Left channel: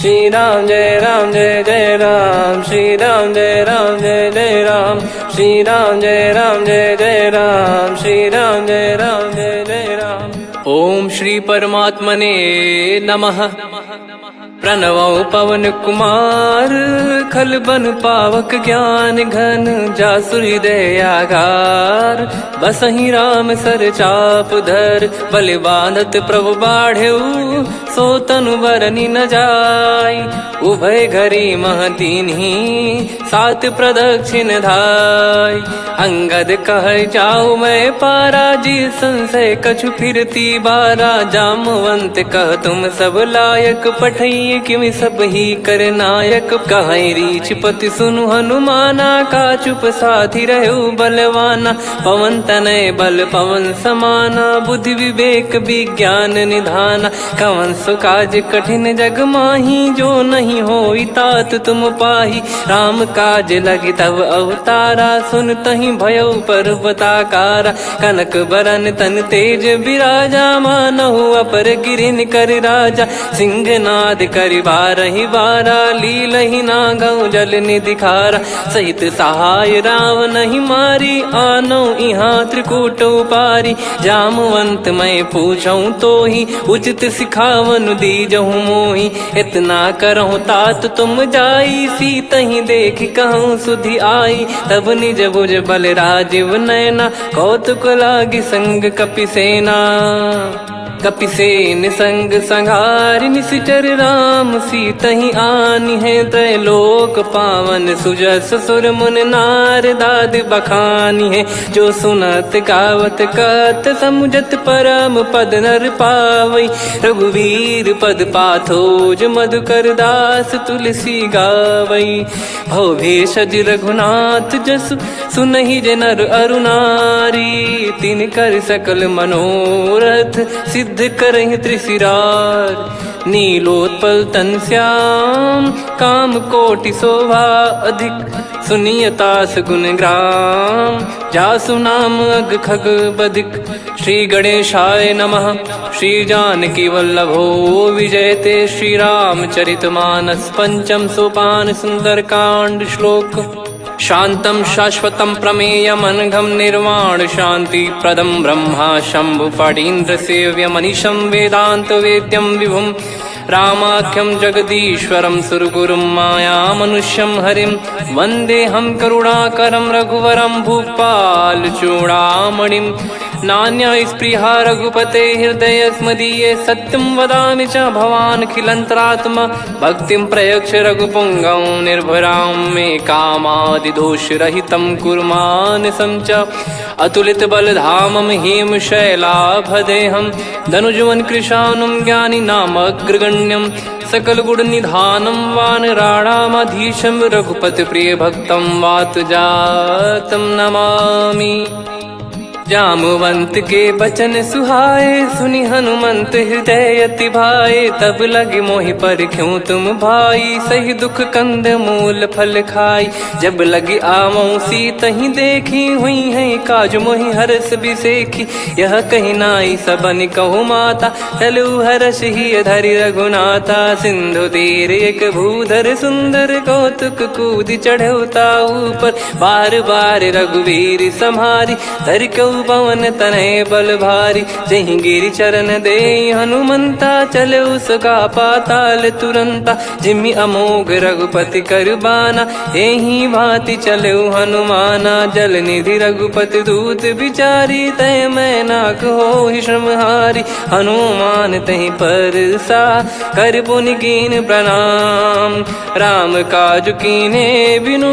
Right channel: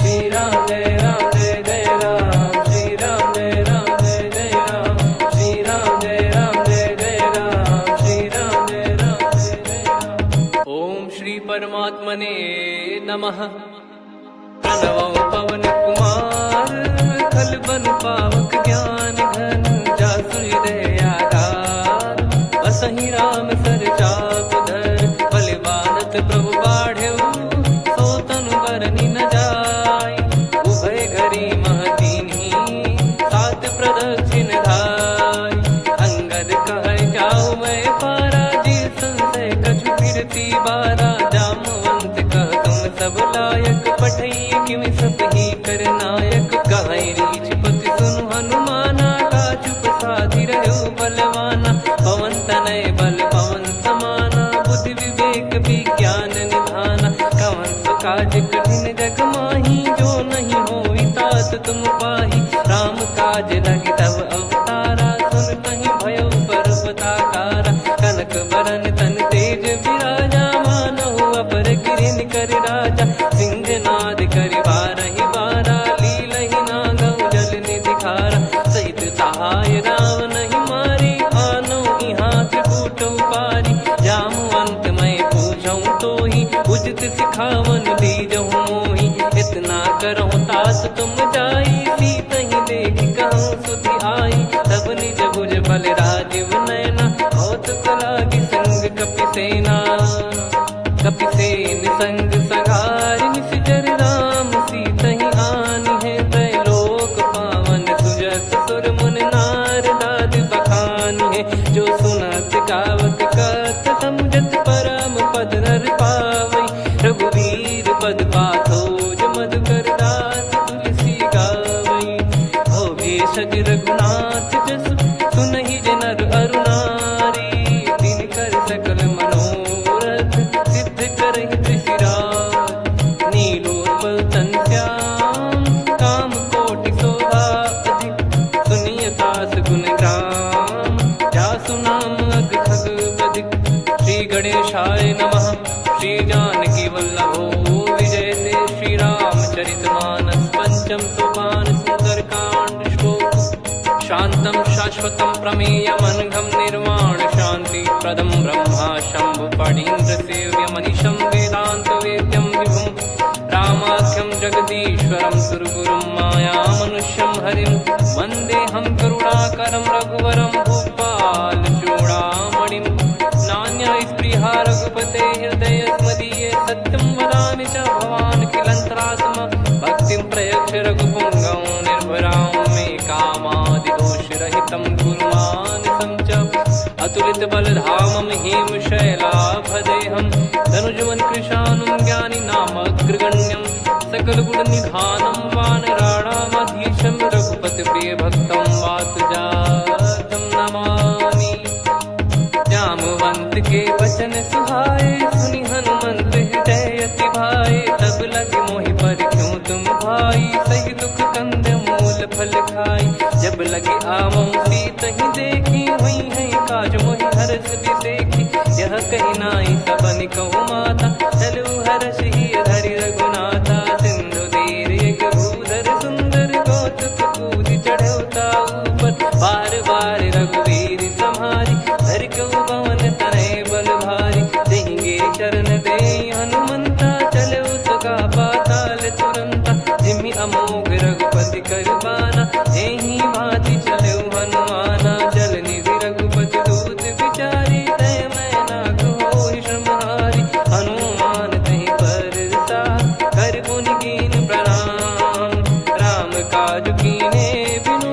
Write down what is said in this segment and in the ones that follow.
श्री राम जय जय राम, श्री राम जय जय राम, श्री राम जय जय राम, श्री राम जय जय राम। ओम श्री परमात्मने नमः। प्रणवो पवन कुमार, खल बन पावक ज्ञान घन, जासु हृदय आगार। बसहि राम सर चाप धर, बलि बांधत प्रभु बाढ़ेऊ, सो तनु बरनि न जाय। उभय घरी महतीन्ही, सात प्रदक्षिण धाय। अंगद कह जाऊ मैं पारा, जी संशय कछु फिरती बारा। जामवंत कह तुम सब लायक, पठई किमि सब ही कर नायक। कहीं रीछ पति सुनु हनुमाना, का चुप साधि रहु बलवाना। पवन तनय बल पवन समाना, बुद्धि विवेक विज्ञान निधाना। कवन सो काज कठिन जग माही, जो नहीं होई तात तुम पाही। राम काज लगी तब अवतारा, सुन तहि भयउ पर्वताकारा। कनक बरन तन तेज बिराजा, मानहु अपर गिरिन कर राजा। सिंहनाद करि बारहि बारा, लीलहि नागौ जल निधि खारा। सहित सहाय राम नहीं मारी, आनो इहाँ त्रिकूट उपारी। जामवंत मैं पूछऊँ तोहि, उचित सिखावन दीजहु मोहि। इतना करहु तात तुम जाई, सीतहि देख कहूँ सुधि आई। तब निज भुज बल राजीव नयना, कौतुक लागी संग कपिसेना। कपिसेन संग संघारि, निशिचर राम सीतहि आनी है। त्रैलोक पावन सुजस सुर मुन नार, दाद बखानी है। जो सुनत गावत कथ, समुझत परम पद नर पावई। रघुवीर पद पाथोज, मधुकर दास तुलसी गावई। भव भेषज रघुनाथ जसु, सुनहि जे नर अरु नारी। तिन कर सकल मनोरथ, सिद्ध करहि त्रिशिरार। नीलोत्पल तन श्याम, काम कोटि शोभा अधिक। सुनियतास गुण ग्राम, जासु नाम अग खग बदिक। श्री गणेशाय नमः। श्री जानकी वल्लभो विजयते, श्री रामचरित मानस। पंचम सोपान सुंदर कांड श्लोक। शांतं शाश्वतं प्रमेयमनघं, निर्वाण शांति प्रदं ब्रह्मा शंभु फणीन्द्र सेव्यमनिशं। वेदांत वेद्यं विभुं रामाख्यं जगदीश्वरं, सुरगुरुं माया मनुष्यं हरिं। वन्देऽहं करुणाकरं रघुवरं, भूपाल चूडामणिं। नान्या स्पृहा रघुपते हृदय स्मदीये, सत्यं वदामि च भवान् खिलन्तरात्मा। भक्तिं प्रयच्छ रघुपुङ्गं, निर्भरां मे कामादिदोषरहितं कुर्मानिसं च। अतुलित बलधामं हेमशैलाभदेहं, धनुजवन कृशानुं ज्ञानी नामग्रगण्यं। सकल गुण निधानं वानराणामधीशं, रघुपति प्रिय भक्तं वातजातं नमामि। जामवंत के बचन सुहाए, सुनि हनुमंत हृदय अति भाए। तब लगे मोहि पर क्यों तुम भाई, सही दुख कंद मूल फल खाई। जब लगे आवऊं सीतहि देखी, हुई है काज मोहि हरस बिसेखी। यह कही नाई सबन कहु माता, चलु हरष ही धरि रघुनाथा। सिंधु तीर एक भूधर सुंदर, कौतुक कूद चढ़ौता ऊपर। बार बार रघुवीर सम्हारी, धर कऊ पवन तनय बल भारी। जहि गिरि चरण दे हनुमंता, चले उसका पाताल तुरंता। जिमि अमोघ रघुपति कर बाना, एहि भांति चले हनुमाना। जल निधि रघुपति दूत बिचारी, तय मैं नाग होहि श्रमहारी। हनुमान तहि परसा, कर पुनि कीन प्रणाम। राम काज कीने बिनु,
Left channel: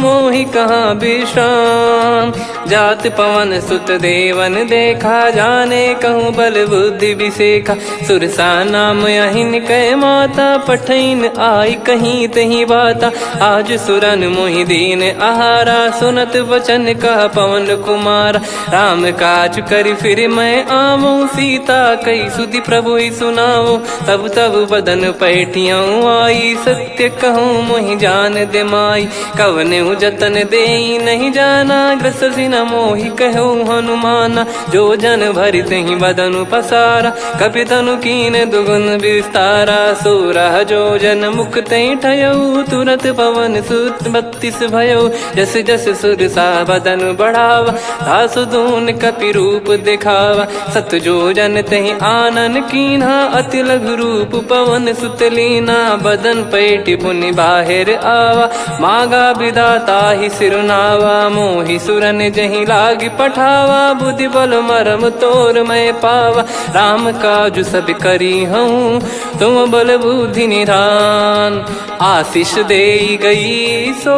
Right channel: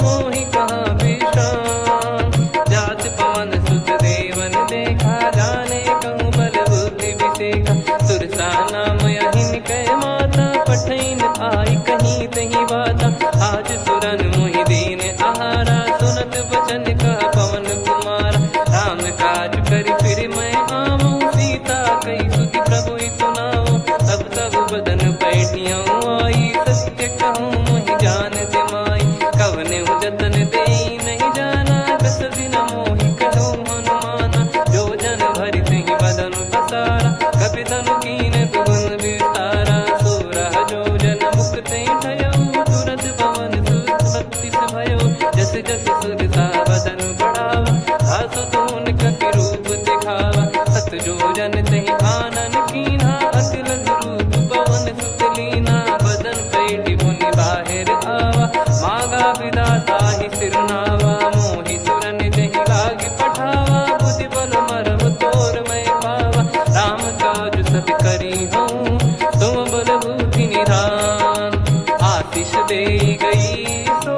मोहि कहाँ विश्राम। जात पवन सुत देवन देखा, जाने कहूँ बल बुद्धि विसेखा। सुरसा नाम अहिन कै माता, पठैन आई कहीं तही बाता। आज सुरन मोहि दीन आहारा, सुनत वचन कह पवन कुमारा। राम काज करि फिर मैं आवऊं, सीता कई सुधि प्रभु ही सुनाओ। तब तब बदन पैठियाँ आई, सत्य कहूँ मोहि जान दे माई। कवने जतन दे नहीं जाना, ग्रसि न मोहि कहो हनुमाना। जो जन भरि तेहि बदनु पसारा, कपि तनु कीन दुगुन विस्तारा। सोरह जो जन मुख तेहि ठयऊ, तुरत पवन सुत 32 भयऊ। जस जस सुरसा बदन बढ़ावा, आसु दून कपि रूप दिखावा। सत जो जन तेहि आनन कीन्हा, अति लघु रूप पवन सुत लीना। बदन पैटि पुनि बाहिर आवा, मागा विधाता ही सिरुनावा। मोहि सुरन जहि लागी पठावा, बुद्धि बल मरम तोर मैं पावा। राम काजु सब करी हूँ, तुम बल बुद्धि निधान। आशीष देई गई सो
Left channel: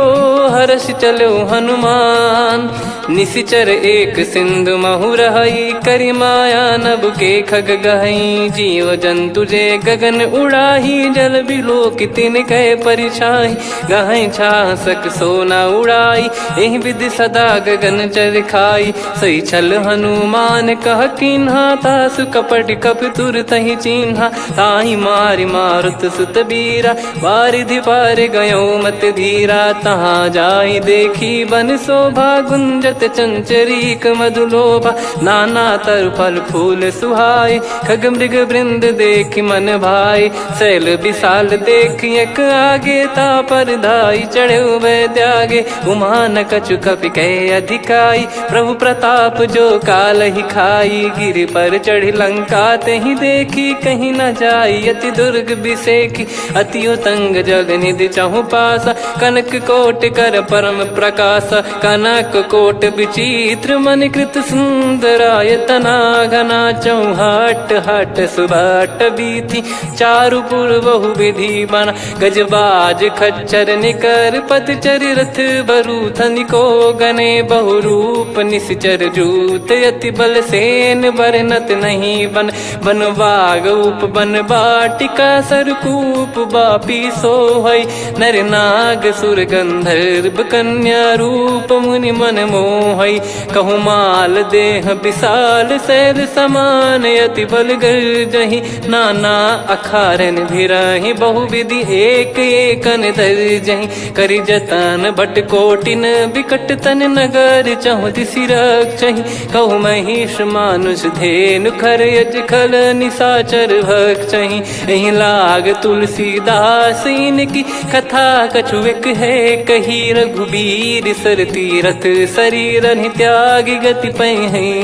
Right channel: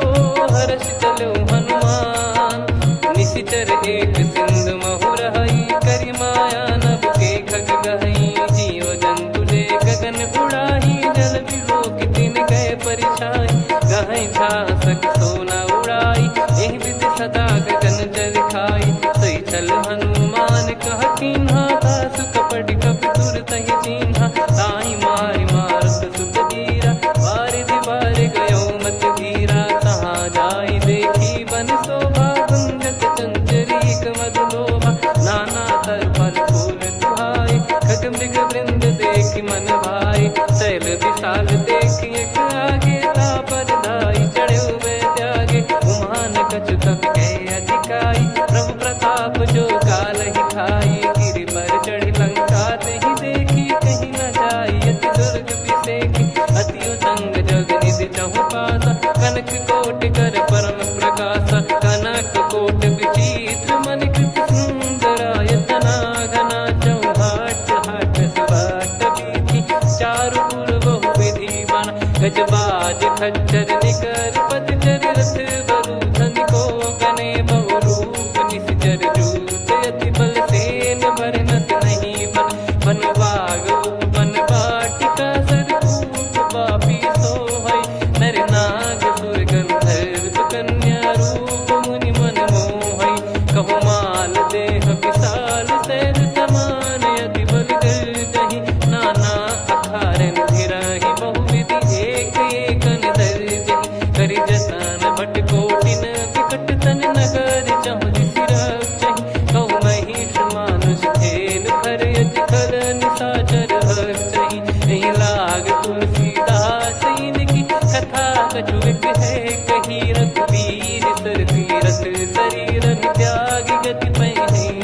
हर्ष चलो हनुमान। निशिचर एक सिंधु महु रहई, करी माया नभ के खग गहई। जीव जंतु जे गगन उड़ाही, जल बिलोक तिन कह परिछाई। गहई छासक सोना उड़ाई, एहि विधि सदा गगन चर खाई। सही छल हनुमान कह कीन्हा, तासु कपट कप तुर तहि चिन्हा। ताहि मारि मारुत सुत बीरा, वारिधि पार गयो मत धीरा। तहाँ जाई देखी बन शोभा, गुंजत चंचरीक मधुलोभा। नाना तर फल फूल सुहाए, खग मृग वृंद देख मन भाई। शैल विशाल देख एक आगे, तापर धाई चढ़े वै त्यागे। उमान कछु कपि कह अधिकाई, प्रभु प्रताप जो काल ही खाई। गिर पर चढ़ी लंका तेहि देखी, कहीं न जाई अति दुर्ग बिसेकी। अति उतंग जग निधि चहु पासा, कनक कोट कर परम प्रकाश। कनक कोट विचित्र मन कृत सुंदरायतना। घना चौहाट हाट सुबाट बीती, चारु पुर बहु विधि बना। गजबाज खच्चर निकर पतचर, रथ बरु धनिको गने। बहु रूप निशिचर जूत, अति बल सेन बरनत नहीं बन। बन बाग उप बन बाटिका, सरकूप बापी सोहई। नर नाग सुर गंधर्व कन्या, रूप मुनि मन मोहई। कहु माल देह विशाल, शैल समान अति बल गर्जहि। नाना अखारन भिरहि, बहु विधि एक एकन दर्जहि। करि जतन बट कोटिन, बिकट तन नगर चहु दिसि रक्षहि। कहु महिष मानुष धेनु, खर यज खल निशाचर भक्षहि। एहि लाग तुलसीदास इनकी, कथा कछु एक है कही। रघुबीर सर तीरथ शरीर, त्यागी गति पै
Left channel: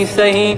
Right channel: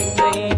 सही।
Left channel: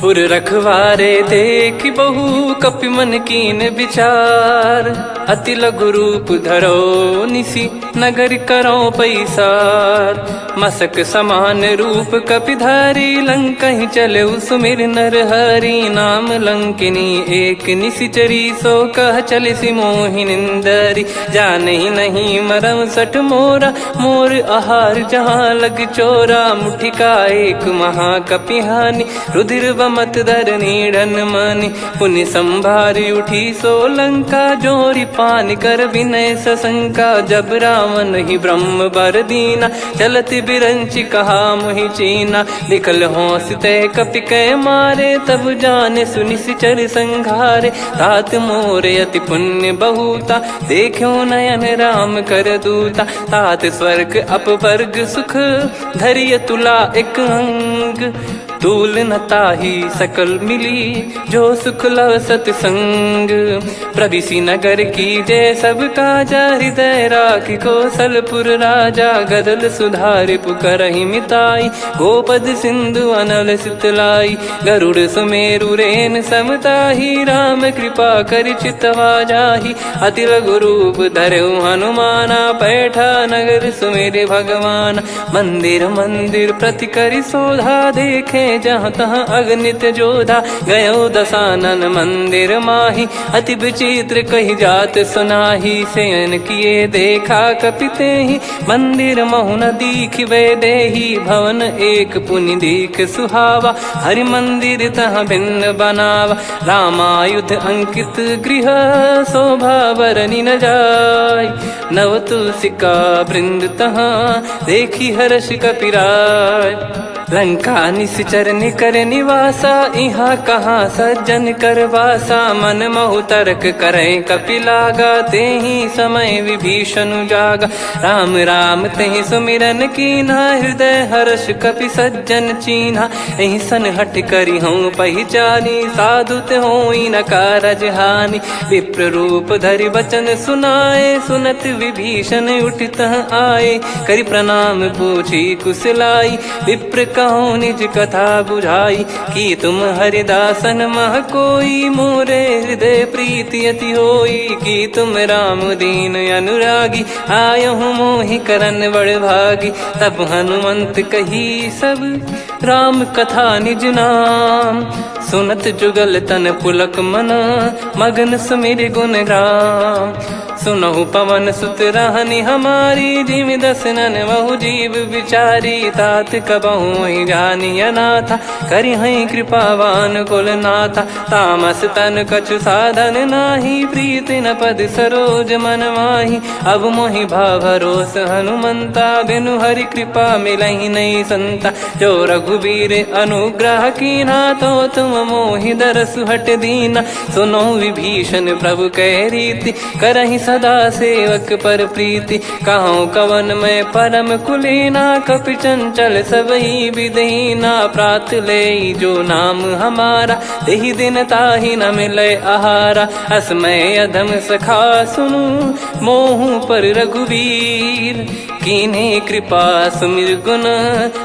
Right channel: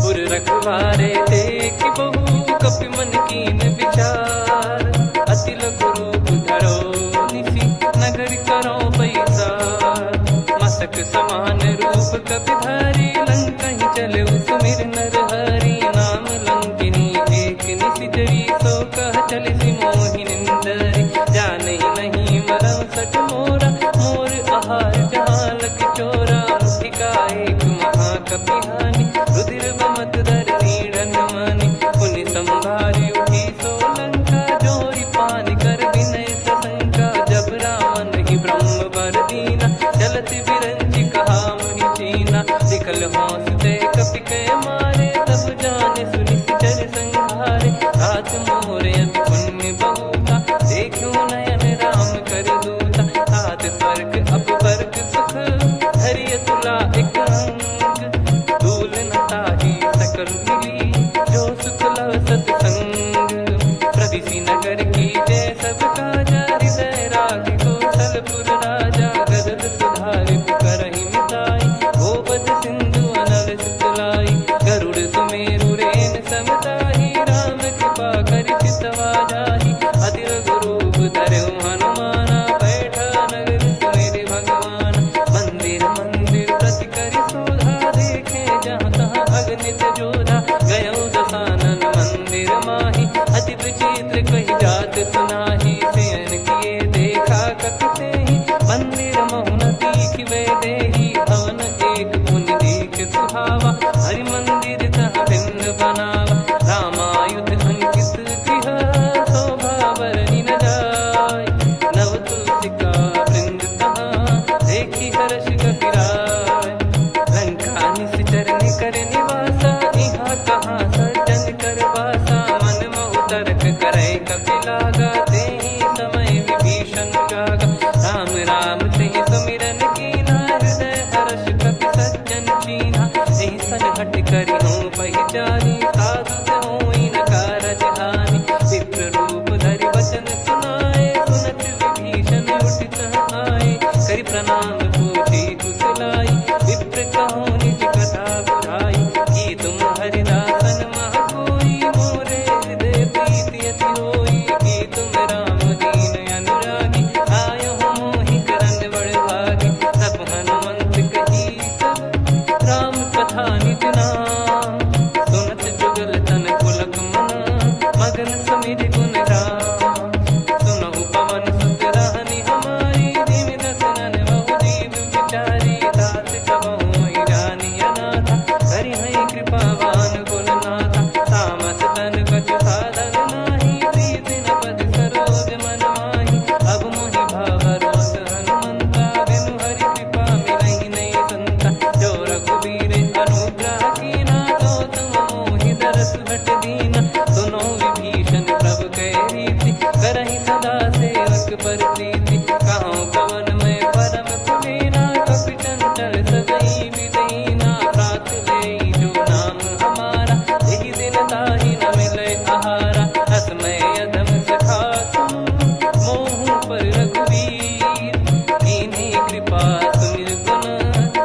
पुर रखवारे देख बहु, कपि मन कीन विचार। अति लघु रूप धरो निसी, नगर करो पैसार। मसक समान रूप कपि धारी, लंकहि चले सुमिर नर हरि। नाम लंकिनी एक निशिचरी, सो कह चलिसि मोहि निंदरी। जानहि नहीं मरम सठ मोरा, मोर आहार जहाँ लग चोरा। मुठिका एक महाकपिहानि, रुधिर बमत धरनी ढन मानि। पुनि संभारी उठी सो लंका, जोरी पान कर विनय सशंका। जब रावण ही ब्रह्म बर दीना, चलत बिरंचि कहा मुहि चीना। लिखल होंस ते कपि कै मारे, तब जाने सुनि सिचर संघारे। तात मोरे अति पुण्य बहुता, देखो नयन राम कर दूता। तात स्वर्ग अपवर्ग सुख, धरिय तुला एक अंग। तूल न ताहि सकल मिली, जो सुख लव सतसंग। प्रविशि नगर की जय सब काजा, हृदय राखि कौशलपुर राजा। गदल सुधारि पुकरहि मिताई, गोपद सिंधु अनल सितलाई। गरुड़ सुमेरु रेन समताहि, राम कृपा करि चितवा जाहि। अति लघु रूप धरऊ हनुमाना, पैठा नगर सुमेरे भगवान। मंदिर मंदिर प्रति करि शोधा, देखे जहाँ तहाँ अगणित जोधा। गयो दशानन मंदिर माही, अति विचित्र कही जात सुनाही। शयन किए देखा कपि तेहि, मंदिर महु न दीख वे देही। भवन एक पुनि दीख सुहावा, हरि मंदिर तहाँ भिन्न बनावा। रामायुध अंकित गृह, शोभा बरनि न जाय। नव तुलसी का वृंद तहाँ, देखी हर्ष कपिराय। लंका निश्चर निकर निवासा, इहाँ कहाँ सज्जन कर वासा। मन महु तर्क करे कपिलागा, तेहि समय विभीषण जागा। राम राम तेहि सुमिरन कीन्हा, हृदय हर्ष कपि सज्जन चीन्हा। एहि सन हट करि हूँ पहिचानी, साधु ते होई न कारज हानि। विप्र रूप धरि वचन सुनाए, सुनत विभीषण उठित आए। करि प्रणाम पूछी कुशलाई, विप्र कहो निज कथा बुझाई। कि तुम हरिदासन मह कोई, मोरे हृदय प्रीति अति होई। कि तुम राम दीन अनुरागी, आयहु मोहि करन बड़ भागी। तब हनुमंत कही सब राम कथा निज नाम, सुनत जुगल तन पुलक मना, मगन सुमिर गुण राम। सुनहु पवन सुत रहनी हमारी, जिमि दसनन महु जीव विचारी। तात कबहु ही जानी अनाथा, करि हई कृपावान कुल नाथा। तामस तन कछु साधन नाही, प्रीति न पद सरोज मन माही। अब मोहि भाव भरोस हनुमंता, बिनु हरि कृपा मिलहि नहीं संता। जो रघुबीर अनुग्रह कीन्हा, तो तुम मोहि दरसु हट दीना। सुनो विभीषण प्रभु कह रीति, करहि सदा सेवक पर प्रीति। कहूँ कवन में परम कुलीना, कपि चंचल सबही विदहीना। प्रात ले जो नाम हमारा, तेहि दिन ताहि न मिले आहारा। असमय अधम सखा सुनु, मोहु पर रघुवीर। कीन्ही कृपा सुमिर गुण,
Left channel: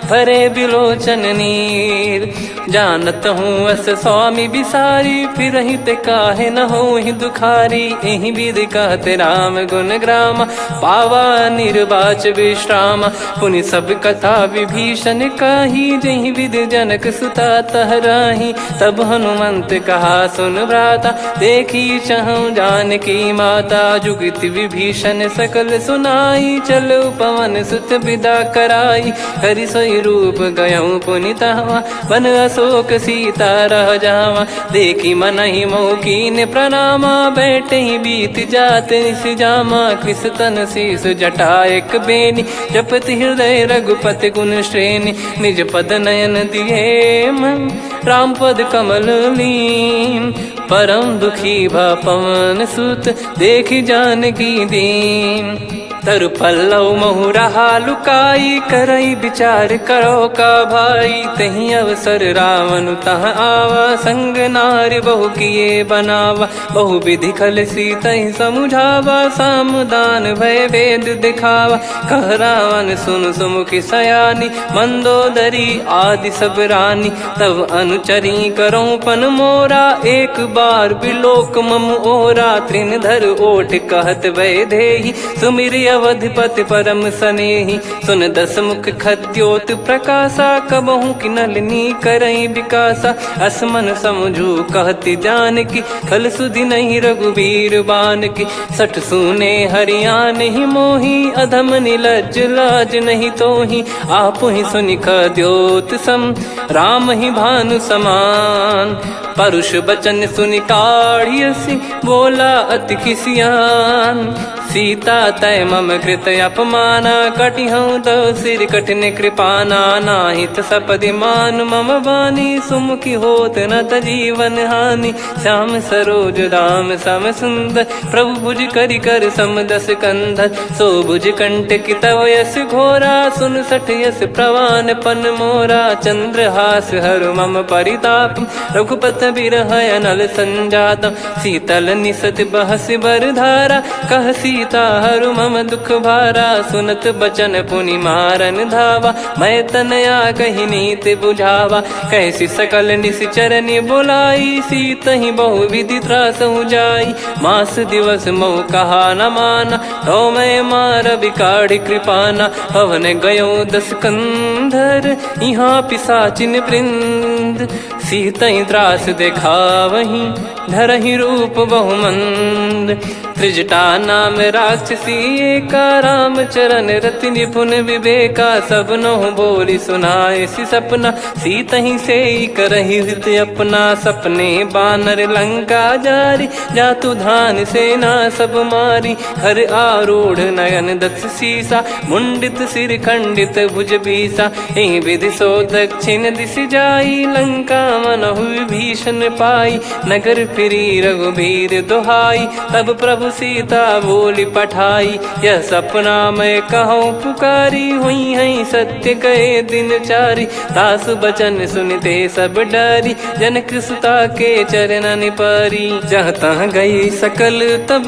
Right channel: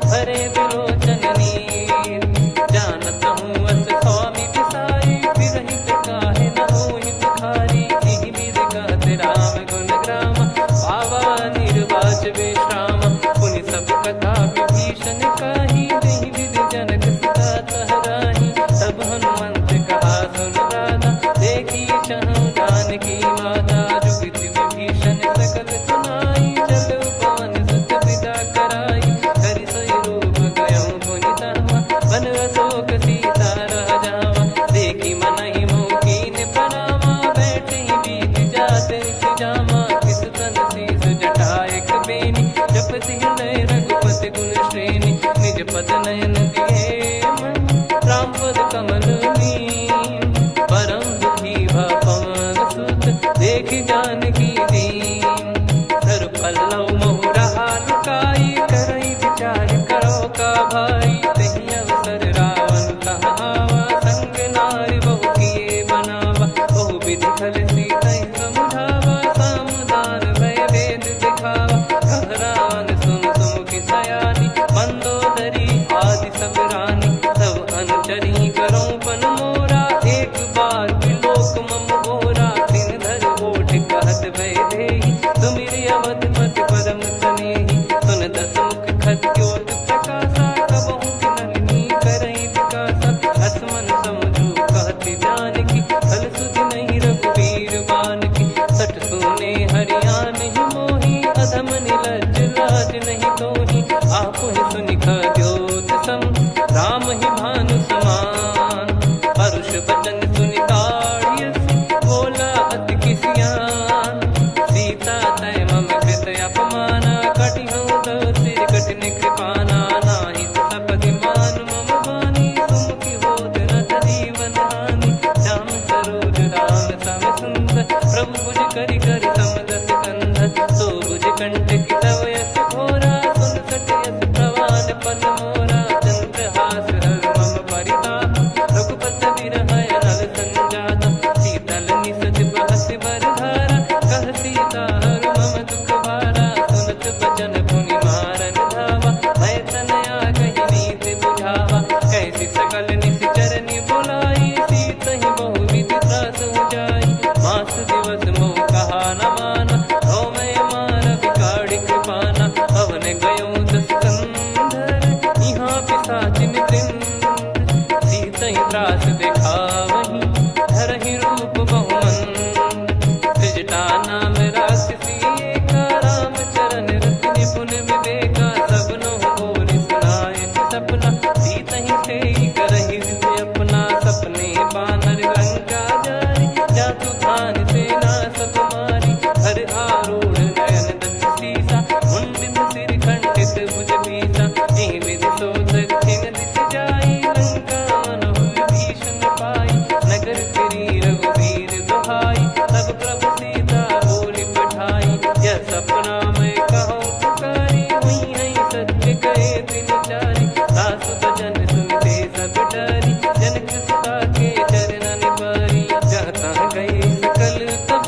भरे बिलोचन नीर। जानत हूँ अस स्वामी बिसारी, फिरहि ते काहे न होहि दुखारी। एहि विधि कहते राम गुण ग्राम, पावा निर्वाच विश्राम। पुनि सब कथा विभीषण काही, जहि विधि जनक सुता तहराही। तब हनुमंत कहा सुन भ्राता, देखी चहु जानकी माता। जुगति विभीषण सकल सुनाई, चलो पवन सुत विदा कराई। करि सोई रूप गयऊँ पुनि तहवा, वन अशोक सीता रह जावा। देखी मनहि मोह कीन्ह प्रणामा, बैठे ही बीत जात निस जामा। कृस तन शीस जटा एक बेनी, जपति हृदय रघुपति गुण श्रेणी। निज पद नयन दिए मन, राम पद कमल लीन। परम दुखी भा पवन सुत, देखि जानकी दीन। तरु पल्लव महु रहा लुकाई, करई विचार करो का भाई। तहि अवसर रावण तह आवा, संग नारी बहु किए बनावा। बहु विधि खल सीतहि समुझावा, सामदान भय वेद दिखावा। कह रावण सुन सुमुखि सयानी, मंदोदरी आदि सब रानी। तब अनुचरी करो पन मोरा, एक बार बिलोक मम ओरा। तृण धर ओठ कहत भय देहि, सुमिर अवधिपति परम सनेहि। सुन दस मुख खद्योत प्रकाशा, कबहु कि नलिनी करई विकासा। असमन समझू कहति जानकी, खल सुधि नहीं रघुवीर बानकी। सठ सुने हरियाण ही मोही, अधम निलज्ज लाज नहीं तोही। आप ही सुनि खद्योत सम, राम ही भानु समान। परुष बचन सुनि काढ़ियसि, बोला अति किसियान। सीता तय मम कृत अपमाना, कटिहऊँ तव सिर कठिन कृपाना। नाहित सपदि मान मम बानी, सुमुखी होत न जीवन हानि। श्याम सरोज राम सम सुंदर, प्रभु भुज करि कर सम दस कंधर। सो भुज कंठ की तव यस घोरा, सुन सठ यस प्रवान पन मोरा। चंद्रहास हर मम परिताप, रघुपत बिरह अनल संजातम। शीतल निसत बहस बर धारा, कह सीता हरु मम दुख भारा। सुनत बचन पुनि मारन धावा, मैं तनया कहि नीति बुझावा। कैसी सकल निश्चरनि बुलाई, सीतहि बहु विधि त्रासहु जाई। मास दिवस मोह कहा न माना, तो मैं मार बिकाढ़ि कृपाना। पवन गयो दस कंधर, यहाँ पिशाचिन वृंद। मंद, सीतई त्रास देखावहीं धरहि रूप बहुमंद। त्रिजटा नाम राक्षसी एका, राम चरण रति निपुण विवेका। सबनो बोली सुनाए सि सपना, सीतहि से करहि हृद अपना। सपने बानर लंका जारी, जातु धान सेना सब मारी। हर आरूढ़ नयन दक्ष सीसा, मुंडित सिर खंडित भुज बीसा। एहि विधि सो दक्षिण दिश जाई, लंका मनहु विभीषण पाई। नगर फिरी रघुबीर दुहाई, तब प्रभु सीता बोली पठाई। यह सपना मैं कहूँ पुकारी, हुई है सत्य कहे दिन चारी। दास बचन सुनते सब डरी, जनक सुता के चरण परी। जहाँ तहाँ गई सकल तब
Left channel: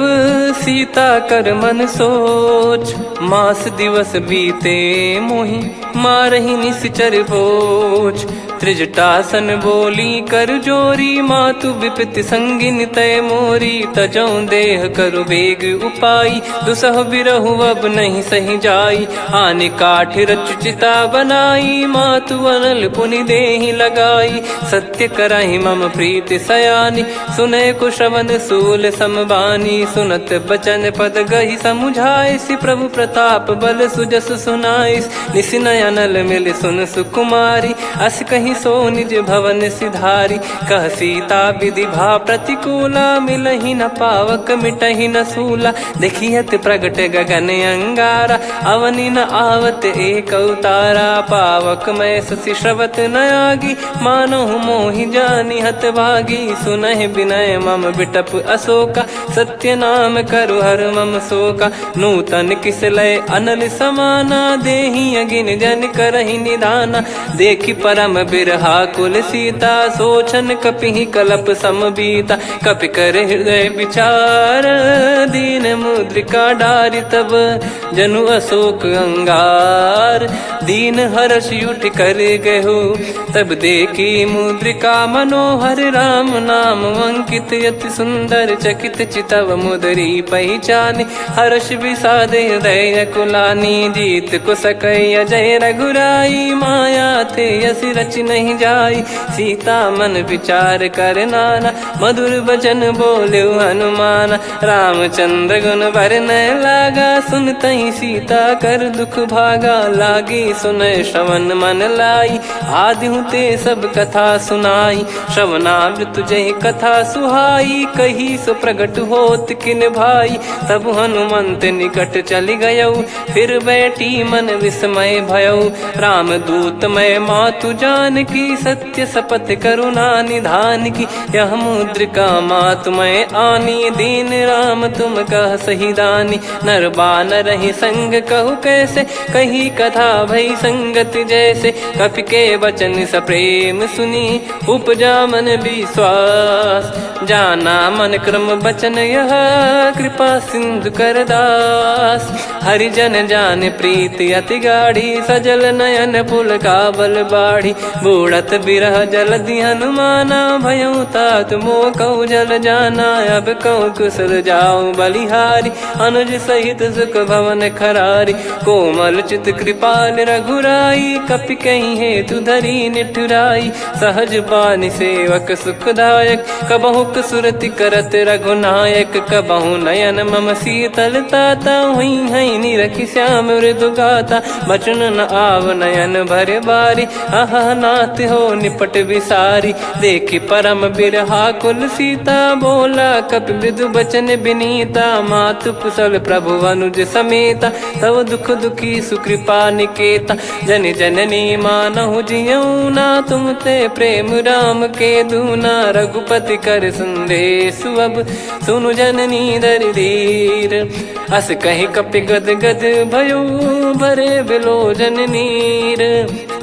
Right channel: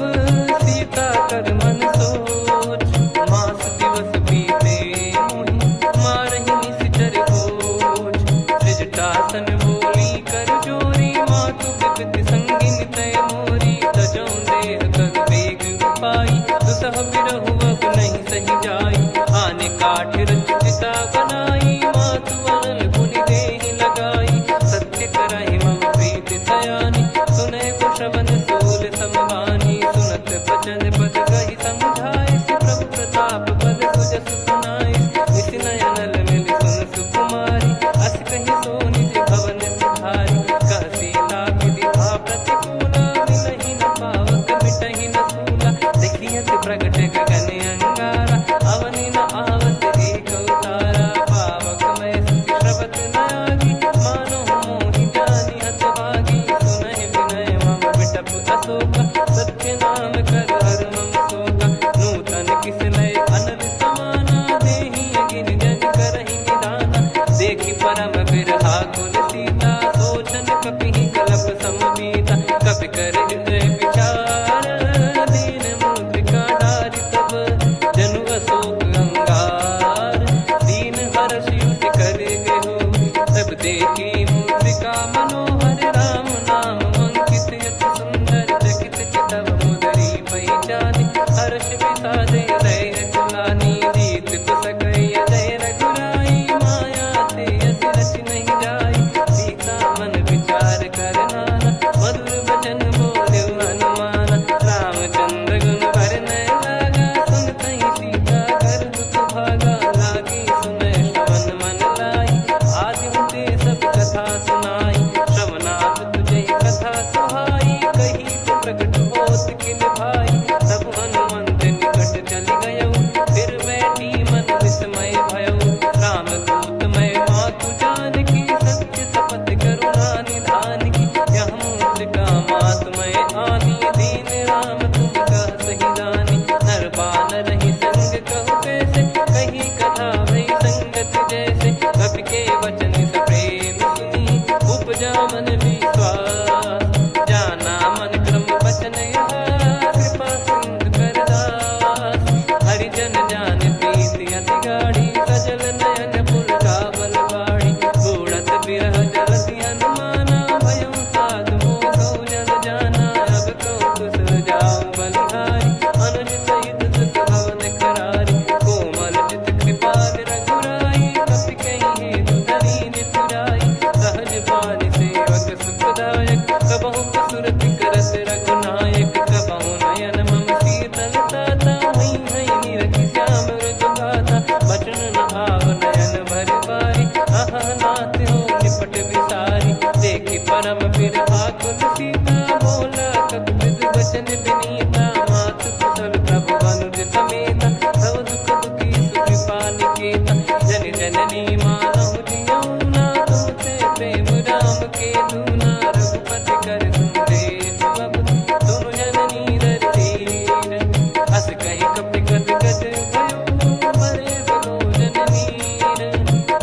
सीता कर मन सोच। मास दिवस बीते मोहि मारहि निश्चर बोझ। त्रिजटासन बोली कर जोरी, मातु विपत्ति संगिन तय मोरी। तजौ देह करु बेग उपाई, दुसह बिरहु अब नहीं सही जाई। आने काठ रचिता बनाई, मातु अनल पुनि देहि लगाई। सत्य करहि मम प्रीति सयानी, सुनय को श्रवण सूल समबानी। सुनत बचन पद गहि समुझाए, सि प्रभु प्रताप बल सुजस सुनाइस। निस नयनल मिल सुन सुकुमारी, अस कहि सो निज भवन सिधारी। कह सीता विधि भा प्रतिकूला, मिलहि न पावक मिटहि न सूला। देखियत प्रगट गगन अंगारा, अवनि न आवत एक अवतारा। पावक मैं शशि श्रवत न आगी, मानो मोहि जानि हत भागी। सुनहि विनय मम बिटप अशोका, सत्य नाम करु हर मम शोका। नूतन किस लय अनल समाना, देहि अगिन जन करहि निदाना। देखि परम बिरहा कुल सीता, सोचन कपिहि कलप समबीता। कपि कर हृदय विचार, दीन मुद्रिका डारि तब जनु अशोक अंगार। दीन हर्ष उठ कर गहु, तब देखी मुद्रिका मनोहर। राम नाम अंकित अति सुंदर, चकित चितव मुदरी पहचान। हर्ष विषाद हृदय कुलानी, जीत को सकय जय रघुराई। माया थे यस रच नहीं जाई, सीता मन विचार कर नाना। मधुर बचन बोले हनुमान, रामचंद्र गुण बरनै लागा। सुनतहि सीता कर दुख भागा, लागी सुनय श्रवण मन लाई। आदि ते सब कथा सुनाई, श्रवणामृत जय कथा सुहाई। कही सो प्रगट होत किन भाई, तब हनुमंत निकट चली गयौ। फिर बैठी मन विस्मय भयौ, राम दूत मैं मातु जानकी। सत्य शपथ करुणा निधान की, यह मुद्रिका मातु मैं आनी। दीन राम तुम कह सही दानी, नर बानर ही संग कहु कैसे। कही कथा भई संगति जैसे, कपि के वचन सप्रेम सुनी। उपजा मन विश्वास, जाना मन क्रम बचन यह। कृपा सिंधु कर दास, हरिजन जान प्रीति अति गाढ़ी। सजल नयन पुल का बल बाढ़ी, बूढ़त बिरह जल दी हनुमाना। भयउ तात मोह कहु जल जाना, अब कहु कुशल जाऊं बलिहारी। अनुज सहित सुख भवन खरारी, कोमल चित कृपाल रघुराई। कपि कहीं हेतु धरी निठुराई, सहज पानि सेवक सुखदायक। कबहु सुरति करत रघुनायक, कबहु नयन मम शीतल ताता। हुई है निरखि श्याम मृदु गाता, बचन न आव नयन भर बारी। आहा नाथ हो निपट विसारी, देखि परम बिरहा कुल सीता। बोला कपि मृदु बचन बिनीता, मातु कुशल प्रभु अनुज समेता। तव दुख दुखी सुकृपा निकेता, जन जननी मानहु जियऊ ना। तुम ते प्रेम राम के दूना, रघुपति कर संदेश अब सुनु जननी दर धीर। अस कहि कपि गद गद भयो, भरे बिलोचन नीर।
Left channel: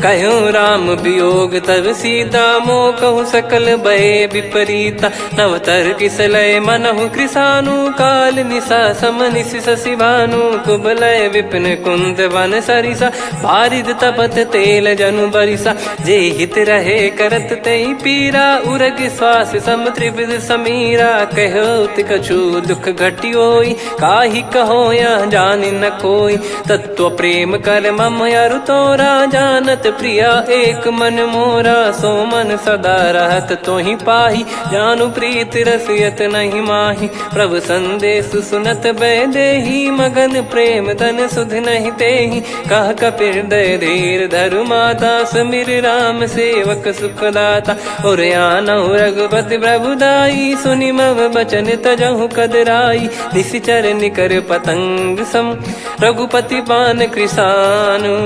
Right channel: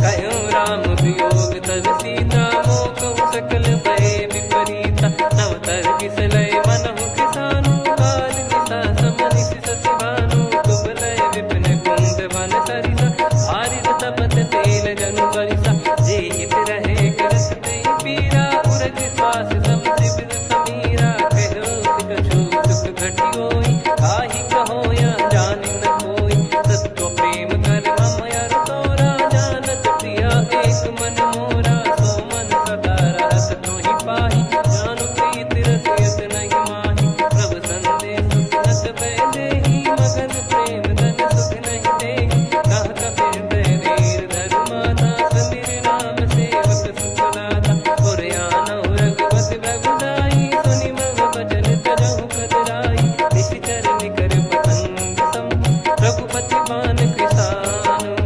कहो राम वियोग तब सीता, मोह कहु सकल भय विपरीता। नवतर किसलय मनहु कृसानु, काल निशा समनिशि शशि भानु। कुबलय विपिन कुंद वन सरिसा, पारिद तपत तेल जनु बरिसा। जे हित रहे करत तेहि पीरा, उरग श्वास सम त्रिविध समीरा। कहो कछु दुख घटियोई, काहि कहो या जान न कोई। तत्व प्रेम कर मम अरु तोरा, जानत प्रिया एक मन मोरा। सो मन सदा रहत तो ही पाही, जानु प्रीत रसियत नहीं माही। प्रभु संदेश सुनत बैदेही, मगन प्रेम धन सुध नहीं तेही। कह कपिर दय धीर धरु माता, समिर राम सेवक सुखदाता। और आनौ रघुपति प्रभुदाई, सुनि मव बचन तजहु कदराई। निशिचर निकर पतंग सम, रघुपति पान कृसानु।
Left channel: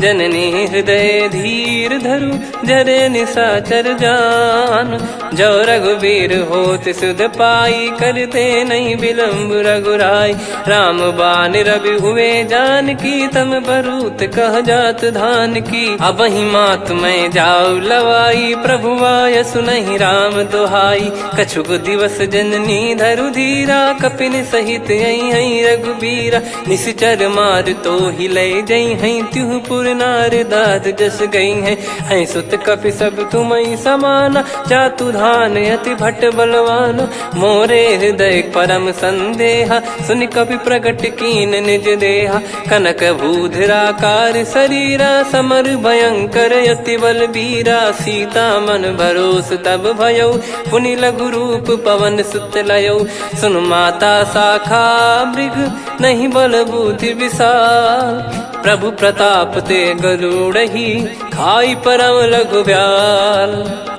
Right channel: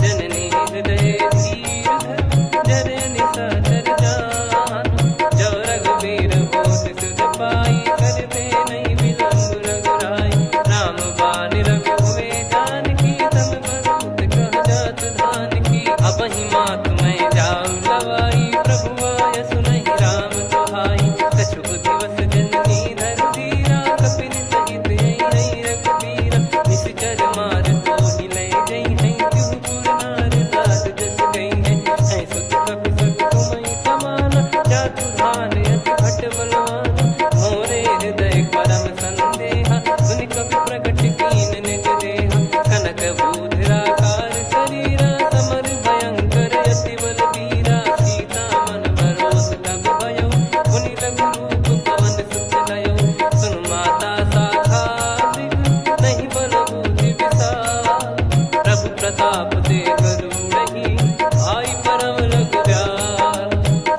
जननी हृदय धीर धरु, जरे निशाचर जान। जो रघुवीर होत सुध पाई, करते नहीं विलम्ब रघुराई। राम बान रवि हुए जानकी, तम बरूत कह जात धान की। अब ही मात मैं जाऊ लवाई, प्रभु आय सुनहि राम दोहाई। कछुक दिवस जननी धरु धीरा, कपिन सहित यही रघुबीरा। निशिचर मार तो ही ले जई हैं, त्युह पुर नार दाद जस गई हैं। सुत कपि सब तुमहि समाना, जातु धान अति भट बलवान। मोरे हृदय परम संदेहा, सुनि कपि प्रकट कीन निज देहा। कनक भूधराकार शरीरा, समर भयंकर अति बलबीरा। सीता मन भरोस तब भयउ, पुनि लघु रूप पवन सुत लयउ। सुन माता शाखा मृग, नहीं बल बुद्धि विशाल। प्रभु प्रताप ते गरुड़ही, खाई परम लघु ब्याल।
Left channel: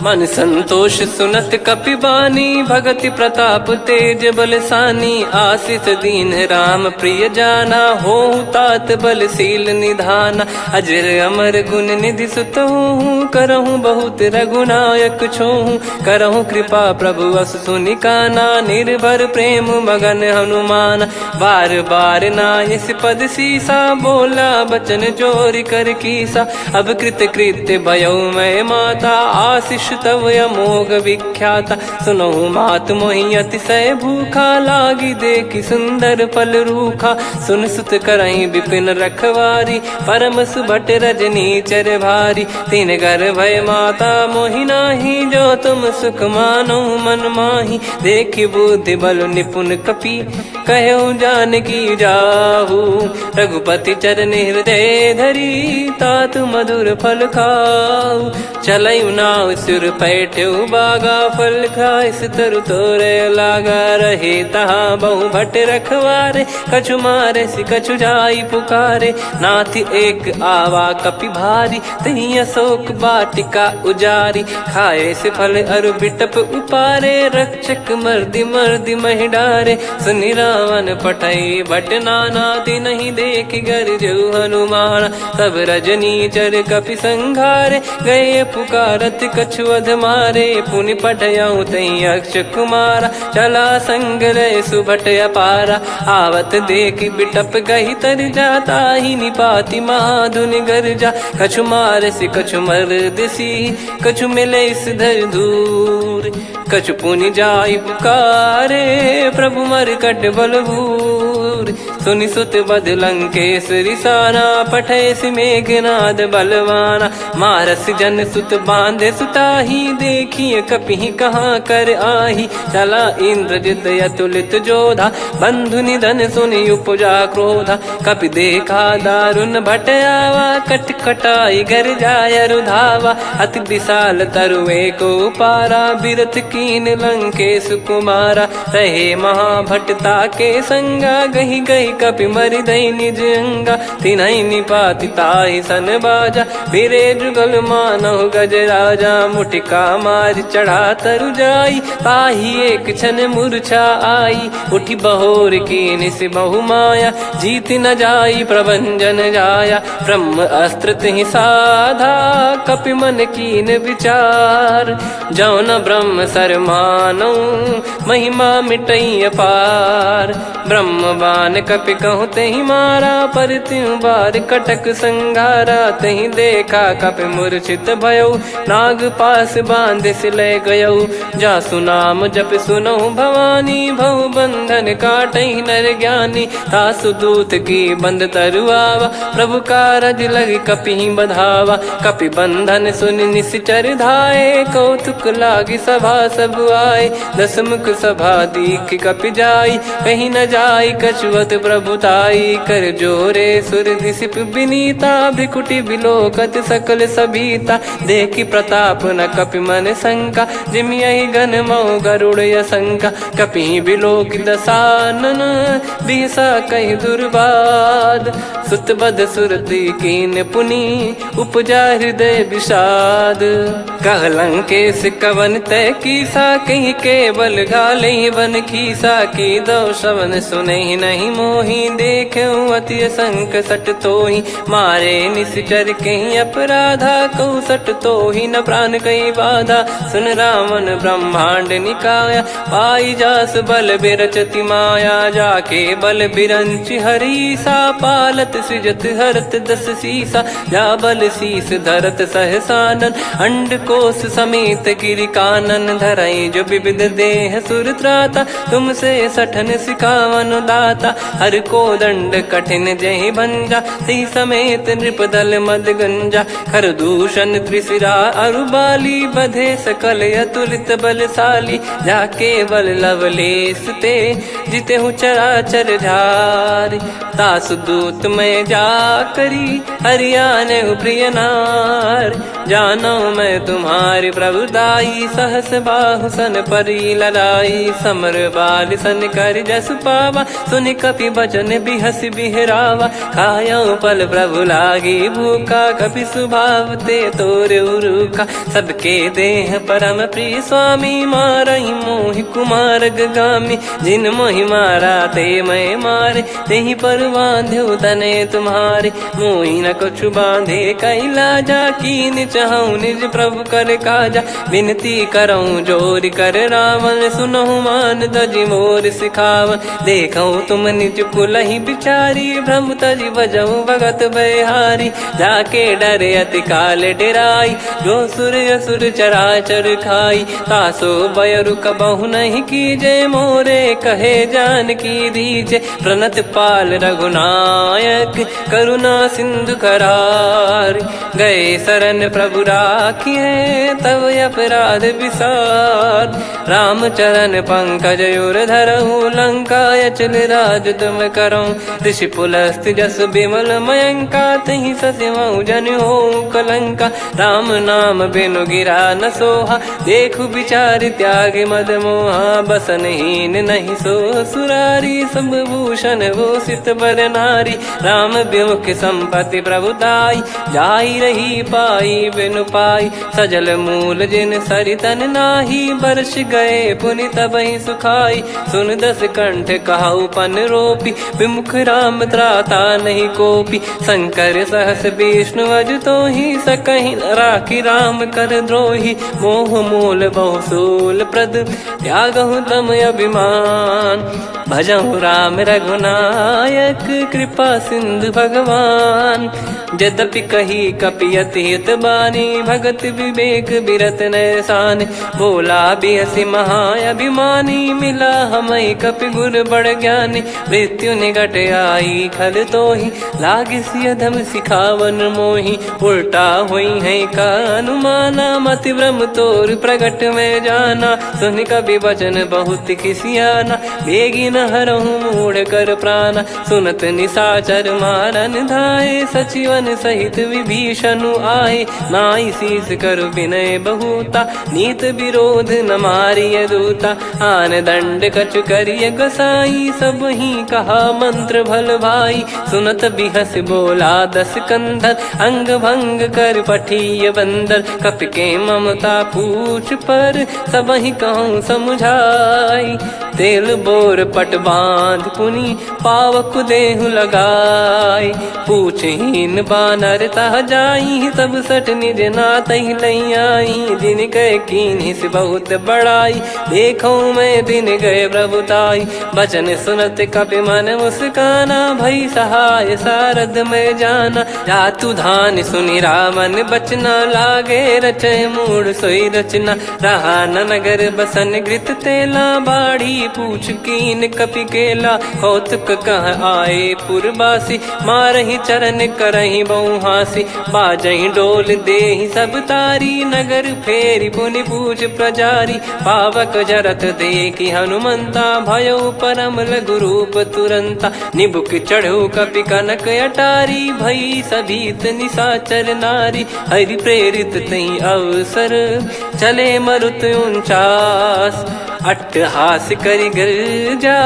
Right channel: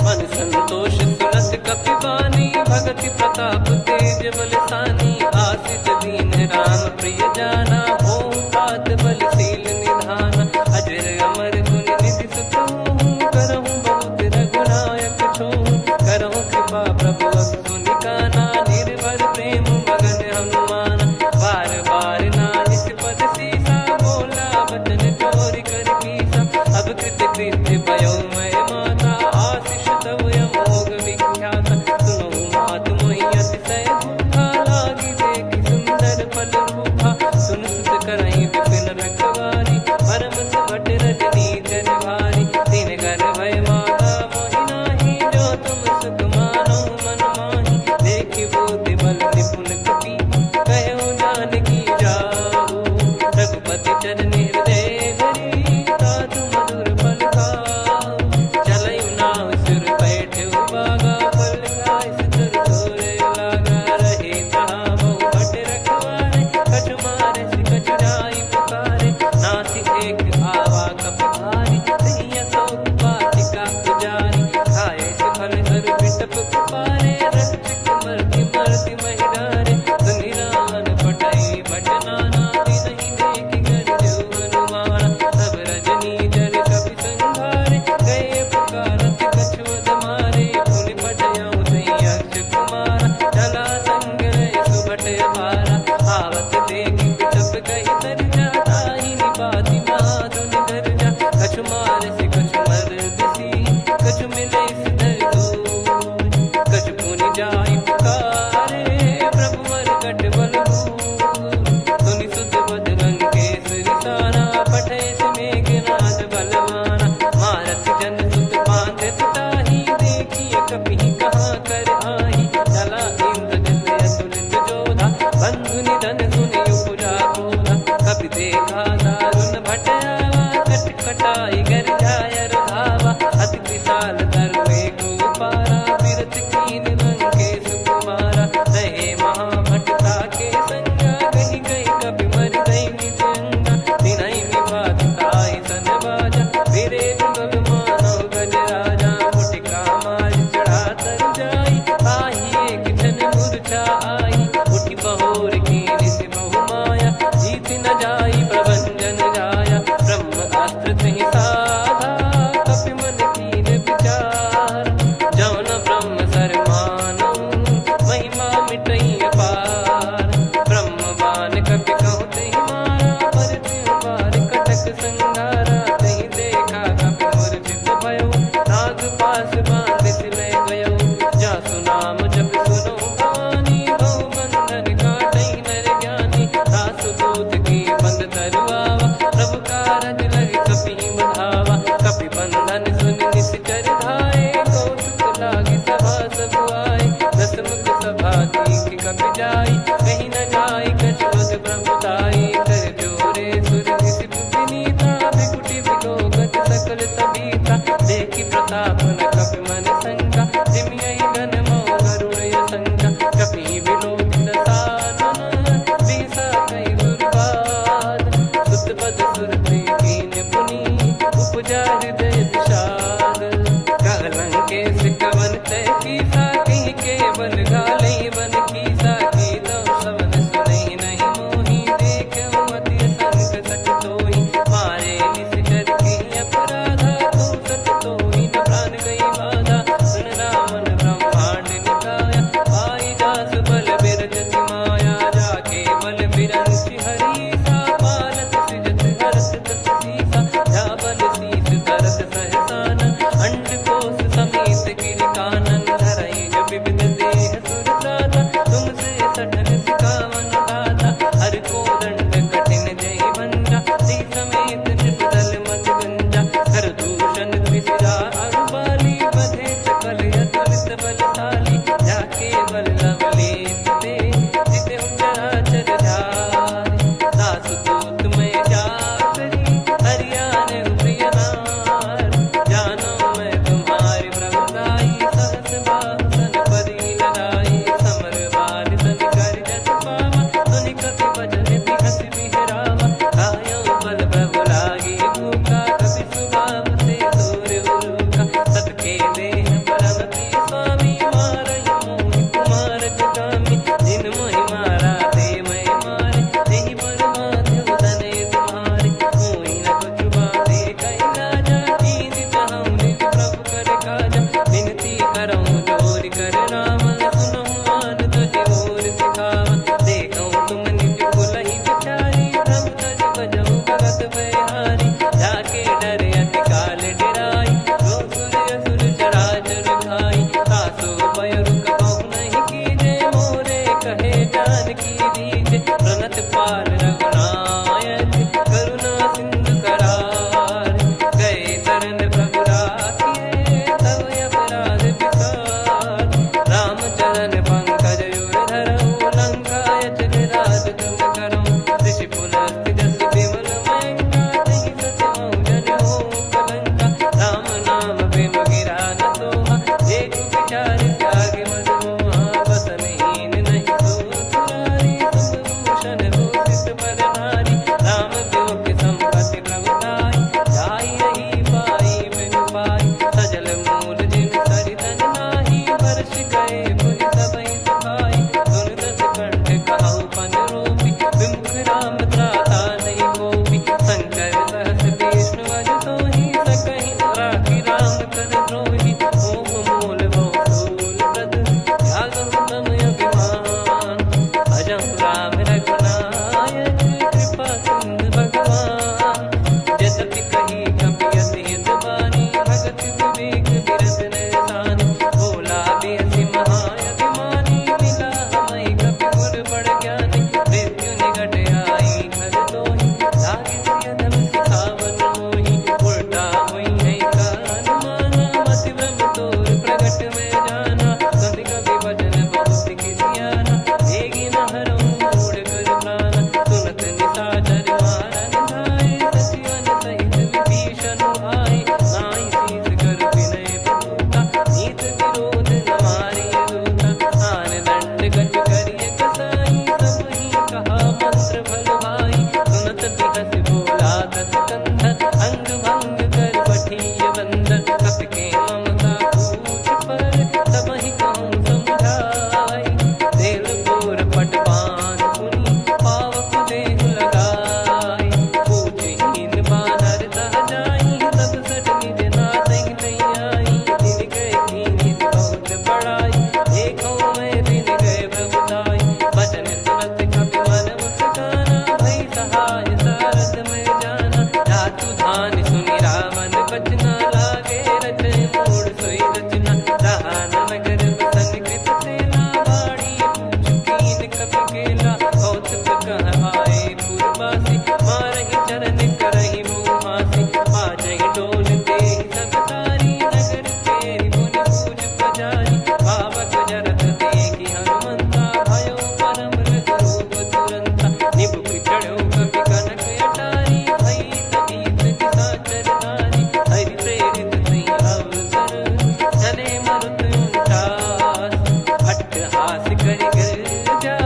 मन संतोष सुनत कपि बानी, भगति प्रताप तेज बलसानी। आशीष दीन राम प्रिय जाना, होहु तात बलशील निधाना। अजर अमर गुण निधि सुतहु, करहु बहुत रघुनायक छोहु। करहु कृपा प्रभु अस सुनि काना, निर्भर प्रेम मगन हनुमान। बार बार नायस पद सीसा, बोला बचन चोरी कर कीसा। अब कृत कृत्य भयउ मैं माता, आशीष तव अमोघ विख्याता। सुनहु मात मोहि अतिशय भूखा, लागी देखि सुंदर फल रूखा। सुन सुत करहि विपिन रखवारी, परम सुभट रजनी चर भारी। तीन घर भय माता मोहि नाही, जो तुम सुख मानो मन माही। देखि बुद्धि बल निपुण कपि, कहु जानकी जाहु। रघुपति चरण हृदय धरी, तात मधुर फल खाऊ। चलयु नाव सुर पैठ्यु बागा, फल खाइस तरु तोरे लागा। रहे तहाँ बहु भट रखवारे, कछु मारे सि कछु जाई पुकारे। नाथ एक आवा कपि भारी, तही अशोक वाटिका उजारी। खाए से फल अरु बिटप उपारे, रक्षक मर्दि मर्दि महि डारे। सुनि रावण पटई भट नाना, तिनहि देखि गरजउ हनुमान। तब रजनी चर कपि संघारे, गए पुकारत कछु अध मारे। पुनि पठयउ तई अक्ष कुमारा, चला संग रहे सुभट अपारा। आवत देखि बिटप गही तर जाता, ही निपाति महाधुनि गर्जा। कछु मार से कछु मर्दिसी, कछु मिले इस धर दूर। कछु पुनि जाई पुकारे, प्रभु मरकट बलभूर। सुनि सुत बद लंकेश्वरी साना, पठय मेघनाद बलवाना। मारस जन सुत बांधे सुताही, देखिए कपि कहाँ कर आही। चला इंद्रजित अतुलित जोधा, बंधु निधन सुनि उपजा क्रोधा। कपि देखा दारुण भट आवा, कट कटाई गर जाय रुधावा। अति विशाल तरुए को पारा, बिरत कीन लंकेश कुमारा। रहे महाभटता के संगा, गही गही कपि मरि दई निज अंगा। तिन्हि निपाति ताहि सन बाजा, फिरे जुगल मानव गज राजा। मुटिका मार चढ़ा तरु जाई, ताहि एक क्षण मूर्छा आई। उठि बहोर कीन से बहु माया, जीत न जाई प्रभंजन जाया। ब्रह्म अस्त्र तिहि साधा, कपि मन कीन विचार। जौ न ब्रह्म सर मानौ, महिमा मिटई अपार। ब्रह्म बान कपि कहु तहि मारा, पर त्यों बार कटक संगारा। तहि देखा कपि मूर्छित भयउ, नाग पास बांध सिले गयउ। जासु नाम जप सुनहु भवानी, भव बंधन काटहि नर ज्ञानी। तासु दूत की बंद तरुआवा, प्रभु कारज लग कपि बधावा। कपि बंधन सुनि निश्चर धाये, कौतुक लागी सभा सब आए। दस मुख सभा दीख कपि जाई, कहीं न जाई कछुवत प्रभुताई। कर जोरे सुर दिसिप विनीता, भ्रिकुटि बिलोकत सकल सबीता। देखि प्रताप न कपि मन शंका, जिमियहि गन मऊ गरुड़ असंका। कपि बिलोक दसानन, बिहसा कहि दुर्वाद। सुत बध सुरति कीन पुनि, उपजा हृदय विषाद। कहलंकेश कवन तय कीसा, कहीं केवल गाले बन खीसा। की दो श्रवण सुने नहीं मोही, देखे अति संक सट तोही। मारे निश्चर कहीं अपराधा, कहूँ सट तोही न प्राण कहीं बाधा। सुन रावण ब्रह्मांड निकाया, पाई जास बल बिरचति माया। जाके बल बिरंच हरीसा, पालत सृजत हरत दस सीसा। जा बल शीस धरत सहसानन, अंड कोश समेत गिरि कानन। धरई जो विविध देह सुर त्राता, तुमसे सठन सिखावन दाता। हर को दंड कठिन जहि भंजा, ती समेत नृप दल मद गंजा। खर दूषण त्रिशिरा अरुबाली, बधे सकल अतुलित बलशाली। जाके बल लवलेश ते, जिते हूँ चराचर धारी। दास दूत में जा करी, हरियाने प्रिय नार। जानो मैं तुम्हारी प्रभुताई, सहस बाहु सन परी लड़ाई। समर बाल सन कर जस पावा, सुनि कपि भजन बिहस बिहरावा। खायो पल प्रभु लागी भूखा, कपि स्वभाव ते तोर उरुखा। सबके देह परम प्रिय स्वामी, मारई मोहि कुमार गगामी। जिन मोहि मारा ते मैं मारे, तेहि पर बांधो तने तुम्हारे। मोहि न कुछ बांधे कैलाजा, कीन चाहूँ निज प्रभु कर काजा। विनती करऊँ जोर कर रावण, सुनहु मान तजि मोर सिखावन। देखऊँ तुम निज पुलहि बिचारी, भ्रम तजि बजऊँ भगत बहारी। जाके डरे अति काल डेराई, जो सुर असुर चराचर खाई। तासो बयरु कबहु नहीं कीजे, मोरे कहे जान की दीजे। प्रणत पाल रघुनायक, करुणा सिंधु करार। गए शरण प्रभु राखिए, तब अपराध विसार। राम चरण पंकज उर धरऊँ, लंका अचल राज तुम करऊँ। ऋषि पुलस्त जस विमल मयंका, तहि सत्यमऊ जन हो कलंका। राम नाम बिनु गिरा न सोहा, देखु विचार त्याग मद मोहा। बसनहीन नहीं सो सुरारी, सब भूषण भूषित बर नारी। राम विमुख संपत्ति प्रभुताई, जाई रही पाई बिनु पाई। सजल मूल जिन सरितन नाही, वर्ष गए पुनि तबहि सुखाई। सुन दस कंठ कहाऊ पन रोपी, विमुख राम त्राता नहीं कोपी। शंकर सहस विष्णु अज तोहि, सकहि न राखी राम कर द्रोही। मोह मूल बहु सूल प्रद, त्यागहु तम अभिमान। भजहु राम रघुनायक, कृपा सिंधु भगवान। यद्यपि कही कपियति हित बानी, भगत विवेक बिरत नैसान। बोला बिहसि महाअभिमानी, मिला हमई कपि गुर बड़ ज्ञानी। मृत्यु निकट आई खल तोहि, लागिसि अधम सिखावन मोहि। उल्टा हुई है का अनुमाना, मति भ्रम तोर प्रगट में जाना। सुन कवि वचन बहुत खिसियाना, बेगी न हरहु मूढ़ कर प्राणा। सुनत निशाचर मारन धाये, सचिवन सहित विभीषणु आए। नाई शीस कर विनय बहुता, नीत विरोध न मारिय दूता। आन दंड कछु करिय गसाई, सब ही कहा मंत्र भल भाई। सुनत बिहस बोला दस कंधर, अंग भंग कर पठिय बंदर। कपि के ममता पूछ पर, सब ही कहूँ समुझाई। तेल बोर पट बांध पुनि, पावक देहु लगाई। पूछहीन बानर तह जाई, सब सट निज नातहि लई आई। दिन गए कीन्ही से बहुत बड़ाई, देखो मैं दिन गए प्रभुताई। बचन सुनत कपि मन मुस्काना, भई सहाय सारद में जाना। जातु धान सुनि रावण बचना, लागे रचय मूढ़ सोई रचना। रहा न नगर बसन घृत तेला, बाढ़ी पूछ कीन कपि केला कौतुक कह आए पुरबासी मारही चरण करही बहु हासी बाजही डोल देहि सब तारी नगर फेरी पुनि पूज प्रजारी पावक जरत देखी हनुमंता भयो परम लघु रूप तुरंता निबुक चढ़ू कपि कनक अटारी भई सभीत निशाचर नारी हरि प्रेरित तई अवसर चले मरुत 49 अट्टहास करि गिरजा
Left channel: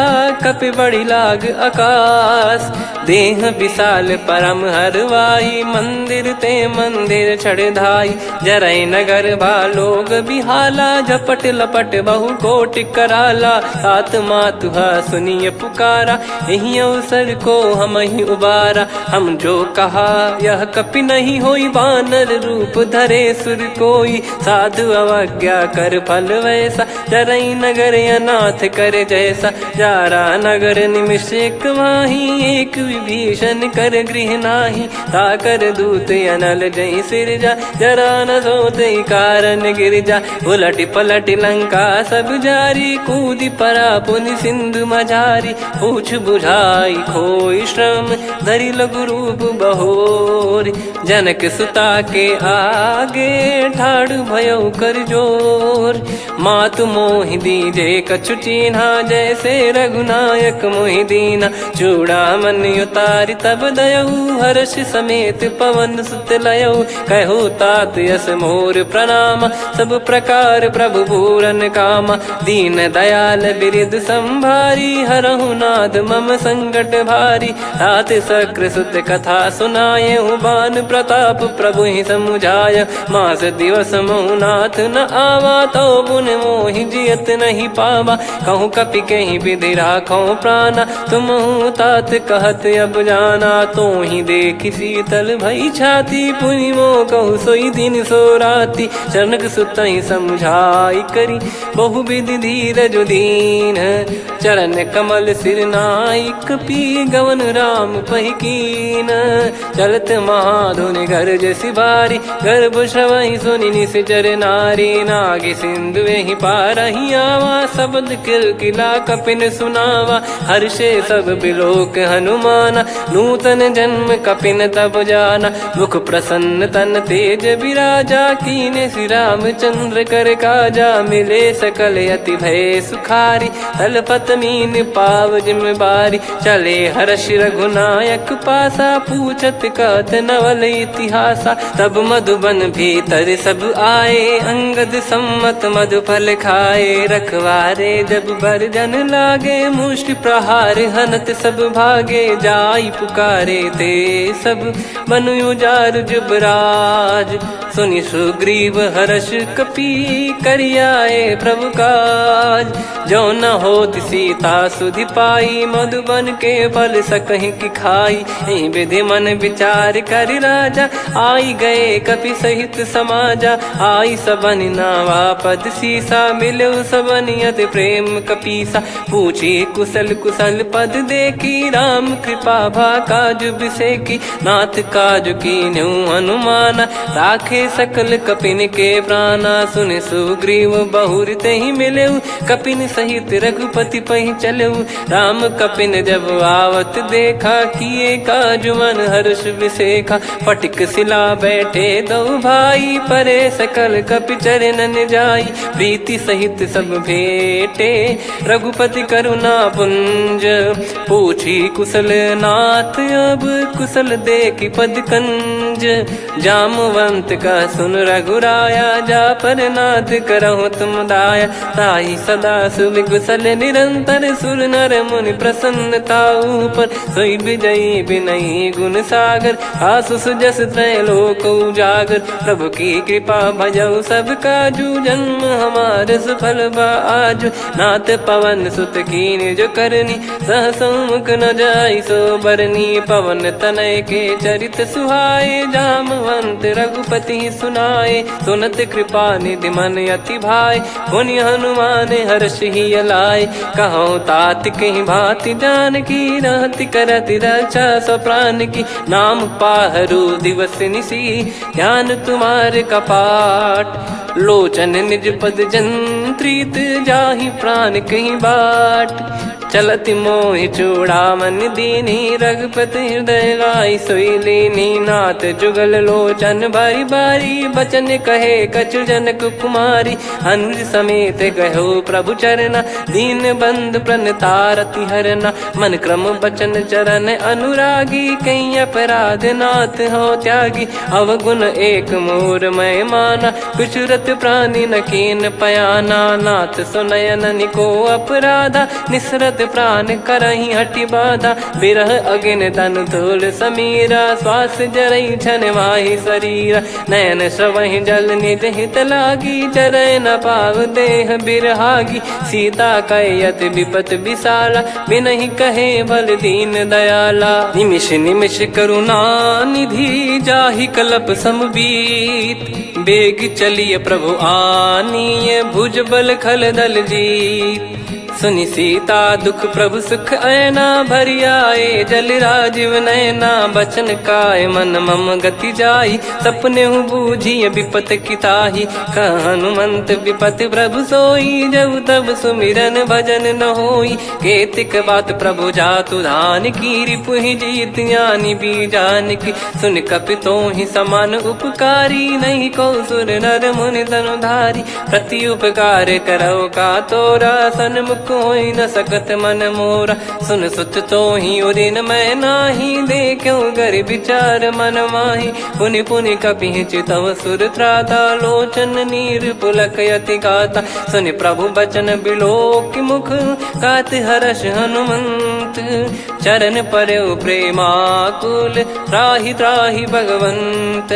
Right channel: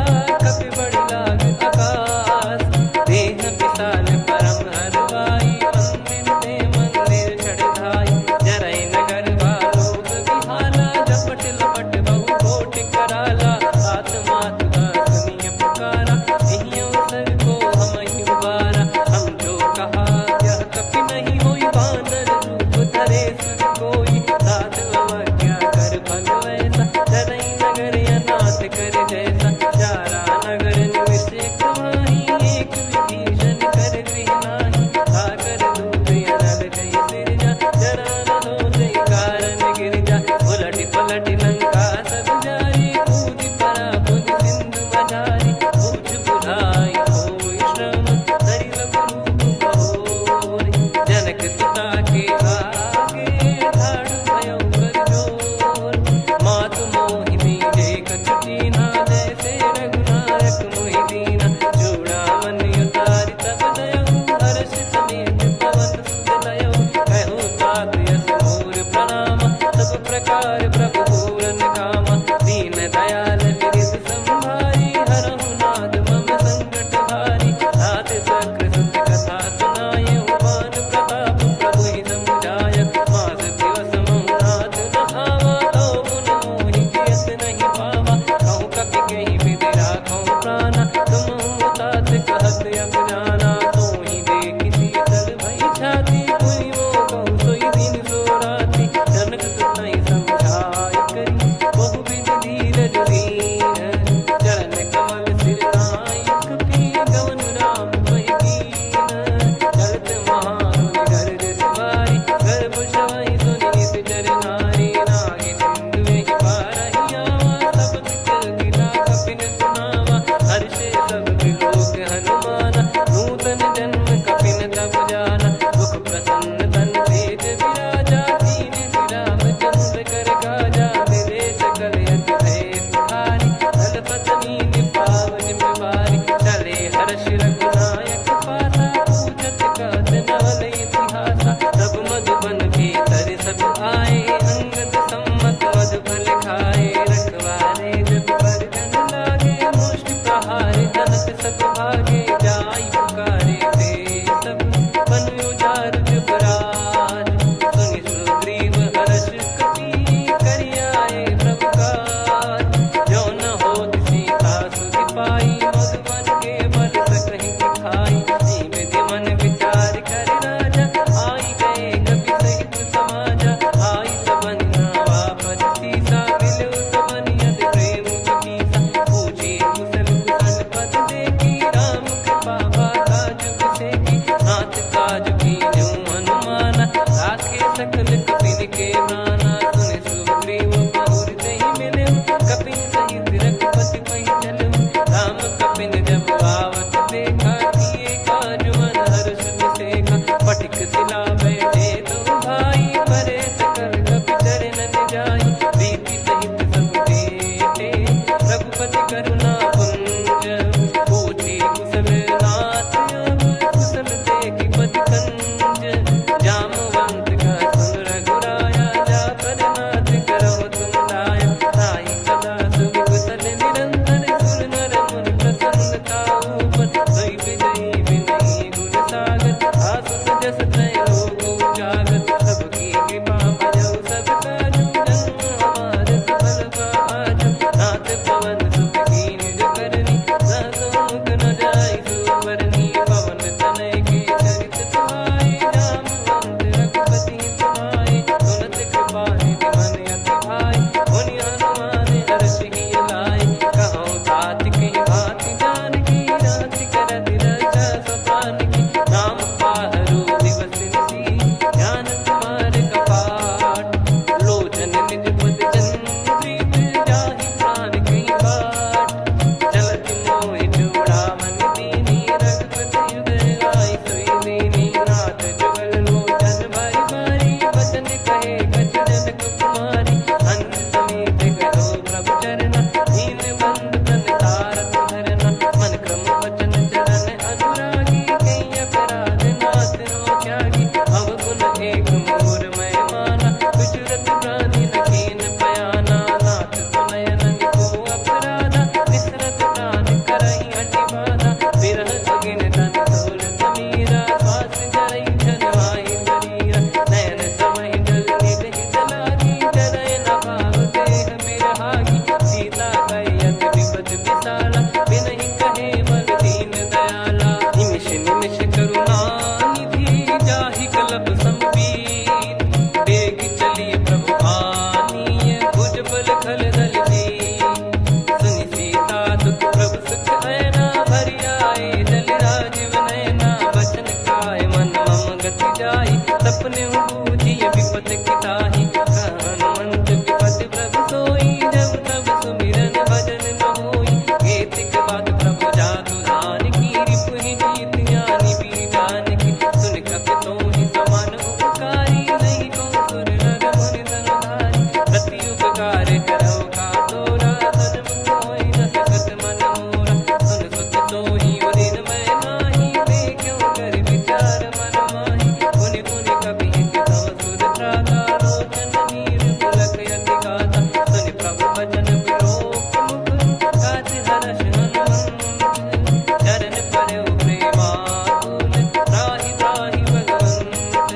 कपि बड़ी लाग आकाश देह विशाल परम हरवाई मंदिर ते मंदिर चढ़ाई जरई नगर बालोग बिहाला झपट लपट बहु कोट कराला सात मातुहा सुनिय पुकारा यही अवसर को हम ही उबारा हम जो कहा यह कपि नहीं होई बानर रूप धरे सुर कोई साधु अवज्ञा कर फल वैसा जरई नगर अनाथ कर जैसा जारा नगर निमिष एक माही एक विभीषण कर गृह नाही ताकर दूत अनल जय सिरजा जरा न सोते कारण गिरजा उलट पलट लंका सब जारी कूदी परा पुनि सिंधु मझारी पूछ बुझाई खोई श्रम धरि लघु रूप बहोरी जनक सुता के आगे ठाड़ भयो कर जोर मातु मोहि दीजे कछु चीन्हा जैसे रघुनायक मोहि दीना चूड़ामन उतारि तब दयऊ हर्ष समेत पवन सुत लयऊ कहु तात यस मोर प्रणाम सब प्रकार प्रभु पूरन कामा दीन दयाल बिरिद संभारी हरहु नाद मम संकट भारी तात सक्र सुत कथा सुनाये बान प्रताप प्रभु ही समुझाय मास दिवस महु नाथ न आवा तो पुन मोहि जियत नहीं पावा कहूँ कपि कहीं विधि राखो प्राणा तुम तात कहत अब जाना तो ही देख शीतल भई छाती पुनि मो कहु सोई दिन सो राती जनक सुतई समझाई करी बहु विधि धीरज दीन चरण कमल सिर नाइक पी गवन राम पहिकीन चलत महाधुनि गर्ज सिबारी गर्भ श्रवहि सुनि निश्चर नारी नागे सिंधु ही पारही आवा शब्द किलकिला कपिन सुनावा हर्षे सब बिलोक हनुमाना नूतन जन्म कपिन तब जाना मुख प्रसन्न तन तेज विराजा कीने श्री रामचंद्र कर काजा मिले सकल अति भय सुखारी तलपत मीन पाव जिम्मेवारी चले हर्ष रघुनायक पासा पूछत कहत नवल इतिहासा तब मधुबन भीतर सब आए अंगद सम्मत मधुफल खाए रखवारे जब बरजन लागे मुष्टि प्रहार हनत सब भागे जाई पुकारे ते सब मनु उजार जुबराज सुनि सुग्रीव हर्ष कपि करियाए प्रभु काज जो न हो सीता सुधि पाई मधुबन के फल सकहि की खाई विधि मन विचार कर राजा आई गए कपि सहित समाजा आई सबन नावा पद सीसा मिलो सबनियत प्रेम कपीसा पूछी कुशल कुशल पद देखी राम कृपा भा काज बिसेकी नाथ काज की न्यू हनुमाना राखे सकल कपिन के प्राणा सुन सुग्रीव बहुर ते ही मिले कपिन सहित रघुपति पहि चले राम कपिन जब आवत देखा किए काज मन हर्ष विसेखा पटिक सिला बैठे दो भाई परे सकल कपि चरणन जाई प्रीति सहित सब भेटे रघुपति करुणा पुंज पूछी कुशल नाथ अब कुशल देखी पद कंज जामवंत का सुन रघुराया जा पर नाथ करहु तुम दाया ताई सदा सुभि कुशल निरंतर सुर नर मुनि प्रसन्नता ऊपर सोई विजयी विनयी गुण सागर आसु सुजस त्रैलोक उजागर प्रभु की कृपा भजऊ सब काजू जन्म हमार सफल बाजू नाथ पवन सुत कीन जो करनी सहसो मुख न जाई सो बरनी पवन तनय के चरित सुहाए जामवंत रघुपति सुनाए सुनत कृपा निधि मन अति भाई पुनि हनुमान हर्ष ही लाए कहो तात कहीं भांति जान की रहति करति रक्षा सो प्राण की नाम पाहरू दिवस निसी ध्यान तुम्हारे कपाट लोचन निज पद जन प्रीत जाहि प्राण कहीं बाट। चलत मोहि चूड़ामन दीनी रघुपति हृदय लाई सोई लीनी। नाथ जुगल लोचन बारी बारी बचन कहे कछु जनक कुमारी। हंस समेत गहो प्रभु चरना दीन बंद प्रणतारति हरना। मन क्रम बचन चरण अनुरागी कहीं अपराध नाथ हो त्यागी। अवगुण एक मोर मैं माना विचुरत प्राणी न कीन पयाना। नाथ सुनयन निको अपराधा निसरत प्राण करही हटि बाधा। बिरह अगिन तन तोल समीरा श्वास जरई छन वाहि शरीरा। नयन सवहि जल निज हित लागी चरय न पाव देह बिरहागी। सीता कयत विपत विशाला बिनहि कहे बल दीन दयाला। निमिष निमिष करुणा निधि जाहि कलप समबीत। बेग चलिए प्रभु आनीय भुज बल खल दल जीत। सुनि सीता दुख प्रभु सुख ऐना भरि आए जल राजीव नैना। बचन काय मन मम गति जाई सपने बूझी विपत किताही। हनुमंत विपत प्रभु सोई जब तब सुमिरन भजन न होई। केतिक बात प्रभु जातु धान की रिपुहि जीत ज्ञानी बीजान की। सुन कपितो ही समान उपकारी नहीं को सुर नर मुनि तनुधारी। प्रति उपकार करो का तोरा सन्मुख कोई न सकत मन मोरा। सुन सुत तो ही उदिन मैं नाही देखो गर विचार मन माही। पुनि पुनि कपि चितव सुर त्राता लोचन नीर पुलक यति गाता। सुनि प्रभु बचन बिलोक मुख गात हर्ष हनुमंत। चरण परयो प्रेमाकुल त्राहि त्राहि भगवंत।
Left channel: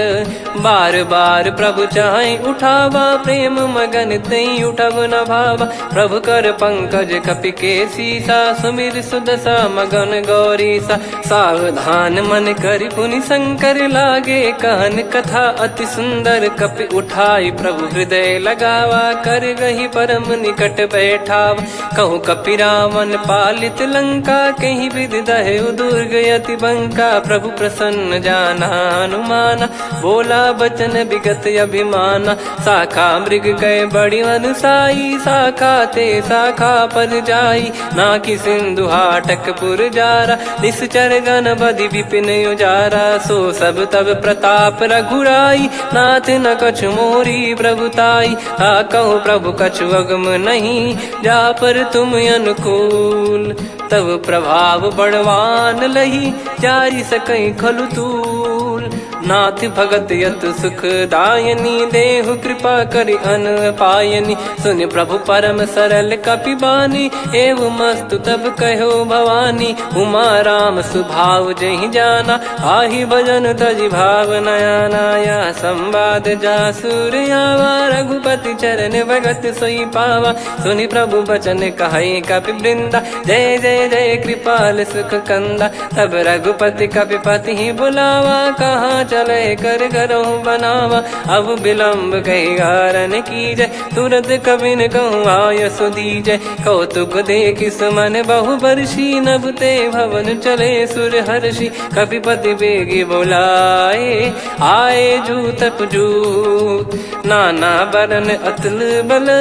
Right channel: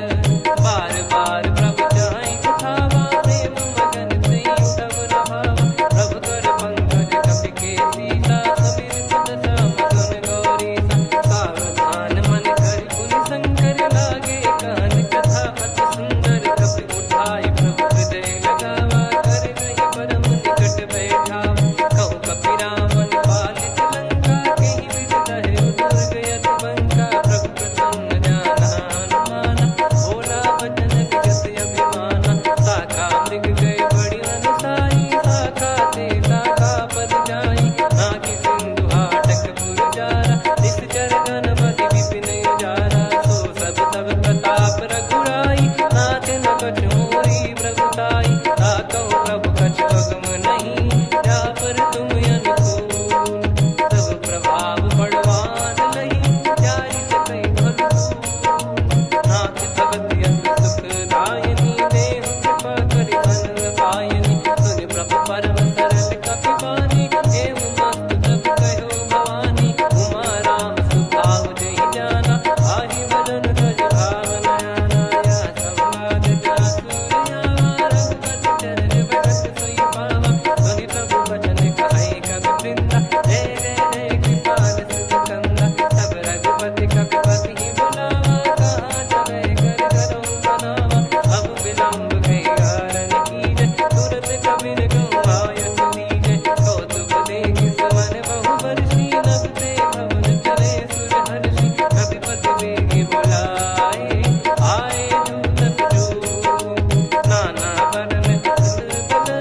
बार बार प्रभु चाहि उठावा प्रेम मगन तई उठब न भावा। प्रभु कर पंकज कपि के सीसा सुमिर सुदशा मगन गौरीसा। सावधान मन करि पुनि शंकर लागे कहन कथा अति सुंदर। कपि उठाई प्रभु हृदय लगावा कर गही परम निकट बैठावा। कहूँ कपि रावण पालित लंका कहीं विधि दहु दुर्ग यति बंका। प्रभु प्रसन्न जाना हनुमाना बोला बचन विगत अभिमाना। शाखा मृग गए बड़ी अनुसाई शाखा ते शाखा पर जाई। ना कि सिंधु हाटक पुर जारा निश्चर गण बदि विपिन उजारा। सो सब तब प्रताप रघुराई नाथ न कछु मोरी प्रभुताई। कहूँ प्रभु कछु अगम नहीं जा पर तुम अनुकूल। तब प्रभाव बड़वान लही जारी सकई खलु तूल। नाथ भगत यत सुख दायनी देहु कृपा करि अन पायनी। सुन प्रभु परम सरल कपि बानी एवं मस्तु तब कहो भवानी। उमा राम सुभाव जहि जाना आहि भजन तजि भाव नयाना। या संवाद जासुर आवा रघुपति चरण भगत सोई पावा। सुनि प्रभु बचन कहै कपि वृंदा जय जय जय कृपाल सुख कंदा। तब रघुपति कपि पति बुलावा कहाँ चले कर करहु बनावा। अब विलम्ब कही कारण कीजय तुरत कबिन कहूँ आयस दीजय। कौतुक देख सुमन बहु बरसी नभ ते भवन चले सुर हर्षि। कपिपति बेगी बोलाए आए जूतक जूत। नाना बरन अतुल बल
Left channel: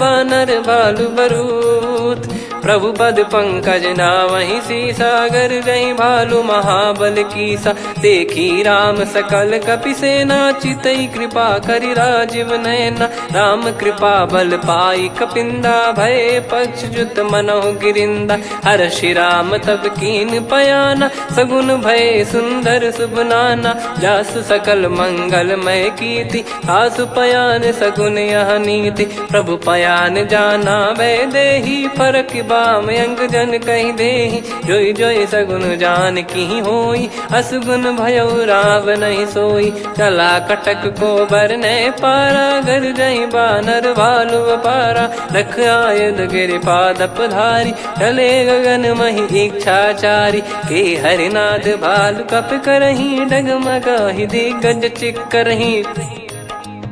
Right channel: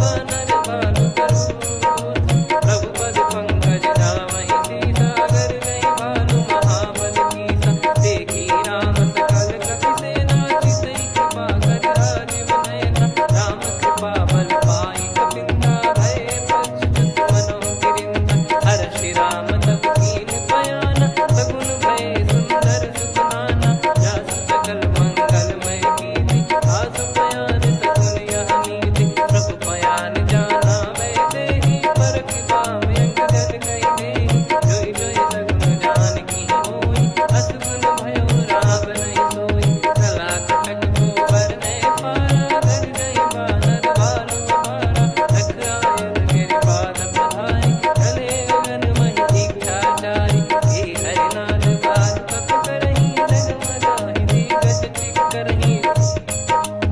बानर बालु बरूत। प्रभु पद पंकज नावहि सीसागर गई भालु महाबल कीसा। देखी राम सकल कपि सेना चितई कृपा करि राजीव नयना। राम कृपा बल पाई कपिंदा भय पक्ष जुत मनो गिरिंदा। हर्षि राम तब कीन पयाना सगुन भय सुंदर शुभ नाना। जासु सकल मंगलमय कीर्ति आसु पयान सगुन यह नीति। प्रभु पयान जाना वै देहि फरक बाम अंग जन कहीं देहि। जोई जोई सगुन जान की होई असगुन भयो राव नहीं सोई। चला कटक को बरने पारा घर जई बानर भालु पारा। रख आयद गिरि पाद पधारी चले गगन मही इच्छाचारी। के हरिनाथ भालु कप करही डगमगाहि दिग्गज चिक्करही।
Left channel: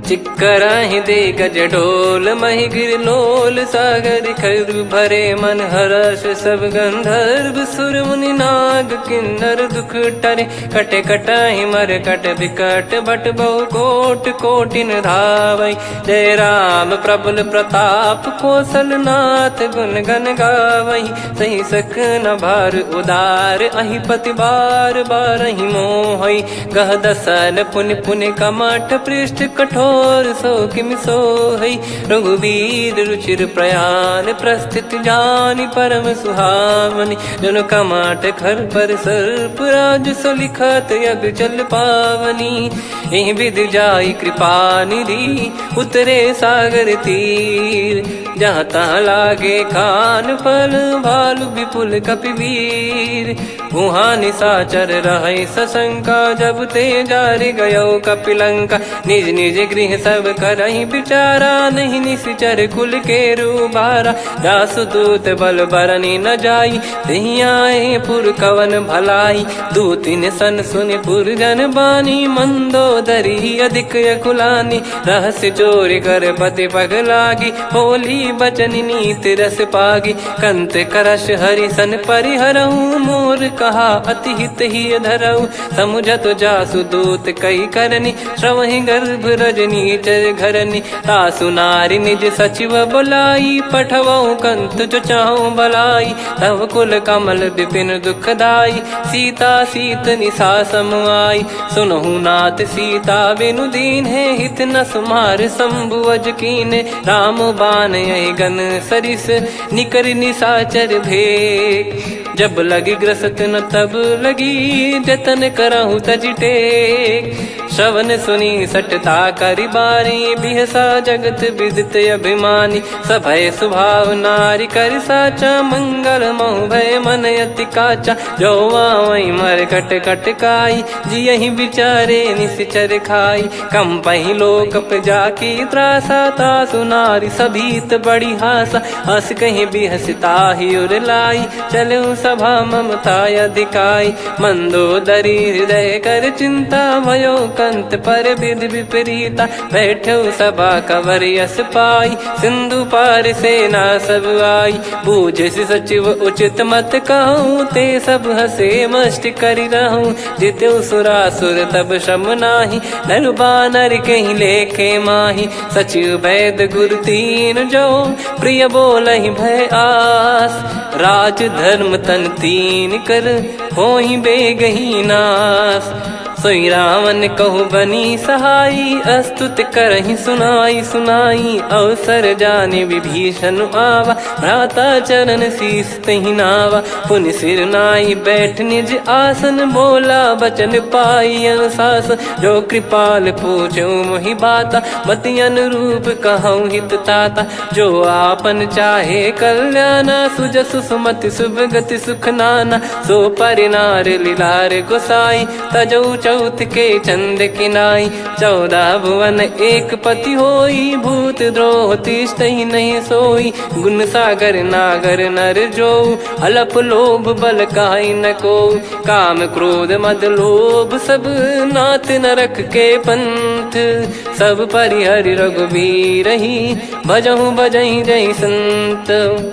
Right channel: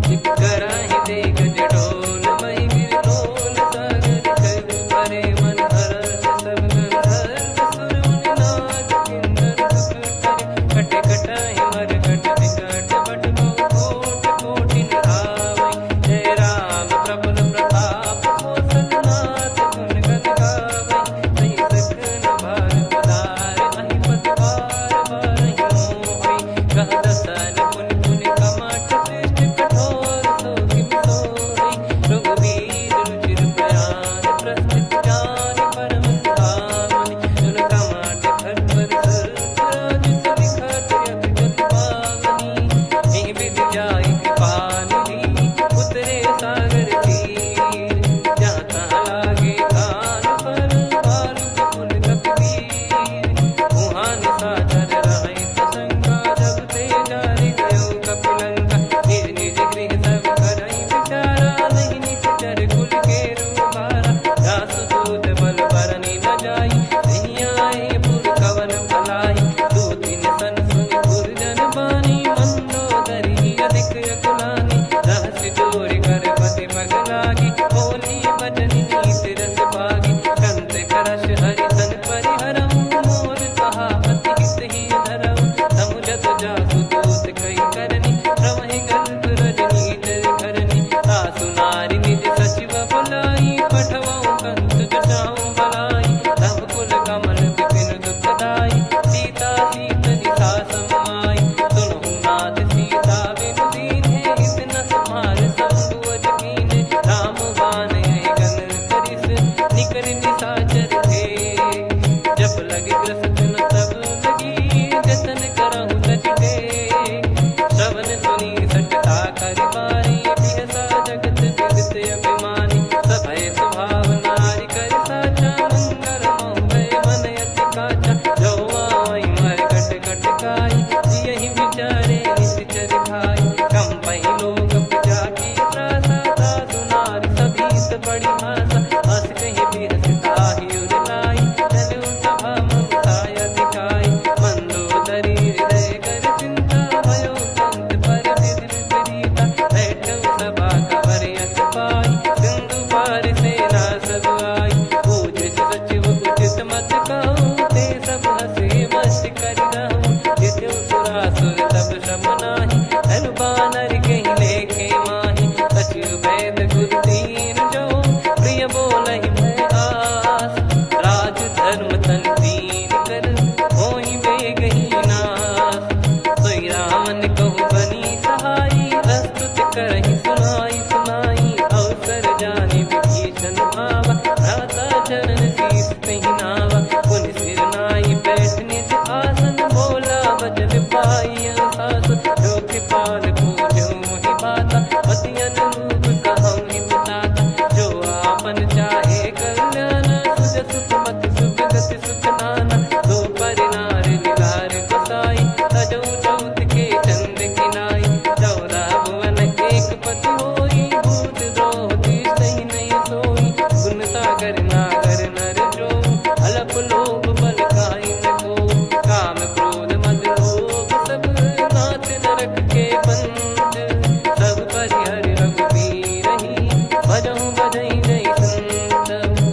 चिक्कराहि दे गज डोल महि गिर लोल सागर खर भरे मन हर्ष सब गंधर्व सुर मुनि नार। नाग किन्नर दुख टरे, कटे कटहि मर कट विकट बट बहु कोट कोटिन धावै। जय राम प्रबल प्रताप कौशलनाथ गुण गण गावै। सही सकन भार उदार अहि पति बार बारहि मोहै। गह दसन पुन पुन कमठ पृष्ठ कठोर सो किमि सोहै। रघुवीर रुचिर प्रयाण प्रस्थित जानि परम सुहावनि। जन कमठ खर पर सर्प राज सलिखत यग जल पावनी। एहि विधि जाई कृपा निधि उतरे सागर तीर। जहाँ तहाँ लागे खान फल भालु विपुल कपिवीर। वहाँ निशाचर रहै सशंका जब ते जारि गयो कपिलंका। निज निज गृह सब करहि विचारा नहीं निश्चर कुल के रूबारा। जासु दूत बल बरनि न जाई तेहि आए पुर कवन भलाई। दूतिन सन सुनि पुर जन बानी मंदोदरी अधिक यकुलानी। रहस्य चोरी कर पति पगलागी होली बचन नीति रस पागी। कंत करश हरिसन परिहरहु मोर कहा अति हित ही धरऊ। समुझत जासु दूत कई करनी श्रवहि गर्भ रजनी चर घरनी। तासु नारी निज सचिव बुलाई पठवऊ कंत जो चाहूं बलाई। तव कुल कमल विपिन दुखदाई सीता सीत निशा समाई। सुनहु नाथ सीता बिनु दीन है हित न सुमार शंभु अज कीने। राम बाण गन सरिस निकर निशाचर भेग। जब लगी ग्रसत न तब लगी जतन करहु तज टेक। श्रवण सुनी सटता करि बारी बिहसा जगत विदित अभिमानी। सभय स्वभाव नारी कर साचा मंगल मऊ भय मन अति काचा। जो आवै मर कट कट काई जियहि विचारे निश्चर खाई। कम पहि लोक जाकी त्रासा तासु नारी सभीत बड़ी हासा। हस कहीं बिहसता ही उर लाई चलऊ सभा ममता अधिकाई। मंदोदरी हृदय कर चिंता भयो कंत पर विधि विपरीता। बैठो सभा कवर यस पाई सिंधु पार सेना सब आई। पूज्य सचिव उचित मत कहूँ ते सब हसे मष्ट करि रहूँ। जित्यु सुरासुर तब श्रम नाही नर बानर कहीं लेखे माही। सचिव वैद गुरु तीन जो प्रिय बोलहि भय आस। राज धर्म तन तीन कर होई बेगही नास। सोई रावण कहु बनी सहाई अस्तुत करहि सुनाई सुनाई। अवसर जाने विभीषण आवा भ्राता चरण शीस तहि नावा। पुनि सिर नाई बैठ निज आसन बोला बचन पाई अनुशासन। जो कृपाल पूछो मोहि बाता मति अनुरूप कहूँ हित ताता। जो आपन चाहे कल्याणा सुजसु सुमति सुभगति सुख नाना। सो परिनार लीलार गोसाई तजौ चौथ के चंद किनाई। 14 भुवन एक पति होई भूत द्रोह तिष्ठहि नहीं सोई। गुण सागर नागर नर जो अलप लोभ बल काई न को। काम क्रोध मद लोभ सब नाथ नरक के पंथ। सब परिहरि रघुबीर ही भजहु भजहि जय संत।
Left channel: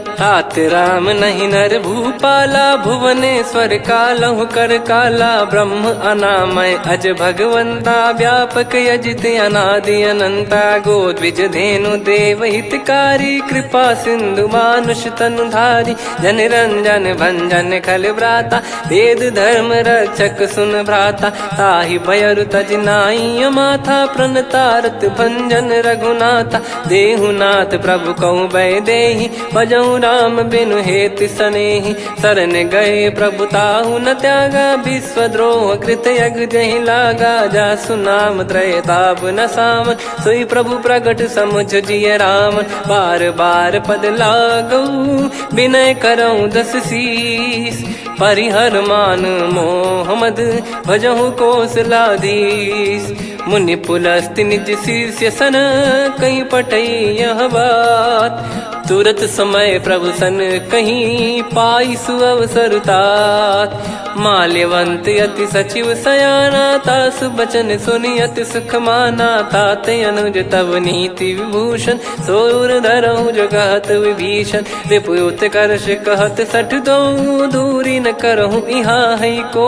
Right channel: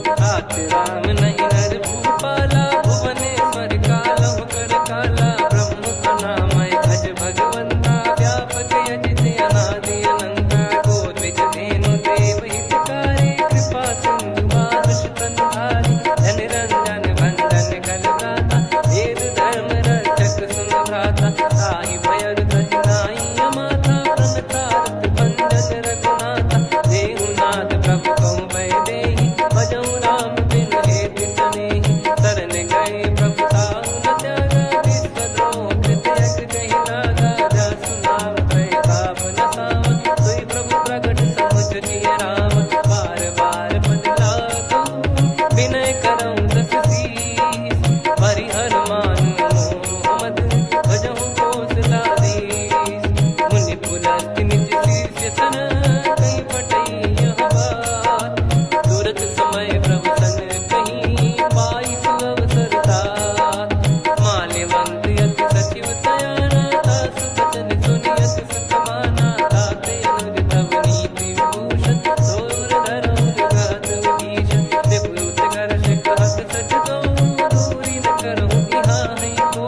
तात राम नहीं नर भूपाला भुवनेश्वर कालहु कर काला। ब्रह्म अनामय अज भगवंता व्यापक यजित अनादि अनंता। गोद्विज धेनु देव हितकारी कृपा सिंधु मानुष तनुधारी। जन रंजन भंजन खल भ्राता वेद धर्म रक्षक सुन भ्राता। ताहि भयरु तज नाई माथा प्रणतारत भंजन रघुनाथा। देहुनाथ प्रभु कहु भय देहि भजहु राम बिनु हेतु सनेहि। शरण गए प्रभु ताहु न त्यागा विश्वद्रोह कृत यज्ञ जहि लागा। जासु नाम त्रय ताप न सावन सोई प्रभु प्रगट समुझ जिय राम। बार बार पद लागऊ विनय करऊँ 10 शीस। परिहर मान मोह मद भजहु कौशलाधीश। मुनि पुलस्त्य निज शिष्य सन कहीं पठई यह बात। तुरत समय प्रभु सन कहीं पाई सुअवसर तात। माल्यवंत अति सचिव सयाना तासु बचन सुनि अति सुख माना। ताते अनुज तव नीति विभूषण सोर धरऊ जगत विभीषण। विपुत करश कहत सठ दो दूरी न करहु यहाँ है को।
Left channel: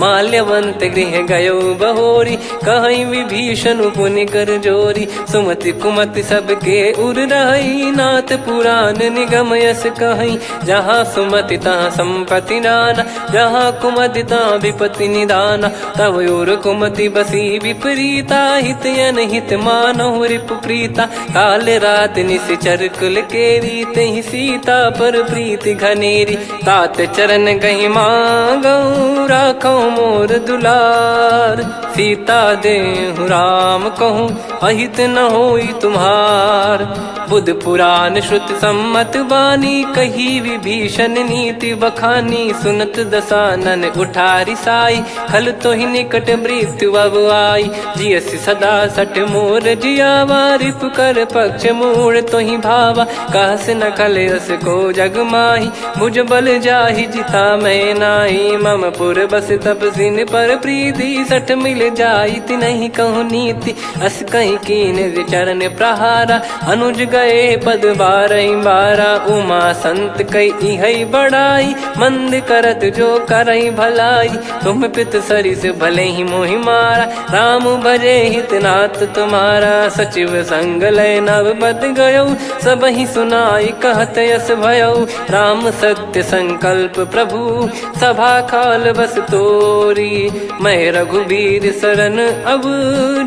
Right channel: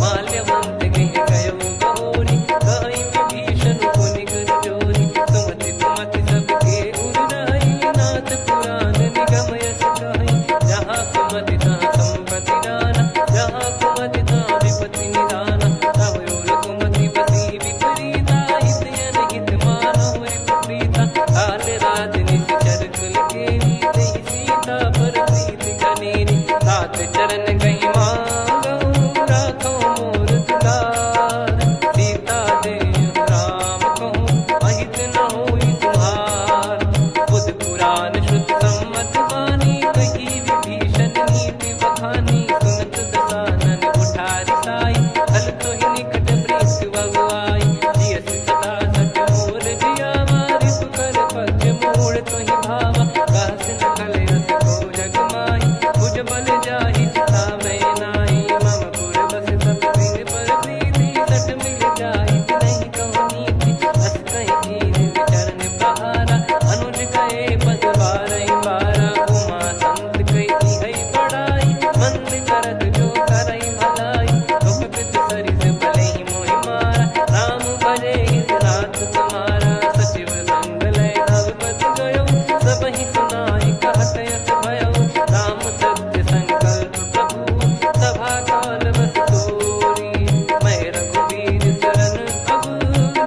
माल्यवंत गृह गयो बहोरी, कहीं विभीषण पुनि कर जोरी। सुमति कुमति सबके उर रही, नाथ पुराण निगम यस कहीं। जहाँ सुमति तहाँ संपत्ति नाना, जहाँ कुमति तहाँ विपत्ति निदाना। तब और कुमति बसी विपरीता, हित अनहित मानहु रिपु प्रीता। काल रात निश्चर कुल केरी, तहि सीता पर प्रीति घनेरी। तात चरण गही मांगऊ, राखो मोर दुलार। सीता देहु राम कहूँ, अहित न होई तुम्हार। बुध पुराण श्रुत सम्मत बानी, कही विभीषण नीति बखानी। सुनत दसानन उठारी साई, खल तो ही निकट मृत्यु अब आई। जियसि सदा सठ मोर जियावा, रिप कर पक्ष मूड़ तो ही भावा। कहस न खल रस को जग माही, मुझ बल जाहि जिता मैं नाई। मम पुर बस तपसिन पर प्रीति, सठ मिल जाई नहीं कहूँ नीति। अस कहीं कीन चरण प्रहारा, अनुज गए पद बारई बारा। उमा संत कई है बड़ाई, मंद करत जो करई भलाई। तुम पित सरिस भले ही मोहि मारा, राम भजे हित नाथ तुम्हारा। सचिव संग लय नव बद गयो, सब ही सुनाई कहत यस भयो। राम सत्य संकल्प प्रभु, सभा काल बस तोरी। मैं रघुबीर शरण अब,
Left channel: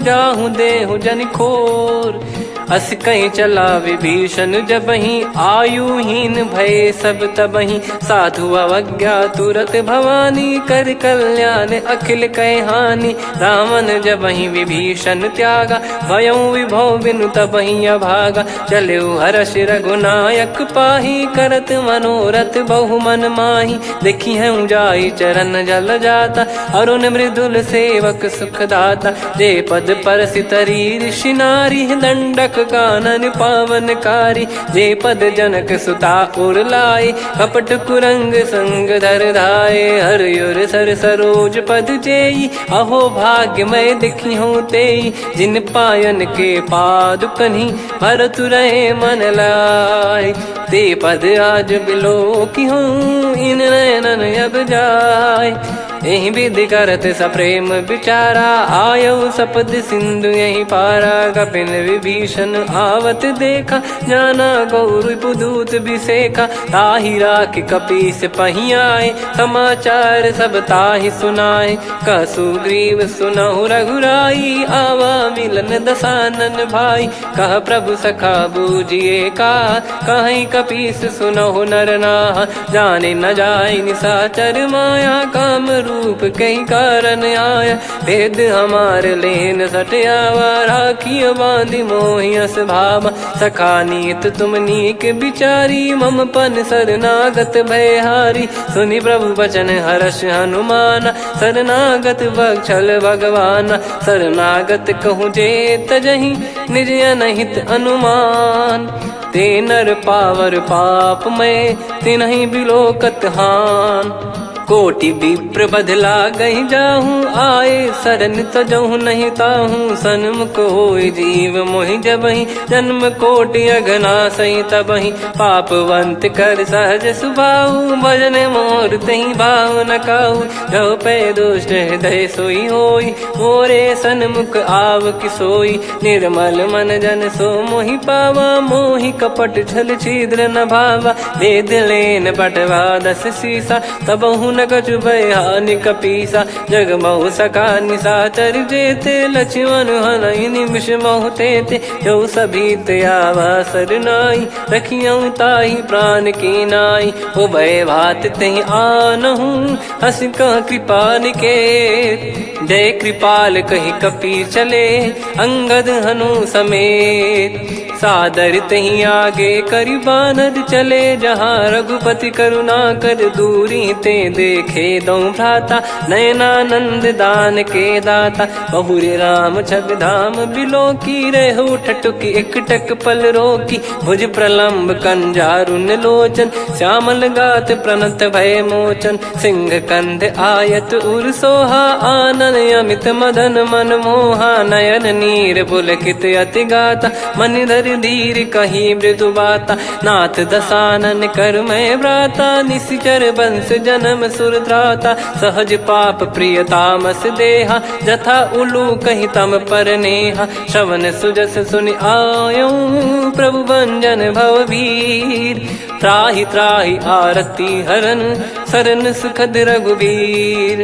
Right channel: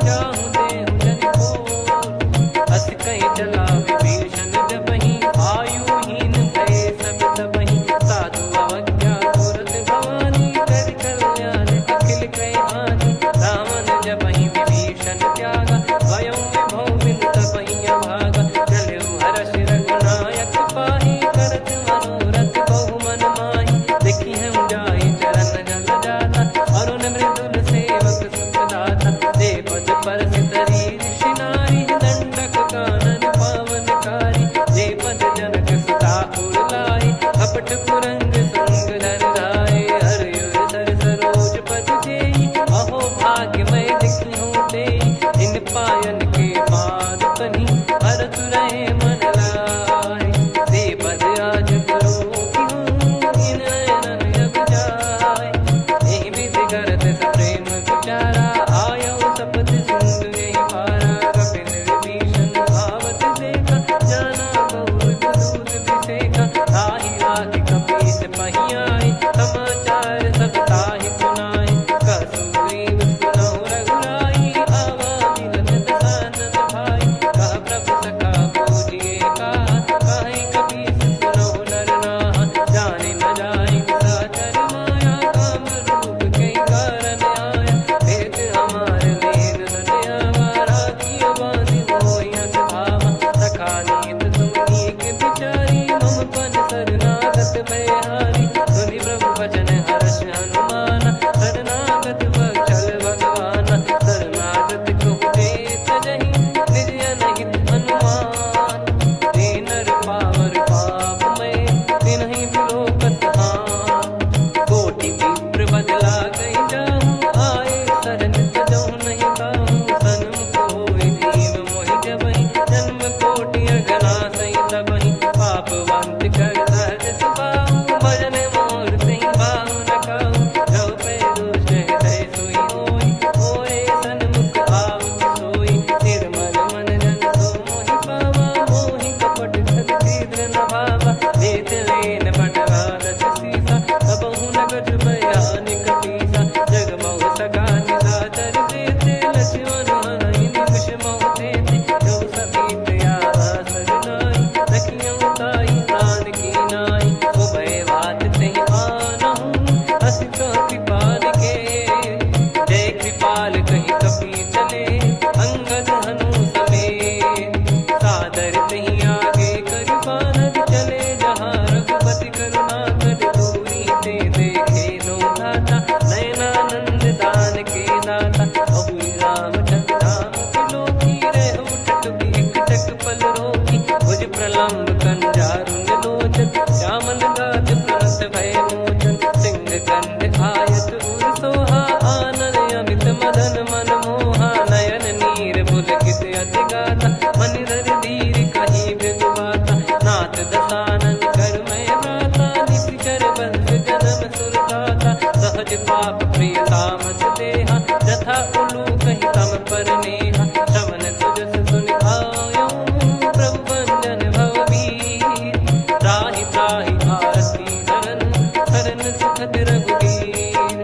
जाहूँ देहु जन खोर। अस कहीं चला विभीषण जबहि, आयुहीन भय सब तबहि। साधु अवज्ञा तुरत भवानी, कर कल्याण अखिल कह हानि। रावण जबहि विभीषण त्यागा, भयउ विभव बिनु तबहि अभागा। चलऊ हर्ष रघुनायक पाही, करत मनोरथ बहु मन माही। देखी है जाई चरण जल जाता, अरुण मृदुल सेवक सुखदाता। जे पद पर सितरी ऋषि नारी, दंडक कानन पावनकारी। जे पद जनक सुता उर लाए, कपट कुरंग संग धर धाये। हरियुर सर सरोज पद जेई, अहो भाग्य मैं दिखी हूँ तेई। जिन पायन के पाद कन्ही, भरत रहे मन लाए। ते पद आज बिलो की हूँ, इन नयनन अब जाय। यही विधि करत सप्रेम विचारा, आयऊ सपद सिंधु यही पारा। कपिन विभीषण आवत देखा, जाना गौर बुदूत बिसेखा। ताहि राख कपीस पही आए, समाचार सब ताहि सुनाए। कह सुग्रीव सुनहु रघुराई, आवा मिलन दसानन भाई। कह प्रभु सखा बूझिए का, कहीं कपीस सुनहु नर नाहा। जाने न जाय निशाचर माया, काम रूप कई कारण आया। भेद हमार लेन सटयावा, राखियो बांधि मोहियस भावा। सखा नीत तुम नीक बिचारी, मम पन शरणागत भयहारी। सुनि प्रभु वचन हर्ष हनुमाना, शरणागत बक्षल भगवाना। शरणागत कहूँ जे तजहि, निज अनहित अनुमान। ते नर पावर पाप में, तिन्हि बिलोकत हान। कोटि विप्र बदला गई जाहूँ, आए शरण तजहु नहीं ताहूँ। सन्मुख होय जीव मोहि जबहि, जन्म कोटि अगना सही तबहि। पापवंत कर सहज सुभाऊ, भजन मोर तहि भाव न काहू। जो पै दुष्ट हृदय सोई होई, मोरे सन्मुख आव किसोई। निर्मल मन जन सो मोहि पावा, मोहि कपट छल छिद्र न भावा। वेद लेन बटवा दस सीसा, तबहु न कछु भयानि कपीसा। जग महु सखा निशाचर जेते, लक्ष्मण हनहि निमिष महु तेते। जो सभी त्यावा सरनाई, रखियऊ ताहि प्राण की नाई। उभय भात तहि आनहु, हस कह कृपाल के। जय कृपाल कहि कपी चले, अंगद हनु समेत। सादर तही आगे करि बानर चले, जहाँ रघुपति करुणा कर दूरी ते देखे दो भ्राता। नयनानंद दान के दाता, बहुरी राम छग धाम बिलो की। रेहु ठटुकी एकटक पल रोकी, भुज प्रलम्ब कंजारुन लोचन। श्यामल गात प्रणत भय मोचन, सिंह कंध आयत उर सोहा। आनन अमित मदन मन मोहा, नयन नीर पुलकित अति गाता। मनिधर कर धीर कहीं मृदु बाता, नाथ दसानन कर मैं व्राता, निशिचर बंस जन्म सुर त्राता, सहज पाप प्रिय तामस देहा, जथा उलू कही तम पर नेहा, श्रवण सुजस सुनि आयो प्रभु भंजन भववीर, त्राहि त्राहि आरती हरन सरन सुखद रघुवीर,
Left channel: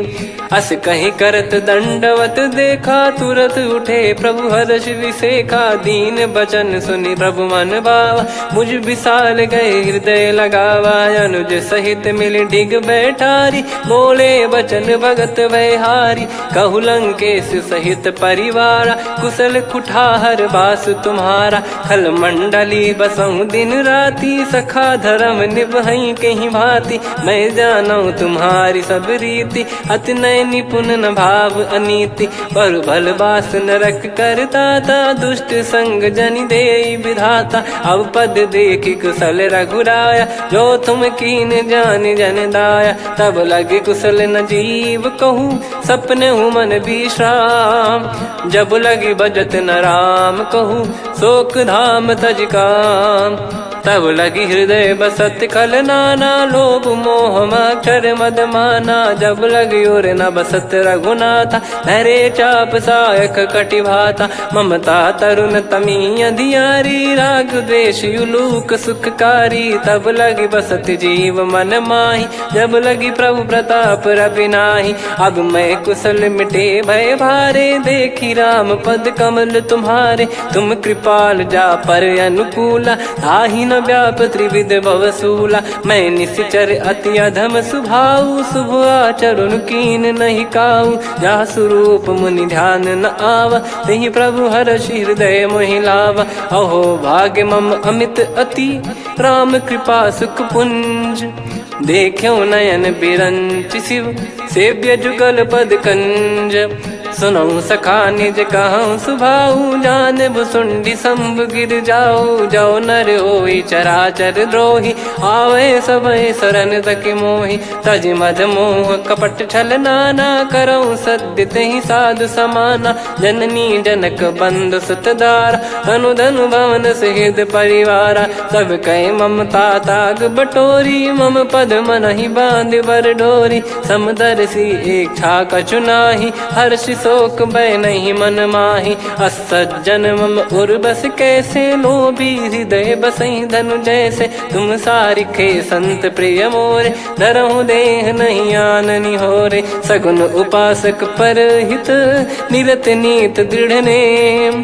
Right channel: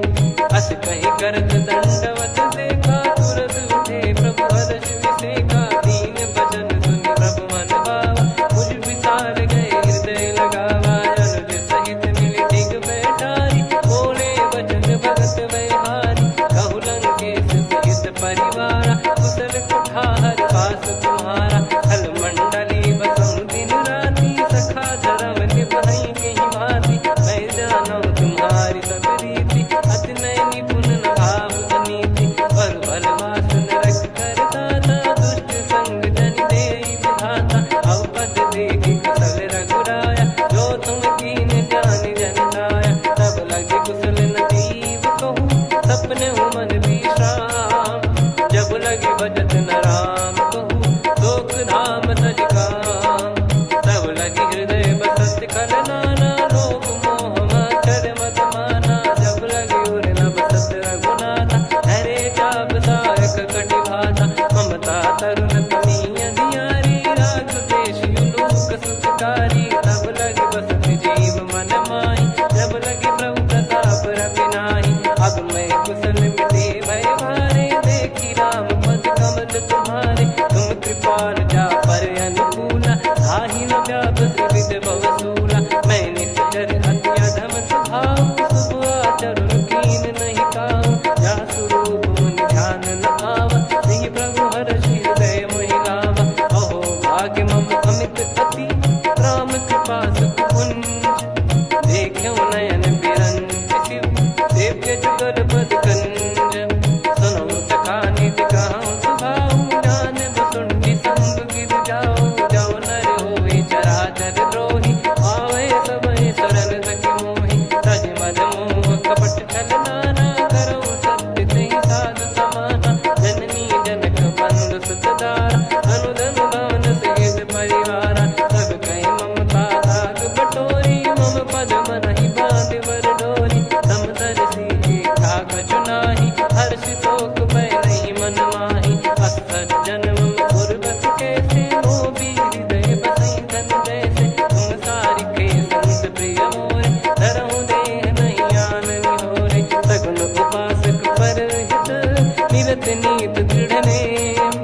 अस कहीं करत दंडवत देखा, तुरत उठे प्रभु हर्ष विसेखा, दीन बचन सुनि प्रभु मन भावा, मुझ विशाल गए हृदय लगावा, अनुज सहित मिल डिग बैठारी, बोले बचन भगत वैहारी, कहु लंकेश सहित परिवारा, कुशल कुठार बास तुम्हारा, खल मंडली बसऊं दिन राती, सखा धर्म निभई कहीं भांति, मैं जानू तुम्हारी सब रीति, अति नय निपुण न भाव अनीति, पर भल बास नरक करता था, दुष्ट संग जन दे विधाता, अब पद देखी कुशल रघुराया, जो तुम कीन जान जन दाया, तब लगे कुशल न जीव कहूँ, सपने हूँ मन विश्राम, जब लगी बजत न राम कहूँ, शोक धाम तज काम, तब लगी हृदय बसत खल नाना, लोभ मोह मक्षर मद माना, जब लगी और न बसत रघुनाथा, धरे चाप सायक कटि भाता, ममता तरुण तमी अधियारी, राग द्वेष युलूक सुखकारी, तब लगी बसत जीव मन माही, जब लगी प्रभु प्रताप रवि नाही, अब मैं कुशल मिटे भय भारे, देखी राम पद कमल तुम्हारे, तुम कृपाल जा पर अनुकूला, ताहि न व्याप त्रिविध भवसूला, मैं निश्चर अति अधम सुभाऊ, शुभ आचरण कीन नहीं काऊ, जा स्वरूप मुनि ध्यान न आवा, तेहि प्रभु हर्ष हृदय मोहि लावा, अहो भाग्य मम अमित अति, राम कृपा सुख पुंज, देखो नयन बिरंच शिव, सेव्य जुगल पद कंज, सुनऊ सखा निज कहूँ सुभाऊ, जान भुसुंडी संभ गिर जाओ, जाओ नर होई चराचर द्रोही, आवे सबय शरण तक मोहि, तज मद मोह कपट छल नाना, करऊँ सत्य तेहि साधु समाना, जननी जनक बंधु सुतदारा, अनु धनु भवन सहित परिवारा, सब कहे ममता ताग बटोरी, मम पद मनहि बांध बर डोरी, समदर्शी इच्छा कछु नाही, हर्ष शोक भय नहीं मन माही, असज्जन मम उर्वश कैसे, लोभी हृदय बसई धनु जैसे, तुम सारिखे संत प्रिय मोरे, धरहु देह नहीं आननि होरे, सगुन उपासक पर हित, निरत नीत दृढ़ नेम,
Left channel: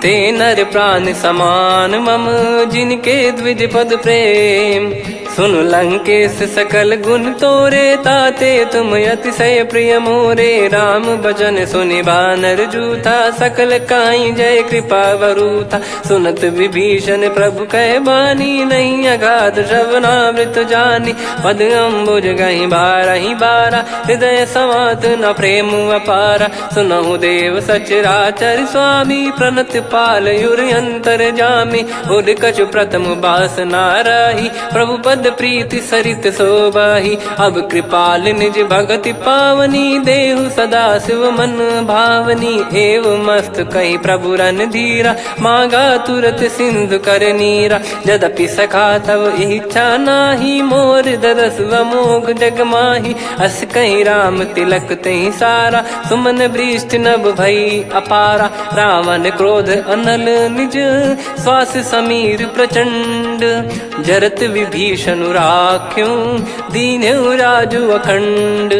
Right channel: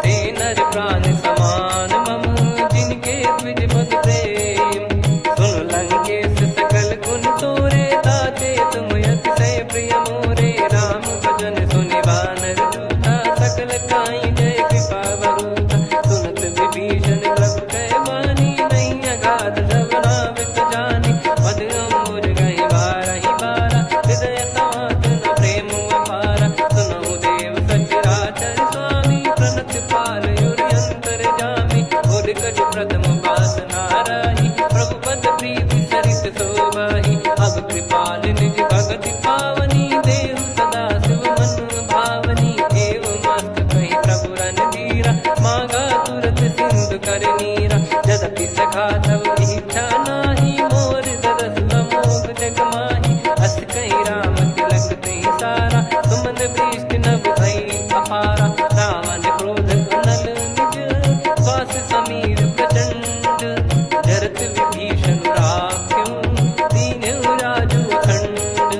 ते नर प्राण समान मम, जिनके द्विज पद प्रेम, सुन लंकेश सकल गुण तोरे, ताते तुम अतिशय प्रिय मोरे, राम भजन सुनि बानर जूथा, सकल काई जय कृपा वरूथा, सुनत विभीषण प्रभु कह बानी, नहीं अगाध श्रवणामृत जानी, पद अम्बुज गहि बारहि बारा, हृदय समात न प्रेम अपारा, सुनहु देव सचराचर स्वामी, प्रणत पाल युर अंतर जामी, उद कछु प्रथम बास नाराही, प्रभु पद प्रीति सरित शोभाही, अब कृपाल निज भगति पावनी, देहु सदा शिव मन भावनी, एव मस्त कही प्रभु रन धीरा, मांगा तुरत सिंधु कर नीरा, यद्यपि सखा तब इच्छा नाही, मोर दरस अमोघ जग माही, अस कहीं राम तिलक तहि सारा, सुमन वृष्ट नभ भई अपारा, रावण क्रोध अनल निज, श्वास समीर प्रचंड, जरत विभीषण राख्यों, दीन्हु राजु अखंड,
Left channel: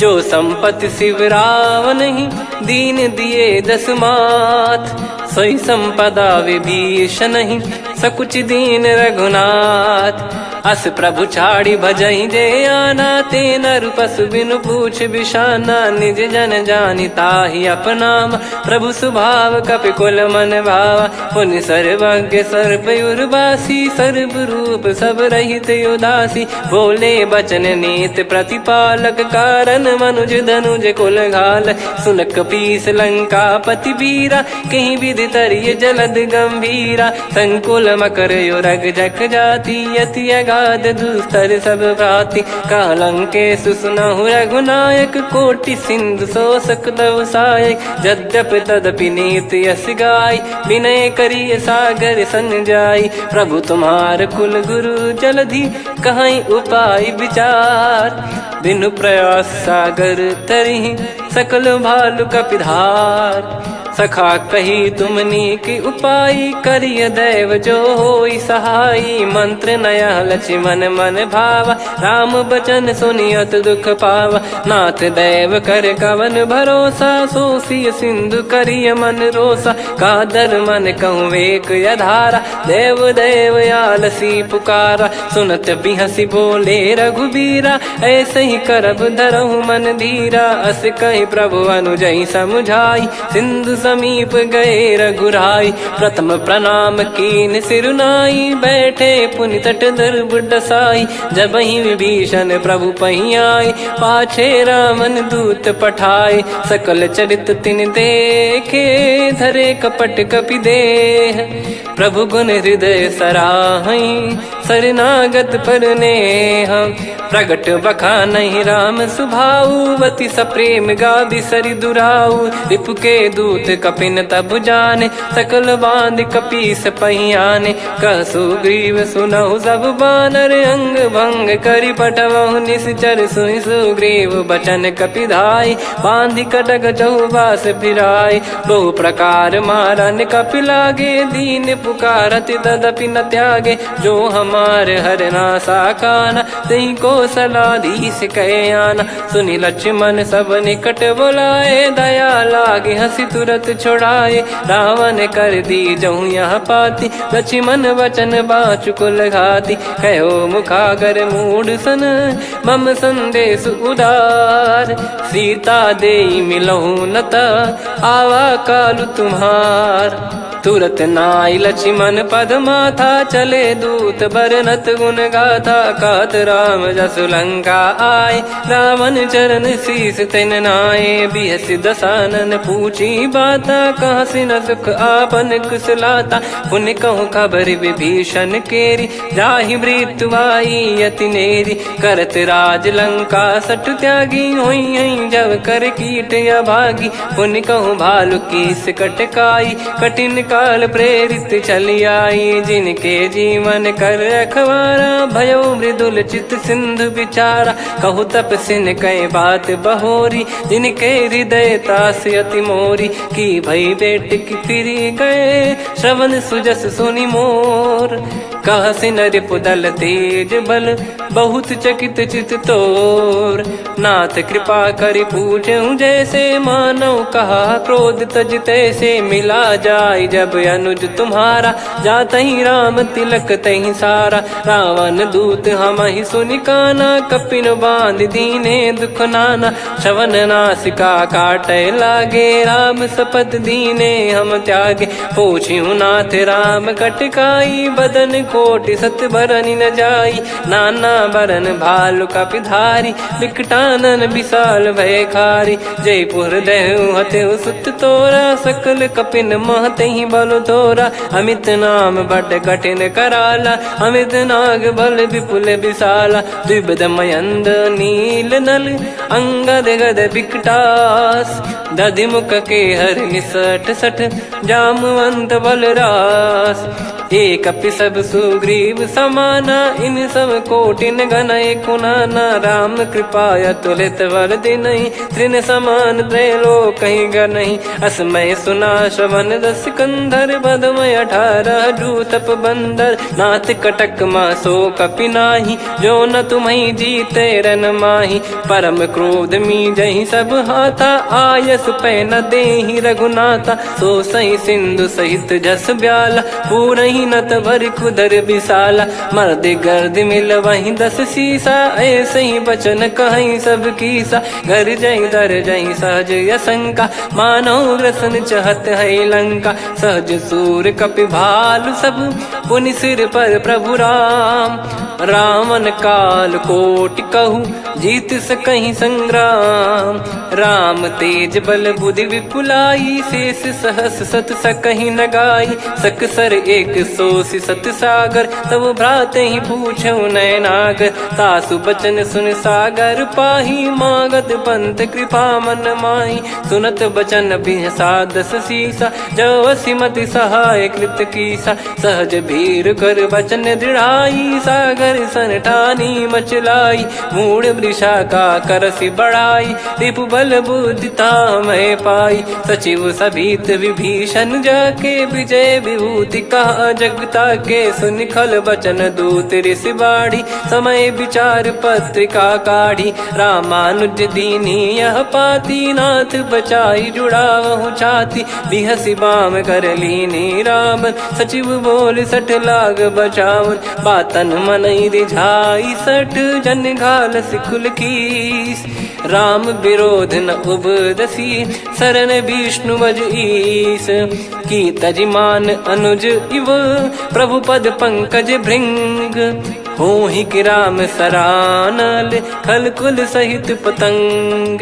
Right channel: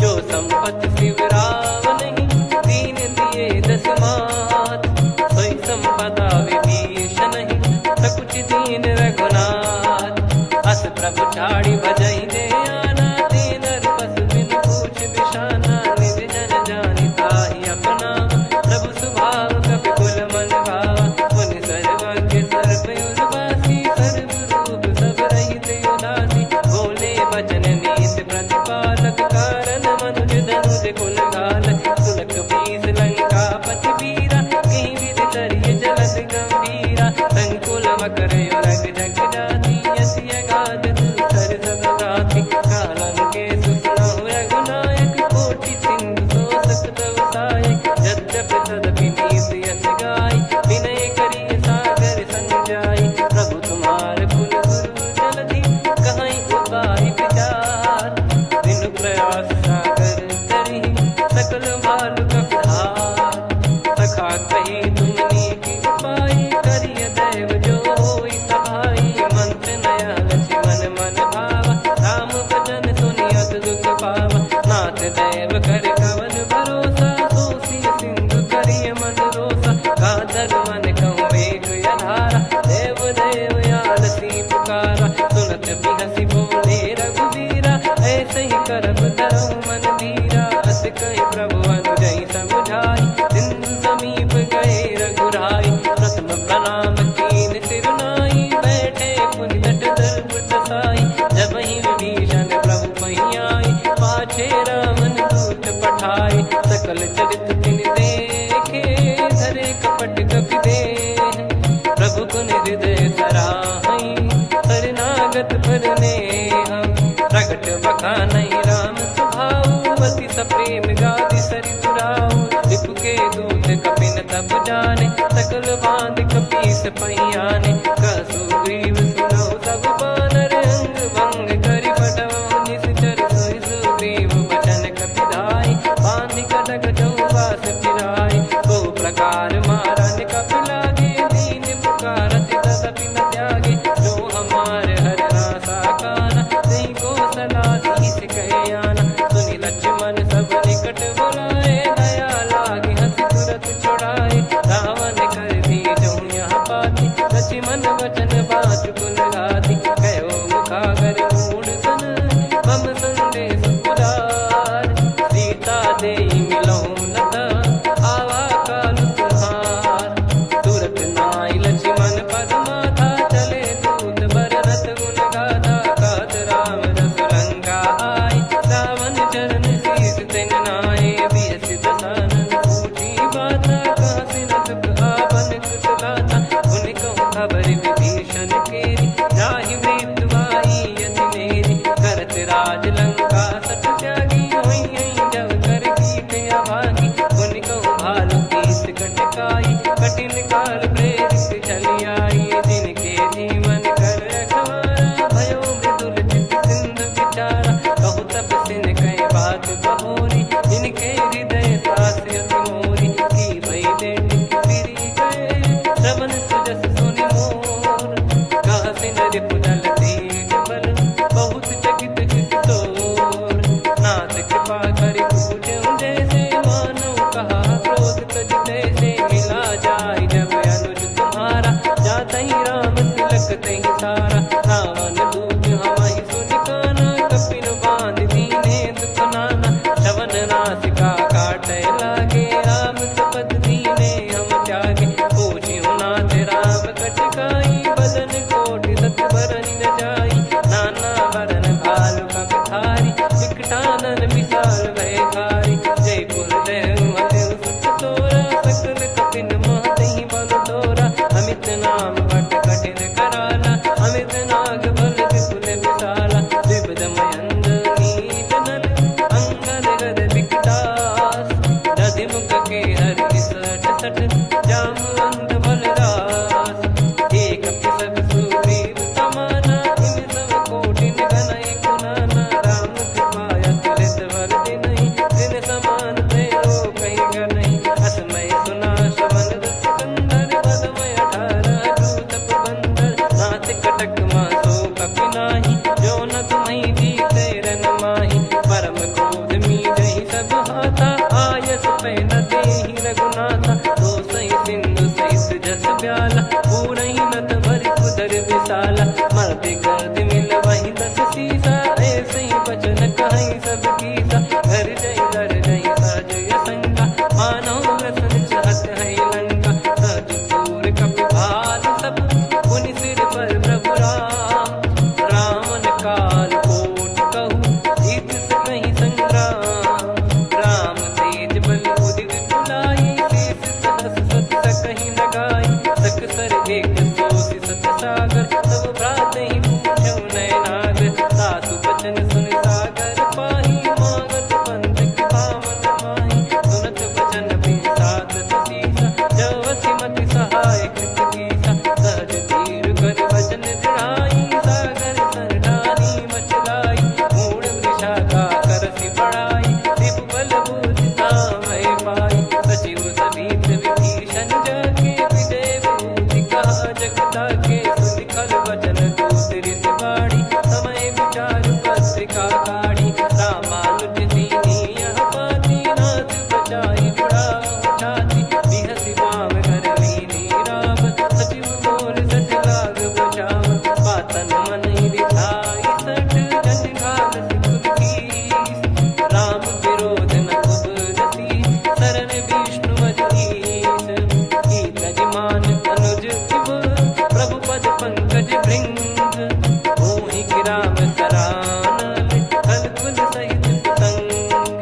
जो संपत्ति शिव रावण ही, दीन दिए दस मात, सोई संपदा विभीषण ही, सकुच दीन रघुनाथ, अस प्रभु छाड़ी भजई जे आना, ते नर पशु बिनु पूछ बिशाना, निज जन जानि ताहि अपनाम, प्रभु स्वभाव कपि कुल मन भावा, मुनि सर्वज्ञ सर्वयुर्वासी, सर्व रूप सब रहित उदासी, बोले बचन नीत प्रतिपालक, कारण मनुज धनुज कुल घाल, सुन कपीस लंका पति वीरा, कहीं विधि तरिय जलद गंभीरा, संकुल मकर युरग जख जाति, यति गाद दुस्तर सब भांति कालंके सुसुनाहु रघुनायक कोटि सिंधु शोषक तव सहायक यद्यपि तदपि नीत यस गाय विनय करिय सागर सन जाई प्रभु तुम्हार कुल गुरु जलधि कहीं उपाय विचार बिनु प्रयास सागर तरिहि सकल भालु कपिधार सखा कही तुमनी की उपाय करिय दैव जो होई सहाई मंत्र नया लक्ष्मण मन भावा राम बचन सुनियत दुख पावा नाथ दैव कर कवन भरोसा सोसिय सिंधु करिय मन रोसा कादर मन कहूँ वेक यधारा देव देव आलसी पुकारा सुनत बिहसी बोले रघुबीरा ऐसे ही करब धरहु मन धीरा अस कही प्रभु अनुजई समुझाई सिंधु समीप गए रघुराई प्रथम प्रणाम कीन सिरुनाई बैठे पुनि तट दर्भ डसाई जब ही विभीषण प्रभु पही आए पाछे रामन दूत पठाए सकल चरित तिन देखे धरे कपट कपि देह प्रभु गुण हृदय सराहई शरणागत पर नेह प्रगट बखानहि राम सुभाऊ वति सप्रेम गादि सरि दुराऊ रिपु के दूत कपिन तब जाने सकल बांध कपीस पहियाने कह सुग्रीव सुनहु सब बानर अंग भंग करि पटवहु निश्चर सुनि सुग्रीव बचन कपिधाई बांधि कटक चहुबास फिराई बहु प्रकार मारन कपि लागे दीन पुकारति तदपि न त्यागे जो हमार हरना साकाना तई को सलाधीश कहे आना सुनि लक्ष्मण सब निकट बुलाए दया लागे हंसी तुरत छोड़ाए रावण कर दी जहूँ यहाँ पाती लक्ष्मण वचन बाचु कुल घाती कहो मुखागर मूड सन मम संदेश उदार सीता देई मिलहु नता आवा कालु तुम्हार तुरत नाई लक्ष्मण पद माथा चले दूत बरनत गुण गाथा कात राम जसु लंका आए रावण चरण शीस तिन नाये बिहसि दसानन पूछी बाता कहाँ से न सुख आपन कुशलाता पुन कहूँ खबर विभीषण केरी जाहि मृत्यु आई यति नेरी करत राज लंका सठ त्यागी होई जब कर कीट अभागी पुन कहूँ भालु कीस कटकाई कठिन काल प्रेरित चली आई जिनके जीवन कर रखवारा भयो मृदुल चित सिंधु विचारा कहु तप सिन कई बात बहोरी जिनके हृदय तास अति मोरी की भई बेट की फिरी गए श्रवण सुजस सुनि मोर कह सिन रिपुदल तेज बल बहुत चकित चित तोर नाथ कृपा करि पूछूं जैसे मानव कहा क्रोध तज तैसे मिला जाय जब अनुज तुम्हारा जात ही राम तिलक तही सारा रावण दूत हम ही सुनि काना कपिन बांध दीने दुख नाना श्रवण नासिका काटे लागे राम सपत दीने हम त्यागे पूछ्यू नाथ राम कटकाई बदन कोटि सत बरनि न जाई नाना बरन भालु कपिधारी विकटानन विशाल भय खारी जयपुर देहु हतेउ सुत तोरा सकल कपिन महतहि बल तोरा अमित नाम बट कठिन कराला अमित नाग बल विपुल विशाला द्विपद मयंद नील नल अंगद गद विकटास दधि मुख के हर निसठ सठ जामवंत बलरास एक अपि सब सुग्रीव समाना इन सब कोटिन गनय कुनाना राम कृपा अतुलित बल दिनहि त्रिन समान त्रैलोक कहीं गनहि असमय सुना श्रवण दस कंधर बदमय 18 जूतप बंदर नाथ कटक मासो कपि नाही जो न तुम्हि जीते रन माही परम क्रोध मी जहि सब हाथा आयस पै न देहि रघुनाथा सो सही सिंधु सहित जस ब्याला पूरहि नत भरि कुदर विशाला मर्द गर्द मिल वहीं 10 सीसा ऐसे ही बचन कहीं सब कीसा घर जहि दर जहि सहज यसंका मानव रसन चहत है लंका सहज सूर कपि भालु सब पुनि सिर पर प्रभु राम रावण काल कोटि कहु जीत सकहीं संग्राम। राम तेज बल बुद्धि विपुलाई, शेष सहस सत सकहीं न गाई। सकसर एक सोसी सत सागर, तब भ्रात ही पूछो नयनागर। तासु बचन सुन सागर पाही, मागत पंथ कृपा मन माही। सुनत बचन बिहसादस सीसा, जव सिमति सहाय कृत कीसा। सहज भीर कर बचन दृढ़ाई, सागर सन ठानी मचलाई। मूढ़ वृषा का करसि बढ़ाई, रिपु बल बुद्धि तामय पाई। सचिव सभीत विभीषण जाके, विजय विभूति कहा जगता के। सुनि खल बचन दूत ऋषि बाड़ी, समय विचार पत्रिका काढ़ी। रामानुज दीनी यह पाती, नाथ बचाई जुड़ावहु छाती। बिहसि बाम कर लीनी रावण, सचिव बोल सठ लाग बचावन। बातन मनई रिझाई सठ, जन घाल सिकुल कीस। राम विरोध न उपदसी, शरण विष्णु बज ईस। की तजिमान अनुज इव, प्रभु पद पंकज भृंग। होहि कि राम सरानल, खल कुल सहित पतंग।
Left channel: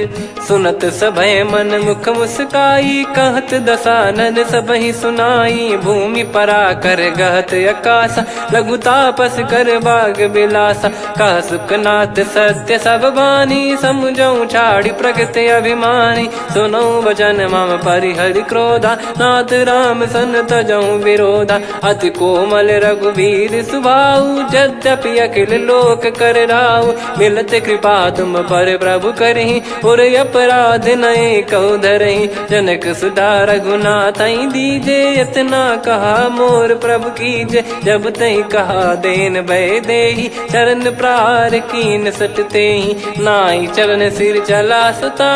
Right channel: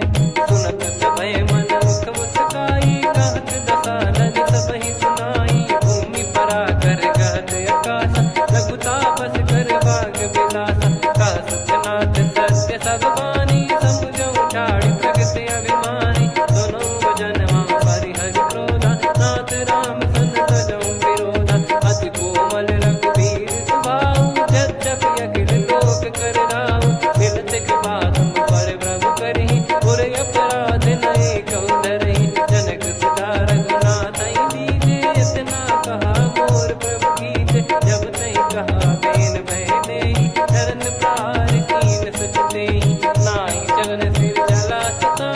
सुनत सभय मन मुख मुस्काई, कहत दसानन सबहि सुनाई। भूमि परा कर गहत आकाशा, लघु तापस कर बाग बिलासा। कह सुखनाथ सत्य सब बानी, समुझौ छाड़ी प्रगति अभिमानी। सुनो भजन मम परिहरि क्रोधा, नाथ राम सन तजौ विरोधा। अति कोमल रघुवीर सुभाऊ, यद्यपि अखिल लोक कर राऊ। मिलत कृपा तुम पर प्रभु करहि, पुर अपराध नए कौ धरहि। जनक सुधा रघुनाथ दीजे, इतना कहा मोर प्रभु कीजे। जब तई कहा देन भय देहि, चरण प्रार कीन सट तेहि। नाई चरण सिर चला सता,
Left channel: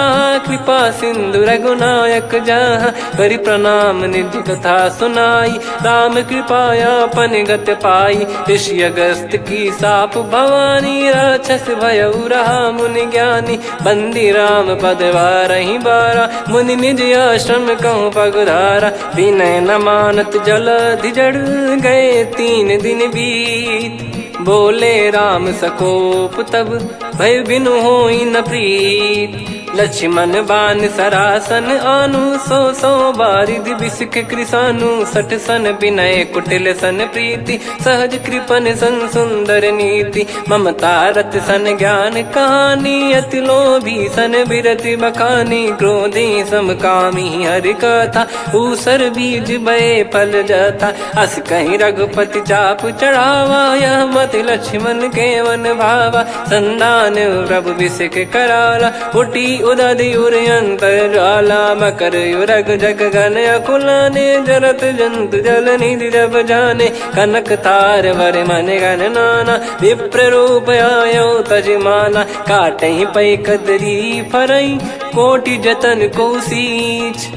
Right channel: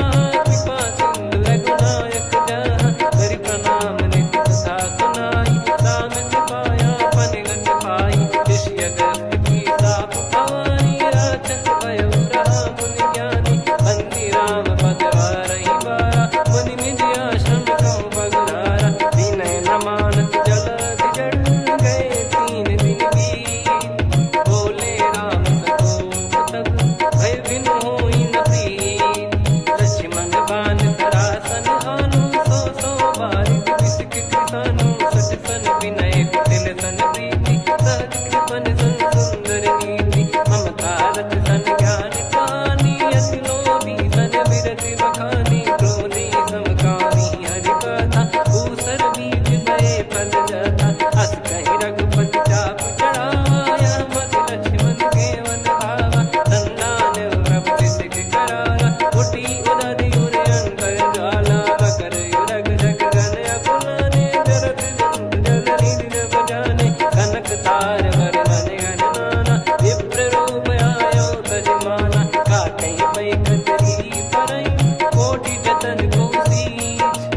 कृपा सिंधु रघुनायक जहाँ। करि प्रणाम निधि कथा सुनाई, राम कृपाया पन गत पाई। ऋषि अगस्त की साप भवानी, राक्षस भयउ रहा मुनि ज्ञानी। बंदी राम पद वारहि बारा, मुनि निज आश्रम कहूँ पगुधारा। विनय न मानत जलधि जड़, गए 3 दिन बीत। बोले राम सकोप तब, भय बिनु होई न प्रीत। लक्ष्मण बान सरासन आनु, 100 बारिधि बिसक कृसानु। 60 सन विनय कुटिल सन प्रीति, सहज कृपन सन सुंदर नीति। ममता रत सन ज्ञान कहानी, अति लोभी सन बिरति बखानी। क्रोधी समकामी हरि कथा, ऊसर बीज बये फल जथा। अस कहीं रघुपति चाप चढ़ावा, यह मत लक्ष्मण के वन भावा। संदान प्रभु बिसक कराला, उठी उदधि उर अंतर ज्वाला। मकर युरग जग गण अकुलाने, जरत जंतु जल निधि जब जाने। कनक तार वर मन गण नाना, विप्र रूप आयो तजमाना। काटहि पै कदरी फरई, कोटि जतन को सींच।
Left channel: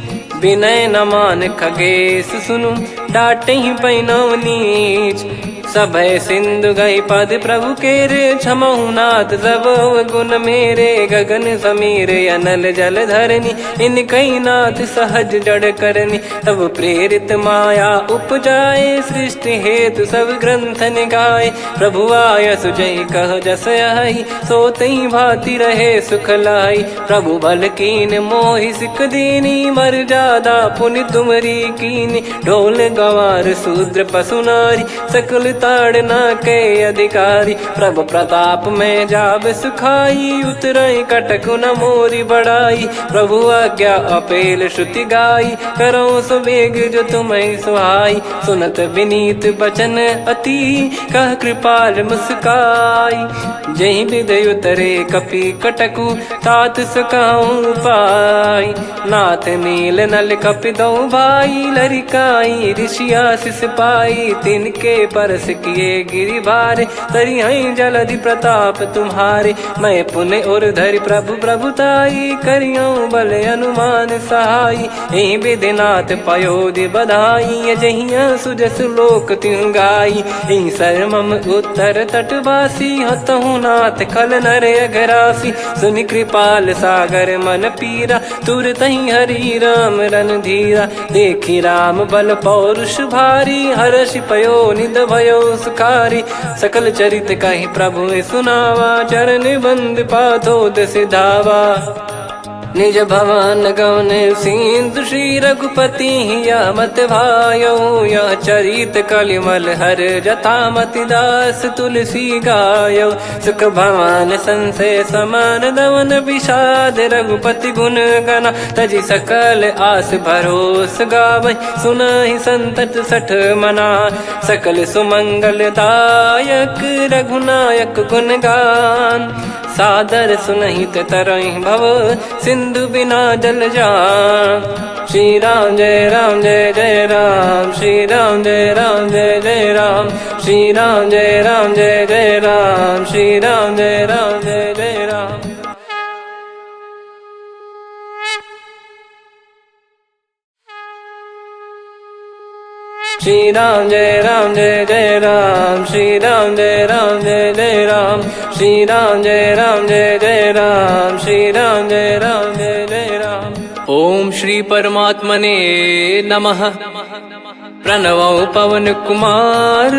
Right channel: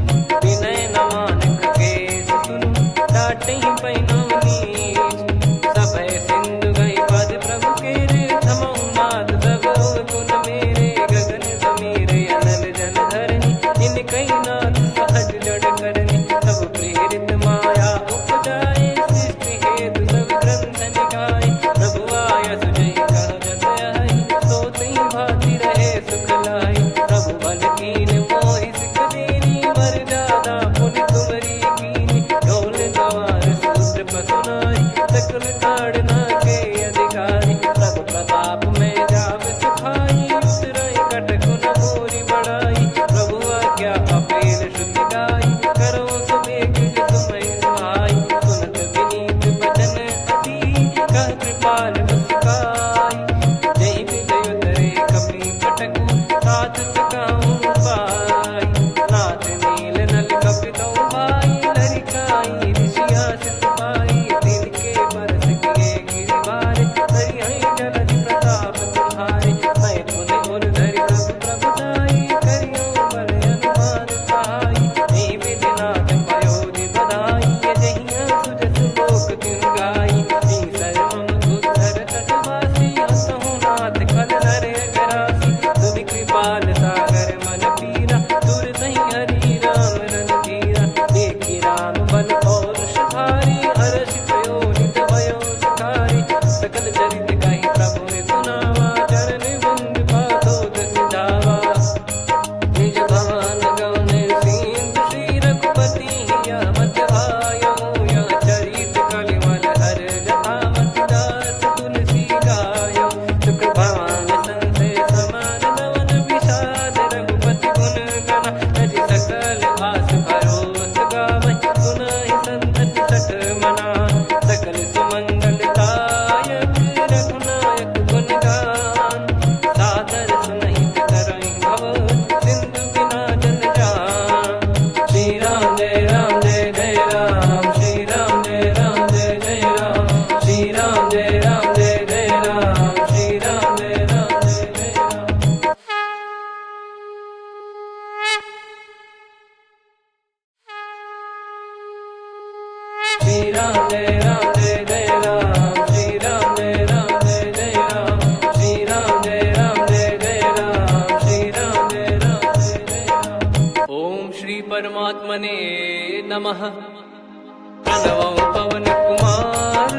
विनय न मान खगेश सुनु, डांटहि पै नव नीच। सभय सिंधु गई पद प्रभु केरे, क्षमहु नाथ सब गुण मेरे। गगन समीरे अनल जल धरनी, इन कई नाथ सहज जड़ करनी। तब प्रेरित माया उपजाए, सृष्टि हेतु सब ग्रंथ निगाए। प्रभु आय सुजई कह जस आई, सोतई भांति रहे सुख लाई। प्रभु बल कीन मोहि सिख दीनी, मर्यादा पुनि तुमरी कीनी। ढोल गवार शूद्र पशु नारी, सकल ताड़ना के अधिकारी। प्रभु प्रताप में जाब सुखाई, उतरई कटक न मोरी बढ़ाई। प्रभु आज्ञा अपेल श्रुति गाई, करो सुबेग जो तुम्हें सुहाई। सुनत विनीत बचन अति, कह कृपाल मुस्काई। जहि हृदय उतरे कपि कटकु, तात सकाऊं पाई। नाथ नील नल कपि दो भाई, लरिकाई ऋषि आशीष पाई। तिनके परस किए गिरि भारे, तरिहै जलधि प्रताप तुम्हारे। मैं पुन और धरि प्रभु प्रभुताई, करियौ बल अनुमान सहाई। एहि विधिनाथ पयोधि बधाई, जहिया सुजस लोक तिहुँ गाई। एहि सरमम उत्तर तटवासी, हतहु रघुनाथ खल नर अघरासी, सुनि कृपाल सागर मन पीरा, तुरतहि हरि राम रणधीरा। देखि राम बल पौरुष भारी, हर्षि पयो निध भयो सुखारी। सकल चरित कहि प्रभु सुनावा, चरण बंद पादोद सिधावा। निज भवन गौन सिंधु श्री रघुपति हिया मत भायो, यह चरित कलिमल हर जथा मति दास तुलसी गायो। सुख भवन संशय समान दवन विषाद, रघुपति गुण गना तजि सकल आस भरोस गावै। सुनहि संतत सठ मना, सकल सुमंगल दायक रघुनायक गुण गान। सादर सुनहित तरहि भव, सिंधु बिना जल जान। श्री राम जय जय राम, श्री राम जय जय राम, श्री राम जय जय राम, श्री राम जय जय राम। श्री राम जय जय राम, श्री राम जय जय राम, श्री राम जय जय राम, श्री राम जय जय राम। ओम श्री परमात्मने नमः। प्रणवो पवन कुमार,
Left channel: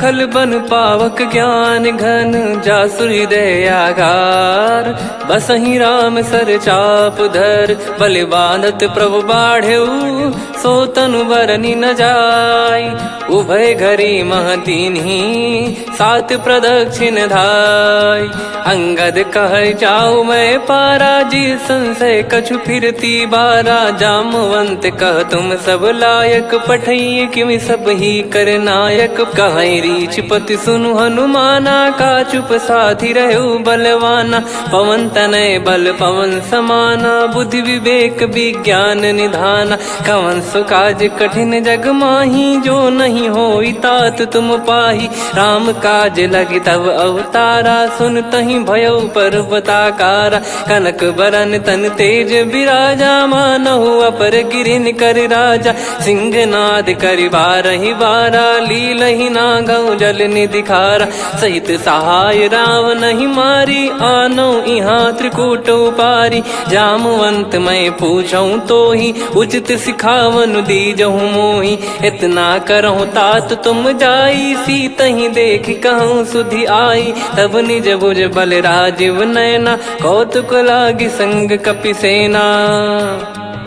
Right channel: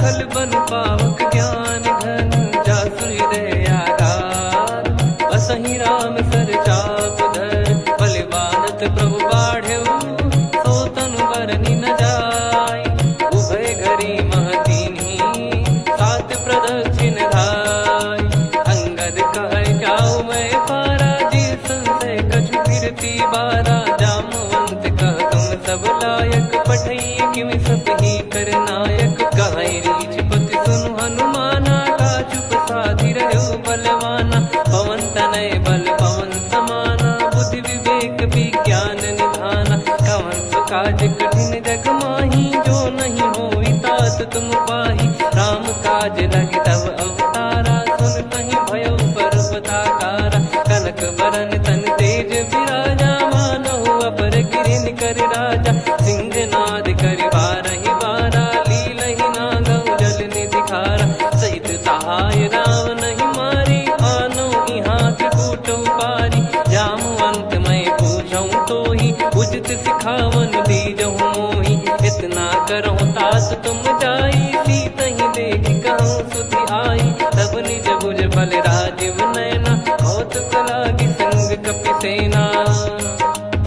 खल बन पावक ज्ञान घन, जासु हृदय आगार। बसहि राम सर चाप धर, बलि बांधत प्रभु बाढ़ऊ, सो तनु बरनि न जाय। उभय घरी महतीन्ही, सात प्रदक्षिण धाय। अंगद कह जाऊ मैं पारा, जी संशय कछु फिरती बारा। जामवंत कह तुम सब लायक, पठई किमि सब ही कर नायक। कहै रीछ पति सुनु हनुमाना, का चुप साधि रहु बलवाना। पवन तनय बल पवन समाना, बुद्धि विवेक विज्ञान निधाना। कवन सो काज कठिन जग माही, जो नहीं होई तात तुम पाही। राम काज लगी तब अवतारा, सुन तहि भयउ पर्वताकारा। कनक बरन तन तेज बिराजा, मानहु अपर गिरिन कर राजा। सिंहनाद करि बारहि बारा, लीलहि नागौ जल निधि खारा। सहित सहाय राम नहीं मारी, आनो इहाँ त्रिकूट उपारी। जामवंत मैं पूछऊँ तोहि, उचित सिखावन दीजहु मोहि। इतना करहु तात तुम जाई, सीतहि देख कहूँ सुधि आई। तब निज भुज बल राजीव नयना, कौतुक लागी संग कपिसेना।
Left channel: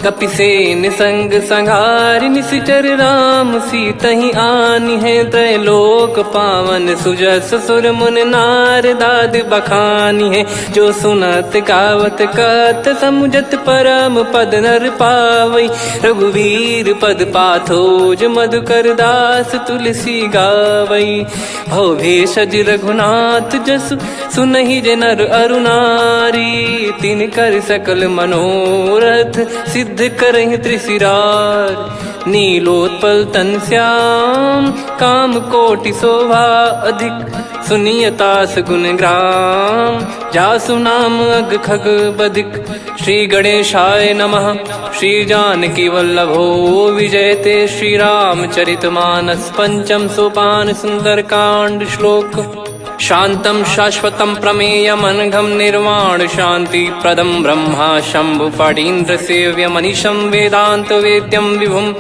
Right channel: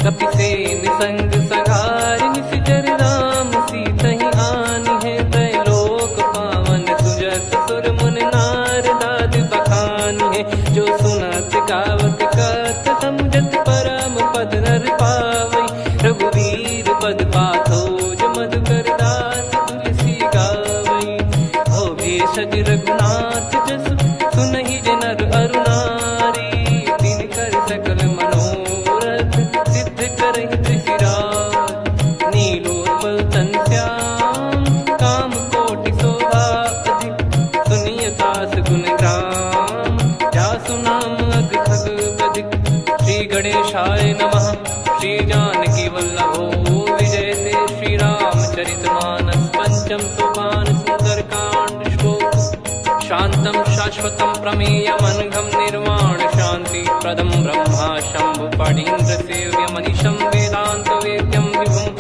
कपिसेन संग संघारि निशिचर राम, सीतहि आनि है त्रैलोक पावन। सुजस सुर मुन नार दाद बखानी है, जो सुनत गावत कथ समुझत परम पद नर पावै। रघुवीर पद पाथोज मधुकर दास तुलसी गावै। भव भेषज रघुनाथ जसु, सुनहि जे नर अरु नारी। तिन कर सकल मनोरथ, सिद्ध करहि त्रिशिरार। नीलोत्पल तन श्याम, काम कोटि शोभा अधिक। सुनियतास गुण ग्राम, जासु नाम अग खग बधिक। श्री गणेशाय नमः। श्री जानकी वल्लभो विजयते, श्री रामचरित मानस पंचम सोपान सुंदरकांड श्लोक। शांतं शाश्वतं प्रमेयमनघं निर्वाण शांति प्रदं ब्रह्मा शंभु फणीन्द्र सेव्य मनीषं वेदांत वेद्यं विभुं।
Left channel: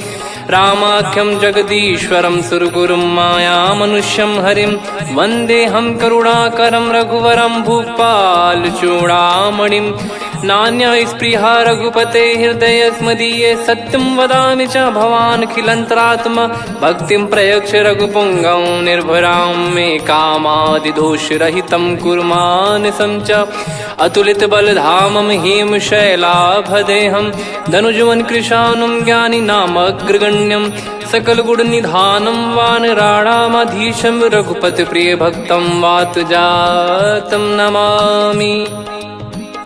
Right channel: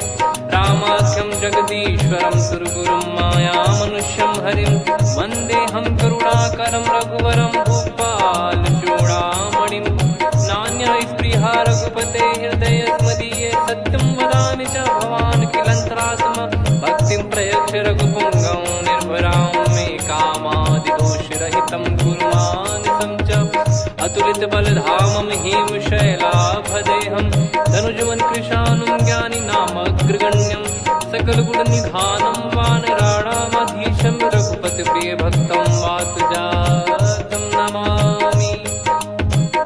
रामाख्यं जगदीश्वरं सुरगुरुं माया मनुष्यं हरिं। वन्देऽहं करुणाकरं रघुवरं भूपाल चूडामणिं। नान्या स्पृहा रघुपते हृदय स्मदीये, सत्यं वदामि च भवान् खिलन्तरात्मा। भक्तिं प्रयच्छ रघुपुङ्गं निर्भरां मे कामादिदोषरहितं कुर्मानसं च। अतुलित बलधामं हेमशैलाभदेहं, धनुजवन कृशानुं ज्ञानिनामग्रगण्यं। सकल गुण निधानं वानराणामधीशं, रघुपति प्रिय भक्तं वातजातं नमामि।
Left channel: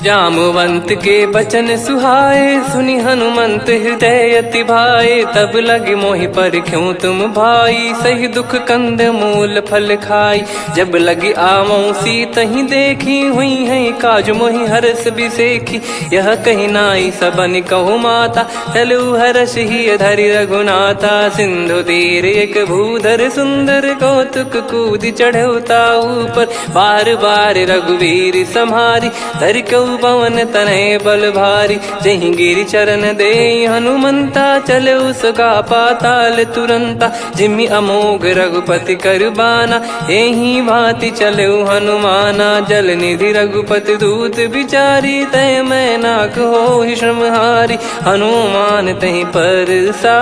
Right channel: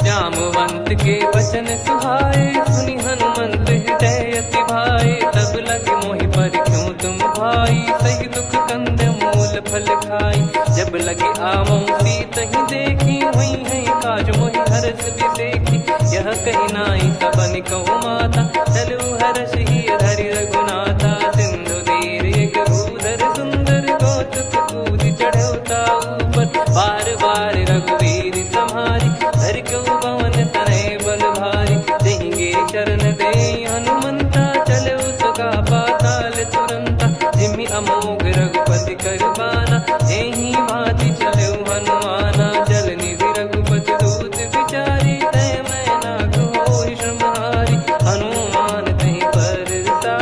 जामवंत के बचन सुहाए, सुनि हनुमंत हृदय अति भाए। तब लगे मोहि पर क्यों तुम भाई, सही दुख कंद मूल फल खाई। जब लगी आवऊं सीत ही देखी, हुई है काज मोहि हरस बिसेखी। यह कही नाई सबन कहु माता, चलू हरष ही धरि रघुनाथा। सिंधु तीर एक भूधर सुंदर, कौतुक कूद चढ़ौता ऊपर। बार बार रघुवीर सम्हारी, धरि कहु पवन तनय बल भारी। जहि गिरि चरण दे हनुमंता, चले उसका पाताल तुरंता। जिमि अमोघ रघुपति कर बाना, एहि भांति चले हनुमाना। जल निधि रघुपति दूत बिचारी, तय मैं नाग होहि श्रमहारी। हनुमान तहि परसा,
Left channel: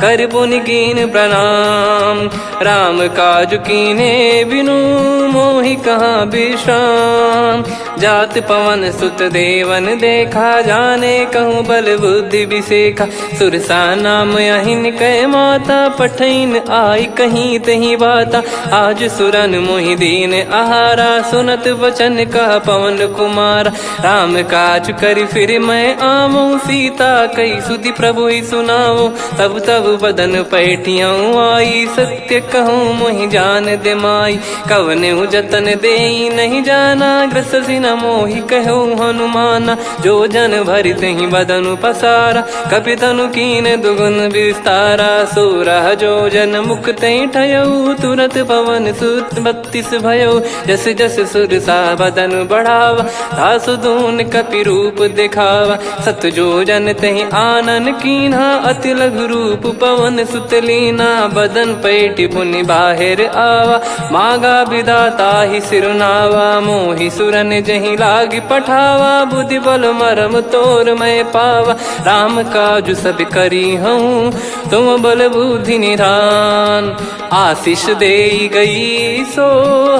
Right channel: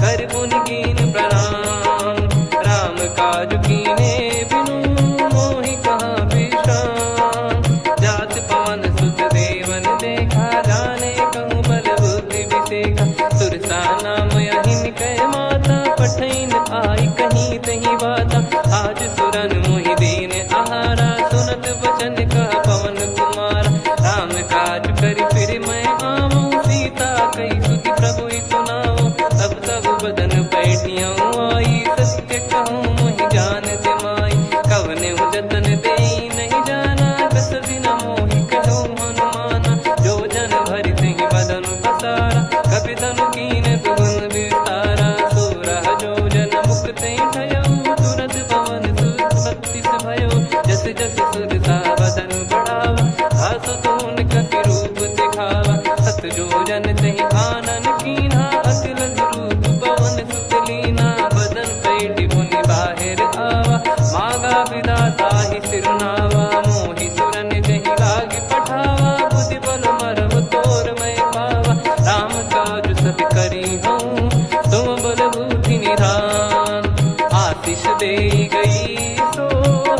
कर पुनि कीन प्रणाम। राम काज कीने बिनु, मोहि कहाँ विश्राम। जात पवन सुत देवन देखा, जाने कहूँ बल बुद्धि विसेखा। सुरसा नाम अहिन कै माता, पठैन आई कहीं तहीं बाता। आज सुरन मोहि दीन आहारा, सुनत वचन कह पवन कुमारा। राम काज करि फिर मैं आवऊं, सीता कई सुधि प्रभु ही सुनाओ। तब तब बदन पैठियाँ आई, सत्य कहूँ मोहि जान दे माई। कवने जतन दे नहीं जाना, ग्रसि न मोहि कहूँ हनुमाना। जो जन भरि तहि बदनु पसारा, कपि तनु कीन दुगुन विस्तारा। सोरह जो जन मुख तहि ठयऊ, तुरत पवन सुत 32 भयऊ। जस जस सुरसा बदन बढ़ावा, आसु दून कपि रूप दिखावा। सत जो जन तहि आनन कीन्हा, अति लघु रूप पवन सुत लीना। बदन पैठि पुनि बाहिर आवा, मांगा विधाता ही सिरुनावा। मोहि सुरन जहि लागी पठावा, बुद्धि बल मरम तोर मैं पावा। राम काज सब करी हूँ, तुम बल बुद्धि निधान। आशीष दे गई सो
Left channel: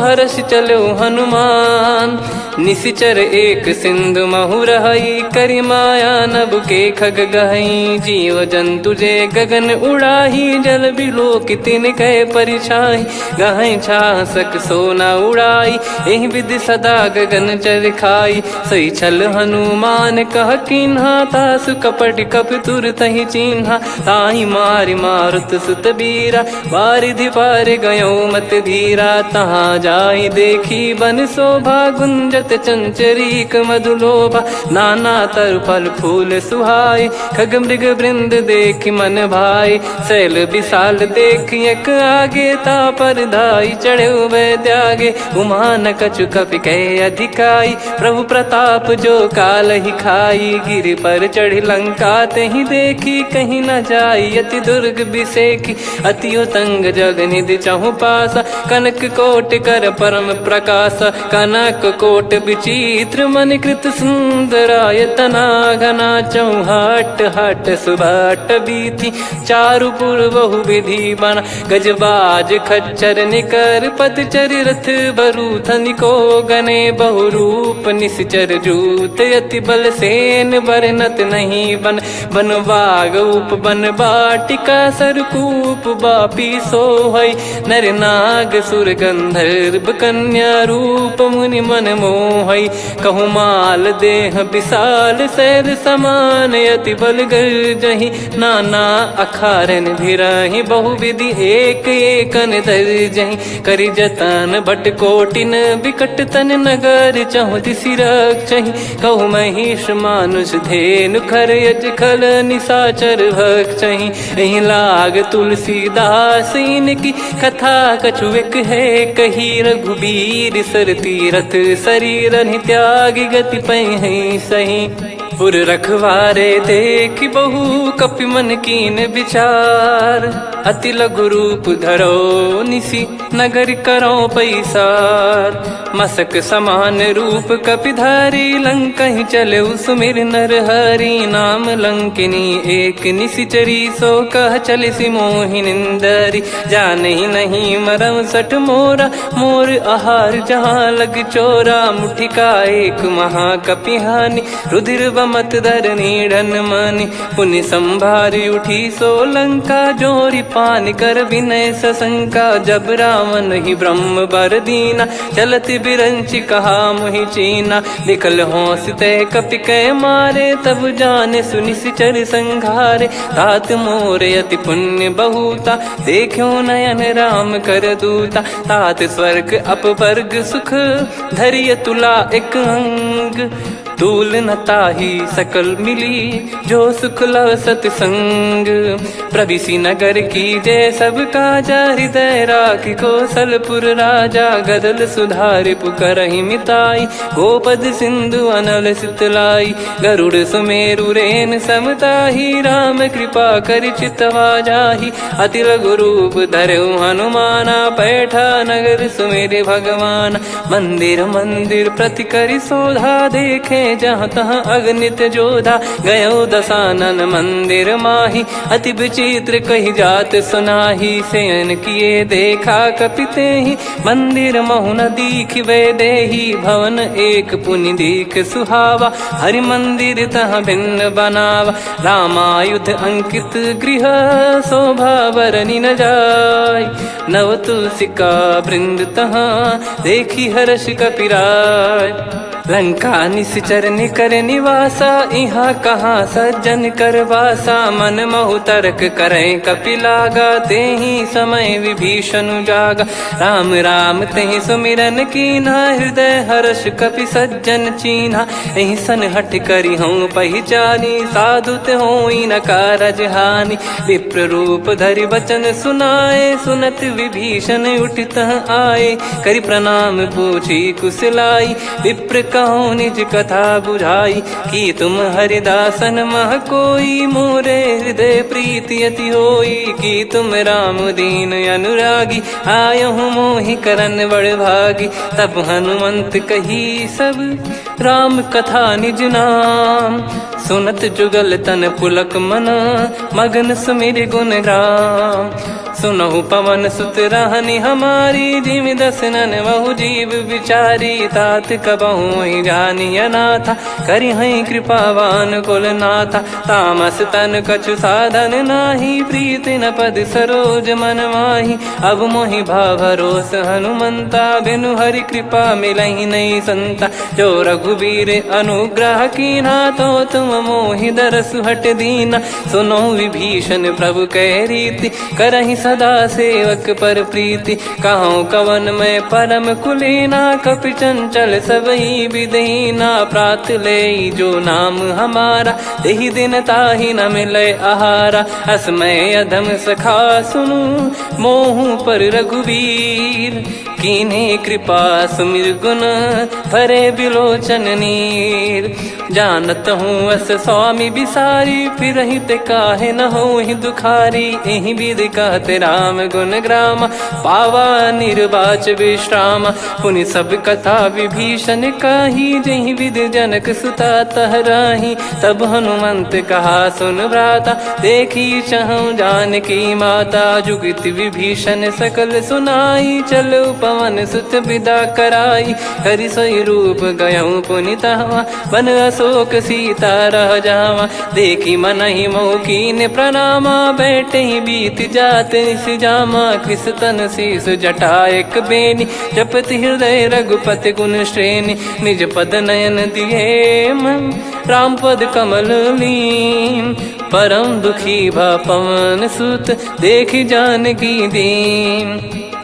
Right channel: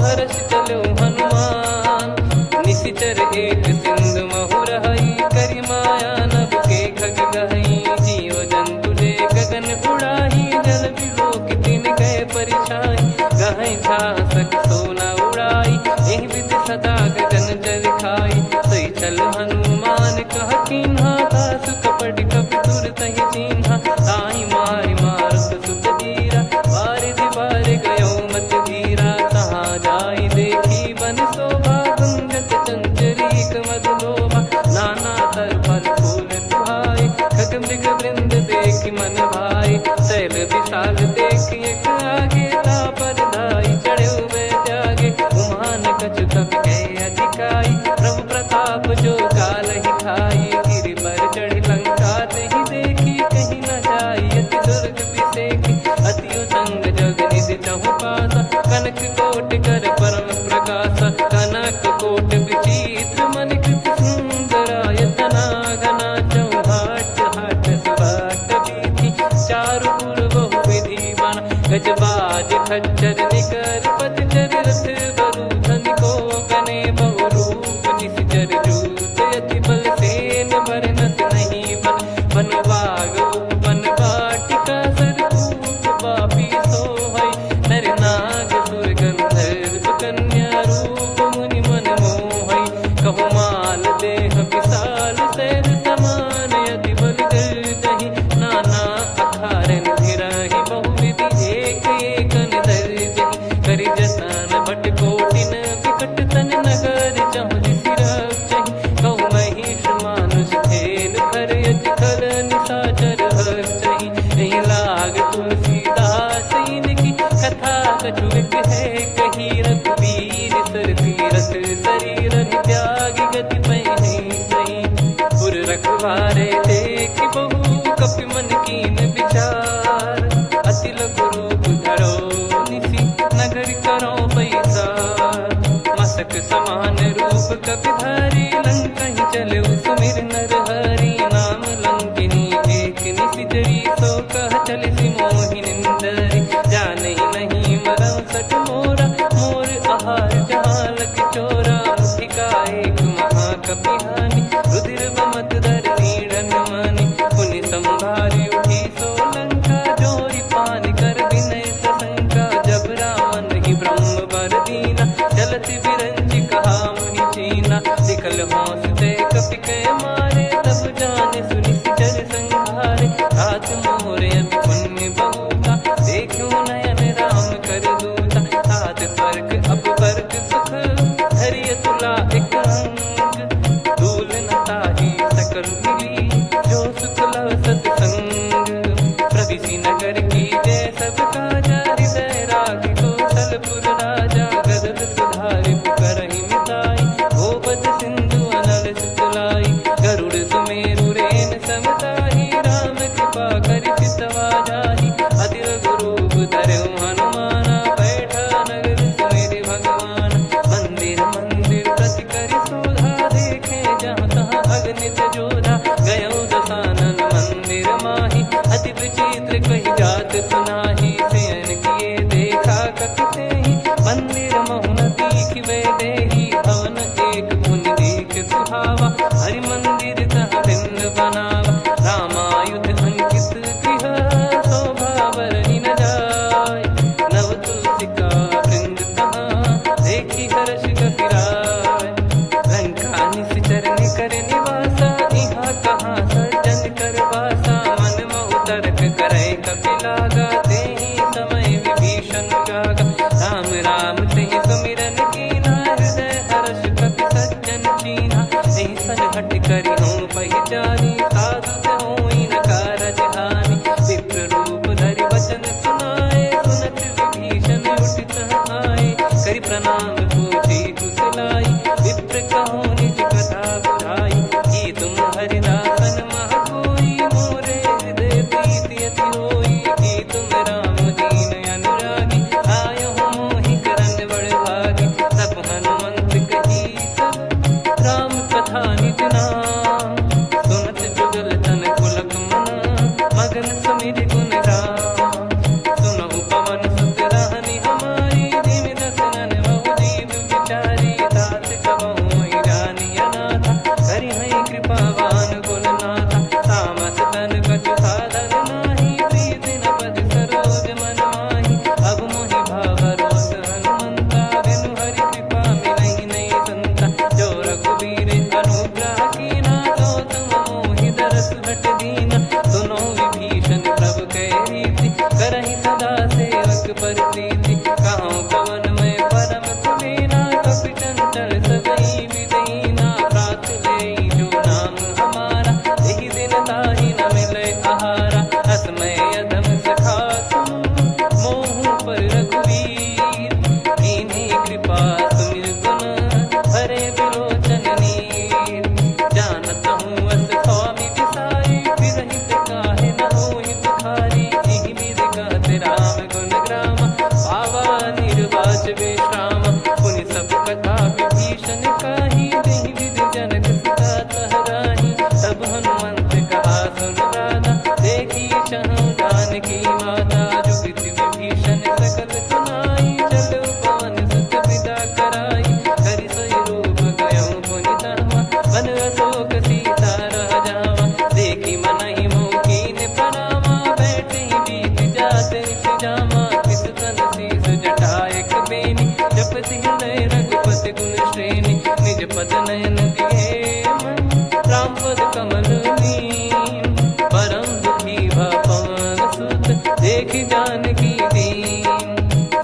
हर्ष चलो हनुमान। निशिचर एक सिंधु महु रहई, करि माया नभ के खग गहई। जीव जंतु जे गगन उड़ाही, जल बिलोक तिन कह परिछाई। गहई छासक सोना उड़ाई, एहि विधि सदा गगन चर खाई। सही छल हनुमान कह कीन्हा, तासु कपट कप तुर तहि चिन्हा। ताहि मारि मारुत सुत बीरा, बारिधि पार गयो मत धीरा। तहाँ जाई देखी बन शोभा, गुंजत चंचरीक मधुलोभा। नाना तरु फल फूल सुहाए, खग मृग वृंद देख मन भाई। शैल विशाल देख एक आगे, तापर धाई चढ़े वै त्यागे। उमान कछु कपि कह अधिकाई, प्रभु प्रताप जो काल ही खाई। गिर पर चढ़ी लंका तहि देखी, कहीं न जाई अति दुर्ग बिसेखी। अति उतंग जग निधि चहु पासा, कनक कोट कर परम प्रकाशा। कनक कोट विचित्र मन कृत सुंदरायतना। घना चौहाट हाट सुबाट बीथी, चारु पुर बहु विधि बना। गजबाज खच्चर निकर पतचर, रथ बरु धनिको गने। बहु रूप निश्चर जूत, अति बल सेन बरनत नहीं बन। बन बाग उप बन बाटिका, सरकूप बापी सोहई। नर नाग सुर गंधर्व कन्या, रूप मुनि मन मोहई। कहु माल देह विशाल, शैल समान अति बल गर्जहि। नाना अखारन भिराहि, बहु विधि एक एकन दर्जहि। करि जतन भट कोटिन, विकट तन नगर चहु दिसि रक्षहि। कहु महिष मानुष धेनु, खर यज खल निशाचर भक्षहि। एहि लाग तुलसीदास इनकी, कथा कछु एक है कही। रघुबीर सर तीरथ शरीर, त्यागी गति पै सही। पुर रखवारे देख बहु, कपि मन कीन विचार। अति लघु रूप धरो निसी, नगर करो पैसार। मसक समान रूप कपि धारी, लंकहि चले सुमिर नर हरि। नाम लंकिनी एक निशिचरी, सो कह चलिसि मोहि निंदरी। जानहि नहीं मरम सठ मोरा, मोर आहार जहाँ लग चोरा। मुठिका एक महाकपि हानि, रुधिर बमत धरनी ढन मनि पुनि संभारी उठी सोलंका जोरी पानी कर विनय सशंका जब रावण ही ब्रह्म बर दीना चलत बिरंची कहा मुहि चीना निकल होंस ते कपि कै मारे तब जाने सुनि सिचर संघारे तात मोरे अति पुण्य बहुता देखो नयन राम कर दूता तात स्वर्ग अपवर्ग सुख धरिय तुला एक अंग तूल न ताही सकल मिली जो सुख लव सतसंग प्रविसी नगर की जय सब काजा हृदय राखी कौशलपुर राजा गदल सुधारि पुकरहि मिताई गोपद सिंधु अनल सितलाई गरुड़ सुमेरु रेन समताही राम कृपा कर चितवा जाही अति लघु रूप धरऊ हनुमाना बैठा नगर सुमेरे भगवान मंदिर मंदिर प्रति करि शोधा देखे जहाँ तहाँ अगणित जोधा गयो दशानन मंदिर माही अति विचित्र कही जात सुनाही सेन किए देखा कपिते ही मंदिर महु न दीख वे देही भवन एक पुनि दीख सुहावा हरि मंदिर तहाँ भिन्न बनावा रामायुध अंकित गृह शोभा बरनी न जाय नव तुलसी का वृंद तहाँ देखी हर्ष कपिराय लंका निश्चर निकर निवासा यहाँ कहाँ सज्जन कर वासा मन महु तर्क करे कपिलागा ते ही समय विभीषण जागा राम राम ते सुमिरन कीना हृदय हर्ष कपि सज्जन चीन्हा यही सन हट करी हूँ पहचानी साधु ते होई न कारज हानि विप्र रूप धरि वचन सुनाए सुनत विभीषण उठित आए करि प्रणाम पूछी कुशलाई विप्र कहो निज कथा बुझाई कि तुम हरिदासन मह कोई मोरे हृदय प्रीति अति होई कि तुम राम दीन अनुरागी आयहु मोहि करन बड़ भागी तब हनुमंत कही सब राम कथा निज नाम सुनत जुगल तन पुलक मन मगन सुमिर गुण राम सुनहु पवन सुत रहनी हमारी जिमि दसनन बहु जीव विचारी तात कबहु ही जानी अनाथा करि हई कृपावान कुल नाथा तामस तन कछु साधन नाही प्रीति न पद सरोज मन माही अब मोहि भाव भरोस हनुमंता बिनु हरि कृपा मिलहि नहीं संता जो रघुबीर अनुग्रह कीना तो तुम मोहि दरस हट दीना सुनो विभीषण प्रभु कह रीति करहि सदा सेवक पर प्रीति कहूँ कवन में परम कुलीना कपि चंचल सबही विदहीना प्रात ले जो नाम हमारा तेहि दिन ताहि न मिले आहारा असमय अधम सखा सुनु मोहु पर रघुवीर कीन्हे कृपा सुमिर गुण भरे बिलोचन नीर जानत हूँ अस स्वामी बिसारी फिर हित काहे न हो ही दुखारी एहि विध कहते राम गुण ग्राम पावा निर्वाच विश्राम पुनि सब कथा विभीषण काही जहि विध जनक सुता तहराही तब हनुमंत कहा सुन भ्राता देखी चहु जानकी माता जुगित विभीषण सकल सुनाई चलो पवन सुत विदा कराई करि सोई रूप गयऊँ पुनि तहवा बन अशोक सीता रह जावा देखी मन ही मौकीन प्रणामा बैठे ही बीत जाते जामा कृष तन शीस जटा एक बेनी जपति हृदय रघुपति गुण श्रेणी निज पद नयन दिए मन राम पद कमल लीन परम दुखी भा पवन सुत देखी जानकी दीन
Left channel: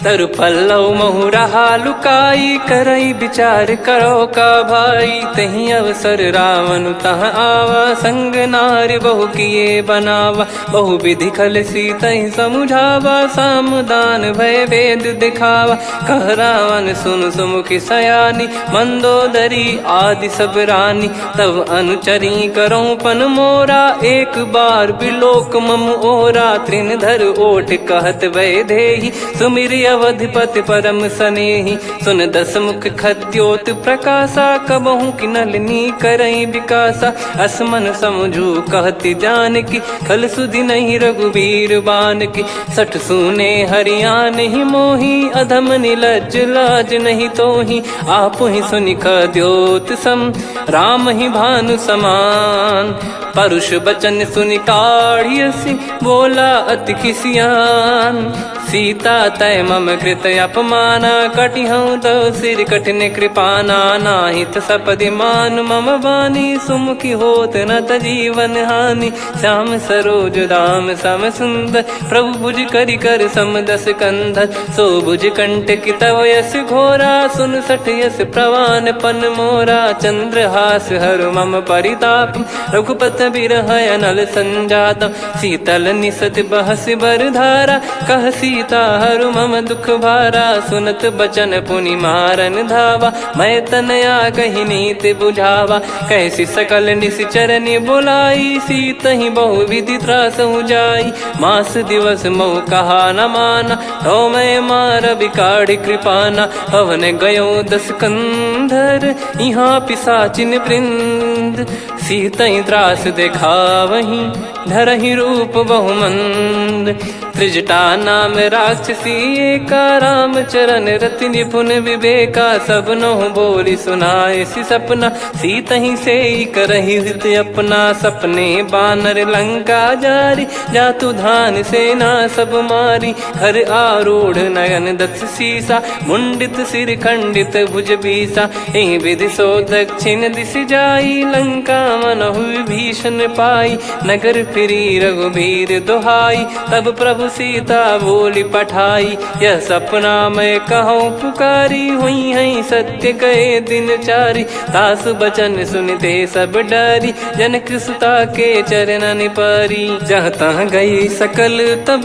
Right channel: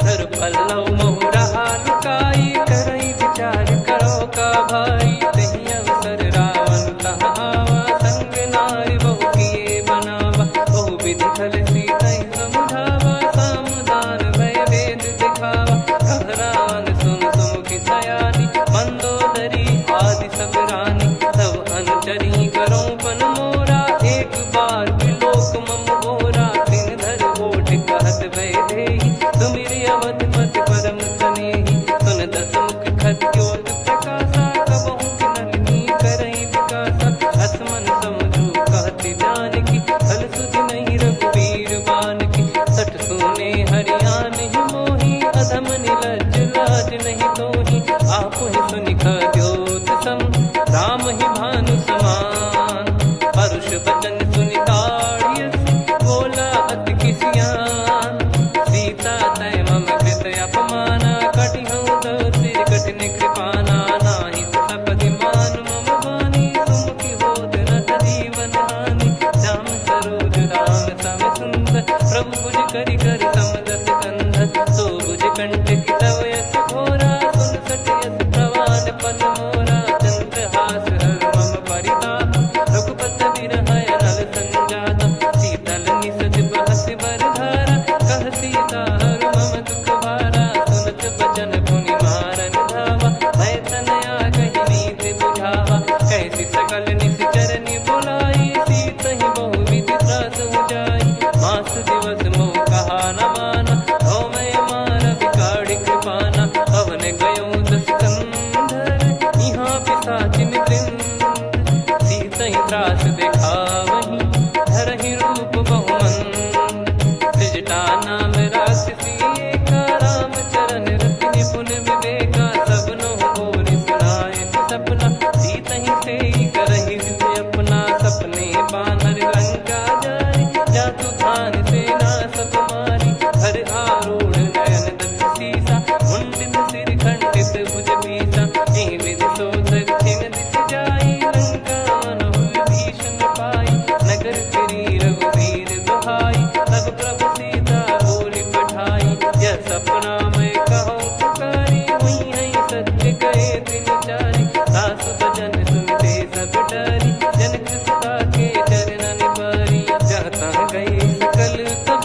तरु पल्लव महु रहा लुकाई करई विचार करो का भाई तही अवसर रावण तह आवा संग नारी बहु किए बनावा बहु विधि खल सीतहि समुझावा सामदान भय वेद दिखावा कह रावण सुन सुमुखी सयानी मंदोदरी आदि सब रानी तब अनुचरी करो पन मोरा एक बार बिलोक मम ओरा तृण धर ओट कहत वै देहि सुमिर अवधिपति परम सनेही। सुन दस मुख खद्योत प्रकाशा, कबहू की नलिनी करई विकासा। असमन समझू कहती जान की, फल सुधि नहीं रघुबीर बान की। सठ सुने हरियाण ही मोही, अधम निलज लाज नहीं तोही। आप ही सुनि खद्योत सम, राम ही भानु समान। परुष बचन सुनि काढ़ियसि, बोला अति किसियान। सीता तय मम कृत अपमाना, कटिहऊँ तो सिर कठिन कृपाना। नाहित सपदि मान मम बानी, सुमुखी होत न जीवन हानि। श्याम सरोज राम सम सुंदर, प्रभु भुज करि कर सम दस कंधर। सो भुज कंठ की तव यस घोरा, सुन सठ यस प्रवान पन मोरा। चंद्रहास हर मम परिताप, रघुपत बिरह अनल संजात। शीतल निसत बहस बर धारा, कह सीता हरु मम दुख भारा। सुनत बचन पुनि मारन धावा, मैं तनया कही नीति बुझावा। कैसी सकल निश्चरनि बुलाई, सीत ही बहु विधि त्रास जाई। मास दिवस मोह कहा न माना, तो मैं मार बिकाढ़ी कृपाना। पवन गयो दस कंधर, यहाँ पिशाचिन वृंद। सीतहि त्रास देखावहीं, धरहि रूप बहुमंद। त्रिजटा नाम राक्षसी एका, राम चरण रति निपुण विवेका। सबनो बोली सुनाए सि सपना, सीतहि सेई करहि हृद अपना। सपने बानर लंका जारी, जातु धान सेना सब मारी। हर आरूढ़ नयन दस सीसा, मुंडित सिर खंडित भुज बीसा। एहि विधि सो दक्षिण दिश जाई, लंका मनहु भीषण पाई। नगर फिरी रघुबीर दुहाई, तब प्रभु सीता बोली पठाई। यह सपना मैं कहूँ पुकारी, हुई है सत्य कहे दिन चारी। सासु बचन सुनते सब डरी, जनक सुता के चरण परी। जहाँ तहाँ गई सकल तब,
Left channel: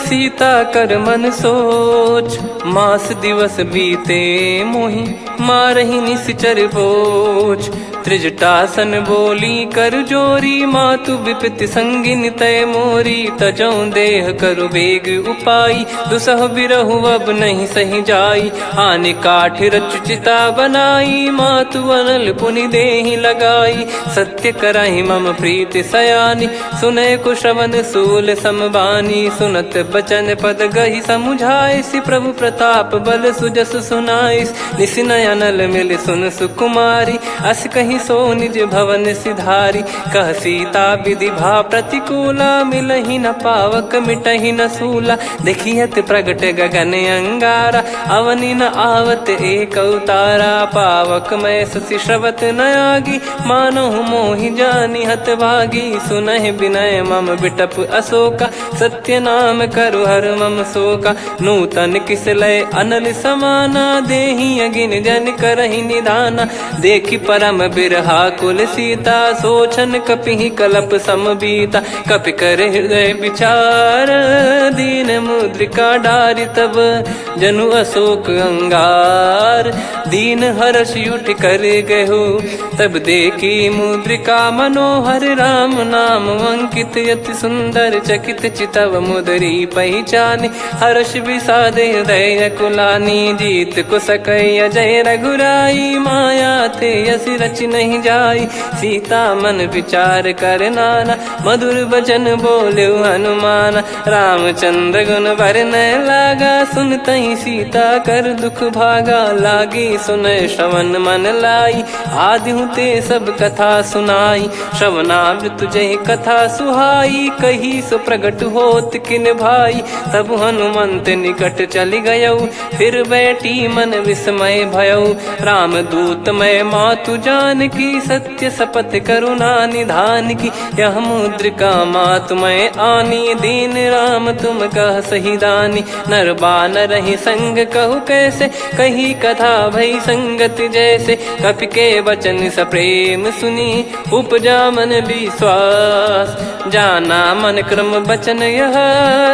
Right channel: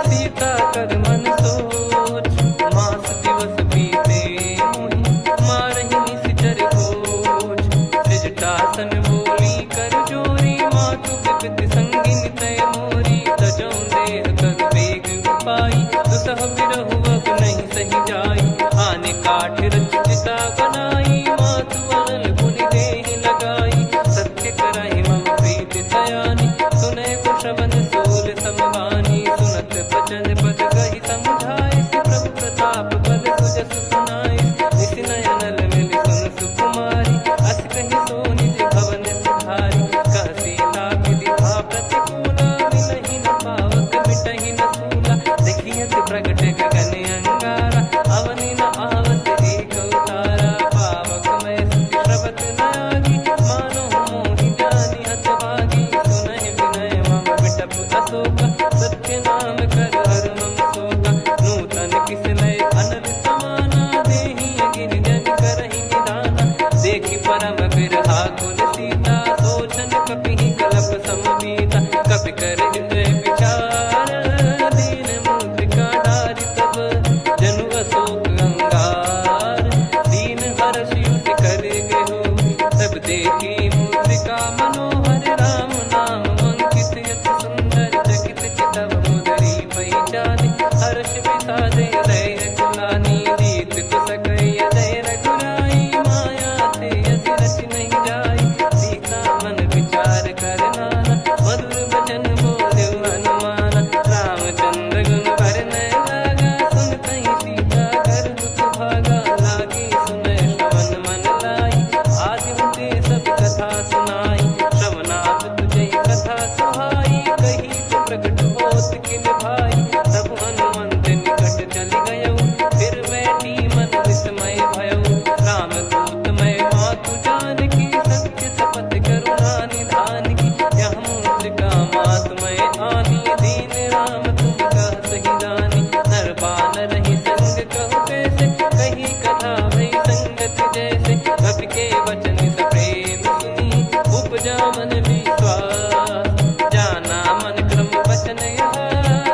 सीता कर मन सोच। मास दिवस बीते मोहि, मारहि निश्चर बोझ। त्रिजटासन बोली कर जोरी, मातु विपति संगिन तय मोरी। तजौ देह करु बेग उपाई, दुसह बिरहु अब नहीं सही जाई। आने काठ रचु चिता बनाई, मातु अनल पुनि देहि लगाई। सत्य करहि मम प्रीति सयानी, सुनय को श्रवण सूल समबानी। सुनत बचन पद गहि समुझाइसि, प्रभु प्रताप बल सुजस सुनाइस। निसिनय अनल मिल सुन सुकुमारी, अस कहि सो निज भवन सिधारी। कह सीता विधि भा प्रतिकूला, मिलहि न पावक मिटहि न सूला। देखियत प्रगट गगन अंगारा, अवनि न आवत एक अवतारा। पावक मैं ससि श्रवत न आगी, मानो मोहि जानि हत भागी। सुनहि विनय मम बिटप अशोका, सत्य नाम करु हर मम शोका। नूतन किस लय अनल समाना, देहि अगिन जन करहि निधाना। देखि परम बिरहा कुल सीता, सोचन कपिहि कलप समबीता। कपि कर हृदय विचार, दीन मुद्रिका डारि तब। जनु अशोक अंगार, दीन हर्ष उठ कर गहो। तब देखी मुद्रिका मनोहर, राम नाम अंकित अति सुंदर। चकित चितव मुदरी पहचानी, हर्ष विषाद हृदय कुलानी। जीत को सकय जय रघुराई, माया थे यस रच नहीं जाई। सीता मन विचार कर नाना, मधुर बचन बोले हनुमान। रामचंद्र गुण बरनय लागा, सुनतहि सीता कर दुख भागा। लागी सुनय श्रवण मन लाई, आदिहु ते सब कथा सुनाई। श्रवणाब तुझे कथा सुहाई, कही सो प्रगट होत किन भाई। तब हनुमंत निकट चली गयऊ, फिर बैठी मन विस्मय भयऊ। राम दूत मैं मातु जान की, सत्य शपथ करुणा निधान की। यह मुद्रिका मातु मैं आनी, दीन राम तुम कह सही दानी। नर बानर ही संग कहु कैसे, कही कथा भई संगति जैसे। कपि के वचन सप्रेम सुनी, उपजा मन विश्वास। जाना मन क्रम बचन यह,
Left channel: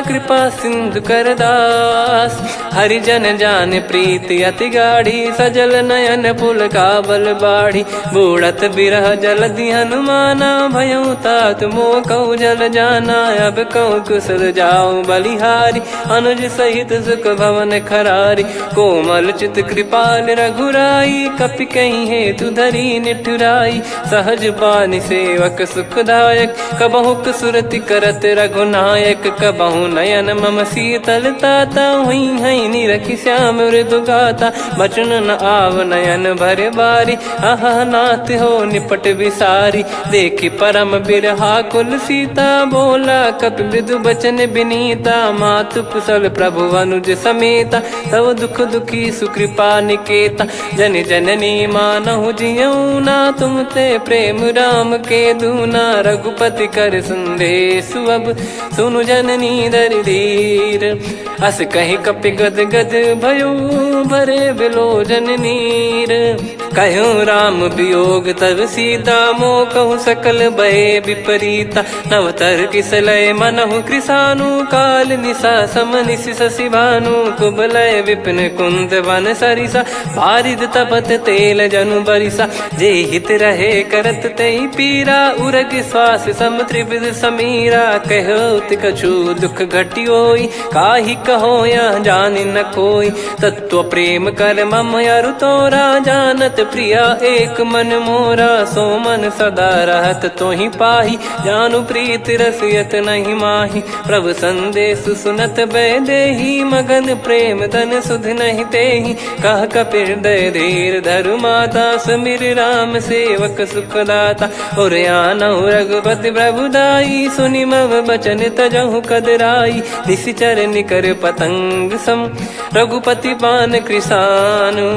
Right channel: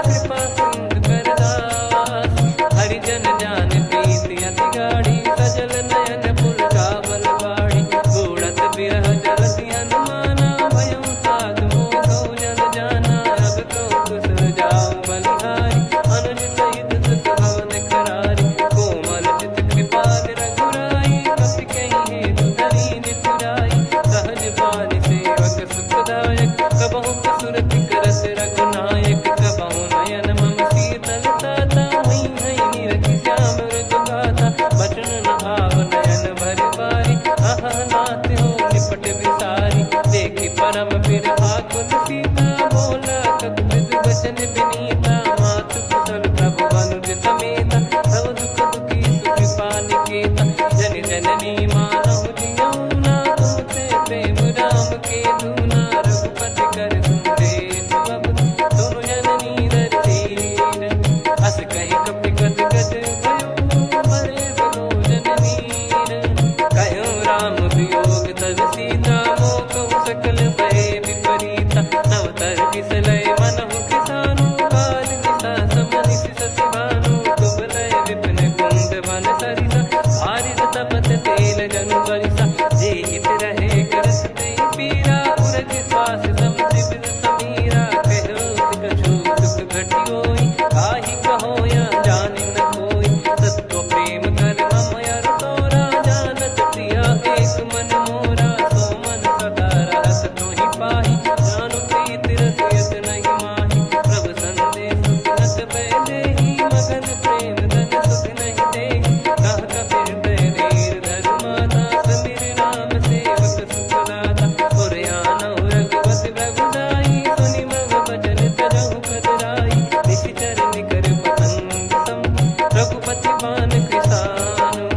कृपा सिंधु कर दास। हरिजन जान प्रीति अति गाढ़ी, सजल नयन पुल काबल बाढ़ी। बूढ़त बिरह जलधि हनुमाना, भयउ तात मोह कहु जल जाना। अब कहु कुशल जाऊं बलिहारी, अनुज सहित सुख भवन खरारी। कोमल चित कृपाल रघुराई, कपि कहीं हेतु धरी निठुराई। सहज पानि सेवक सुखदायक, कबहु सुरति करत रघुनायक। कबहु नयन मम शीतलता, हुई हई निरखि श्याम मृदु गाता। बचन न आव नयन भर बारी, आहा नाथ हो निपट विसारी। देखि परम बिरहा कुल सीता, बोला कपि मृदु बचन बिनीता। मातु कुशल प्रभु अनुज समेता, तव दुख दुखी सुकृपा निकेता। जन जननी मानहु जियऊ ना, तुम ते प्रेम राम के दूना। रघुपति कर संदेशु अब, सुनु जननी दर धीर। अस कहि कपि गद गद भयो, भरे बिलोचन नीर। कहूँ राम वियोग तब सीता, मोह कहूँ सकल भय विपरीता। नवतर किसलय मनहु कृसानु, काल निशा समनिशि शशि भानु। कुबलय विपिन कुंद वन सरिसा, पारिद तपत तेल जनु बरिसा। जे हित रहे करत तेहि पीरा, उरग श्वास सम त्रिविध समीरा। कहत कछु दुख घटियोई, काहि कहो या जानि न कोई। तत्व प्रेम कर मम अरु तोरा, जानत प्रिया एक मन मोरा। सो मन सदा रहत तोहि पाही, जानु प्रीत रसियत नहीं माही। प्रभु संदेश सुनत बैदेही, मगन प्रेम धन सुध नहीं तेहि। कह कपिर दय धीर धरु माता, सुमिर राम सेवक सुखदाता। और आनहु रघुपति प्रभु दाई, सुनि मव बचन तजहु कदराई। निशिचर निकर पतंग सम, रघुपति पान कृसानु।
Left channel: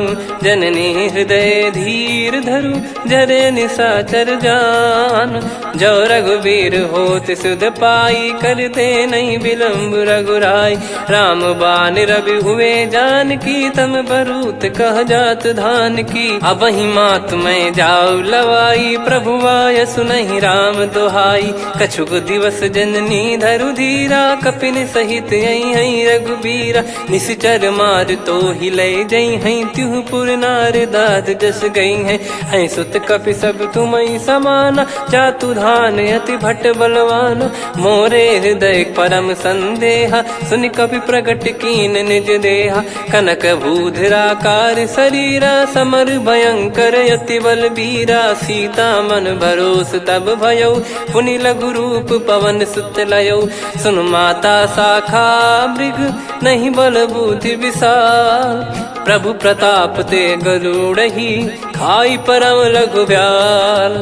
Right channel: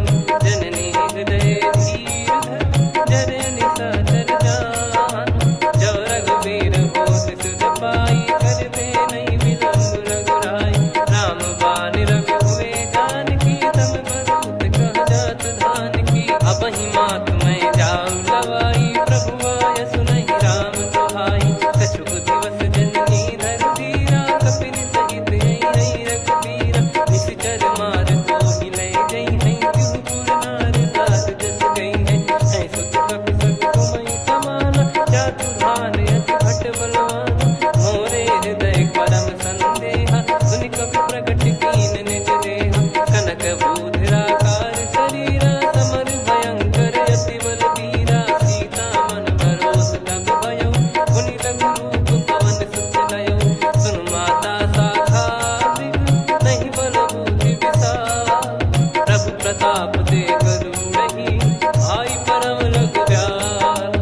जननी हृदय धीर धरु, जरे निशाचर जान। जो रघुवीर होत सुध पाई, कर दे नहीं विलम्ब रघुराई। राम बान रवि हुए जानकी, तम बरूत कह जात धान की। अब ही मात मैं जाऊ लवाई, प्रभु आय सुनहि राम दोहाई। कछुक दिवस जननी धरु धीरा, कपिन सहित यही रघुबीरा। निशिचर मार तो ही ले जई हैं, त्यों पुर नार दाद जस गई हैं। सुत कपि सब तुमहि समाना, चातुधान अति भट्ट बलवान। मोरे हृदय परम संदेहा, सुन कपि प्रकट कीन निज देहा। कनक भूधराकार शरीरा, समर भयंकर अति बलबीरा। सीता मन भरोस तब भयउ, पुनि लघु रूप पवन सुत लयउ। सुन माता शाखा मृग, नहीं बल बुद्धि विशाल। प्रभु प्रताप ते गरुड़हि, खाई परम लघु ब्याल।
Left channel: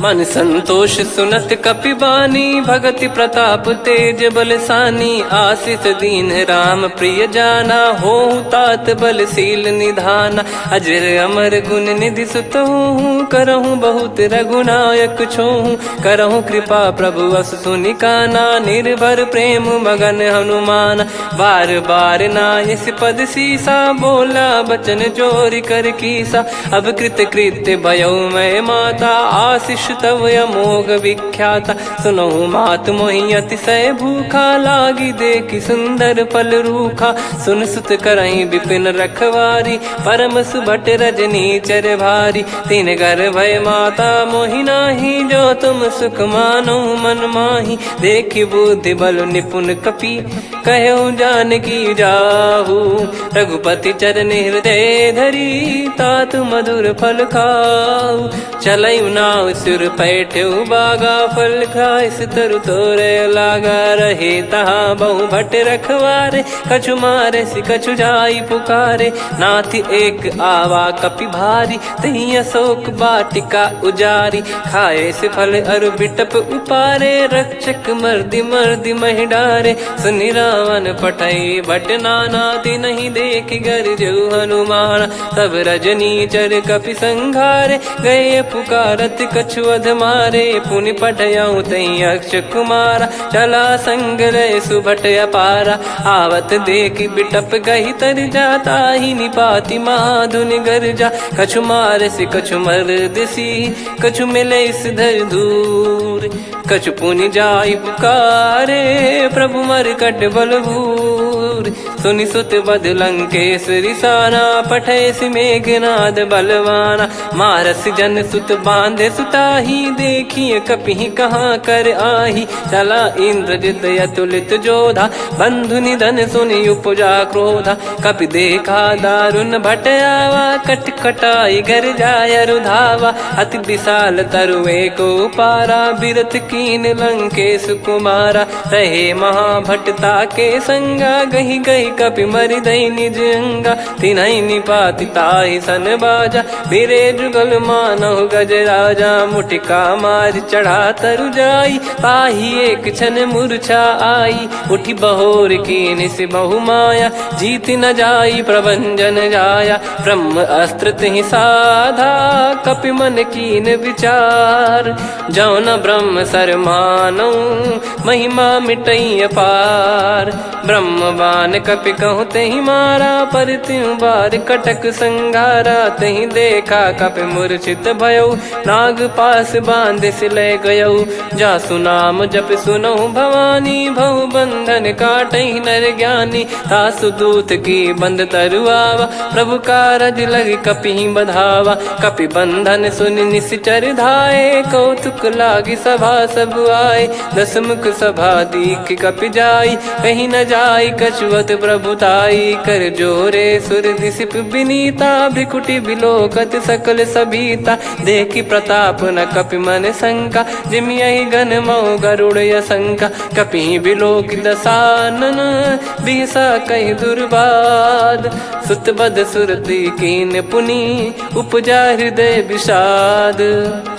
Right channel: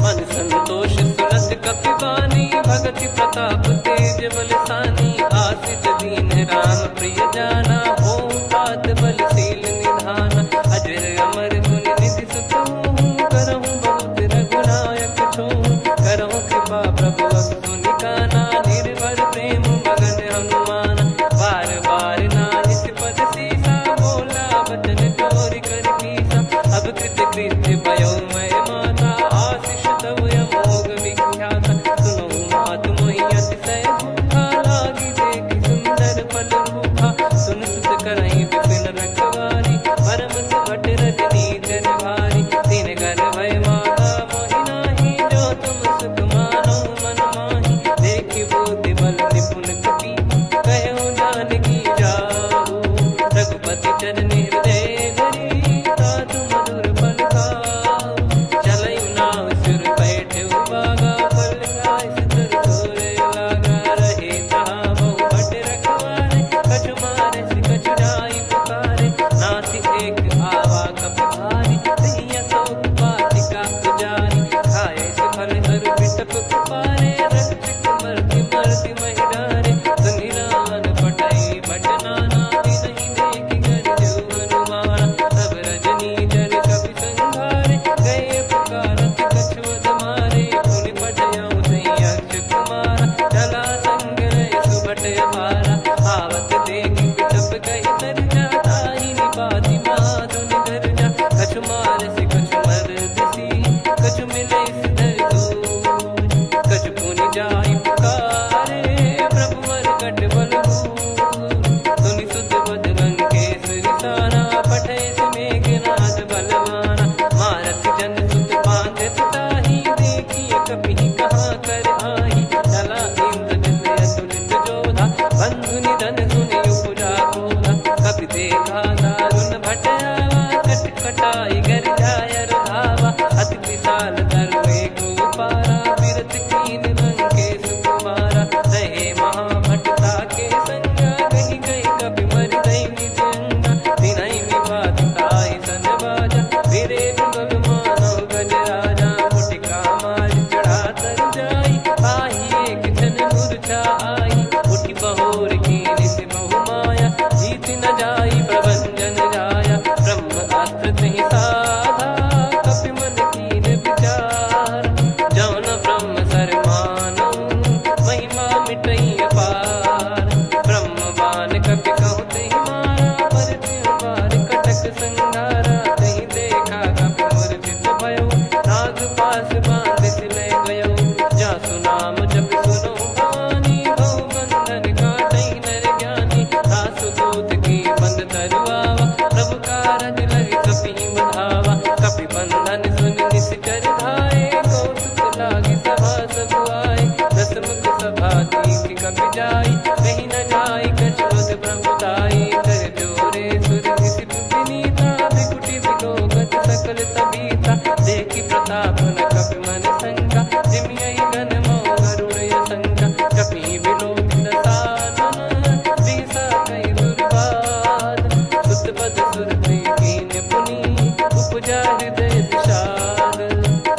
मन संतोष सुनत कपि बानी, भगति प्रताप तेज बलसानी। आशीष दीन राम प्रिय जाना, होहु तात बलशील निधाना। अजर अमर गुण निधि सुतहु, करहु बहुत रघुनायक छोहु। करहु कृपा प्रभु अस सुनि काना, निर्भर प्रेम मगन हनुमान। बार बार नायस पद सीसा, बोला बचन चोरी कर कीसा। अब कृत कृत्य भयो मैं माता, आशीष तव अमोघ विख्याता। सुनहु मात मोहि अतिशय भूखा, लागी देखि सुंदर फल रूखा। सुन सुत करहि विपिन रखवारी, परम सुभट रजनी चर भारी। तीन घर भय माता मोहि नाही, जो तुम सुख मानो मन माही। देखि बुद्धि बल निपुण कपि, कहु जानकी जाहु। रघुपति चरण हृदय धरी, तात मधुर फल खाऊ। चलऊ नाव सुर पैठऊ बागा, फल खाइस तरु तोरे लागा। रहे तहाँ बहु भट रखवारे, कछु मारे सि कछु जाई पुकारे। नाथ एक आवा कपि भारी, तही अशोक वाटिका उजारी। खाए से फल अरु बिटप उपारे, रक्षक मर्दि मर्दि महि डारे। सुनि रावण पटई भट नाना, तिनहि देखि गरजऊ हनुमान। तब रजनी चर कपि संघारे, गए पुकारत कछु अध मारे। पुनि पटयऊ तई अक्ष कुमारा, चला संग रहे सुभट अपारा। आवत देखि बिटप गही तर जाता, ही निपाति माधुन गर्जा। कछु मार से कछु मर्द सी, कछु मिले इस धर दूर। कछु पुनि जाई पुकारे, प्रभु मर कट बलभूर। सुनि सुत बद लंकेश्वरी साना, पठैसि मेघनाद बलवाना। मारस जन सुत बांधे सुताही, देखिए कपिहि कहाँ कर आही। चला इंद्रजित अतुलित जोधा, बंधु निधन सुनि उपजा क्रोधा। कपि देखा दारुण भट आवा, कट कटाई घर जाय रुधावा। अति विशाल तरुए को पारा, बिरत कीन लंकेश कुमारा। रहे महाभटता के संगा, गही गही कपि मरि दई निज अंगा। तिन्है निपाति ताहि सन बाजा, बिरे जुगल मानव गज राजा। मुटिका मार चढ़ा तरु जाई, पाही एक क्षण मूर्छा आई। उठी बहोर कीन से बहु माया, जीत न जाई प्रभंजन जाया। ब्रह्म अस्त्र तिहि साधा, कपि मन कीन विचार। जौ न ब्रह्म सर मानौ, महिमा मिटई अपार। ब्रह्म बान कपि कहु तेहि मारा, पर त्यों बार कटक संगारा। तेहि देखा कपि मूर्छित भयौ, नाग पास बांध सिले गयौ। जासु नाम जप सुनौ भवानी, भव बंधन काटहि नर ज्ञानी। तासु दूत की बंद तरुआवा, प्रभु कारज लग कपि बधावा। कपि बंधन सुनि निश्चर धाये, कौतुक लागी सभा सब आए। दसमुख सभा दीख कपि जाई, कहीं न जाई कछुवत प्रभुताई। कर जोरे सुर दिसिप विनीता, भ्रिकुटि बिलोकत सकल सबीता। देखि प्रताप न कपि मन शंका, जिमियहि घन मऊ गरुड़ असंका। कपि बिलोक दसानन, बिहसा कहि दुर्बाद। सुत बद सुरति कीन पुनि, उपजा हृदय विषाद।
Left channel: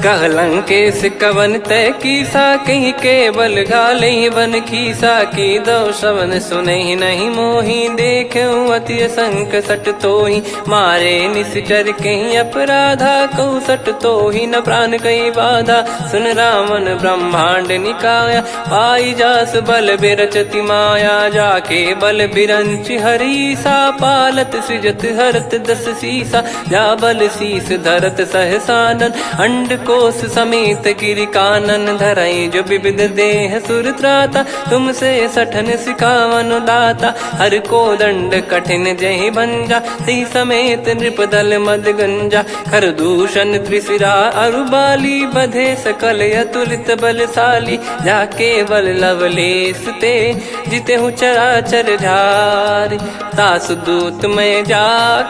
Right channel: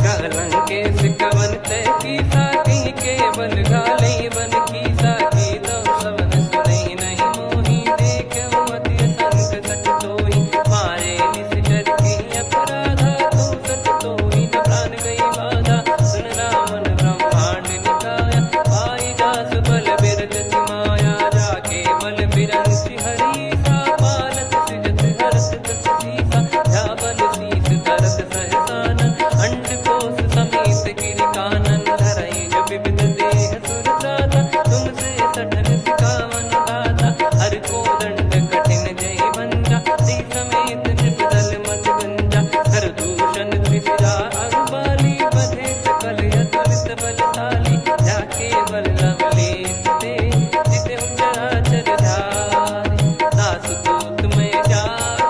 कह लंकेश कवन तय कीसा, कहीं केवल घाले बन खीसा। की दो श्रवण सुनहि नहीं मोही, देखऊं अति संक सट तोहि। मारे निश्चर कहीं अपराधा, कहूँ सट तोहि न प्राण कहीं बाधा। सुन रावण ब्रह्मांड निकाया, पाई जास बल बिरचति माया। जाके बल बिरंच हरीसा, पालत सृजत हरत दस सीसा। जा बल शीस धरत सहसानन, अंड कोश समेत गिरि कानन। धरई जो विविध देह सुर त्राता, तुमसे सठन सिखावन दाता। हर को दंड कठिन जहि भंजा, ती समेत नृप दल मद गंजा। कर दूषण त्रिशिरा अरुबाली, बधे सकल अतुलित बलशाली। जाके बल लवलेस ते, जिते हूँ चराचर झारी। दास दूत में जा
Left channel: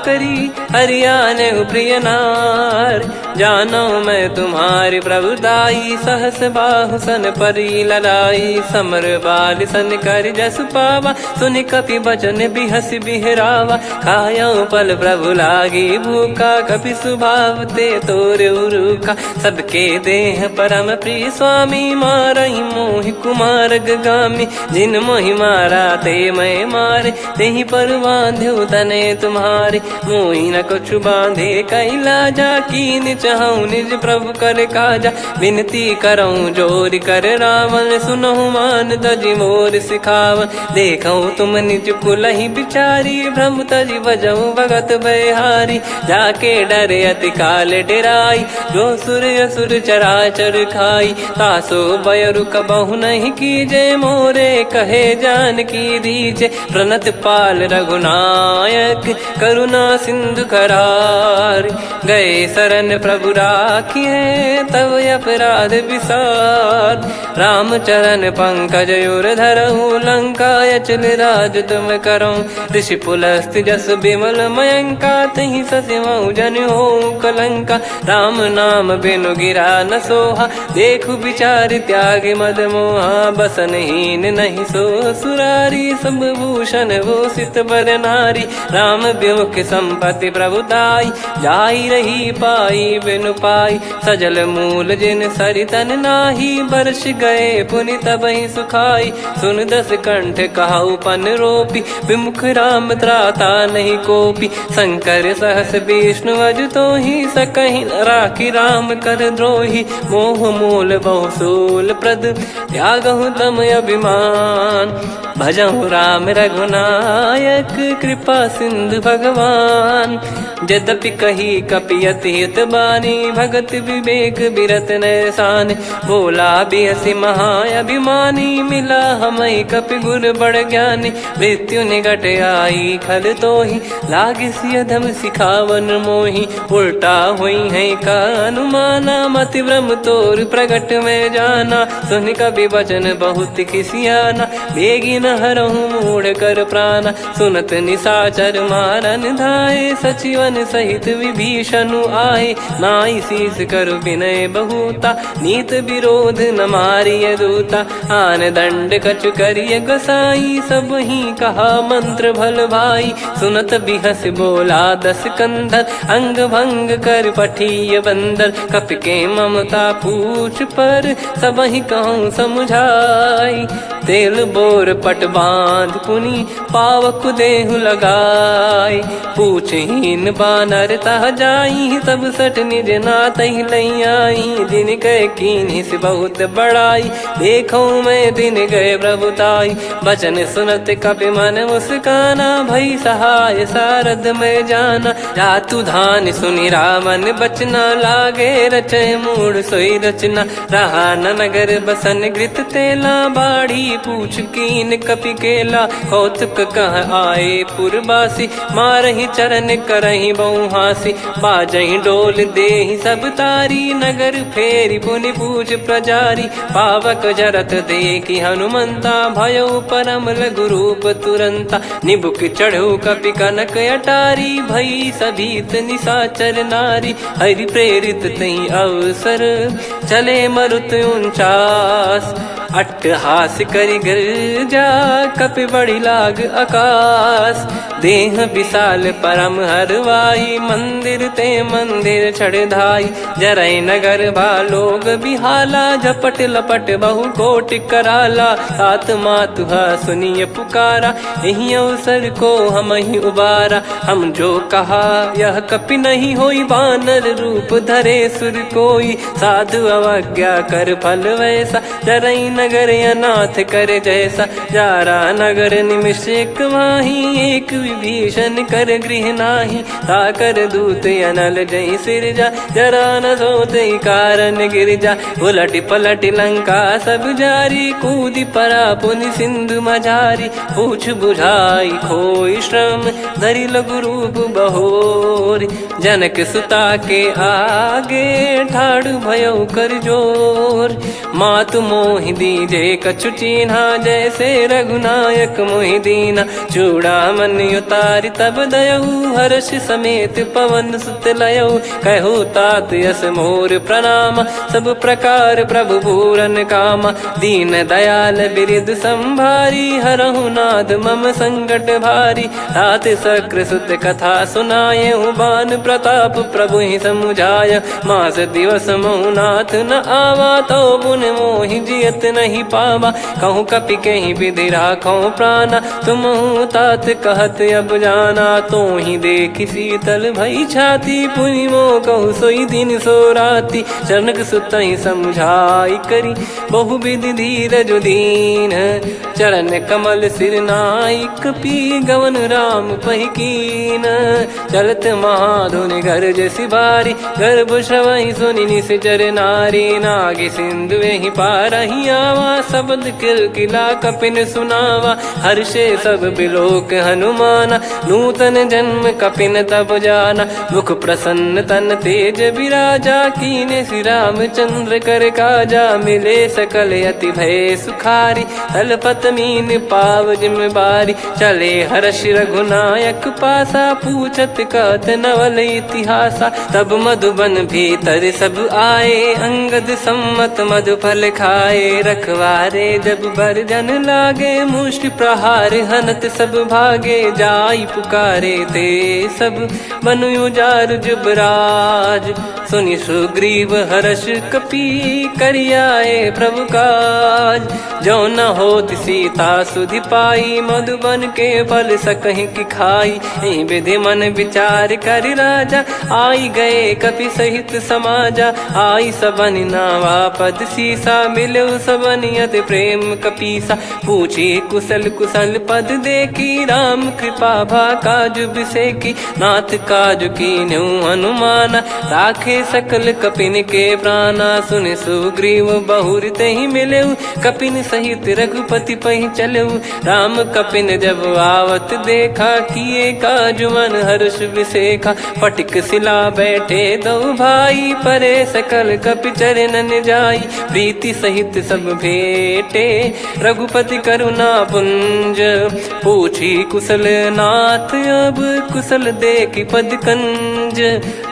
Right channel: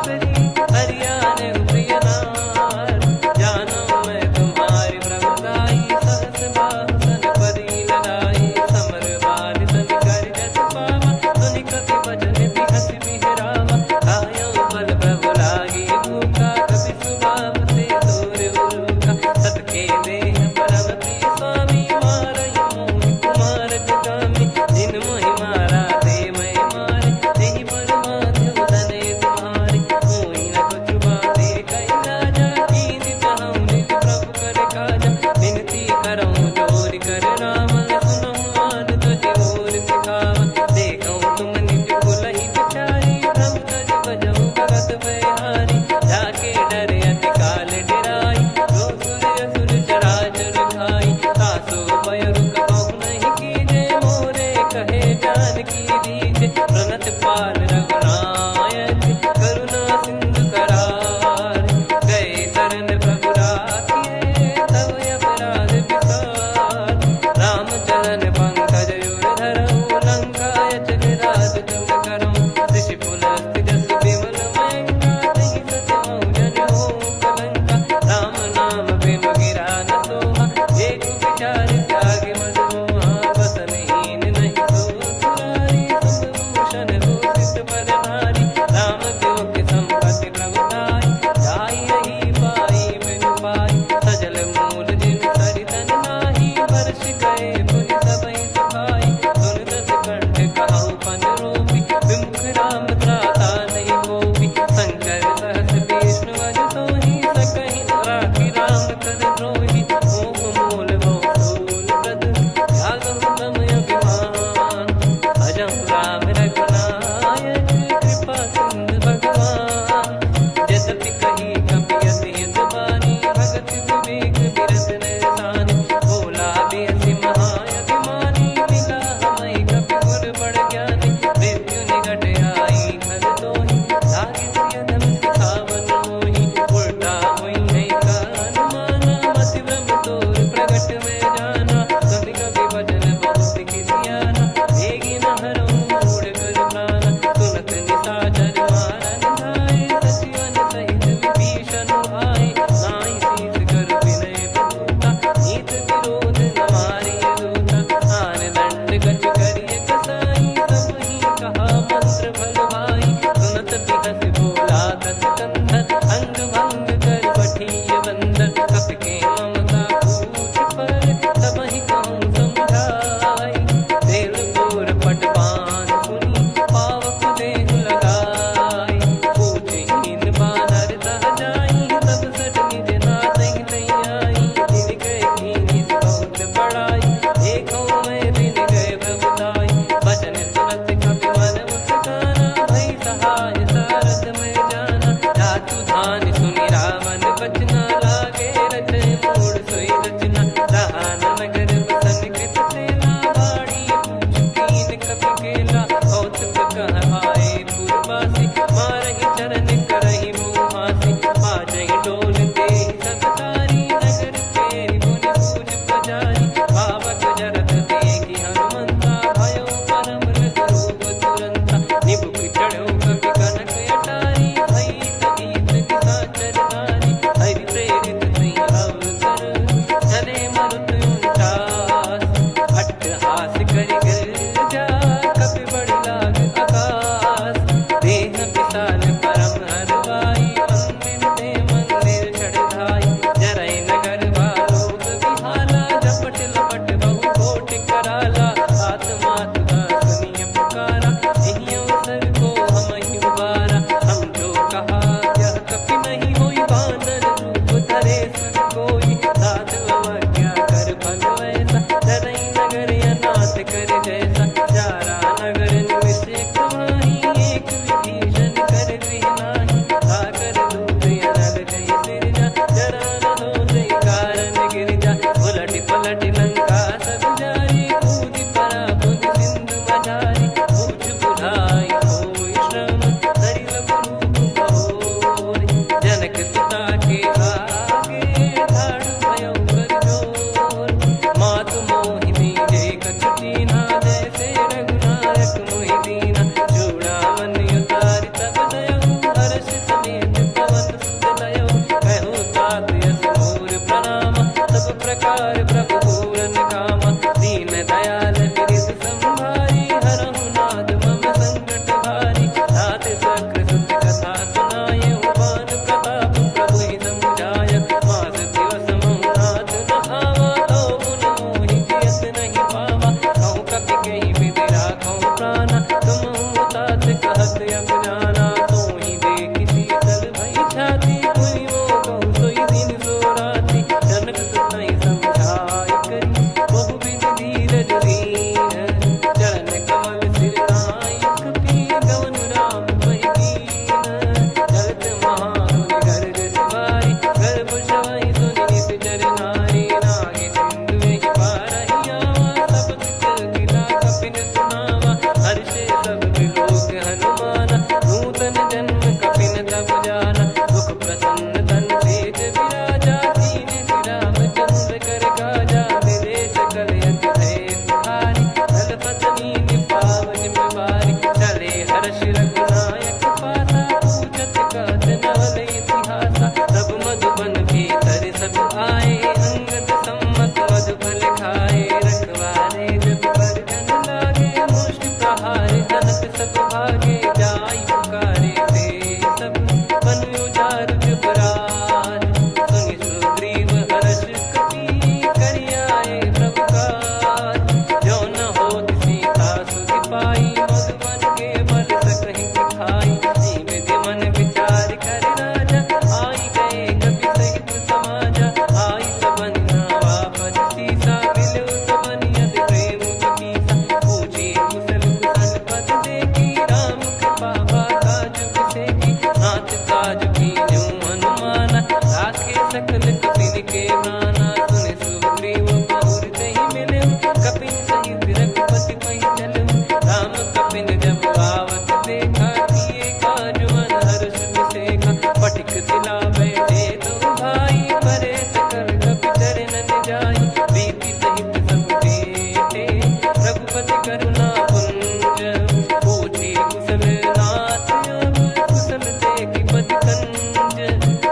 करी, हरियाने प्रिय नार। जानो मैं तुम्हारी प्रभुताई, सहस बाहु सन परी लड़ाई। समर बाल सन कर जस पावा, सुनि कपि बचन बिहस बिहरावा। खायो पल प्रभु लागी भूखा, कपि स्वभाव ते तोर उरुखा। सबके देह परम प्रिय स्वामी, मारहि मोहि कुमार गगामी। जिन मोहि मारा ते मैं मारे, तेहि पर बांधो तने तुम्हारे। मोहि न कछु बांधे कैलाजा, कीन चाहूं निज प्रभु कर काजा। विनती करऊं जोरि कर रावण, सुनहु मान तजि मोर सिखावन। देखऊं तुम निज कुलहि बिचारी, भ्रम तजि बजऊं भगत बयहारी। जाके डरे अति काल डेराई, जो सुर असुर चराचर खाई। तासो बयरु कबहु नहीं कीजे, मोरे कहे जान की दीजे। प्रणत पाल रघुनायक, करुणा सिंधु करार। गए शरण प्रभु राखिए, तब अपराध विसार। राम चरण पंकज उर धरऊं, लंका अचल राज तुम करऊं। ऋषि पुलस्त्य जस विमल मयंका, तहि ससिमऊ जन होऊं कलंका। राम नाम बिनु गिरा न सोहा, देखु विचार त्याग मद मोहा। बसनहीन नहीं सो सुरारी, सब भूषण भूषित बर नारी। राम विमुख संपत्ति प्रभुताई, जाई रही पाई बिनु पाई। सजल मूल जिन सरितन नाही, बरस गए पुनि तबहि सुखाई। सुन दस कंठ कहाऊ पन रोपी, विमुख राम त्राता नहीं कोपी। शंकर सहस विष्णु अज तोहि, सकहि न राखी राम कर द्रोही। मोह मूल बहु सूल प्रद, त्यागहु तम अभिमान। भजहु राम रघुनायक, कृपा सिंधु भगवान। यद्यपि कही कपियत हित बानी भगत विवेक बिरत नैसान बोला बियसि महाअभिमानी मिला हमई कपि गुर बड़ ज्ञानी मृत्यु निकट आई खल तो ही लागिस अधम सिखावन मोही उल्टा हुई है का अनुमाना मति भ्रम तोर प्रगट में जाना सुन कवि वचन बहुत खिसियाना बेगी न हरहु मूढ़ कर प्राण सुनत निशाचर मारन धाये सचिवन सहित विभीषण आए नाई शीस कर विनय बहुता नीत विरोध न मारिय दूता आन दंड कछु करिय गोसाई सब ही कहा मंत्र भल भाई सुनत बिहस बोला दस कंधर अंग भंग कर पठिय बंदर कपि के ममता पूछ पर सब ही कहूँ समझाई तेल बोर पट बांध पुनी पावक देहु लगाई पूछहीन बानर तह जाई तब सट निज नाथ लई आई दिन गए कीनी से बहुत बड़ाई देखो मैं दिन गए प्रभुताई बचन सुनत कपि मन मुस्काना भई सहाय सारद में जाना जातु धान सुनि रामन बचना लागे रचय मूड सोई रचना रहा न नगर बसन कृत तेला बाड़ी पूछ कीन कपि केला कौतुक कह आए पुरबासी मारहि चरण करहि बहुहासी बाजहि डोल देहि सब तारी नगर फेरी पुनि पूज प्रजारी पावक जरत देखि हनुमंता भयो परम लघु रूप तुरंता निबुक चढ़ऊ कपि कनक अटारी भई सभीत निशाचर नारी हरि प्रेरित तई अवसर चले मरुत 49 अट्टहास करि गिरजा कपि बड़ी लाग आकाश देह विशाल परम हरवाई मंदिर ते मंदिर चढ़ाई जरई नगर लोग बिहाला झपट लपट बहु कोट कराला सात मातुहा सुनिय पुकारा यही अवसर को हम ही उबारा हम जो कहा यह कपि नहीं होई बानर रूप धरे सुर कोई साधु अवज्ञा कर फल वैसा जरई नगर अनाथ कर जैसा जारा नगर निमिष एक माही एक विभीषण कर गृह नाही ताकर दूत अनल जय सिरजा जरा न सोते कारण गिरजा उलट पलट लंका सब जारी कूदी परा पुनि सिंधु मझारी पूछ बुझाई खोई श्रम धरि लघु रूप बहोरी जनक सुता के आगे ठाड़ भयो कर जोर मातु मोहि दीजे कछु चिन्हा जैसे रघुनायक मोहि दीना चूड़ामन उतारि तब दयऊ हर्ष समेत पवन सुत लयऊ कहु तात यस मोर प्रणाम सब प्रकार प्रभु पूरन कामा दीन दयाल बिरिद संभारी हरहु नाद मम संकट भारी तात सक्र सुत कथा सुनाये बान प्रताप प्रभु ही समुझाय मास दिवस मौनाथ न आवा तो पुन मोहि जियत नहीं पावा कहूँ कपि कहीं विधि राखो प्राणा तुम तात कहत अब जाना तो ही देख शीतल भई छाती पुनि मो कहु सोई दिन सो राती जनक सुतई समझाई करी बहु विधि धीरज दीन चरण कमल सिर नाइक पी गवन राम पहिकीन चलत महाधुनि गर्ज सिबारी गर्भ श्रवई सुनि निश्चर नारी नागे सिंधु ही पारही आवा शब्द किलकिला कपिन सुनावा हर्षे सब बिलोक हनुमाना नूतन जन्म कपिन तब जाना मुख प्रसन्न तन तेज विराजा कीने श्री रामचंद्र कर काजा मिले सकल अति भय सुखारी तलपत मीन पाव जिम्मेवारी चले हर्ष रघुनायक पासा पूछत कहत नवल इतिहासा तब मधुबन भीतर सब आए अंगद सम्मत मधुफल खाए रखवारे जब बरजन लागे मुष्टि प्रहार हनत सब भागे जाई पुकारे ते सब बनु उजार जुबराज सुनि सुग्रीव हर्ष कपि करियाए प्रभु काज जो न होत सीता सुधि पाई मधुबन के फल सकहि की खाई विधि मन विचार कर राजा आई गए कपि सहित समाजा आई सबन नावा पद सीसा मिलो सबन करत प्रेम कपीसा। पूछी कुशल कुशल पद देखी राम कृपा भा काज बिसेकी। नाथ काज कीन्हु हनुमाना राखे सकल कपिन के प्राणा। सुन सुग्रीव बहुर तेहि मिलेउ कपिन सहित रघुपति पहि चलेउ। राम कपिन जब आवत देखा किए काज मन हर्ष विसेखा। फटिक सिला बैठे दो भाई परे सकल कपि चरणन जाई। प्रीति सहित सब भेटे रघुपति करुणा पुंज। पूछी कुशल नाथ अब कुशल देखी पद कंज।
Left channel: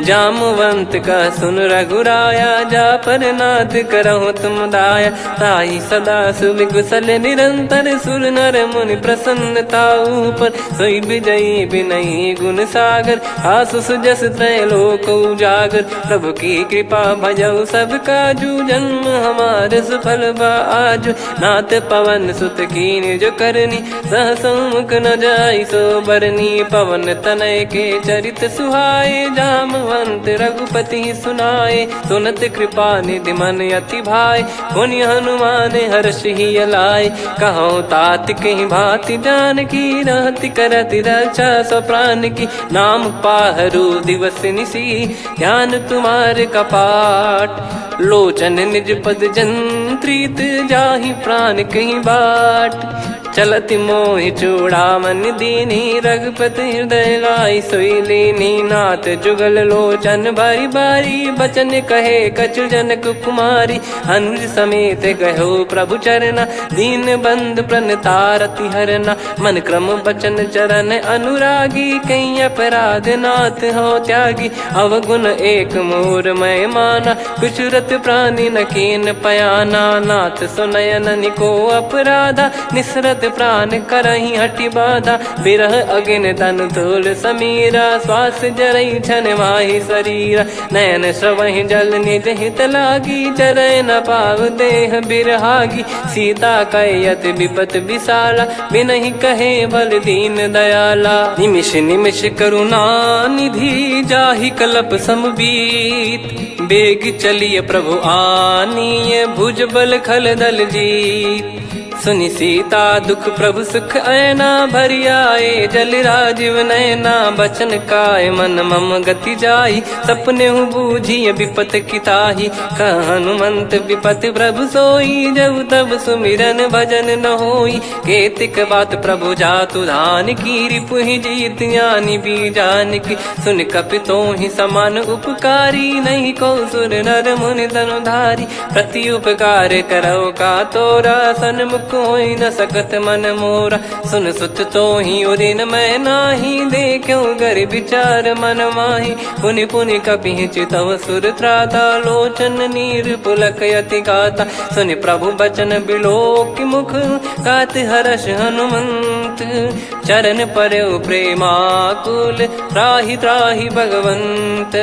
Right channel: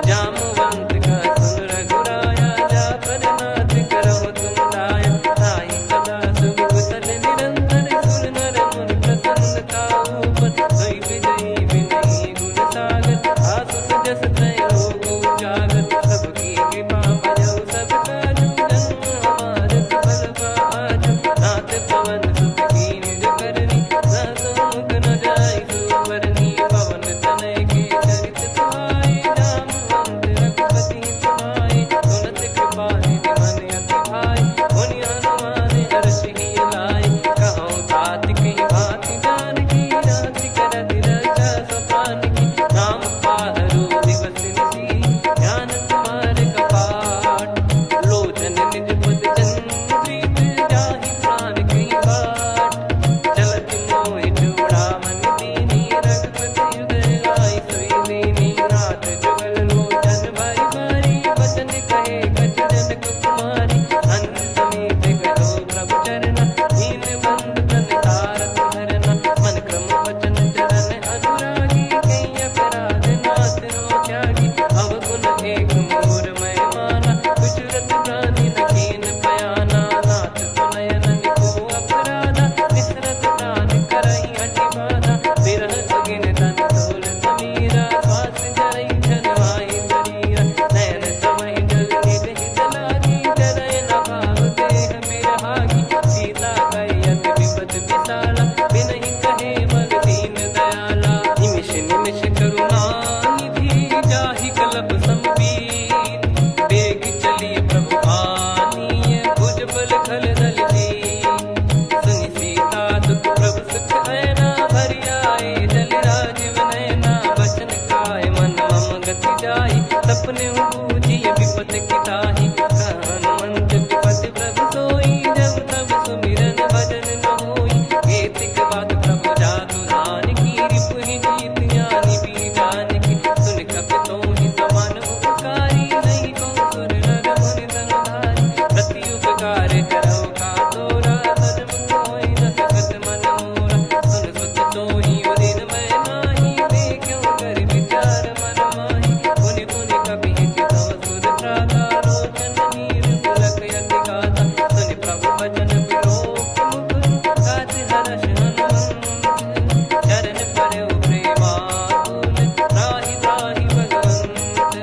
जामवंत का सुन रघुराया जा पर नाथ करहु तुम दाया। ताई सदा सुविकुशल निरंतर सुर नर मुनि प्रसन्नता ऊपर। सोई विजयी विनयी गुण सागर आसु सुजस त्रैलोक उजागर। प्रभु की कृपा भजऊ सब काजू जन्म हमारे सफल बा आजु। नाथ पवन सुत कीन्ह जो करनी सहसो मुख न जाई सो बरनी। पवन तनय के चरित सुहाए जामवंत रघुपति सुनाए। सुनत कृपा निधि मन अति भाई पुनि हनुमान हर्ष ही लाए। कहो तात कहीं भांति जान की रहति करति रक्षा सो प्राण की। नाम पाहरु दिवस निसी ध्यान तुम्हारे कपाट। लोचन निज पद जंत्रित जाहि प्राण कहीं बाट। चलति मोहि चूड़ामन दीनी रघुपति हृदय लाई सोई लीनी। नाथ जुगल लोचन बारी बारी बचन कहे कछु जनक कुमारी। अनुज समेत गयो प्रभु चरना दीन बंद प्रणतारति हरना। मन क्रम बचन चरण अनुरागी कहीं अपराध नाथ हो त्यागी। अवगुण एक मोर मैं माना कुछुरत प्राणी न कीन पयाना। नाथ सुनयन निको अपराधा निसरत प्राण करही हटि बाधा। बिरह अगिन तन तोल समीरा श्वास जरई छन वाहि शरीरा। नयन श्रवहि जल निज हित लागी चरय न पाव देह बिरहागी। सीता कयत विपत विशाला बिनहि कहे बल दीन दयाला। निमिष निमिष करुणा निधि जाहि कलप समबीत। बेग चलिए प्रभु आनीय भुज बल खल दल जीत। सुनि सीता दुख प्रभु सुख ऐना भरि आए। जल राजीव नैना बचन काय मन मम गति जाई। सपने हूँ बूझिए विपत किताही हनुमंत विपत प्रभु सोई। जब तब सुमिरन भजन न होई केतिक बात प्रभु जातु धान की। रिपु ही जीत ज्ञानी बीजान की सुन कपि तो ही समान उपकारी। नहीं को सुर नर मुनि धनुधारी प्रति उपकार करो का तोरा। सन्मुख कोई न सकत मन मोरा सुन सुत तो ही उदिन मैं नाही। देखो गर विचार मन माही पुनि पुनि कपि चितव सुर त्राता। लोचन नीर पुलक यति गाता सुनि प्रभु बचन बिलोक मुख। गात हर्ष हनुमंत चरण परौ प्रेमाकुल। त्राहि त्राहि भगवंत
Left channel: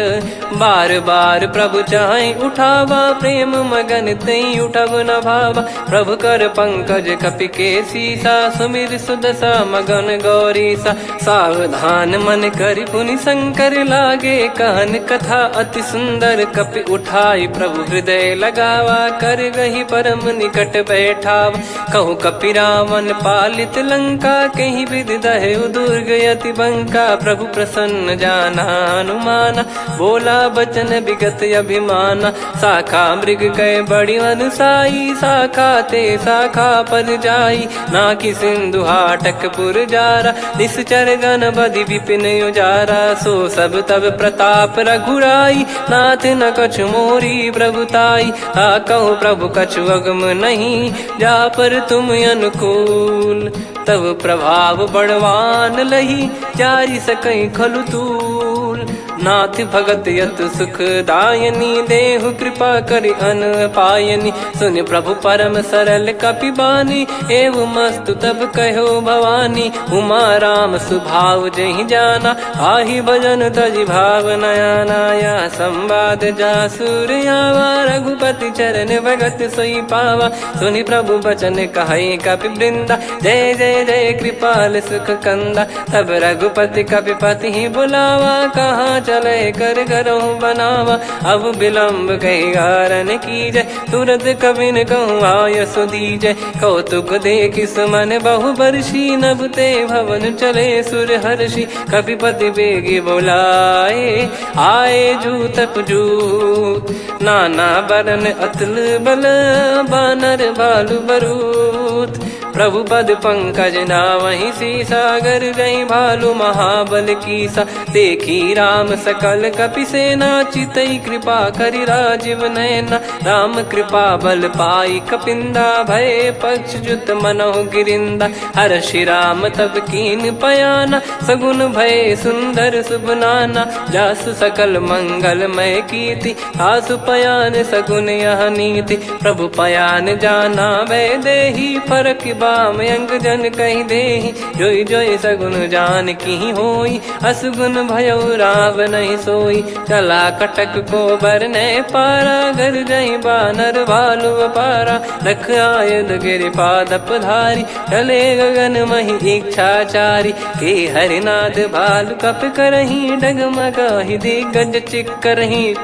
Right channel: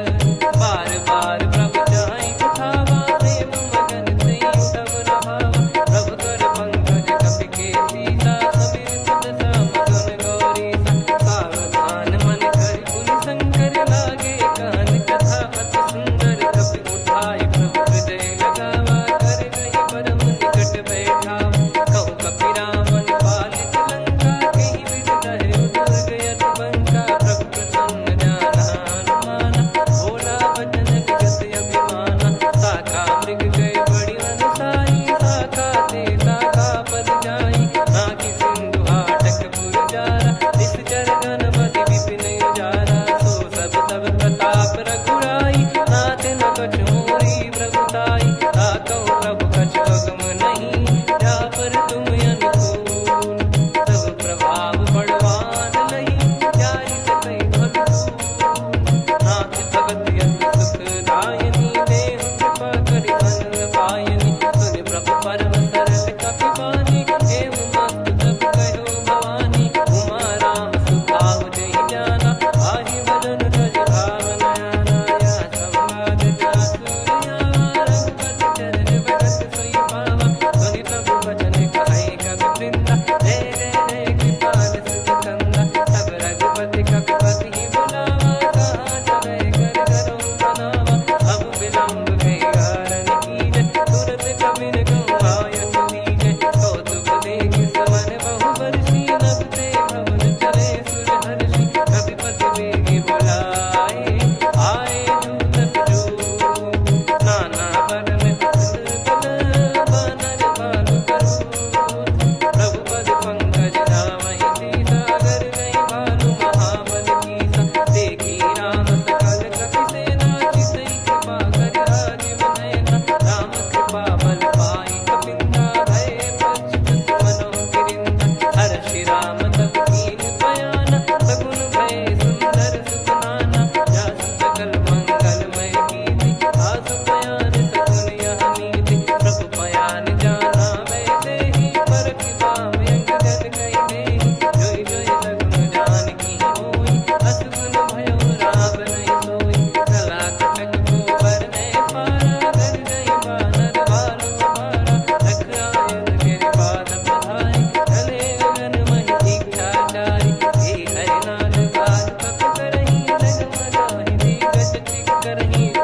बार बार प्रभु चाहि उठावा। प्रेम मगन तई उठब न भावा। प्रभु कर पंकज कपि के सीसा सुमिर सुदशा मगन गौरीसा। सावधान मन करि पुनि शंकर लागे कहन कथा अति सुंदर। कपि उठाई प्रभु हृदय लगावा कर गही परम निकट बैठावा। कहु कपि रावण पालित लंका कहीं विधि दहु दुर्ग यति बंका। प्रभु प्रसन्न जाना हनुमाना बोला बचन विगत अभिमाना। शाखा मृग कय बड़ी अनुसाई शाखा ते शाखा पर जाई। नाकि सिंधु हाटक पुर जारा निश्चर गण बदि विपिन उजारा। सो सब तब प्रताप रघुराई नाथ न कछु मोरी प्रभुताई। कहो प्रभु कछु अगम नहीं जा पर तुम अनुकूल। तब प्रभाव बड़वान लही जारी सकई खलु तूल। नाथ भगत यतु सुख दायनी देहु कृपा करि अन पायनी। सुन प्रभु परम सरल कपि बानी एवं मस्तु तब कहो भवानी। उमा राम सुभाव जहि जाना आहि भजन तजि भाव नयाना। या संवाद जासुर आवा रघुपति चरण भगत सोई पावा। सुनि प्रभु बचन कहै कपि वृंदा जय जय जय कृपाल सुख कंदा। तब रघुपति कपिपति बुलावा कहाँ चले कर करहु बनावा। अब विलम्ब कही कारण कीजय, तुरत कबिन कहूँ आयस दीजय। कौतुक देखिस मन बहु बरसी, नभ ते भवन चले सुर हर्षि। कपिपति बेगी बोलाए, आए जूतक जूत। नाना बरन अतुल बल, बानर भालु बरूत। प्रभु पद पंकज नावहि सीसा, गर गई भालु महाबल कीसा। देखी राम सकल कपि सेना, चितई कृपा करि राजीव नयना। राम कृपा बल पाई कपिंदा, भय पक्ष जुत मनोह गिरिंदा। हर्षि राम तब कीन पयाना, सगुन भय सुंदर शुभ नाना। जासु सकल मंगलमय कीर्ति, आसु पयान सगुन यह नीति। प्रभु पयान जाना वै देहि, फरक बाम अंग जन कहि देहि। जोई जोई सगुन जान की होई, असगुन भयो राव नहीं सोई। चला कटक को बरने पारा, घर जई बानर भालु अपारा। रख आयद गिरिपाद पधारी, चले गगन महि इच्छाचारी। के हरिनाथ भालु कप करही, डगमगाहि दिग्गज चिक्करही।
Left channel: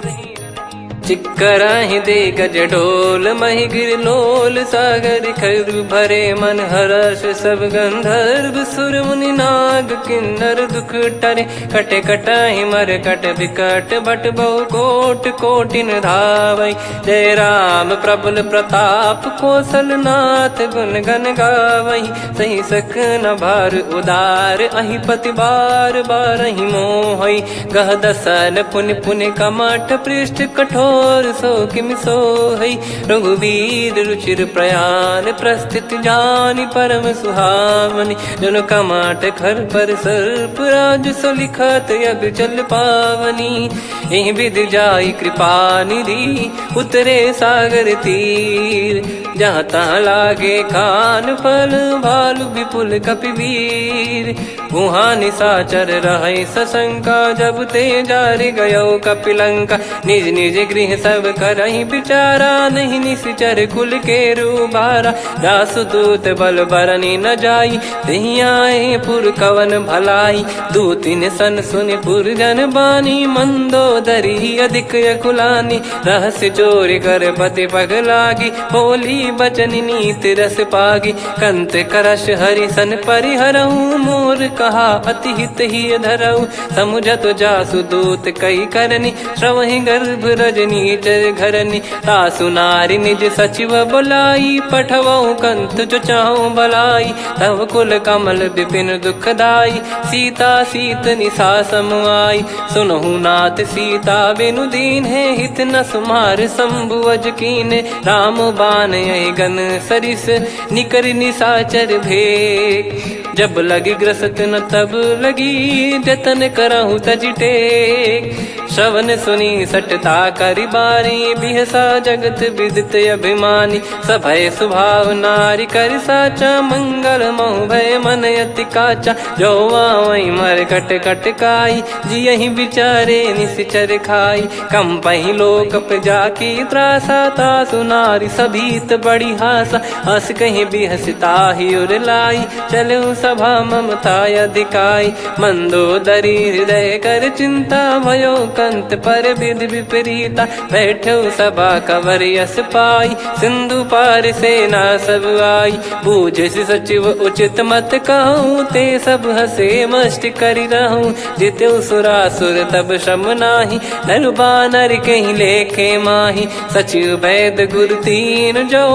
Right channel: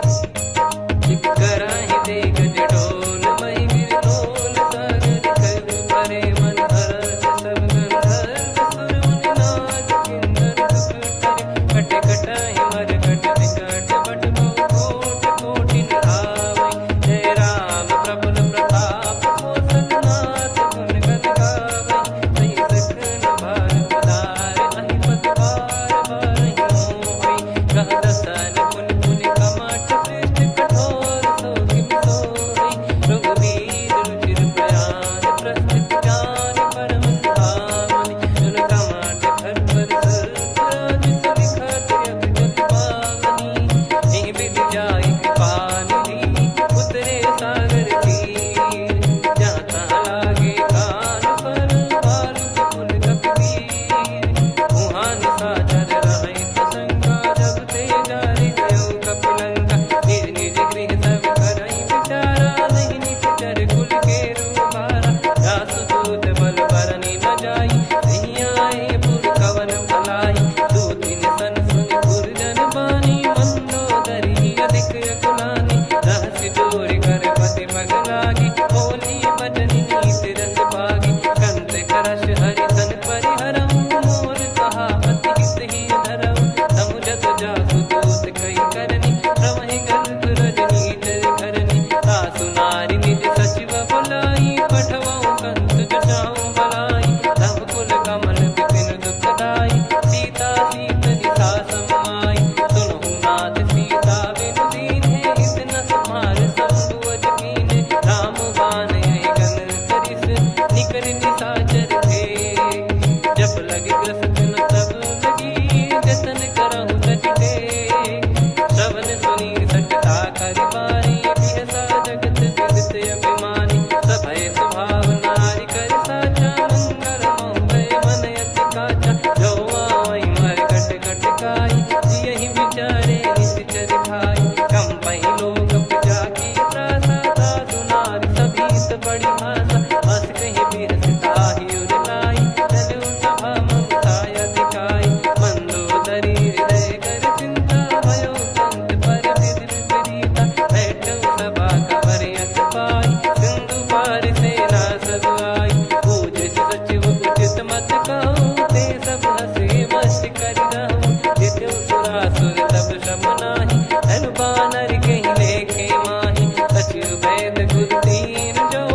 चिक्कराहि दे गज ढोल, महि गिर लोल। सागर खर भरे मन हर्ष, सब गंधर्व सुर मुनि नाग किन्नर दुख टरे। कटे कटाहि मर कट विकट, बट बहु कोट कोटिन धावै। जय राम प्रबल प्रताप, कौशल नाथ गुण गन गावै। सही सकन भार उदार, अहि पति बार बारहि मोहै। गह दसन पुन पुन कमठ, पृष्ठ कठोर सो किमि सोहै। रघुवीर रुचिर प्रयाण, प्रस्थित जानि परम सुहावनि। जन कमाट खर पर सर्प, राज सलिखत यग जल पावनी। एहि विधि जाई कृपा निधि, उतरे सागर तीर। जहाँ तहाँ लागे खान फल, भालु विपुल कपिवीर। गुहा निशाचर रहै सशंका, जब ते जारि गयो कपिलंका। निज निज गृह सब करहि विचारा, नहीं निश्चर कुल के रूबारा। जासुदूत बल बरनि न जाई, तेहि आए पुर कवन भलाई। दूतिन सन सुनि पुर जन बानी, मंदोदरी अधिक यकुलानी। रहस्य चोरी कर पति पग लागी, होली बचन नीत रस पागी। कंत करश हरिसन परिहरहु, मोर कहा अति हित ही धरऊ। समुझत जासुदूत कई करनी, श्रवहि गर्भ रजनी चर घरनी। तासु नारी निज सचिव बोलाई, पठवऊ कंत जो चाहूं बलाई। तव कुल कमल विपिन दुखदाई, सीता सीत निशा समाई। सुनहु नाथ सीता बिनु दीन है, हित न सुमार शंभु अज कीने। राम बान गन सरिस, निकर निशाचर भेग। जब लगी ग्रसत न तब लगी, जतन करहु तज टेक। श्रवण सुनी सटता करि बारी, बिहसा जगत विदित अभिमानी। सभय स्वभाव नारी कर साचा, मंगल महु भय मन अति काचा। जो आवै मर कट कट काई, जियहि विचारे निश्चर खाई। कम पहि लोक जाकी त्रासा, तासु नारी सभीत बड़ी हासा। हस कहीं बिहसता ही उर लाई, चलऊ सभा ममता अधिकाई। मंदोदरी हृदय कर चिंता, भयो कंत पर विधि विपरीता। बैठो सभा कवर यस पाई, सिंधु पार सेना सब आई। पूज्य सचिव उचित मत कहूँ, ते सब हसे मस्त करि रहूं। जित्यु सुरासुर तब श्रम नाही, नर बानर कहीं लेखे माही। सचिव वैद गुरु तीन जो,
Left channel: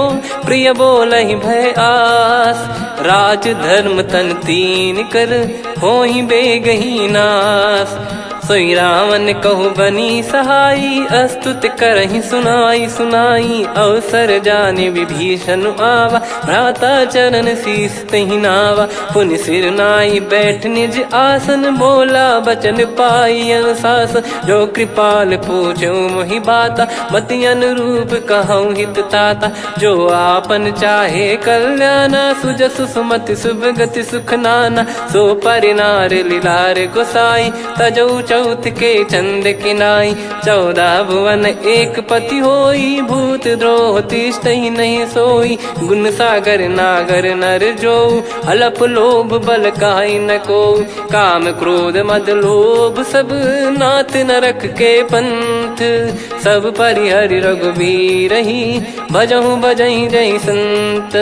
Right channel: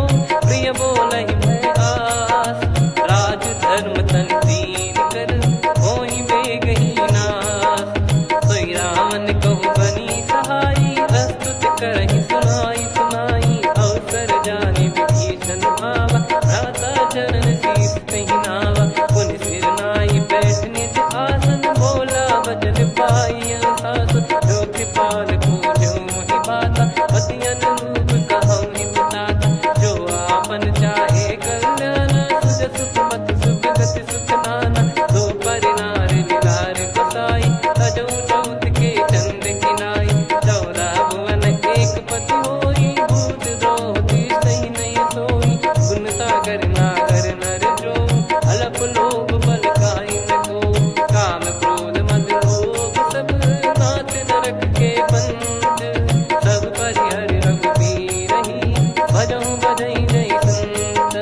प्रिय बोलहि भय आस। राज धर्म तन तीन कर, होहि बेगहि नास। सोई रावण कहु बनी सहाई, अस्तुत करहि सुनाई सुनाई। अवसर जाने विभीषण आवा, भ्राता चरण शीस तहि नावा। पुनि सिर नाई बैठ निज आसन, बोला बचन पाई अनुशासन। जो कृपाल पूछो मोहि बाता, मति अनुरूप कहूँ हित ताता। जो आपन चाहे कल्याणा, सुजसु सुमति शुभ गति सुख नाना। सो परिनार लीलार गोसाई, तजौ चौथ के चंद किनाई 14 भुवन एक पति होई भूत द्रोह तिष्ठ ही नहीं सोई गुण सागर नागर नर जो अलप लोभ बल काई न को काम क्रोध मद लोभ सब नाथ नरक के पंथ सब परिहरि रघुबीर ही भजहु भजहि जय संत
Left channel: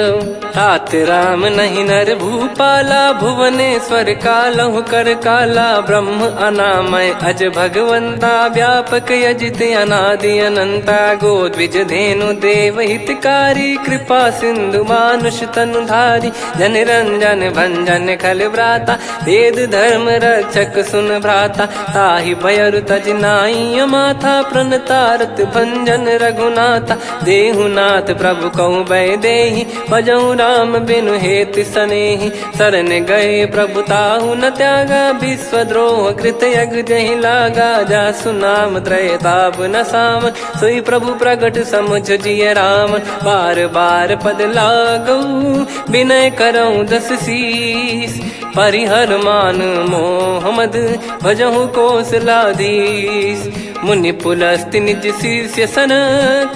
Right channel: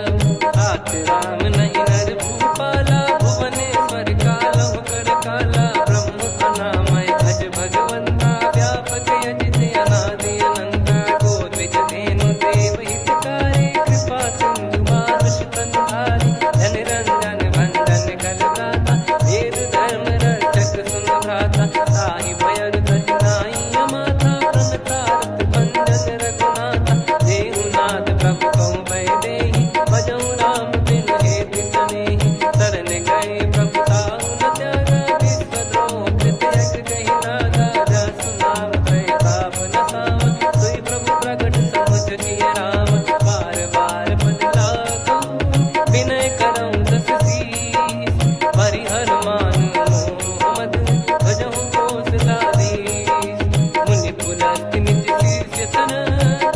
तात राम नहीं नर भूपाला भुवनेश्वर कालहु कर काला ब्रह्म अनामय अज भगवंता व्यापक यजित अनादि अनंता गोद्विज धेनु देव हितकारी कृपा सिंधु मानुष तनुधारी जन रंजन भंजन खल भ्राता वेद धर्म रक्षक सुन भ्राता ताहि भयर तज नाई माथा प्रणतारत भंजन रघुनाथा देहुनाथ प्रभु कहु बै देहि भजहु राम बिनु हेत सनेहि शरण गए प्रभु ताहु न त्यागा विश्वद्रोह कृत यज्ञ जहि लागा जासु नाम त्रय ताप न साम सोई प्रभु प्रगट समुझ जिय राम बार बार पद लागऊ विनय करऊँ दस शीस परिहर मान मोह मद भजहु कौशलाधीश मुनि पुलस्ति निज शीर्ष सन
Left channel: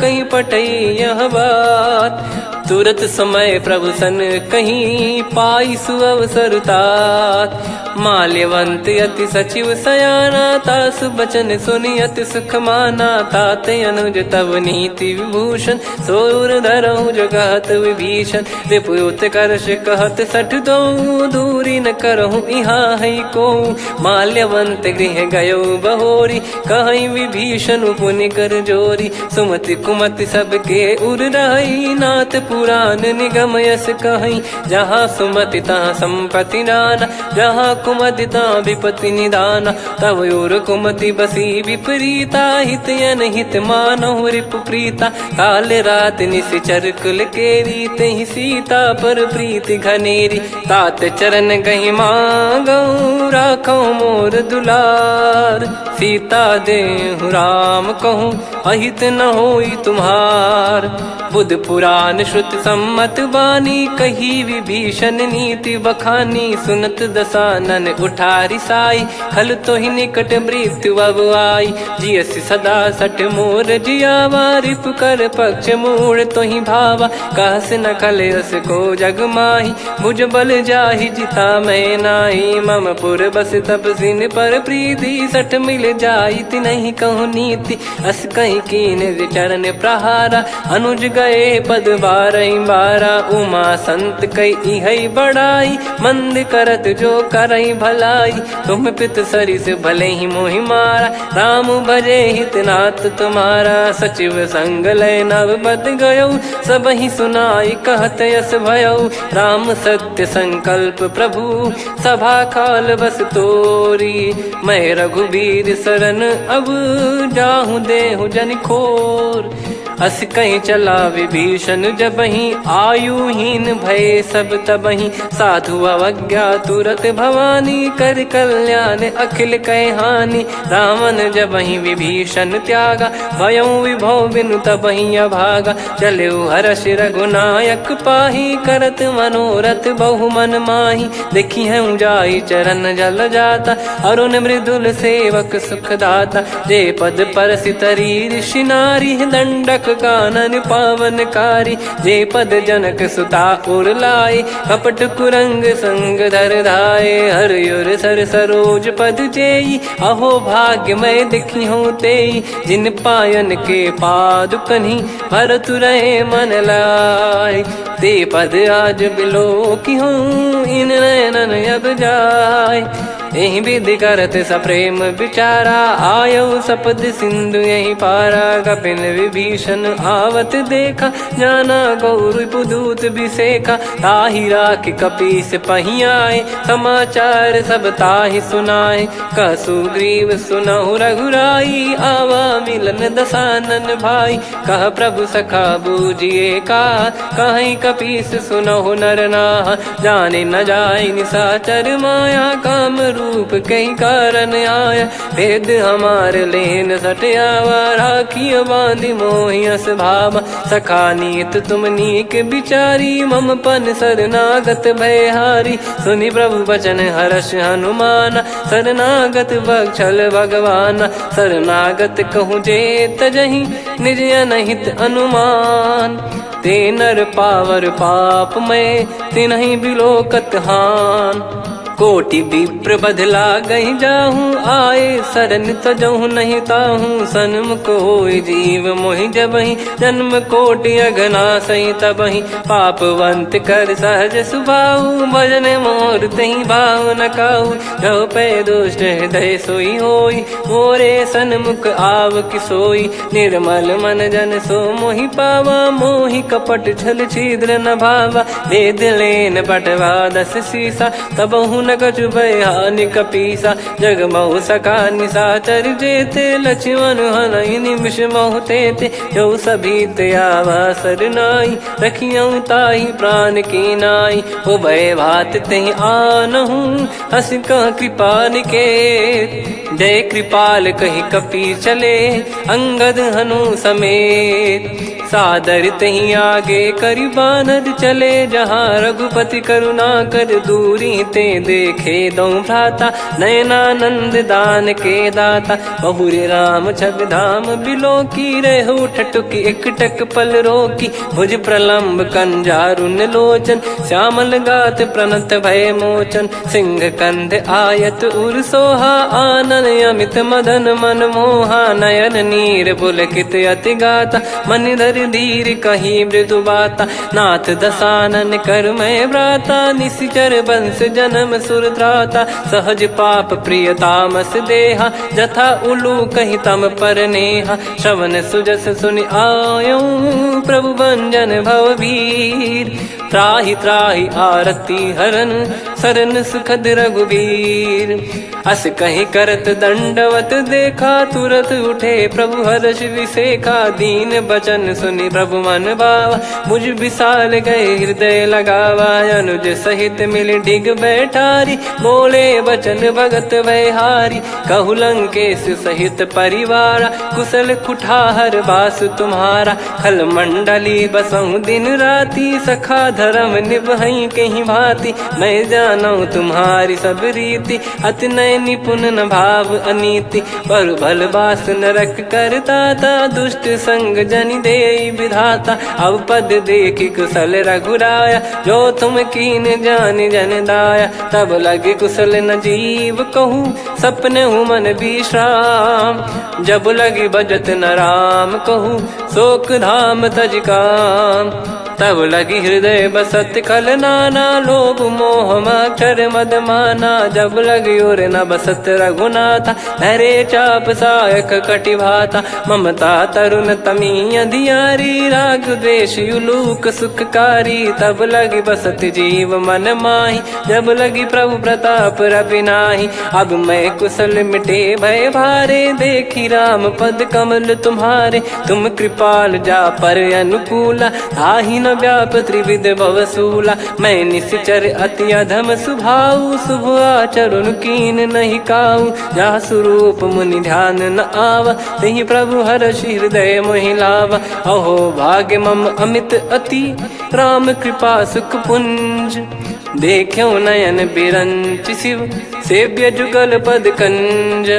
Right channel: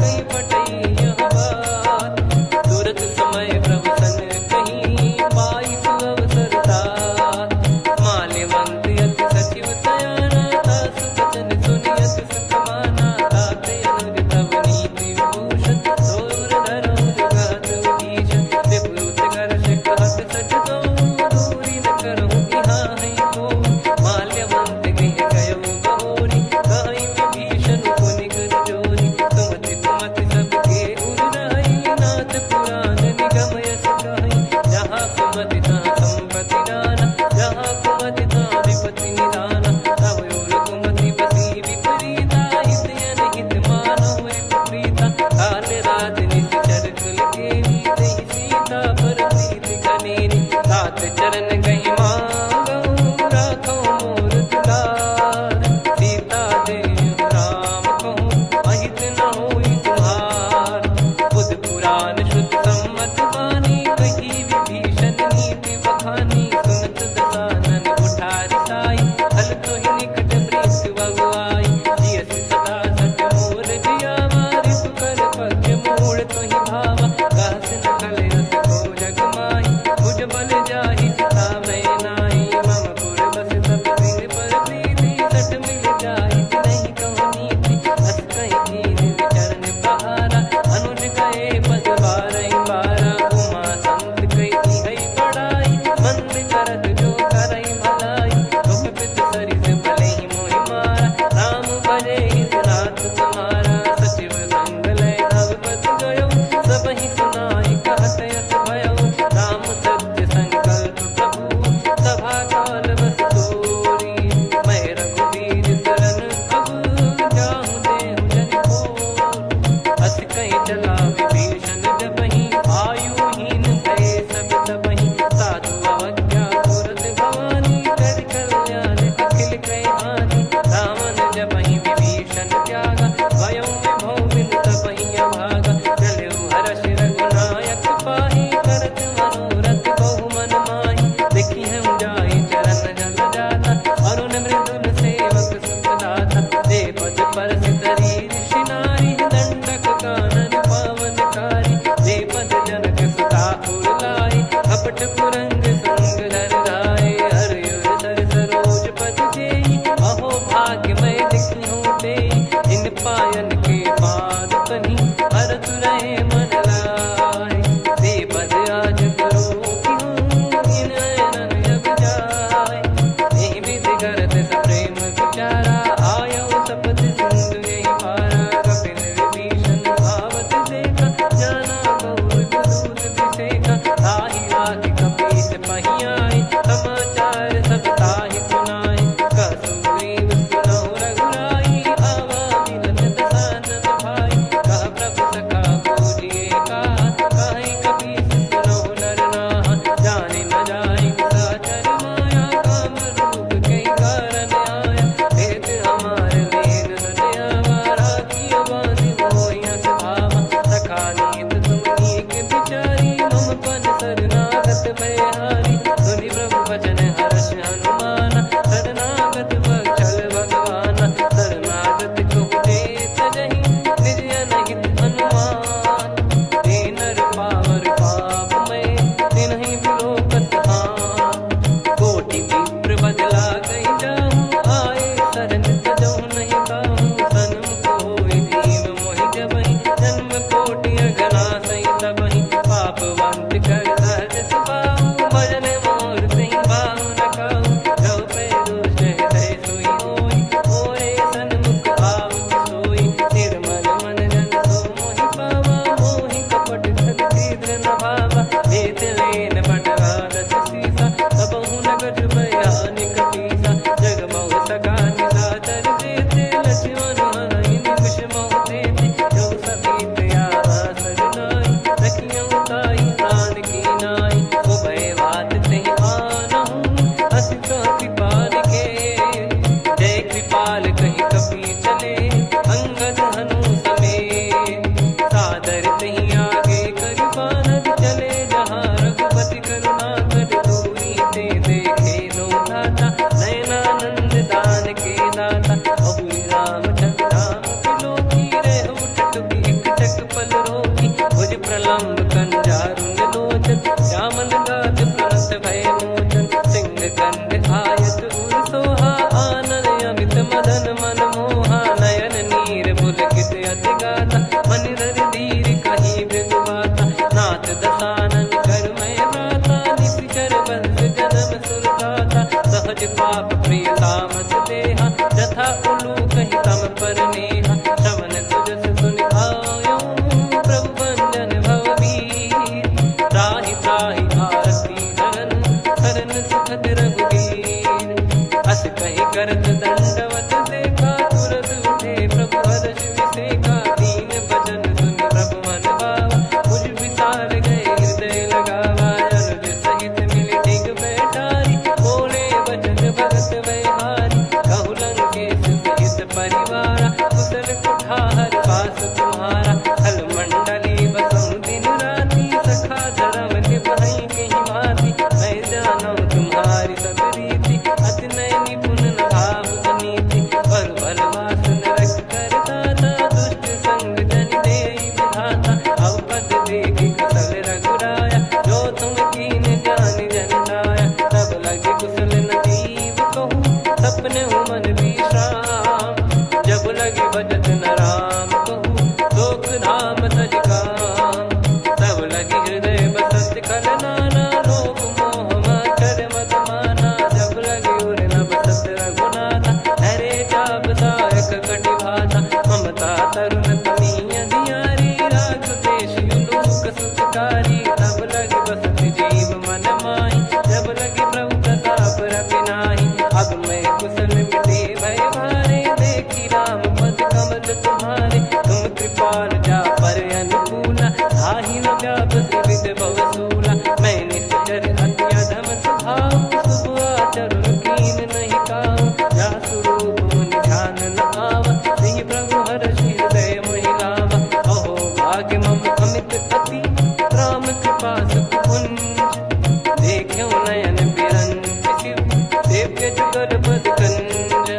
कहीं पटई यह बात तुरत समय प्रभु सन कहीं पाई सुअवसर तात माल्यवंत अति सचिव सयाना तासु बचन सुनि अति सुख माना ताते अनुज तव नीति विभूषण सोर धरहु जगत विभीषण रिपुत करश कहत सठ दो दूरी न करहु इहाँ है को माल्यवंत गृह गयो बहोरी कहीं विभीषण पुनि कर जोरी सुमति कुमति सबके उर रही नाथ पुराण निगम यस कहीं जहाँ सुमति तहाँ संपत्ति नाना जहाँ कुमति तहाँ विपत्ति निदाना तव और कुमति बसी विपरीता हित अनहित मानहु रिप प्रीता काल रात निशिचर कुल केरी तेहि सीता पर प्रीति घनेरी तात चरण गहि मांगऊ राखो मोर दुलार सीता देहु राम कहूँ अहित न होई तुम्हार बुध पुराण श्रुत सम्मत वाणी कही विभीषण नीति बखानी सुनत दसानन उठारी साई खल तो ही निकट मृत्यु अब आई जियसि सदा सट मोर जियावा रिप कर पक्ष मूड़ तो ही भावा कहस न खल रस को जग माही मुझ बल जाहि जिता मैं नाही मम पुर बस तपसिन पर प्रीति सठ मिल जाई नहीं कहूँ नीति अस कहीं कीन विचरण प्रहारा अनुज गए पद बारा उमा संत कई है बड़ाई मंद करत जो करई भलाई तुम पित सरिस भले ही मोहि मारा राम भजे हितनाथ तुम्हारा सचिव संग लय नवपत गयो सब ही सुनाई कहत यस भयो राम सत्य संकल्प प्रभु सभा काल बस तोरी मैं रघुबीर शरण अब जाहूँ देहु जन खोर अस कहीं चला विभीषण जबहि आयुहीन भय सब तबहि साधु अवज्ञा तुरत भवानी कर कल्याण अखिल कह हानि रावण जबहि विभीषण त्यागा भयउ विभव बिनु तबहि अभागा चलऊ हर्ष रघुनायक पाही करत मनोरथ बहु मन माही देखी है जाई चरण जल जाता अरुण मृदुल सेवक सुख दाता जे पद पर सितरी ऋषि नारी दंडक कानन पावनकारी जे पद जनक सुता उर लाई कपट कुरंग संग धर धाये हरियुर सर सरोज पद जेई अहो भाग्य मैं दिखी हूँ तेई जिन पायन के पाद कन्ही भरत रहे मन लाय ते पद आज बिलो की हूँ इन नयनन अब जाय यही विधि करत सप्रेम विचारा आयो सपद सिंधु यही पारा कपिन विभीषण आवत देखा जाना गौर बुदूत बिसेखा ताहि राख कपीस पहियाए समाचार सब ताहि सुनाए कसु ग्रीव सुनहु रघुराई आवा मिलन दसानन भाई कह प्रभु सखा बूझिए का कहीं कपीस सुनहु नर नाह जाने न जाय निशाचर माया काम रूप कई कारण आया, भेद हमारे लेन सटयावा, राखिया बांधी मोहियस भावा, सखा नीत तुम नीक बिचारी, मम पन शरणागत भयहारी, सुनि प्रभु वचन हर्ष हनुमाना, शरणागत बक्षल भगवाना, शरणागत कहूँ जे तजहि निज अनहित अनुमान, ते नर पावर पाप में तिन्हि बिलोकत हान, कोटि विप्र बदला गई जाहूँ, आए शरण तजहु नहीं ताहूँ, सन्मुख होय जीव मोहि जबहि, जन्म कोटि अगना सही तबहि, पापवंत कर सहज सुभाऊ, भजन मोर तहि भाव न काहू, जो पै दुष्ट हृदय सोई होई, मोरे सन्मुख आव किसोई, निर्मल मन जन सो मोहि पावा, मोहि कपट छल छिद्र न भावा, वेद लेन बटवा दस सीसा, तबहु न कछु बयान कपीसा, जग महु सका निशाचर जेते, लक्ष्मण हनहि निमिष महु तेते, जो सभी त्यावा सरनाई, रखियऊ ताहि प्राण की नाई, उभय भात तेहि आनहु, हस कह कृपाल के, जय कृपाल कहि कपि चले, अंगद हनु समेत, सादर तही आगे करि बानर चले, जहाँ रघुपति करुणा कर दूरी ते देखे दो भ्राता, नयनानंद दान के दाता, बहुरी राम छवि धाम बिलो की, रेहु ठटुकी एकटक पल रोकी, भुज प्रलम्ब कंजारुन लोचन, श्यामल गात प्रणत भय मोचन, सिंह कंद आयत उर सोहा, आनन अमित मदन मन मोहा, नयन नीर पुलकित अति गाता, मन धर धीर कहीं मृदु बाता, नाथ दसानन कर मैं भ्राता, निशिचर वंश जन्म सुर त्राता, सहज पाप प्रिय तामस देहा, जथा उलू कहि तम पर नेहा, श्रवण सुजस सुनि आयो, प्रभु भंजन भवभीर, त्राहि त्राहि आरती हरन, शरण सुखद रघुबीर, अस कहीं करत दंडवत देखा, तुरत उठे प्रभु हर्ष विसेखा, दीन बचन सुनि प्रभु मन भावा, मुझ विशाल गए हृदय लगावा, अनुज सहित मिल डिग बैठारी, बोले बचन भगत वैहारी, कहु लंकेश सहित परिवारा, कुशल कुठार बास तुम्हारा, खल मंडली बसऊं दिन राती, सखा धर्म निभई कहीं भांति, मैं जानू तुम्हारी सब रीति, अति नय निपुण न भाव अनीति, पर भल बास नरक करता था, दुष्ट संग जन दे विधाता, अब पद देखी कुशल रघुराया, जो तुम कीन जान जन दाया, तब लगे कुशल न जीव कहूँ, सपने हूँ मन विश्राम, जब लगी बजत न राम कहूँ, शोक धाम तज काम, तब लगी हृदय बसत खल नाना, लोभ मोह मक्षर मद माना, जब लगी उर न बसत रघुनाथा, हरे चाप सायक कटि भाता, ममता तरुण तमी अधियारी, राग द्वेष युलूक सुखकारी, तब लगी बसत जीव मन माही, जब लगी प्रभु प्रताप रवि नाही, अब मैं कुशल मिटे भय भारे, देखी राम पद कमल तुम्हारे, तुम कृपाल जा पर अनुकूला, आही न व्याप त्रिविध भवसूला, मैं निश्चर अति अधम सुभाऊ, शुभ आचरण कीन नहीं काऊ, जहाँ स्वरूप मुनि ध्यान न आवा, तहि प्रभु हर्ष हृदय मोहि लावा, अहो भाग्य मम अमित अति, राम कृपा सुख पुंज, देखो नयन बिरंच शिव, सेव्य जुगल पद कंज,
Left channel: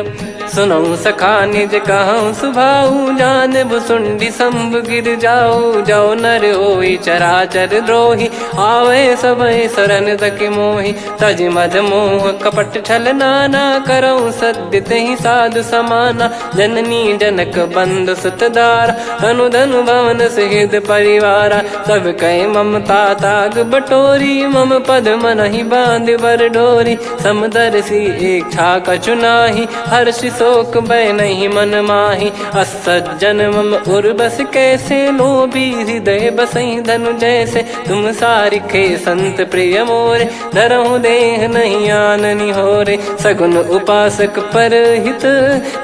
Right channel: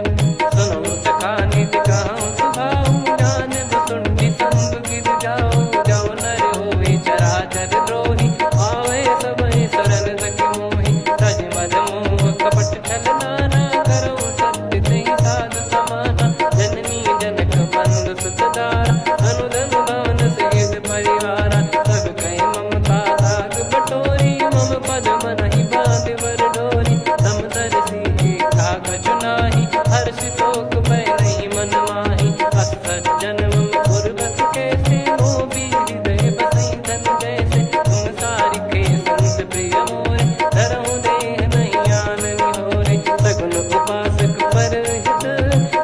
सुनऊ सखा निज कहूँ सुभाऊ, जान भुसुंडी शंभ गिर जाओ, जाओ नर होई चराचर द्रोही, आवे सबय शरण तक मोहि, तज मद मोह कपट छल नाना, करऊँ सत्य तहि साधु समाना, जननी जनक बंधु सुतदारा, धनु धनु भवन सहित परिवारा, सब कहे ममता ताग बटोरी, मम पद मनहि बांध बर डोरी, समदर्शी इच्छा कछु नाही, हर्ष शोक भय नहीं मन माही, असज्जन मम उर्वश कैसे, लोभी हृदय बसई धनु जैसे, तुम सारिखे संत प्रिय मोरे, धरहु देह नहीं आननि होरे, सगुन उपासक पर हित,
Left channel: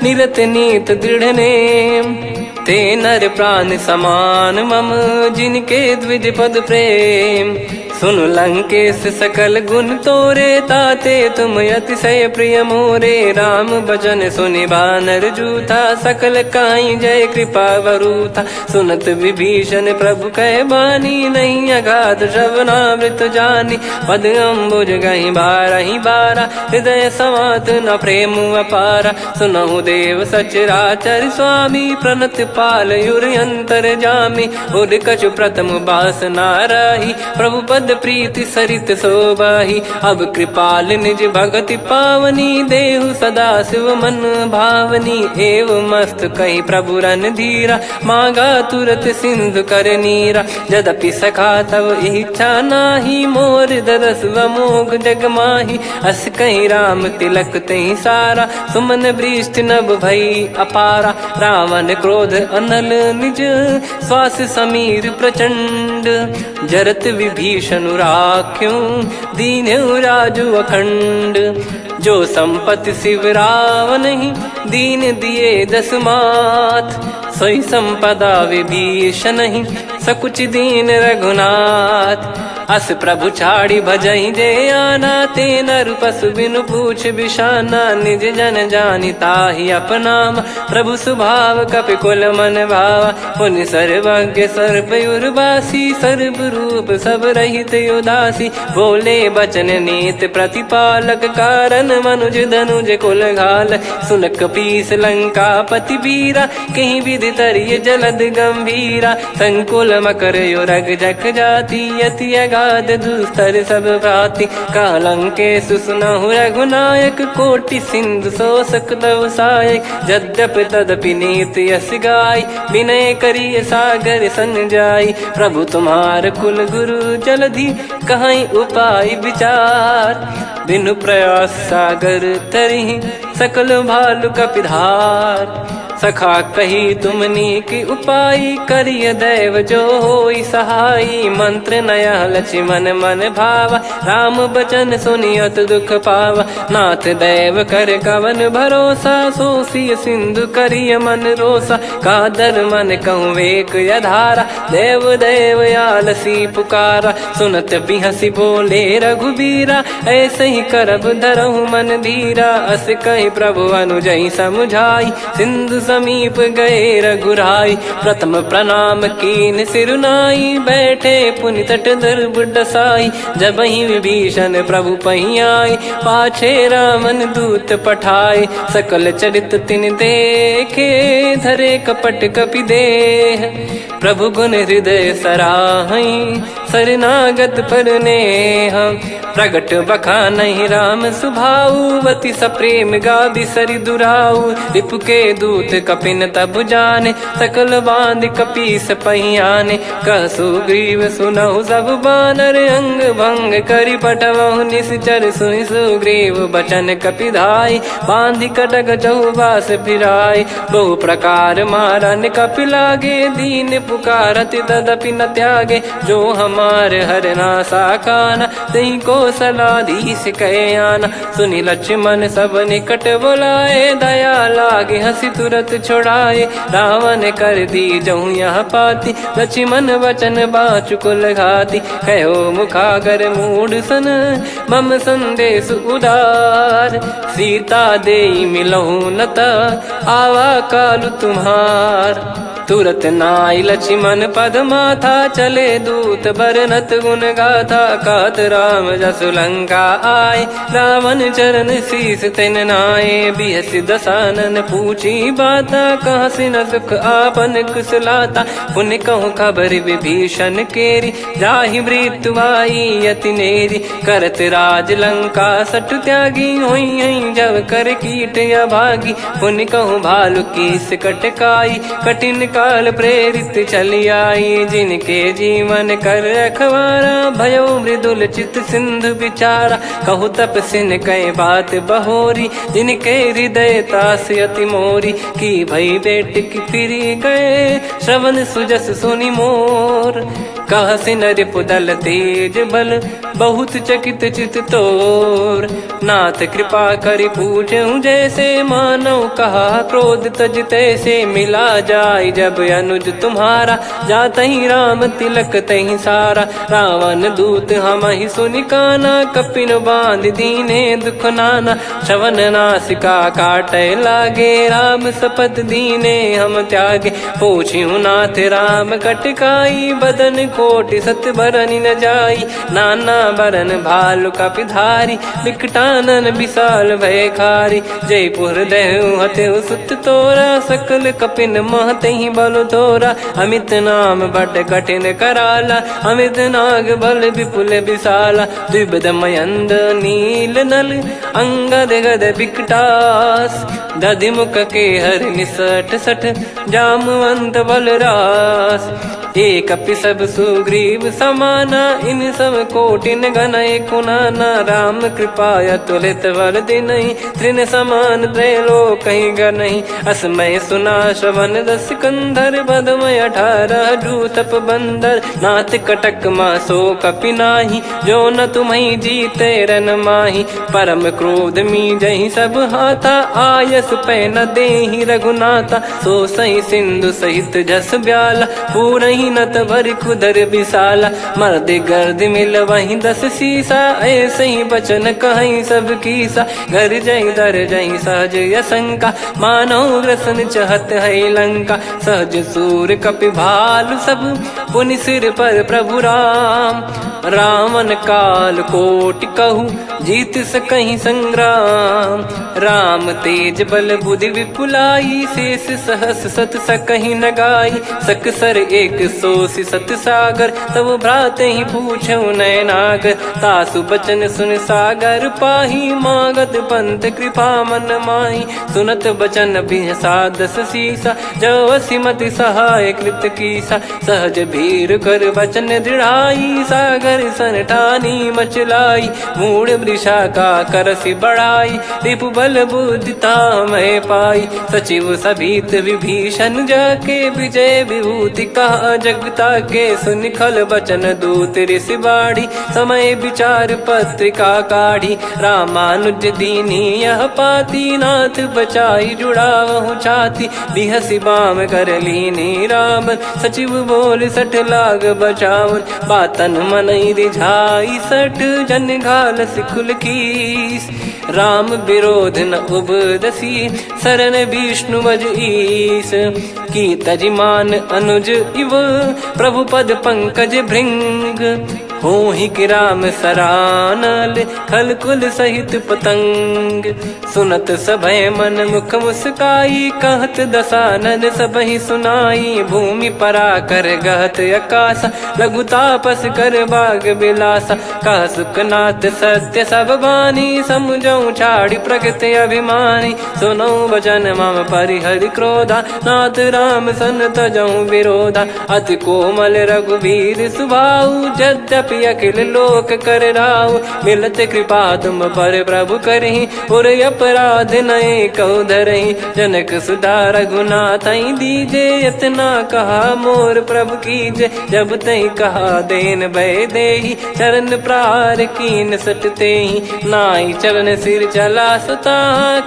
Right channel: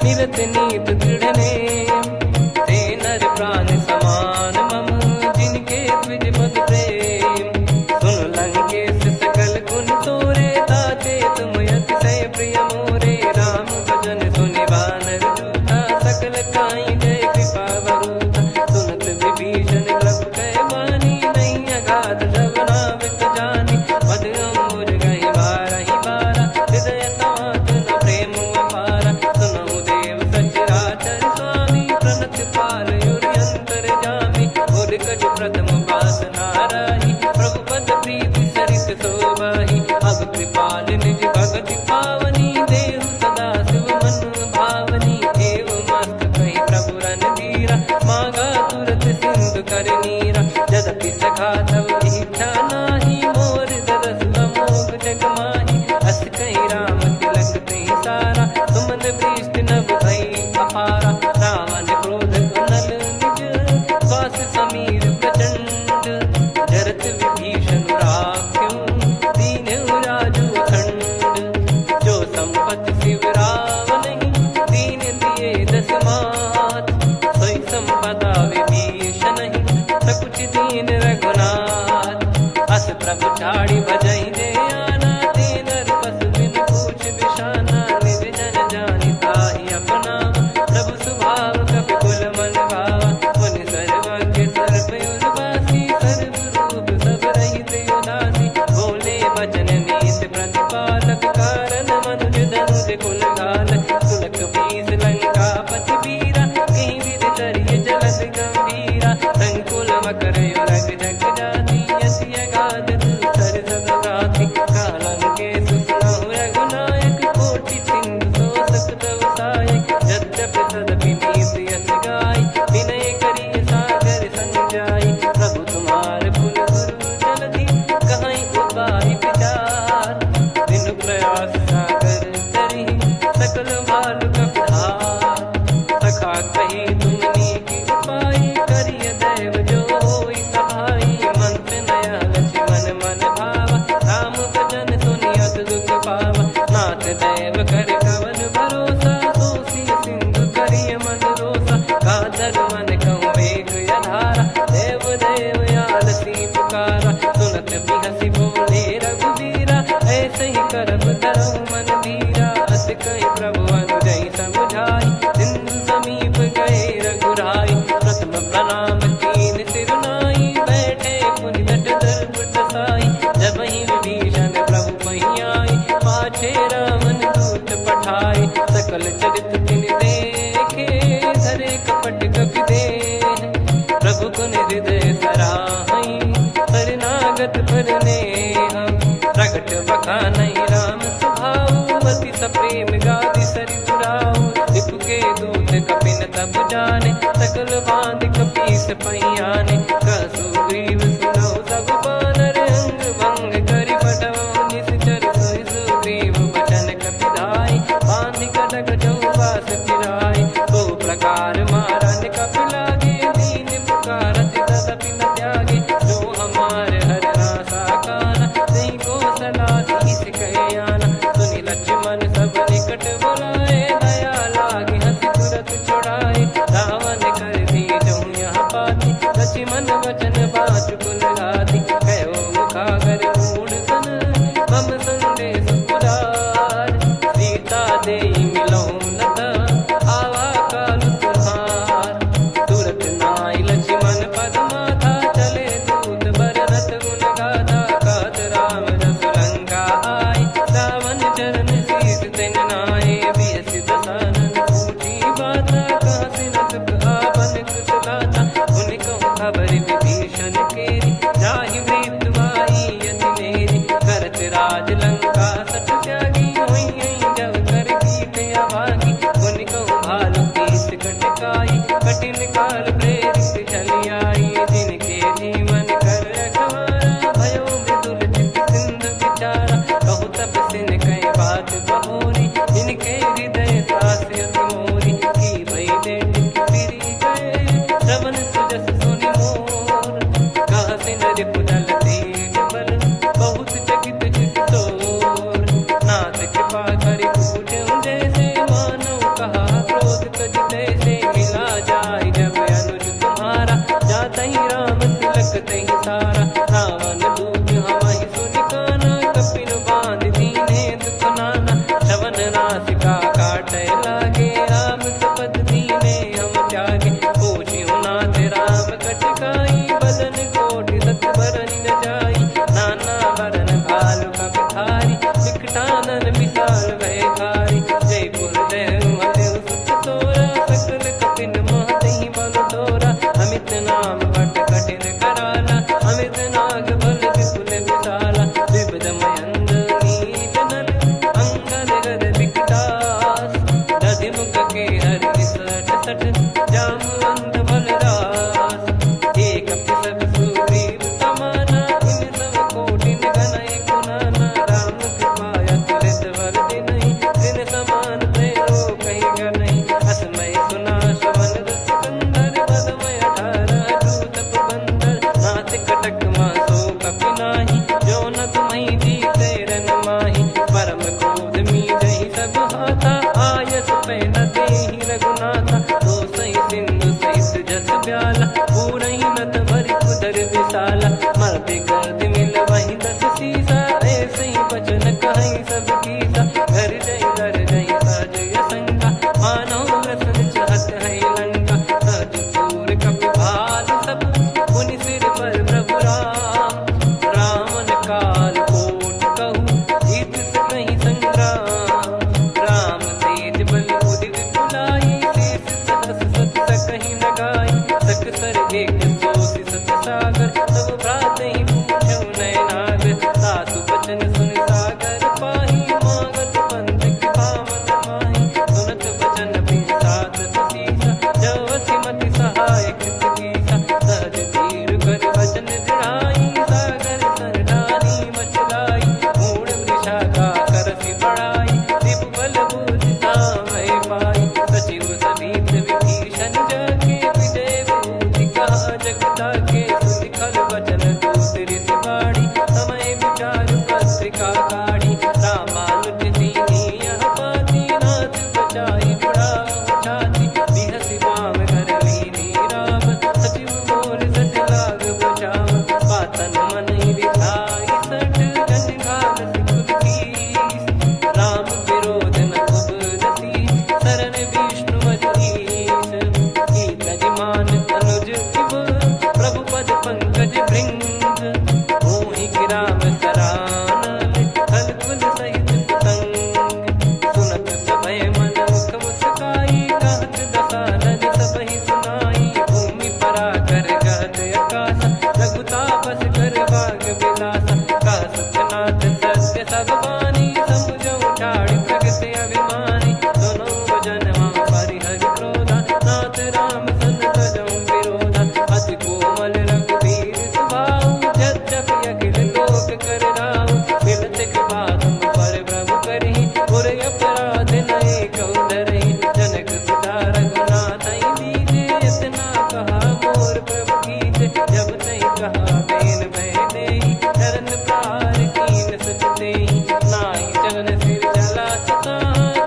निरत नीत दृढ़ नेम, ते नर प्राण समान मम, जिनके द्विज पद प्रेम, सुन लंकेश सकल गुण तोरे, ताते तुम अतिशय प्रिय मोरे। राम भजन सुनि बानर जूथा, सकल काई जय कृपा वरूथा। सुनत विभीषण प्रभु कह बानी, नहीं अगाध श्रवणामृत जानी। पद अम्बुज गहि बारहि बारा, हृदय समात न प्रेम अपारा। सुनहु देव सचराचर स्वामी, प्रणत पाल युर अंतर जामी। उर कछु प्रथम बास नाराही, प्रभु पद प्रीति सरित शोभाही। अब कृपाल निज भगति पावनी, देहु सदा शिव मन भावनी। एव मस्त कही प्रभु रन धीरा, मांगा तुरत सिंधु कर नीरा। यद्यपि सखा तब इच्छा नाही, मोर दरस मोग जग माही। अस कहीं राम तिलक तही सारा, सुमन वृष्टि नभ भई अपारा। रावण क्रोध अनल निज, श्वास समीर प्रचंड। जरत विभीषण राख्यों, दीन्हु राजु अखंड। जो संपत्ति शिव रावण ही, दीन दिए दस मात। सोई संपदा विभीषण ही, सकुच दीन रघुनाथ। अस प्रभु छाड़ी भजई जे आना, ते नर पशु बिनु पूछ बिशाना। निज जन जानि ताहि अपनाम, प्रभु स्वभाव कपि कुल मन भावा। मुनि सर्वज्ञ सर्वयुर्वासी, सर्व रूप सब रहित उदासी। बोले बचन नीत प्रतिपालक, कारण मनुज धनुज कुल घाल। सुन कपीस लंका पति वीरा, कहीं विधि तरिय जलद गंभीरा। संकुल मकर युरग जख जाति, यति अगाध दुस्तर सब भाति। कालंकेश सुनहु रघुनायक, कोटि सिंधु शोषक तव सहायक। यद्यपि तदपि नीति यस गाय, विनय करिय सागर सन जाई। प्रभु तुम्हार कुल गुरु जलधि, कहीं उपाय विचार। बिनु प्रयास सागर तरिहि, सकल भालु कपिधार। सखा कही तुमनी की उपाय, करिय दैव जो होई सहाई। मंत्र नया लक्ष्मण मन भावा, राम बचन सुनियत दुख पावा। नाथ दैव कर कवन भरोसा, सोसिय सिंधु करिय मन रोसा। कादर मन कहूँ वेक यधारा, देव देव आलसी पुकारा। सुनत बिहसी बोले रघुबीरा, ऐसे ही करब धरहु मन धीरा। अस कही प्रभु अनुजई समुझाई, सिंधु समीप गए रघुराई। प्रथम प्रणाम कीन सिरुनाई, बैठे पुनि तट दर्भ डसाई। जब ही विभीषण प्रभु पही आई, पाछे रावण दूत पठाए। सकल चरित तिन देखे, धरे कपट कपि देह। प्रभु गुण हृदय सराहई, शरणागत पर नेह। प्रगट बखानहि राम सुभाऊ, अति सप्रेम गादि सरि दुराऊ। रिपु के दूत कपिन तब जाने, सकल बांध कपीस पहियाने। कह सुग्रीव सुनहु सब बानर, अंग भंग करि पठवहु निश्चर। सुनि सुग्रीव बचन कपिधाई, बांधि कटक चहुबास फिराई। बहु प्रकार मारन कपि लागे, दीन पुकारत तदपि न त्यागे। जो हमार हरना साकाना, तई को सलाधीश कहे आना। सुनि लक्ष्मण सब निकट बुलाए, दया लागे हंसी तुरत छुड़ाए। रावण कर दी जऊँ यहाँ पाती, लक्ष्मण वचन बाचु कुल घाती। कहो मुखागर मूढ़ सन, मम संदेश उदार। सीता देई मिलहु नता, आवा कालु तुम्हार। तुरत नाई लक्ष्मण पद माथा, चले दूत बरनत गुण गाथा। कात राम जसु लंका आए, रावण चरण शीस तिन नाये। बिहसि दसानन पूछी बाता, कहाँ से न सुख आपन कुशलाता। पुन कहूँ खबर विभीषण केरी, जाहि मृत्यु आई अति नेरी। करत राज लंका सठ त्यागी, होई जब कर कीट अभागी। पुन कहूँ भालु कीस कटकाई, कठिन काल प्रेरित चली आई। जिनके जीवन कर रखवारा, भयो मृदुल चित सिंधु विचारा। कहु तपसिन कई बात बहोरी, जिनके हृदय तास अति मोरी। की भई बेट की फिरी गए, श्रवण सुजस सुनि मोर। कह से नर पुदल तेज बल बहुत चकित चित तोर। नाथ कृपा कर पूछूं जैसे मानव कहा क्रोध तज तैसे मिला जाय जब अनुज तुम्हारा जात ही राम तिलक तही सारा। रावण दूत हम ही सुनि काना कपिन बांध दीने दुख नाना। श्रवण नासिका काटे लागे राम शपथ दीने हम त्यागे। पूछ्यू नाथ राम कटकाई बदन कोटि सत बरनि न जाई। नाना बरन भालु कपिधारी विकटानन विशाल भयखारी। जयपुर देहु हतेउ सुत तोरा सकल कपिन महतहि बल तोरा। अमित नाम बट कठिन कराला अमित नाग बल विपुल विशाला। द्विबद मयंद नील नल अंगद गद विकटास। दधि मुख के हर निसठ सठ जामवंत बलरास। एक कपि सब सुग्रीव समाना इन सब कोटिन गनय कुनाना। राम कृपा अतुलित बल दिनहि तृण समान त्रैलोक कहीं गनहि। असमय सुना श्रवण दस कंधर बदमय 18 जूतप बंदर। नाथ कटक मासो कपि नाही जो न तुम्हि जीते रन माही। परम क्रोध मी जहि सब हाथा आयस पै न देहि रघुनाथा। सो सही सिंधु सहित जस ब्याला पूरहि नत भर कुदर विशाला। मर्द गर्द मिल वहीं 10 सीसा ऐसे ही बचन कहीं सब कीसा। घर जय दर जय सहज यसंका मानव ग्रसन चहत है लंका। सहज सूर कपि भालु सब पुनि सिर पर प्रभु राम। रामन काल कोटि कहु जीत सकहि संग्राम। राम तेज बल बुद्धि विपुलाई शेष सहस सत सकहि न गाई। सकसर एक सोसि सत सागर तब भ्रात ही पूछौ नयनागर। तासु बचन सुन सागर पाही मागत पंथ कृपा मन माही। सुनत बचन बिहसा 10 सीसा जवसि मति सहाय कृत कीसा। सहज भीर कर बचन दृढ़ाई सागर सन ठानी मचलाई। मूढ़ वृषा का करसि बढ़ाई रिपु बल बुद्धि तामय पाई। सचिव सभीत विभीषण जाके विजय विभूति कहा जगता के। सुनि खल बचन दूत ऋषि बाड़ी समय विचार पत्रिका काढ़ी। रामानुज दीनी यह पाती नाथ बचाई जुड़ावहु छाती। बिहसि बाम कर लीनी राम सचिव बोल 60 लाग बचावन। बातन मन रिझाई 60 जन घाल सिकुल कीस। राम विरोध न उपदसी शरण विष्णु बज ईस। की तजिमान अनुज इव प्रभु पद पंकज भृंग। होहि कि राम सरानल खल कुल सहित पतंग। सुनत सभय मन मुख मुस्काई कहत दसानन सबहि सुनाई। भूमि परा कर गहत आकाशा लघु तापस कर बाग बिलासा। कह सुखनाथ सत्य सब बानी समुझौ छाड़ी प्रकृति अभिमानी। सुनो भजन मम परिहरि क्रोधा नाथ राम सन तजौ विरोधा। अति कोमल रघुवीर सुभाऊ यद्यपि अखिल लोक कर राऊ। मिलत कृपा तुम पर प्रभु करहि पुर अपराध नए कहु धरहि। जनक सुधा रघुनाथ दीजे इतना कहा मोर प्रभु कीजे। जब तई कहा देन भय देहि चरण प्रार कीन सटतेहि। नाई चरण सिर चला सता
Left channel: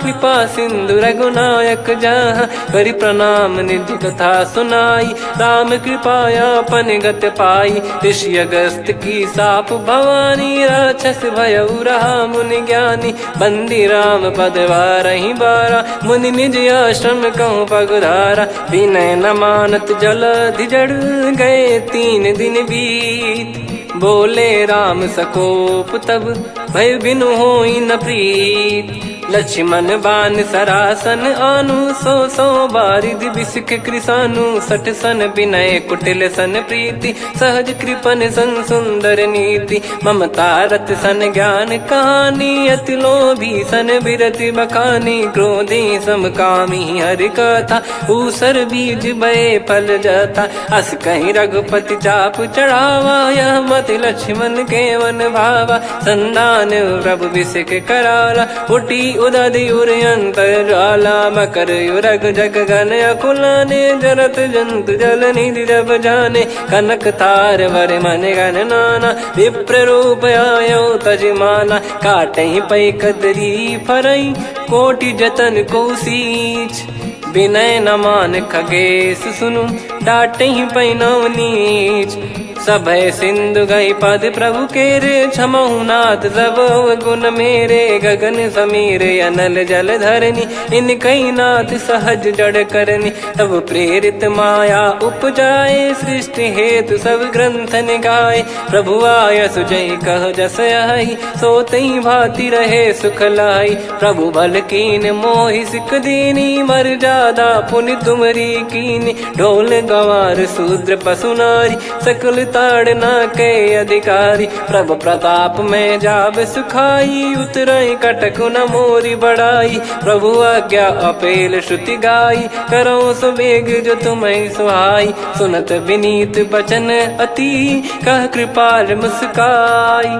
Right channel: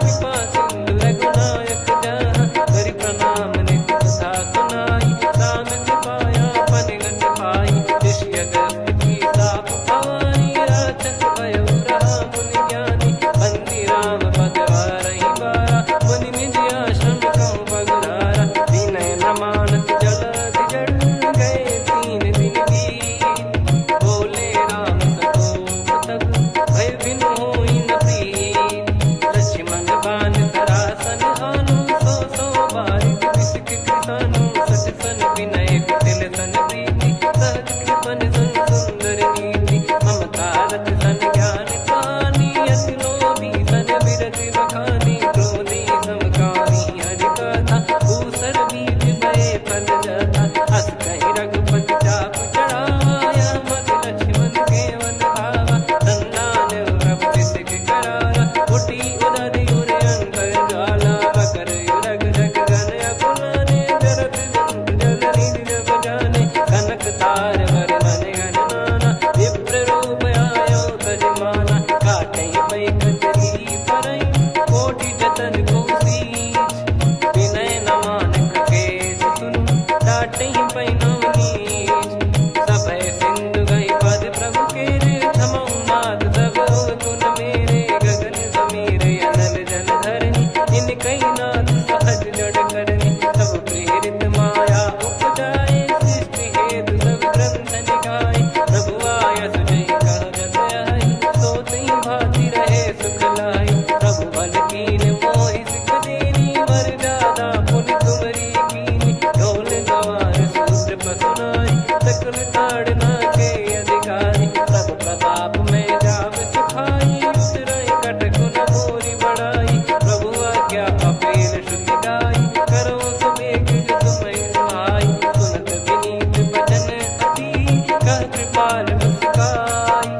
कृपा सिंधु रघुनायक जहाँ। करि प्रणाम नित्य कथा सुनाई राम कृपाया पन गत पाई। ऋषि अगस्त की साप भवानी राक्षस भयउ रहा मुनि ज्ञानी। बंदी राम पद वारहि बारा मुनि निज आश्रम कहूँ पगुधारा। विनय न मानत जल जड़ गए 3 दिन बीत। बोले राम सकोप तब भय बिनु होई न प्रीत। लक्ष्मण बान सरासन आनु 100 बारिधि बिसिख कृसानु। 60 सन विनय कुटिल सन प्रीति सहज कृपन सन सुंदर नीति। ममता रत सन ज्ञान कहानी अति लोभी सन बिरति बखानी। क्रोधी समकामी हरि कथा ऊसर बीज भय फल जाता। अस कहीं रघुपति चाप चढ़ावा यह मत लक्ष्मण के वन भावा। संदान प्रभु बिसिख कराला उठी उदधियुर अंतर्ज्वाला मकर युरग जग गण अकुलाने जरत जंत जल निधि जब जाने कनक तार वर मन गण नाना विप्र रूप आयो तजमाना काटहि पै कदरी फरई कोटि जतन को सींच विनय न मान खगेश सुनु डाटहि पै नव नीच सभय सिंधु गई पद प्रभु केरे क्षमहु नाथ सब गुण मेरे गगन समीरे अनल जल धरनी इन कई नाथ सहज जड़ करनी तब प्रेरित माया उपजाए सृष्टि हेतु सब ग्रंथ निगाए प्रभु आय सुजय कह जस आई सो तई भांति रहे सुख लाई प्रभु बल कीन मोहि सिख दीनी मर जादा पुनि तुमरी कीनी ढोल गवार शूद्र पशु नारी सकल ताड़ना के अधिकारी प्रभु प्रताप में जाब सुखाई उतरई कटक न मोरी बढ़ाई प्रभु आज्ञा अपेल श्रुति गाई करो सुबेग जो तुम्हें सुहाई सुनत विनीत बचन अति कह कृपाल मुस्काई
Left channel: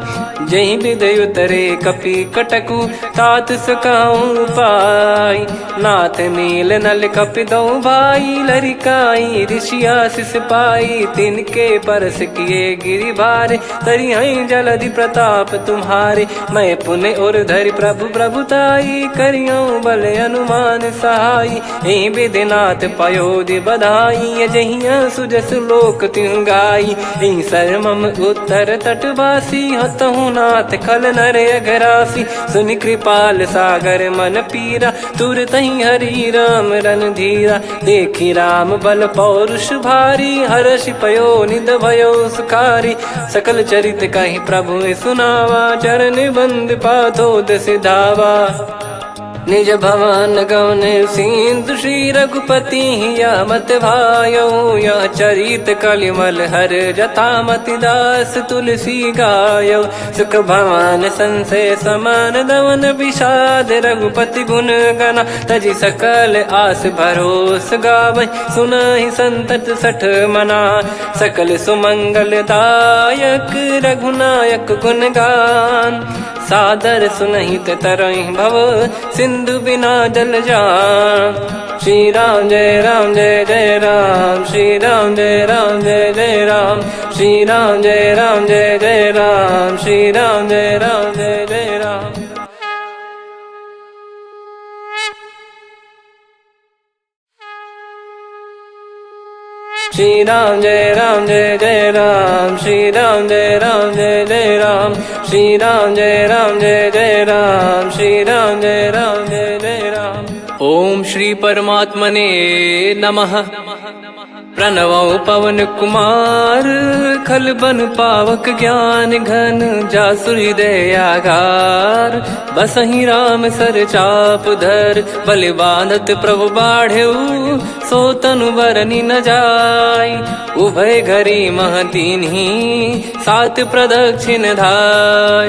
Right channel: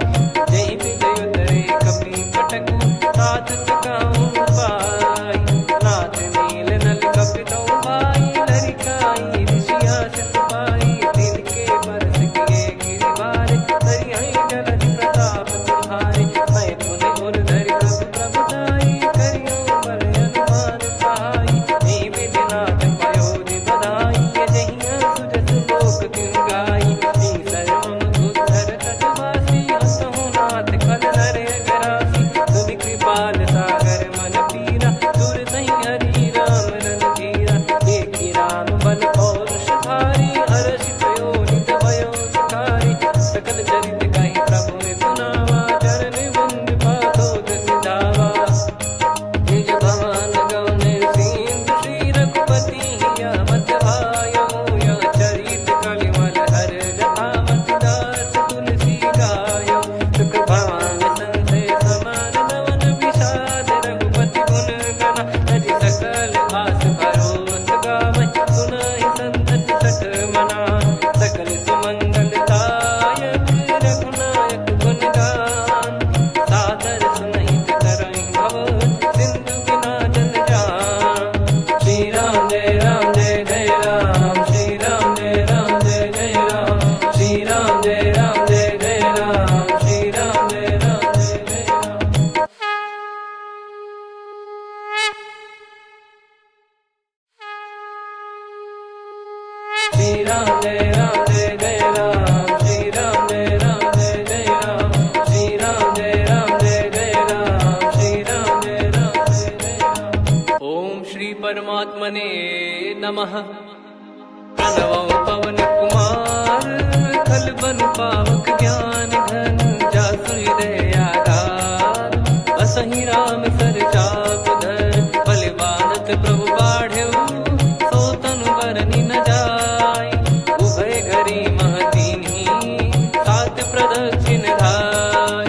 जही विदय उतरे कपि कटकु तात सकाऊं पाई नाथ नील नल कपि दो भाई लरिकाई ऋषिया शिष पाई तिनके परस किए गिरि भारे तरियाई जलधि प्रताप तुम्हारे मैं पुण्य और धरि प्रभु प्रभुताई करियो बल अनुमान सहाई यही विधिनाथ पयोधि बधाई जहिया सुजस लोक तिहु गाई यही सरमम उत्तर तटवासी हतहु नाथ खल नर अघरासी सुनि कृपाल सागर मन पीरा तुरत ही हरि राम रणधीरा देखी राम बल पौरुष भारी हर्षि पयो निध भयो सुखारी सकल चरित कहीं प्रभु सुनावा चरण बंद पाथोद सिधावा निज भवन गौन सिंधु श्री रघुपति या मत भायो या चरित कलिमल हर जता मति दास तुलसी गायो सुख भवन संशय समान दवन विषाद रघुपति गुण गना तजि सकल आस भरोस गावै सुनहि संतत सठ मना सकल सुमंगल दायक रघुनायक गुण गान सादर सुनहित तरहि भव सिंधु बिना जल जान श्री राम जय जय राम श्री राम जय जय राम श्री राम जय जय राम श्री राम जय जय राम श्री राम जय जय राम श्री राम जय जय राम श्री राम जय जय राम श्री राम जय जय राम। ओम श्री परमात्मने नमः। प्रणवो पवन कुमार खल बन पावक ज्ञान घन जासु हृदय आगार बसहि राम सर चाप धर बलि बांधत प्रभु बाढ़ेऊ सो तनु बरनि न जाय उभय घरी महतीन्ही सात प्रदक्षिण धाय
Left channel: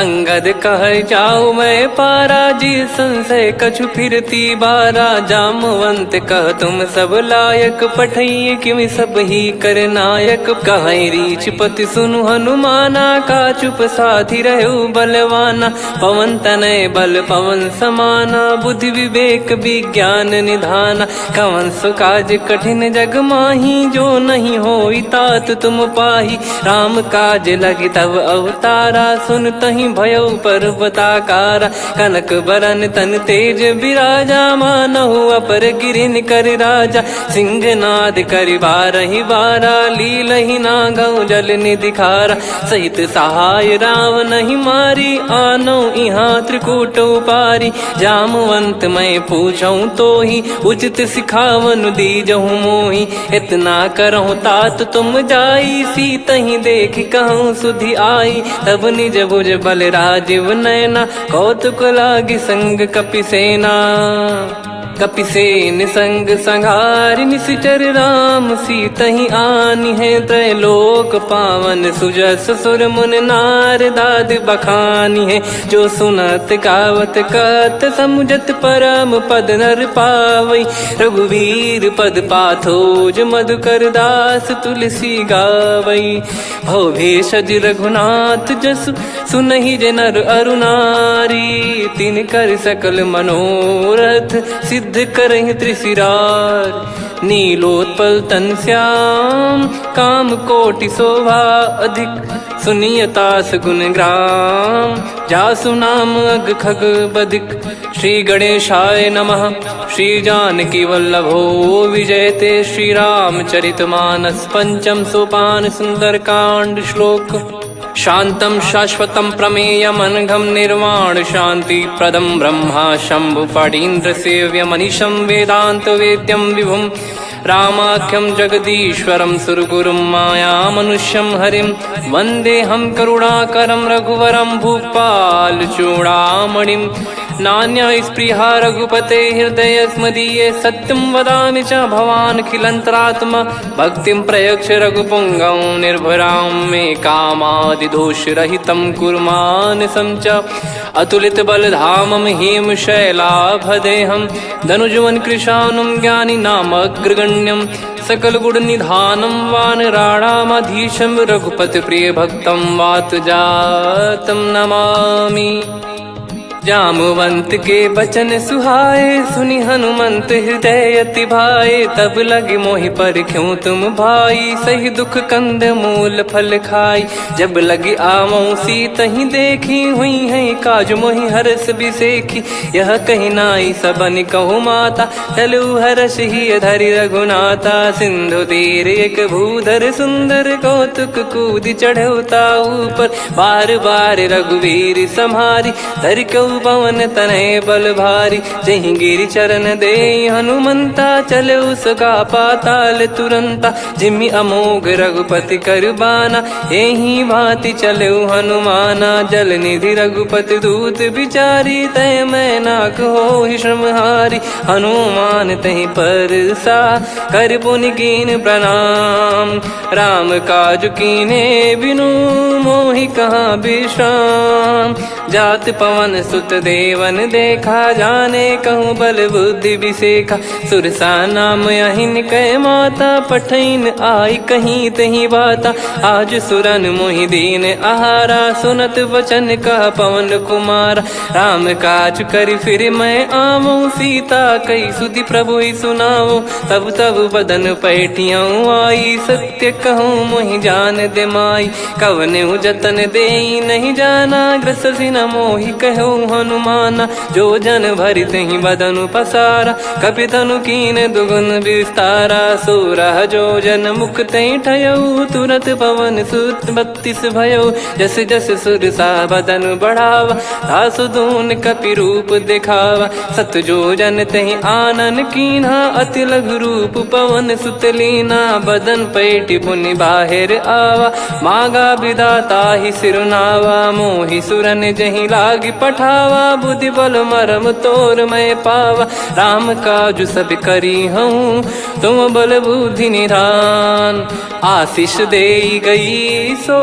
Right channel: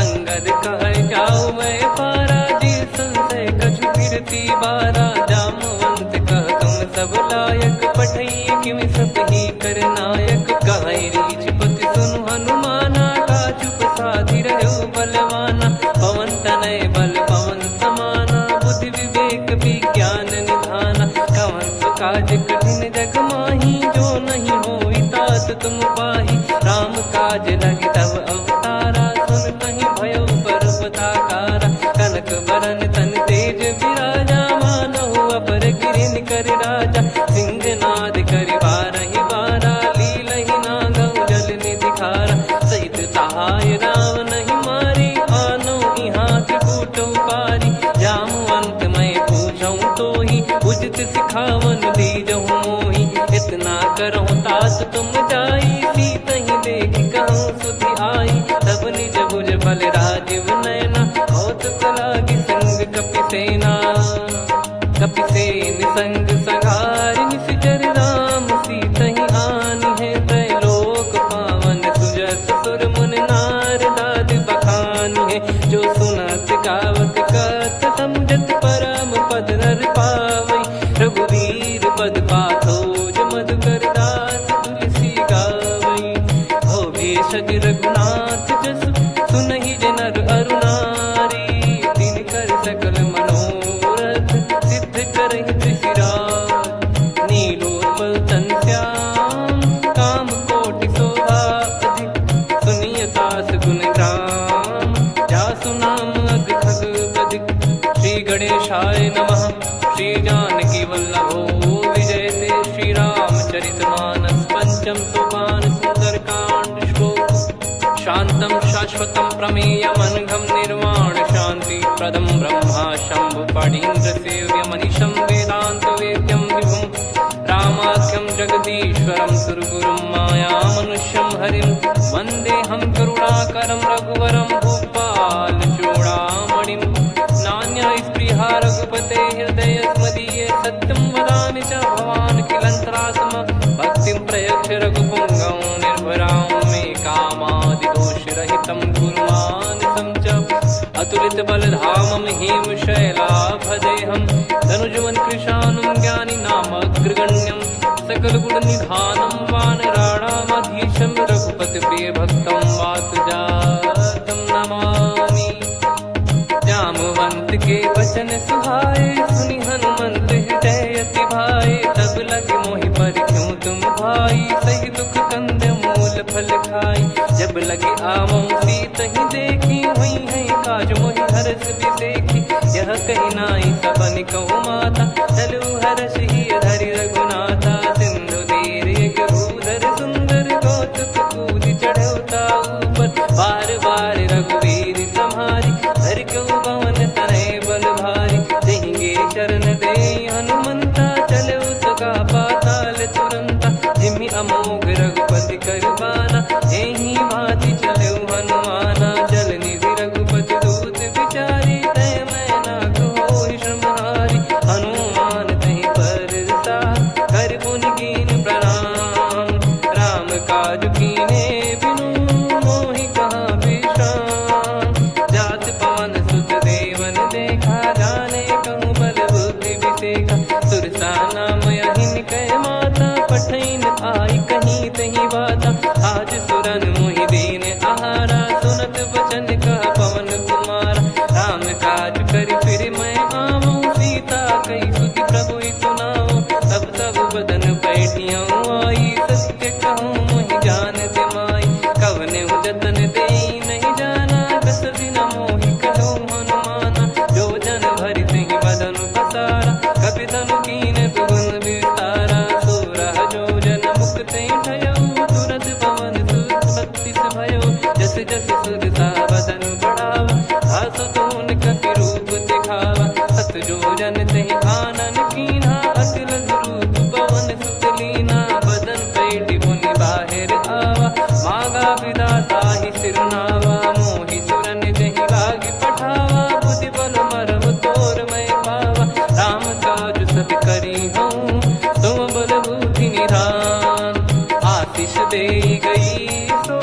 अंगद कह जाऊ मैं पारा जी संशय कछु फिरती बारा जामवंत कह तुम सब लायक पठई किमि सब ही कर नायक कहीं रीछ पति सुनु हनुमाना का चुप साधि रहो बलवाना पवन तनय बल पवन समाना बुद्धि विवेक विज्ञान निधाना कवन सो काज कठिन जग माही जो नहीं होई तात तुम पाही राम काज लगी तब अवतारा सुन तहि भयो पर्वताकारा कनक बरन तन तेज विराजा मानहु अपर गिरिन कर राजा सिंहनाद कर बारहि बारा लीलहि नागौ जल निधि खारा सहित सहाय राम नहीं मारी आनो इहाँ त्रिकूट पारी जामवंत मैं पूछऊं तो ही उचित सिखावन दीजहु मोही इतना करहु तात तुम जाई सीत ही देख कहूँ सुधि आई तब निज भुज बल राजीव नैना कौतुक लागी संग कपिसेना कपिसेन संग संहारि निशिचर राम सीतहि आनि है त्रैलोक पावन सुजस सुर मुन नार दाद बखानी है जो सुनत गावत कत समुझत परम पद नर पावई रघुवीर पद पाथोज मधुकर दास तुलसी गावई हो भेषज रघुनाथ जसु सुनहि जे नर अरु नारी। तिन कर सकल मनोरथ सिद्ध करहि त्रिशिरार। नीलोत्पल तन श्याम काम कोटि शोभा अधिक। सुनियतास गुण ग्राम जासु नाम अग खग बधिक। श्री गणेशाय नमः। श्री जानकी वल्लभो विजयते। श्री रामचरितमानस पंचम सोपान सुंदरकांड श्लोक। शांतं शाश्वतं प्रमेयम् अनघं निर्वाण शांति प्रदं ब्रह्मा शंभु फणीन्द्र सेव्य मनीषं वेदांत वेद्यं विभुं। रामाख्यं जगदीश्वरं सुरगुरुं माया मनुष्यं हरिं। वन्देऽहं करुणाकरं रघुवरं भूपाल चूडामणिं। नान्या स्पृहा रघुपते हृदय स्मदीये। सत्यं वदामि च भवान् खिलन्तरात्मा। भक्तिं प्रयच्छ रघुपुङ्गं निर्भरां मे कामादिदोषरहितं कुर्मानसं च। अतुलित बलधामं हेमशैलाभदेहं। धनुजवन कृशानुं ज्ञानी नामग्रगण्यं। सकल गुण निधानं वानराणामधीशं। रघुपति प्रिय भक्तं वात जातं नमामि। जामवंत के बचन सुहाए सुनि हनुमंत हृदय अति भाए। तब लगे मोहि पर क्यों तुम भाई सही दुख कंद मूल फल खाई। जब लगी आवों सीत ही देखी हुई है काज मोहि हरस बिसेखी। यह कही नाई सबन कहु माता चलु हरष ही धरि रघुनाथा। सिंधु तीर एक भूधर सुंदर कौतुक कूद चढ़ौता ऊपर। बार बार रघुवीर सम्हारी धरि कऊ पवन तनय बल भारी। जहि गिरि चरण दे हनुमंता चले उसका पाताल तुरंता। जिमि अमोघ रघुपति कर बाना एहि भांति चले हनुमाना। जल निधि रघुपति दूत बिचारी तय मैं नाक होहि श्रमहारी। हनुमान तहि परसा कर पुनि कीन प्रणाम। राम काज कीने बिनु मोहि कहाँ विश्राम। जात पवन सुत देवन देखा जाने कहूँ बल बुद्धि विसेखा। सुरसा नाम यहिन कै माता पठैन आई कहीं तही बाता। आज सुरन मोहि दीन आहारा सुनत वचन कह पवन कुमारा। राम काज करि फिर मैं आवूं सीता कई सुधि प्रभु ही सुनाऊं। तब तब बदन पैठियाँ आई सत्य कहूँ मोहि जान दे माई। कवने जतन दे नहीं जाना ग्रसिन मोहि कहूँ हनुमाना। जो जन भरि तहि बदनु पसारा कपि तनु कीन दुगुन विस्तारा। सोरह जो जन मुख तहि ठयऊ तुरत पवन सुत 32 भयऊ। जस जस सुरसा बदनु बढ़ावा आसु दून कपि रूप दिखावा। सत जो जन तहि आनन कीन्हा अति लघु रूप पवन सुत लीना। बदन पैठि पुनि बाहिर आवा मांगा विधाता ही सिरुनावा। मोहि सुरन जहि लागी पठावा बुद्धि बल मरम तोर मैं पावा। राम काज सब करी हूँ तुम बल बुद्धि निधान। आशीष दे गई सो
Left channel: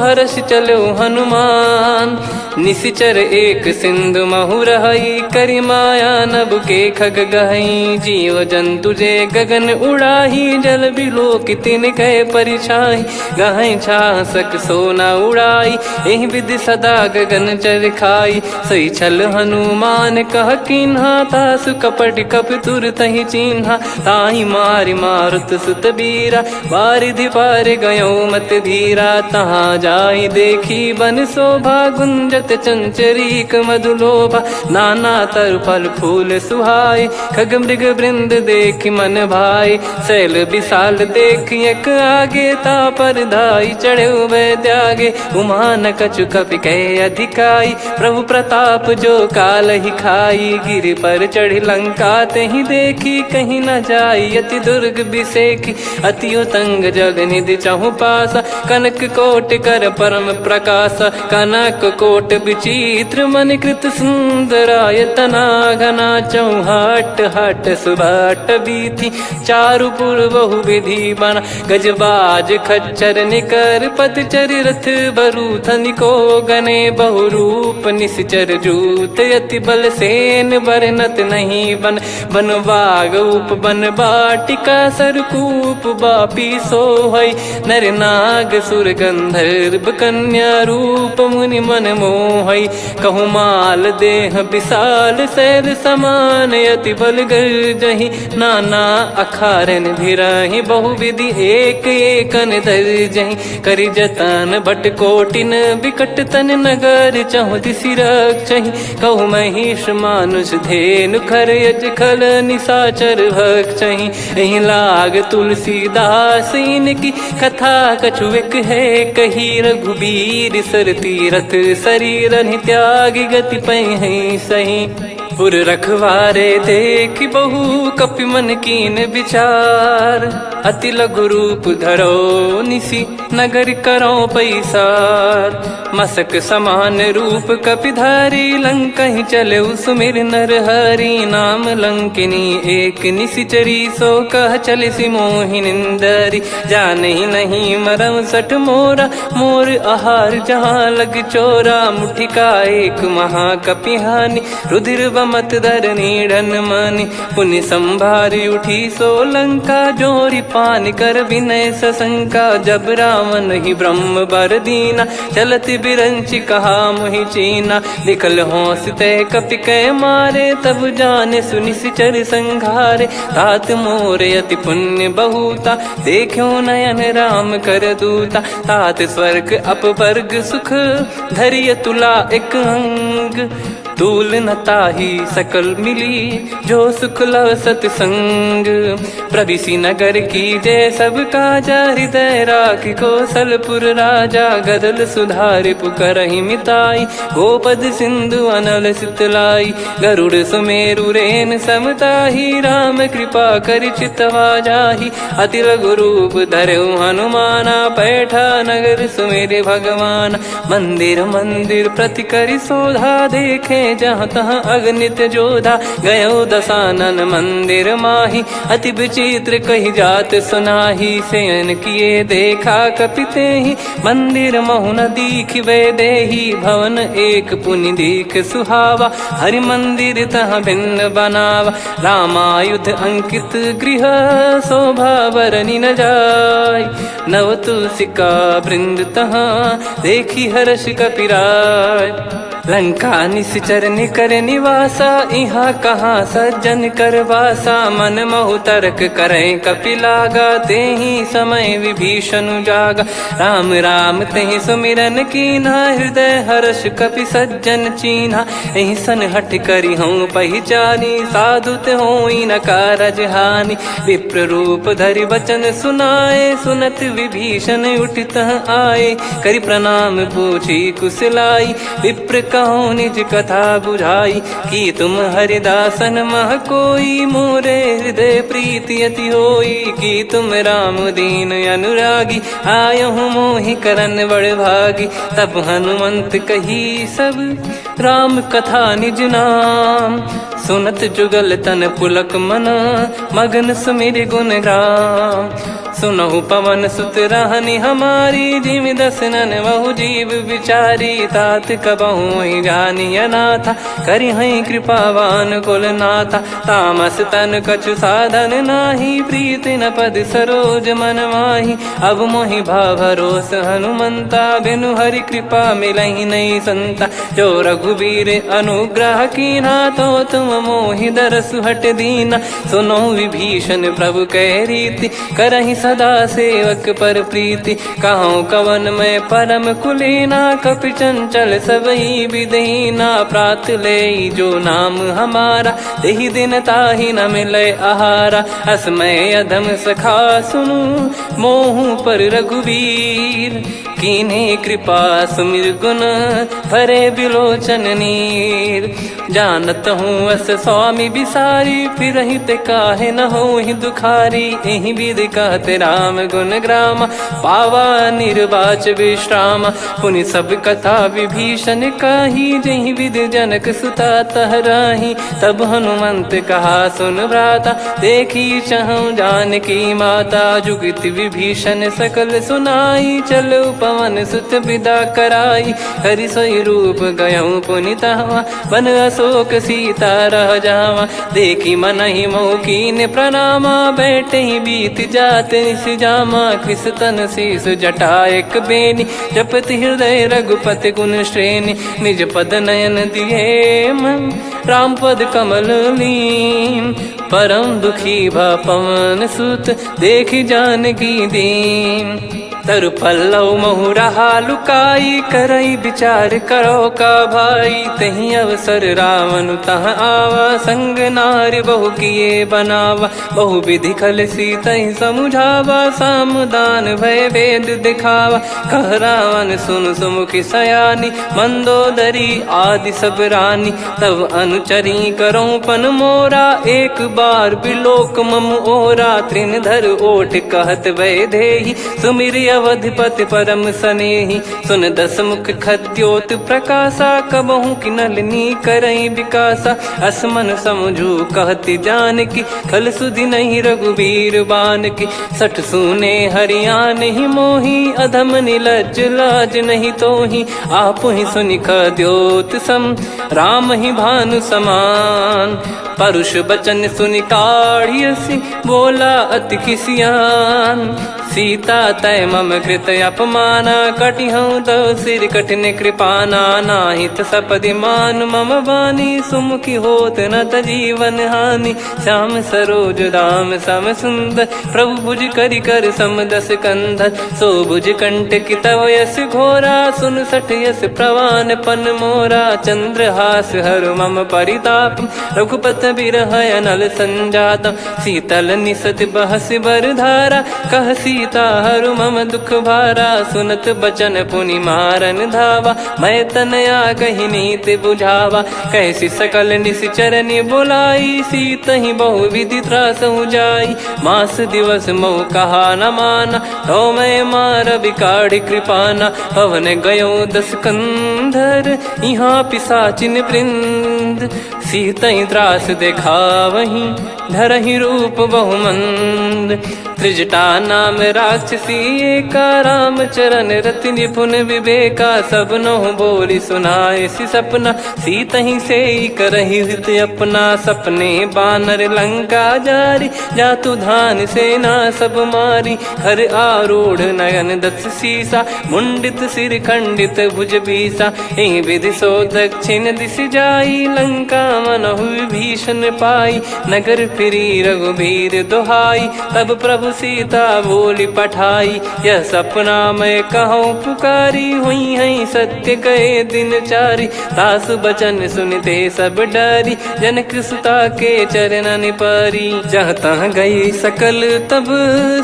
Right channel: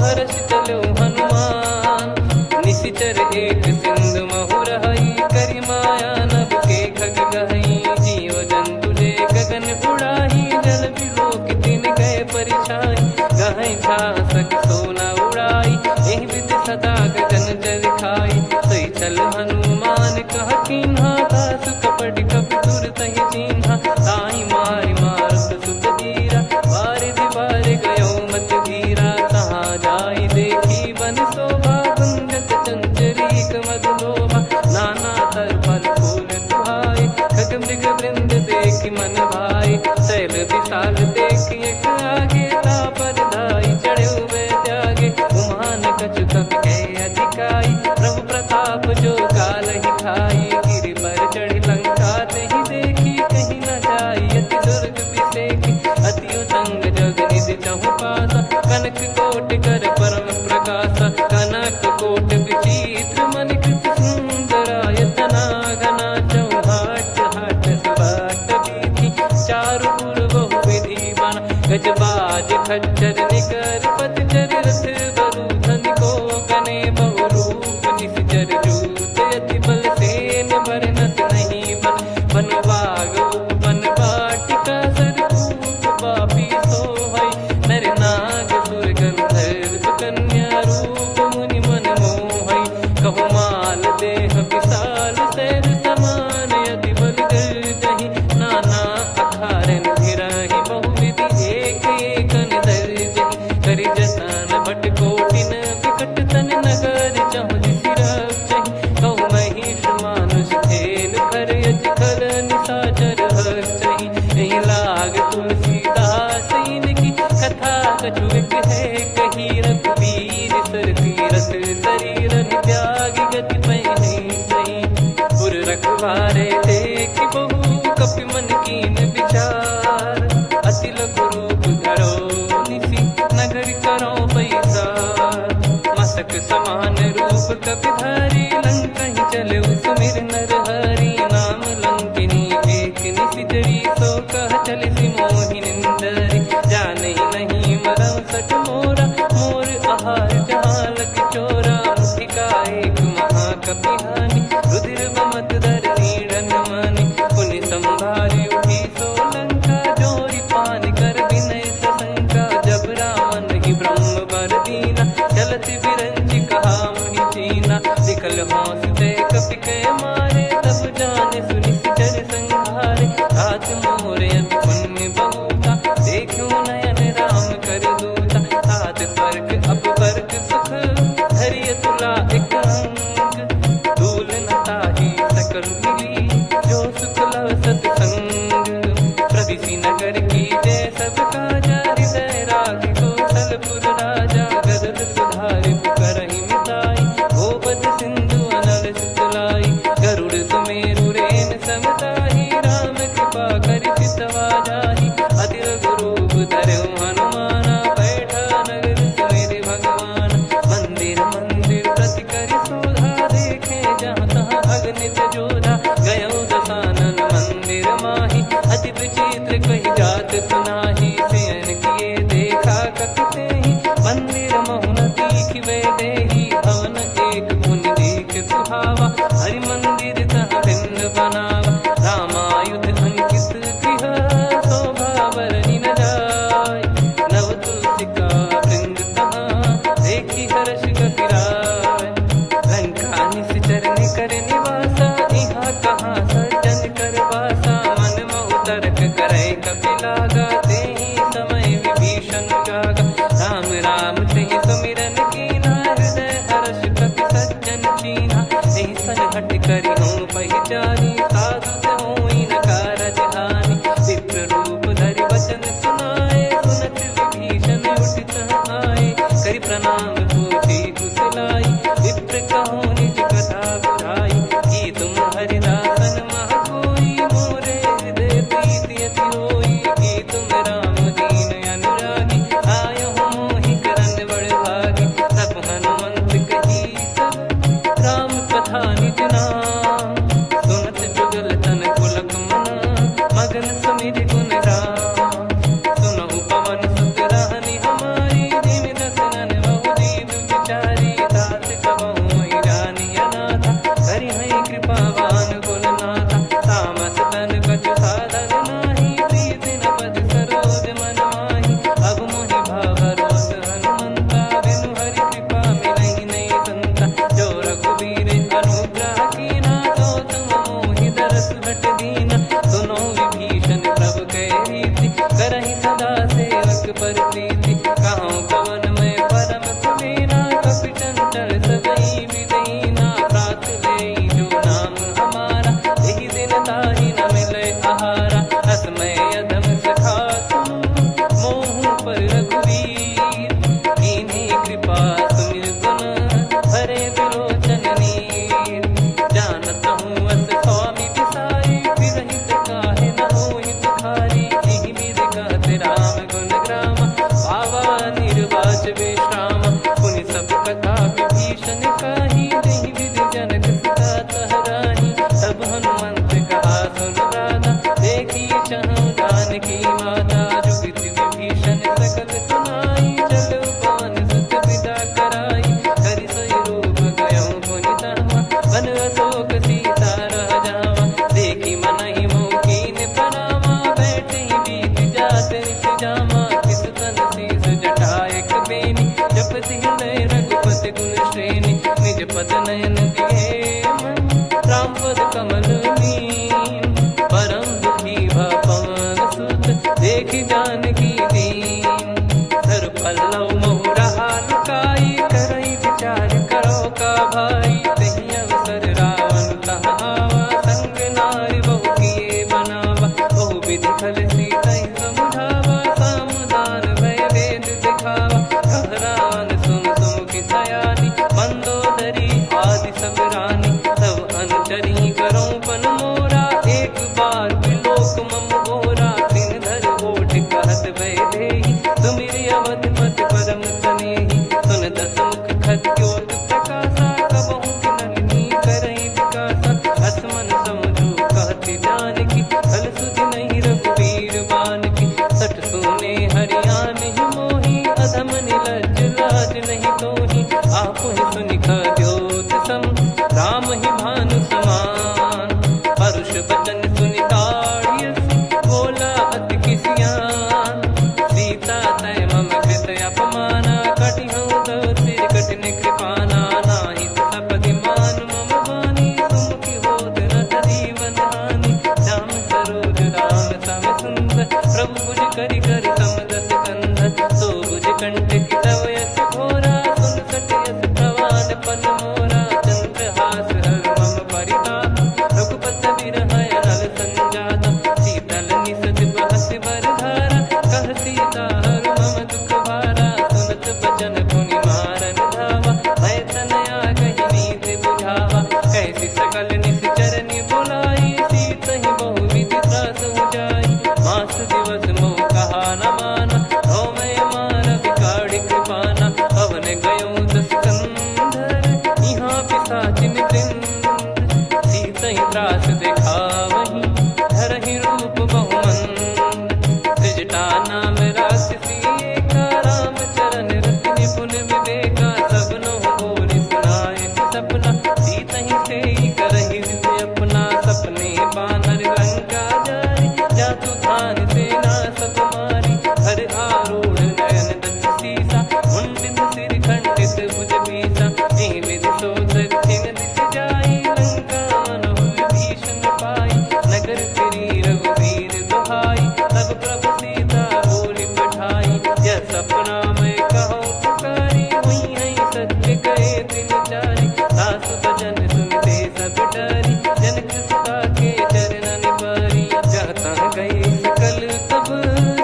हर्ष चलो हनुमान। निशिचर एक सिंधु महु रहई करी माया नभ के खग गहई। जीव जंतु जे गगन उड़ाही जल बिलो कितिन गए परिछाई। गहई छासक सोना उड़ाई एहि विधि सदा गगन चर खाई। सही छल हनुमान कह कीन्हा तासु कपट कप तुर तहि चिन्हा। ताहि मारि मारुत सुत बीरा बारिधि पार गयो मत धीरा। तहाँ जाई देखी बन शोभा गुंजत चंचरीक मधुलोभा। नाना तरु फल फूल सुहाई खग मृग वृंद देख मन भाई। शैल विशाल देख एक आगे तापर धाई चढ़े वै त्यागे। उमा न कछु कपि कह अधिकाई प्रभु प्रताप जो काल ही खाई। गिर पर चढ़ी लंका तहि देखी कहीं न जाई अति दुर्ग बिसेखी। अति उतंग जग निधि चहु पासा कनक कोट कर परम प्रकाशा। कनक कोट विचित्र मन कृत सुंदरायतना घना चौहाट हाट सुबाट बीथी चारु पुर बहु विधि बना गजबाज खच्चर निकर पतचर रथ बरु धनिको गने बहु रूप निश्चर जूत अति बल सेन बरनत नहीं बन बन बाग उप बन बाटिका सरकूप बापी सोहई नर नाग सुर गंधर्व कन्या रूप मुनि मन मोहई कहु माल देह विशाल शैल समान अति बल गर्जहि नाना अखारन भिराहि बहुविधि एक एकन दर्जहि करि जतन बट कोटिन विकट तन नगर चहु दिसि रक्षहि कहु महिष मानुष धेनु खर यज खल निशाचर भक्षहि एहि लाग तुलसीदास इनकी कथा कछुक है कही रघुबीर सर तीरथ शरीर त्यागी गति पै सही पुर रखवारे देख बहु कपि मन कीन विचार अति लघु रूप धरो निसी नगर करो पैसार मसक समान रूप कपिधारी लंकहि चले सुमिर नर हरि नाम लंकिनी एक निशिचरी सो कह चले सि मोहि निंदरी जानहि नहीं मरम सठ मोरा मोर आहार जहाँ लग चोरा मुठिका एक महाकपिहानि रुधिर बमत धरनी ढन मानि पुनि संभारी उठी सो लंका जोरी पान कर विनय सशंका जब रावण ही ब्रह्म बर दीना चलति बिरंचि कहा मुहि चीना निकल हौसते कपि कै मारे तब जाने सुनि सिचर संघारे तात मोरे अति पुण्य बहुता देखो नयन राम कर दूता तात स्वर्ग अपवर्ग सुख धरिय तुला एक अंग तूल न ताही सकल मिली जो सुख लव सतसंग प्रदिशि नगर की जय सब काजा हृदय राख कौशलपुर राजा गदल सुधारि पुकरहि मिताई गोपद सिंधु अनल सितलाई गरुड़ सुमेरु रेन समताही राम कृपा कर चितवा जाहि अति लघु रूप धरऊ हनुमाना बैठा नगर सुमेरे भगवान मंदिर मंदिर प्रति करि शोधा देखे जहाँ तहाँ अगणित जोधा गयो दशानन मंदिर माही अति विचित्र कही जात सुनाही सेन किए देखा कपिते ही मंदिर महु न दीख वे देही भवन एक पुनि दीख सुहावा हरि मंदिर तहाँ भिन्न बनावा रामायुध अंकित गृह शोभा बरनी न जाय नव तुलसिका वृंद तहाँ देखी हर्ष कपिराय लंका निश्चर निकर निवासा इहाँ कहाँ सज्जन कर वासा मन महु तर्क करे कपिलागा तेहि समय विभीषण जागा राम राम तेहि सुमिरन कीना हृदय हर्ष कपि सज्जन चीन्हा एहि सन हट करी हूँ पहचानी साधु ते होई न कारज हानि विप्र रूप धरि वचन सुनाए सुनत विभीषण उठित आए करि प्रणाम पूछी कुशलाई विप्र कहो निज कथा बुझाई कि तुम हरिदासन मह कोई मोरे हृदय प्रीति अति होई कि तुम राम दीन अनुरागी आयहु मोहि करन बड़ भागी तब हनुमंत कही सब राम कथा निज नाम सुनत जुगल तन पुलक मन मगन सुमिर गुण राम सुनहु पवन सुत रहनी हमारी जिमि दसनन बहु जीव विचारी तात कबहु जानी अनाथा करि हई कृपावान कुल नाथा तामस तन कछु साधन नाही प्रीति न पद सरोज मन माही अब मोहि भाव भरोस हनुमंता बिनु हरि कृपा मिलहि नहीं संता जो रघुबीर अनुग्रह कीना तो तुम मोहि दरसु हट दीना सुनो विभीषण प्रभु कह रीति करहि सदा सेवक पर प्रीति कहूँ कवन में परम कुलीना कपि चंचल सबई विदहीना प्रात ले जो नाम हमारा तेहि दिन ताहि न मिले आहारा असमय अधम सखा सुनु मोहु पर रघुवीर कीन्हे कृपा सुमिर गुण भरे बिलोचन नीर जानत हूँ अस स्वामी बिसारी, फिर ही ते काहे न हो ही दुखारी। यही विधि कहते राम गुण ग्राम, पावा निर्वाच विश्राम। पुनि सब कथा विभीषण काही, जही विधि जनक सुता तहराही। तब हनुमंत कहा सुन भ्राता, देखी चहु जानकी माता। जुगित विभीषण सकल सुनाई, चलो पवन सुत विदा कराई। हरि सोई रूप गयऊँ पुनि तहवा, बन अशोक सीता रह जावा। देखी मनहि मौकीन प्रणामा, बैठे ही बीत जात निस जामा। कृस तन शीस जटा एक बेनी, जपति हृदय रघुपति गुण श्रेणी। निज पद नयन दिए मन, राम पद कमल लीन। परम दुखी भा पवन सुत, देखी जानकी दीन। तरु पल्लव महु रहा लुकाई, करई विचार करो का भाई। तही अवसर रावण तहाँ आवा, संग नारी बहु किए बनावा। बहु विधि खल सीतहि समुझावा, सामदान भय वेद दिखावा। कह रावण सुन सुमुखी सयानी, मंदोदरी आदि सब रानी। तब अनुचरी करो पन मोरा, एक बार बिलोक मम ओरा। तृण धर ओठ कहत भय देहि, सुमिर अवधिपति परम सनेहि। सुन दस मुख खद्योत प्रकाशा, कबहु की नलिनी करई विकासा। असमन समझू कहति जानकी, खल सुधि नहीं रघुवीर बान की। सठ सुने हरियाण ही मोही, अधम निलज लाज नहीं तोही। आप ही सुनि खद्योत सम, राम ही भानु समान। परुष बचन सुनि काढ़ियसि, बोला अति किसियान। सीता तय मम कृत अपमाना, कटिहऊँ तो सिर कठिन कृपाना। नाहित सपदि मान मम बानी, सुमुखी होत न जीवन हानि। श्याम सरोज राम सम सुंदर, प्रभु भुज करि कर सम दस कंधर। सो भुज कंठ की तव यस घोरा, सुन सठ यस प्रवान पन मोरा। चंद्रहास हर मम परिताप, रघुपत बिरह अनल संजात। शीतल निसत बहस बर धारा, कह सीता हरु मम दुख भारा। सुनत बचन पुनि मारन धावा, मैं तनया कही नीति बुझावा। कैसी सकल निश्चरनि बुलाई, सीत ही बहु विधि त्रास जाई। मास दिवस मोह कहा न माना, तो मैं मार बिकाढ़ी कृपाना। पवन गयो दस कंधर, यहाँ पिशाचिन वृंद। सीतहि त्रास देखावहीं, धरहि रूप बहुमंद। त्रिजटा नाम राक्षसी एका, राम चरण रति निपुण विवेका। सबनो बोली सुनाए सि सपना, सीतहि से करहि हृद अपना। सपने बानर लंका जारी, जातु धान सेना सब मारी। हर आरूढ़ नयन दस सीसा, मुंडित सिर खंडित भुज बीसा। एहि विधि सो दक्षिण दिश जाई, लंका मनहु विभीषण पाई। नगर फिरी रघुबीर दुहाई, तब प्रभु सीता बोली पठाई। यह सपना मैं कहूँ पुकारी, हुई है सत्य कहे दिन चारी। सासु बचन सुनते सब डरी, जनक सुता के चरण परी। जहाँ तहाँ गई सकल तब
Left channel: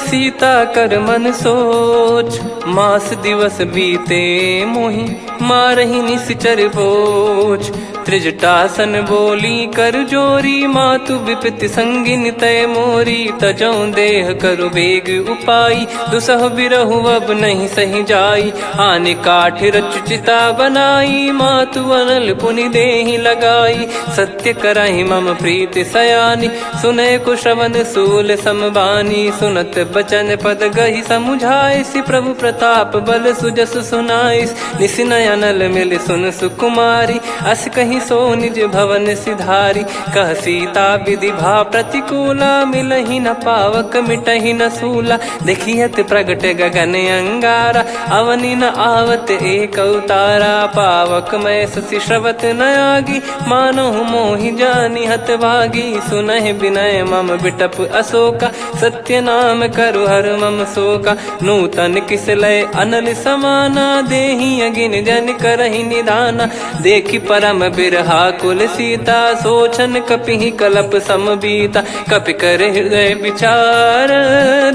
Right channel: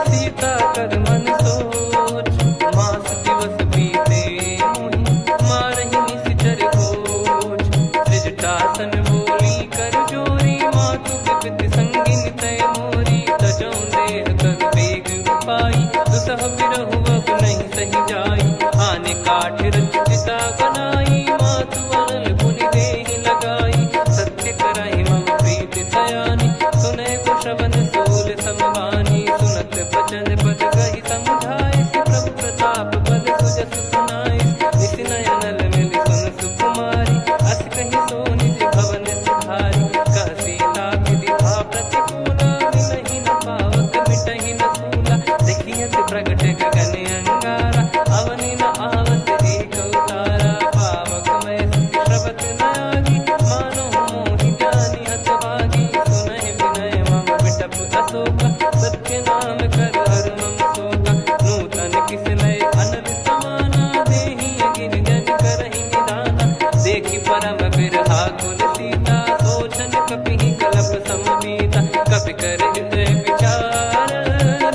सीता कर मन सोच। मास दिवस बीते मोहि, मारहि निश्चर बोझ। त्रिजटासन बोली कर जोरी, मातु विपति संगिन तय मोरी। तजौ देह करु बेग उपाई, दुसह बिरहु अब नहीं सही जाई। आने काठ रचिता बनाई, मातु अनल पुनि देहि लगाई। सत्य करहि मम प्रीति सयानी, सुनय को श्रवण सूल समबानी। सुनत बचन पद गहि समुझाए, सि प्रभु प्रताप बल सुजस सुनाइस। निस नयनल मिल सुन सुकुमारी, अस कहि सो निज भवन सिधारी। कह सीता विधि भा प्रतिकूला, मिलहि न पावक मिटहि न सूला। देखियत प्रगट गगन अंगारा, अवनि न आवत एक अवतारा। पावक मैं ससि श्रवत न आगी, मानो मोहि जानि हत भागी। सुनहि विनय मम बिटप अशोका, सत्य नाम करु हर मम शोका। नूतन किस लय अनल समाना, देहि अगिन जन करहि निधाना। देखि परम बिरहा कुल सीता, सोचन कपि कलप सम बीता। कपि कर हृदय विचार,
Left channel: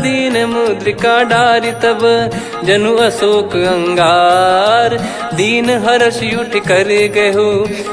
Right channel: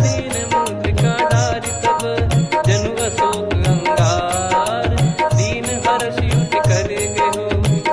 दीन मुद्रिका डारि तब जनु अशोक अंगार। दीन हर्ष युट कर गहु,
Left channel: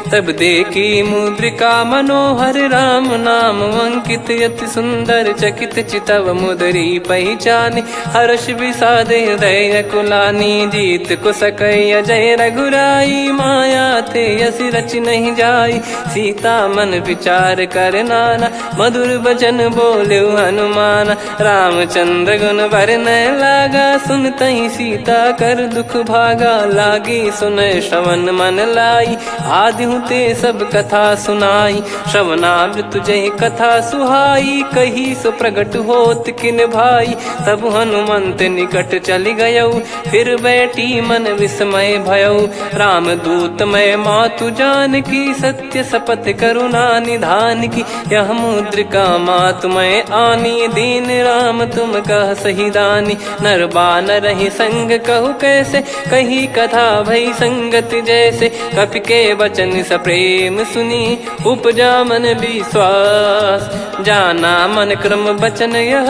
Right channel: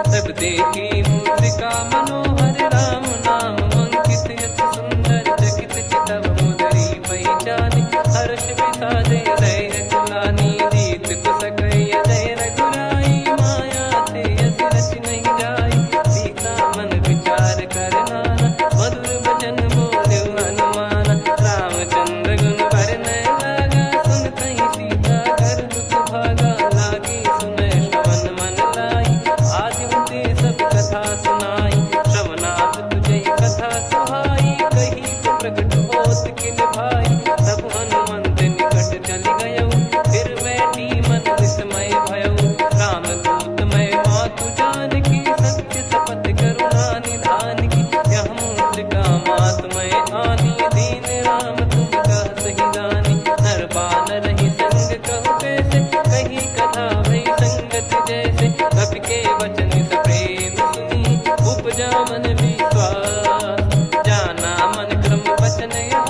तब देखी मुद्रिका मनोहर। राम नाम अंकित अति सुंदर, चकित चितव मुदरी पहचानी। हर्ष विषाद हृदय कुलानी, जीत को सकय जय रघुराई। माया थे यस रच नहीं जाई, सीता मन विचार कर नाना। मधुर बचन बोले हनुमान, रामचंद्र गुण बरनय लागा। सुनतहि सीता कर दुख भागा, लागी सुनय श्रवण मन लाई। आदिहु ते सब कथा सुनाई, श्रवणाब तुझे कथा सुहाई। कही सो प्रगट होत किन भाई, तब हनुमंत निकट चली गयऊ। फिर बैठी मन विस्मय भयऊ, राम दूत मैं मातु जानकी। सत्य शपथ करुणा निधान की, यह मुद्रिका मातु मैं आनी। दीन राम तुम कह सही दानी, नर बानर ही संग कहु कैसे। कही कथा भई संगति जैसे, कपि के वचन सप्रेम सुनी। उपजा मन विश्वास, जाना मन क्रम बचन यह।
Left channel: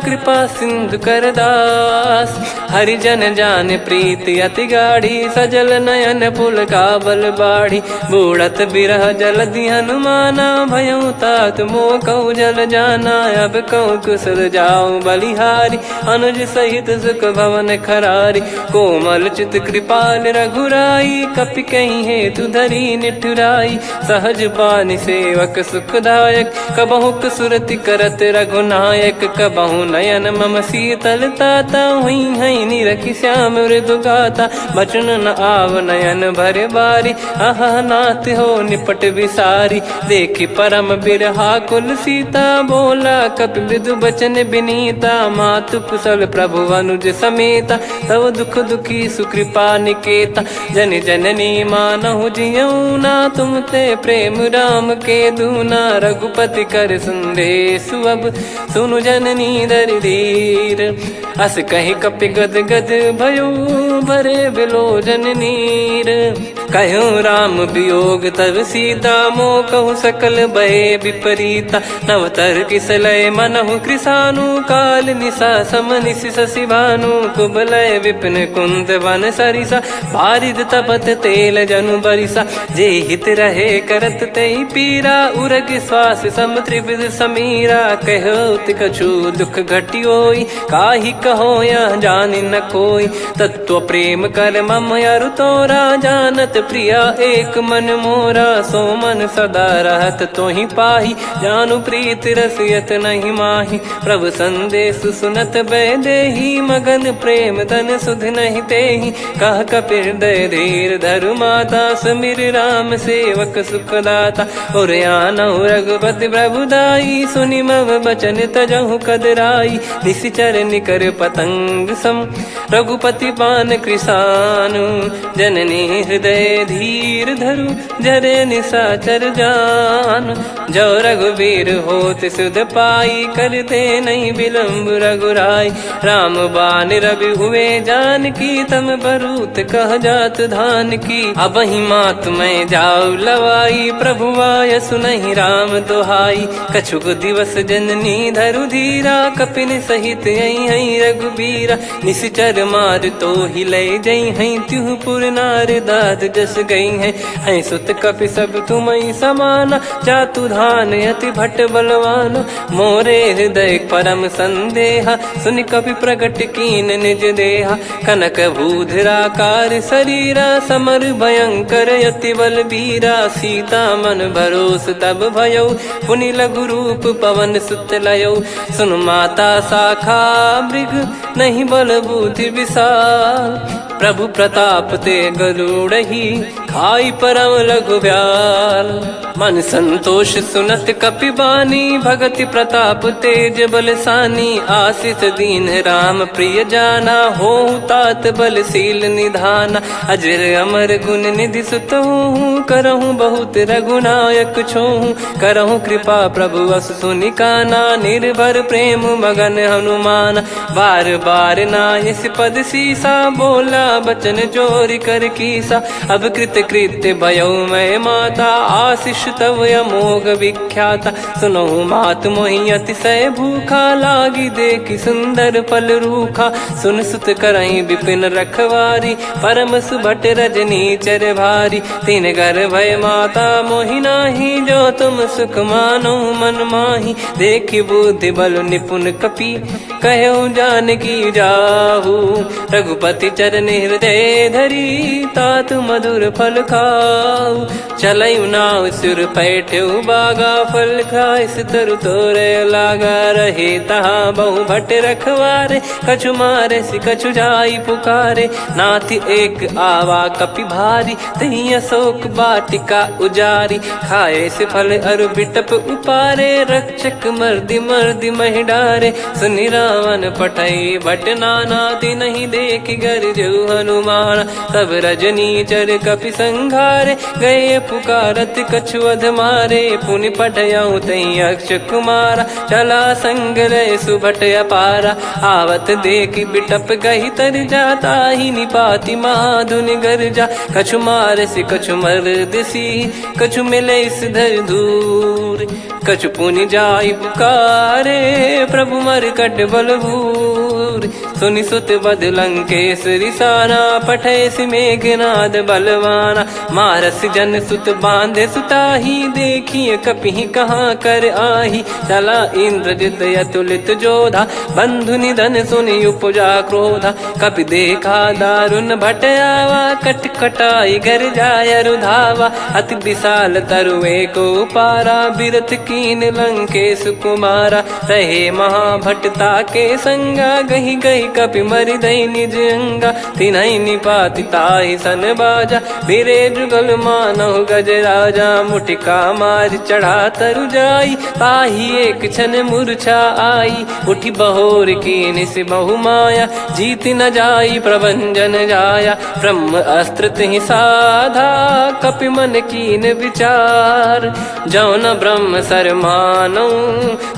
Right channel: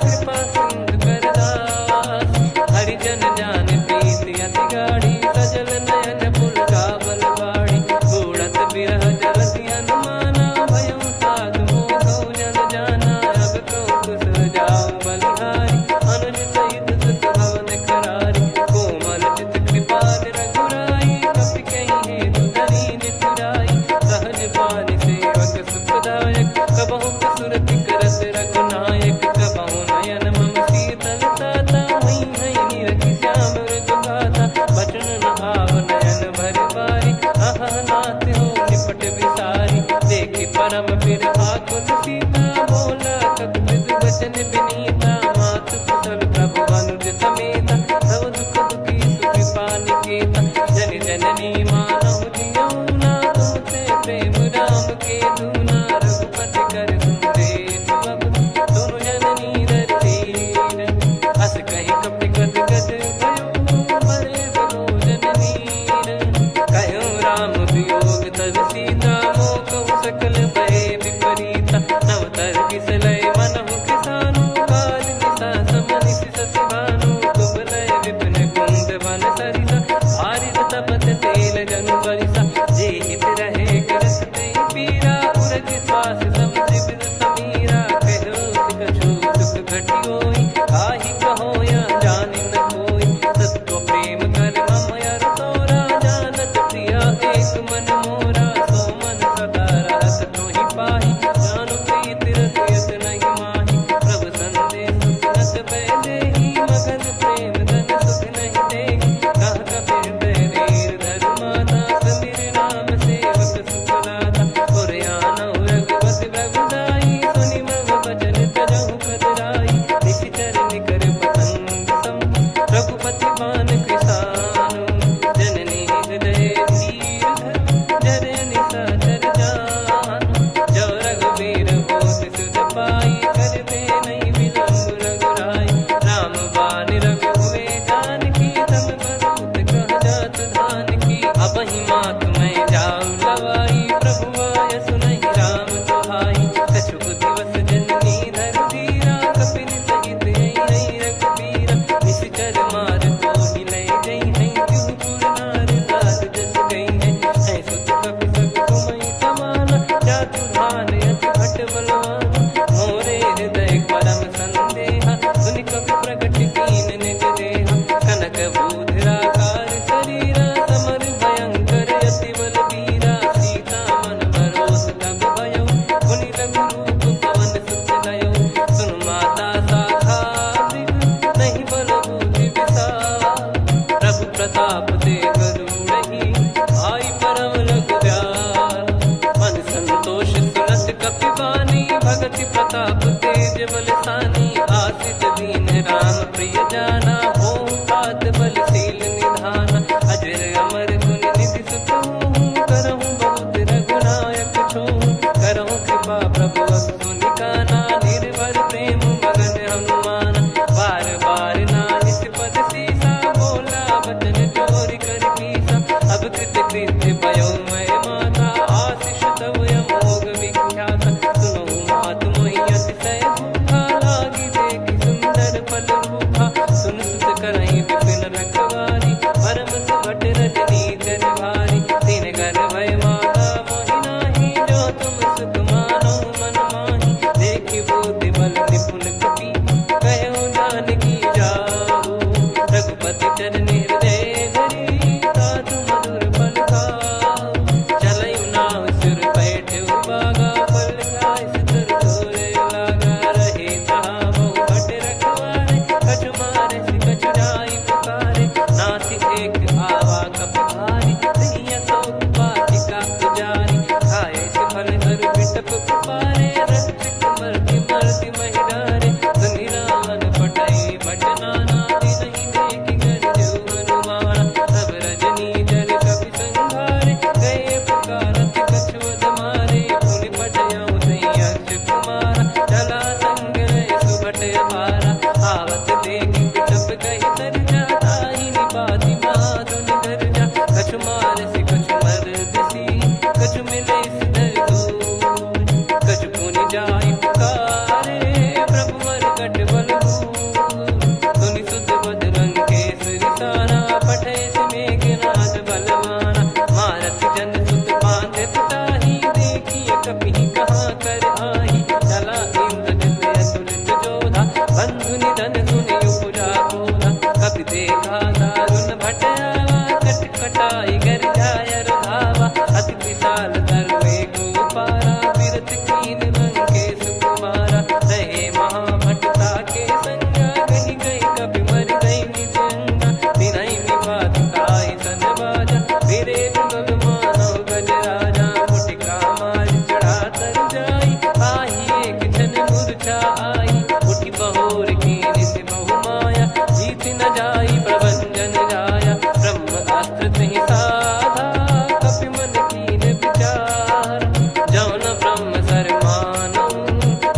कृपा सिंधु कर दास, हरिजन जान प्रीति अति गाढ़ी। सजल नयन पुल काबल बाढ़ी, बूढ़त बिरह जलधि हनुमाना। भयउ तात मोह कहु जल जाना, अब कहु कुशल जाऊं बलिहारी। अनुज सहित सुख भवन खरारी, कोमल चित कृपाल रघुराई। कपि कहीं हेतु धरी निठुराई, सहज पानि सेवक सुखदायक। कबहु सुरति करत रघुनायक, कबहु नयन मम शीतल ताता। हुई हई निरखि श्याम मृदु गाता, बचन न आव नयन भर बारी। अह नाथ हो निपट विसारी, देखि परम बिरहा कुल सीता। बोला कपि मृदु बचन बिनीता, मातु कुशल प्रभु अनुज समेता। तव दुख दुखी सुकृपा निकेता, जन जननी मानहु जियऊ ना। तुम ते प्रेम राम के दूना, रघुपति कर संदेशु अब सुनु जननी दरि धीर। अस कहि कपि गद गद भयो, भरे बिलोचन नीर। कहूँ राम वियोग तब सीता, मोह कहु सकल भय विपरीता। नव तर किसलय मनहु कृसानु, काल निशा सम निशि शशि भानु। कुबलय विपिन कुंद वन सरिसा, पारिद तपत तेल जनु बरिसा। जे हित रहे करत ते पीरा, उरग श्वास सम त्रिविध समीरा। कहो कछु दुख घटियोई, काहि कहो या जानि न कोई। तत्व प्रेम कर मम अरु तोरा, जानत प्रिया एक मन मोरा। सो मन सदा रहत तोहि पाही, जानु प्रीत रसियत नहीं माही। प्रभु संदेश सुनत भय देहि, मगन प्रेम धन सुध नहीं तेहि। कह कपिर दय धीर धरु माता, समीर राम सेवक सुखदाता। और आनहु रघुपति प्रभु दाई, सुनि मव बचन तजहु कदराई। निशिचर निकर पतंग सम, रघुपति पान कृसानु। जननी हृदय धीर धरु, जरे निशाचर जान। जो रघुवीर होत सुध पाई, करते नहीं विलंब रघुराई। राम बान रवि हुए जानकी, तम बरूत कह जात धान की। अब ही मात मैं जाऊ लवाई, प्रभु आय सुनहि राम दोहाई। कछुक दिवस जननी धरु धीरा, कपिन सहित हई रघुबीरा। निश्चर मार तो ही लय जई हई, त्युह पुर नार दाद जस गई है। सुत कपि सब तुम समाना, जातु धान अति भट बलवान। मोरे हृदय परम संदेहा, सुनि कपि प्रकट कीन निज देहा। कनक भूधराकार शरीरा, समर भयंकर अति बलबीरा। सीता मन भरोस तब भयऊ, पुनि लघु रूप पवन सुत लयऊ। सुन माता शाखा मृग, नहीं बल बुद्धि विशाल। प्रभु प्रताप ते गरुड़हि, खाई परम लघु ब्याल। मन संतोष सुनत कपि बानी, भगति प्रताप तेज बलसानी। आशीष दीन राम प्रिय जाना, होहु तात बलशील निधाना। अजर अमर गुण निधि सुतहु, करहु बहुत रघुनायक छोहु। करहु कृपा प्रभु अस सुनि काना, निर्भर प्रेम मगन हनुमान। बार बार नायस पद सीसा, बोला बचन चोरी कर कीसा। अब कृत कृत्य भयो मैं माता, आशीष तव अमोघ विख्याता। सुनो मात मोहि अतिशय भूखा, लागी देखी सुंदर फल रूखा। सुन सुत करई विपिन रखवारी, परम सुभट रजनी चर भारी। तीन घर भय माता मोहि नाही, जो तुम सुख मानो मन माही। देखी बुद्धि बल निपुण कपि, कहो जानकी जाहू। रघुपति चरण हृदय धरी, तात मधुर फल खाऊ। चलऊ नाव सुर पैठऊ बागा, फल खाइस तरु तोरे लागा। रहे तहाँ बहु भट रखवारे, कछु मारे सि कछु जाई पुकारे। नाथ एक आवा कपि भारी, तही अशोक वाटिका उजारी। खाए से फल अरु बिटप उपारे, रक्षक मर्दि मर्दि महि डारे। सुनि रावण पटई भट नाना, नहीं देखि गरजु हनुमान। तब रजनी चर कपि संघारे, गए पुकारत कछु अध मारे। पुनि पटयऊ तई अक्ष कुमारा, चला संग रहे सुभट अपारा। आवत देखि बिटप कही तर जाता, ही निपाति माधुन गर्जा। कछु मार से कछु मर्दसी, कछु मिले इस धर दूर। कछु पुनि जाई पुकारे, प्रभु मरकट बलभूर। सुनि सुत बद लंकेश्वरी साना, पठय मेघनाद बलवाना। मारस जन सुत बांधे सुताही, देखिए कपि कहाँ कर आही। चला इंद्रजित अतुलित जोधा, बंधु निधन सुनि उपजा क्रोधा। कपि देखा दारुण भट आवा, कट कटाई गर जाय रुधावा। अति विशाल तरुए को पारा, बिरत कीन लंकेश कुमारा। रहे महाभटता के संगा, गही गही कपि मरि दई निज अंगा। तिन्हि निपाति ताहि सन बाजा, फिरे जुगल मानव गज राजा। मुटिका मार चढ़ा तरु जाई, ताहि एक क्षण मूर्छा आई। उठी बहोर कीन से बहु माया, जीत न जाई प्रभंजन जाया। ब्रह्म अस्त्र तिहि साधा, कपि मन कीन विचार। जौ न ब्रह्म सर मानौ,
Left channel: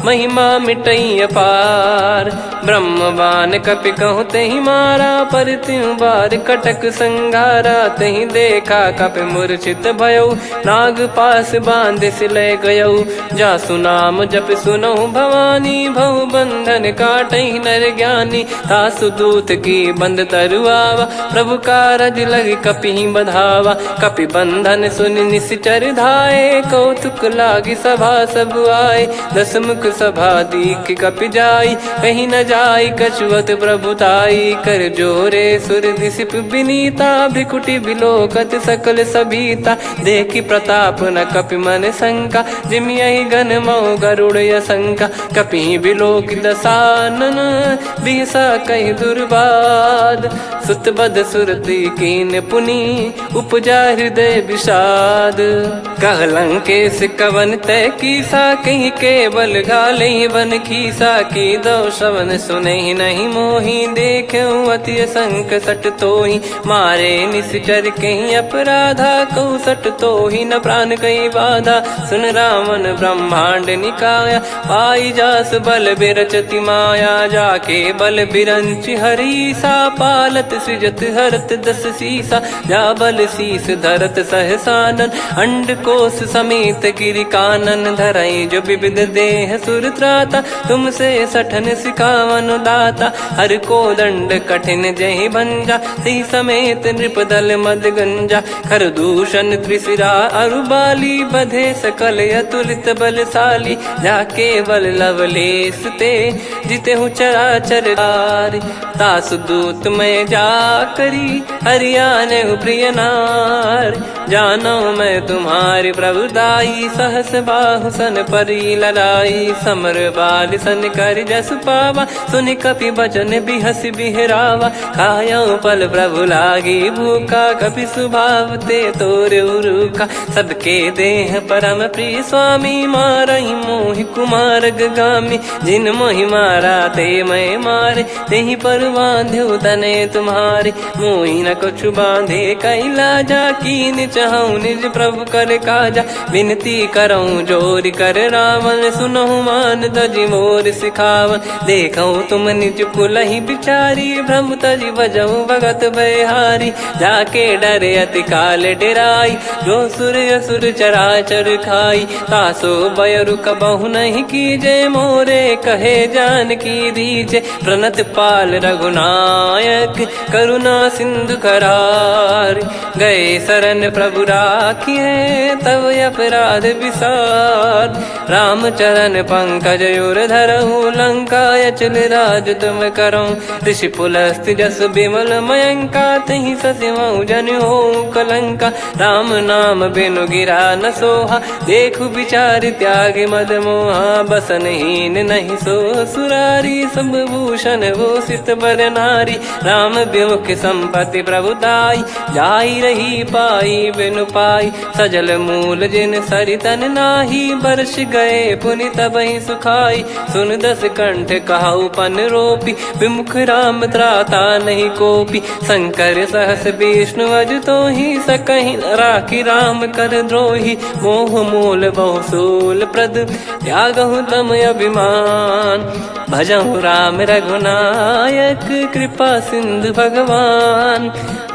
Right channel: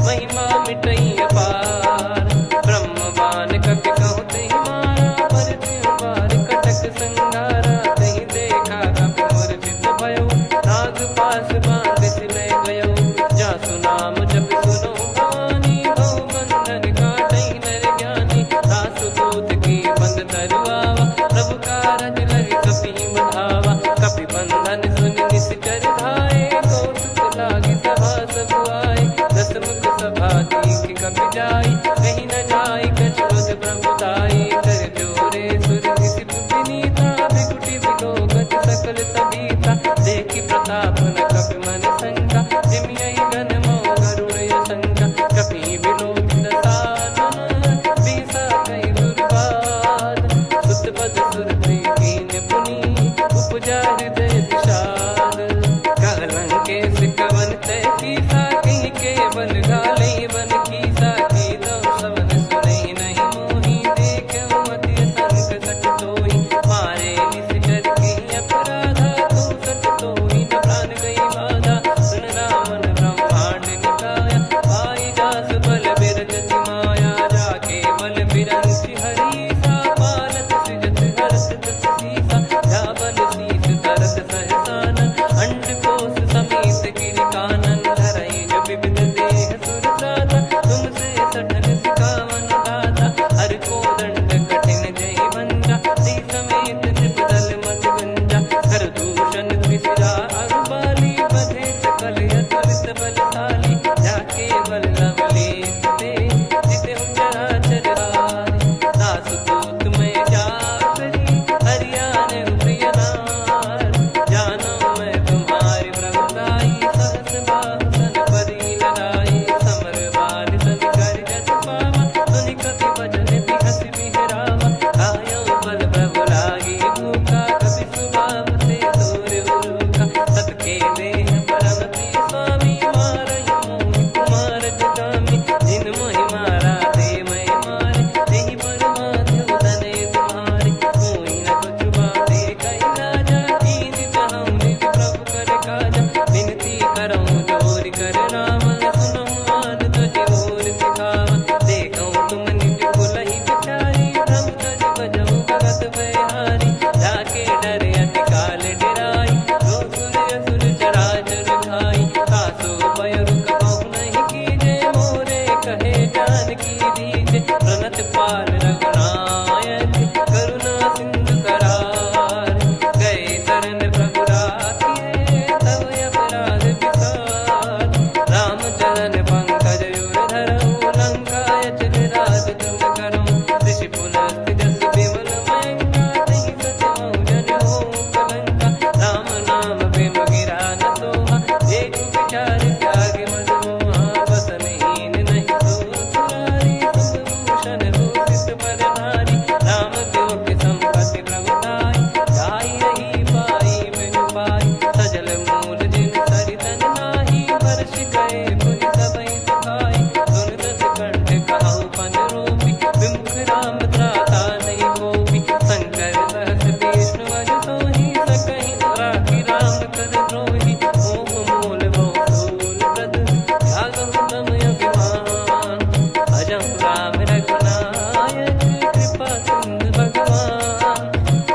महिमा मिटई अपार। ब्रह्मवान कपि कहु तहि मारा, पर त्यों बार कटक संगारा। तहि देखा कपि मूर्छित भयउ, नाग पास बांध सिलय गयउ। जासु नाम जप सुनौ भवानी, भव बंधन काटहि नर ज्ञानी। तासु दूत की बंद तरुआवा, प्रभु कारज लग कपि बधावा। कपि बंधन सुनि निश्चर धाये, कौतुक लागी सभा सब आए। दस मुख सभा दीख कपि जाई, कहीं न जाई कछुअत प्रभुताई। कर जोरे सुर दिसिप विनीता, भ्रिकुटि बिलोकत सकल सबीता। देखि प्रताप न कपि मन शंका, जिमियहि घन मऊ गरुड़ असंका। कपि बिलोक दसानन, बिहसा कहि दुर्बाद। सुत बद सुरति कीन पुनि, उपजा हृदय विषाद। कह लंकेश कवन तय कीसा, कहीं केवल गाले बन खीसा। की दो श्रवण सुनहि नहीं मोही, देखऊं अति संक सट तोहि। मारे निश्चर कहीं अपराधा, कहूँ सट तोहि न प्राण कहीं बाधा। सुन रावण ब्रह्मांड निकाया, पाई जास बल बिरचति माया। जाके बल बिरंच हरीसा, पालत सृजत हरत दस सीसा। जा बल शीस धरत सहसानन, अंड कोश समेत गिरि कानन। धरई जो विविध देह सुर त्राता, तुमसे सठन सिखावन दाता। हर को दंड कठिन जहि भंजा, ती समेत नृप दल मद गंजा। खर दूषण त्रिशिरा अरुबाली, बधे सकल अतुलित बलशाली। जाके बल लवलेस ते, जितेहु चराचर आरि। दासु दूत मैं जा करी, हरियाने प्रिय नार। जानो मैं तुम्हारी प्रभुदाई, सहस बाहु सन परी ललाई। समर बाल सन कर जस पावा, सुनि कपि भजन बिहस बिहरावा। खायऊ पल प्रभु लागी भूखा, कपि स्वभाव ते तोर उरुखा। सबके देह परम प्रिय स्वामी, मारई मोहि कुमार गगामी। जिन मोहि मारा ते मैं मारे, तेहि पर बांधे तने तुम्हारे। मोहि न कछु बांधे कैला, जा कीन पूछहूँ निज प्रभु कर काजा। विनती करऊँ जोर कर रावण, सुनहु मान तजी मोर सिखावन। देखऊँ तुम निज कुलहि बिचारी, भ्रम तजी बजऊँ भगत बहारी। जाके डरे अति काल डेराई, जो सुर असुर चराचर खाई। तासो बयरु कबहु नहीं कीजे, मोरे कहे जान की दीजे। प्रणत पाल रघुनायक, करुणा सिंधु करार। गए शरण प्रभु राखिए, तब अपराध विसार। राम चरण पंकज उर धरहु, लंका अचल राज तुम करऊँ। ऋषि पुलस्त्य जस विमल मयंका, तहि ससिमऊ जन हो कलंका। राम नाम बिनु गिरा न सोहा, देखु विचार त्याग मद मोहा। बसनहीन नहीं सो सुरारी, सब भूषण भूषित बर नारी। राम विमुख संपत्ति प्रभुताई, जाई रही पाई बिनु पाई। सजल मूल जिन सरितन नाही, बरस गए पुनि तबहि सुखाई। सुन दस कंठ कहाऊ पन रोपी, विमुख राम त्राता नहीं कोपी। शंकर सहस विष्णु अज तोहि, सकहि न राखी राम कर द्रोही। मोह मूल बहु सूल प्रद, त्यागहु तम अभिमान। भजहु राम रघुनायक, कृपा सिंधु भगवान।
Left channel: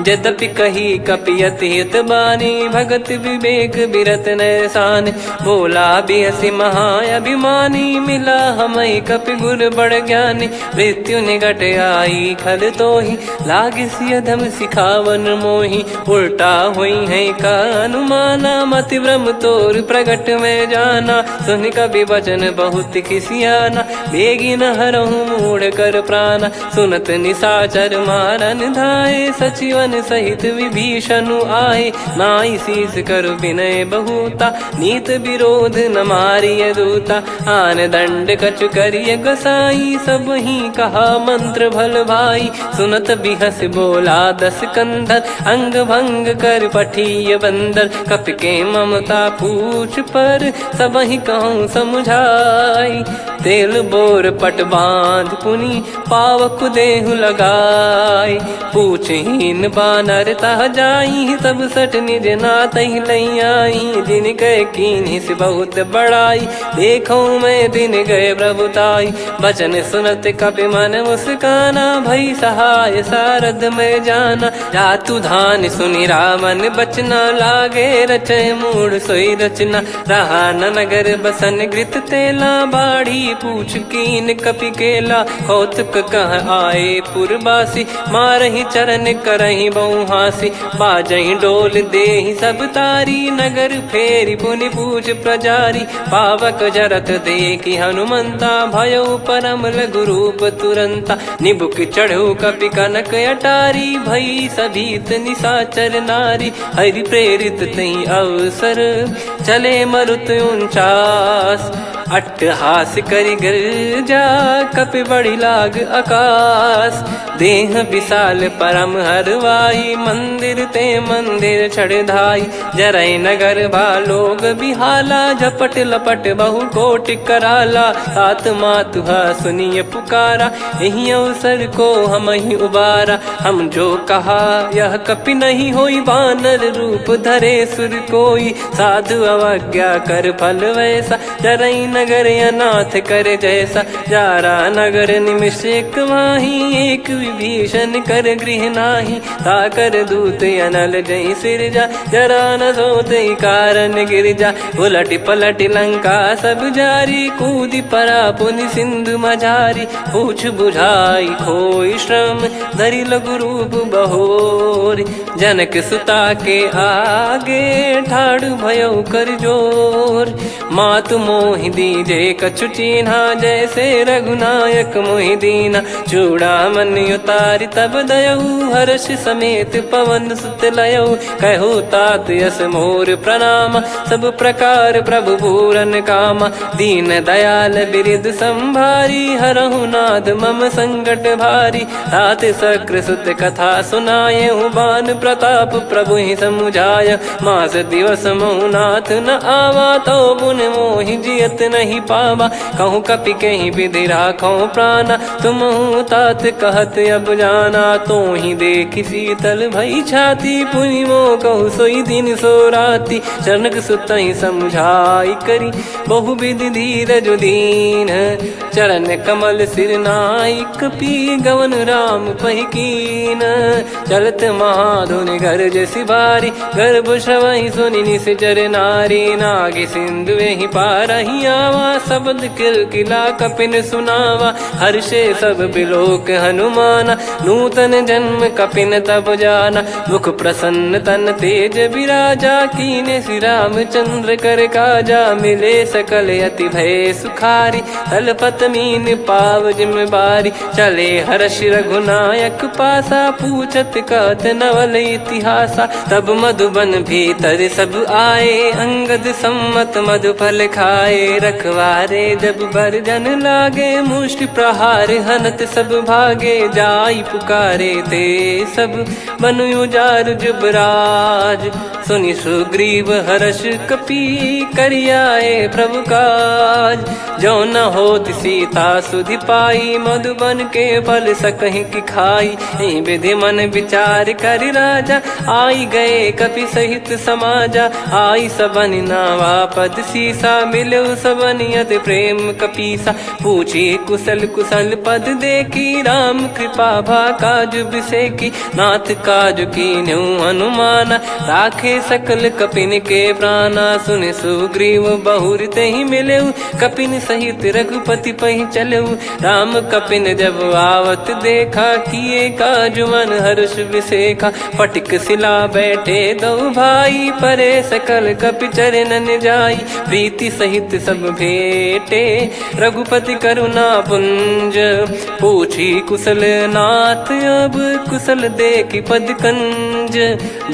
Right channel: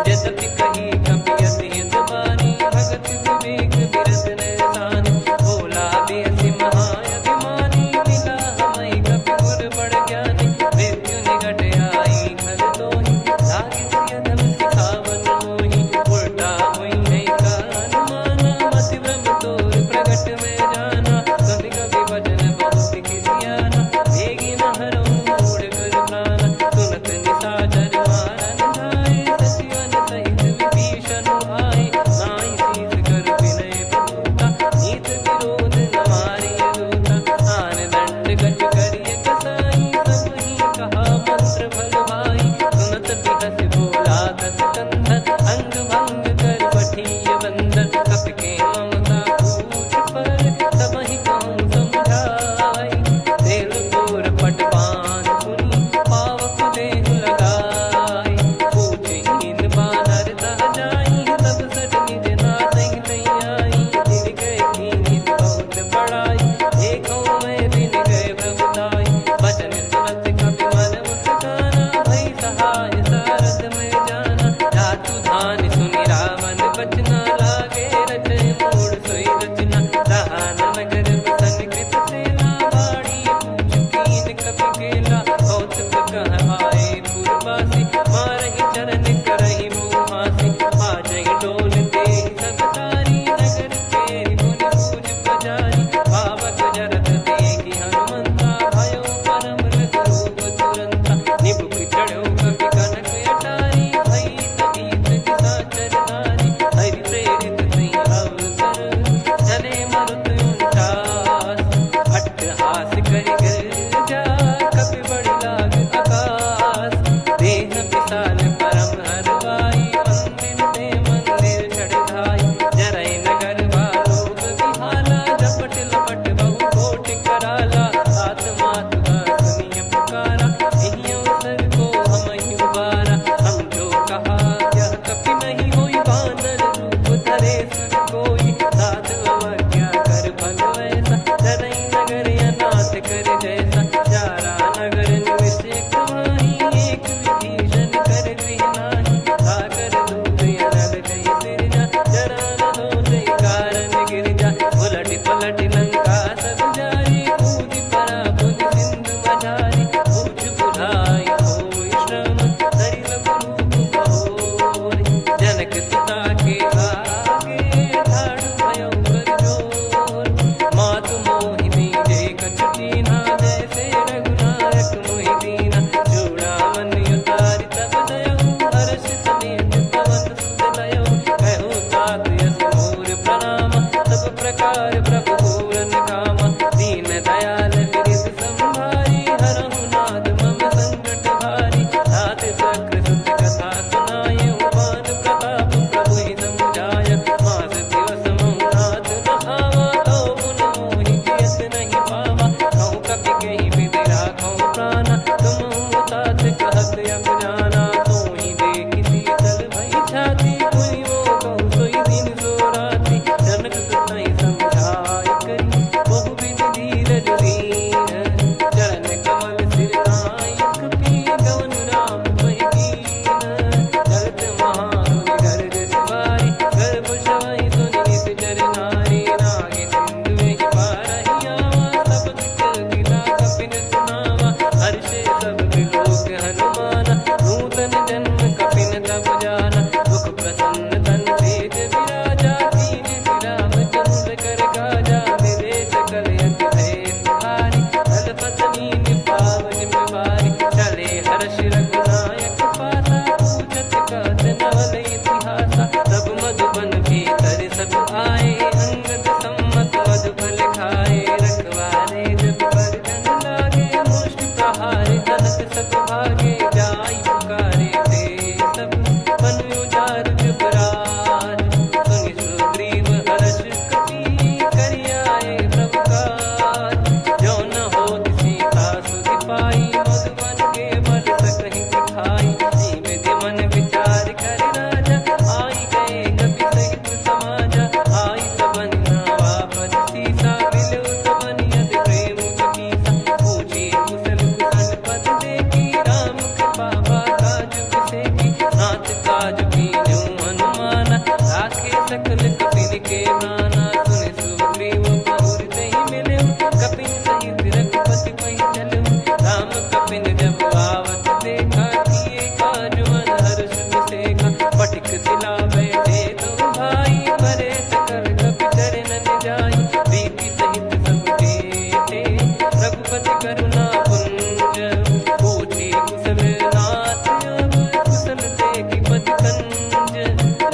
यद्यपि कही कपियत हित बानी, भगत विवेक बिरत नैसान। बोला बिहसी महाअभिमानी, मिला हमई कपि गुर बड़ ज्ञानी। मृत्यु निकट आई खल तोहि, लागे सियधम सिखावन मोहि। उल्टा हुई है का अनुमाना, मति भ्रम तोर प्रगट में जाना। सुन कवि वचन बहुत खिसियाना, बेगी न हरहु मूढ़ कर प्राणा। सुनत निशाचर मारन धाये, सचिवन सहित विभीषणु आए। नाई शीस करु विनय बहुता, नीत विरोध न मारिय दूता। आन दंड कछु करिय गसाई, सब ही कहा मंत्र भल भाई। सुनत बिहस बोला दस कंधर, अंग भंग कर पठिय बंदर। कपि के ममता पूछ पर, सब ही कहूँ समुझाई। तेल बोर पट बांध पुनि, पावक देहु लगाई। पूछहीन बानर तह जाई, सब सट निज नातहि लई आई। दिन गए कीन्ही से बहुत बड़ाई, देखूं मैं दिन गए प्रभुताई। बचन सुनत कपि मन मुस्काना, भई सहाय सारद में जाना। जातु धान सुनि रावण बचना, लागे रचय मूढ़ सोई रचना। रहा न नगर बसन कृत तेला, बाढ़ी पूछ कीन कपि केला। कौतुक कह आए पुरवासी, मारहि चरण करहि बहु हासी। बाजहि डोल देहि सब तारी, नगर फेरी पुनि पूछ प्रजारी। पावक जरत देखि हनुमंता, भयो परम रघुरूप तुरंता। निबुक चढ़ऊ कपि कनक अटारी, भई सभीत निशाचर नारी। हरि प्रेरित तहि अवसर, चले मरुत 49। अट्टहास करि गिरजा, कपि बड़ी लाग आकाश। देह विशाल परम हरवाई, मंदिर ते मंदिर चढ़धाई। जरई नगर भालोग बिहाला, झपट लपट बहु कोटि कराला। सात मातुहा सुनिय पुकारा, यही अवसर को हम ही उबारा। हम जो कहा यह कपि नहीं होई, वानर रूप धरे सुर कोई। साधु अवज्ञा कर फल वैसा, जरई नगर अनाथ कर जैसा। जारा नगर निमिष एक माही, एक विभीषण कर गृह नाही। ताकर दूत अनल जहि सिरजा, जरा न सोते कारण गिरजा। उलट पलट लंका सब जारी, कूदि परा पुनि सिंधु मझारी। पूछ बुझाई खोई श्रम, धरि लघु रूप बहोरी। जनक सुता के आगे, ठाड़ भयउ कर जोर। मातु मोहि दीजे कछु चीन्हा, जैसे रघुनायक मोहि दीना। चूड़ामन उतारि तब दयऊ, हर्ष समेत पवन सुत लयऊ। कहु तात यस मोर प्रणाम, सब प्रकार प्रभु पूरन कामा। दीन दयाल बिरिद संभारी, हरहु नाद मम संकट भारी। तात सक्र सुत कथा सुनाए, बान प्रताप प्रभु ही समुझाय। मास दिवस महु नाथ न आवा, तो गुण मन मोहि जियत नहीं पावा। कहूँ कपि कहीं विधि राखो प्राणा, तुम तात कहत अब जाना। तो ही देखी शीतल भई छाती, पुनि मो कहु सोई दिन सो राती। जनक सुत ही समझाई करी, बहु विधि धीरज दीन। चरण कमल सिर नायक, पी गवन राम पहिकीन। चलत महाधुनि गरज सिबारी, गर्भ श्रवहि सुनि निश्चर नारी। नागे सिंधु ही पारहि आवा, शब्द किलकिला कपिन सुनावा। हर्षे सब बिलोक हनुमाना, नूतन जन्म कपिन तब जाना। मुख प्रसन्न तन तेज विराजा, कीने श्री रामचंद्र कर काजा। मिले सकल अति भय सुखारी, तलपत मीन पाव जिम्मेवारी। चले हर्ष रघुनायक पासा, पूछत कहत नवल इतिहासा। तब मधुबन भीतर सब आए, अंगद सम्मत मधुफल खाए। रखवारे जब बरजन लागे, मुष्टि प्रहार हनत सब भागे। जाई पुकारे ते सब, बनु उजार जुबराज। सुनि सुग्रीव हर्ष कपि, करियाए प्रभु काज। जो न होत सीता सुधि पाई, मधुबन के फल सकहि की खाई। विधि मन विचार कर राजा, आई गए कपि सहित समाजा। आई सबन नावा पद सीसा, मिलो सबन यत प्रेम कपीसा। पूछी कुशल कुशल पद देखी, राम कृपा भा काज बिसेकी। नाथ काज कीन्यु हनुमाना, राखे सकल कपिन के प्राणा। सुन सुग्रीव बहुर तेहि मिलेउ, कपिन सहित रघुपति पहि चलेउ। राम कपिन जब आवत देखा, किए काज मन हर्ष विसेखा। फटिक सिला बैठे दो भाई, परे सकल कपि चरणन जाई। प्रीति सहित सब भेटे, रघुपति करुणा पुंज। पूछी कुशल नाथ अब, कुशल देखि पद कंज।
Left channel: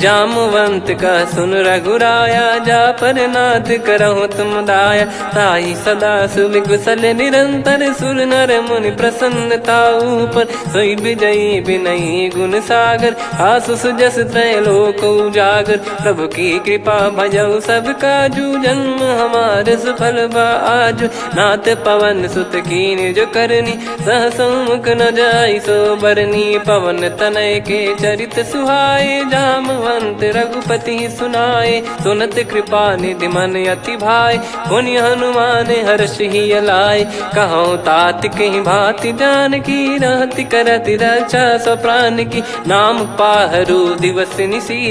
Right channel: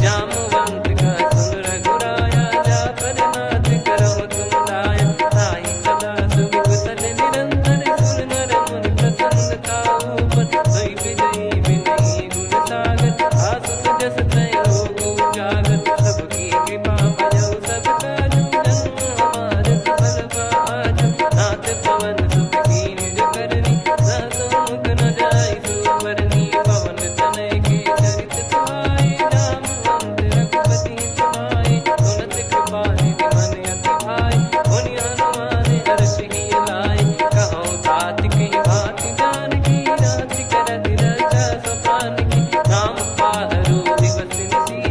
जामवंत का सुन रघुराया, जा पर नाथ करहु तुम दाया। ताहि सदा सुभि कुशल निरंतर, सुर नर मुनि प्रसन्नता ऊपर। सोई विजयी विनयी गुण सागर, आसु सुजस त्रैलोक उजागर। प्रभु की कृपा भजऊ सब काजू, जन्म हमार सफल बा आजु। नाथ पवन सुत कीन्ह जो करनी, सहसो मुख न जाई सो बरनी। पवन तनय के चरित सुहाए, जामवंत रघुपति सुनाए। सुनत कृपा निधि मन अति भाई, पुनि हनुमान हर्ष ही लाए। कहो तात कहीं भांति जानकी, रहति करति रक्षा सो प्राण की। नाम पाहरु दिवस निसी,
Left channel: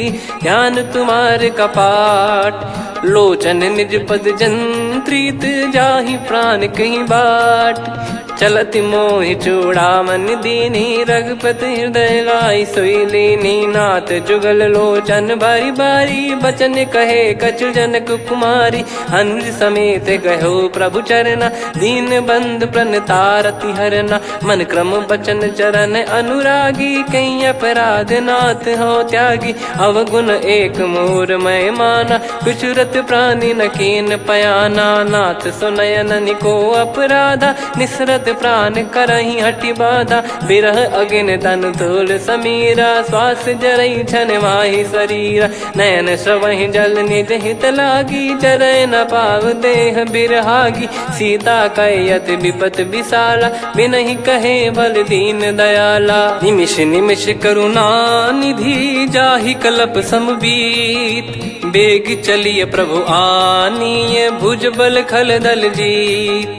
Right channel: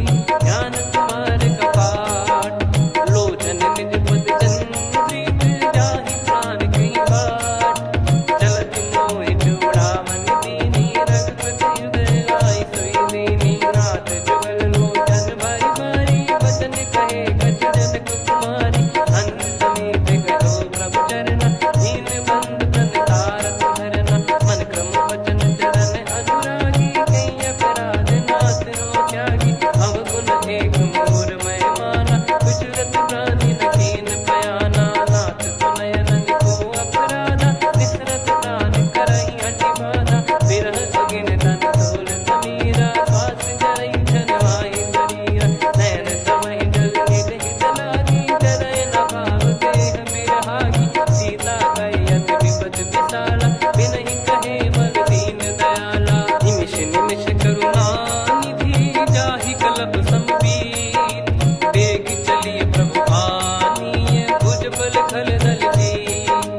ध्यान तुम्हारे कपाट। लोचन निज पद जंत्रित, जाहि प्राण कहीं बाट। चलति मोहि चूड़ामन दीनी, रघुपति हृदय लाई सोई लीनी। नाथ जुगल लोचन बारी बारी, बचन कहे कछु जनक कुमारी। अनुज समेत गयो प्रभु चरना, दीन बंद प्रणतारति हरना। मन क्रम बचन चरण अनुरागी, कहीं अपराध नाथ हो त्यागी। अवगुण एक मोर मैं माना, विचुरत प्राणी न कीन पयाना। नाथ सुनयन निको अपराधा, निसरत प्राण करहि हटि बाधा। बिरह अगिन तन तोल समीरा, श्वास जरई छन माहि शरीरा। नयन श्रवहि जल निज हित लागी, जरय न पाव देह बिरहागी। सीता कयत विपत विशाला, बिनहि कहे बल दीन दयाला। निमिष निमिष करुणा निधि, जाहि कलप समबीत। बेग चलिए प्रभु आनीय, भुज बल खल दल जीत।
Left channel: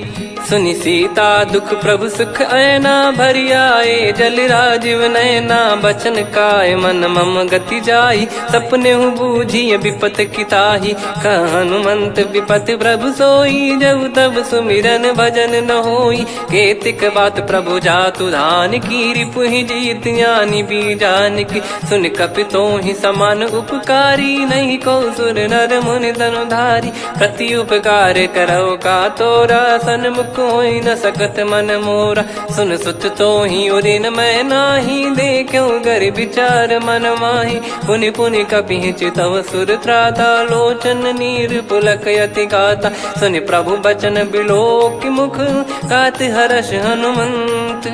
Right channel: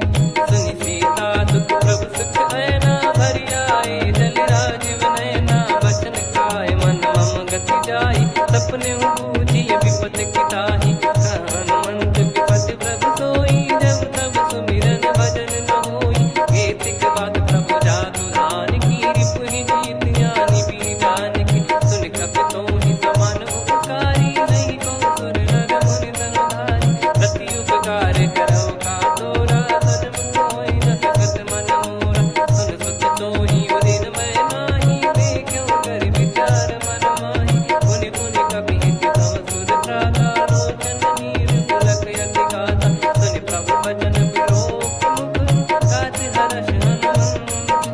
सुनि सीता दुख प्रभु सुख ऐना, भरि आए जल राजीव नैना। बचन काय मन मम गति जाई, सपने हूँ बूझिए विपत किताही। हनुमंत विपत प्रभु सोई, जब तब सुमिरन भजन न होई। केतिक बात प्रभु जातु धान की, रिपुहि जीत ज्ञानी बीजान की। सुन कपि तोहि समान उपकारी, नहीं को सुर नर मुनि तनुधारी। प्रति उपकार करो का तोरा, सन्मुख कोई न सकत मन मोरा। सुन सुत तो ही उदिन मैं नाही, देखो गर विचार मन माही। पुनि पुनि कपि चितव सुर त्राता, लोचन नीर पुलक यति गाता। सुनि प्रभु बचन बिलोक मुख, गात हर्ष हनुमंत।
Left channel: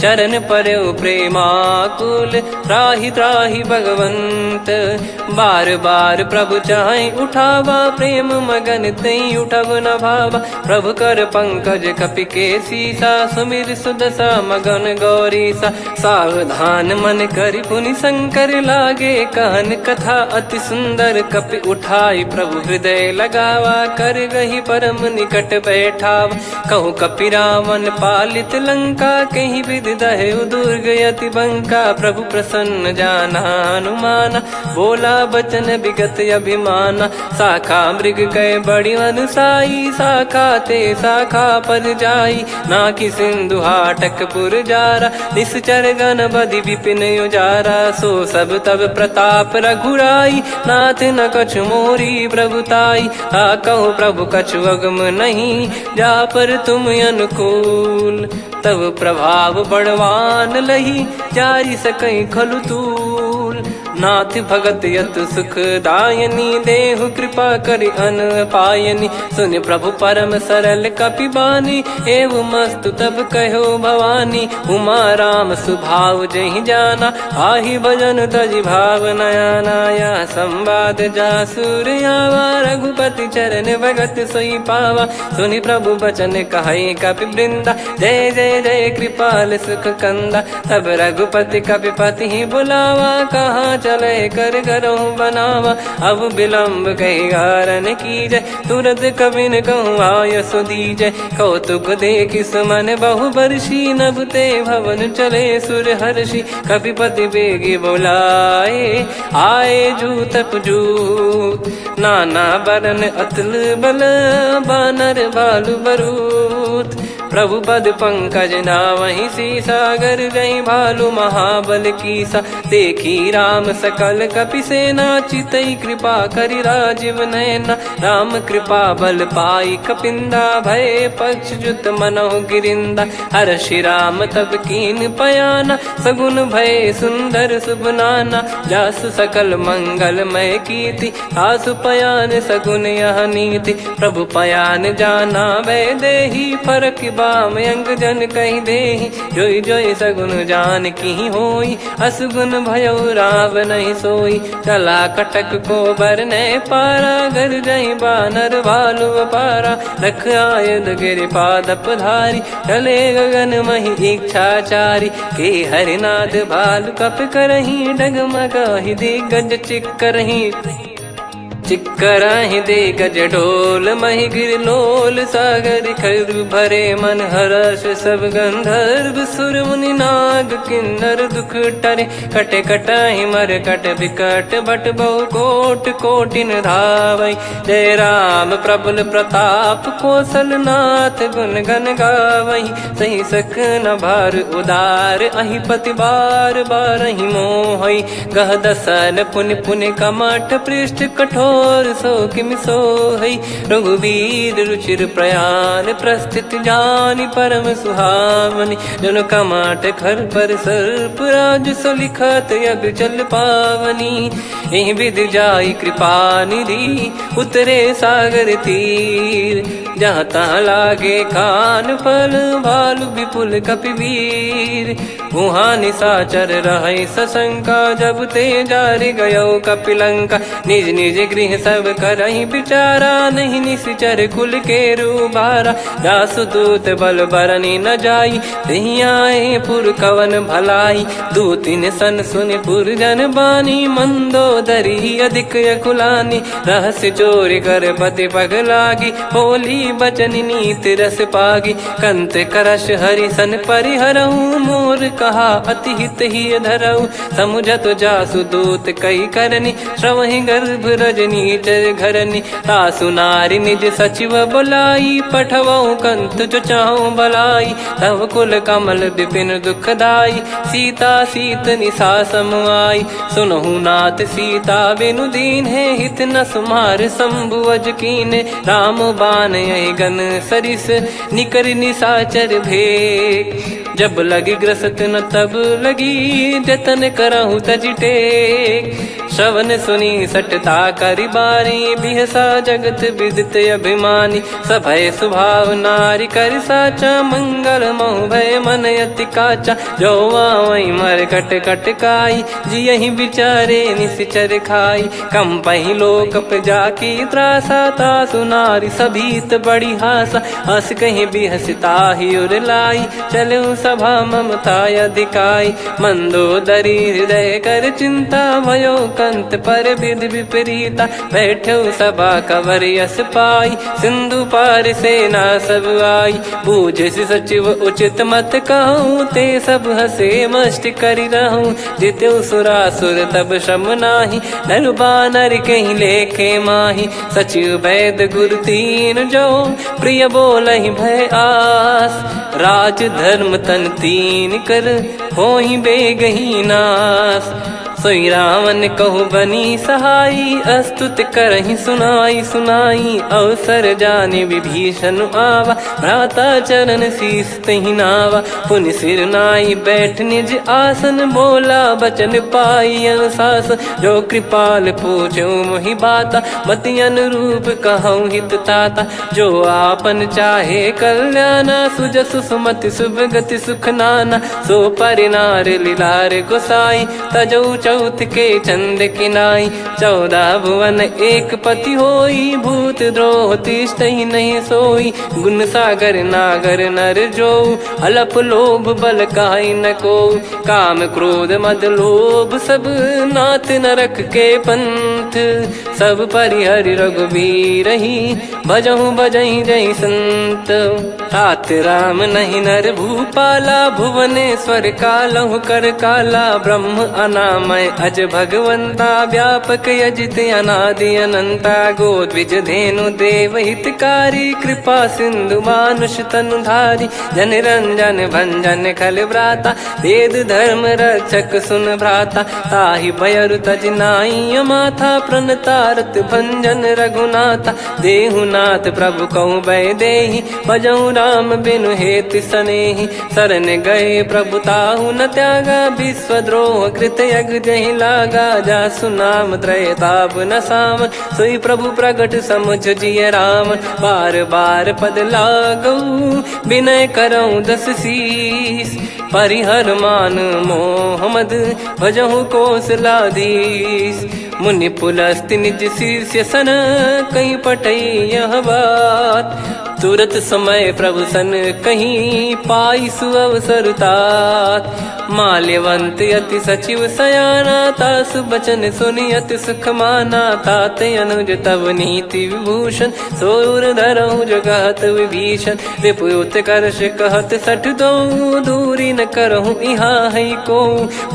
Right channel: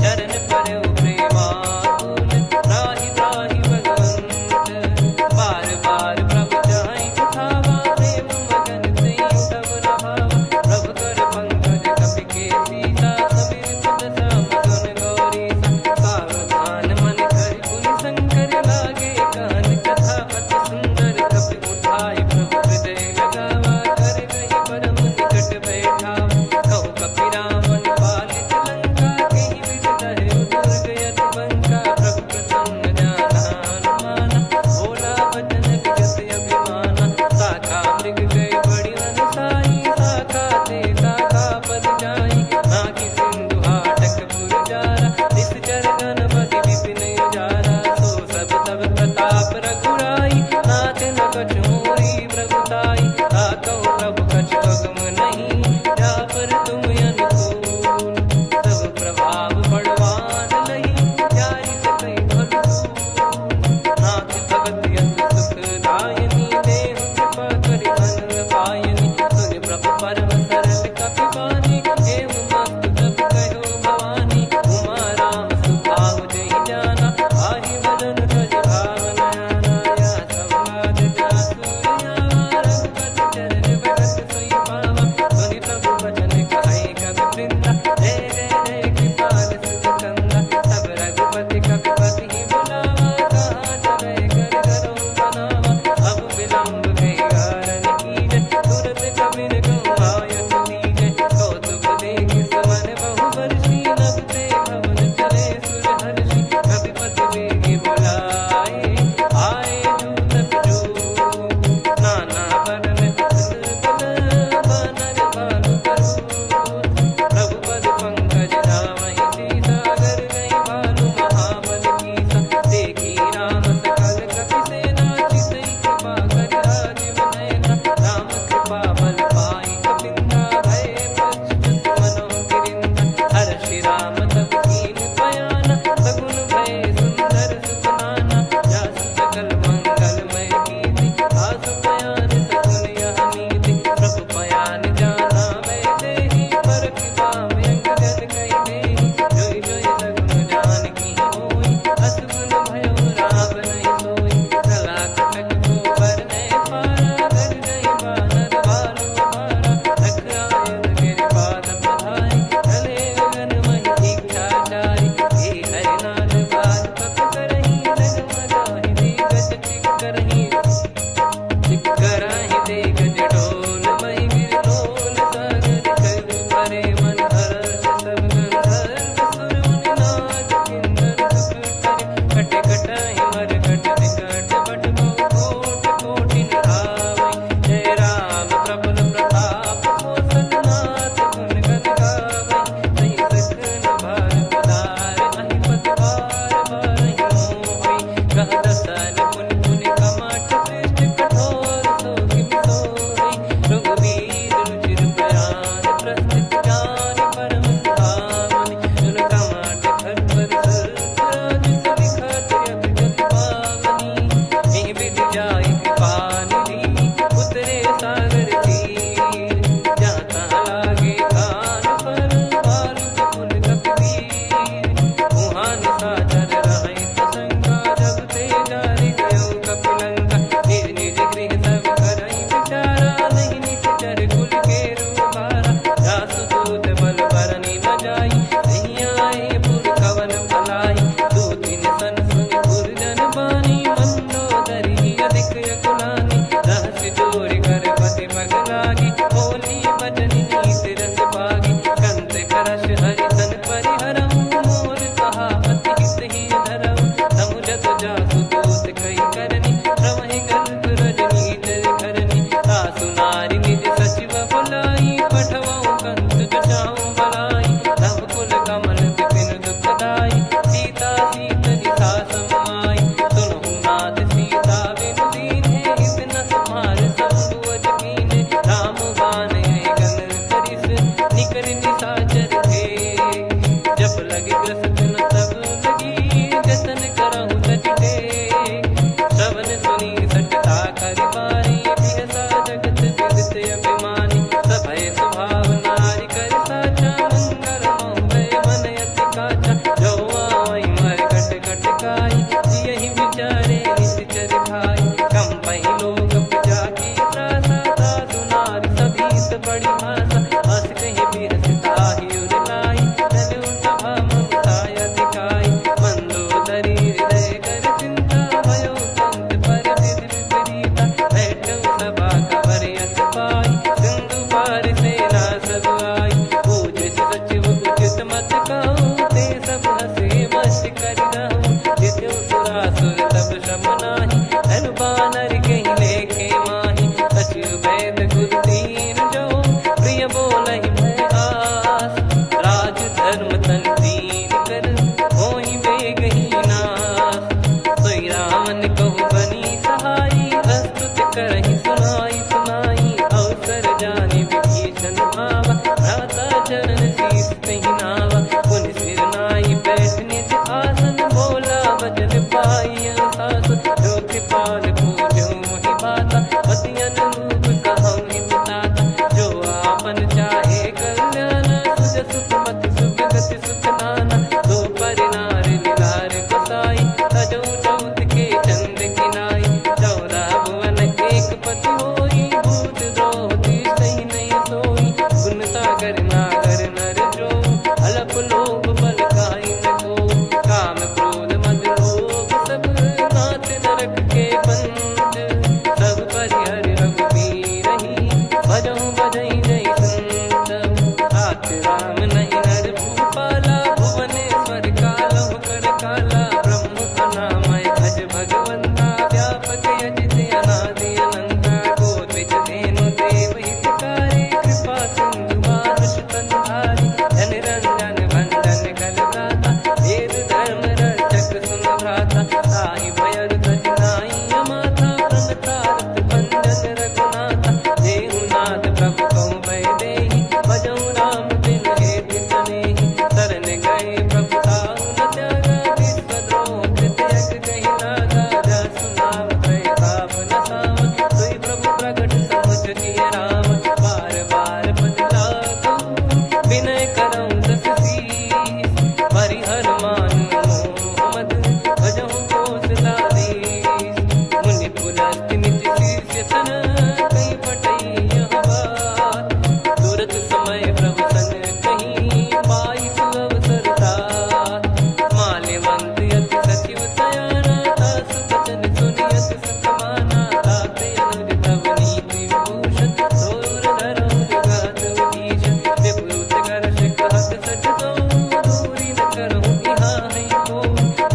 चरण परौ प्रेमाकुल, त्राहि त्राहि भगवंत। हाथ। बार बार प्रभु चाहे उठावा, प्रेम मगन तई उठब न भावा। प्रभु कर पंकज कपि के सीसा, सुमिर सुदशा मगन गौरीसा। सावधान मन करि पुनि शंकर लागे, कहन कथा अति सुंदर कपि उठाई। प्रभु हृदय लगावा, कर गही परम निकट बैठाव। कहूँ कपि रावण पालित लंका, कहीं विधि दहु दुर्ग यति बंका। प्रभु प्रसन्न जाना हनुमाना, बोला बचन विगत अभिमाना। शाखा मृग कह बड़ी अनुसाई, शाखा ते शाखा पर जाई। नाकि सिंधु हाटक पुर जारा, निश्चर गण बधि विपिन उजारा। सो सब तब प्रताप रघुराई, नाथ न कछु मोरी प्रभुताई। कहो प्रभु कछु अगम नहीं, जा पर तुम अनुकूल। तब प्रभाव बड़वान लही, जारी सकई खलु तूल। नाथ भगत यत सुख दायनी, देहु कृपा करि अन पायनी। सुन प्रभु परम सरल कपि बानी, एव मस्तु तब कहो भवानी। उमा राम सुभाव जहि जाना, आहि भजन तजि भाव नयाना। या संवाद जासुर आवा, रघुपति चरण भगत सोई पावा। सुनि प्रभु बचन कहै कपि वृंदा, जय जय जय कृपाल सुख कंदा। तब रघुपति कपि पति बुलावा, कहाँ चले कर करहु बनावा। अब विलम्ब कही कारण कीजय, तुरत कबिन कहूँ आयस दीजय। कौतुक देखि सुमन बहु बरसी, नभ ते भवन चले सुर हर्षि। कपिपति बेगी बोलाए, आए जूतक जूत। नाना बरन अतुल बल, बानर भालु बरूत। प्रभु पद पंकज नावहि सीसा, गर गई भालु महाबल कीसा। देखी राम सकल कपि सेना, चितई कृपा करि राजीव नयना। राम कृपा बल पाई कपिंदा, भय पक्ष जुत मनोह गिरिंदा। हर्षि राम तब कीन पयाना, सगुन भय सुंदर शुभ नाना। जासु सकल मंगलमय कीर्ति, आसु पयान सगुन यह नीति। प्रभु पयान जाना वै देहि, फरक बाम अंग जन कहि देहि। जोई जोई सगुन जान की होई, असगुन भयो राव नहीं सोई। चला कटक को बरने पारा, घर जई बानर भालु अपारा। लख आयद गिरि पादप धारी, चले गगन महि इच्छाचारी। के हरिनाद भालु कप करही, डगमगाहि दिग्गज चिक्करही। चिक्कराहि दिग्गज ढोल, महि गिर लोल। सागर खर भरे मन हर्ष, सब गंधर्व सुर मुनि नाग किन्नर दुख टरे। कटे कटाहि मर कट विकट, बट बहु कोट कोटिन धावै। जय राम प्रबल प्रताप, कौशल नाथ गुण गन गावै। सही सकन भार उदार, अहि पति बार बारहि मोहै। कह दसन पुनि पुनि कमठ, पृष्ठ कठोर सो किम सोहै। रघुवीर रुचिर प्रयाण, प्रस्थित जानि परम सुहावनी। जन कमाट खर पर सर्प, राज सलिखत अब जल पावनी। एहि विधि जाई कृपा निधि, उतरे सागर तीर। जहाँ तहाँ लागे खान फल, भालु विपुल कपि वीर। वहाँ निशाचर रहै सशंका, जब ते जारि गयो कपिलंका। निज निज गृह सब करहि विचारा, नहीं निश्चर कुल के रूबारा। जासु दूत बल बरनि न जाई, तेहि आए पुर कवन भलाई। दूतिन सन सुनि पुर जन बानी, मंदोदरी अधिक अकुलानी। रहस्य चोरी कर पति पग लागी, होली बचन नीति रस पागी। कंत करश हरि सन परिहरहु, मोर कहा अति हित ही धरऊ। समुझत जासु दूत कई करनी, श्रवहि गर्भ रजनी चर घरनी। तासु नारी निज सचिव बुलाई, पठवऊ कंत जो चाहूं भलाई। तव कुल कमल विपिन दुखदाई, सीता सीत निशा समुआई। सुनहु नाथ सीता बिनु दीन है, हित न सुमार शंभु अज कीने। राम बान गन सरिस, निकर निशाचर भेग। जब लगी ग्रसत न तब लगी, जतन करहु तज टेक। श्रवण सुनी सटता करि बारी बिहसा जगत विदित अभिमानी सभय स्वभाव नारी कर साचा मंगल मोह भय मन अति काचा जो आवई मर कट कट काई जियहि विचारे निश्चर खाई कम पही लोक जाकी त्रासा तासु नारी सभीत बड़ी हासा हस कहीं भी हंसता ही उर लाई चलो सभा ममता अधिकाई मंदोदरी हृदय कर चिंता भयो कंत पर विध विपरीता बैठो सभा कवर यस पाई सिंधु पार सेना सब आई पूज सचिव उचित मत कहूँ ते सब हसे मस्त करि रहूँ जित्यो सुरासुर तब श्रम नाही नल बानर कहीं लेखे माही सचिव वैद गुरु तीन जो प्रिय बोलहि भय आस राज धर्म तन तीन कर होई बेगही नास सोई रावण कहु बनी सहाई अस्तुत करहि सुनाई सुनाई अवसर जाने विभीषण आवा भ्राता चरण शीस तहि नावा पुनि सिर नाई बैठ निज आसन बोला बचन पाई अनुशास जो कृपाल पूछो मोहि बाता मति अनुरूप कहूँ हित ताता जो आपन चाहे कल्याणा सुजसु सुमति शुभ गति सुख नाना सो परिनार लीलार गोसाई तजौ चौथ के चंद किनाई 14 भुवन एक पति होई भूत द्रोह तिष्ठहि नहीं सोई गुण सागर नागर नर जो अलप लोभ बल काई न को काम क्रोध मद लोभ सब नाथ नरक के पंथ सब परिहरि रघुबीर ही भजहु भजहि जय संत तात राम नहीं नर भूपाला भुवनेश्वर कालहु कर काला ब्रह्म अनामय अज भगवंता व्यापक यजित अनादि अनंता गोद्विज धेनु देव हितकारी कृपा सिंधु मानुष तनुधारी जन रंजन भंजन खल भ्राता वेद धर्म रक्षक सुन भ्राता ताहि भयरु तज नाई माथा प्रणतारत भंजन रघुनाथा देहुनाथ प्रभु कहु भय देहि भजहु राम बिनु हेति सनेहि शरण गए प्रभु ताहु न त्यागा विश्वद्रोह कृत यज्ञ जहि लागा जासु नाम त्रयताप न साम सोई प्रभु प्रगट समुझ जिय राम बार बार पद लागऊ विनय करऊँ 10 शीस परिहर मान मोहम्मद भजहु कौशलाधीश मुनि पुलस्ति निज शीर्ष सन कहीं पटई यह बात तुरत समय प्रभु सन कहीं पाई सुअवसर तात माल्यवंत अति सचिव सयाना तासु बचन सुनि अति सुख माना ताते अनुज तव नीति विभूषण सोर धरहु जगत विभीषण विपुत करश कहत सठ दो दूरी न करहु यहाँ है को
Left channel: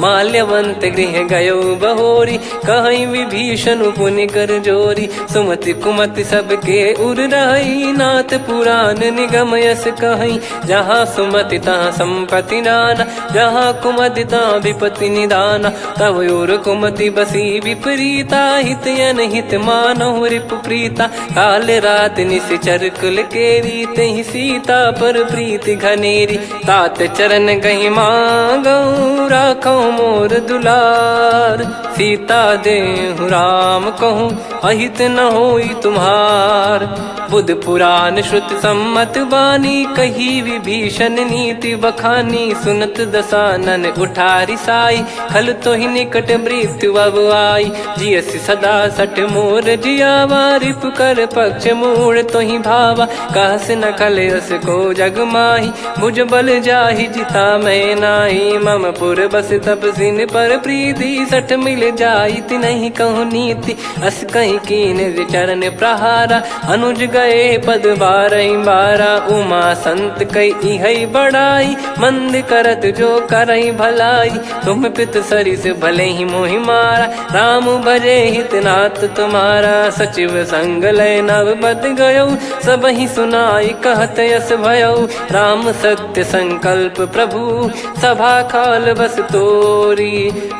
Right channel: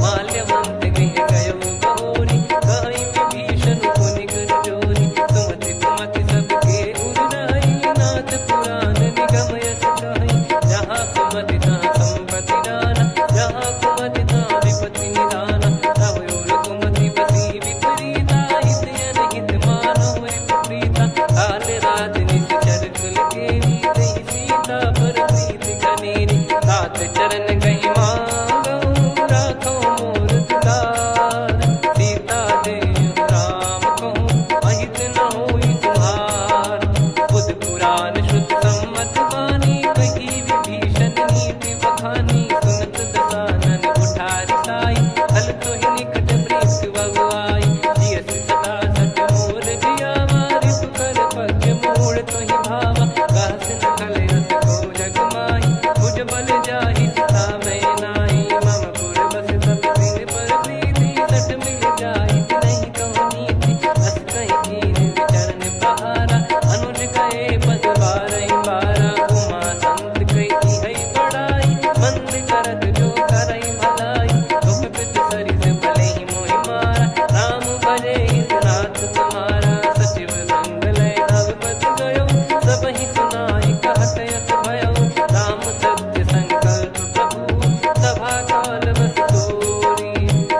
माल्यवंत गृह गयो बहोरी कहीं विभीषण पुनि कर जोरी सुमति कुमति सबके उर रही नाथ पुराण निगम यस कहीं जहाँ सुमति तहाँ संपत्ति नाना जहाँ कुमति तहाँ विपत्ति निदाना तव और कुमति बसी विपरीता हित अनहित मानहु रिपु प्रीता काल रात निशिचर कुल केरी तहि सीता पर प्रीति घनेरी तात चरण गही मांगऊ राखो मोर दुलार सीता देहु राम कहूँ अहित न होई तुम्हार बुध पुराण श्रुत सम्मत बानी कही विभीषण नीति बखानी सुनत दसानन उठारी साई खल तो ही निकट मृत्यु अब आई जियसि सदा सठ मोर जियावा रिप कर पक्ष मूड़ तो ही भावा कहस न खल रस को जग माही मुझ बल जाहि जिता मैं नाई मम पुर बस तब सिन पर प्रीति सठ मिल जाई नहीं कहूँ नीति अस कहीं कीन विचरण प्रहारा अनुज गए पद बारा उमा संत कई है बड़ाई मंद करत जो करई भलाई तुम पित सरी से भले ही मोहि मारा राम भजे हितनाथ तुम्हारा सचिव संग लय नव बद गयो सब ही सुनाई कहत यस भयो राम सत्य संकल्प प्रभु सभा काल बस तोरी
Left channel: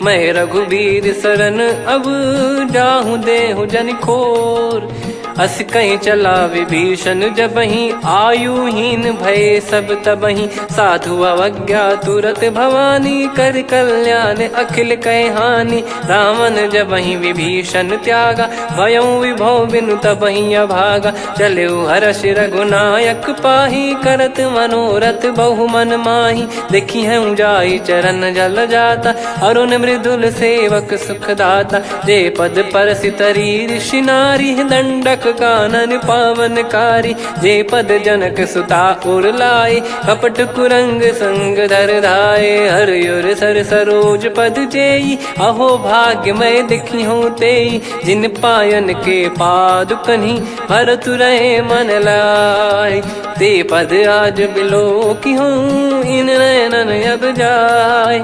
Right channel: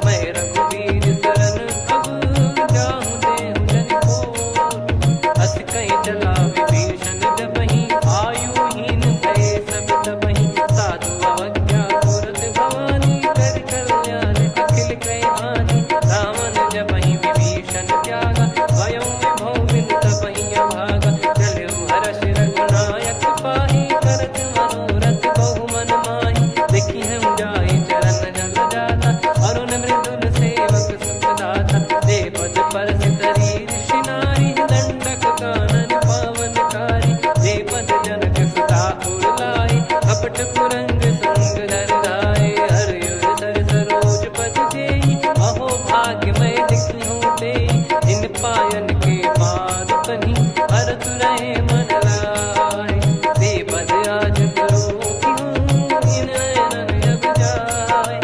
मैं रघुबीर शरण अब जाहु देहु जन खोर अस कहीं चला विभीषण जबहि, आयुहीन भये सब तबहि। साधु अवज्ञा तुरत भवानी, कर कल्याण अखिल कह हानि। रावण जबहि विभीषण त्यागा, भयउ विभव बिनु तबहि अभागा। चले हर्ष रघुनायक पाहि, करत मनोरथ बहु मन माहि। देखी हूँ जाई चरण जल जाता, अरुण मृदुल सेवक सुखदाता। जे पद परसितरी ऋषि नारी, दंडक कानन पावनकारी। जे पद जनक सुता उर लाए, कपट कुरंग संग धर धाये। हरियुर सर सरोज पद जेई, अहो भाग्य मैं दिखी हूँ तेई। जिन पायन के पादुकनि, भरत रहे मन लाय। ते पद आज बिलो की हूँ, इन नयनन अब जाय।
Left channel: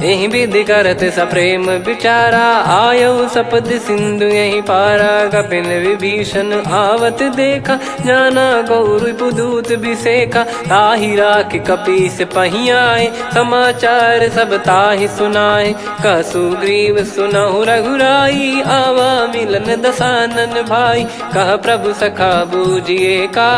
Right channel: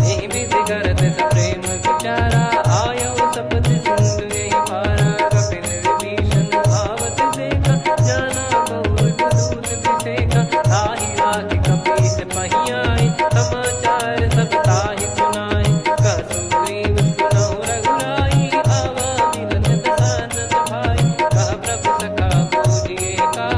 यही विधि करत सप्रेम विचारा, आयो सपद सिंधु यही पारा। कपिन विभीषण आवत देखा, जाना गौर बुदूत बिसेखा। ताहि राख कपीस पही आए, समाचार सब ताहि सुनाए। कह सुग्रीव सुनहु रघुराई, आवा मिलन दसानन भाई। कह प्रभु सखा बूझिए का,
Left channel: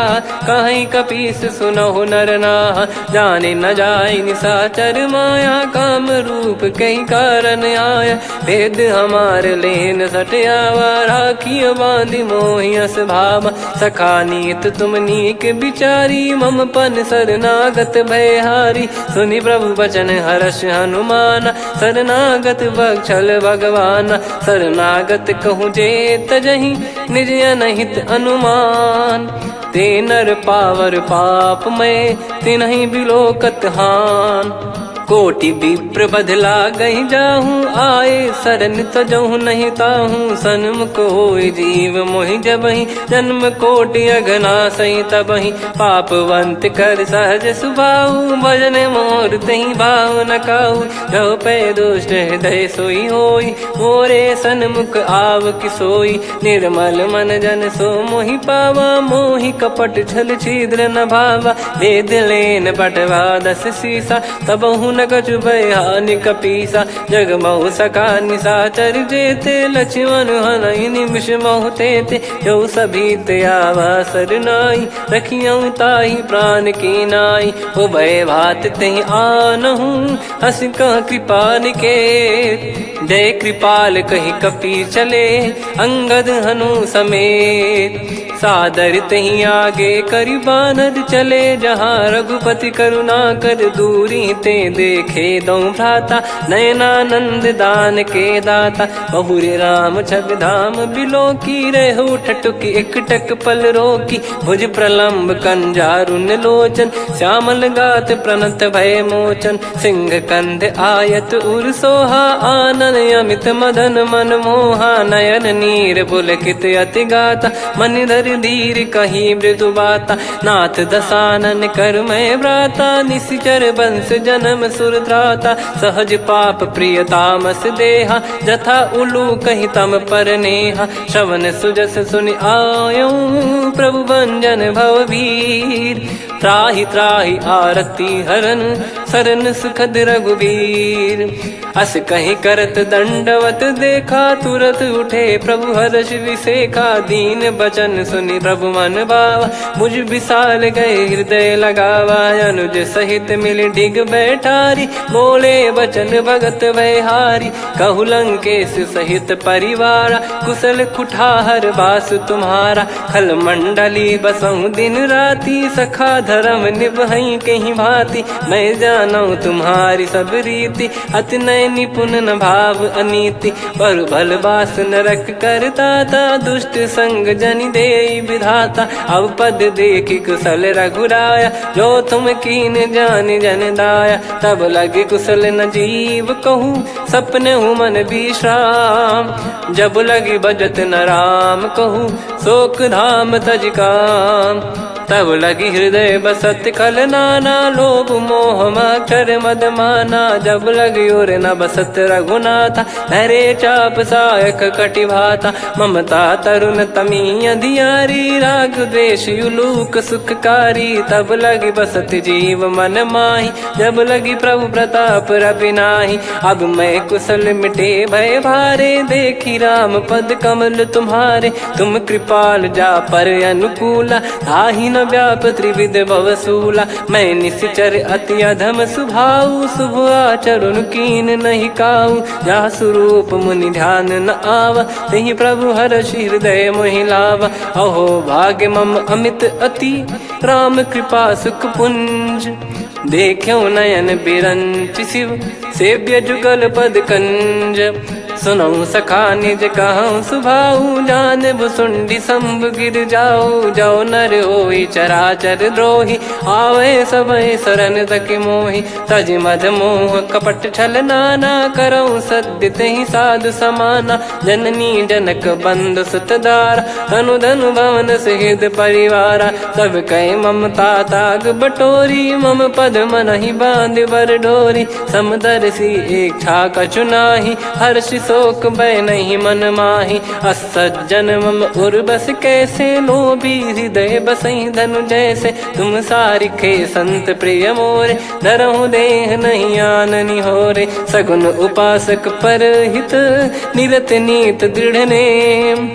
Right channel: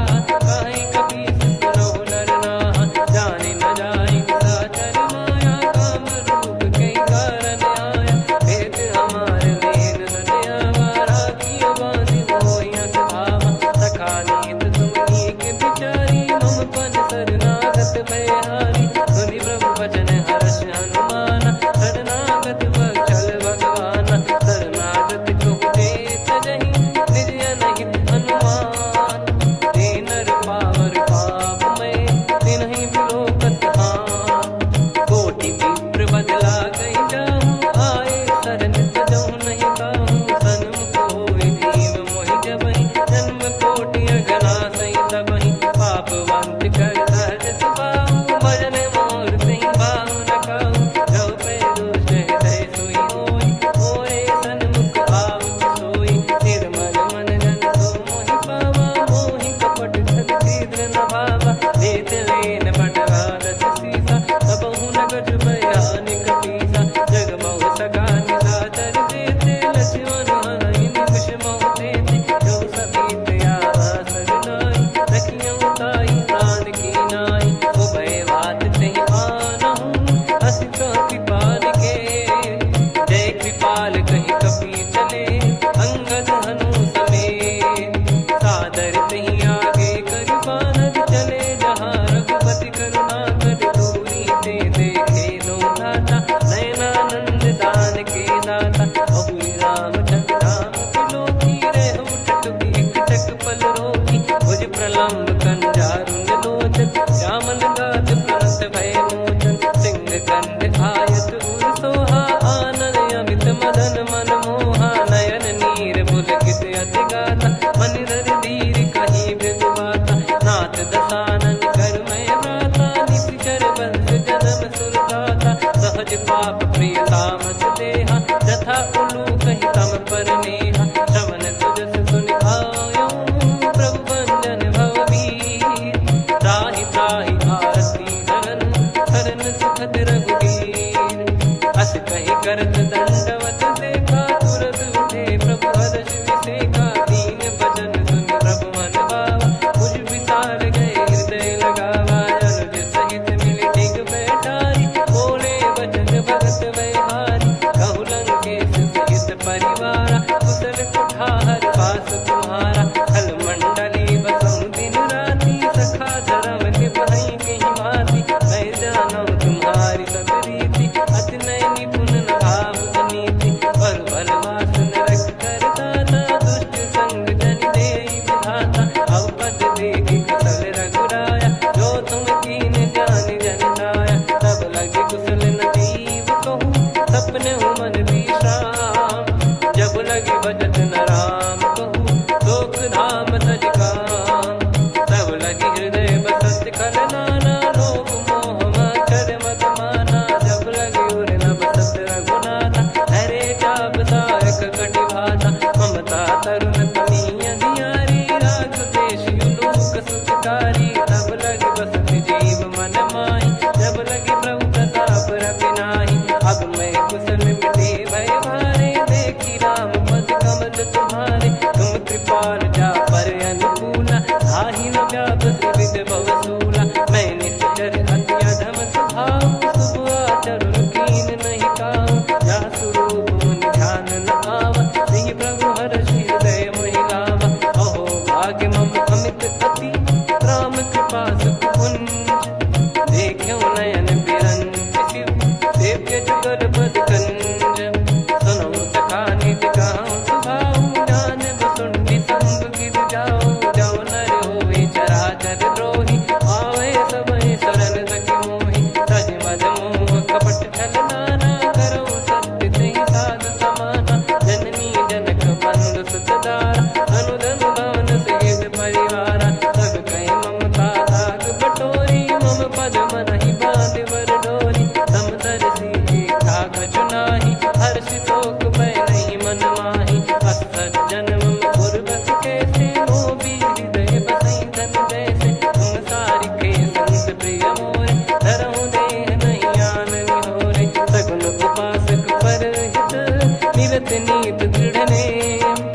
कहीं कपीस सुनहु नर नाहा। जाने न जाय निशाचर माया, काम रूप कई कारण आया। भेद हमार लेन सटयावा, राखिय बांधि मोहियस भावा। सखा नीत तुम नीक बिचारी, मम पन शरणागत भयहारी। सुनि प्रभु वचन हर्ष हनुमाना, शरणागत बक्षल भगवाना। शरणागत कहूँ जे तजहि, निज अनहित अनुमान। ते नर पावर पाप में, तिन्हि बिलोकत हान। कोटि विप्र बदला गई जाहूँ, आए शरण तजहु नहीं ताहूँ। सन्मुख होय जीव मोहि जबहि, जन्म कोटि अगना सही तबहि। पापवंत कर सहज सुभाऊ, भजन मोर तहि भाव न काऊ। जो पै दुष्ट हृदय सोई होई, मोरे सन्मुख आव किसोई। निर्मल मन जन सो मोहि पावा, मोहि कपट छल छिद्र न भावा। वेद लेन बटवा दस सीसा, तबहु न कछु भय हानि कपीसा। जग महु सखा निशाचर जेते, लक्ष्मण हनहि निमिष महु तेते। जो सभी ते आवा सरनाई, रखियऊँ ताहि प्राण की नाई। उभय भात तेहि आनहु, हस कह कृपाल के। जय कृपाल कहि कपी चले, अंगद हनु समेत। सादर तही आगे करि बानर चले, जहाँ रघुपति करुणा कर दूरी ते देखे दो भ्राता। नयनानंद दान के दाता, बहुरी राम छवि धाम बिलो की। रहु ठटुकी एकटक पल रोकी, भुज प्रलम्ब कंजारुन लोचन। श्यामल गात प्रणत भय मोचन, सिंह कंध आयत उर सोहा। आनन अमित मदन मन मोहा, नयन नीर पुलकित अति गाता। मन धर धीर कहीं मृदु बाता, नाथ दसानन कर मैं व्राता। निशिचर बंस जन्म सुर त्राता, सहज पाप प्रिय तामस देहा। जथा उलू कहीं तम पर नेहा, श्रवण सुजस सुनि आयो। प्रभु भंजन भववीर, त्राहि त्राहि आरती हरन। शरण सुखद रघुवीर, अस कहीं करत दंडवत देखा। तुरत उठे प्रभु हर्ष विसेखा, दीन बचन सुनि प्रभु मन भावा। मुझ विशाल गए हृदय लगावा, अनुज सहित मिल डिग बैठारी। बोले बचन भगत भयहारी, कहु लंकेश सहित परिवारा। कुशल कुठार बास तुम्हारा, खल मंडली बसऊं दिन राती। सखा धर्म निभई कहीं भांति, मैं जानू तुम्हारी सब रीति। अति नय निपुण न भाव अनीति, पर भल बास नरक करता था। दुष्ट संग जन दे विधाता, अब पद देखी कुशल रघुराया। जो तुम कीन जान जन दाया, तब लगे कुशल न जीव कहूँ। सपने मन विश्राम, जब लगी बजत न राम कहूँ। शोक धाम तज काम, तब लगी हृदय बसत खल नाना, लोभ मोह मकर मद माना। जब लगी और न बसत रघुनाथा, धरे चाप सायक कटि भाता। ममता तरुण तमी अधियारी, राग द्वेष युलूक सुखकारी। तब लगी बसत जीव मन माही, जब लगी प्रभु प्रताप रवि नाही। अब मैं कुशल मिटे भय भारे, देखी राम पद कमल तुम्हारे। तुम कृपाल जा पर अनुकूला, ताहि न व्याप त्रिविध भवसूला। मैं निश्चर अति अधम स्वभाव, शुभ आचरण कीन नहीं काऊ। जा स्वरूप मुनि ध्यान न आवा, तेहि प्रभु हर्षि हृदय मोहि लावा। अहो भाग्य मम अमित अति, राम कृपा सुख पुंज। देखो नयन बिरंच शिव, सेव्य जुगल पद कंज। सुनऊ सखा निज कहूँ सुभाऊ, जान भुसुंडी संभ गिर जाओ। जाओ नर होई चराचर द्रोही, आवे सबय शरण तक मोहि। तज मद मोह कपट छल नाना, करऊँ सत्य तेहि साधु समाना। जननी जनक बंधु सुत दारा, धनु धनु भवन सहित परिवारा। सब कह ममता ताग बटोरी, मम पद मनहि बांध बर डोरी। समदर्शी इच्छा कछु नाही, हर्षि शोक भय नहीं मन माही। असज्जन मम उर बस कैसे, लोभी हृदय बसई धनु जैसे। तुम सारिखे संत प्रिय मोरे, धरहु देह नहीं आननि होरे। सगुन उपासक पर हित, निरत नीत दृढ़ नेम।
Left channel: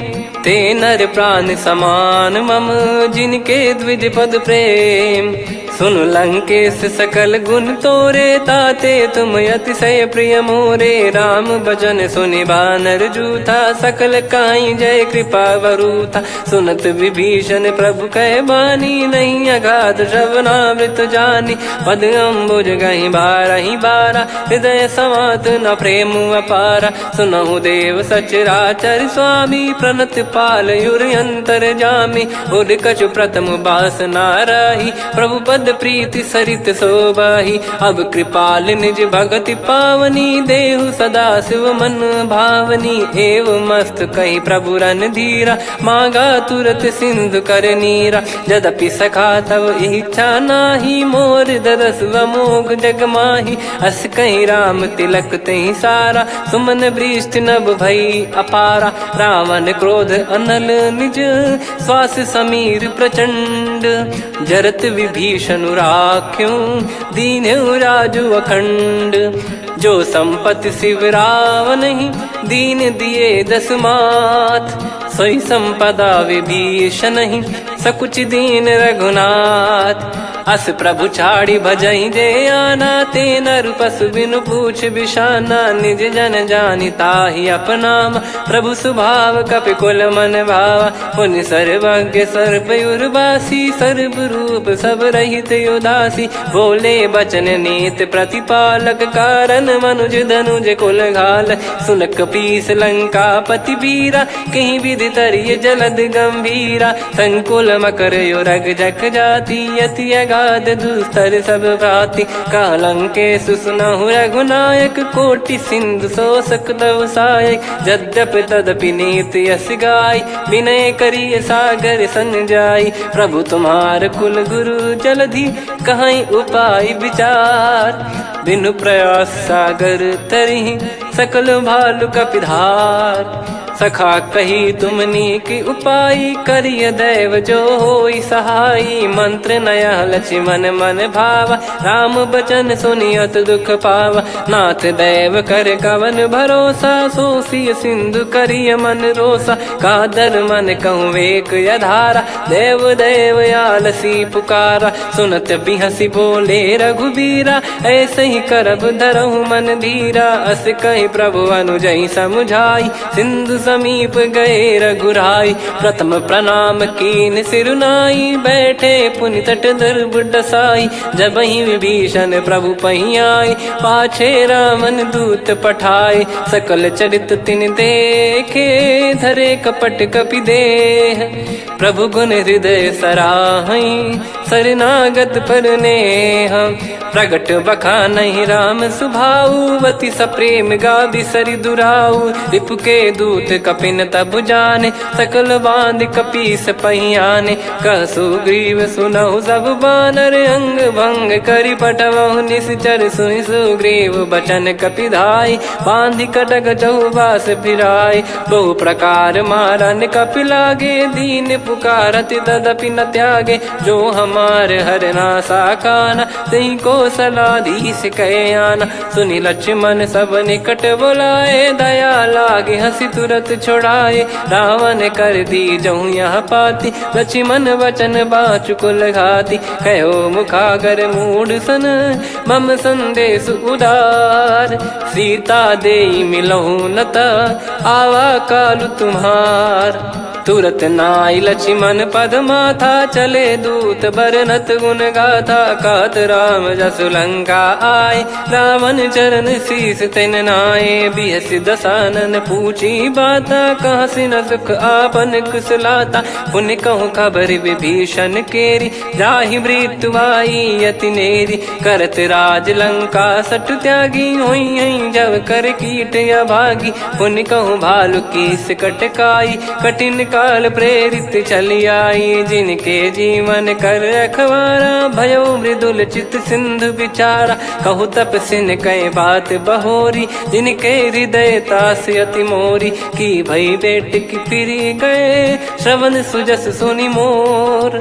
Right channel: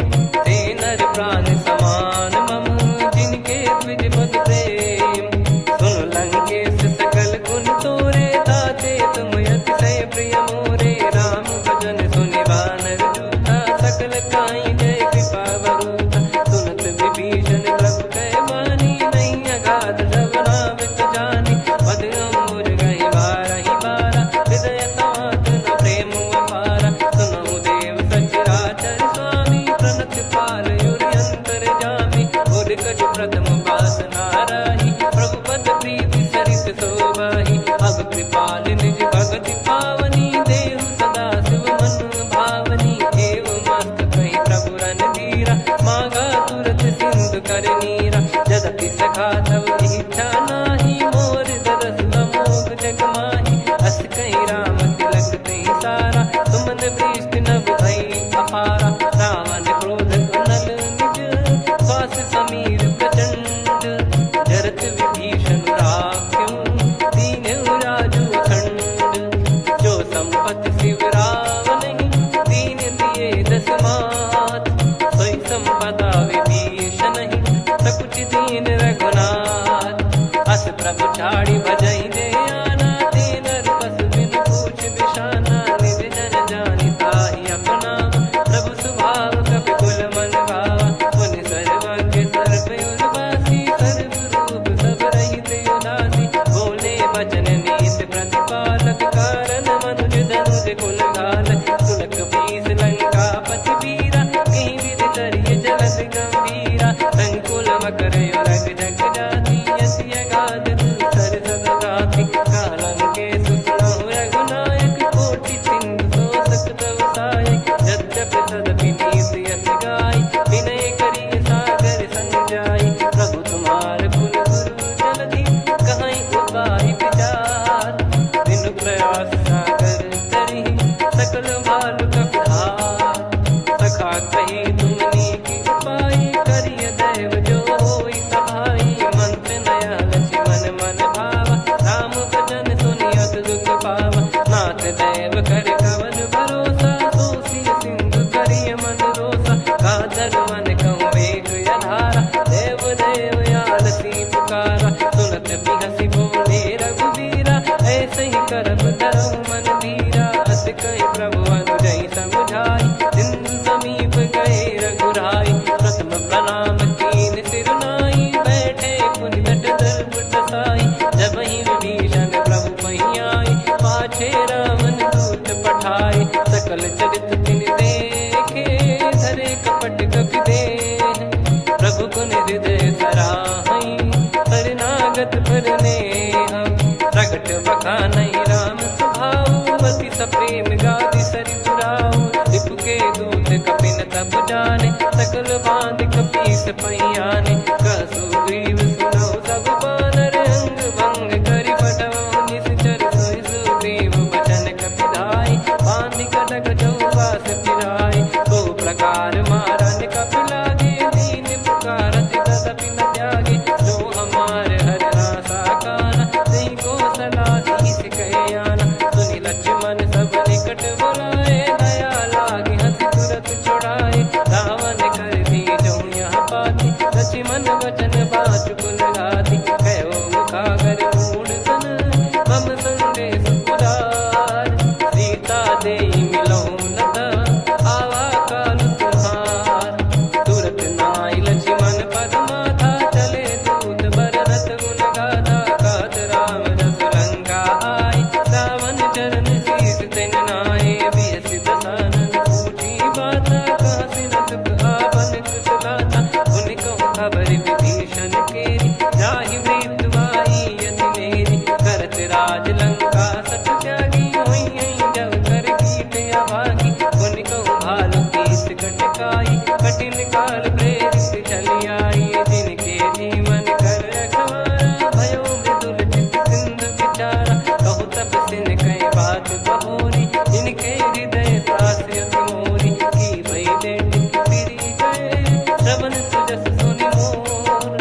ते नर प्राण समान मम, जिनके द्विज पद प्रेम। सुन लंकेश सकल गुण तोरे, ताते तुम अतिशय प्रिय मोरे। राम भजन सुनि बानर जूथा, सकल काई जय कृपा वरूथा। सुनत विभीषण प्रभु कह बानी, नहीं अगाध श्रवणामृत जानी। पद अम्बुज गहि बारहि बारा, हृदय समात न प्रेम अपारा। सुनहु देव सचराचर स्वामी, प्रणत पाल युर अंतर जामी। उर कछु प्रथम बास नाराही, प्रभु पद प्रीति सरित शोभाही। अब कृपाल निज भगति पावनी, देहु सदा शिव मन भावनी। एव मस्त कही प्रभु रन धीरा, मांगा तुरत सिंधु कर नीरा। यद्यपि सखा तब इच्छा नाही, मोर दरस मोग जग माही। अस कही राम तिलक तहि सारा, सुमन वृष्ट नभ भई अपारा। रावण क्रोध अनल निज, श्वास समीर प्रचंड। जरत विभीषण राख्यों, दीन्हु राजु अखंड। जो संपत्ति शिव रावण ही, दीन दिए दस मात। सोई संपदा विभीषण ही, सकुच दीन रघुनाथ। अस प्रभु छाड़ी भजई जे आना, ते नर पशु बिनु पूछ बिशाना। निज जन जानि ताहि अपनामा, प्रभु स्वभाव कपि कुल मन भावा। मुनि सर्वज्ञ सर्वयुर्वासी, सर्व रूप सब रहित उदासी। बोले बचन नीत प्रतिपालक, कारण मनुज धनुज कुल घाल। सुन कपीस लंका पति वीरा, कहीं विधि तरिय जलद गंभीरा। संकुल मकर युरग जग जाति, अति अगाध दुस्तर सब भांति। कालंकेश सुनहु रघुनायक, कोटि सिंधु शोषक तव सहायक। यद्यपि तदपि नीति यस गाय, विनय करिय सागर संजाई। प्रभु तुम्हार कुल गुरु जलधि, कहीं उपाय विचार। बिनु प्रयास सागर तरिहि, सकल भालु कपिधार। सखा कही तुमनी की उपाय, करिय दैव जो होई सहाई। मंत्र नया लक्ष्मण मन भावा, राम बचन सुनियत दुख पावा। नाथ दैव कर कवन भरोसा, सोसिय सिंधु करिय मन रोसा। कादर मन कहूँ वेक यधारा, देव देव आलसी पुकारा। सुनत बिहसी बोले रघुबीरा, ऐसे ही करब धरहु मन धीरा। अस कही प्रभु अनुजई समुझाई, सिंधु समीप गए रघुराई। प्रथम प्रणाम कीन सिरुनाई, बैठे पुनि तट दर्भ डसाई। जब ही विभीषण प्रभु पहियाई, पाछे रावण दूत पठाए। सकल चरित तिन देखे, धरे कपट कपि देह। प्रभु गुण हृदय सराहई, शरणागत पर नेह। प्रगट बखानहि राम सुभाऊवती सप्रेम गा बिसरि दुराऊ। रिपु के दूत कपिन तब जाने सकल बांध कपीस पहियाने। कह सुग्रीव सुनहु सब बानर अंग भंग करि पठवहु निश्चर। सुनि सुग्रीव बचन कपिधाई बांधि कटक चौबास फिराई। बहु प्रकार मारन कपि लागे दीन पुकारत तदपि न त्यागे। जो हमार हरना साकाना तिहि को सलाधीश कहे आना। सुनि लक्ष्मण सब निकट बोलाए दया लागे हंसी तुरत छोड़ाए। रावण कर दी जहु यह पाती लक्ष्मण वचन बाचु कुल घाती। कहो मुखागर मूढ़ सन मम संदेश उदार। सीता देई मिलहु न त आवा कालु तुम्हार। तुरत नाई लक्ष्मण पद माथा चले दूत बरनत गुण गाथा। कहत राम जसु लंका आए रावण चरण शीस तिन नाये। बिहस दसानन पूछी बाता कहाँ से न सुख आपन कुशलाता। पुन कहूँ खबर विभीषण केरी जाहि मृत्यु आई अति नेरी। करत राज लंका सठ त्यागी होई जब कर कीट अभागी। पुन कहूँ भालु कीस कटकाई कठिन काल प्रेरित चली आई। जिनके जीवन कर रखवारा भयो मृदुल चित सिंधु विचारा। कहु तपसिन कह बात बहोरी जिनके हृदय तास अति मोरी। की भई बेट की फिरी गए श्रवण सुजस सुनि मोर।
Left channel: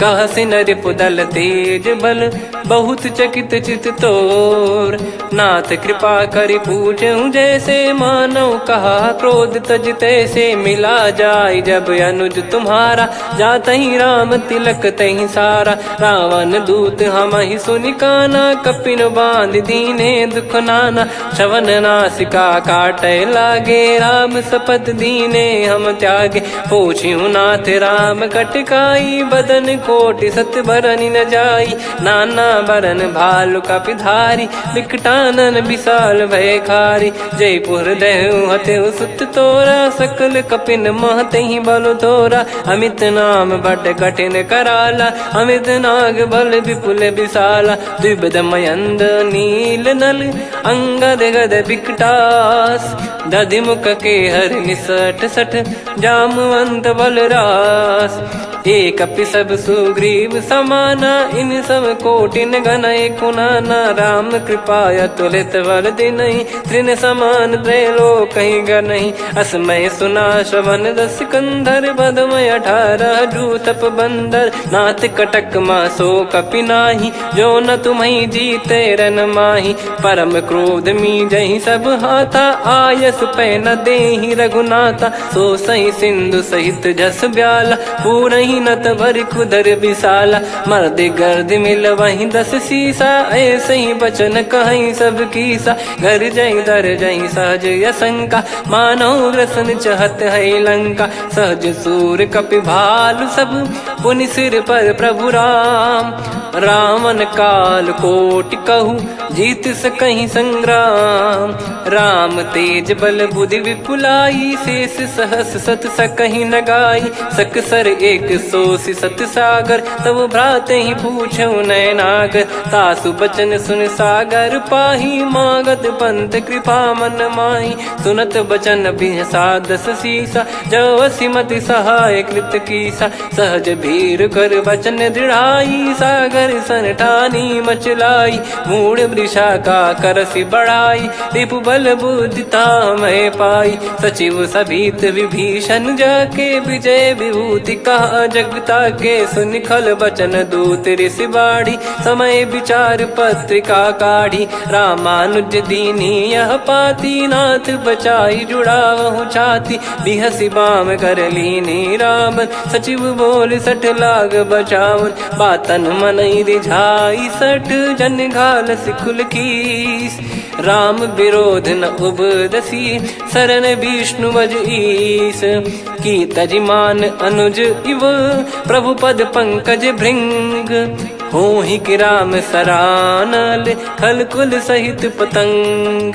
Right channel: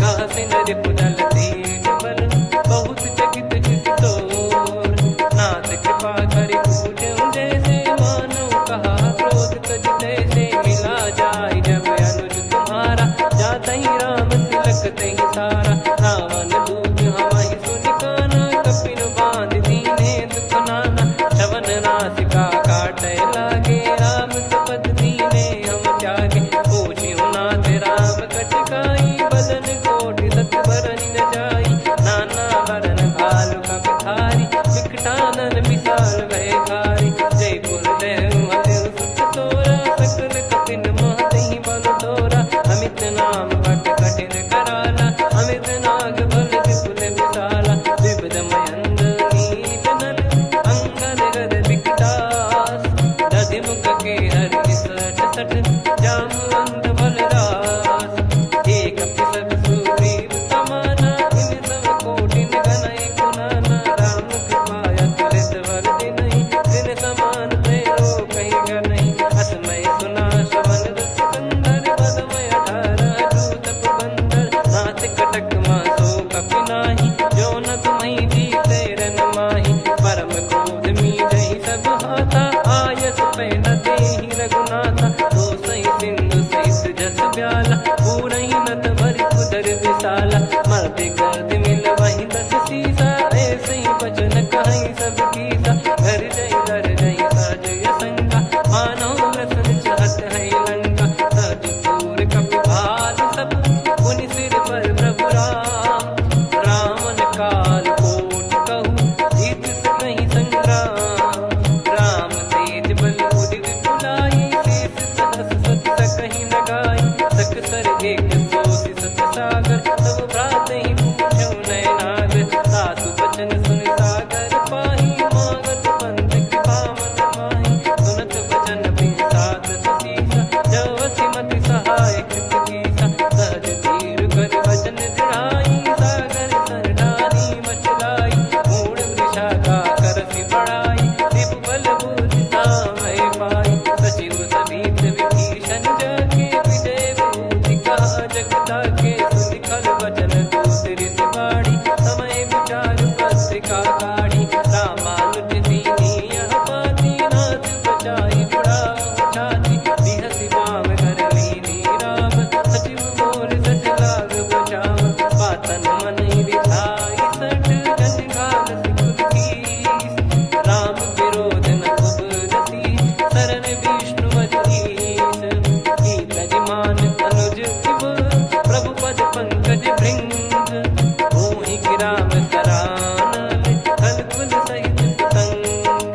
कह सिन रिपुदल तेज बल बहुत चकित चित तोर। नाथ कृपा करि पूछऊं जैसे मानव कहा क्रोध तज तैसे। मिला जाय जब अनुज तुम्हारा जातहि राम तिलक तहि सारा। रावण दूत हमहि सुनि काना कपिन बांध दीने दुख नाना। श्रवण नासिका काटै लागे राम शपथ दीने हम त्यागे। पूछिहु नाथ राम कटकाई बदन कोटि सत बरनि न जाई। नाना बरन भालु कपिधारी विकटानन विशाल भयकारी। जयपुर देहु हतेहु सुत तोरा सकल कपिन महतहि बल तोरा। अमित नाम बट कठिन कराला अमित नाग बल विपुल विशाला। द्विविध मयंद नील नल अंगद गद विकटास। दधिमुख के हर निसठ सठ जामवंत बलरास। एक अपि सब सुग्रीव समाना इन सब कोटिन गनय कुनाना। राम कृपा अतुलित बल दिनहि तृण समान त्रैलोक कहीं गनहि। असमय सुना श्रवण दस कंधर बदमय 18 जूतप बंदर। नाथ कटक मां सो कपि नाही जो न तुम्हि जीते रन माही। परम क्रोध मी जहि सब हाथा आयस पै न देहि रघुनाथा। सो सही सिंधु सहित जस ब्याला पूरहि नत भरि कुदर विशाला। मर्द गर्द मिल वहीं 10 सीसा ऐसे ही बचन कहीं सब कीसा। घर जय दर जय सहज यसंका मानव रसन चहत है लंका। सहज सूर कपि भालु सब पुनि सिर पर प्रभु राम। रावण काल कोटि कहु जीत सकहि संग्राम। राम तेज बल बुद्धि विपुलाई शेष सहस सत सकहि न गाई। सकसर एक सोसी सत सागर तब भ्रात ही पूछऊ नयनाग। तासु बचन सुन सागर पाही मागत पंथ कृपा मन माही। सुनत बचन बिहसा 10 सीसा जो सिमति सहाय कृत कीसा। सहज भीर कर बचन दृढ़ाई सागर सन ठानी मचलाई। मूढ़ वृषा का करसि बढ़ाई रिपु बल बुद्धि तामय पाई। सचिव सभीत विभीषण जाके विजय विभूति कहा जगता के। सुन खल बचन दूत ऋषि बाड़ी समय विचार पत्रिका काढ़ी। रामानुज दीनी यह पाती नाथ बचाई जुड़ावहु छाती। बिहसि बाम कर लीनी राम सचिव बोल 60 लाग बचावन। बातन मन रिझाई 60 जन घाल सिकुल कीस। राम विरोध न उपदसी, शरण विष्णु बज ईस। की तजिमान अनुज इव, प्रभु पद पंकज भृंग। होहि कि राम सरानल, खल कुल सहित पतंग।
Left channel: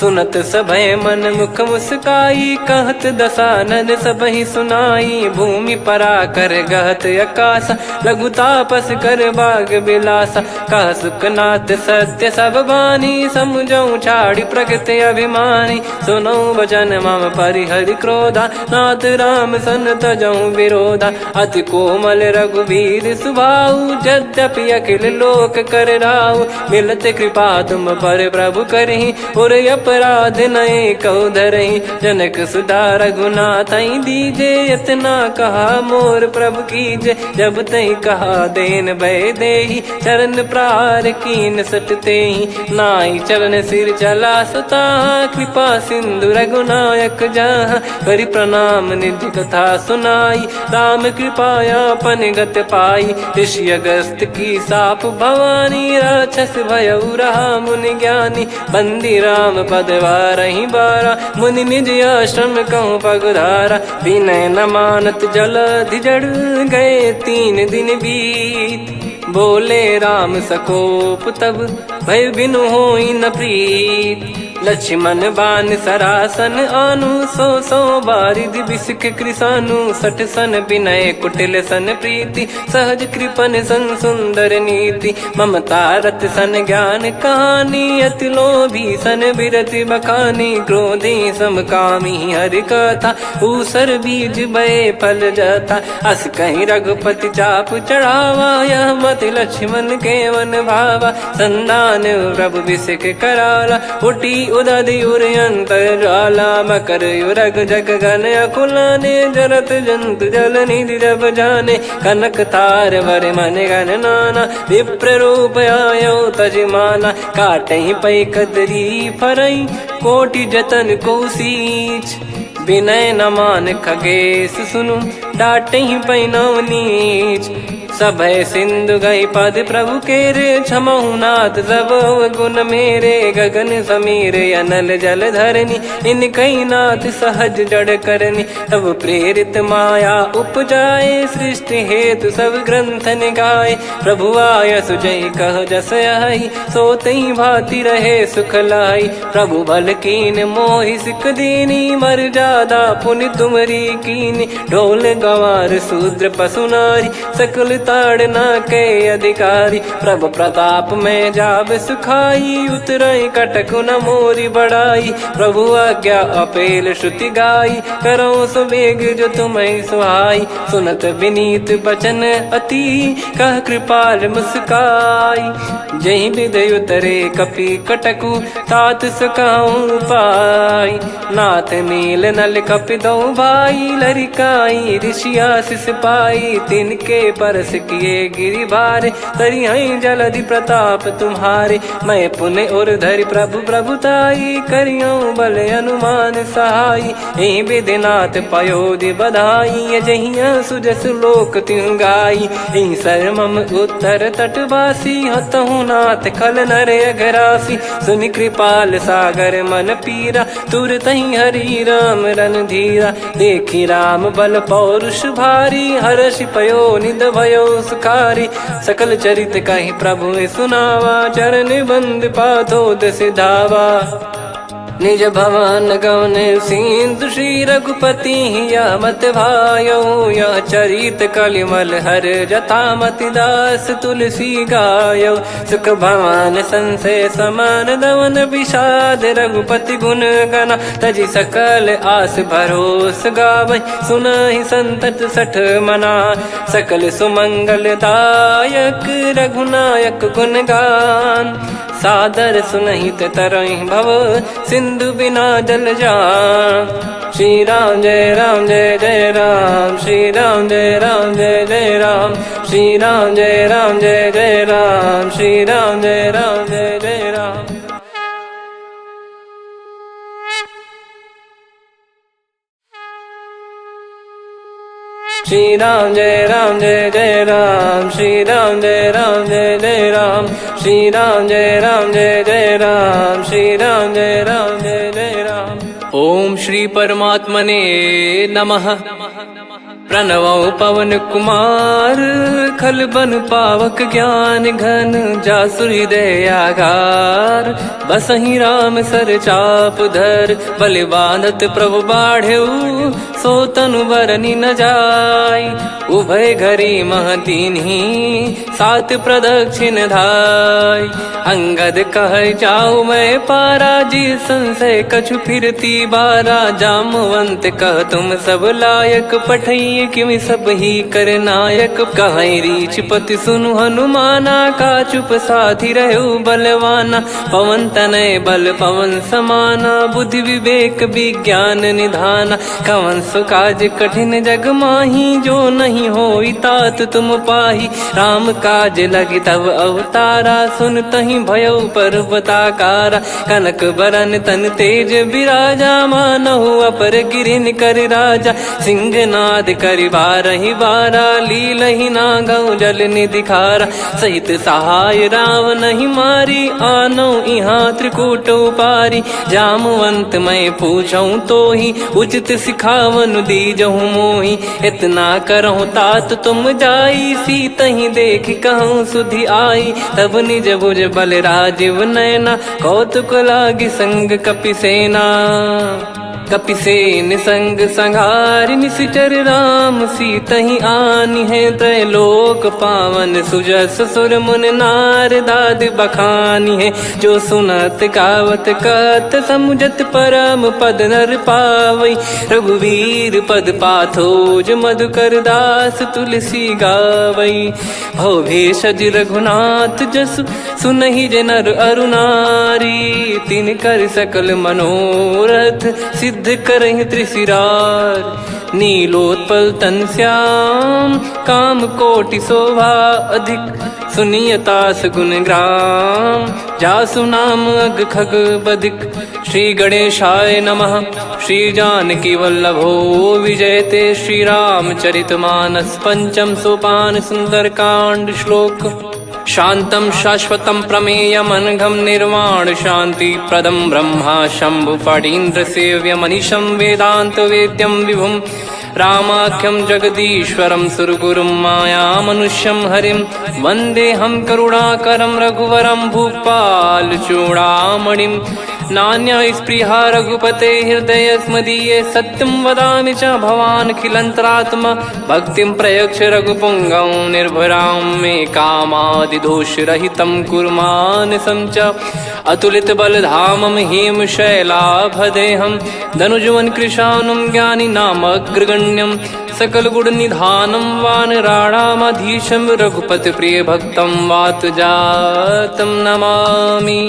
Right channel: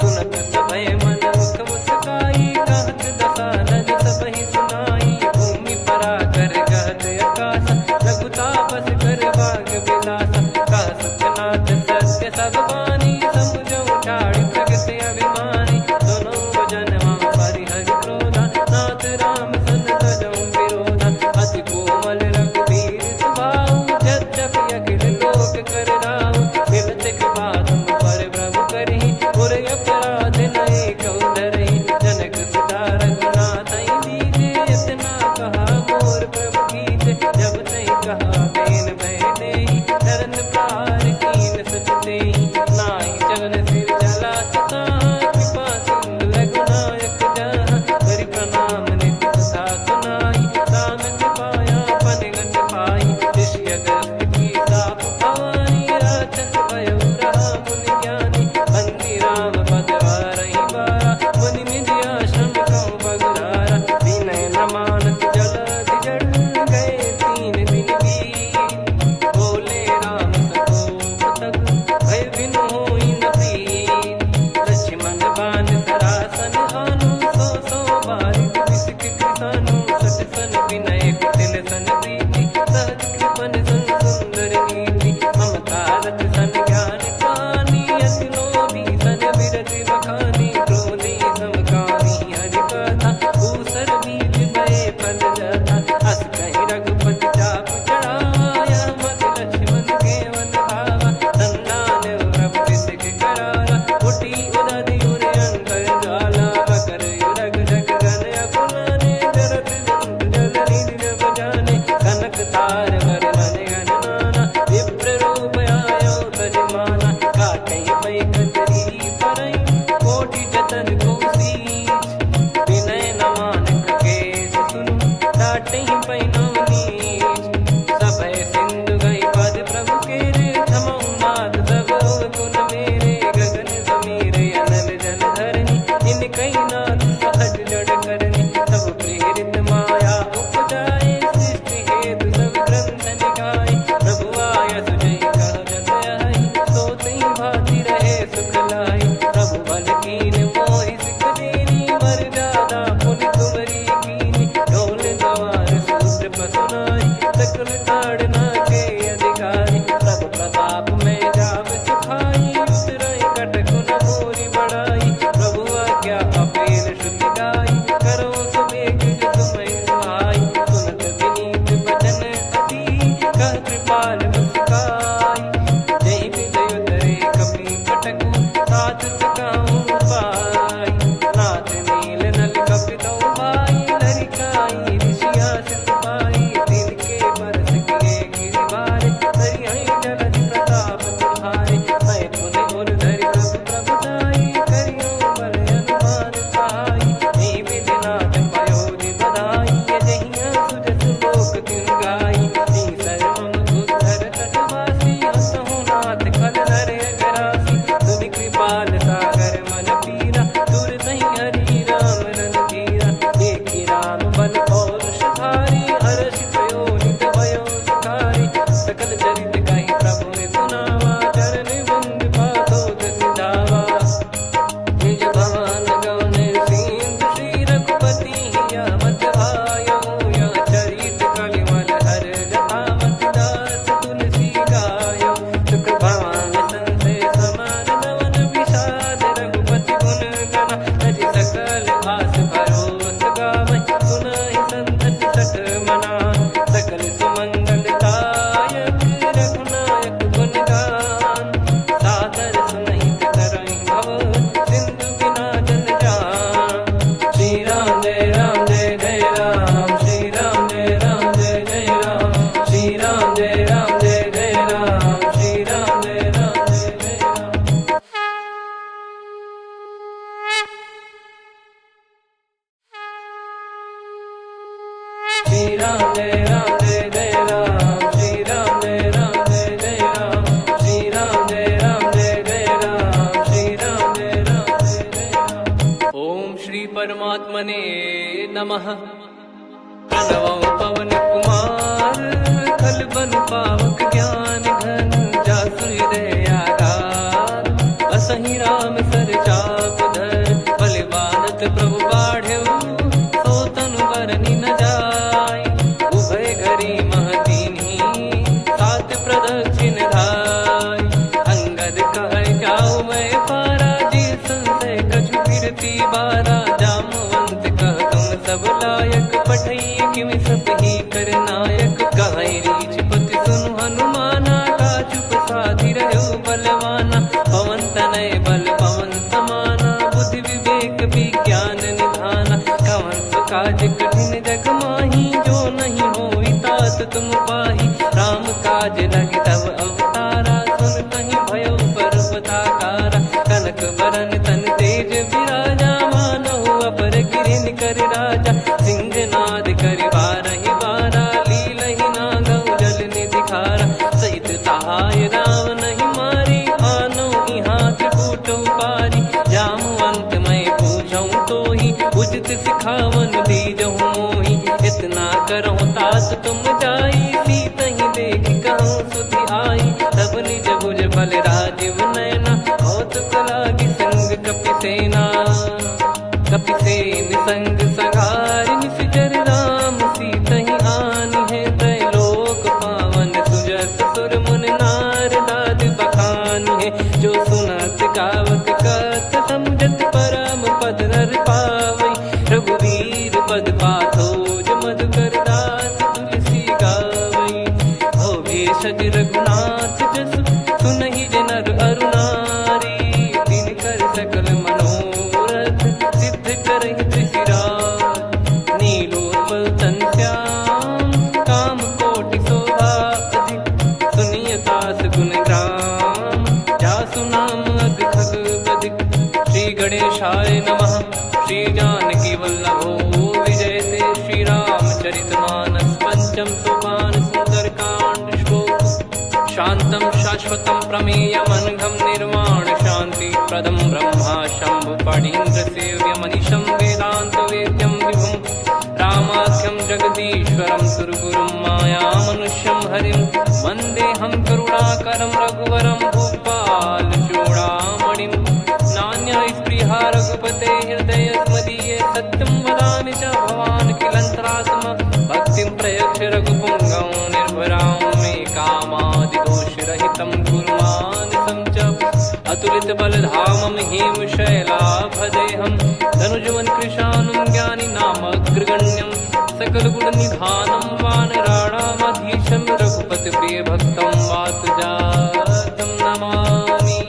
सुनत सभय मन मुख मुस्काई, कहत दसानन सबहि सुनाई। भूमि परा कर गहत आकाश, लघु तापस कर बाग बिलासा। कह सुखनाथ सत्य सब बानी, समझऊ छाड़ी प्रकृति अभिमानी। सुनो भजन मम परिहरि क्रोधा, नाथ राम सन तजऊ विरोधा। अति कोमल रघुवीर सुभाऊ, यद्यपि अखिल लोक कर राऊ। मिलत कृपा तुम पर प्रभु करहि, पुर अपराध नए कौ धरहि। जनक सुता रघुनाथ दीजे, इतना कहा मोर प्रभु कीजे। जब तई कहा देन भय देहि, चरण प्रार कीन सटतेहि। नाई चरण सिर चला सता, कृपा सिंधु रघुनायक जहाँ। करि प्रणाम निज कथा सुनाई, राम कृपाया पन गत पाई। ऋषि अगस्त की साप भवानी, राक्षस भयउ रहा मुनि ज्ञानी। बंदी राम पद वारहि बारा, मुनि निज आश्रम कहूँ पगधारा। विनय न मानत जलधि जड़, गए 3 दिन बीत। बोले राम सकोप तब, भय बिनु होई न प्रीत। लक्ष्मण बान सरासन आनु, 100 बारिधि बिसक कृसानु। 60 सन विनय कुटिल सन प्रीति, सहज कृपन सन सुंदर नीति। ममता रत सन ज्ञान कहानी, अति लोभी सन बिरति बखानी। क्रोधी समकामी हरि कथा, ऊसर बीज भय फल जथा। अस कहीं रघुपति चाप चढ़ावा, यह मत लक्ष्मण के वन भावा। संदान प्रभु बिसक कराला, उठी उदधि उर अंतर ज्वाला। मकर युरग जग गन अकुलाने, जरत जंतु जल निधि जब जाने। कनक तार वर मन गण नाना, विप्र रूप आयो तजमाना। काटहि पै कदरी फरई, कोटि जतन को सींच। विनय न मान खगेश सुनु, डांटहि पै नव नीच। सभय सिंधु गई पद प्रभु केरे, क्षमहु नाथ सब गुण मेरे। गगन समीर अनल जल धरनी, इनकई नाथ सहज जड़ करनी। तब प्रेरित माया उपजाए, सृष्टि हेतु सब ग्रंथ निगाए। प्रभु आय सुजय कह जस आई, सोतहि भांति रहे सुख लाई। प्रभु बल कीन मोहि सिख दीनी, मर्यादा पुनि तुमरी कीनी। ढोल गवार शूद्र पशु नारी, सकल ताड़ना के अधिकारी। प्रभु प्रताप में जाब सुखाई, उतरई कटक न मोरी बढ़ाई। प्रभु आज्ञा अपेल श्रुति गाई, करो सो बेग जो तुम्हें सुहाई। सुनत विनीत बचन अति, कह कृपाल मुस्काई। जहि विधि उतरे कपि कटकु, तात सकाऊं पाई। नाथ मील नल कपि दो भाई, लरिकाई ऋषि आशीष पाई। तिनके परस किए गिरि भारे, तरिहै जलधि प्रताप तुम्हारे। मैं पुण्य और धरि प्रभु प्रभुताई, करियऊं बल अनुमान सहाई। एहि विधि नाथ पयोधि बधाई, जहिया सुजस लोक तिहुँ गाई। एहि सर मम उत्तर तटवासी, हतहु नाथ खल नर अघरासी। सुनि कृपाल सागर मन पीरा, तुरतहि हरि राम रणधीरा। देखि राम बल पौरुष भारी, हर्षि पयो निध भयो सुखारी। सकल चरित कहि प्रभु सुनावा, चरण बंद पाथोद सिधावा। निज भवन गवन सिंधु, श्री रघुपति हिया मत भायो। यह चरित कलिमल हर जथा, मति दास तुलसी गायो। सुख भवन संशय समान दवन, विषाद रघुपति गुण गना। तजि सकल आस भरोस गावै, सुनहि संतत सठ मना। सकल सुमंगल दायक, रघुनायक गुण गान। सादर सुनहित तरहि भव, सिंधु बिना जल जान। श्री राम जय राम जय जय राम, श्री राम जय राम जय जय राम। श्री राम जय राम जय जय राम, श्री राम जय राम जय जय राम। श्री राम जय राम जय जय राम, श्री राम जय राम जय जय राम। श्री राम जय राम जय जय राम, श्री राम परमात्मने नमः। प्रणवौ पवन कुमार खलबन पावक ज्ञान घन जासु हृदय आगार। बसहि राम सर चाप धर बलिवानत प्रभु बाढ़ेऊ सो तनु बरनि न जाय। उभय घरी महतीन्ही सात प्रदक्षिण धाय। अंगद कह जाऊ मैं पारा जी संशय कछु फिरती बारा। जामवंत कह तुम सब लायक पठई किमि सब ही कर नायक। कहीं रीछ पति सुनु हनुमाना का चुप साधि रहु बलवाना। पवन तनय बल पवन समाना बुद्धि विवेक विज्ञान निधाना। कवन सो काज कठिन जग माही जो नहीं होई तात तुम पाही। राम काज लगी तब अवतारा सुन तहि भयउ पर्वताकारा। कनक बरन तन तेज विराजा मानहु अपर गिरिन कर राजा। सिंहनाद करि बारहि बारा लीलहि नागौ जल निधि खारा। सहित सहाय राम नहीं मारी आनो इहाँ त्रिकूट उपारी। जामवंत मैं पूछऊँ तो ही उचित सिखावन दीजहु मोही। इतना करहु तात तुम जाई सीतहि देख कहूँ सुधि आई। तब निज भुज बल राजीव नयना कौतुक लागी संग कपिसेना। कपिसेन संग संघारि निशिचर राम सीतहि आनी है। त्रैलोक पावन सुजस सुर मुन नार दाद बखानी है। जो सुनत गावत कथ समुझत परम पद नर पावई। रघुवीर पद पाथोज मधुकर दास तुलसी गावई। भव भेषज रघुनाथ जसु सुनहि जे नर अरु नारी। तिन कर सकल मनोरथ सिद्ध करहि त्रिशिरार। नीलोत्पल तन श्याम काम कोटि शोभा अधिक। सुनियतास गुण ग्राम जासु नाम अग खग बदिक। श्री गणेशाय नमः। श्री जानकी वल्लभो विजयते। श्री रामचरित मानस पंचम सोपान सुंदरकांड श्लोक। शांतं शाश्वतं प्रमेयमनघं निर्वाण शांति प्रदं ब्रह्मा शंभु फणीन्द्र सेव्यमनिशं वेदांत वेद्यं विभुं। रामाख्यं जगदीश्वरं सुरगुरुं मायामनुष्यं हरिं। वन्देऽहं करुणाकरं रघुवरं भूपाल चूडामणिं। नान्या स्पृहा रघुपते हृदय स्मदीये। सत्यं वदामि च भवान् खिलन्तरात्मा। भक्तिं प्रयच्छ रघुपुङ्गं निर्भरां मे कामादिदोषरहितं कुर्मानसं च। अतुलित बलधामं हेमशैलाभदेहं धनुजवन कृशानुं ज्ञानी नामग्रगण्यं। सकल गुण निधानं वानराणामधीशं। रघुपति प्रिय भक्तं वात जातं नमामि।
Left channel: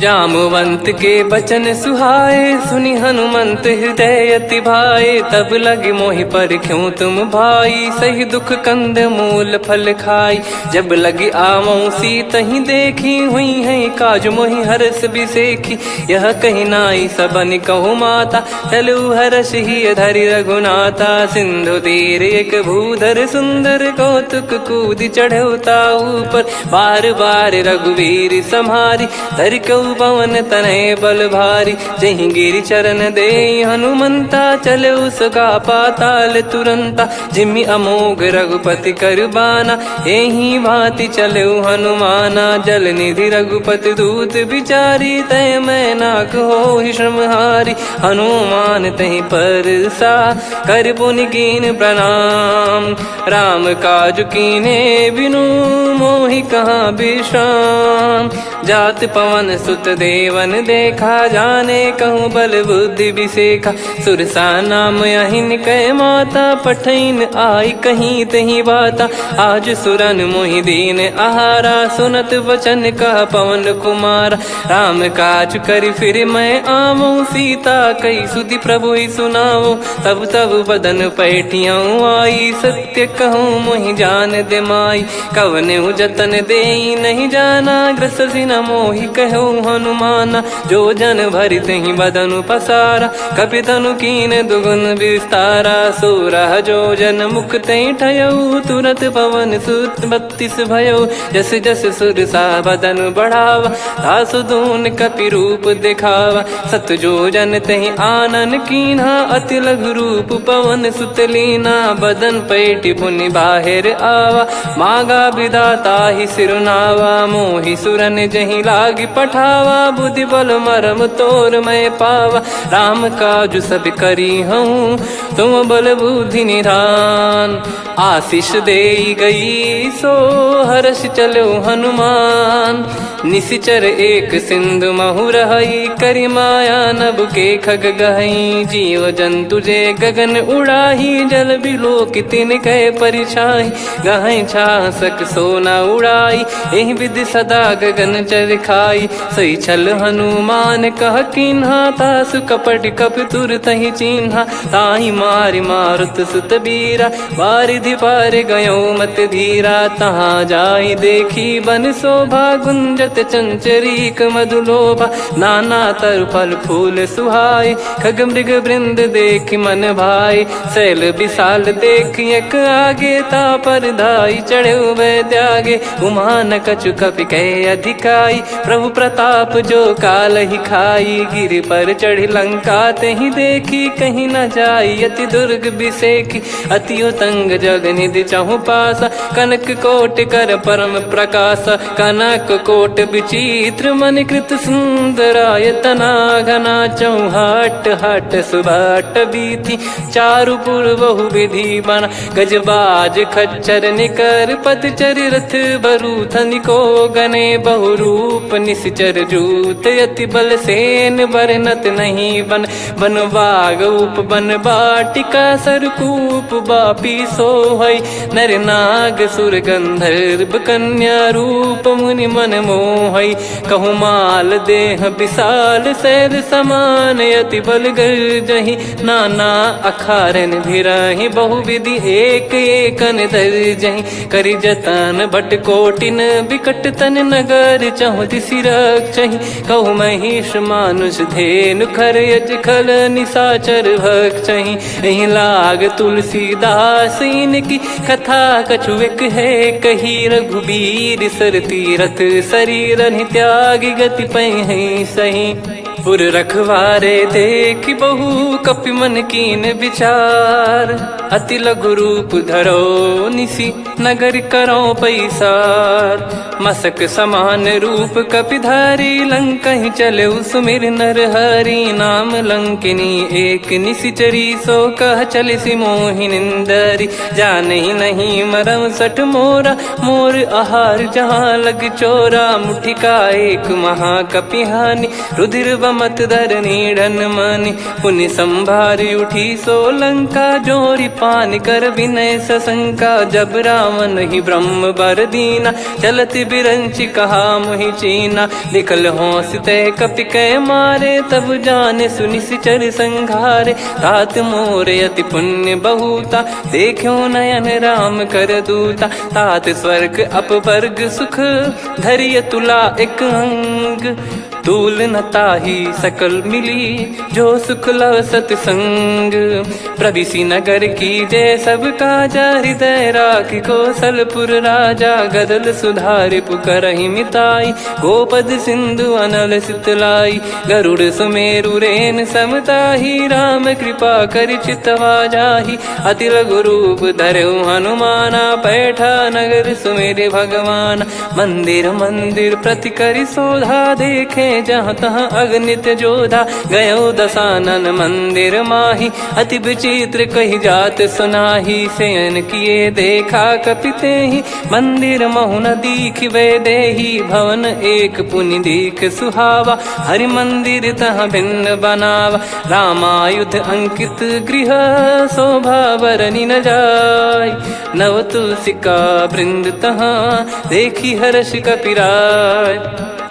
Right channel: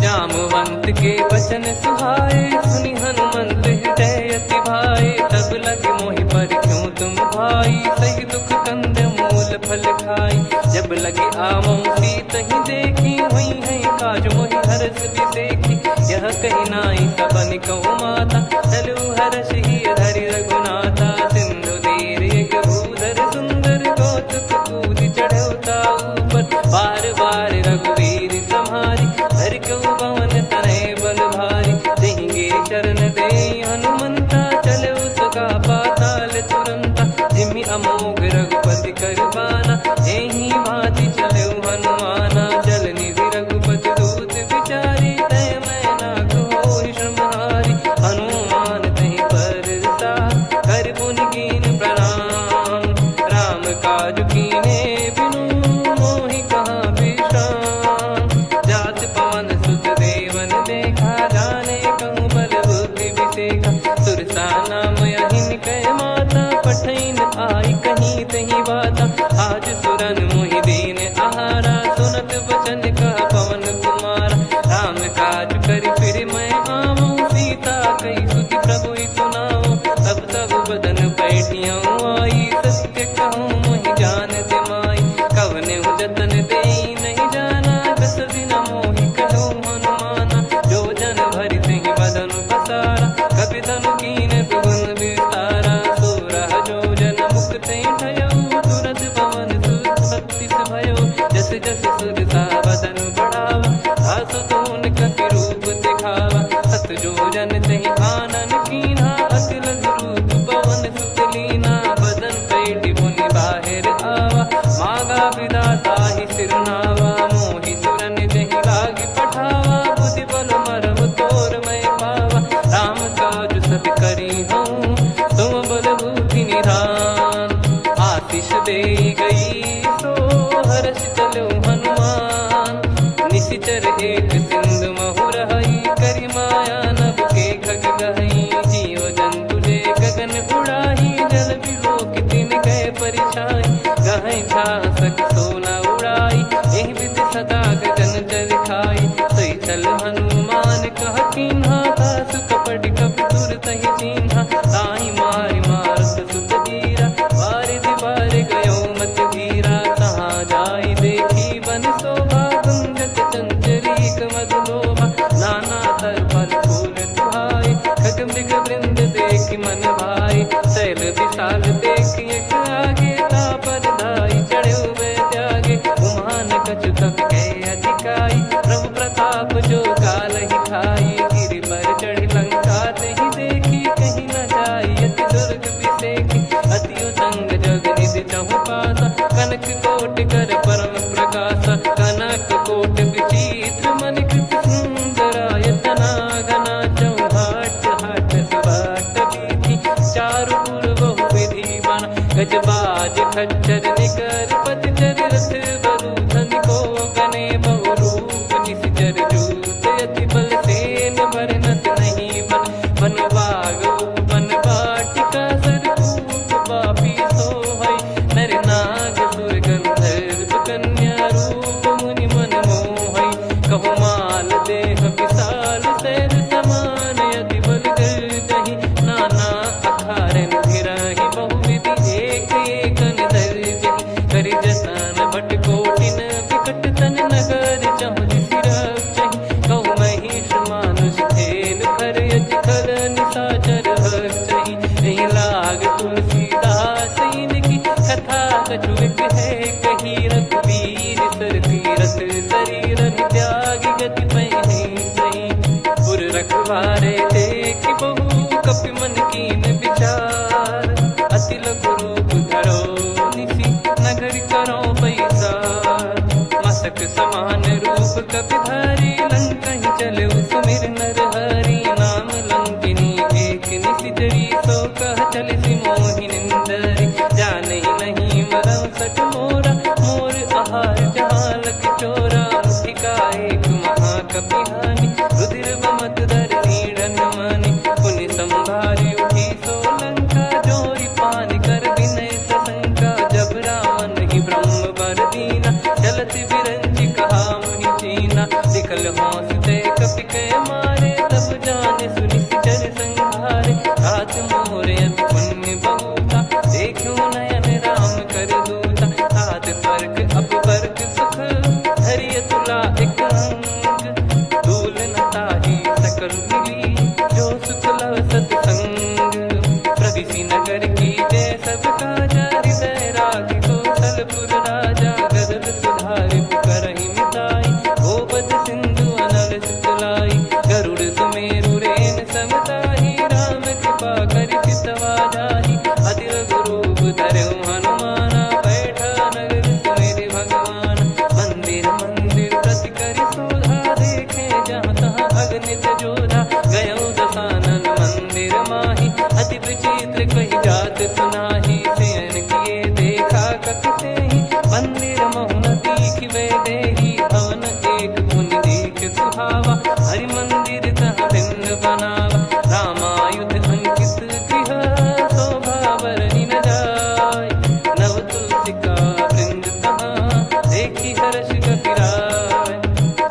जामवंत के बचन सुहाए सुनि हनुमंत हृदय अति भाए। तब लगे मोहि पर क्यों तुम भाई सही दुख कंद मूल फल खाई। जब लगी आवऊं सीतहि देखी हुई है काज मोहि हरस बिसेखी। यह कही नाई सबन कहु माता चलु हरष ही धरि रघुनाथा। सिंधु तीर एक भूधर सुंदर कौतुक कूद चढ़ौता ऊपर। बार बार रघुवीर सम्हारी धरि कऊ पवन तनय बल भारी। जहि गिरि चरण दे हनुमंता चले उसका पाताल तुरंता। जिमि अमोघ रघुपति कर बाना एहि भांति चले हनुमाना। जल निधि रघुपति दूत बिचारी तय मैं नाग होहि श्रमहारी। हनुमान तहि परसा कर पुनि कीन प्रणाम। राम काज कीने बिनु मोहि कहाँ विश्राम। जात पवन सुत देवन देखा जाने कहूँ बल बुद्धि विसेखा। सुरसा नाम अहिन कै माता पठैन आई कहीं तही बाता। आज सुरन मोहि दीन आहारा सुनत वचन कह पवन कुमारा। राम काज करि फिर मैं आवऊं सीता कई सुधि प्रभु ही सुनाऊं। तब तब बदन पैठियाँ आई सत्य कहूँ मोहि जान दे माई। कवने जतन दे नहीं जाना ग्रसि न मोहि कहूँ हनुमाना। जो जन भरि तहि बदनु पसारा कपि तनु कीन दुगुन विस्तारा। सूरह जो जन मुख तई ठयऊ तुरंत पवन सुत 32 भयो जस जस सुर सा बदन बढ़ावा आसु दून कपि रूप दिखावा सत जो जन तहि आनन कीन्हा अति लघु रूप पवन सुत लीना बदन पैटि पुनि बाहिर आवा मागा विदाता ही सिरुनावा मोहि सुरन जहि लागी पठावा बुद्धि बल मरम तोर मैं पावा राम काजु सब करी हूँ तुम बल बुद्धि निधान आशीष दे गई सो हर्ष चलो हनुमान निशिचर एक सिंधु महु रहई करी माया नभ के खग गहई जीव जंतु जे गगन उड़ाही जल बिलो की तिन कह परिछाई गहई छासक सोना उड़ाई एहि विधि सदा गगन चर खाई सही छल हनुमान कह कीन्हा तासु कपट कप तुर तहि चिन्हा ताहि मारि मारुत सुत बीरा बारिधि पार गयो मत धीरा तहाँ जाई देखी बन शोभा गुंजत चंचरीक मधुलोभा नाना तरु फल फूल सुहाई खग मृग वृंद देख मन भाई शैल विशाल देख एक आगे ता पर धाई चढ़े वह त्यागे उमान कछु कपि कह अधिकाई प्रभु प्रताप जो काल ही खाई गिर पर चढ़ी लंका तहि देखी कहीं न जाई अति दुर्ग बिसेकी अति उतंग जग निधि चहु पासा कनक कोट कर परम प्रकाश कनक कोट विचित्र मन कृत सुंदरायतना घना चौहाट हाट सुबाट बीथी चारु पुर बहु विधि बना गजबाज खच्चर निकर पतचर रथ बरु धनिको गने बहु रूप निश्चर जूत अति बल सेन बरनत नहीं बन बन बाग उप बन बाटिका सरकूप बापी सोहई नर नाग सुर गंधर्व कन्या रूप मुनि मन मोहई कहु माल देह विशाल शैल समान अति बल गर्जहि नाना अखारन भिरहि बहु विधि एक एकन दर्जहि करि जतन भट कोटिन विकट तन नगर चहु दिसि रक्षहि कहु महिष मानुष धेनु खर यज खल निशाचर भक्षहि एहि लाग तुलसीदास इनकी कथा कछुक है कही रघुबीर सर तीरथ शरीर त्यागी गति पै सही पुर रखवारे देख बहु कपि मन कीन विचार अति लघु रूप धरो निसी नगर करो पैसार मसक समान रूप कपि धारी लंका ही चले सुमिर नर हरि नाम लंकिनी एक निशिचरी सो कह चल सी मोहि निंदरी जान ही नहीं मरम सठ मोरा मोर आहार जहाँ लग चोरा मुठिका एक महाकपिहानि रुधिर बमत धरनी ढन मानी पुनि संभारी उठी सोलंका जोरी पान कर विनय सशंका जब रावण ही ब्रह्म बर दीना चलत बिरंचि कहा मुहि चीना निकल होंस तय कपि कै मारे तब जाने सुनि सिचर संघारे तात मोर अति पुण्य बहुता देखो नयन राम कर दूता तात स्वर्ग अपवर्ग सुख धैर्य तुला एक अंग तूल न ताही सकल मिली जो सुख लव सतसंग प्रविसी नगर की जय सब काजा हृदय राखी कौशलपुर राजा गदल सुधारि पुकरहि मिताई गोपद सिंधु अनल सितलाई गरुड़ सुमेरु रेन समताही राम कृपा कर चितवा जाही अति लघु रूप धरऊ हनुमाना बैठा नगर सुमेरे भगवान मंदिर मंदिर प्रति करि शोधा देखे जहाँ तहाँ अगणित जोधा गयो दशानन मंदिर माही अति विचित्र कही जात सुनाही शयन किए देखा कपिते ही मंदिर महु न दीख वे देही भवन एक पुनि दीख सुहावा हरि मंदिर तहाँ भिन्न बनावा रामायुध अंकित गृह शोभा बरनी न जाय नव तुलसिका वृंद तहाँ देखी हर्ष कपिराय।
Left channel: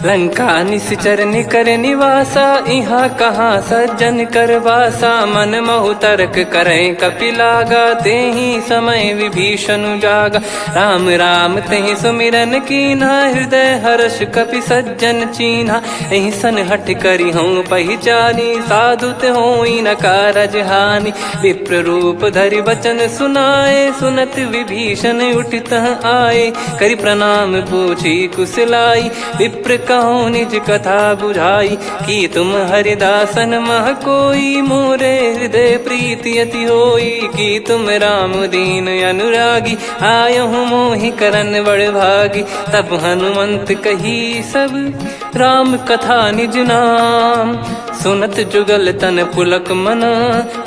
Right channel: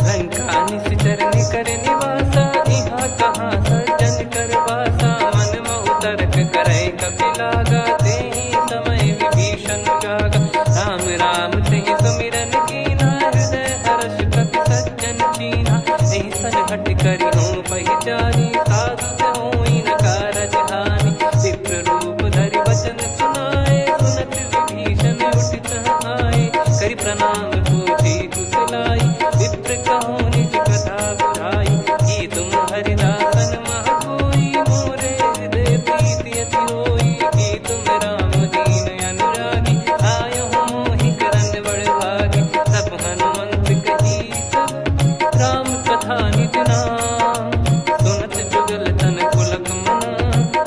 लंका निश्चर निकर निवासा, इहाँ कहाँ सज्जन कर वासा। मन महु तर्क करें कपिलागा, तेहि समय विभीषण जागा। राम राम तेहि सुमिरन कीन्हा, हृदय हर्ष कपि सज्जन चीन्हा। एहि सन हट करि हूँ पहिचानी, साधु ते होई न कारज हानि। विप्र रूप धरि बचन सुनाए, सुनत विभीषण उठित आए। करि प्रणाम पूछी कुशलाई, विप्र कहो निज कथा बुझाई। कि तुम हरिदासन मह कोई, मोरे हृदय प्रीति अति होई। कि तुम राम दीन अनुरागी, आयहु मोहि करन बड़ भागी। तब हनुमंत कही सब राम कथा निज नाम, सुनत जुगल तन पुलक मन,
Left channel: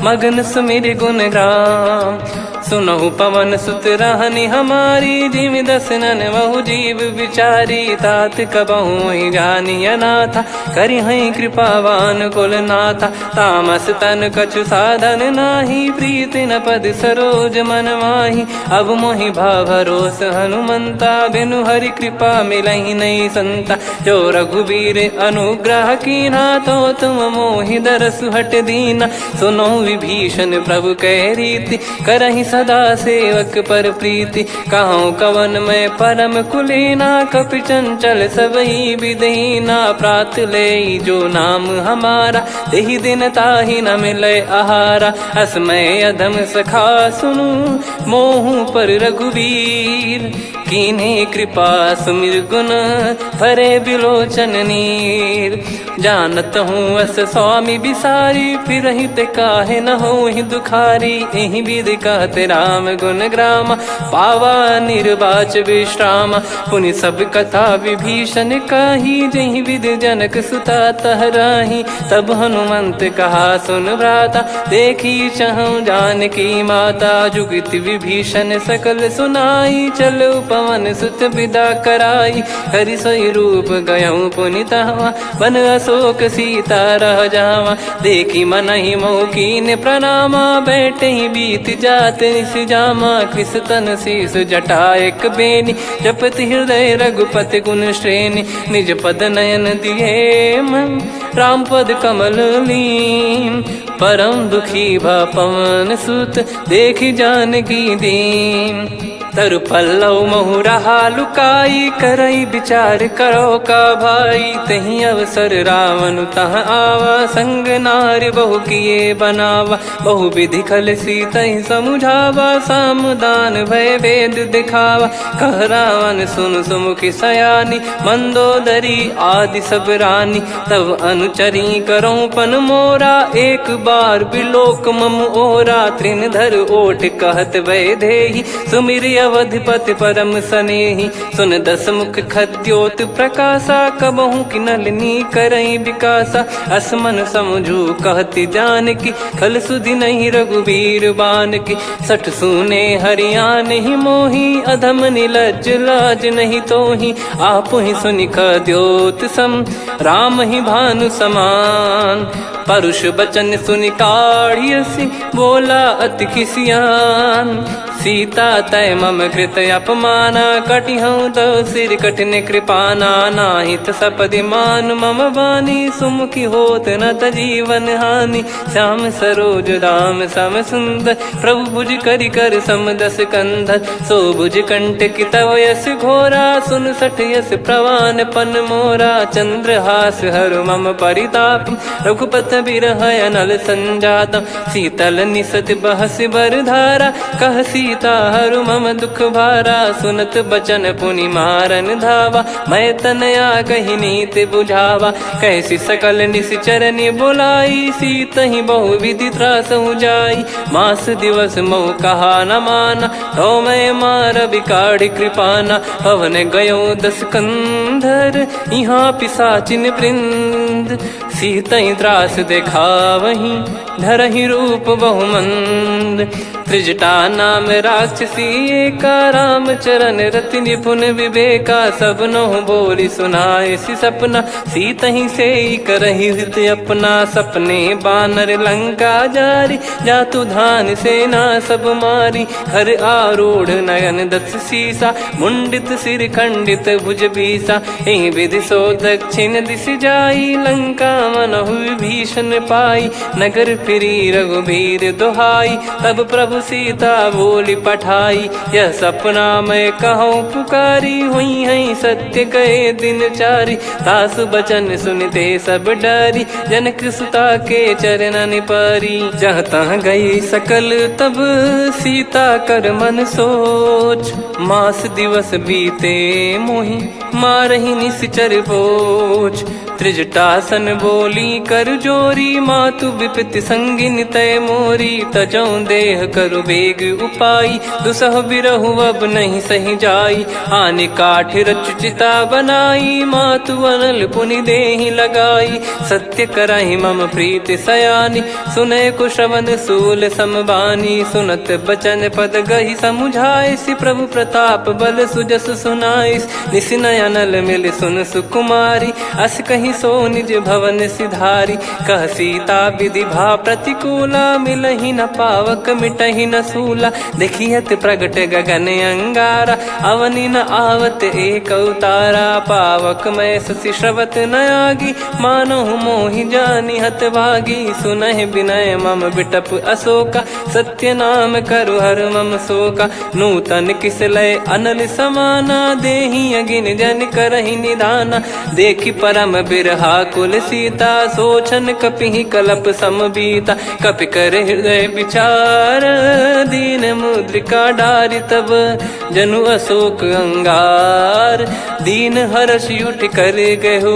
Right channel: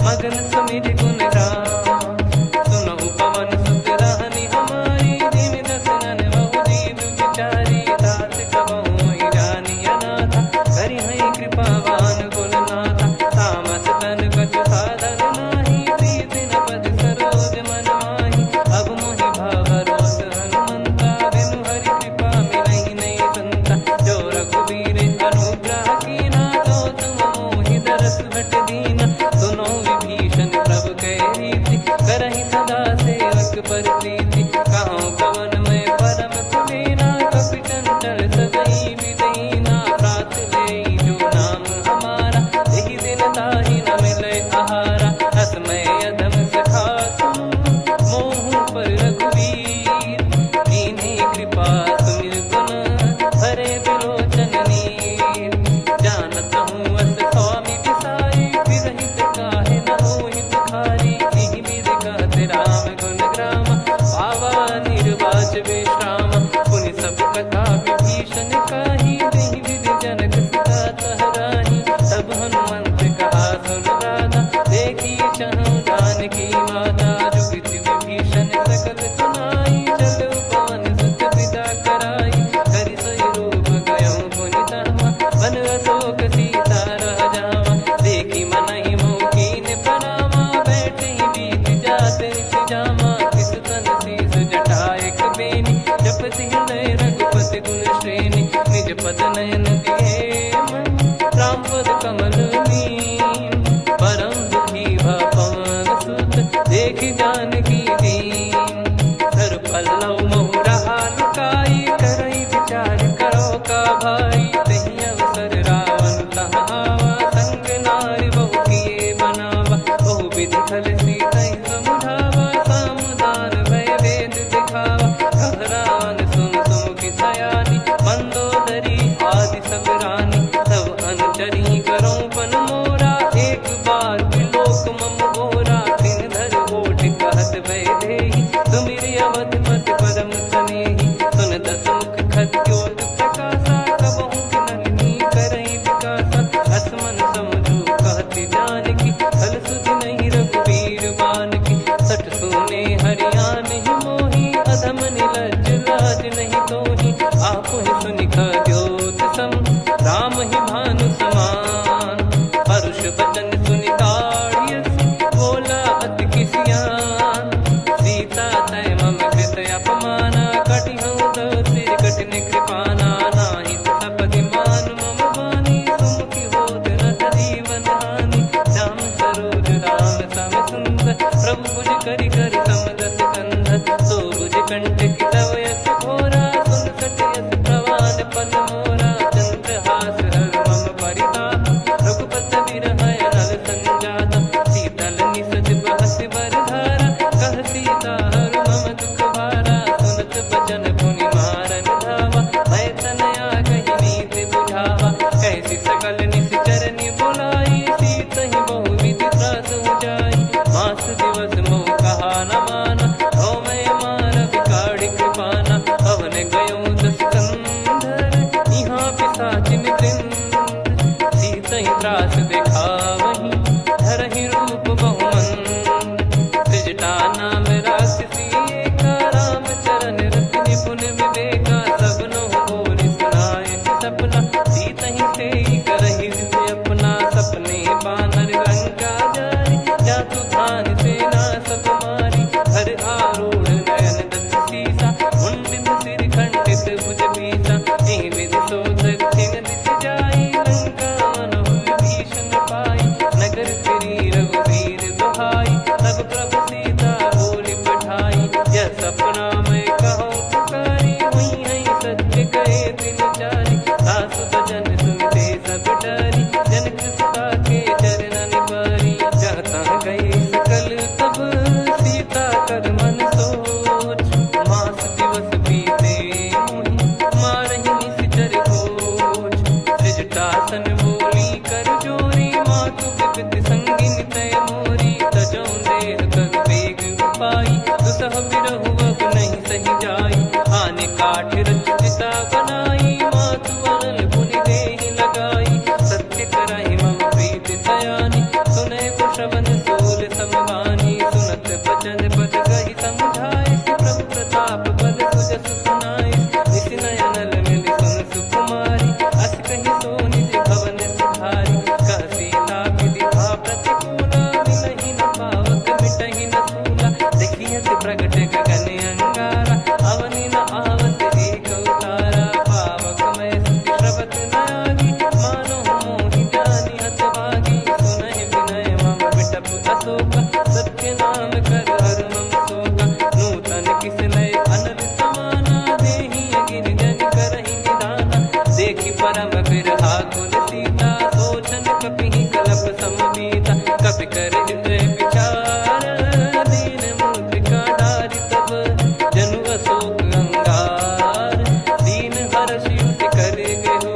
मगन सुमिर गुण राम। सुनहु पवन सुत रहनी हमारी, जिमि दसनन महु जीव विचारी। तात कबहु ही जानी अनाथा, करि हई कृपावान कुल नाथा। तामस तन कछु साधन नाही, प्रीति न पद सरोज मन माही। अब मोहि भाव भरोस हनुमंता, बिनु हरि कृपा मिलहि नहीं संता। जो रघुबीर अनुग्रह कीन्हा, तो तुम मोहि दरसु हट दीना। सुनो विभीषण प्रभु कह रीति, करहि सदा सेवक पर प्रीति। कहूँ कवन में परम कुलीना, कपि चंचल सबही विदहीना। प्रात ले जो नाम हमारा, तेहि दिन ताहि न मिले आहारा। असमय अधम सखा सुनु, मोहु पर रघुवीर। कीन्हे कृपा सुमिर गुण, भरे बिलोचन नीर। जानत हूँ अस स्वामी बिसारी, फिरहित काहे न होहि दुखारी। एहि विधि कहते राम गुण ग्राम, पावा निर्वाच विश्राम। पुनि सब कथा विभीषण काही, जेहि विधि जनक सुता तहराही। तब हनुमंत कहा सुन भ्राता, देखी चहु जानकी माता। जुगति विभीषण सकल सुनाई, चलो पवन सुत विदा कराई। हरि सोई रूप गयऊँ पुनि तहवा, बन अशोक सीता रह जावा। देखी मनहि मोह कीन्ह प्रणामा, बैठे ही बीत जात निस जामा। कृस तन शीस जटा एक बेनी, जपति हृदय रघुपति गुण श्रेणी। निज पद नयन दिए मन, राम पद कमल लीन। परम दुखी भा पवन सुत, देखि जानकी दीन। तरु पल्लव महु रहा लुकाई, करई विचार करो का भाई। तहि अवसर रावण तह आवा, संग नारी बहु किए बनावा। बहु विधि खल सीतहि समुझावा, सामदान भय वेद दिखावा। कह रावण सुन सुमुखि सयानी, मंदोदरी आदि सब रानी। तब अनुचरी करो पन मोरा, एक बार बिलोक मम ओरा। तृण धर ओठ कहत भय देहि, सुमिर अवधिपति परम सनेहि। सुन दस मुख खद्योत प्रकाशा, कबहु कि नलिनी करई विकासा। असमन समझू कहति जानकी, खल सुधि नहीं रघुवीर बानकी। सठ सुने हरियाण ही मोही, अधम निलज्ज लाज नहीं तोहि। आप ही सुनि खद्योत सम, राम ही भानु समान। परुष बचन सुनि काढ़ियसि, बोला अति किसियान। सीता तय मम कृत अपमाना, कटिहऊँ तो सिर कठिन कृपाना। नाहित सपदि मान मम वाणी, सुमुखी होत न जीवन हानि। श्याम सरोज राम सम सुंदर, प्रभु भुज करि कर सम दस कंधर। सो भुज कंठ की तव यस घोरा, सुन सठ यस प्रवान पन मोरा। चंद्रहास हर मम परिताप, रघुपत बिरह अनल संजात। शीतल निसत बहस बर धारा, कह सीता हरु मम दुख भारा। सुनत बचन पुनि मारन धावा, मैं तनया कही नीति बुझावा। कैसी सकल निश्चरनि बुलाई, सीतहि बहु विधि त्रासहु जाई। मास दिवस मोह कहा न माना, तो मैं मार बिकाढ़ कृपाना। पवन गयो दस कंधर, यहाँ पिशाचिन वृंद। सीतहि त्रास देखावहीं, धरहि रूप बहुमंद। त्रिजटा नाम राक्षसी एका, राम चरण रति निपुण विवेका। सब नोह बोली सुनाए सि सपना, सीतहि से करहि हृदय अपना। सपने बानर लंका जारी, जातु धान सेना सब मारी। हर आरूढ़ नयन दस सीसा, मुंडित सिर खंडित भुज बीसा। एहि विधि सो दक्षिण दिश जाई, लंका मनहु विभीषण पाई। नगर फिरी रघुबीर दुहाई, तब प्रभु सीता बोली पठाई। यह सपना मैं कहूँ पुकारी, हुई है सत्य कहे दिन चारी। सासु बचन सुनते सब डरी, जनक सुता के चरण पारी। जहाँ तहाँ गई सकल तब सीता कर मन सोच। मास दिवस बीते मोहि मारहि निश्चर बोझ। त्रिजटासन बोली कर जोरी, मातु विपति संगिन तय मोरी। तजौ देह करु बेग उपाई, दुसह बिरहु अब नहीं सही जाई। आने काठ रचिता बनाई, मातु अनल पुनि देहि लगाई। सत्य करहि मम प्रीति सयानी, सुनय कुशवन सूल समबानी। सुनत बचन पद गहि समुझाए, सि प्रभु प्रताप बल सुजस सुनाइस। निसि नयनल मिल सुन सुकुमारी, अस कहि सो निज भवन सिधारी। कह सीता विधि भा प्रतिकूला, मिलहि न पावक मिटहि न सूला। देखियत प्रगट गगन अंगारा, अवनि न आवत एक अवतारा। पावक मैं शशि श्रवत न आगी, मानो मोहि जानि हत भागी। सुनहि विनय मम बिटप अशोका, सत्य नाम करु हर मम शोका। नूतन किस लय अनल समाना, देहि अगिन जन करहि निदाना। देखि परम बिरहा कुल सीता, सोचन कपिहि कलप समबीता। कपि कर हृदय विचार, दीन मुद्रिका डारि तब जनु अशोक अंगार। दीन हर्ष युट कर गहु,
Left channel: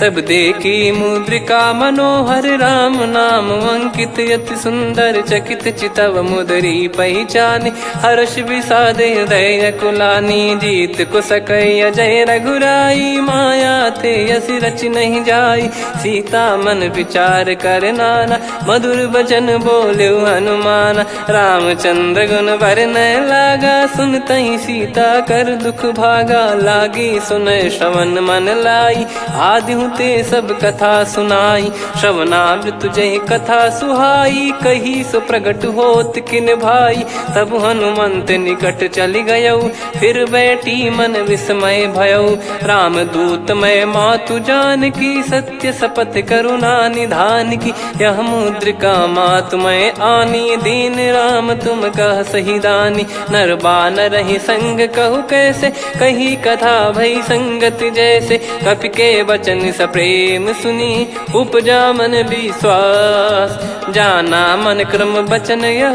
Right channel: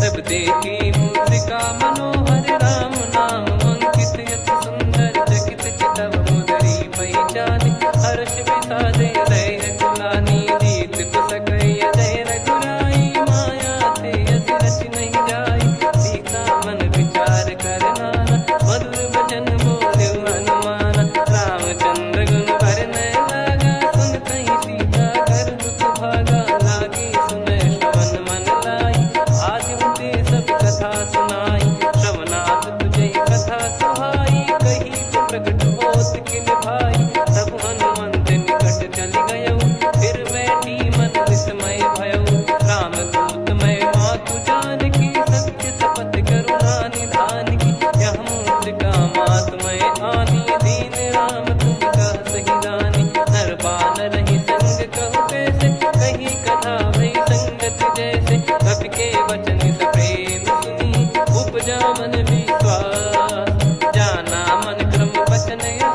तब देखी मुद्रिका मनोहर। राम नाम अंकित अति सुंदर, चकित चितव मुदरी पहचान। हर्ष विषाद हृदय कुलानी, जीत को सकय जय रघुराई। माया थे यस रच नहीं जाई, सीता मन विचार कर नाना। मधुर बचन बोले हनुमान, रामचंद्र गुण बरनय लागा। सुनतहि सीता कर दुख भागा, लागी सुनय श्रवण मन लाई। आदि ते सब कथा सुनाई, श्रवणामृत जय कथा सुहाई। कही सो प्रगट होत किन भाई, तब हनुमंत निकट चली गयौ। फिर बैठी मन विस्मय भयौ, राम दूत मैं मातु जान की। सत्य शपथ करुणा निधान की, यह मुद्रिका मातु मैं आनी। दीन राम तुम कह सही दानी, नर बानर ही संग कहु कैसे। कही कथा भई संगति जैसे, कपि के वचन सप्रेम सुनी। उपजा मन विश्वास, जाना मन क्रम बचन यह।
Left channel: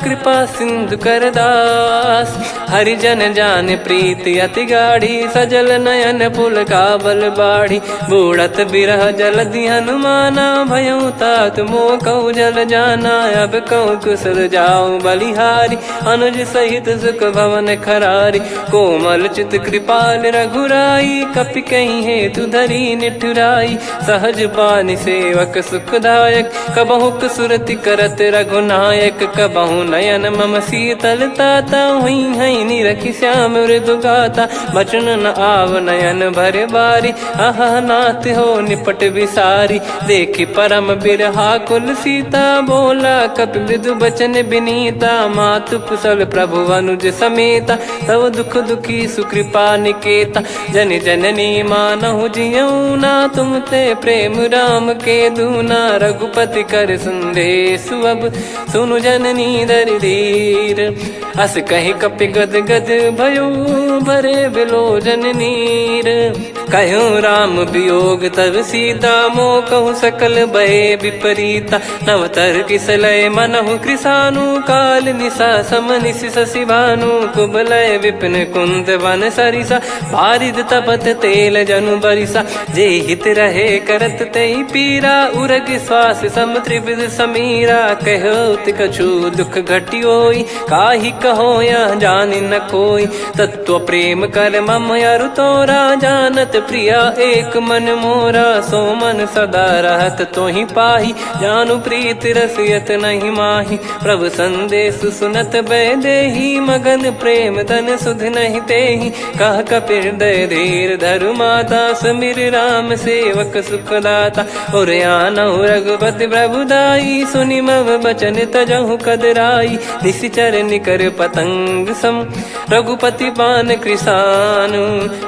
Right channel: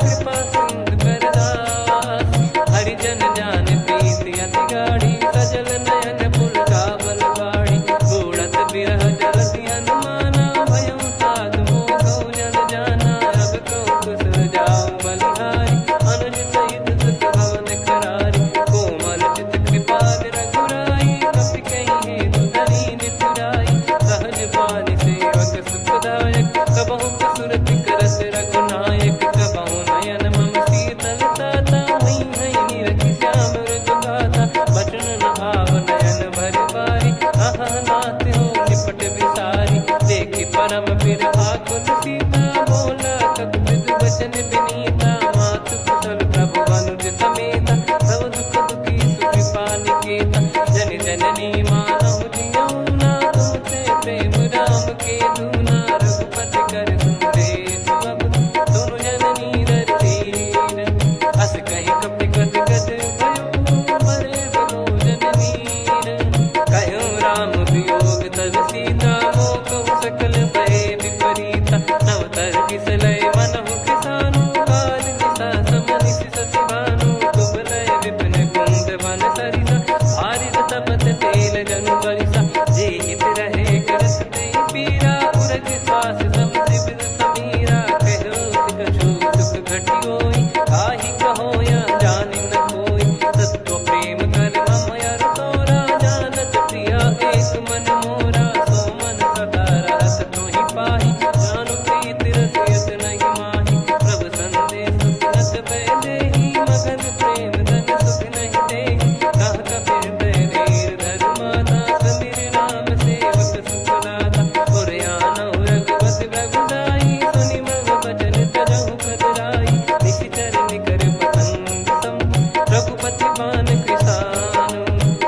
कृपा सिंधु कर दास, हरिजन जान प्रीति अति गाढ़ी। सजल नयन पुल काबल बाढ़ी, बूढ़त बिरह जलधि हनुमाना। भयउ तात मोह कहु जल जाना, अब कहु कुशल जाऊं बलिहारी। अनुज सहित सुख भवन खरारी, कोमल चित कृपाल रघुराई। कपि कहीं हेतु धरी निठुराई, सहज पानि सेवक सुखदायक। कबहु सुरति करत रघुनायक, कबहु नयन मम शीतल ताता। हुई है निरखि श्याम मृदु गाता, बचन न आव नयन भर बारी। अह नाथ हो निपट विसारी, देखि परम बिरहा कुल सीता। बोला कपि विदु बचन बिनीता, मातु कुशल प्रभु अनुज समेता। तव दुख दुखी सुकृपा निकेता, जन जननी मानहु जियऊ ना। तुम ते प्रेम राम के दूना, रघुपति कर संदेशु अब सुनु जननी दर धीर। अस कहि कपि गद गद भयो, भरे विलोचन नीर। कहो राम वियोग तब सीता, मोह कहु सकल भय विपरीता। नवतर किसलय मनहु कृसानु, काल निशा समनिशि शशि भानु। कुबलय विपिन कुंद वन सरिसा, पारिद तपत तेल जनु बरिसा। जे हित रहे करत तेहि पीरा, उरग श्वास सम त्रिविध समीरा। कहो कछु दुख घटियोई, काहि कहो या जान न कोई। तत्व प्रेम कर मम अरु तोरा, जानत प्रिया एक मन मोरा। सो मन सदा रहत तो ही पाही, जानु प्रीत रसियत नहीं माही। प्रभु संदेश सुनत बैदेही, मगन प्रेम धन सुध नहीं तेही। कह कपिर दय धीर धरु माता, समिर राम सेवक सुखदाता। और आनौ रघुपति प्रभुदाई, सुनि मम बचन तजहु कदराई। निशिचर निकर पतंग सम, रघुपति पान कृसानु।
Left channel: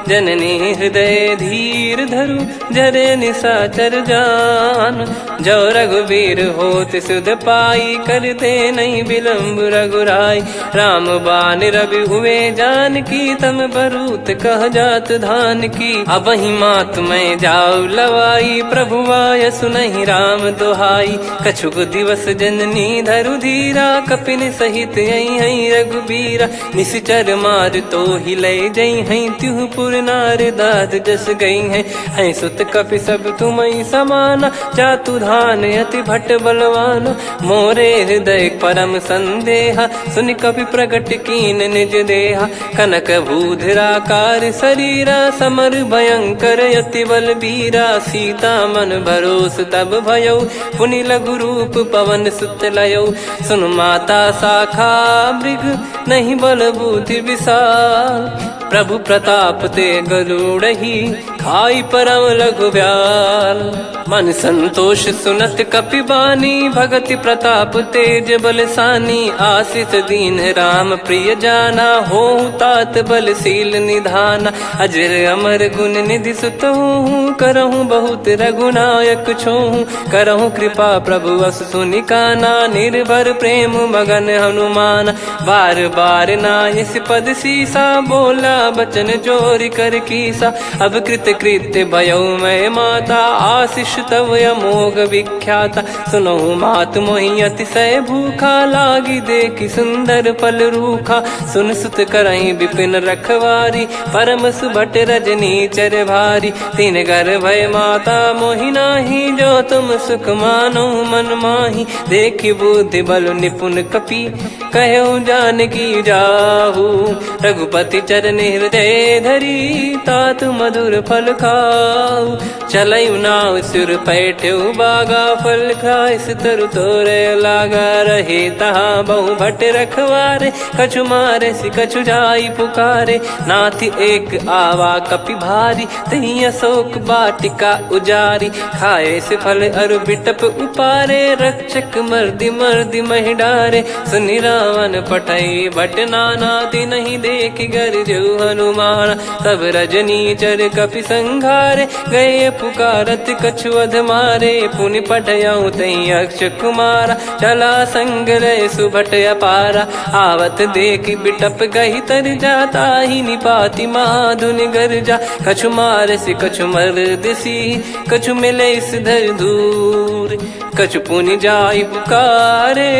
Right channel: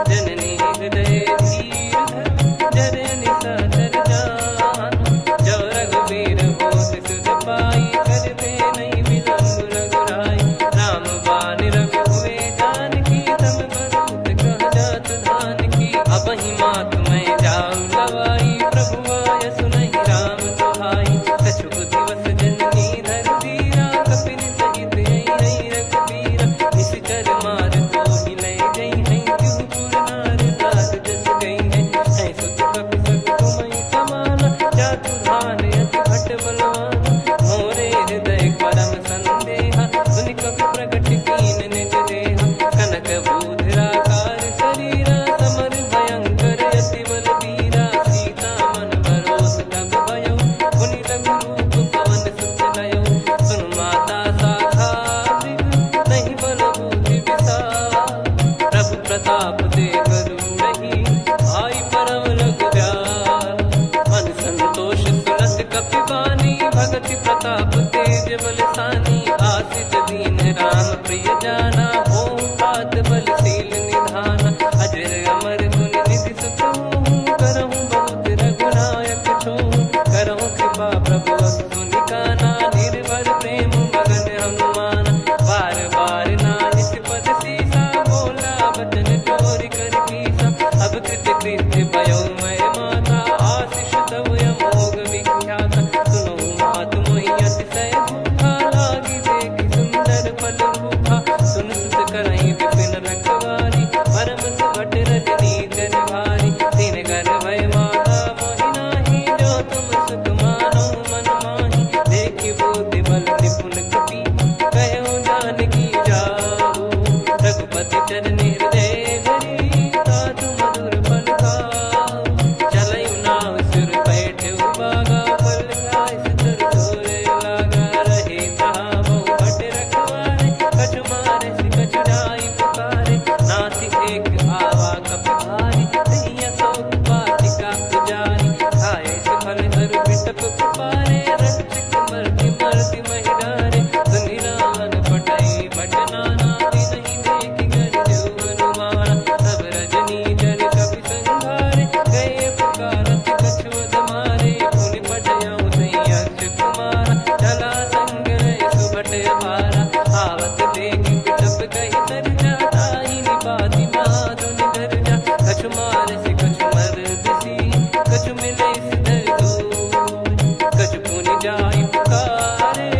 जननी हृदय धीर धरु, जरे निशाचर जान। जो रघुवीर होत सुध पाई, कर दे नहीं विलम्ब रघुराई। राम बान रवि हुए जानकी, तम बरूत कह जात धान की। अब ही मात मैं जाऊ लवाई, प्रभु आय सुनहि राम दोहाई। कछुक दिवस जननी धरु धीरा, कपिन सहित यही रघुबीरा। निशिचर मार तो ही ले जई हैं, त्युह पुर नार दाद जस गई हैं। हैं सुत कपि सब तुमहि समाना, जातु धान अति भट बलवान। मोरे हृदय परम संदेहा, सुनि कपि प्रकट कीन निज देहा। कनक भूधराकार शरीरा, समर भयंकर अति बलबीरा। सीता मन भरोस तब भयौ, पुनि लघु रूप पवन सुत लयौ। सुन माता शाखा मृग, नहीं बल बुद्धि विशाल। प्रभु प्रताप ते गरुड़हि, खाई परम लघु ब्याल। मन संतोष सुनत कपि बानी, भगति प्रताप तेज बलसानी। आशीष दीन राम प्रिय जाना, होहु तात बलशील निधाना। अजर अमर गुण निधि सुतहु, करहु बहुत रघुनायक छोहु। करहु कृपा प्रभु अस सुनि काना, निर्भर प्रेम मगन हनुमान। बार बार नायस पद सीसा, बोला बचन चोरी कर कीसा। अब कृत कृत्य भयो मैं माता, आशीष तव अमोघ विख्याता। सुनो मात मोहि अतिशय भूखा, लागी देखी सुंदर फल रूखा। सुन सुत करहीं विपिन रखवारी, परम सुभट रजनी चर भारी। तीन घर भय माता मोहि नाही, जो तुम सुख मानो मन माही। देखी बुद्धि बल निपुण कपि, कहो जानकी जाहू। रघुपति चरण हृदय धरी, तात मधुर फल खाऊ। चलयु नाव सिर पैठ्यु बागा, फल खाय सितर तोरे लागा। रहे तहाँ बहु भट रखवारे, कछु मारे सि कछु जाई पुकारे। नाथि एक आवा कपि भारी, तही अशोक वाटिका उजारी। खाए से फल अरु बिटप उपारे, रक्षक मर्दि मर्दि महि डारे। सुनि रावण पटई भट नाना, तिनहि देखि गरजु हनुमान। तब रजनी चर कपि संघारे, गए पुकारत कछु अध मारे। पुनि पटयउ तई अक्ष कुमारा, चला संग रहे सुभट अपारा। आवत देखि बिटप गही तर जाता, ही निपाति माधुनि गर्जा। कछु मार से कछु मर दिसी, कछु मिले इस धर दूर। कछु पुनि जाई पुकारे,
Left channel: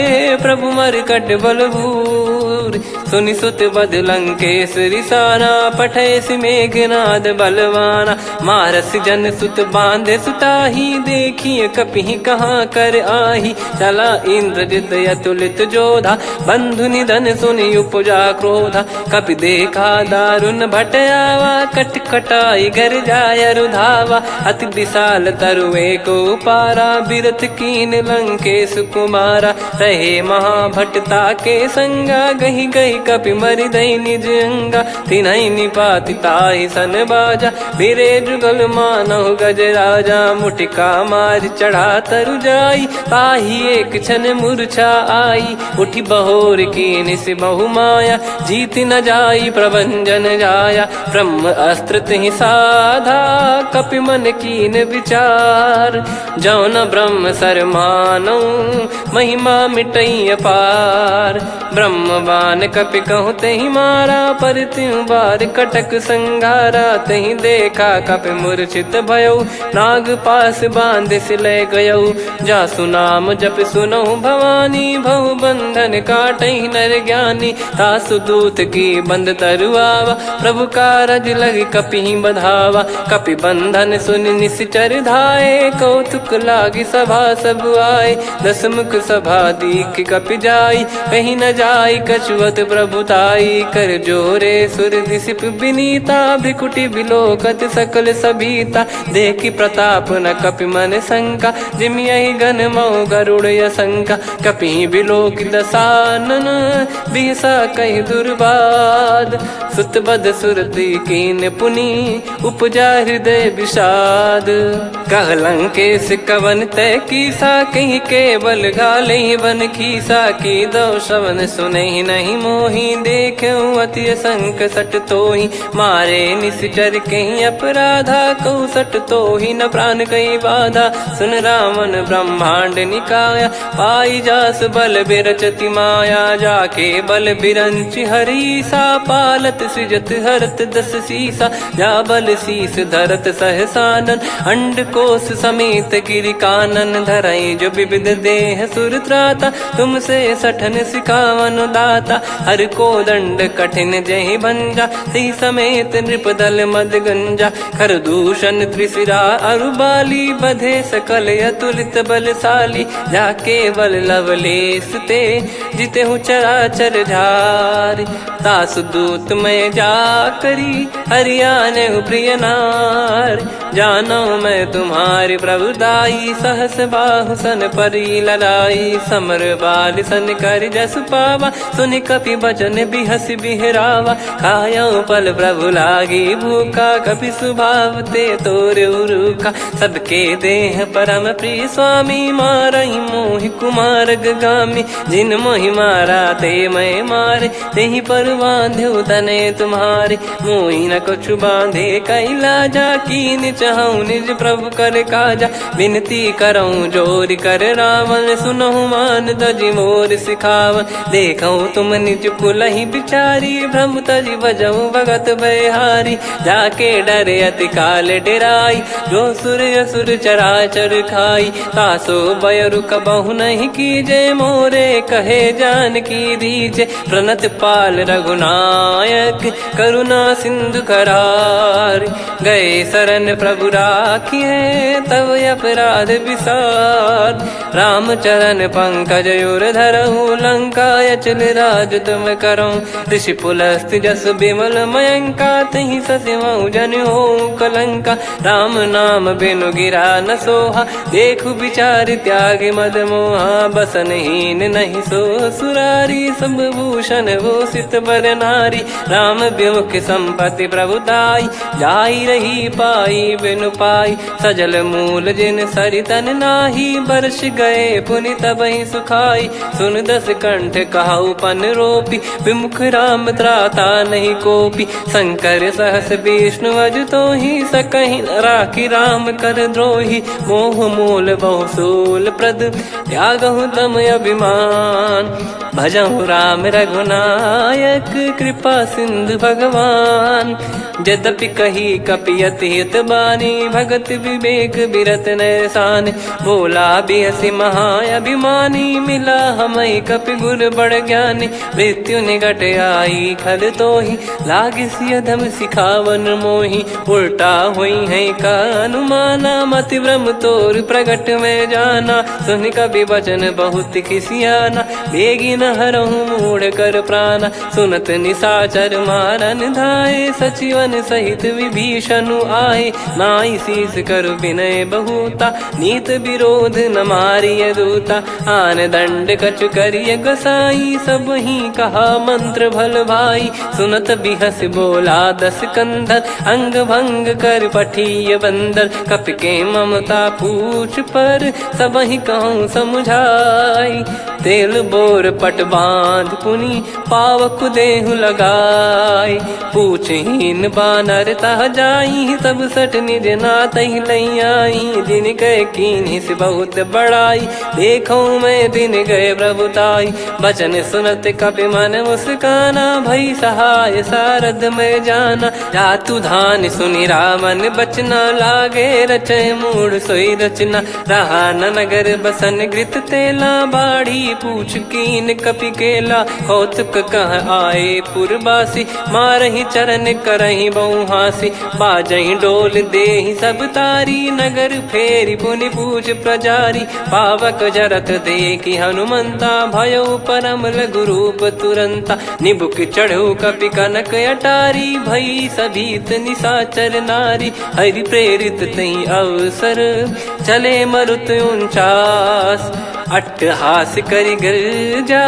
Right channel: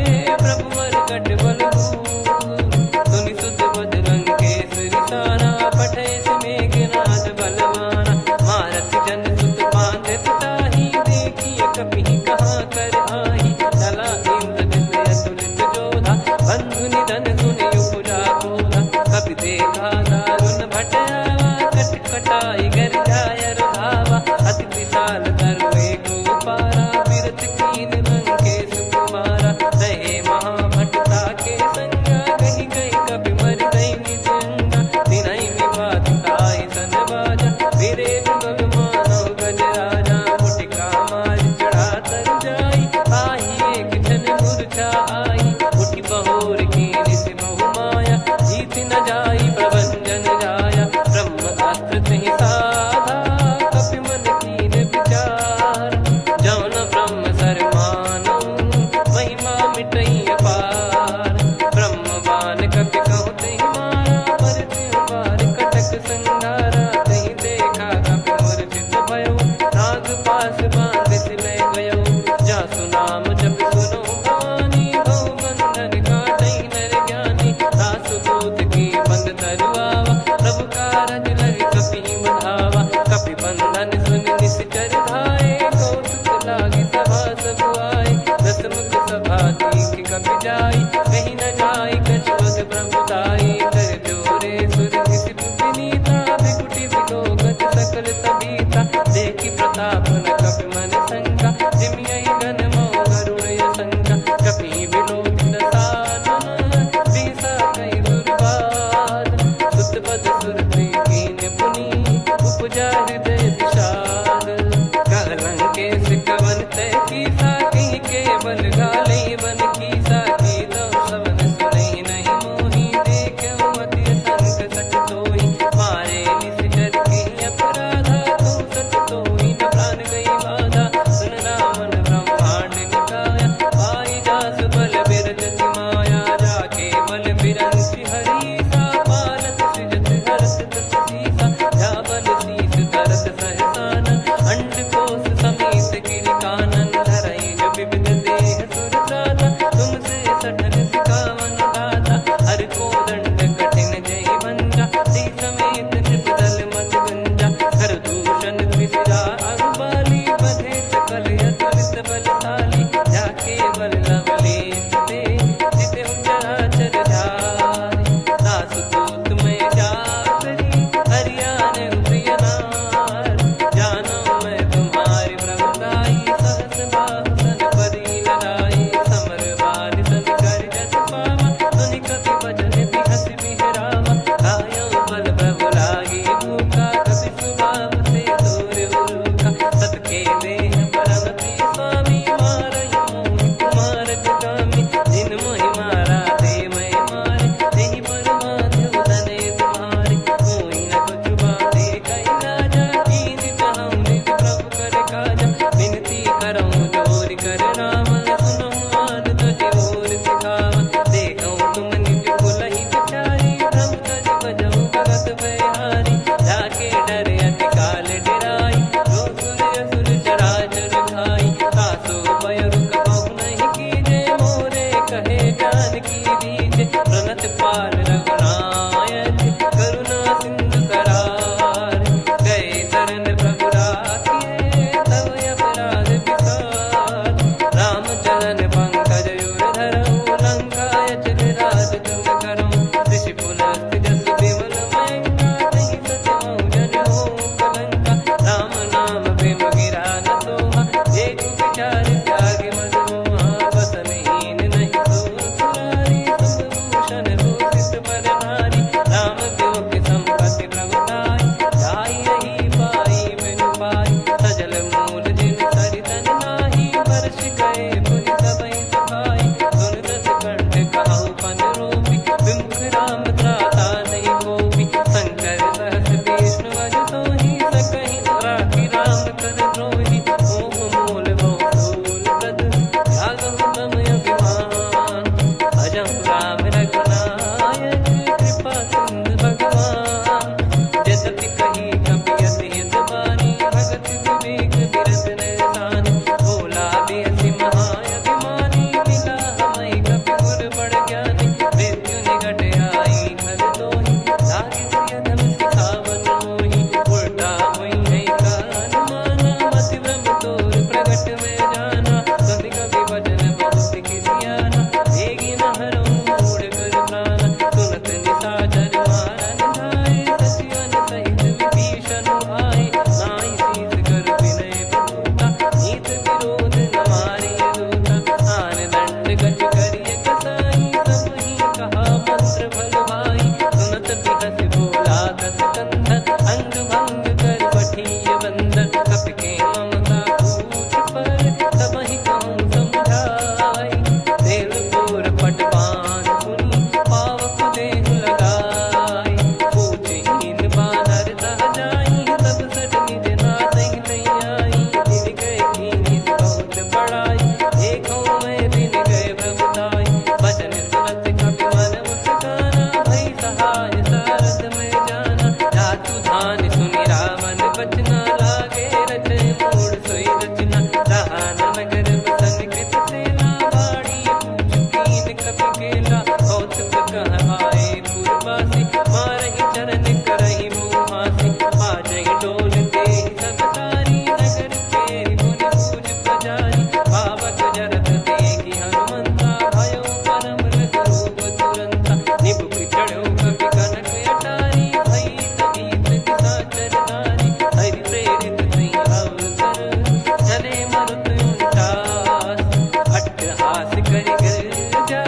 प्रभु मरकट बलभूर। सुनि सुत बद लंकेश्वरी साना, पठयसि मेघनाद बलवाना। मारस जन सुत बांधे सुताही, देखिए कपिहि कहाँ कर आही। चला इंद्रजित अतुलित जोधा, बंधु निधन सुनि उपजा क्रोधा। कपि देखा दारुण भट आवा, कट कटाई घर जाय रुधावा। अति विशाल तरु एको पारा, बिरत कीन लंकेश कुमारा। रहे महाभटता के संगा, गही गही कपि मरि दई निज अंगा। तिन्हि निपाति ताहि सन बाजा, बिरे जुगल मानव गज राजा। मुटिका मार चढ़ा तरु जाई, ताहि एक क्षण मूर्छा आई। उठि बहोर कीन से बहु माया, जीत न जाई प्रभंजन जाया। ब्रह्म अस्त्र तिहि साधा, कपि मन कीन विचार। जौन ब्रह्म सर मानौ, महिमा मिटई अपार। ब्रह्म बान कपि कहु तहि मारा, पर त्यों बार कटक संगारा। तहि देखा कपि मूर्छित भयो, नाग पास बांध सिले गयौ। जासु नाम जप सुनहु भवानी, भव बंधन काटहि नर ज्ञानी। तासु दूत की बंद तरुआवा, प्रभु कारज लग कपि बधावा। कपि बंधन सुनि निश्चर धाये, कौतुक लागी सभा सब आए। दस मुख सभा दीख कपि जाई, कहीं न जाई कछुअत प्रभुताई। कर जोरे सुर दिसिप विनीता, भ्रिकुटि बिलोकत सकल सबीता। देखि प्रताप न कपि मन शंका, जिमि यही गन मऊ गरुड़ असंका। कपि बिलोक दसानन, बिहसा कहि दुर्बाद। सुत बद सुरति कीन पुनि, उपजा हृदय विषाद। कहलंकेश कवन तय कीसा, कहीं केवल घाले बन खीसा। की दो श्रवण सुने नहीं मोही, देखे अति संक सट तोही। मारे निश्चर कहीं अपराधा, कहूँ सट तोही न प्राण कहीं बाधा। सुन रावण ब्रह्मांड निकाया, पाई जास बल बिरचति माया। जाके बल बिरंच हरीसा, पालत सृजत हरत दस सीसा। जा बल शीस धरत सहसानन, अंड कोश समेत गिरि कानन। धरई जो विविध देह सुर त्राता, तुमसे सठन सिखावन दाता। हर को दंड कठिन जहि भंजा, ती समेत नृपदल मद गंजा। खर दूषण त्रिशिरा अरुबाली, बधे सकल अतुलित बलशाली। जाके बल लवलेस ते, जिते हूँ चराचर झारी। दास दूत में जा करी, हरियाने प्रिय नार। जानो मैं तुम्हारी प्रभुताई, सहस बाहु सन परी ललाई। समर बाल सन कर जस पावा, सुनि कपि बचन बिहस बिहरावा। खायो पल प्रभु लागी भूखा, कपि स्वभाव ते तोर उरुखा। सबके देह परम प्रिय स्वामी, मारई मोहि कुमार गगामी। जिन मोहि मारा ते मैं मारे, तेहि पर बांधे तने तुम्हारे। मोहि न कुछ बांधे कैलाजा, कीन चाहूँ निज प्रभु कर काजा। विनती करऊँ जोर कर रावण, सुनहु मान तजि मोर सिखावन। देखऊँ तुम निज कुलहि बिचारी, भ्रम तजि बजऊँ भगत बहारी। जाके डरे अति काल डेराई, जो सुर असुर चराचर खाई। तासो भय रुक बहु नहीं कीजे, मोरे कहे जान की दीजे। प्रणत पाल रघुनायक, करुणा सिंधु करार। गए शरण प्रभु राखिए, तब अपराध विसार। राम चरण पंकज उर धरहु, लंका अचल राज तुम करऊँ। ऋषि पुलस्त्य जस विमल मयंका, तहि सत्यमऊ जन हो कलंका। राम नाम बिनु गिरा न सोहा, देखु विचार त्याग मद मोहा। बसनहीन नहीं सो सुरारी, सब भूषण भूषित बर नारी। राम विमुख संपत्ति प्रभुताई, जाई रही पाई बिनु पाई। सजल मूल जिन सरितन नाही, बरस गए पुनि तबहि सुखाई। सुन दस कंठ कहाऊ पन रोपी, विमुख राम त्राता नहीं कोपी। शंकर सहस विष्णु अज तोहि, सकहि न राखी राम कर द्रोही। मोह मूल बहु सूल प्रद, त्यागहु तम अभिमान। भजहु राम रघुनायक, कृपा सिंधु भगवान। यद्यपि कही कपियत हित बानी, भगत विवेक बिरत नैसान। बोला बिहसी महाअभिमानी, मिला हमई कपि गुर बड़ ज्ञानी। मृत्यु निकट आई खल तोहि, लागे सिय धम सिखावन मोहि। उल्टा हुई है का अनुमाना, मति भ्रम तोर प्रगट में जाना। सुन कवि वचन बहुत खिसियाना, बेगी न हरहु मूढ़ कर प्राणा। सुनत निशाचर मारन धाये, सचिवन सहित विभीषणु आए। नाई शीस कर विनय बहुता, नीत विरोध न मारिय दूता। आन दंड कछु करिय गोसाई, सब ही कहा मंत्र भल भाई। सुनत बिहस बोला दस कंधर, अंग भंग कर पठिय बंदर। कपि के ममता पूछ पर, सब ही कहूँ समुझाई। तेल बोर पट बांध पुनि, पावक देहु लगाई। पूछहीन बानर तह जाई, सब सट निज नातहि लई आई। दिन गए कीन्ही से बहुत बड़ाई, देखो मैं दिन गए प्रभुताई। बचन सुनत कपि मन मुस्काना, भई सहाय सारद में जाना। जातु धान सुनि रामन बचना, लागे रचय मूढ़ सोई रचना। रहा न नगर बसन कृत तेला, बाड़ी पूछ कीन कपि केला। कौतुक कह आए पुरबासी, मारहि चरण मन करही बहु हासी बाजही डोल देहि सब तारी नगर फेरी पुनि पूज प्रजारी पावक जरत देखी हनुमंता भयो परम लघु रूप तुरंता निबुक चढ़ऊ कपि कनक अटारी भई सभीत निशाचर नारी हरि प्रेरित तई अवसर चले मरुत 49 अट्टहास करि गिरजा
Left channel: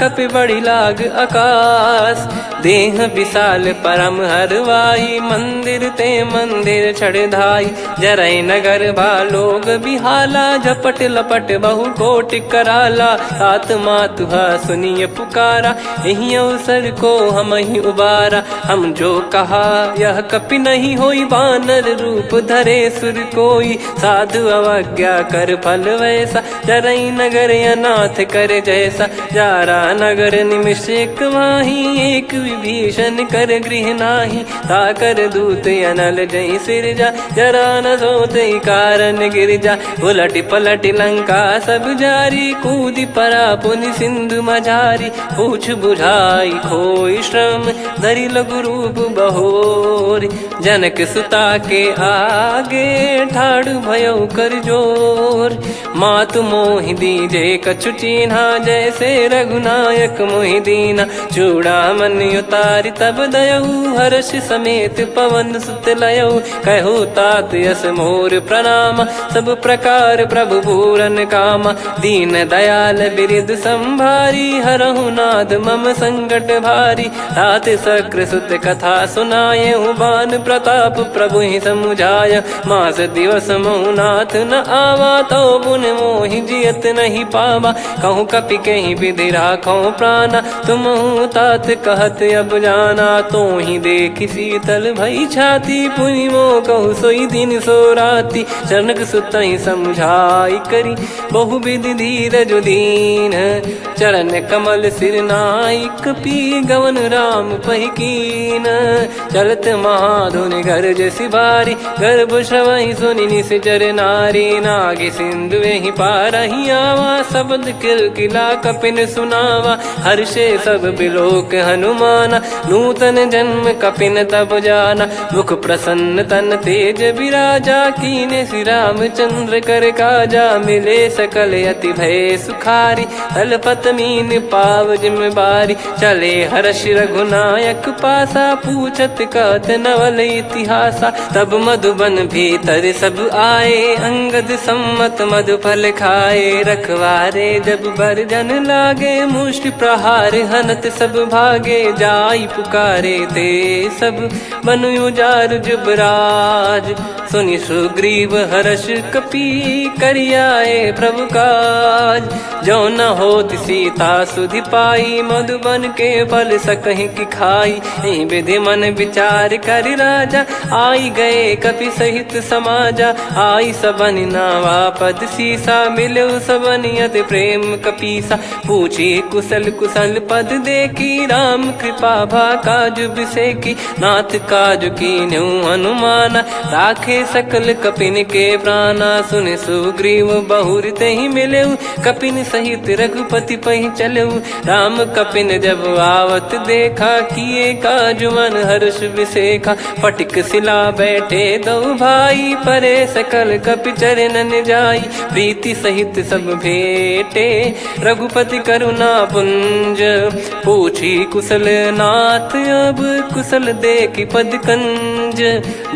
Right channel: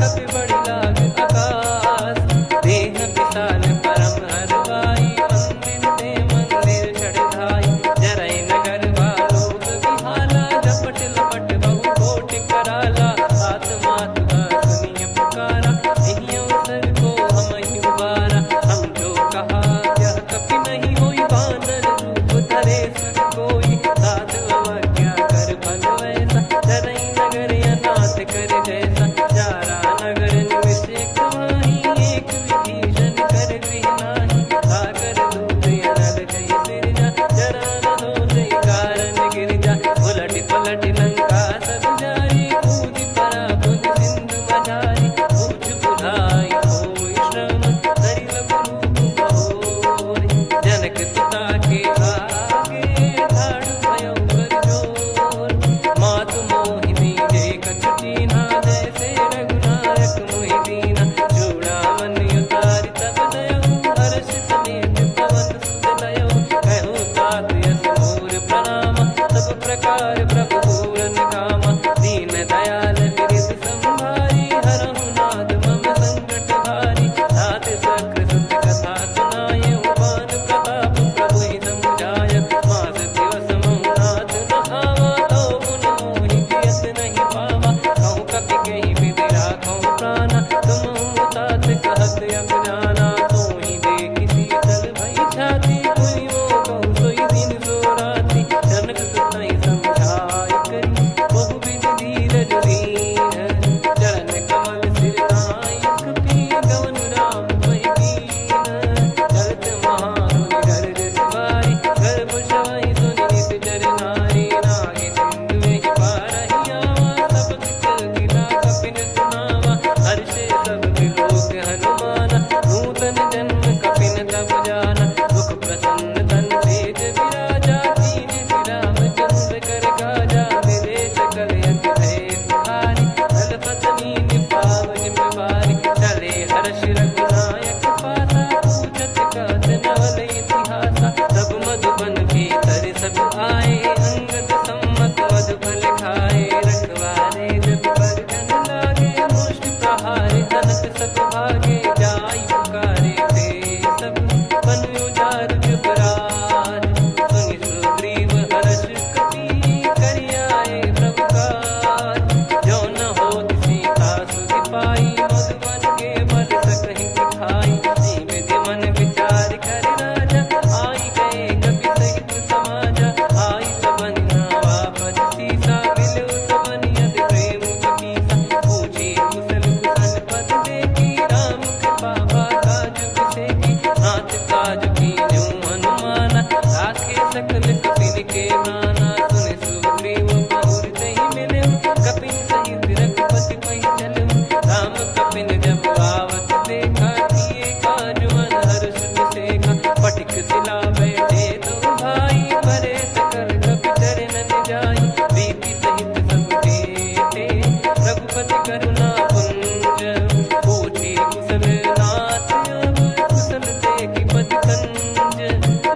कपि बड़ी लाग आकाश देह विशाल परम हरवाई मंदिर ते मंदिर चढ़ाई जरई नगर बालोग बिहाला झपट लपट बहु कोट कराला सात मातुहा सुनिय पुकारा यही अवसर को हम ही उबारा हम जो कहा यह कपि नहीं होई बानर रूप धरे सुर कोई साधु अवज्ञा कर फल वैसा जरई नगर अनाथ कर जैसा जारा नगर निमिष एक माही एक विभीषण कर गृह नाही ताकर दूत अनल जय सिरजा जरा न सोते कारण गिरजा उलट पलट लंका सब जारी कूद परा पुनि सिंधु मझारी पूछ बुझाई खोई श्रम धरि लघु रूप बहोरी जनक सुता के आगे ठाड़ भयो कर जोर मातु मोहि दीजे कछु चीन्हा जैसे रघुनायक मोहि दीना चूड़ामणि उतारि तब दयऊ हर्ष समेत पवन सुत लयऊ कहु तात यस मोर प्रणाम सब प्रकार प्रभु पूरन कामा दीन दयाल बिरिद संभारी हरहु नाद मम संकट भारी तात सक्र सुत कथा सुनाये बान प्रताप प्रभु ही समुझाय मास दिवस महुनाथ न आवा तो गुण मोहि जियत नहीं पावा कहूँ कपि कहीं विधि राखो प्राणा तुम तात कहत अब जाना तो ही देख शीतल भई छाती पुनि मो कहु सोई दिन सो राती जनक सुतई समझाई करी बहु विधि धीरज दीन चरण कमल सिर नायक पी गवन राम पहिकीन चलत महाधुनि गरज सिबारी गर्भ श्रवई सुनि निश्चर नारी नागे सिंधु ही पारही आवा शब्द किल गिला कपिन सुनावा हर्षे सब बिलोक हनुमाना नूतन जन्म कपिन तब जाना मुख प्रसन्न तन तेज विराजा कीने श्री रामचंद्र कर काजा मिले सकल अति भय सुखारी तलपत मीन पाव जिम्मेवारी चले हर्ष रघुनायक पासा पूछत कहत नवल इतिहासा तब मधुबन भीतर सब आए अंगद सम्मत मधुफल खाए रखवारे जब बरजन लागे मुष्टि प्रहार हनत सब भागे जाई पुकारे ते सब बनु उजार जुबराज सुनि सुग्रीव हर्ष कपि करियाए प्रभु काज जो न होत सीता सुधि पाई मधुबन के बल सकहि की खाई विधि मन विचार कर राजा आई गए कपि सहित समाजा आई सबन नावा पद सीसा मिलो सबनियत प्रेम कपीसा पूछी कुशल कुशल पद देखी राम कृपा भा काज बिसेकी नाथ काज की न्यू हनुमाना राखे सकल कपिन के प्राणा सुने सुग्रीव बहुर ही मिले कपिन सहित रघुपति पही चले राम कपिन जब आवत देखा किए काज मन हर्ष विसेखा फटिक सिला बैठे दो भाई परे सकल कपि चरणन जाई प्रीति सहित सब भेटे रघुपति करुणा पुंज पूछी कुशल नाथ अब कुशल देखी पद कंज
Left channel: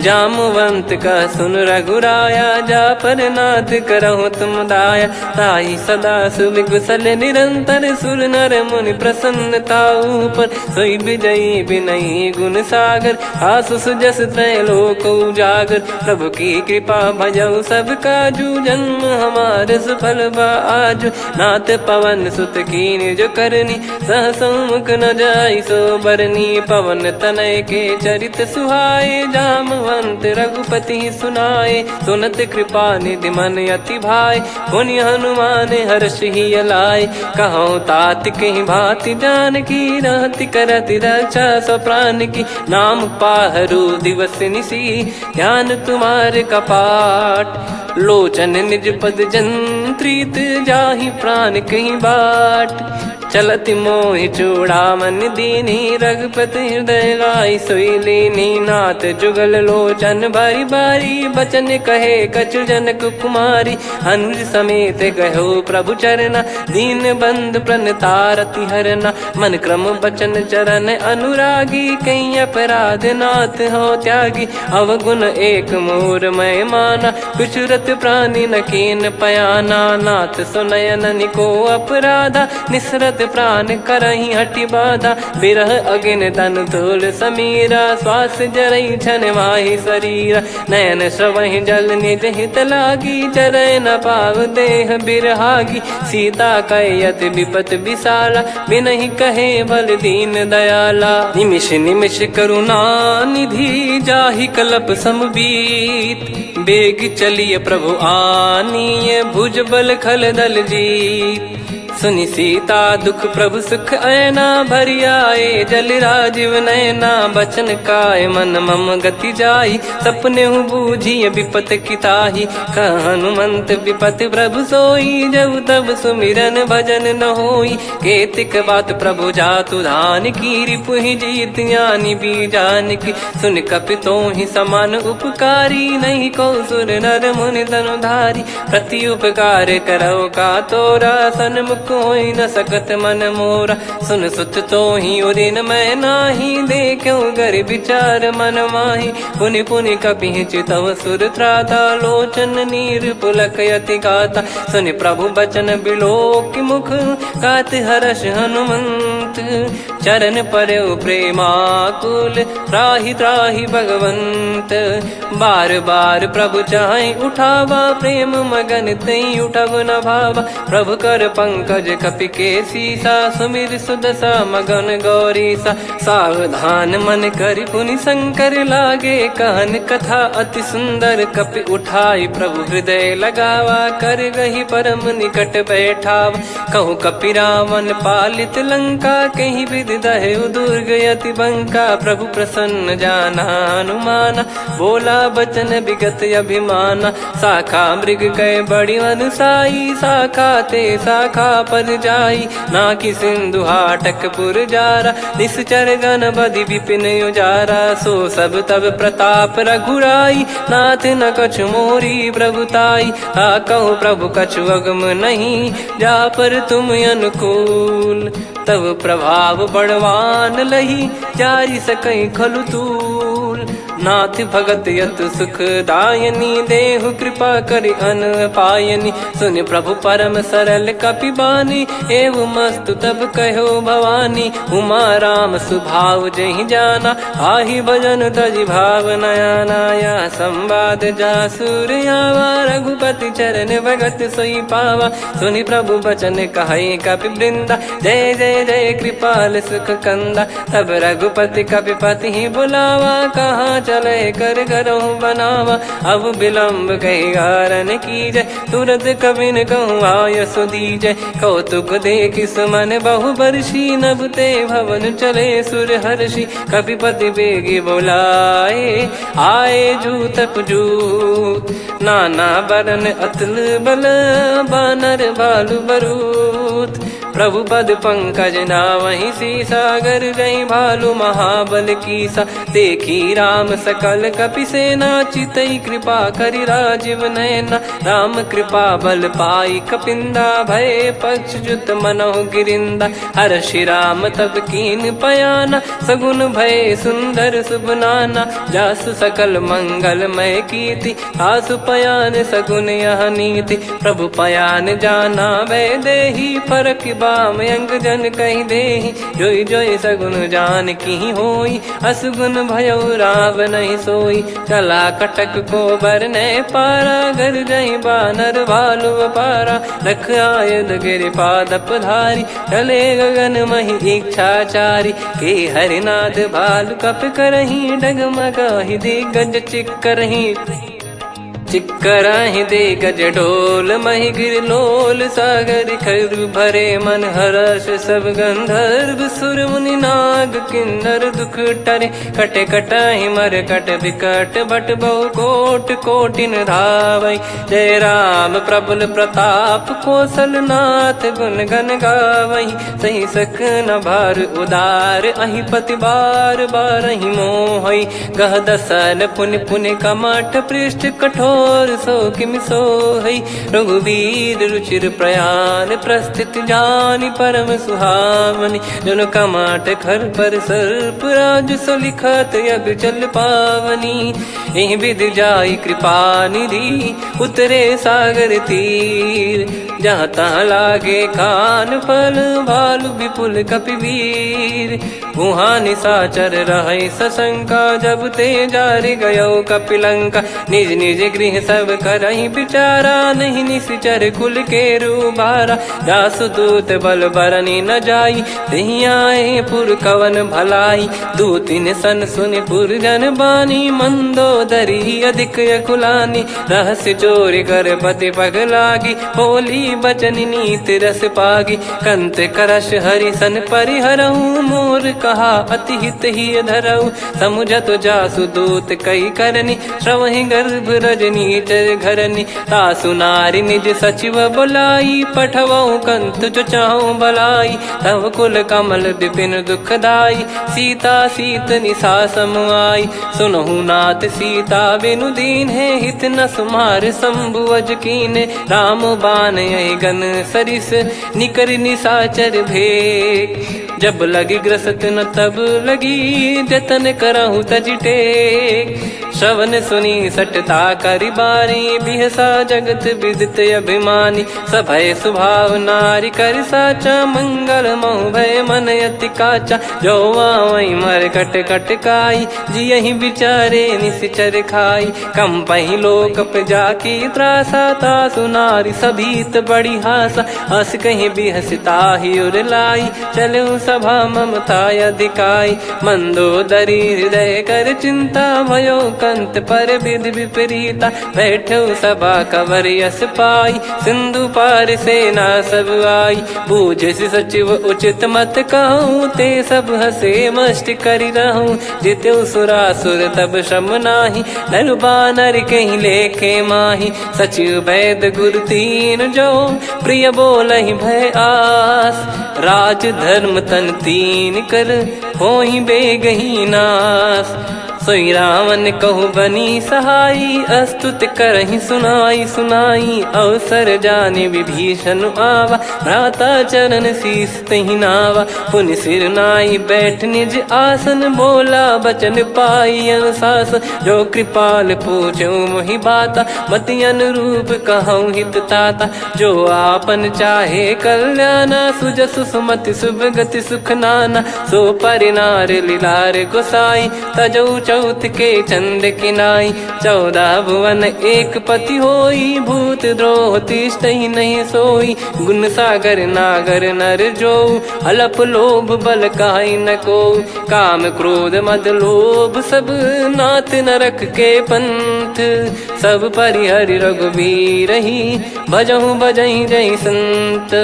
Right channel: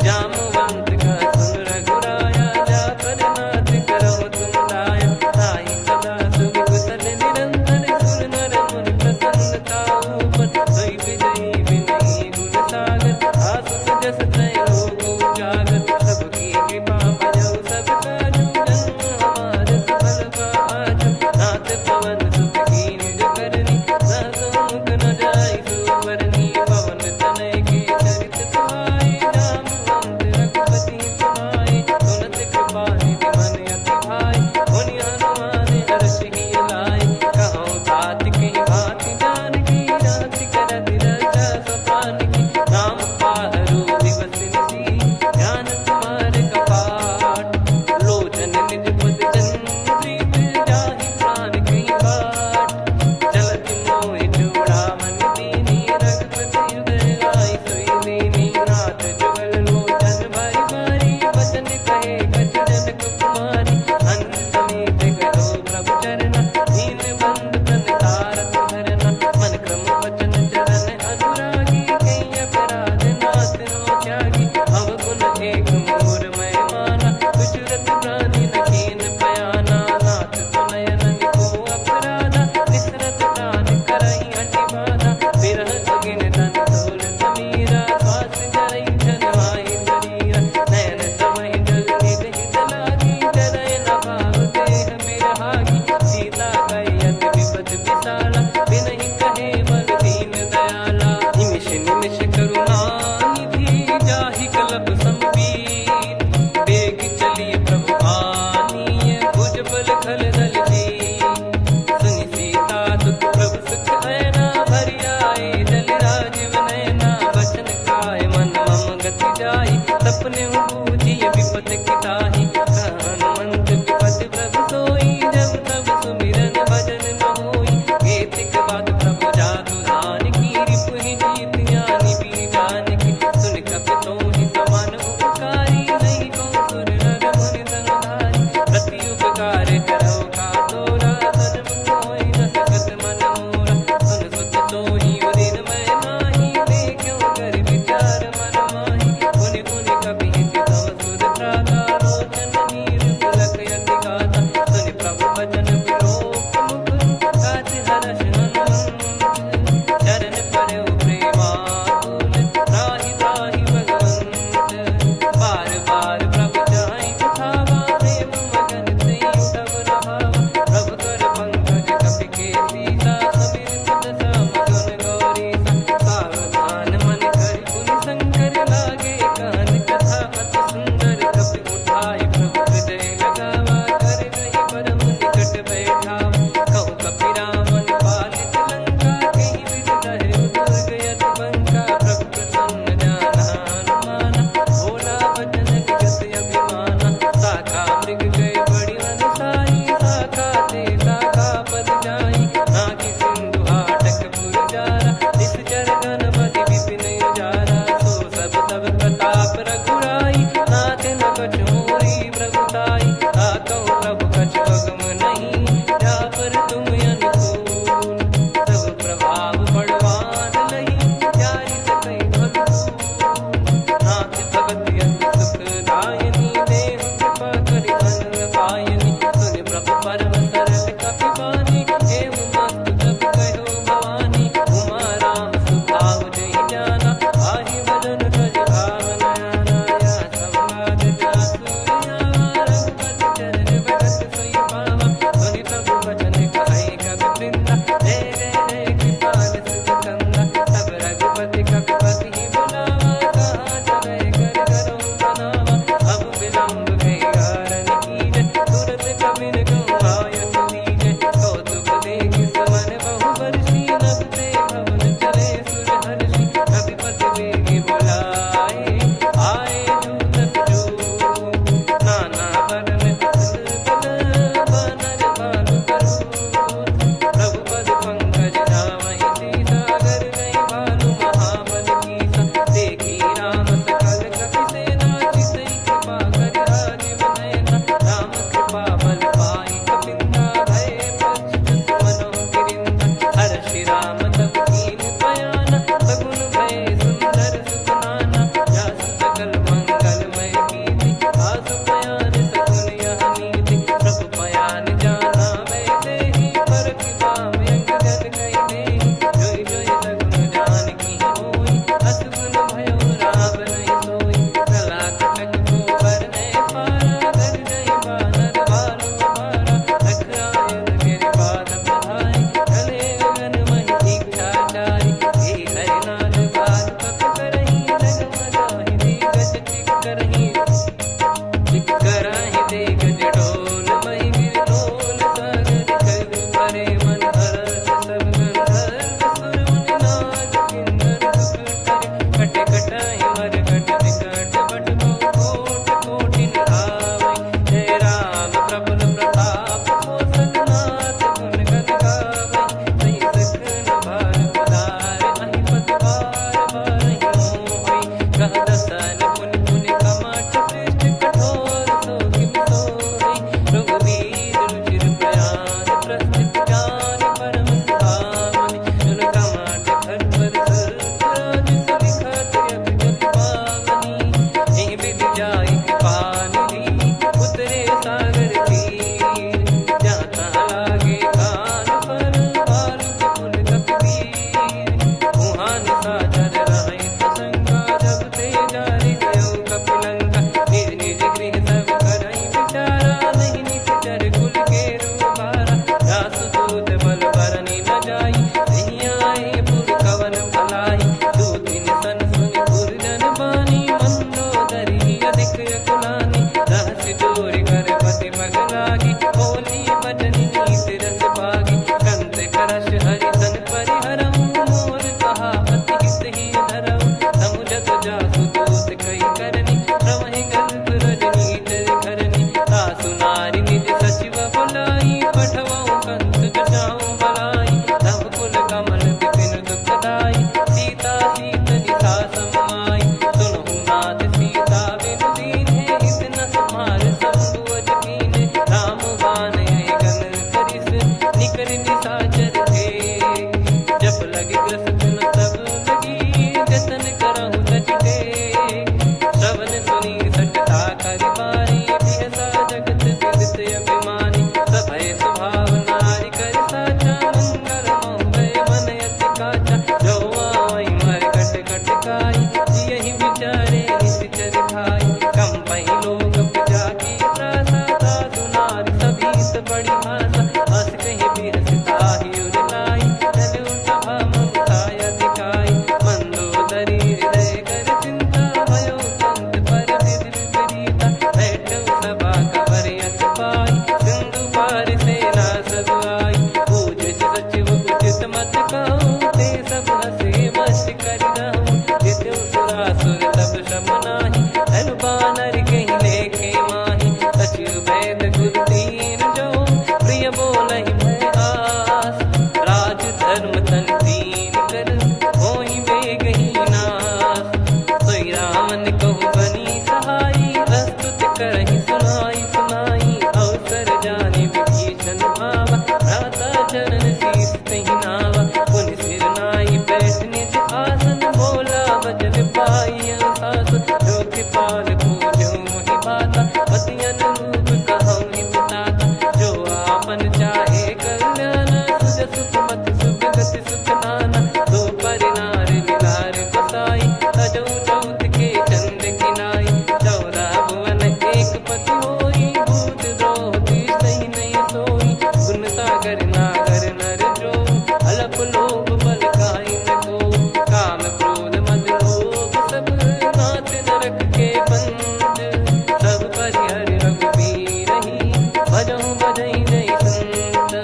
जामवंत का सुन रघुराया जा पर नाथ करहु तुम दाया ताई सदा सुबि कुशल निरंतर सुर नर मुनि प्रसन्नता ऊपर सोई विजयी विनयी गुण सागर आसुस जस त्रैलोक उजागर प्रभु की कृपा भजऊ सब काजू जन्म हमार सफल आज नाथ पवन सुत कीन जो करनी सहसो मुख न जाय सो बरनी पवन तनय के चरित सुहाए जामवंत रघुपति सुनाए सुनत कृपा निधि मन अति भाई पुनि हनुमान हर्ष ही लाए कहो तात कहीं भांति जान की रहति करति रक्षा सो प्राण की नाम पाहरू दिवस निसी ध्यान तुम्हारे कपाट लोचन निज पद जंत्रित जाहि प्राण कहीं बाट चलति मोहि चूड़ामन दीनी रघुपति हृदय लाई सोई लीनी नाथ जुगल लोचन बारी बारी बचन कहे कछु जनक कुमारी अनुज समेत गहो प्रभु चरना दीन बंद प्रणतारति हरना मन क्रम बचन चरण अनुरागी कई अपराध नाथ हो त्यागी अवगुण एक मोर मैं माना कुछुरत प्राणी न कीन पयाना नाथ सुनयन निको अपराधा निसरत प्राण करही हटि बाधा बिरह अगिन तन तोल समीरा श्वास जरई छन माही शरीरा नयन श्रवहि जल निज हित लागी चरय न पाव देह बिरहागी सीता कयत विपत विशाला बिनहि कहे बल दीन दयाला निमिष निमिष करुणा निधि जाहि कलप समबीत बेग चलिए प्रभु आनीय भुज बल खल दल जी सुनि सीता दुख प्रभु सुख ऐना भरि आए जल राजीव नैना बचन काय मन मम गति जाई सपने हूँ बूझिए विपत किताही हनुमंत विपत प्रभु सोई जब तब सुमिरन भजन न होई केतिक बात प्रभु जातु धान की रिपुहि जीत यानी बीजान की सुन कपितो ही समान उपकारी नहीं को सुर नर मुनि तनुधारी प्रति उपकार करो का तोरा सन्मुख कोई न सकत मन मोरा सुन सुत तो ही उदिन मैं नाही देखो गर विचार मन माही पुनि पुनि कपि चितव सुर त्राता लोचन नीर पुलक यति गाता सुनि प्रभु बचन बिलोक मुख गात हर्ष हनुमंत चरण परयो प्रेमाकुल त्राहि त्राहि भगवंत बार बार प्रभु चाहि उठावा प्रेम मगन तई उठब न भावा प्रभु कर पंकज कपि के सीसा सुमिर सुदशा मगन गौरीसा सावधान मन करि पुनि शंकर लागे कहन कथा अति सुंदर कपि उठाई प्रभु हृदय लगावा कर गही परम निकट बैठाव कहूँ कपि रावण पालित लंका कहीं विधि दहु दुर्ग यति बंका प्रभु प्रसन्न जाना हनुमाना बोला बचन विगत अभिमाना शाखा मृग कै बड़ी अनुसाई शाखा ते शाखा पर जाई ना कि सिंधु हाटक पुर जारा निश्चर गण बदि विपिन उजारा सो सब तब प्रताप रघुराई नाथ न कछु मोरी प्रभुताई आ कहो प्रभु कछु अगम नहीं जा पर तुम अनुकूल तब प्रभाव बड़वान लही जारी सकई खलु तूल नाथ भगत यत सुख दायनी देहु कृपा करि अन पायनी सुनि प्रभु परम सरल कपि बानी एव मस्तु तब कहो भवानी उमा राम सुभाव जहि जाना आहि भजन तजि भाव नयाना या संवाद जासुर आवा रघुपति चरण भगत सोई पावा सुनि प्रभु बचन कहै कपि वृंदा जय जय जय कृपाल सुख कंदा तब रघुपति कपि पति ही बुलावा कहाँ चले कर करहु बनावा अब विलम्ब कही कारण कीजय तुरंत कबिन कहूँ आयस दीजय कौतुक देखि सुमन बहु बरसी नभ ते भवन चले सुर हर्षि कपिपति बेगी बोलाए आए जूतक जूत नाना बरन अतुल बल बानर भालु बरूत प्रभु पद पंकज नावहि सीसागर गई भालु महाबल कीसा देखी राम सकल कपि सेना चितई कृपा करि राजीव नयना राम कृपा बल पाई कपिंदा भय पक्ष जुत मनोह गिरिंदा हर्षि राम तब कीन पयाना सगुन भय सुंदर सुभनाना जासु सकल मंगलमय कीर्ति आसु पयान सगुन यह नीति प्रभु पयान जाना वै देही फरक बाम अंग जन कही देही जोई जोई सगुन जान की होई असगुन भयो राव नहीं सोई चला कटक को बरने पारा घर जई बानर भालु पारा लख आयद गिरिपाद पधारी चले गगन मही इच्छाचारी के हरिनाथ भालु कप करही डगमगाही दिग्गज चिक करही चिक्कराहि दे गज ढोल मही गिर लोल सागर खर भरे मन हर्ष सब गंधर्व सुर मुनि नाग किन्नर दुख टरे कटे कटाहि मर कट विकट बट बहु कोट कोटिन धावै जय राम प्रबल प्रताप कौशल नाथ गुण गन गावै सही सकन भार उदार अहि पति बार बारहि मोहै गह दसन पुन पुन कमठ पृष्ठ कठोर सो किम सोहै रघुवीर रुचिर प्रयाण प्रस्थित जानि परम सुहावनि जुन कमठ खर पर सर्प राज सलिखत यग जल पावनी एहि विधि जाई कृपा निधि उतरे सागर तीर जहाँ तहाँ लागे खान फल भालु विपुल कपिवीर वहाँ निशाचर रहे सशंका जब ते जारि गयो कपिलंका निज निज गृह सब करहि बिचारा नहीं निश्चर कुल के रूबारा जासु दूत बल बरनी न जाई तेहि आए पुर कवन भलाई दूतिन सन सुनि पुर जन बानी मंदोदरी अधिक अकुलानी रहस्य चोरी कर पति पग लागी होली बचन नीति रस पागी कंत करश हरिसन परिहरहु मोर कहा अति हित ही धरऊ समुझत जासु दूत कई करनी श्रवहि गर्भ रजनी चर घरनी तासु नारी निज सचिव बुलाई पठवऊ कंत जो चाहूं बलाई तव कुल कमल विपिन दुखदाई सीता सीत निशा समाई सुनहु नाथ सीता बिनु दीन है हित न सुमार शंभु अज कीने राम बान गन सरिस निकर निशाचर भेग जब लगी ग्रसत न तब लगी जतन करहु तजटे श्रवण सुनी सटता करि बारी बिहसा जगत विदित अभिमानी सभय स्वभाव नारी कर साचा मंगल मऊ भय मन अति काचा जो आवई मर कट कट काई जियहि बिचारे निश्चर खाई कम पही लोक जाकी त्रासा तासु नारी सभीत बड़ी हासा हस कहीं बिहसता ही उर लाई चलऊ सभा ममता अधिकाई मंदोदरी हृदय कर चिंता भयो कंत पर विधि विपरीता बैठो सभा कवर यस पाई सिंधु पार सेना सब आई पूज्य सचिव उचित मत कहूँ ते सब हसे मस्त करि रहूं जित्यु सुरासुर तब श्रम नाही धनु बानर कहीं लेखे माही सचिव वैद गुरु तीन जो प्रिय बोलहि भय आस राज धर्म तन तीन कर होई बेगही नास सोई रावण कहु बनी सहाई अस्तुत करहि सुनाई सुनाई अवसर जाने विभीषण आवा भ्राता चरण शीस तहि नावा पुनि सिर नाई बैठ निज आसन बोला बचन पाई अनुशास जो कृपाल पूछो मोहि बाता मति अनुरूप कहूँ हित ताता जो आपन चाहे कल्याणा सुजसु सुमति शुभ गति सुख नाना सो परिनार लीलार गोसाई तजौ चौथ के चंद किनाई 14 भुवन एक पति होई भूत द्रोह तिष्ठहि नहीं सोई गुण सागर नागर नर जो अलप लोभ बल काई न को काम क्रोध मद लोभ सब नाथ नरक के पंथ सब परिहरि रघुवीर ही भजहु भजहि जय संत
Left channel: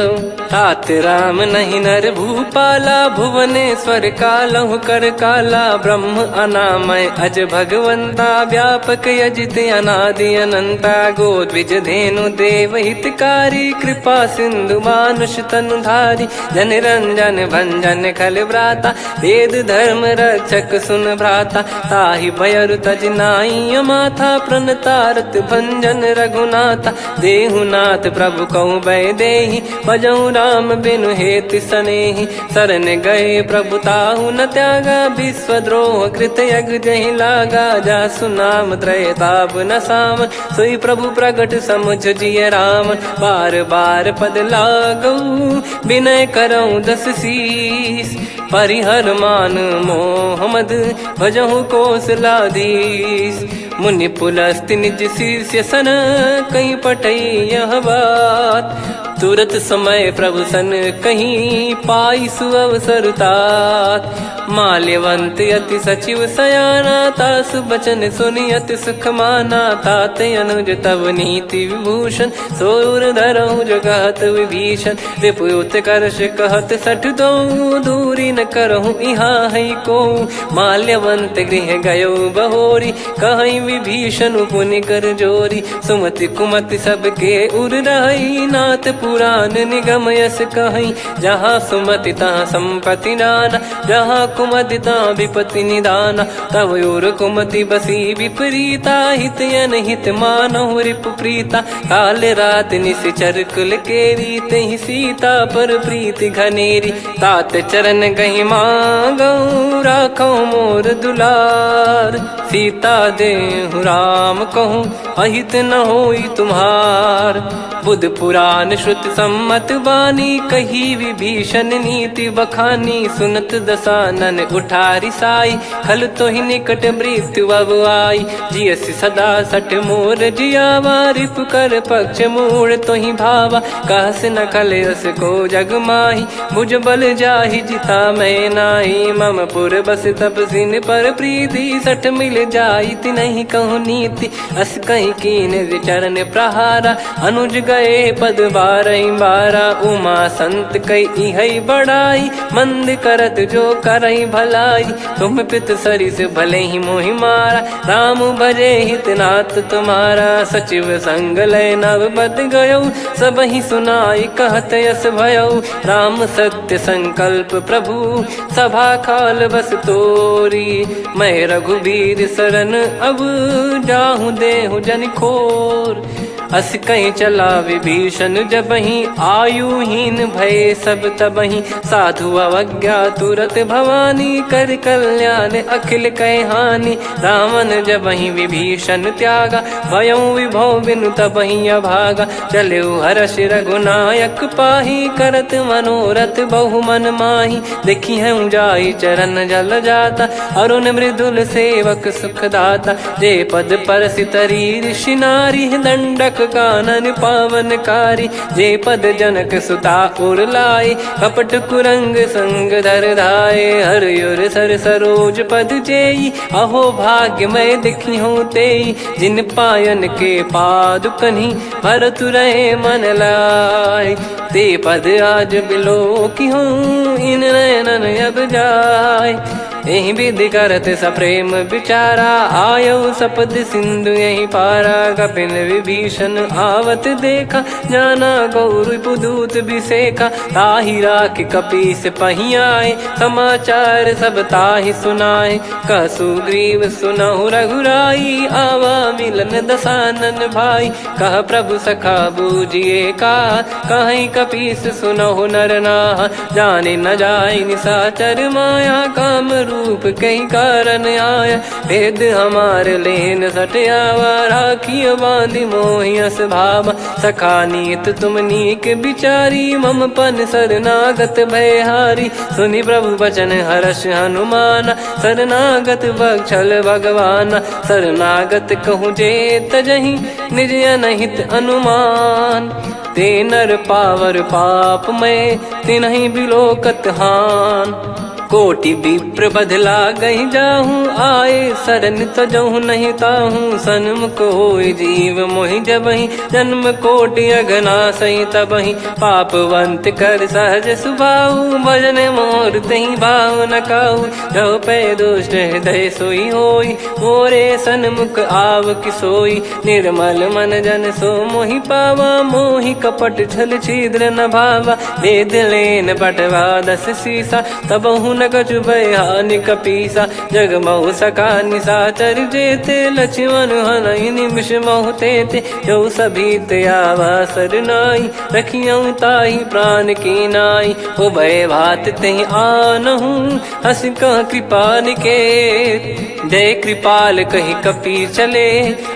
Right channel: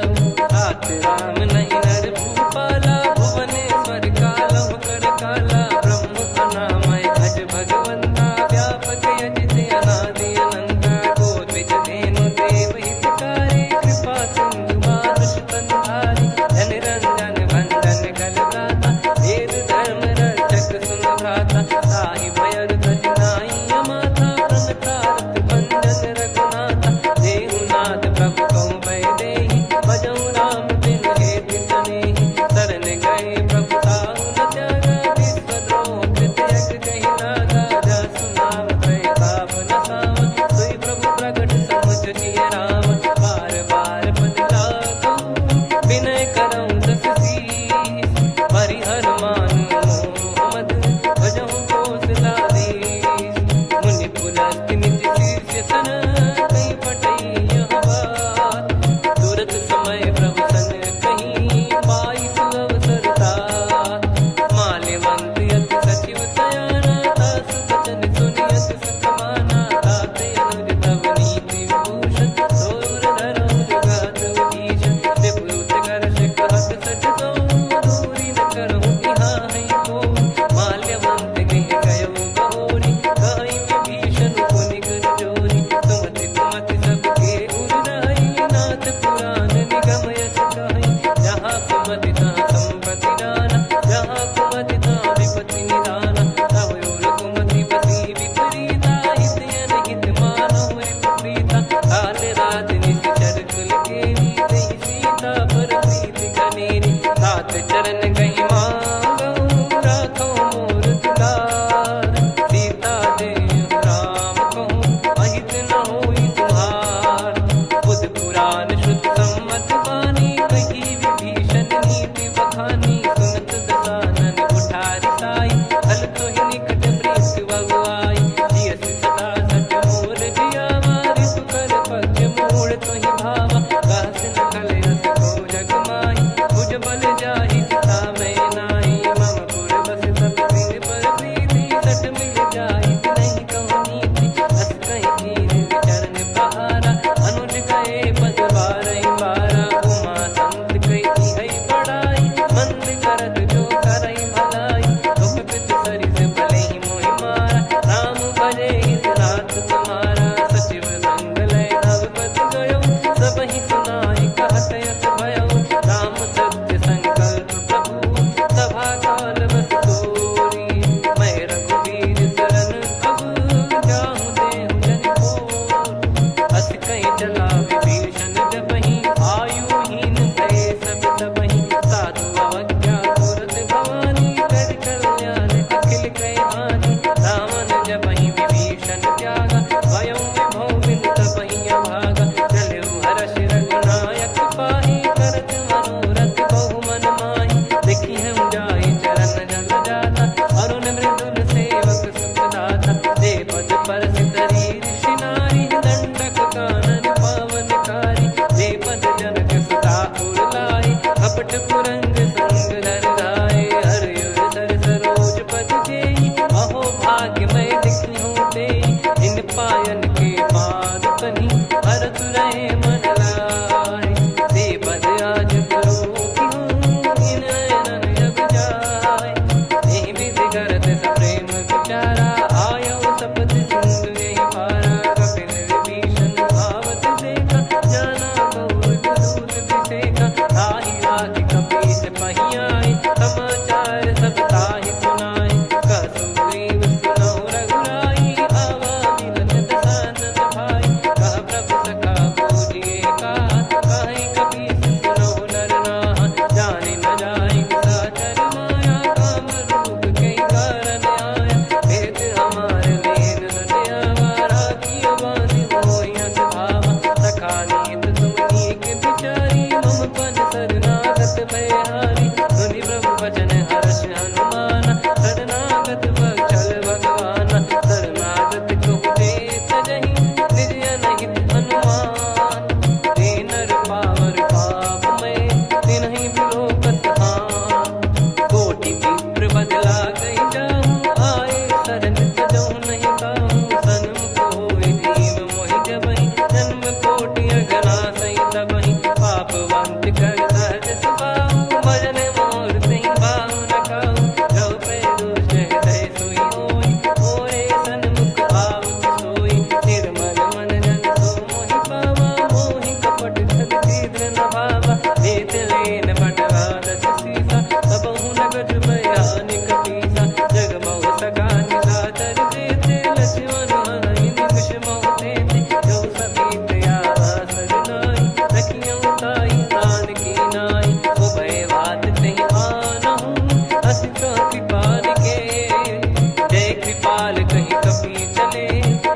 तात राम नहीं नर भूपाला भुवनेश्वर कालहु कर काला ब्रह्म अनामय अज भगवंता व्यापक यजित अनादि अनंता गोद्विज धेनु देव हितकारी कृपा सिंधु मानुष तनुधारी जन रंजन भंजन खल भ्राता वेद धर्म रक्षक सुन भ्राता ताहि भयरु तज नाई माथा प्रणतारत भंजन रघुनाथा देहुनाथ प्रभु कहु भय देहि भजहु राम बिनु हेति सनेहि शरण गए प्रभु ताहु न त्यागा विश्वद्रोह कृत यज्ञ जहि लागा जासु नाम त्रय ताप न साम सोई प्रभु प्रगट समुझ जिय राम बार बार पद लागऊ विनय करऊँ 10 शीस परिहर मान मोहम्मद भजहु कौशलाधीश मुनि पुलस्ति निज शीर्ष सन कहीं पटई यह बात तुरत समय प्रभु सन कहीं पाई सुअवसर तात माल्यवंत अति सचिव सयाना ता दास बचन सुनियत सुख माना, ताते अनुज तब नीति विभूषण, सोर धरऊ जगत विभीषण। रिपुत करश कहत सठ दो, दूरी न करहूँ यहाँ है को। माल्यवंत गृह गयो बहोरी, कहीं विभीषण पुनि कर जोरी। सुमति कुमति सबके उर रही, नाथ पुराण निगम यस कहीं। जहाँ सुमति तहाँ संपत्ति नाना, जहाँ कुमति तहाँ विपत्ति निदाना। तब और कुमति बसी विपरीता, हित अनहित मानहु रिपु प्रीता। काल रात निशिचर कुल केरी, तहि सीता पर प्रीति घनेरी। तात चरण गही मांगऊ, राखो मोर दुलार। सीता देहु राम कहूँ, अहित न होई तुम्हार। बुध पुराण श्रुत सम्मत बानी, कही विभीषण नीति बखानी। सुनत दसानन उठारी साई, खल तो ही निकट मृत्यु अब आई। जियसि सदा सठ मोर जियावा, रिप कर पक्ष मूड़ तो ही भावा। कहस न खल रस को जग माही, भुज बल जाहि जिता मैं नाही। मम पुर बस तप सिन पर प्रीति, सठ मिल जाई नहीं कहूँ नीति। अस कहीं कीन विचरण प्रहारा, अनुज गए पद बारही बारा। उमा संत कई है बड़ाई, मंद करत जो करई भलाई। तुम पित सरिस भले ही मोहि मारा, राम भजे हित नाथ तुम्हारा। सचिव संग लय नव बद गयो, सब ही सुनाई कहत यस भयो। राम सत्य संकल्प प्रभु, सभा काल बस तोरी। मैं रघुबीर शरण अब, जाहूँ देहु जन खोर। अस कहीं चला विभीषण जबहि, आयुहीन भय सब तबहि। साधु अवज्ञा तुरत भवानी, कर कल्याण अखिल कह हानि। रावण जबहि विभीषण त्यागा, भयउ विभव बिनु तबहि अभागा। चले हर्ष रघुनायक पाही, करत मनोरथ बहु मन माही। देखी है जाई चरण जल जाता, अरुण मृदुल सेवक सुखदाता। जे पद पर सितरी ऋषि नारी, दंडक कानन पावनकारी। जे पद जनक सुता उर लाए, कपट कुरंग संग धर धाये। हरियुर सर सरोज पद जेई, अहो भाग्य मैं दिखी हूँ तेई। जिन पायन के पादुकनी, भरत रहे मन लाए। ते पद आज बिलो की हूँ, इन नयनन अब जाय। यही विधि करत सप्रेम विचारा, आयो सपद सिंधु यही पारा। कपिन विभीषण आवत देखा, जाना गौर बुदूत बिसेखा। ताहि राखि कपीस पही आए, समाचार सब ताहि सुनाए। कह सुग्रीव सुनहु रघुराई, आवा मिलन दसानन भाई। कह प्रभु सखा बूझिए का, कहीं कपीस सुनहु नर नाहा। जाने न जाय निशाचर माया, काम रूप कई कारण आया। भेद हमार लेन सटयावा, राखियो बांधि मोहियस भावा। सखा नीत तुम नीक बिचारी, मम पन शरणागत भयहारी। सुनि प्रभु वचन हर्ष हनुमाना, शरणागत बक्षल भगवाना। शरणागत कहूँ जे तजहि, निज अनहित अनुमान। ते नर पावर पाप में, तिन्हि बिलोकत हान। कोटि विप्र बदला गई जाहूँ, आए शरण तजहूँ नहीं ताहूँ। सन्मुख होय जीव मोहि जबहि, जन्म कोटि अगना सही तबहि। पापवंत कर सहज सुभाऊ, भजन मोर तहि भाव न काऊ। जो पै दुष्ट हृदय सोई होई, मोरे सन्मुख आव किसोई। निर्मल मन जन सो मोहि पावा, मोहि कपट छल छिद्र न भावा। वेद लेन बटवा दस सीसा, तबहु न कछु भय हानि कपीसा। जग महु सका निशाचर जेते, लक्ष्मण हनहि निमिष महु तेते। जो सभी त्यावा सरनाई, रखियऊ ताहि प्राण की नाई। उभय भात तेहि आनहूँ, हस कह कृपाल के। जय कृपाल कहि कपी चले,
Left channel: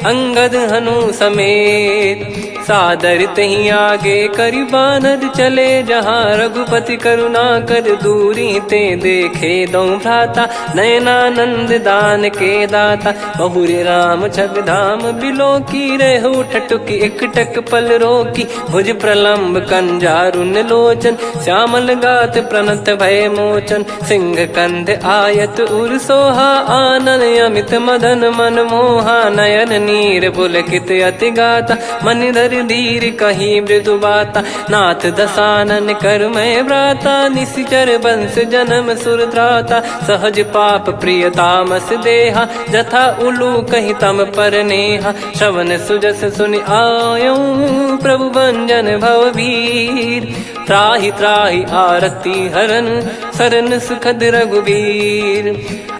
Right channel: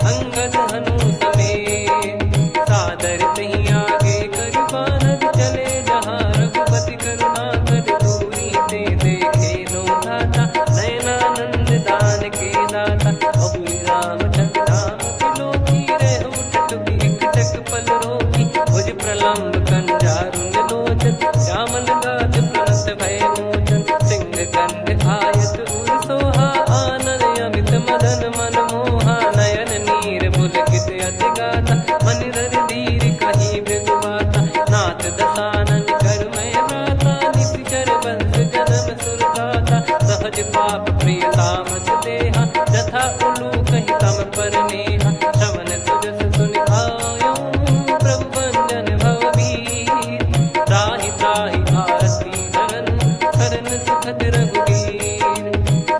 अंगद हनु समेत। सादर तही आगे करी बानर चले जहाँ रघुपति करुणा कर दूरी ते देखे दो भ्राता नयनानंद दान के दाता बहुरे राम छवि धाम बिलो की रेहु ठटुकी एकटक पल रोकी भुज प्रलंब कंजारुन लोचन श्यामल गात प्रणत भय मोचन सिंह कंध आयत उर सोहा आनन अमित मदन मन मोहा नयन नीर पुलकित अति गाता मन धर धीर कहीं मृदु बाता नाथ दसानन कर मैं भ्राता निशिचर वंश जन्म सुर त्राता सहज पाप प्रिय तामस देहा जथा उलू कही तम पर नेहा श्रवण सुजस सुन आयो प्रभु भंजन भववीर त्राहि त्राहि आरती हरन सरन सुखद रघुवीर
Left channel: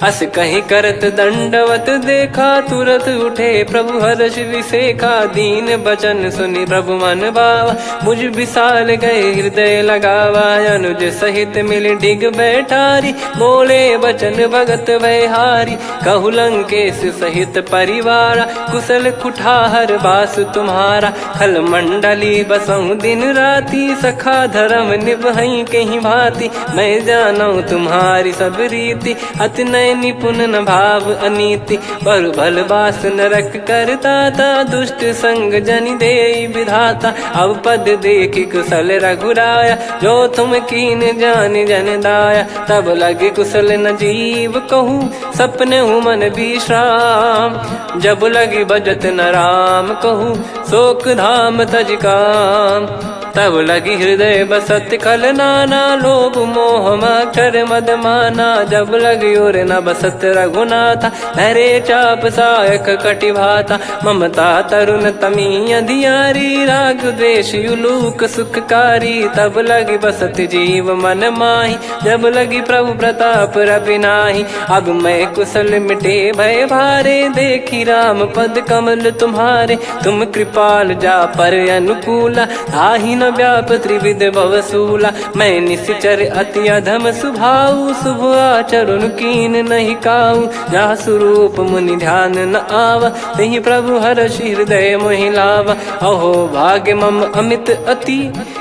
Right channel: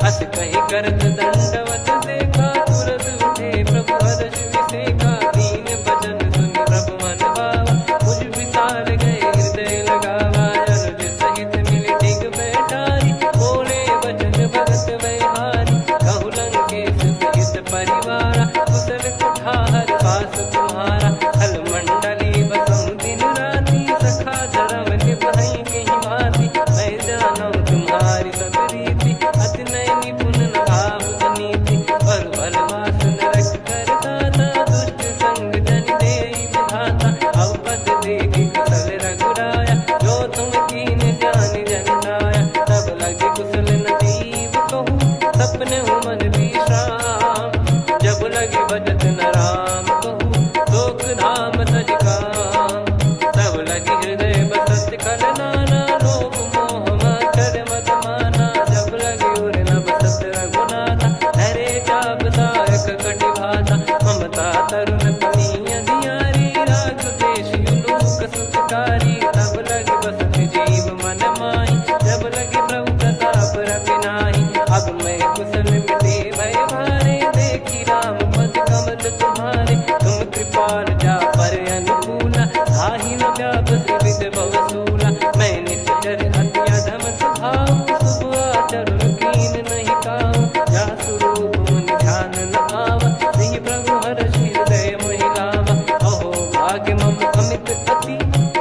अस कहीं करत दंडवत देखा तुरत उठे प्रभु हर्ष विसेखा दीन बचन सुनि प्रभु मन भावा मुझ विसाल गए हृदय लगावा अनुज सहित मिल डिग बैठारी बोले बचन भगत वैहारी कहु लंकेश सहित परिवारा कुशल कुठार बास तुम्हारा खल मंडली बसऊं दिन राती सखा धर्म निभई कहीं भांति मैं जानू तुम्हारी सब रीति अति नय निपुण न भाव अनीति पर भल बास नरक करता था दुष्ट संग जन दे विधाता अब पद देखी कुशल रघुराया जो तुम कीन जान जन दाया तब लगे कुशल न जीव कहूँ सपने मन विश्राम जब लगी बजत न राम कहूँ शोक धाम तज काम तब लगी हृदय बसत खल नाना लोभ मोह मकर मद माना जब लगी और न बसत रघुनाथा हरे चाप सायक कटिभाता ममता तरुण तमी अधियारी राग द्वेष युलूक सुखकारी तब लगी बसत जीव मन माही जब लगी प्रभु प्रताप रविनाही अब मैं कुशल मिटे भय भारे देखी राम पद कमल तुम्हारे तुम कृपाल जा पर अनुकूला आही न व्याप त्रिविध भवसूला मैं निश्चर अति अधम सुभाऊ शुभ आचरण कीन नहीं काऊ जा स्वरूप मुनि ध्यान न आवा नहीं प्रभु हर्ष हृदय मोहिलावा अहो भाग्य मम अमित अति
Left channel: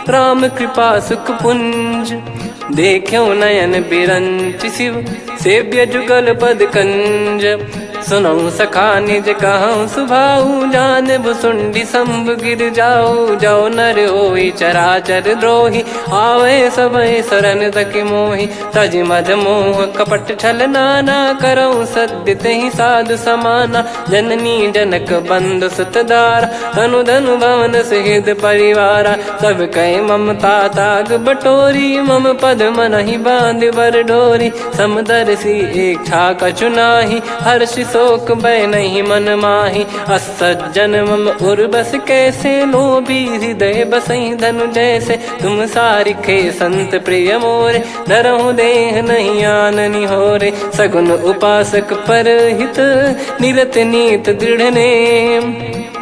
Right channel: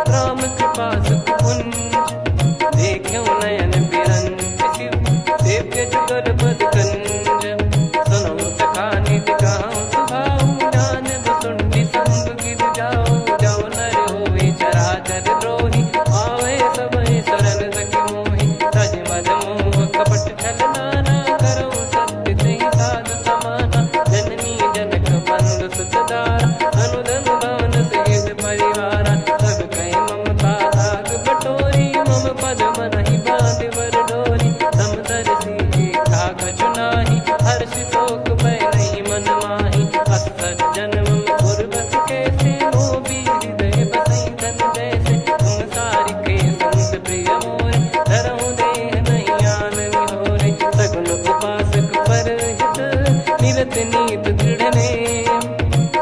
राम कृपा सुख पुंज देखो नयन बिरंच शिव सेव्य जुगल पद कंज सुनऊ सखा निज कहूँ सुभाऊ जान भुसुंडी संभ गिर जाओ जाओ नर होई चराचर द्रोही आवे सबय शरण तक मोहि तज मद मोह कपट छल नाना करऊँ सत्य तहि साधु समाना जननी जनक बंधु सुतदार धनु धनु भवन सहित परिवारा सब कह ममता ताग बटोरी मम पद मनहि बांध बर डोरी समदर्शी इच्छा कछु नाही हर्ष शोक भय नहीं मन माही असज्जन मम उर बस कैसे लोभी हृदय बसई धनु जैसे तुम सारिखे संत प्रिय मोरे धरहु देह नहीं आननि होरे सगुन उपासक पर हित निरत नीत दृढ़ नेम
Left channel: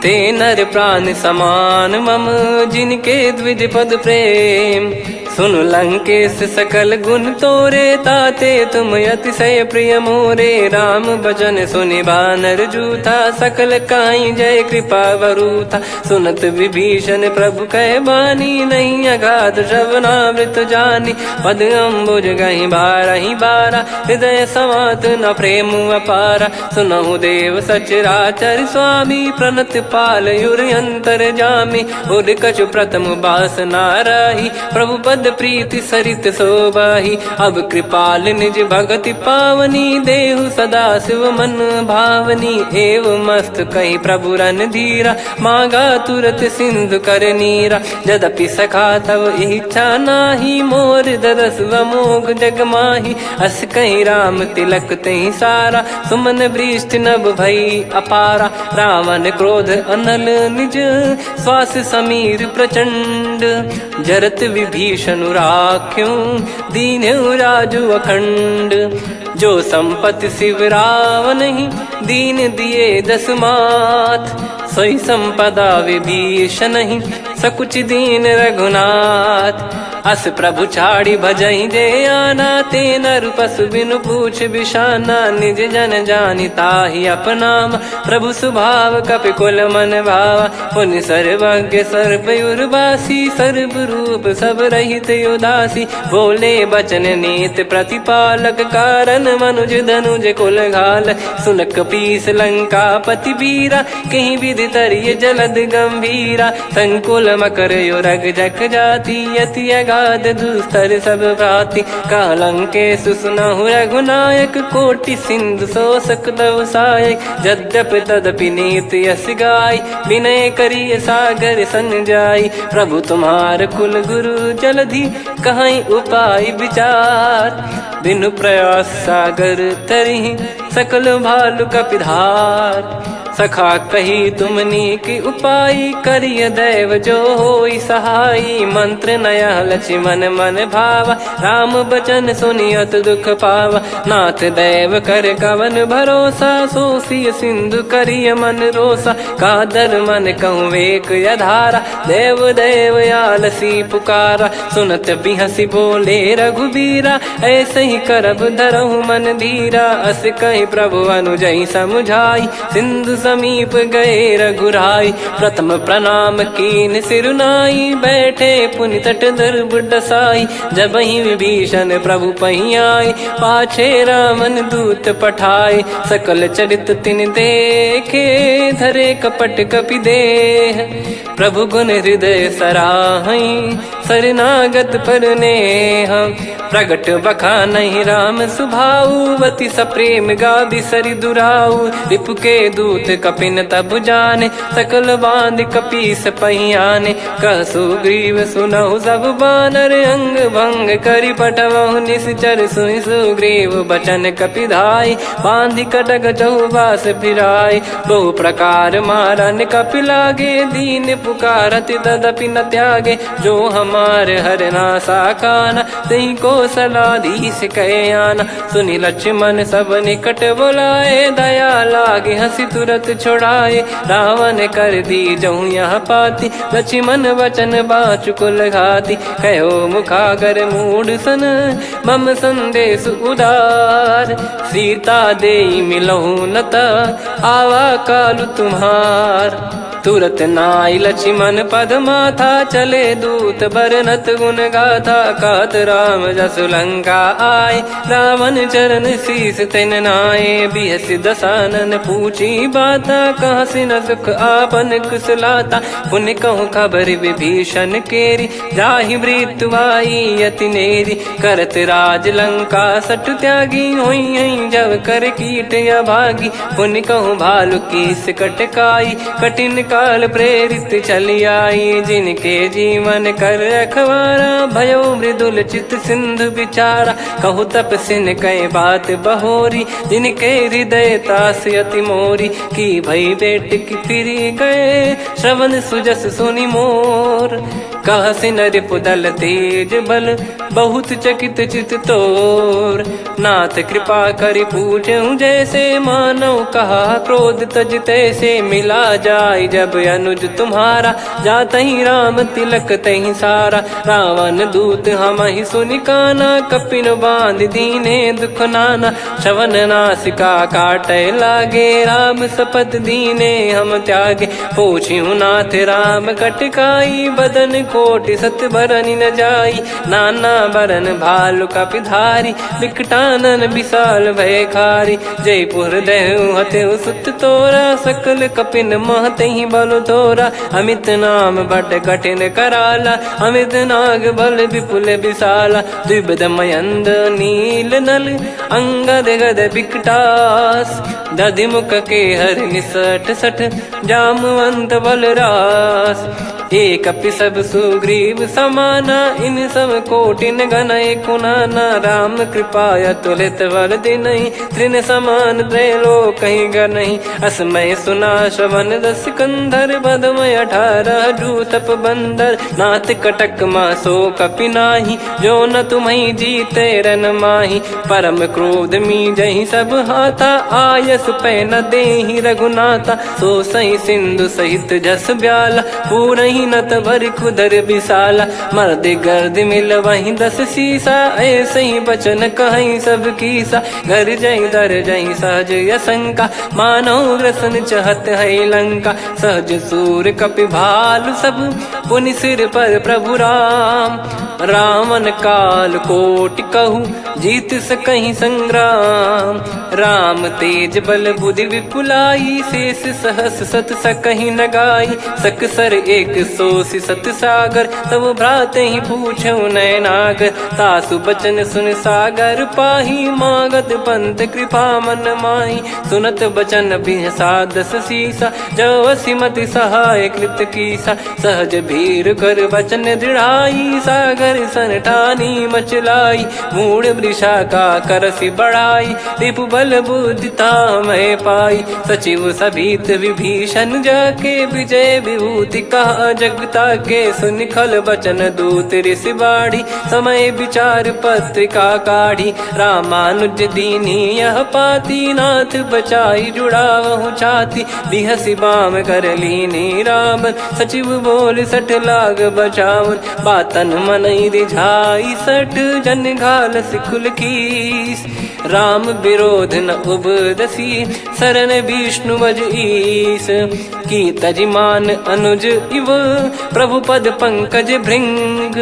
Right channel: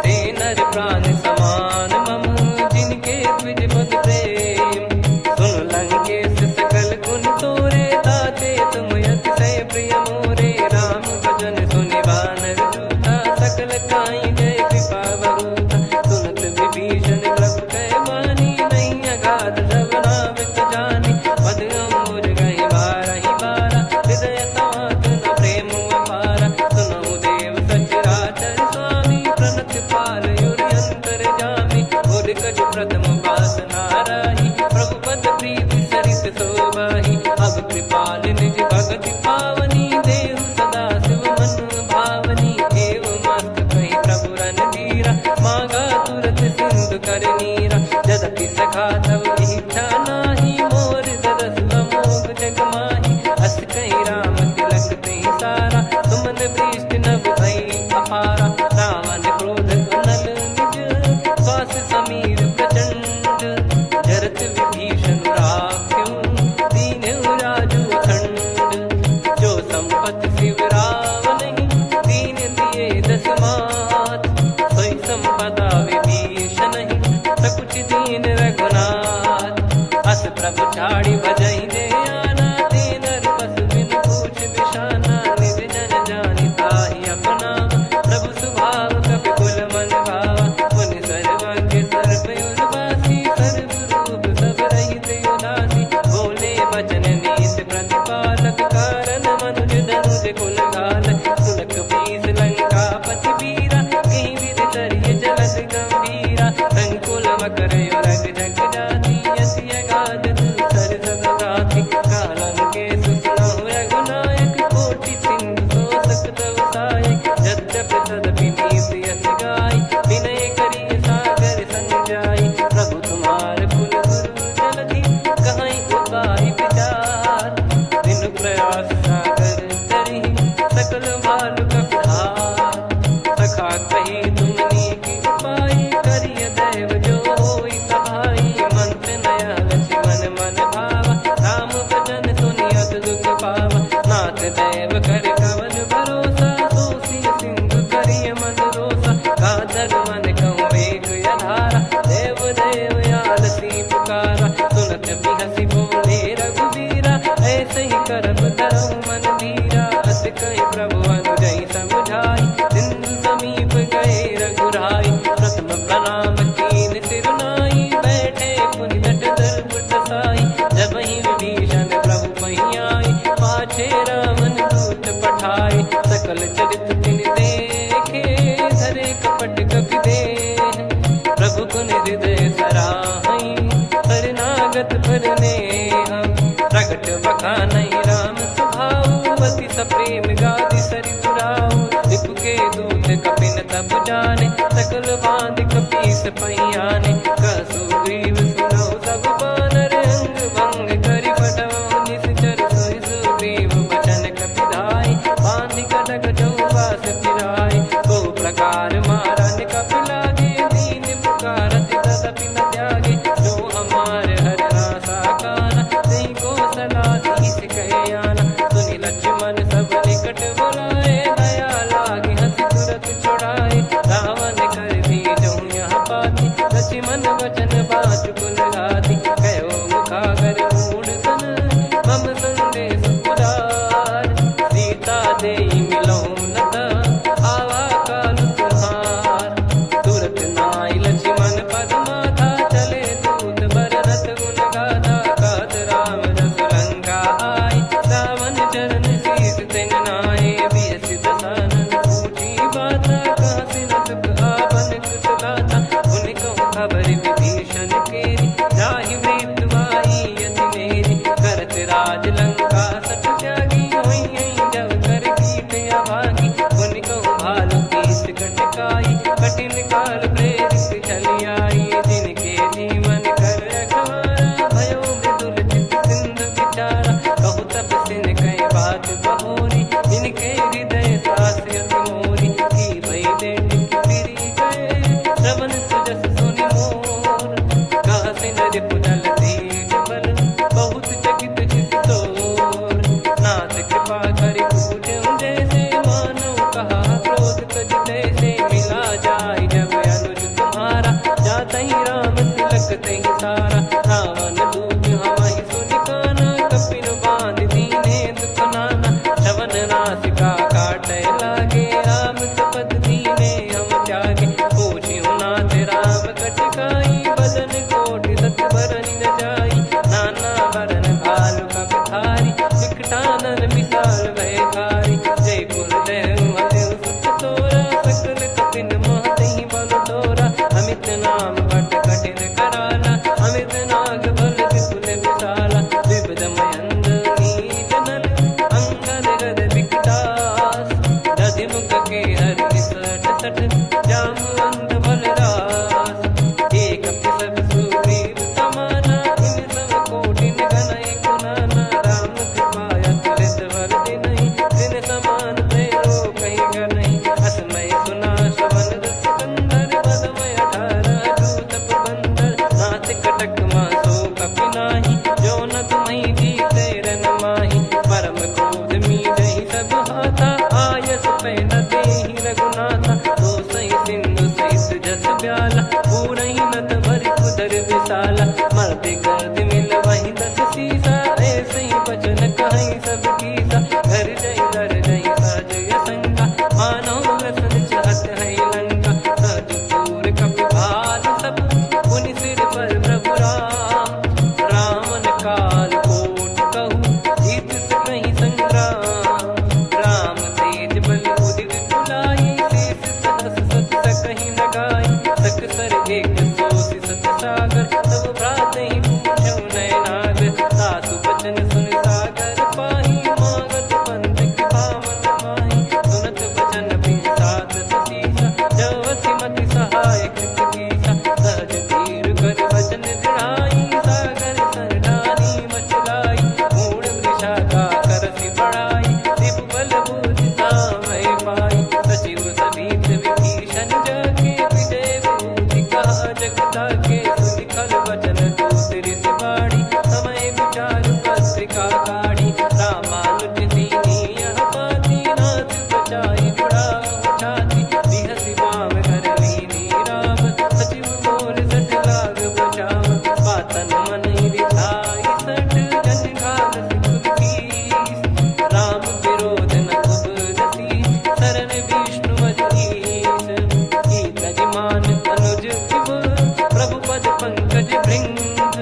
ते नर प्राण समान मम जिनके द्विज पद प्रेम सुन लंकेश सकल गुण तोरे ताते तुम अतिशय प्रिय मोरे राम भजन सुनि बानर जूथा सकल काई जय कृपा वरूथा सुनत विभीषण प्रभु कह बानी नहीं अगाध श्रवणामृत जानी पद अम्बुज गहि बारहि बारा हृदय समात न प्रेम अपारा सुनहु देव सचराचर स्वामी प्रणत पाल युर अंतर जामी उर कछु प्रथम बास नाराही प्रभु पद प्रीति सरित शोभाही अब कृपाल निज भगति पावनी देहु सदा शिव मन भावनी एव मस्त कही प्रभु रन धीरा मांगा तुरत सिंधु कर नीरा यद्यपि सखा तब इच्छा नाही मोर दरस मोग जग माही अस कहीं राम तिलक तही सारा सुमन वृष्ट नभ भई अपारा रावण क्रोध अनल निज श्वास समीर प्रचंड जरत विभीषण राख्यों दीन राजु अखंड जो संपत्ति शिव रावण ही दीन दिए दस मात सोई संपदा विभीषण ही सकुच दीन रघुनाथ अस प्रभु छाड़ी भजई जे आना, ते नर पशु बिनु पूछ बिशाना, निज जन जानि ताहि अपनाम, प्रभु स्वभाव कपि कुल मन भावा, पुनि सर्वज्ञ सर्व उर्वासी, सर्व रूप सब रहित उदासी, बोले बचन नीत प्रतिपालक, कारण मनुज धनुज कुल घाल, सुन कपीस लंका पति वीरा, कहीं विधि तरिय जलद गंभीरा, संकुल मकर युरग जख जाति, अति अगाध दुस्तर सब भाति, कालंके सुसुनाहु रघुनायक, कोटि सिंधु शोषक तव सहायक, यद्यपि तदपि नीति यस गाय, विनय करिय सागर संजाई, प्रभु तुम्हार कुल गुरु जलधि, कहीं उपाय विचार, बिनु प्रयास सागर तरिहि, सकल भालु कपिधार, सखा कही तुमनी की उपाय, करिय दैव जो होई सहाई, मंत्र नया लक्ष्मण मन भावा, राम बचन सुनियत दुख पावा, नाथ दैव कर कवन भरोसा, सोसी सिंधु करिय मन रोसा, कादर मन कहूँ वेक यधारा, देव देव आलसी पुकारा, सुनत बिहसी बोले रघुबीरा, ऐसे ही करब धरहु मन धीरा, अस कही प्रभु अनुजई समुझाई, सिंधु समीप गए रघुराई, प्रथम प्रणाम कीन सिरुनाई, बैठे पुनि तट दर्भ डसाई, जब ही विभीषण प्रभु पही आए, पाछे रावण दूत पठाए, सकल चरित तिन देखे, धरे कपट कपि देह, प्रभु गुण हृदय सराहई, शरणागत पर नेह, प्रगट बखानहि राम सुभाऊ, अति सप्रेम गादि सरि दुराऊ, रिपु के दूत कपिन तब जाने, सकल बांध कपीस पहियाने, कह सुग्रीव सुनहु सब बानर, अंग भंग करि पठवहु निश्चर, सुनि सुग्रीव बचन कपिधाई, बांधि कटक चहुबास फिराई, बहु प्रकार मारन कपि लागे, दीन पुकारत तदपि न त्यागे, जो हमार हरना साकाना, तई को सलाधीश कहे आना, सुनि लक्ष्मण सब निकट बुलाए, दया लागे हंसी तुरत छोड़ाए, रावण कर दी जहु यहाँ पाती, लक्ष्मण वचन बाचु कुल घाती, कहो मुखागर मूढ़ सन, मम संदेश उदार, सीता देई मिलहु नता, आवा कालु तुम्हार, तुरत नाई लक्ष्मण पद माथा, चले दूत बरनत गुण गाथा, कात राम जसु लंका आए, रावण चरण शीस तिन नाये, बिहस दसानन पूछी बाता, कहाँ से न सुख आपन कुशलाता, पुन कहूँ खबर विभीषण केरी, जाहि मृत्यु आई अति नेरी, करत राज लंका सठ त्यागी, होई जब कर कीट अभागी, पुन कहूँ भालु कीस कटकाई, कठिन काल प्रेरित चली आई, जिनके जीवन कर रखवारा, भयो मृदुल चित सिंधु बिचारा, कहु तपसिन कह बात बहोरी, जिनके हृदय तास अति मोरी, की भई बेट की फिरी गए, श्रवण सुजस सुनि मोर, कह सिन रिपुदल तेज बल, बहुत चकित चित तोर, नाथ कृपा करि पूछऊं जैसे, मानव कहा क्रोध तज तैसे, मिला जाय जब अनुज तुम्हारा, जातहि राम तिलक तहि सारा, रावण दूत हमहि सुनि काना, कपिन बांध दीने दुख नाना, श्रवण नासिका काटै लागे, राम शपथ दीने हम त्यागे, पूछिहु नाथ राम कटकाई, बदन कोटि सत बरनि न जाई, नाना बरन भालु कपिधारी, विकटानन विशाल भयकारी, जयपुर देहु हतेहु सुत तोरा, सकल कपिन महतहि बल तोरा, अमित नाम बट कठिन कराला, अमित नाग बल विपुल विशाला, द्विविध मयंद नील नल, अंगद गद विकटास, दधिमुख के हर निसठ सठ, जामवंत बलरास, एक कपि सब सुग्रीव समाना, इन सब कोटिन गनय कुनाना, राम कृपा अतुलित वर दिनहि, तृण समान त्रैलोक कहीं गनहि, असमय सुना श्रवण रस कंधर, बदमय 18 जूतप बंदर, नाथ कटक मासो कपि नाही, जो न तुम्हि जीते रन माही, परम क्रोध मी जहि सब हाथा, आयस पै न देहि रघुनाथा, तो सही सिंधु सहित जस ब्याला, पूरहि महीनत भर कुदर विशाला, मर्द गर्द मिल वहीं 10 शीशा, ऐसे ही बचन कहीं सब कीसा, घर जई दर जई सहज असंका, मानव रसन चहत है लंका, सहज सूर कपि भालु सब, पुनि सिर पर प्रभु राम, रावण काल कोटि कहूँ जीत सकहीं संग्राम, राम तेज बल बुद्धि विपुलाई, शेष सहस सत सकहीं न गाई, सकसर एक सोसी सत सागर, तब भ्रात ही पूछो नयनागर, तासु बचन सुन सागर पाही, मागत पंथ कृपा मन माही, सुनत बचन बिहसा 10 शीसा, जव सिमति सहाय कृत कीसा, सहज भीर कर बचन दृढ़ाई, सागर सन ठानी मचलाई, मूड वृषा का करसी बढ़ाई, रिपु बल बुद्धिता मैं पाई, सचिव सभीत विभीषण जाके, विजय विभूति कहा जगता के, सुन खल बचन दूत ऋषि बाड़ी, समय विचार पत्रिका काढ़ी, रामानुज दीनी यह पाती, नाथ बचाई जुड़ावहु छाती, बिहसी बाम कर लीनी राम, सचिव बोल 60 लाग बचावन, बातन मन रिझाई 60 जन घाल सिकुल कीस, राम विरोध न उपदसी, शरण विष्णु बज ईस, की तजिमान अनुज इव, प्रभु पद पंकज भृंग,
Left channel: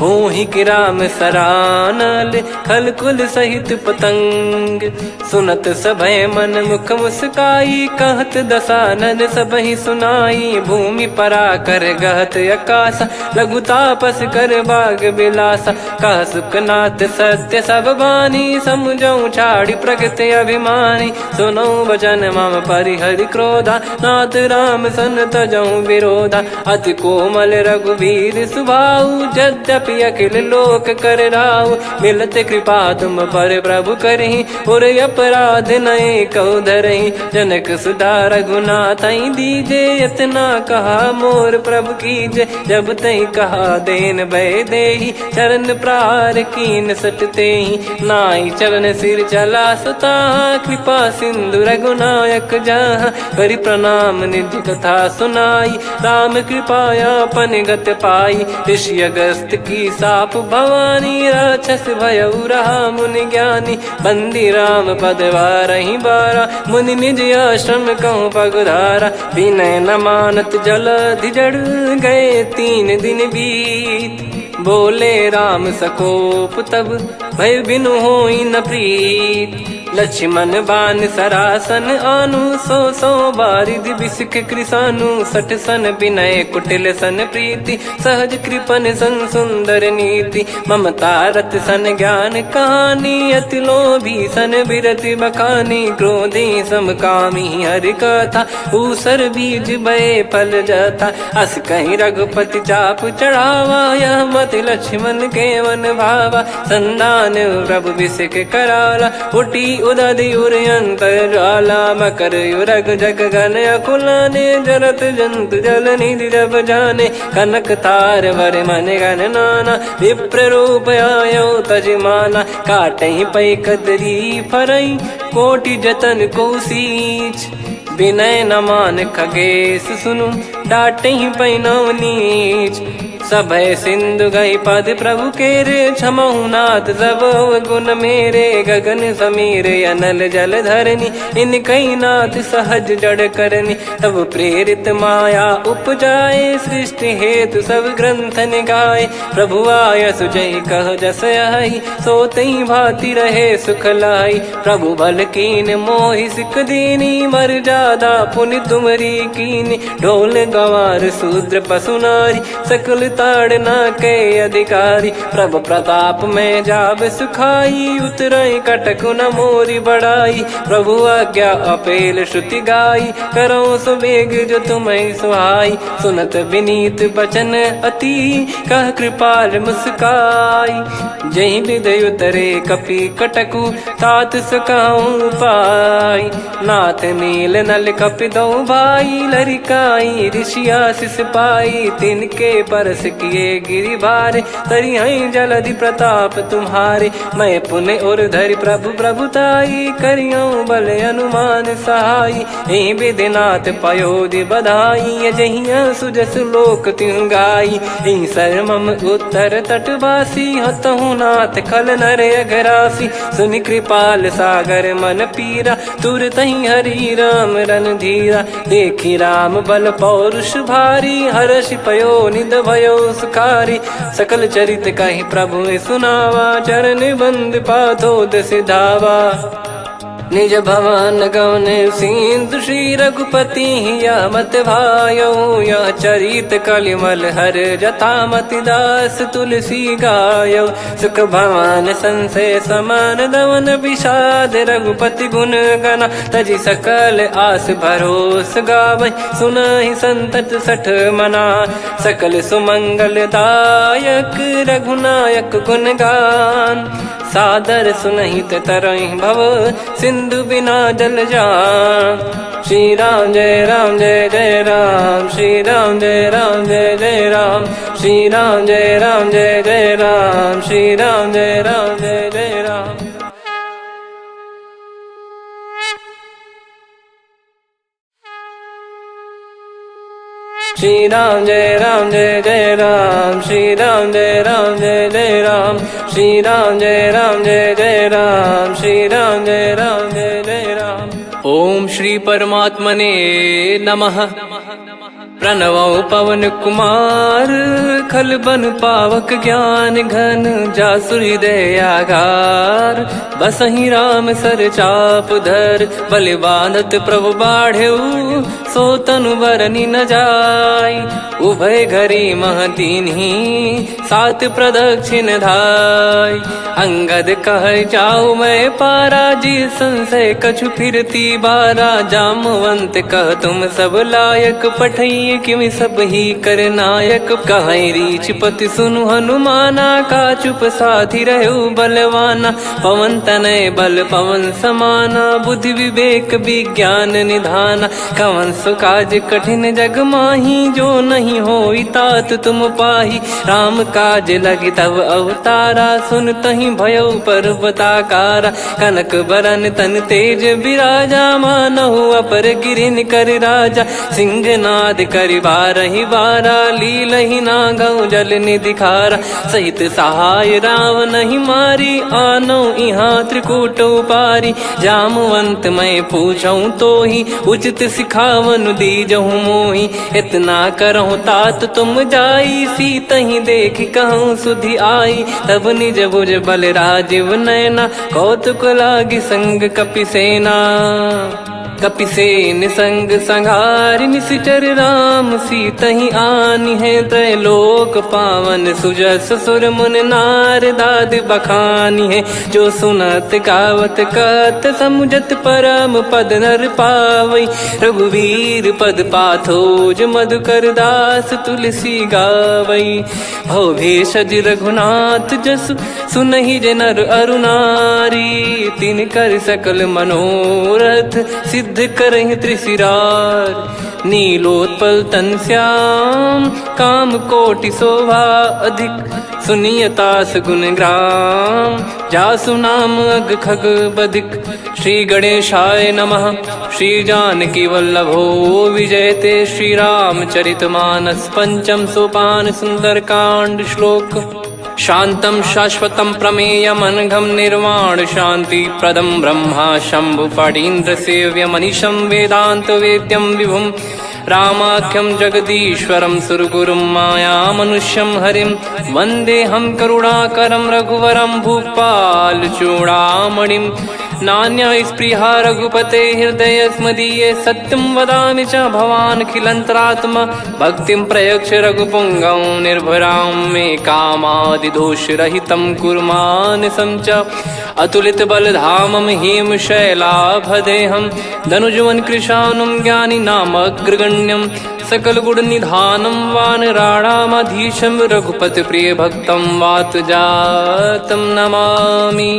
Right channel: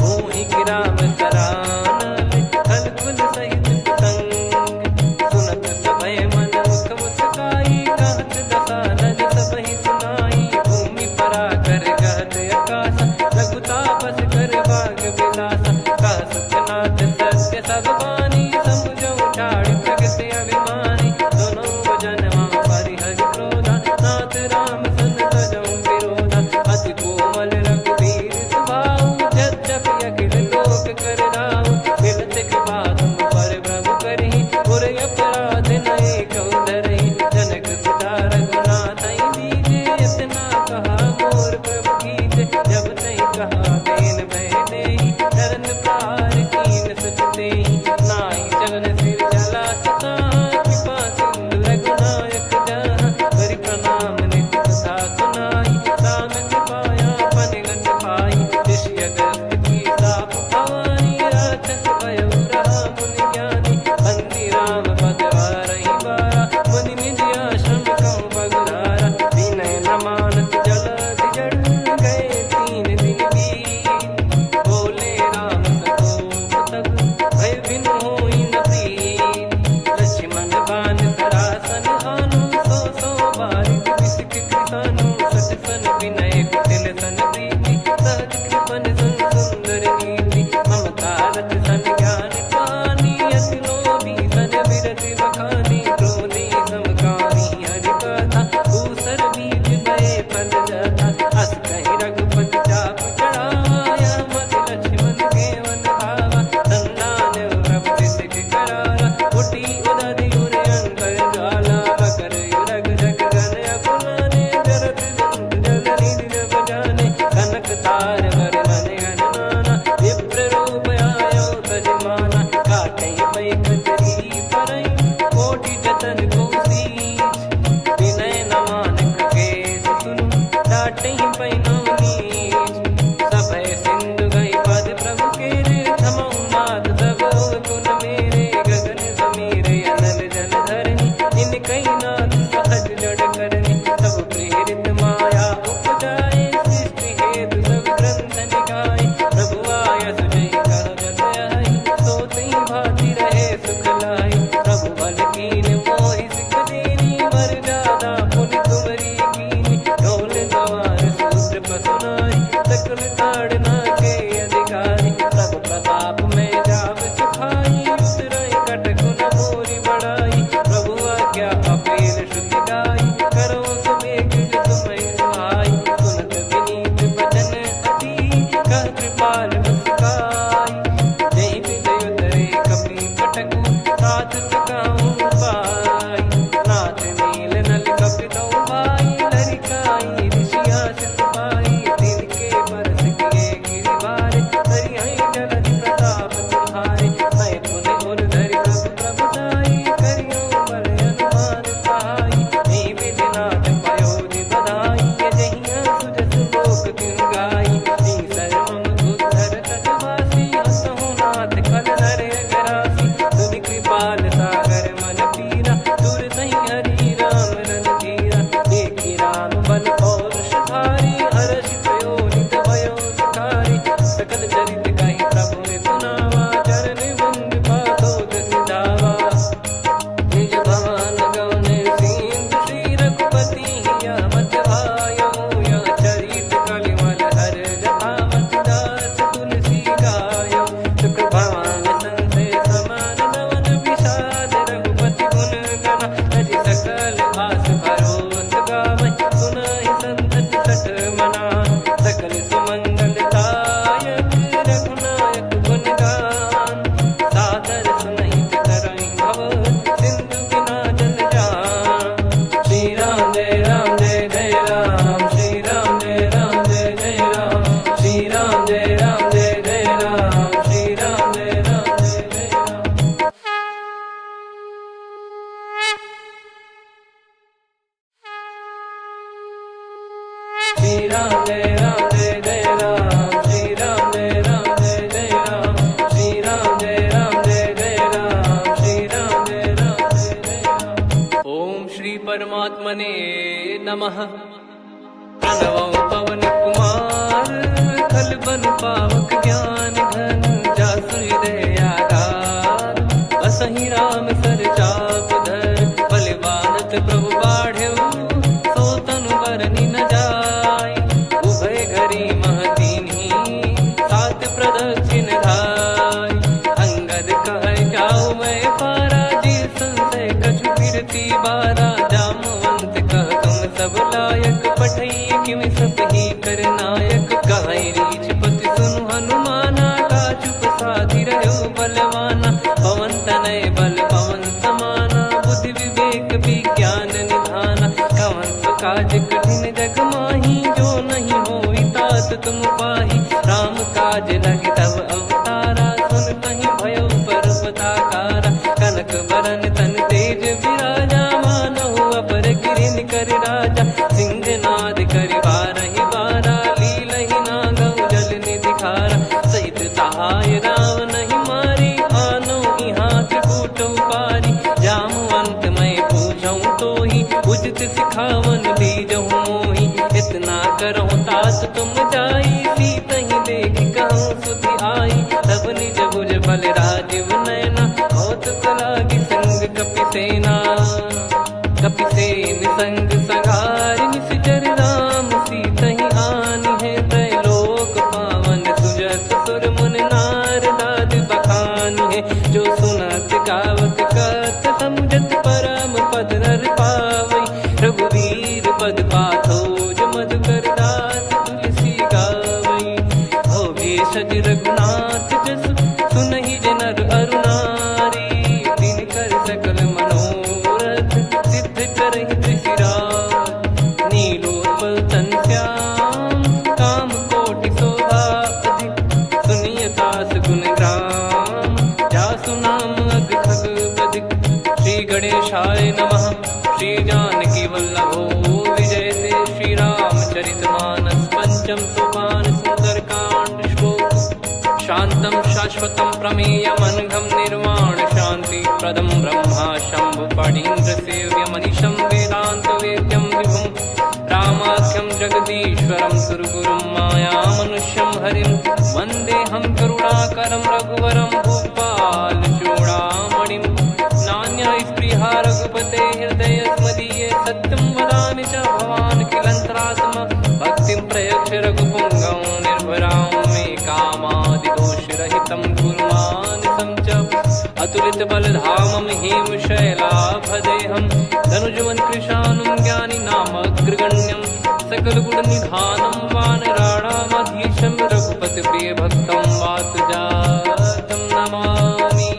होहि कि राम सरानल, खल कुल सहित पतंग, सुनत सभय मन मुख मुस्काई, कहत दसानन सबहि सुनाई, भूमि परा कर गहत आकाशा, लघु तापस कर बाग बिलासा, कह सुखनाथ सत्य सब बानी, समुझौ छाड़ी प्रगति अभिमानी, सुनो भजन मम परिहरि क्रोधा, नाथ राम सन तजौ विरोधा, अति कोमल रघुवीर सुभाऊ, यद्यपि अखिल लोक कर राऊ, मिलत कृपा तुम पर प्रभु करहि, पुर अपराध नए कौ धरहि, जनक सुधा रघुनाथ दीजे, इतना कहा मोर प्रभु कीजे, जब तई कहा देन भय देहि, चरण प्रार कीन सटते ही, नाई चरण सिर चला सता, कृपा सिंधु रघुनायक जहाँ, करि प्रणाम निज कथा सुनाई, राम कृपाया अपन गत पाई, ऋषि अगस्त की साप भवानी, राक्षस भयउ रहा मुनि ज्ञानी, बंदी राम पद वारहि बारा, मुनि निज आश्रम कहूँ पगधारा, विनय न मानत जलधि जड़, गए 3 दिन बीत, बोले राम सकोप तब, भय बिनु होई न प्रीत, लक्ष्मण बान सरासन आनु, 100 बारिधि बिसिक कृसानु, 60 सन विनय कुटिल सन प्रीति, सहज कृपन सन सुंदर नीति, ममता रत सन ज्ञान कहानी, अति लोभी सन बिरति बखानी, क्रोधी समकामी हरि कथा, ऊसर बीज बये फल जथा, अस कहीं रघुपति चाप चढ़ावा, यह मत लक्ष्मण के वन भावा, संदान प्रभु बिसिक कराला, उठी उदधि उर अंतर ज्वाला, मकर युरग जग गन अकुलाने, जरत जंत जल निधि जब जाने, कनक तार वर मन गण नाना, विप्र रूप आयो तजमाना, काटहि पै कदरी फरई, कोटि जतन को सींच, विनय न मान खगेश सुनु, डांटहि पै नव नीच, सभय सिंधु गई पद प्रभु केरे, क्षमहु नाथ सब गुण मेरे, गगन समीर अनल जल धरनी, इनकई नाथ सहज जड़ करनी, तब प्रेरित माया उपजाए, सृष्टि हेतु सब ग्रंथ निगाए, प्रभु आय सुजय कह जस आई, सोतई भांति रहे सुख लाई, प्रभु बल कीन मोहि सिख दीनी, मर जादा पुनि तुमरी कीनी, ढोल गवार शूद्र पशु नारी, सकल ताड़ना के अधिकारी, प्रभु प्रताप में जाब सुखाई, उतरई कटक न मोरी बढ़ाई, प्रभु आज्ञा अपेल श्रुति गाई, करो सुबेग जो तुम्हें सुहाई, सुनत विनीत बचन अति, कह कृपाल मुस्काई, जही हृदय उतरे कपि कटकु, तात सकाऊं पाई, नाथ नील नल कपि दो भाई, लरिकाई ऋषि आशीष पाई, तिनके परस किए गिरिबारे, तरियाई जलधि प्रताप तुम्हारे। मैं पुण्य और धरि प्रभु प्रभुताई, करियऊँ बल अनुमान सहाई। यही विधिनाथ पयोधि बधाई, जहिया सुजस लोक तिहुँ गाई। यही सरमम उत्तर तटवासी, हतहु नाथ खल नर अघरासी। सुनि कृपाल सागर मन पीरा, तुरतहि हरि राम रणधीरा। देखि राम बल पौरुष भारी, हर्षि पयो निध भयो सुखारी। सकल चरित कहि प्रभु सुनावा, चरण बंद पाथोद सिधावा। निज भवन गवन सिंधु श्री रघुपति, यह मत भायो यह चरित कलिमल हर जथा मति दास तुलसी गायो। सुख भवन संशय समान दवन, विषाद रघुपति गुण गना। तजि सकल आस भरोस गावै, सुनहि संतत सठ मना। सकल सुमंगल दायक रघुनायक गुण गान, सादर सुनहित तरहि भव सिंधु बिना जल जान। श्री राम जय जय राम, श्री राम जय जय राम। श्री राम जय जय राम, श्री राम जय जय राम। श्री राम जय जय राम, श्री राम जय जय राम। श्री राम जय जय राम, श्री राम जय जय राम। ओम श्री परमात्मने नमः। प्रणवौ पवन कुमार, खल बन पावक ज्ञान घन। जासु हृदय आगार, बसहि राम सर चाप धर। बलि बांधत प्रभु बाढ़ेउ, सो तनु बरनि न जाय। उभय घरी महतीन्ही, सात प्रदक्षिण धाय। अंगद कह जाऊ मैं पारा, जी संशय कछु फिरती बारा। जामवंत कह तुम सब लायक, पठई किमि सब ही कर नायक। कहीं रीछ पति सुनु हनुमाना, का चुप साधि रहु बलवाना। पवन तनय बल पवन समाना, बुद्धि विवेक विज्ञान निधाना। कवन सो काज कठिन जग माही, जो नहीं होई तात तुम पाही। राम काज लगी तब अवतारा, सुन तहि भयउ पर्वताकारा। कनक बरन तन तेज विराजा, मानहु अपर गिरिन कर राजा। सिंहनाद करि बारहि बारा, लीलहि नागौ जल निधि खारा। सहित सहाय राम नहीं मारी, आनौ इहाँ त्रिकूट उपारी। जामवंत मैं पूछऊँ तोहि, उचित सिखावन दीजहु मोहि। इतना करहु तात तुम जाई, सीतहि देख कहूँ सुधि आई। तब निज भुज बल राजीव नयना, कौतुक लागी संग कपिसेना। कपिसेन संग संघारि निशिचर राम, सीतहि आनि है त्रैलोक पावन। सुजस सुर मुन नार दाद बखानी है, जो सुनत गावत कथ समुझत परम पद नर पावै। रघुवीर पद पाथोज मधुकर दास, तुलसी गावै। भव भेषज रघुनाथ जसु, सुनहि जे नर अरु नारी। तिन कर सकल मनोरथ, सिद्ध करहि त्रिशिरार। नीलोत्पल तन श्याम, काम कोटि शोभा अधिक। सुनियतास गुण ग्राम, जासु नाम अग खग बदिक। श्री गणेशाय नमः। श्री जानकी वल्लभो विजयते, श्री रामचरितमानस। पंचम सोपान सुंदरकांड श्लोक। शांतं शाश्वतं प्रमेयमनघं निर्वाण शांति प्रदं ब्रह्मा शंभु फणीन्द्र सेव्यमनिशं वेदांत वेद्यं विभुं। रामाख्यं जगदीश्वरं सुरगुरुं मायामनुष्यं हरिं। वन्देऽहं करुणाकरं रघुवरं भूपाल चूडामणिं। नान्या स्पृहा रघुपते हृदय स्मदीये, सत्यं वदामि च भवान् खिलन्तरात्मा। भक्तिं प्रयच्छ रघुपुङ्गं निर्भरां मे कामादिदोषरहितं कुर्मानिसं च। अतुलित बलधामं हेमशैलाभदेहं, धनुजवन कृशानुं ज्ञानी नामग्रगण्यं। सकल गुण निधानं वानराणामधीशं, रघुपति प्रिय भक्तं वात जातं नमामि।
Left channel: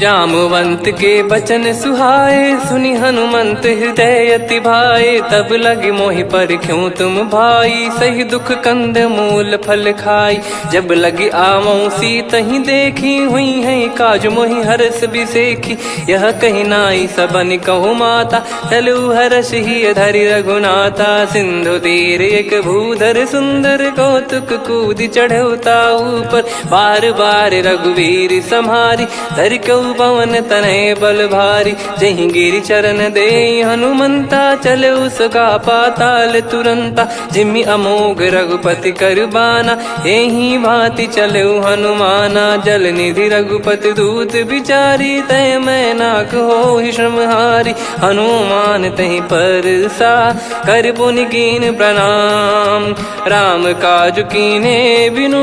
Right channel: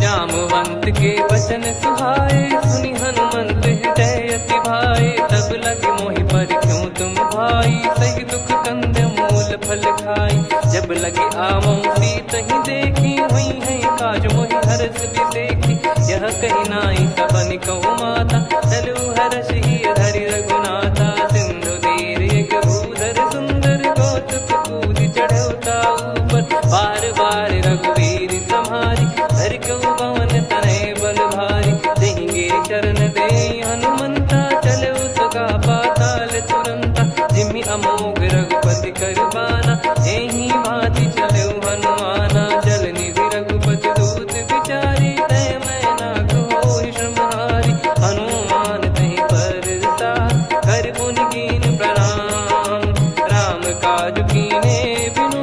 जामवंत के बचन सुहाए, सुनि हनुमंत हृदय अति भाए। तब लगे मोहि पर क्यों तुम भाई, सही दुख कंद मूल फल खाई। जब लगे आवऊं सीतहि देखी, हुई है काज मोहि हरस बिसेखी। यह कही नाई सबन कहु माता, चलु हरष ही धरि रघुनाथा। सिंधु तीर एक भूधर सुंदर, कौतुक कूद चढ़ौता ऊपर। बार बार रघुवीर सम्हारी, धरि कहु पवन तनय बल भारी। जहि गिरि चरण दे हनुमंता, चले उसका पाताल तुरंता। जिमि अमोघ रघुपति कर बाना, एहि भांति चले हनुमाना। जल निधि रघुपति दूत बिचारी, तय मैं नाग होहि श्रमहारी। हनुमान तहि परसा, कर पुनि कीन प्रणाम। राम काज कीने बिनु,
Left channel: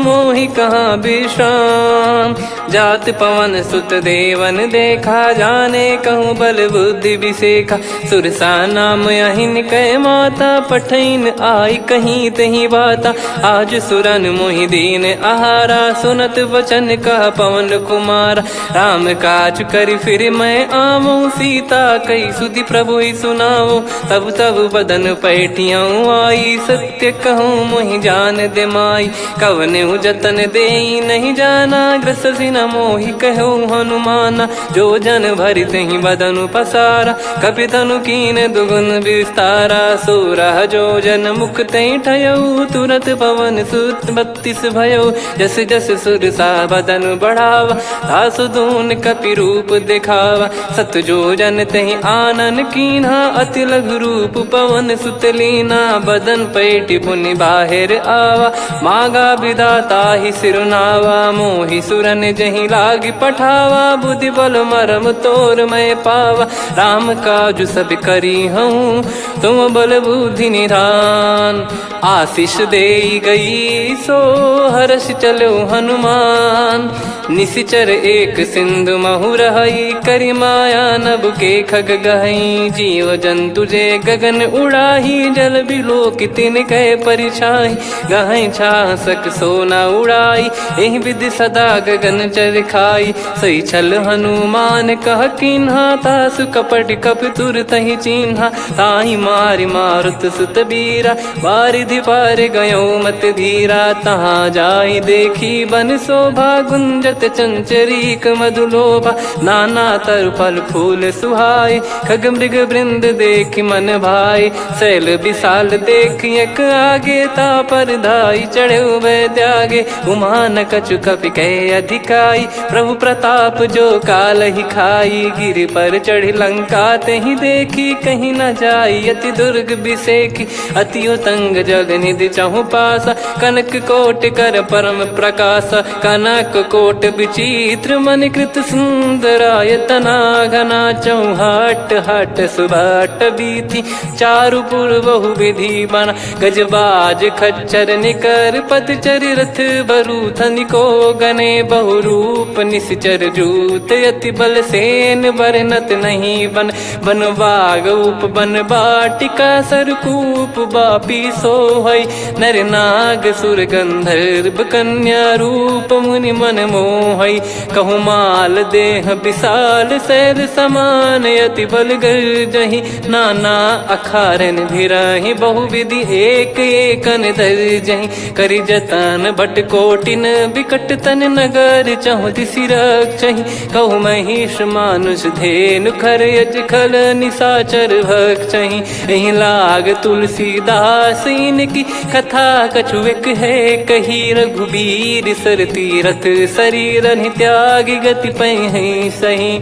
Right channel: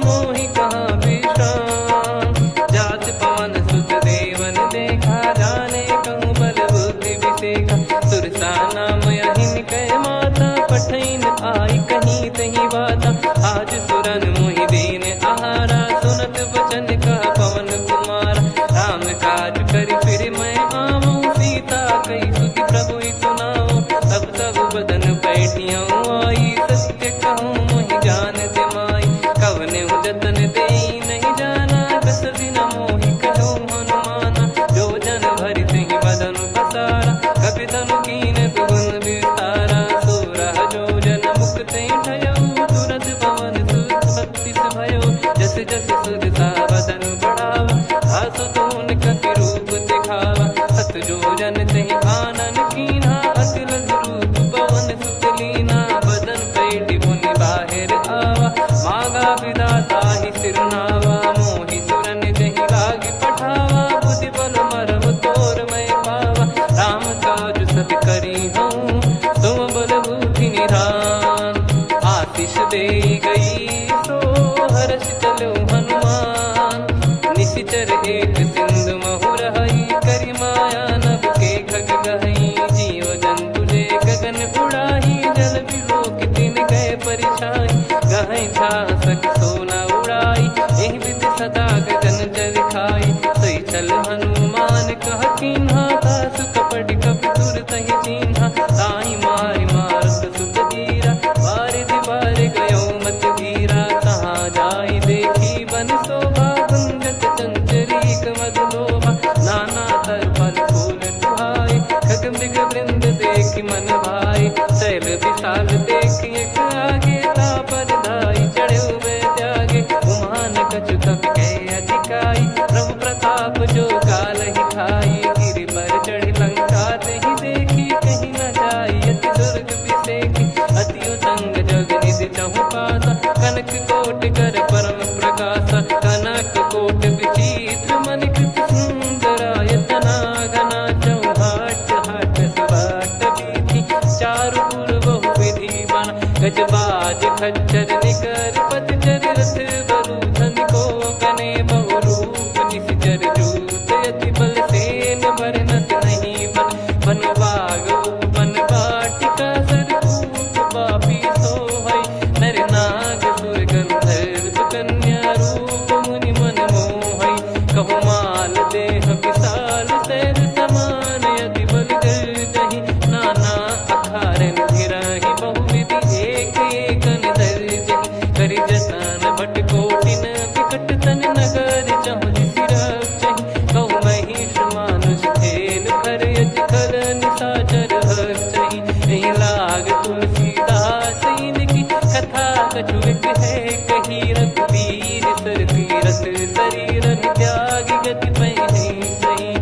मोहि कहाँ विश्राम। जात पवन सुत देवन देखा, जाने कहूँ बल बुद्धि विसेखा। सुरसा नाम अहिन कै माता, पठैन आई कहीं तहीं बाता। आज सुरन मोहि दीन आहारा, सुनत वचन कह पवन कुमारा। राम काज करि फिर मैं आवऊं, सीता कई सुधि प्रभु ही सुनाऊं। तब तब बदन पैठियाँ आई, सत्य कहूँ मोहि जान दे माई। कवने जतन दे नहीं जाना, ग्रसि न मोहि कहूँ हनुमाना। जो जन भरि तहि बदनु पसारा, कपि तनु कीन दुगुन विस्तारा। सोरह जो जन मुख तहि ठयऊ, तुरत पवन सुत 32 भयऊ। जस जस सुरसा बदन बढ़ावा, आसु दून कपि रूप दिखावा। सत जो जन तहि आनन कीन्हा, अति लघु रूप पवन सुत लीना। बदन पैठि पुनि बाहिर आवा, मागा विधाता ही सिरुनावा। मोहि सुरन जहि लागी पठावा, बुद्धि बल मरम तोर मैं पावा। राम काज सब करी हूँ, तुम बल बुद्धि निधान। आशीष दे गई सो हर्ष चलो हनुमान। निशिचर एक सिंधु महु रहई, करि माया नभ के खग गहई। जीव जंतु जे गगन उड़ाही, जल बिलोक तिन कह परिछाई। गहई छासक सोना उड़ाई, एहि विधि सदा गगन चर खाई। सही छल हनुमान कह कीन्हा, तासु कपट कप तुर तहि चिन्हा। ताहि मारि मारुत सुत बीरा, बारिधि पार गयो मत धीरा। तहाँ जाई देखी बन शोभा, गुंजत चंचरीक मधुलोभा। नाना तरु फल फूल सुहाए, खग मृग वृंद देख मन भाई। शैल विशाल देख एक आगे, तापर धाई चढ़े त्यागे। उमान कछु कपि कह अधिकाई, प्रभु प्रताप जो काल ही खाई। गिर पर चढ़ी लंका तहि देखी, कहीं न जाई अति दुर्ग बिसेखी। अति उतंग जग निधि चहु पासा, कनक कोट कर परम प्रकाश। कनक कोट विचित्र मन कृत सुंदरायतना। घना चौहाट हाट सुबाट बीथी, चारु पुर बहु विधि बना। गजबाज खच्चर निकर पदचर, रथ बरु धनिको गने बहु रूप। निशिचर जूत अति बल सेन, बरनत नहीं बन। बन बाग उप बन बाटिका, सरकूप बापी सोहई। नर नाग सुर गंधर्व कन्या, रूप मुनि मन मोहई। कहु माल देह विशाल, शैल समान अति बल गर्जहि। नाना अखारन भिरहि, बहु विधि एक एकन दर्जहि। करि जतन भट कोटिन, विकट तन नगर चहु दिसि रक्षहि। कहु महिष मानुष धेनु, खर यज खल निशाचर भक्षहि। एहि लाग तुलसीदास इनकी, कथा कछु एक है कही। रघुबीर सर तीरथ शरीर, त्यागी गति पहि सही।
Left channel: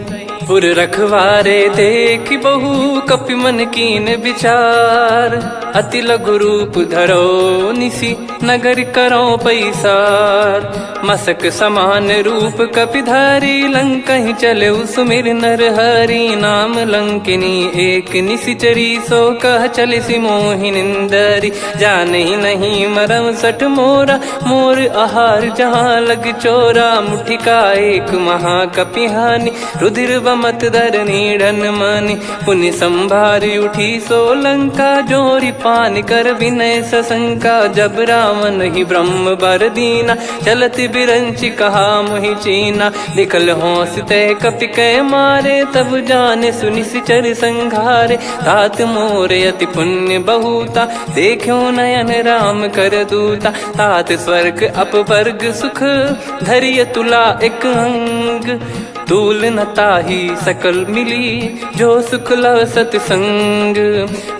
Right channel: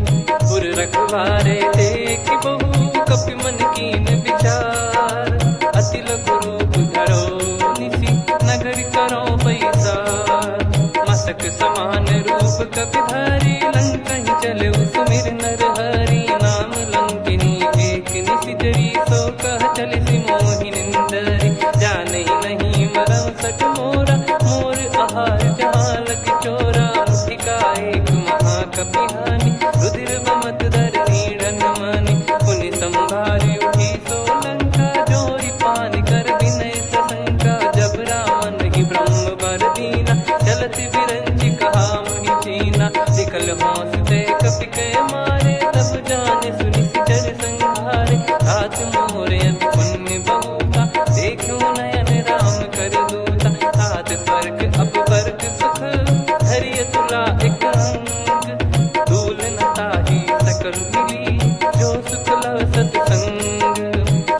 पुर रखवारे देख बहु, कपि मन कीन विचार। अति लघु रूप धरो निसी, नगर करो पैसार। मसक समान रूप कपिधारी, लंकहि चले सुमिर नर हरि। नाम लंकिनी एक निशिचरी, सो कह चलिसि मोहि निंदरी। जानहि नहीं मरम सठ मोरा, मोर आहार जहाँ लग चोरा। मुठिका एक महाकपिहानि, रुधिर कमत धरनी ढन मानी। पुनि संभारी उठी सोलंका, जोरी पानी कर विनय सशंका। जब रावण ही ब्रह्म बर दीना, चलत बिरंच कहा मुहि चीना। लिखल होंस तय कपि कै मारे, तब जाने सुनि सिचर संघारे। तात मोरे अति पुण्य बहुता, देखो नयन राम कर दूता। तात स्वर्ग अपवर्ग सुख, धैर्य तुला एक अंग। तूल न ताहि सकल मिली, जो सुख लव सतसंग।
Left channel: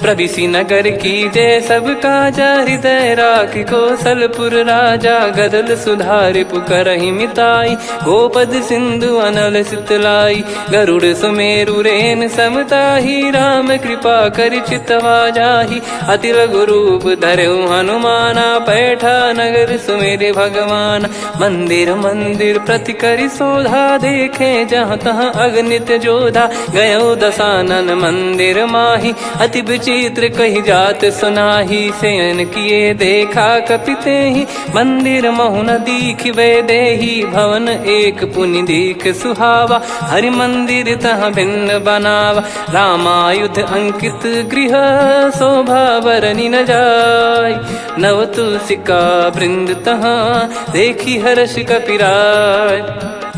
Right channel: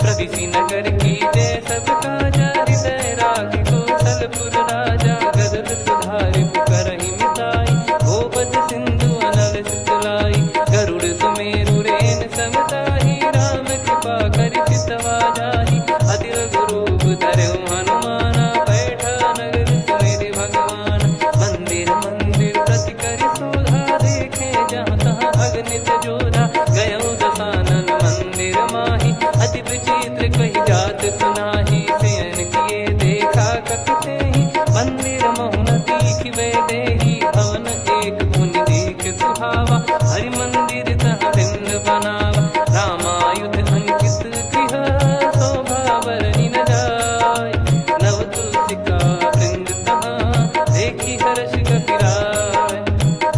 प्रविशि नगर की जय सब काजा, हृदय राखि कौशलपुर राजा। गदल सुधारि पुकारहि मिताई, गोपद सिंधु अनल सितलाई। गरुड़ सुमेरु रेन समताहि, राम कृपा करि चितवा जाहि। अति लघु रूप धरऊ हनुमाना, बैठा नगर सुमेरे भगवान। मंदिर मंदिर प्रति करि शोधा, देखे जहाँ तहाँ अगणित जोधा। गयो दशानन मंदिर माही, अति विचित्र कही जात सुनाही। शयन किए देखा कपिते ही, मंदिर महु न दीखिबे देही। भवन एक पुनि दीख सुहावा, हरि मंदिर तहाँ भिन्न बनावा। रामायुध अंकित गृह, शोभा बरनि न जाय। नव तुलसी का वृंद तहाँ, देखी हर्ष कपिराय।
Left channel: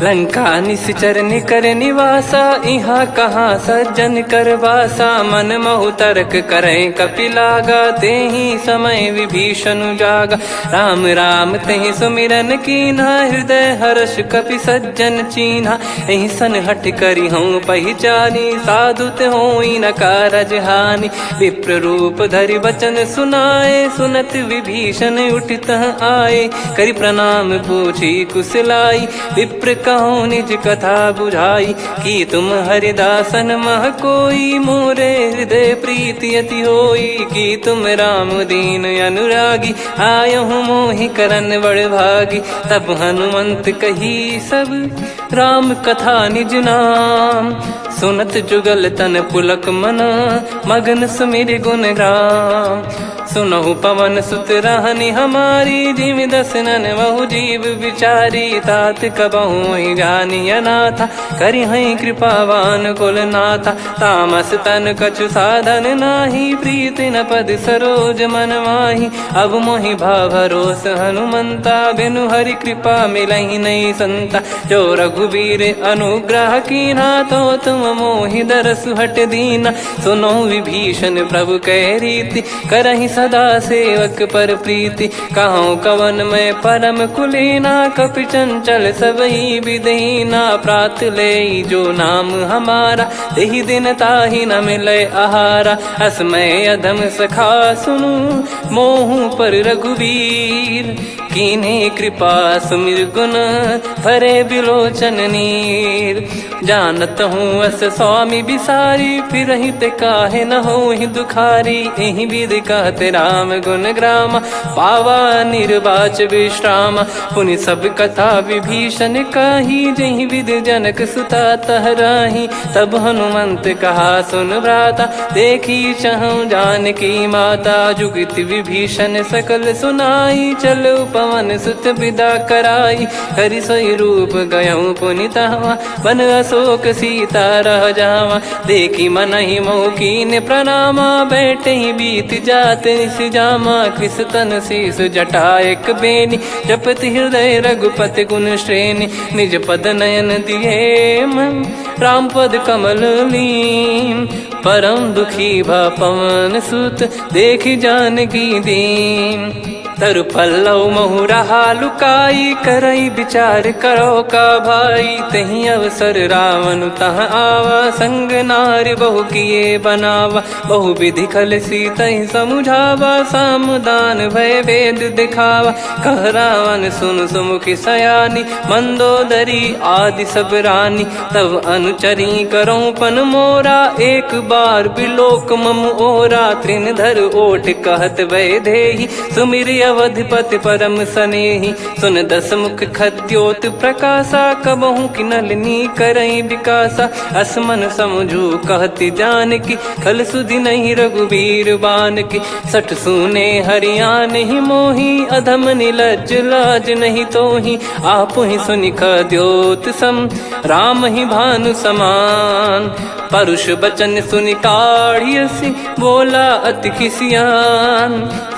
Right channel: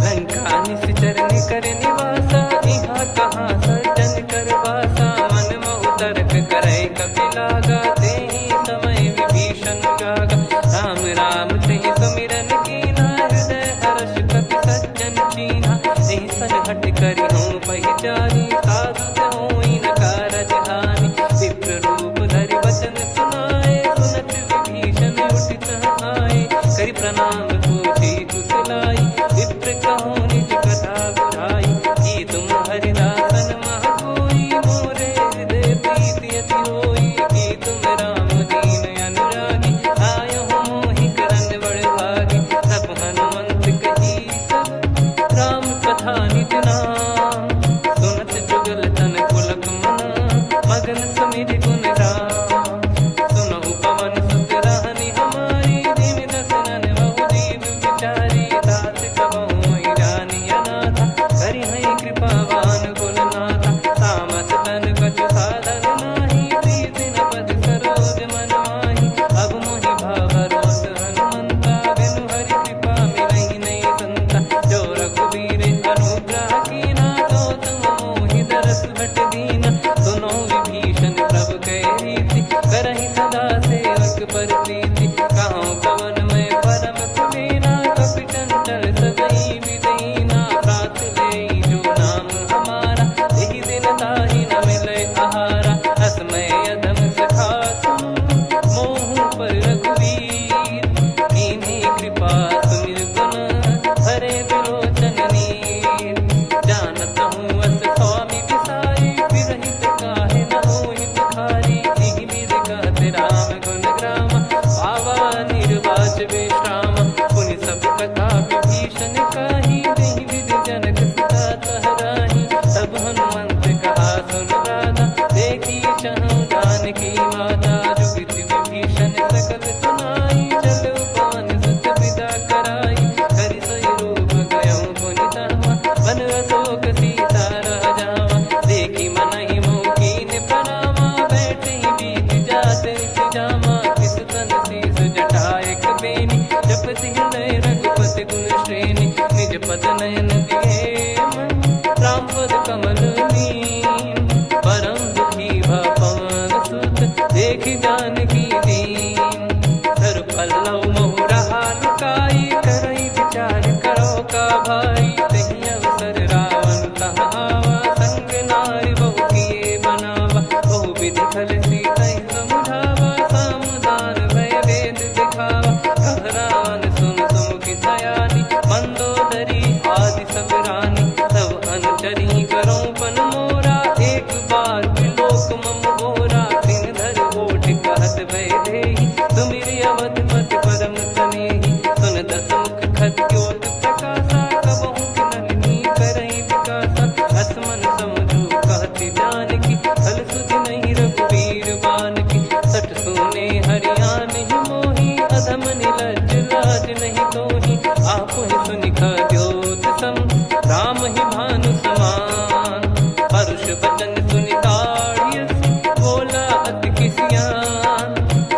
लंका निश्चर कर निवासा, यहाँ कहाँ सज्जन कर वासा। मन महु तर्क करे कपिलागा, तेहि समय विभीषण जागा। राम राम तेहि सुमिरन कीन्हा, हृदय हर्ष कपि सज्जन चीन्हा। एहि सन हट करि हूँ पहिचानी, साधुत होई न कारज हानि। विप्र रूप धरि वचन सुनाए, सुनत विभीषण उठित आए। करि प्रणाम पूछी कुशलाई, विप्र कहो निज कथा बुझाई। कि तुम हरिदासन मह कोई, मोरे हृदय प्रीति अति होई। कि तुम राम दीन अनुरागी, आयो हूँ मोहि करन बड़ भागी। तब हनुमंत कही सब राम कथा निज नाम। सुनत जुगल तन पुलक मन, मगन सुमिर गुण राम। सुनहु पवन सुत रहनी हमारी, जिमि दसनन महु जीव विचारी। तात कबहु ही जानी अनाथा, करि हई कृपावान कुल नाथा। तामस तन कछु साधन नाही, प्रीति न पद सरोज मन माही। अब मोहि भाव भरोस हनुमंता, बिनु हरि कृपा मिलहि नहीं संता। जो रघुबीर अनुग्रह कीन्हा, तो तुम मोहि दरसु हट दीना। सुनो विभीषण प्रभु कै रीति, करहि सदा सेवक पर प्रीति। कहूँ कवन में परम कुलीना, कपि चंचल सबही विदहीना। प्रात ले जो नाम हमारा, तेहि दिन ताहि न मिले आहारा। असमय अधम सखा सुनु, मोहु पर रघुवीर। कीन्हे कृपा सुमिर गुण, भरे बिलोचन नीर। जानत हूँ अस स्वामी बिसारी, फिरहि ते काहे न होहि दुखारी। एहि विधि कहते राम गुण ग्राम, पावा निर्वाच विश्राम। पुनि सब कथा विभीषण कही, जहि विधि जनक सुता तहराही। तब हनुमंत कहा सुन भ्राता, देखी चहु जानकी माता। जुगति विभीषण सकल सुनाई, चलो पवन सुत विदा कराई। हरि सोई रूप गयऊँ पुनि तहवा, बन अशोक सीता रह जावा। देखी मनहि मोह कीन्ह प्रणामा, बैठे ही बीत जात निस जामा। कृस तन शीस जटा एक बेनी, जपति हृदय रघुपति गुण श्रेणी। निज पद नयन दिए मन, राम पद कमल लीन। परम दुखी भा पवन सुत, देखी जानकी दीन। तरु पल्लव महु रहा लुकाई, करई विचार करो का भाई। तहि अवसर रावण तहाँ आवा, संग नारी बहु किए बनावा। बहु विधि खल सीतहि समुझावा, सामदान भय वेद दिखावा। कह रावण सुन सुमुखी सयानी, मंदोदरी आदि सब रानी। तब अनुचरी करो पन मोरा, एक बार बिलोक मम ओरा त्रिनधर ओठ कहत वैदेही सुमिर अवधिपति परम सनेही सुन दस मुख खद्योत प्रकाशा कबहू की नलिनी करई विकासा असमन समझू कहती जान की कल सुधि नहीं रघुवीर बान की सठ सुने हरियाण ही मोही अधम निलज लाज नहीं तो ही आप ही सुनि खद्योत सम राम ही भानु समान परुष बचन सुनि काढ़ियसि बोला अति किसियान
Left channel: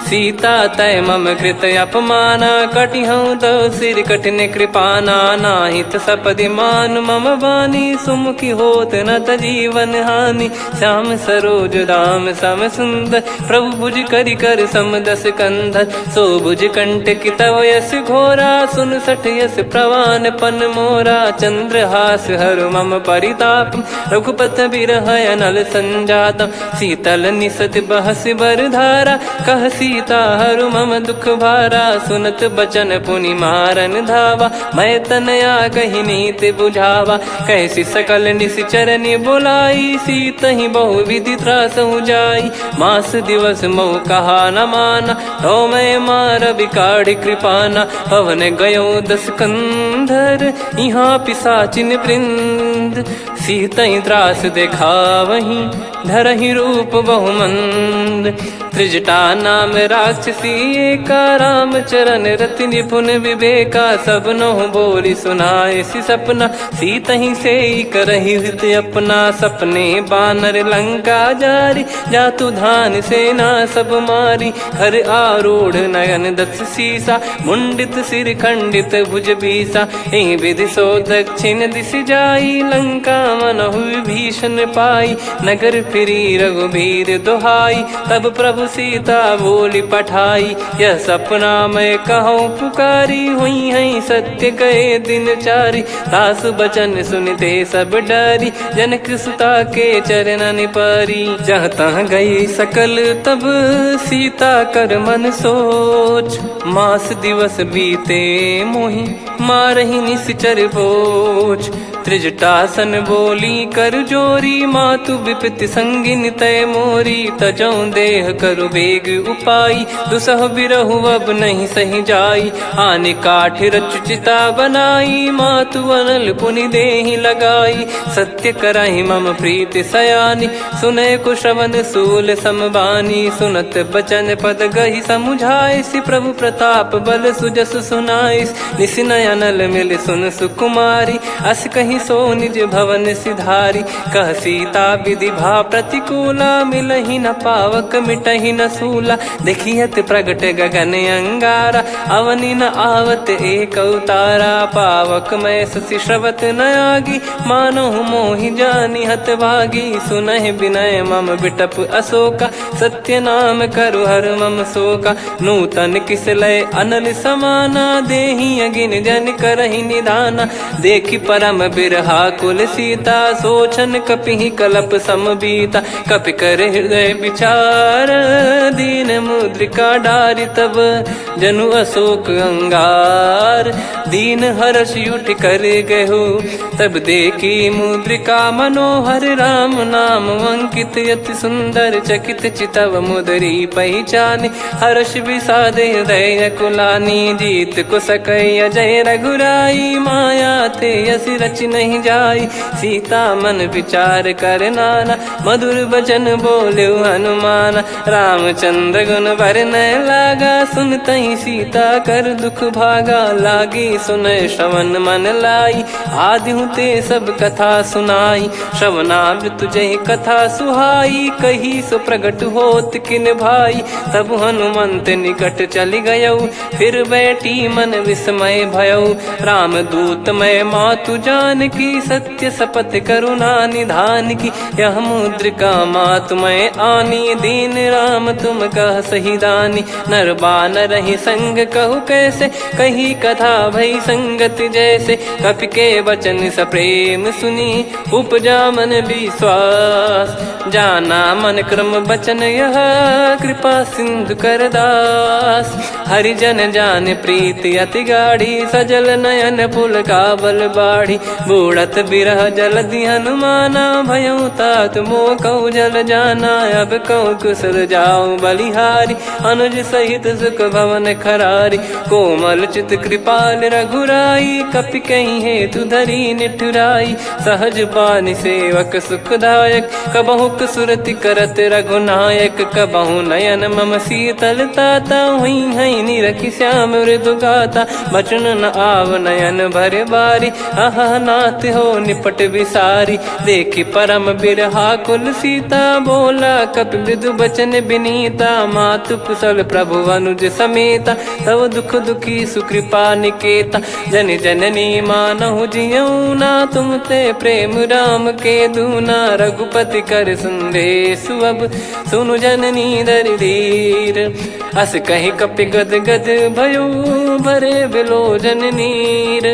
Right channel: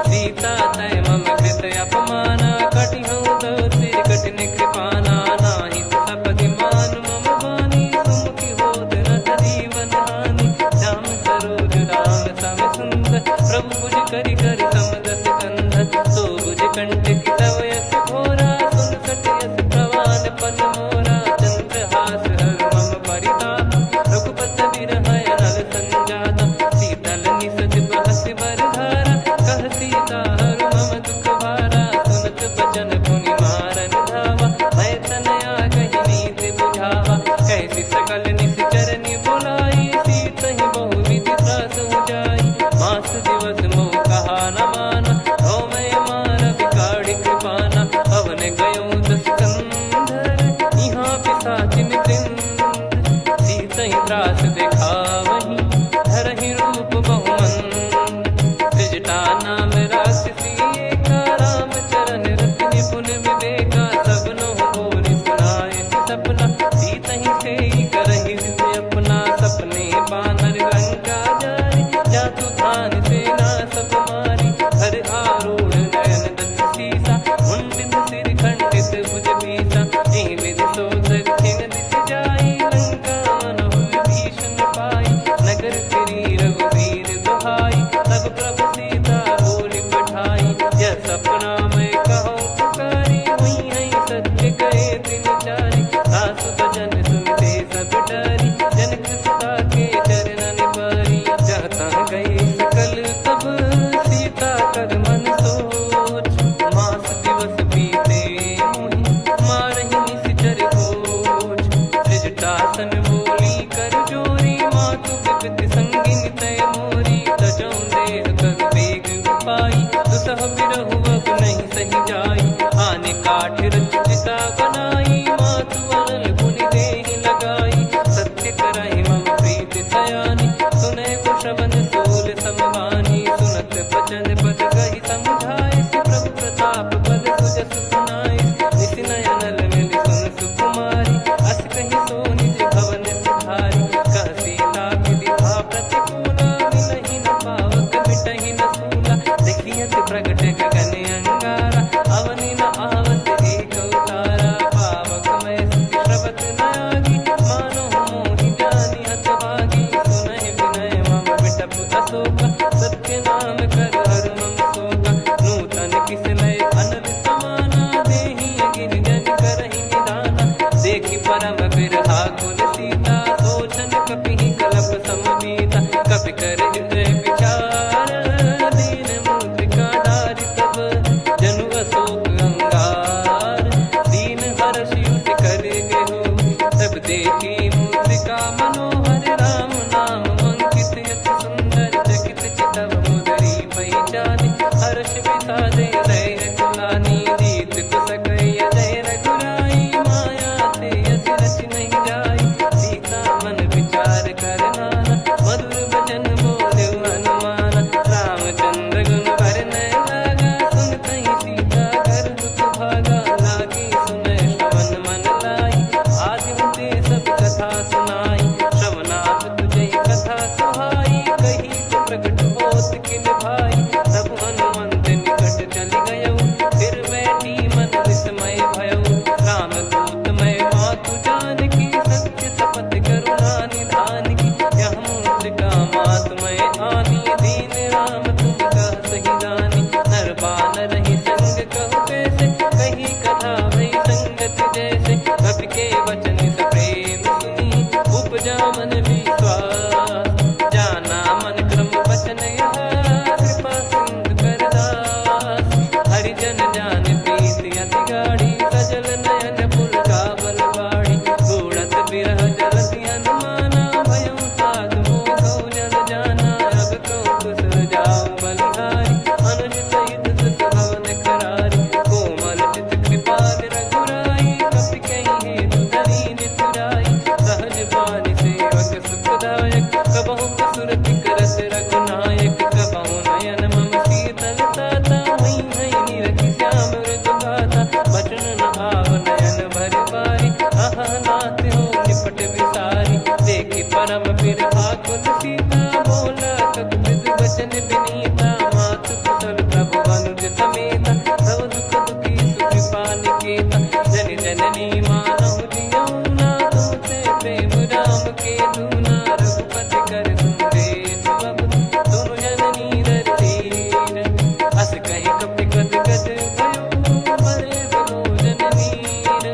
सीता तय मम कृत अपमाना कटिहऊँ तो सिर कठिन कृपाना नाहित सपदि मान मम बानी सुमुखी होत न जीवन हानि श्याम सरोज राम सम सुंदर प्रभु भुज करि कर समदस कंधर सो भुज कंठ की तव यस घोरा सुन सठ यस प्रवान पन मोरा चंद्रहास हर मम परिताप रघुपत बिरह अनल संजात शीतल निसत बहस बर धारा कह सीता हर मम दुख भारा सुनत बचन पुनि मारन धावा मैं तनया कही नीत बुझावा कैसी सकल निश्चरनि बुलाई सीत ही बहु विधि त्रास जाई मास दिवस मोह कहा न माना तो मैं मार बिकाढ़ कृपाना पवन गयो दस कंधर यहाँ पिसाचिन वृंद सीतई त्रास देखा वहीं धरहि रूप बहुमंद त्रिजटा नाम राक्षसी एका राम चरण रति निपुण विवेका सबनो बोली सुनाए सी सपना सीतहि से करहि हृद अपना सपने बानर लंका जारी जातु धान सेना सब मारी हर आरूढ़ नयन दस सीसा मुंडित सिर खंडित भुज बीसा इन विधि सो दक्षिण दिश जाई लंका मनहु भीषण पाई नगर फिरी रघुबीर दुहाई तब प्रभु सीता बोली पठाई यह सपना मैं कहूँ पुकारी हुई है सत्य गए दिन चारी सासु बचन सुनते सब डरी जनक सुता के चरण पारी जहाँ तहाँ गई सकल तब सीता कर मन सोच मास दिवस बीते मोहि मारहि निश्चर बोझ त्रिजटासन बोली कर जोरी मातु विपति संगिन तय मोरी तजौ देह करु बेग उपाई दुसह बिरहु अब नहीं सही जाई आने काठ रचिता बनाई मातु अनल पुनि देहि लगाई सत्य कराई मम प्रीति सयानी सुनय को श्रवण सूल समबानी सुनत बचन पद गही समुझाई सि प्रभु प्रताप बल सुजस सुनाई निसिनय अनल मिल सुन सुकुमारी अस कहीं सो निज भवन सिधारी कह सीता विधि भा प्रतिकूला मिलहि न पावक मिटहि न सूला देखियत प्रगट गगन अंगारा अवनि न आवत एक अवतारा पावक मैं ससि श्रवत न आगी मानो मोहि जानी हत भागी सुनहि विनय मम बिटप अशोका सत्य नाम करु हर मम शोका नूतन किस लय अनल समाना देहि अगिन जन करहि निदाना देखि परम बिरहा कुल सीता सोचन कपि कलप समबीता कपि कर हृदय विचार दीन मुद्रिका डारि तब जनु अशोक अंगार दीन हर्ष उठ कर गहु तब देखी मुद्रिका मनोहर राम नाम अंकित अति सुंदर चकित चितव मुदरी पहचान हर्ष विषाद हृदय कुलानी जीत को सकय जय रघुराई माया थे यस रच नहीं जाई सीता मन विचार कर नाना मधुर बचन बोले हनुमान रामचंद्र गुण भरन लागा सुनतहि सीता कर दुख भागा लागी सुनय श्रवण मन लाई आदि ते सब कथा सुनाई श्रवणाब तुझे कथा सुहाई कही सो प्रगट होत किन भाई तब हनुमंत निकट चली गयऊ फिर बैठी मन विस्मय भयऊ राम दूत मैं मातु जान की सत्य शपथ करुणा निधान की यह मुद्रिका मातु मैं आनी दीन राम तुम कह सही दानी नर बानर ही संग कहु कैसे कही कथा भई संगति जैसे कपि के वचन सप्रेम सुनी उपजा मन विश्वास जाना मन क्रम बचन यह कृपा सिंधु कर दास हरिजन जान प्रीति अति गाढ़ी सजल नयन पुल का बल बाढ़ी बूढ़त बिरह जल दी हनुमाना भयऊ तात मो कऊ जल जाना अब कऊ कुशल जाऊं बलिहारी अनुज सहित सुख भवन खरारी कोमल चित कृपाल रघुराई कपि कहीं हेतु धरी निठुराई सहज पानि सेवक सुखदायक कबहु सुरति करत रघुनायक कबहु नयन मम शीतल ताता हुई हई निरखि श्याम मृदु गाता बचन न आव नयन भर बारी आह नाथ हो निपट विसारी देखी परम बिरहा कुल सीता बोला कपि विदु बचन बिनीता मातु कुशल प्रभु अनुज समेता तव दुख दुखी सुकृपा निकेता जन जननी मानहु जियऊ ना तुम ते प्रेम राम के दूना रघुपति कर संदेश अब सुनु जननी दर धीर अस कहीं कपि गद गद भयो भरे बिलोचन नीर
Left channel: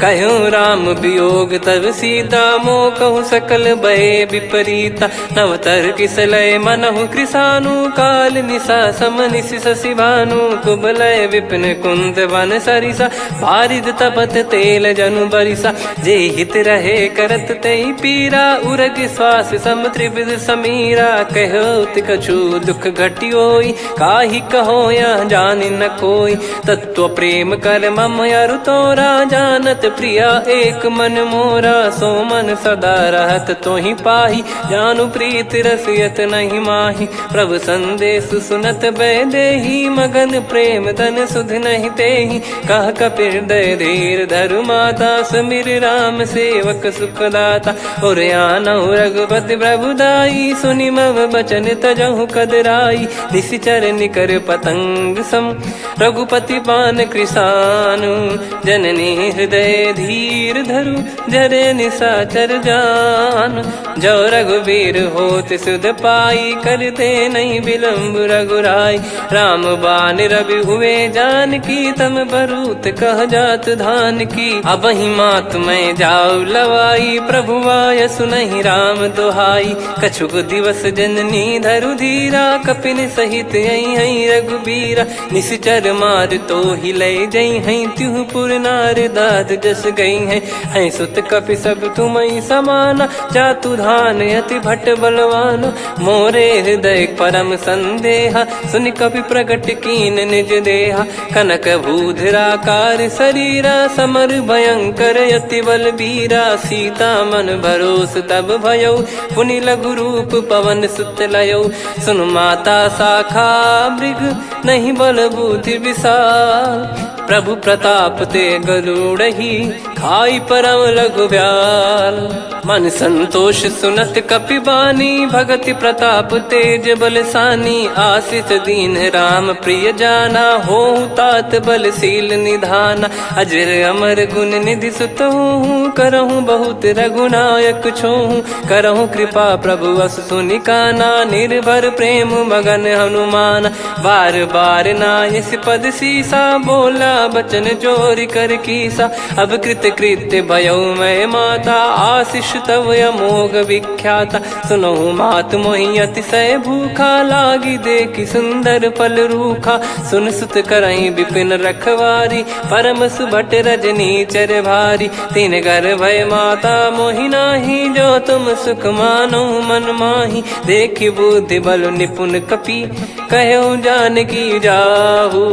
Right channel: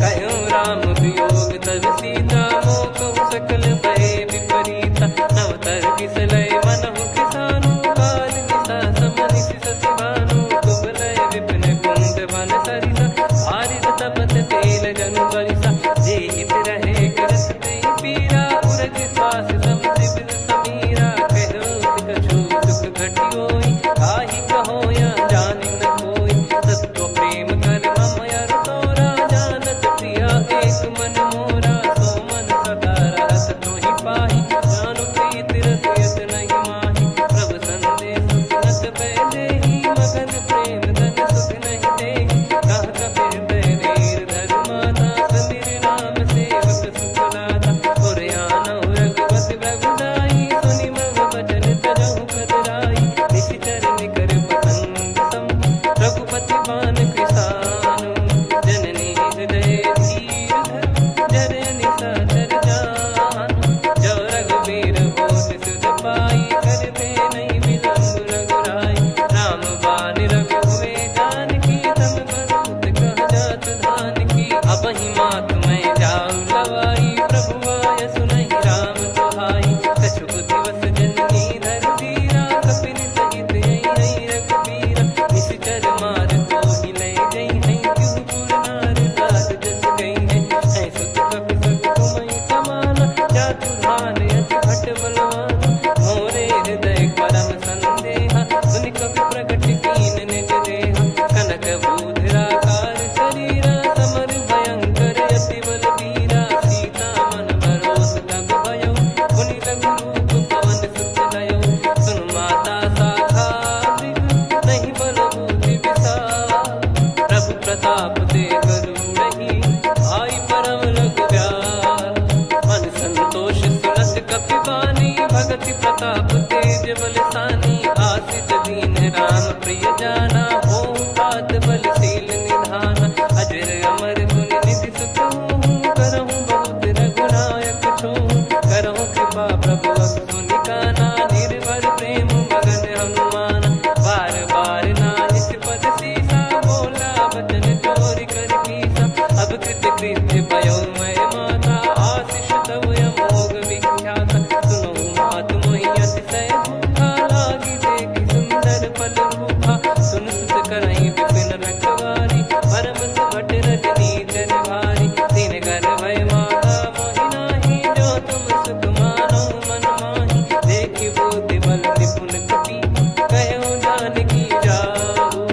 कहो राम वियोग तब सीता मो कहु सकल भय विपरीता नवतर किसलय मनहु कृसानु काल निशा समनिशि शशि भानु कुबलय विपिन कुंद वन सरिसा पारिद तपत तेल जनु बरिसा जे हित रहे करत तेहि पीरा उरग श्वास सम त्रिविध समीरा कहो कछु दुख घटियोई काहि कहो या जानि न कोई तत्व प्रेम कर मम अरु तोरा जानत प्रिया एक मन मोरा सो मन सदा रहत तोहि पाही जानु प्रीत रसियत नहीं माही प्रभु संदेश सुनत बैदेही मगन प्रेम धन सुध नहीं तेहि कह कपिर दय धीर धरु माता समिर राम सेवक सुखदाता और आनौ रघुपति प्रभुदाई सुनि मव बचन तजहु कदराई निशिचर निकर पतंग सम रघुपति पान कृसानु जननी हृदय धीर धरु जरे निशाचर जान जो रघुवीर होत सुध पाई करते नहीं विलम्ब रघुराई राम बान रवि हुए जान की तम बरूत कह जात धान की अब ही मात में जाऊ लवाई प्रभु आय सुनहि राम दोहाई कछुक दिवस जननी धरु धीरा कपिन सहित यही रघुबीरा निश्चर मार तो ही ले जई हैं त्यों पुर नार दाद जस गई हैं सुत कपि सब तुम समाना जातु धान यति भट बलवान मोरे हृदय परम संदेहा सुनि कपि प्रकट कीन निज देहा कनक भूधराकार शरीरा समर भयंकर यति बल बीरा सीता मन भरोस तब भयो पुनि लघु रूप पवन सुत लयो सुन माता शाखा मृग नहीं बल बुद्धि विशाल प्रभु प्रताप ते गरुड़ही खाई परम लघु ब्याल मन संतोष सुनत कपि बानी भगति प्रताप तेज बलसानी आशीष दीन राम प्रिय जाना हो तात बलशील निधाना अजर अमर गुण निधि सुत हूँ करहूँ बहुत रघुनायक छोहूँ करहूँ कृपा प्रभु अस सुनिकाना निर्भर प्रेम मगन हनुमान बार बार नायस पद सीसा बोला बचन चोरी कर कीसा अब कृत कृत्य भयो मैं माता आशीष तव अमोघ विख्याता सुनो मात मोहि अतिशय भूखा लागी देखी सुंदर फल रूखा सुन सुत करई विपिन रखवारी परम सुभट रजनी चर भारी तीन घर भय माता मोहि नाही जो तुम सुख मानो मन माही देखी बुद्धि बल निपुण कपि कहो जानकी जाहू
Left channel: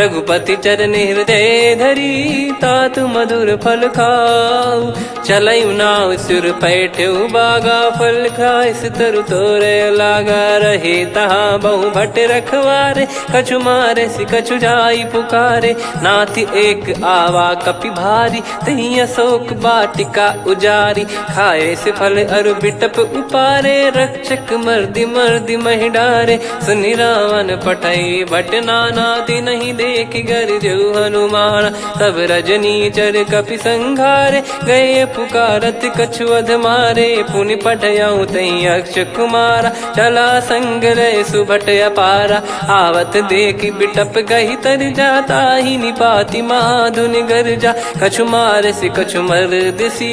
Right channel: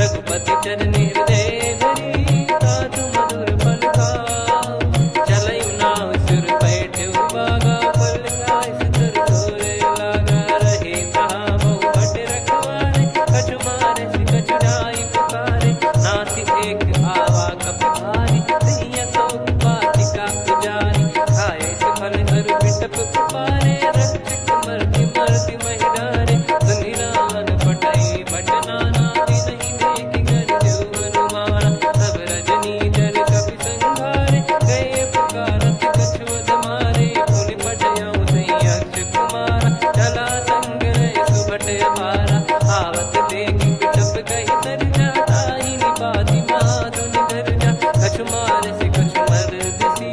रघुपति चरण हृदय धरी तात मधुर फल खाऊ चलऊ नाव सुर पैठऊ बागा फल खाइस तरु तोरे लागा रहे तहाँ बहु भट रखवारे कछु मारे सि कछु जाई पुकारे नाथि एक आवा कपि भारी तही अशोक बाटिका उजारी खाए से फल अरु बिटप उपारे रक्षक मर्दि मर्दि महि डारे सुनि रावण पटई भट नाना दिन नहीं देखी घर जो हनुमान तब रजनी चर कपि संघारे गए पुकारत कछुअध मारे पुनि पटयाऊं तई अक्ष कुमारा चला संग रहे सुभट अपारा आवत देखी बिटप गही तर जाता ही निपाति माधुन गर्जा कछु मार से कछु मर्द सी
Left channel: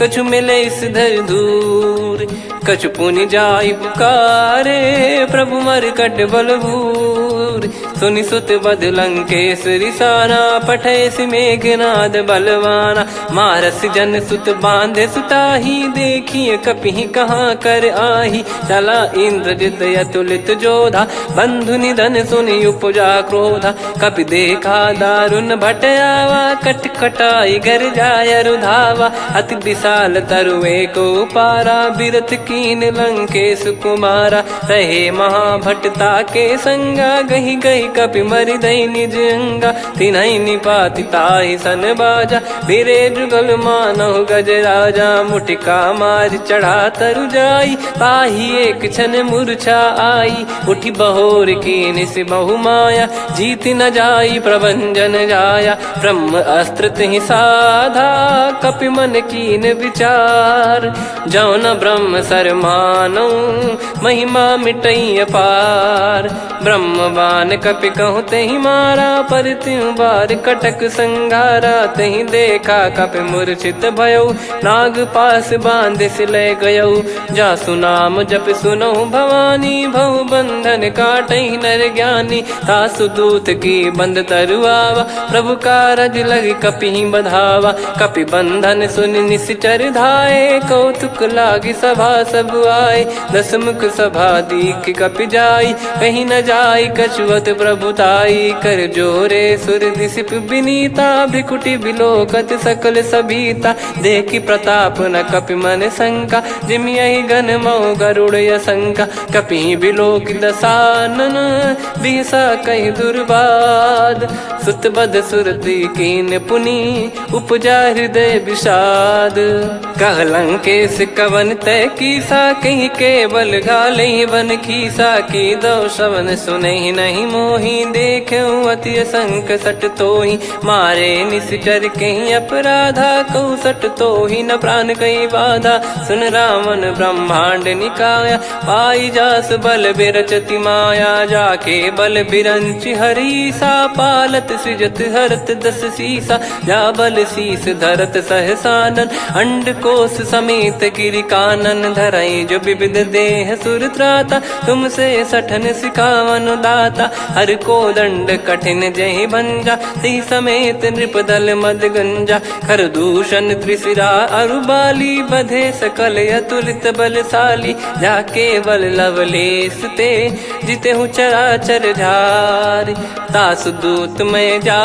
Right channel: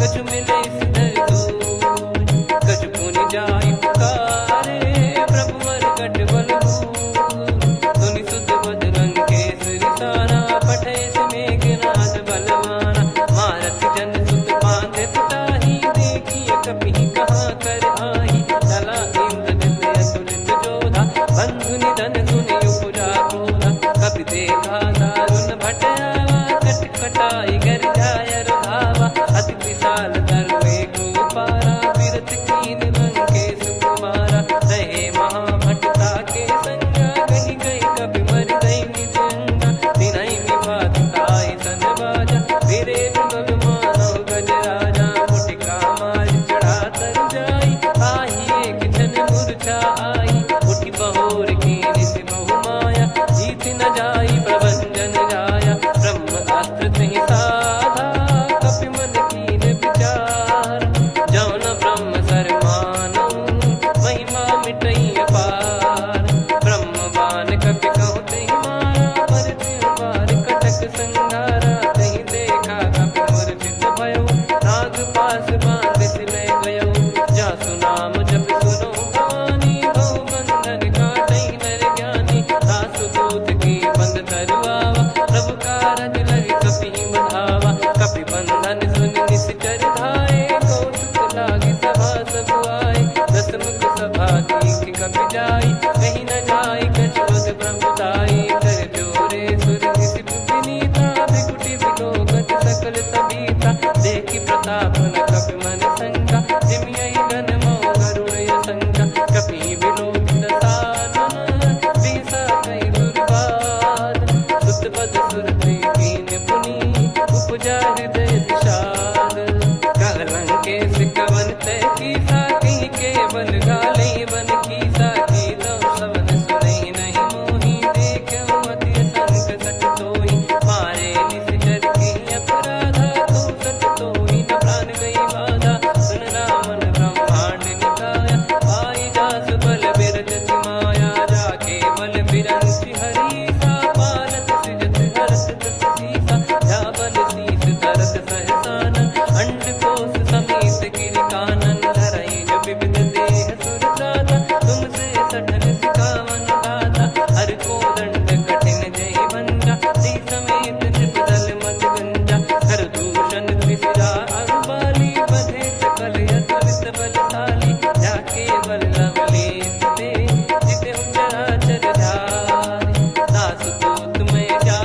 कछु मिले इस धर दूर कछु पुनि जाई पुकारे प्रभु मरकट बलभूर सूर। सुनि सुत बद लंकेश्वरी साना, पठैसि मेघनाद बलवाना। मारस जन सुत बांधे सुताही, देखिए कपिहि कहाँ कर आही। चला इंद्रजित अतुलित जोधा, बंधु निधन सुनि उपजा क्रोधा। कपि देखा दारुण भट आवा, कट कटाई गर जाय रुधावा। अति विशाल तरुए को पारा, बिरत कीन लंकेश कुमारा। रहे महाभटता के संगा, गही गही कपि मरि दई निज अंगा। तिन्हि निपाति ताहि सन बाजा, बिरे जुगल मानव गज राजा। मुटिका मार चढ़ा तरु जाई, ताहि एक क्षण मूर्छा आई। उठी बहोर कीन से बहु माया, जीत न जाई प्रभंजन जाया। ब्रह्म अस्त्र तिहि साधा, कपि मन कीन विचार। जौ न ब्रह्म सर मानौ, महिमा मिटई अपार। ब्रह्मवान कपि कहु तेहि मारा, पर त्यों बार कटक संगारा। तेहि देखा कपि मूर्छित भयो, नाग पास बांध सिले गयो। जासु नाम जप सुनौ भवानी, भव बंधन काटहि नर ज्ञानी। तासु दूत की बंद तरुआवा, प्रभु कारज लग कपि बधावा। कपि बंधन सुनि निश्चर धाये, कौतुक लागी सभा सब आए। दस मुख सभा दीख कपि जाई, कहीं न जाई कछुवत प्रभुताई। कर जोरे सुर दिसिप विनीता, भ्रिकुटि बिलोकत सकल सबीता। देखि प्रताप न कपि मन शंका, जिमियहि गन मौ गरुड़ असंका। कपि बिलोक दसानन, बिहसा कहि दुर्बाद। सुत बद सुरति कीन पुनि, उपजा हृदय विषाद। कह लंकेश कवन तय कीसा, कहीं केवल गालई बन खीसा। की दो श्रवण सुनहि नहीं मोही, देखऊं अति संक सट तोहि। मारे निश्चर कहीं अपराधा, कहूँ सट तोहि न प्राण कहीं बाधा। सुन रावण ब्रह्मांड निकाया, पाई जास बल बिरचति माया। जाके बल बिरंच हरीसा, पालत सृजत हरत दस सीसा। जा बल शीस धरत सहसानन, अंड कोश समेत गिरि कानन। धरई जो विविध देह सुर त्राता, तुमसे सठन सिखावन दाता। हर को दंड कठिन जहि भंजा, ती समेत नृप दल मद गंजा। खर दूषण त्रिशिरा अरुबाली, बधे सकल अतुलित बलशाली। जाके बल लवलेश ते, जितेहु चराचर झारि। दास दूत में जा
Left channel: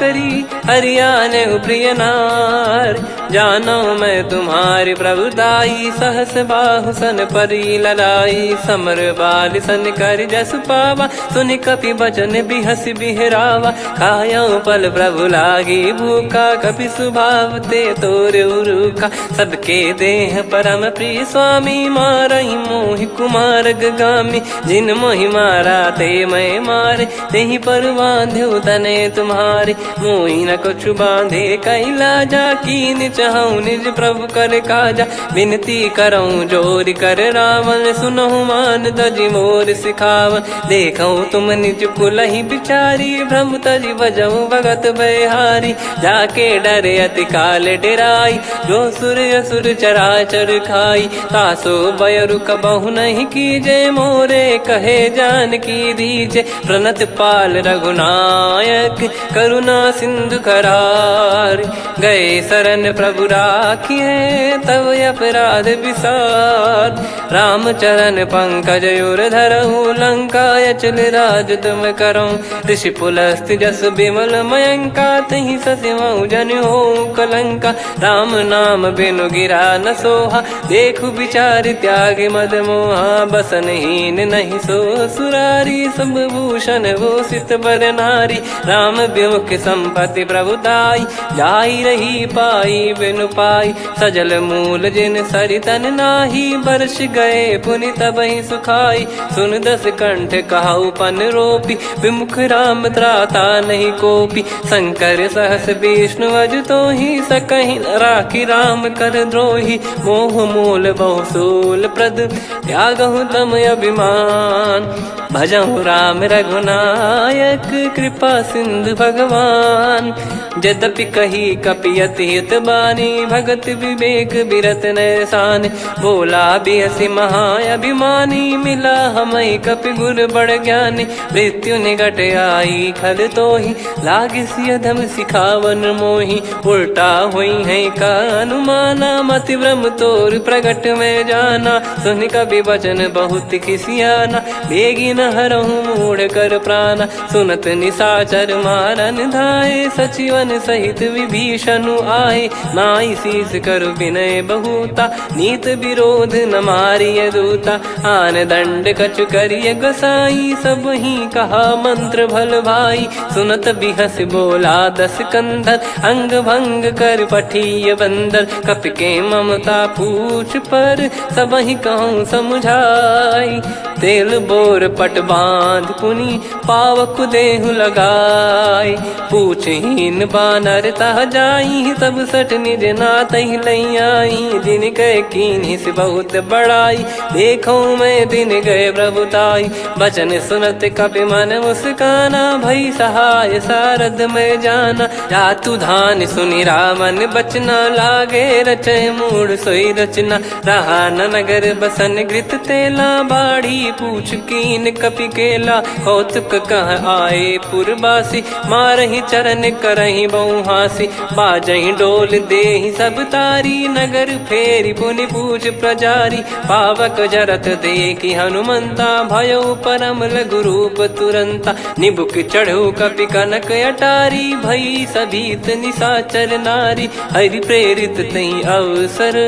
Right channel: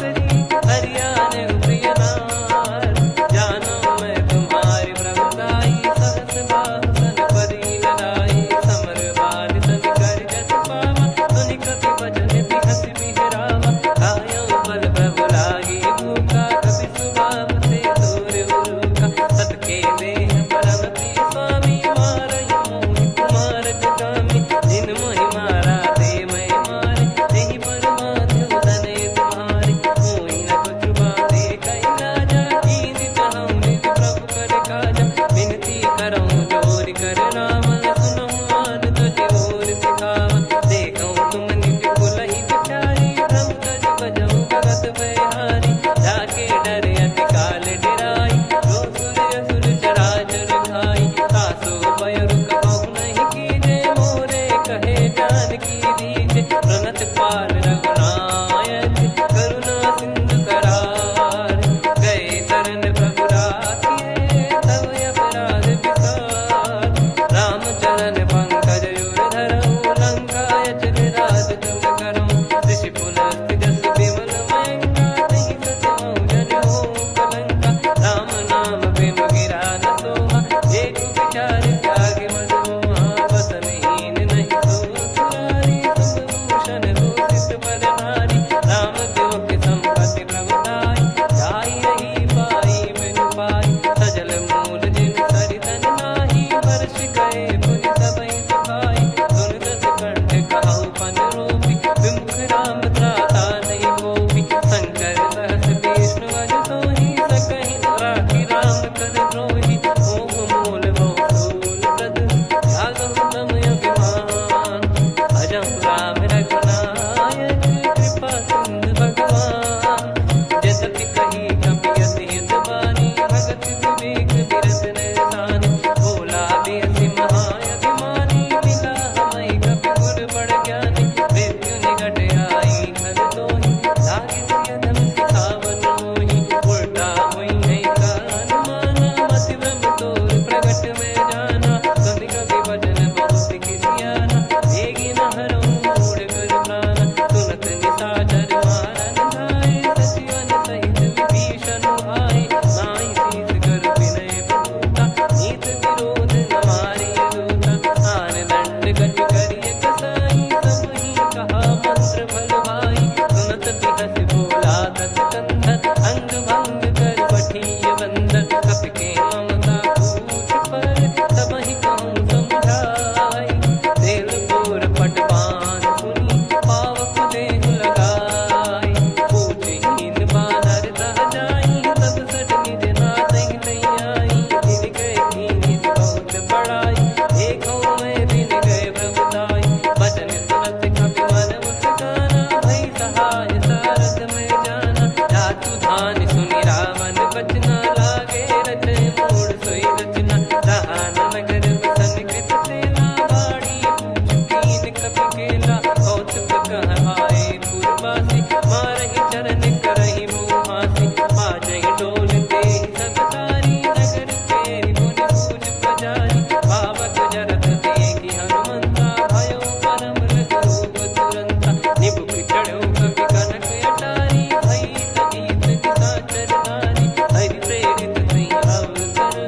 करी, हरियाने प्रिय नार। जानो मैं तुम्हारी प्रभुताई, सहस बाहु सन परी लड़ाई। समर बाल सन कर जस पावा, सुनि कपि बचन बिहस बिहरावा। खायो पल प्रभु लागी भूखा, कपि स्वभाव ते तोर उरुखा। सबके देह परम प्रिय स्वामी, मारई मोहि कुमार गगामी। जिन मोहि मारा ते मैं मारे, तेहि पर बांधो तने तुम्हारे। मोहि न कछु बांधे कैलाजा, कीन चाहूं निज प्रभु कर काजा। विनती करऊं जोरि कर रावण, सुनहु मान तजि मोर सिखावन। देखऊं तुम निज कुलहि बिचारी, भ्रम तजि बजऊं भगत बहारी। जाके डरे अति काल डेराई, जो सुर असुर चराचर खाई। तासो बयरु कबहु नहीं कीजे, मोरे कहे जान की दीजे। प्रणत पाल रघुनायक, करुणा सिंधु करार। गए शरण प्रभु राखिए, तब अपराध विसार। राम चरण पंकज उर धरहु, लंका अचल राज तुम करऊं। ऋषि पुलस्त्य जस विमल मयंका, तहि सतिमऊ जन हो कलंका। राम नाम बिनु गिरा न सोहा, देखु विचार त्याग मद मोहा। बसनहीन नहीं सो सुरारी, सब भूषण भूषित बर नारी। राम विमुख संपत्ति प्रभुताई, जाई रही पाई बिनु पाई। सजल मूल जिन सरितन नाही, बरस गए पुनि तबहि सुखाई। सुन दस कंठ कहाऊ पन रोपी, विमुख राम त्राता नहीं कोपी। शंकर सहस विष्णु अज तोहि, सकहि न राखी राम कर द्रोही। मोह मूल बहु सूल प्रद, त्यागहु तम अभिमान। भजहु राम रघुनायक कृपा सिंधु भगवान। यद्यपि कही कपियत हित बानी भगत विवेक बिरत नैसान। बोला बिहसी महाअभिमानी मिला हमई कपि गुर बड़ ज्ञानी। मृत्यु निकट आई खल तोहि लागे सिय धम सिखावन मोहि। उल्टा हुई है का अनुमाना मति ब्रह्म तोर प्रगट में जाना। सुन कवि वचन बहुत खिसियाना बेगी न हरहु मूढ़ कर प्राणा। सुनत निशाचर मारन धाये सचिवन सहित विभीषण आए। नाई शीस कर विनय बहुता नीत विरोध न मारिय दूता। आन दंड कछु करिय गसाई सब ही कहा मंत्र भल भाई। सुनत बिहस बोला दस कंधर अंग भंग कर पठिय बंदर। कपि के ममता पूछ पर सब ही कहूँ समझाई। तेल बोर पट बांध पुनि पावक देहु लगाई। पूछहीन बानर तह जाई तब सट निज नाथ लई आई। दिन गए कीन्ही से बहुत बड़ाई देखो मैं दिन गए प्रभुताई। बचन सुनत कपि मन मुस्काना भई सहाय सारद में जाना। जातु धान सुनि रामन बचना लागे रचे मूड सोई रचना। रहा न नगर बसन घृत तेला बाड़ी पूछ कीन कपि केला। कौतुक कह आए पुरबासी मारहि चरण करहि बहुहासी। बाजहि डोल देहि सब तारी नगर फेरी पुनि पूज प्रजारी। पावक जरत देखि हनुमंता भयो परम लघु रूप तुरंता। निबुक चढ़ऊ कपि कनक अटारी भई सभीत निशाचर नारी। हरि प्रेरित तई अवसर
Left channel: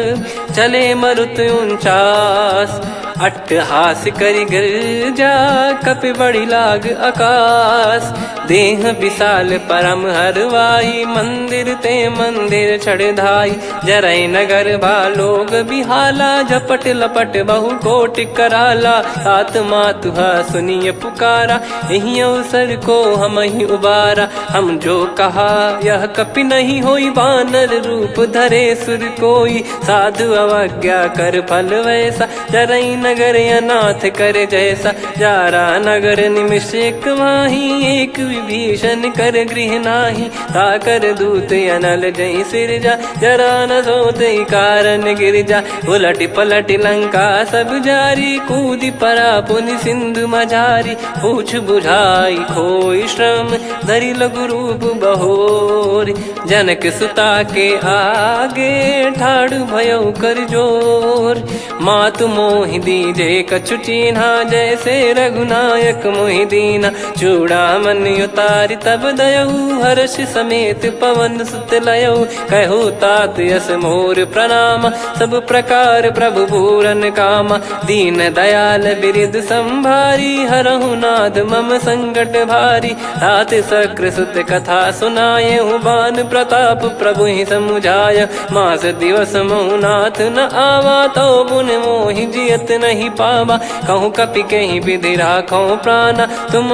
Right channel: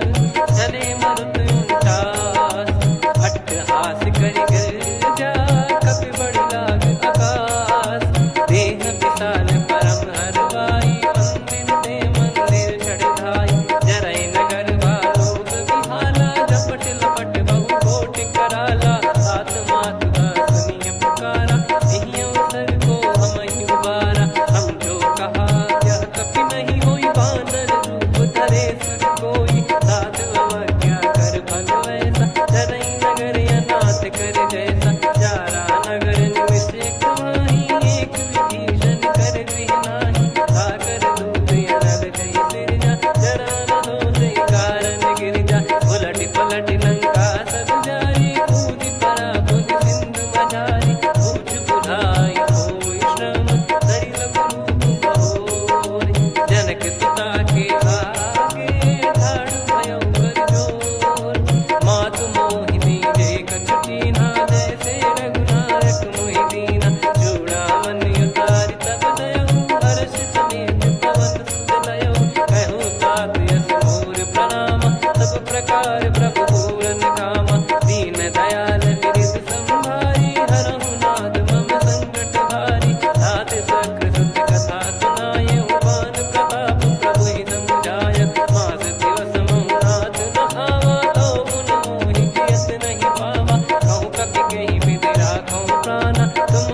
चले मरुत 49। अट्टहास करि गिरजा कपि बड़ी लाग आकाश। देह विशाल परम हरवाई मंदिर ते मंदिर चढ़ाई। जरई नगर बालोग बिहाला झपट लपट बहु कोटि कराला। सात मातुहा सुनिय पुकारा यही अवसर को हम ही उबारा। हम जो कहा यह कपि नहीं होई वानर रूप धरे सुर कोई। साधु अवज्ञा कर फल वैसा जरई नगर अनाथ कर जैसा। जारा नगर निमिष एक माही एक विभीषण कर गृह नाही। ताकर दूत अनल जय सिरजा जरा न सोते कारण गिरजा। उलट पलट लंका सब जारी कूदी परा पुनि सिंधु मझारी। पूछ बुझाई खोई श्रम धरि लघु रूप बहोरी। जनक सुता के आगे ठाड़ भयो कर जोर। मातु मोहि दीजे कछु चिन्हा जैसे रघुनायक मोहि दीना। चूड़ामणि उतारि तब दयऊ हर्ष समेत पवन सुत लयऊ। कहु तात यस मोर प्रणाम सब प्रकार प्रभु पूरन कामा। दीन दयाल बिरिद संभारी हरहु नाद मम संकट भारी। तात सकृ सुत कथा सुनाये बान प्रताप प्रभु ही समुझाय। मास दिवस महु नाथ न आवा तो गुण मोहि जियत नहीं पावा। कहूँ कपि कहीं विधि राखो प्राणा तुम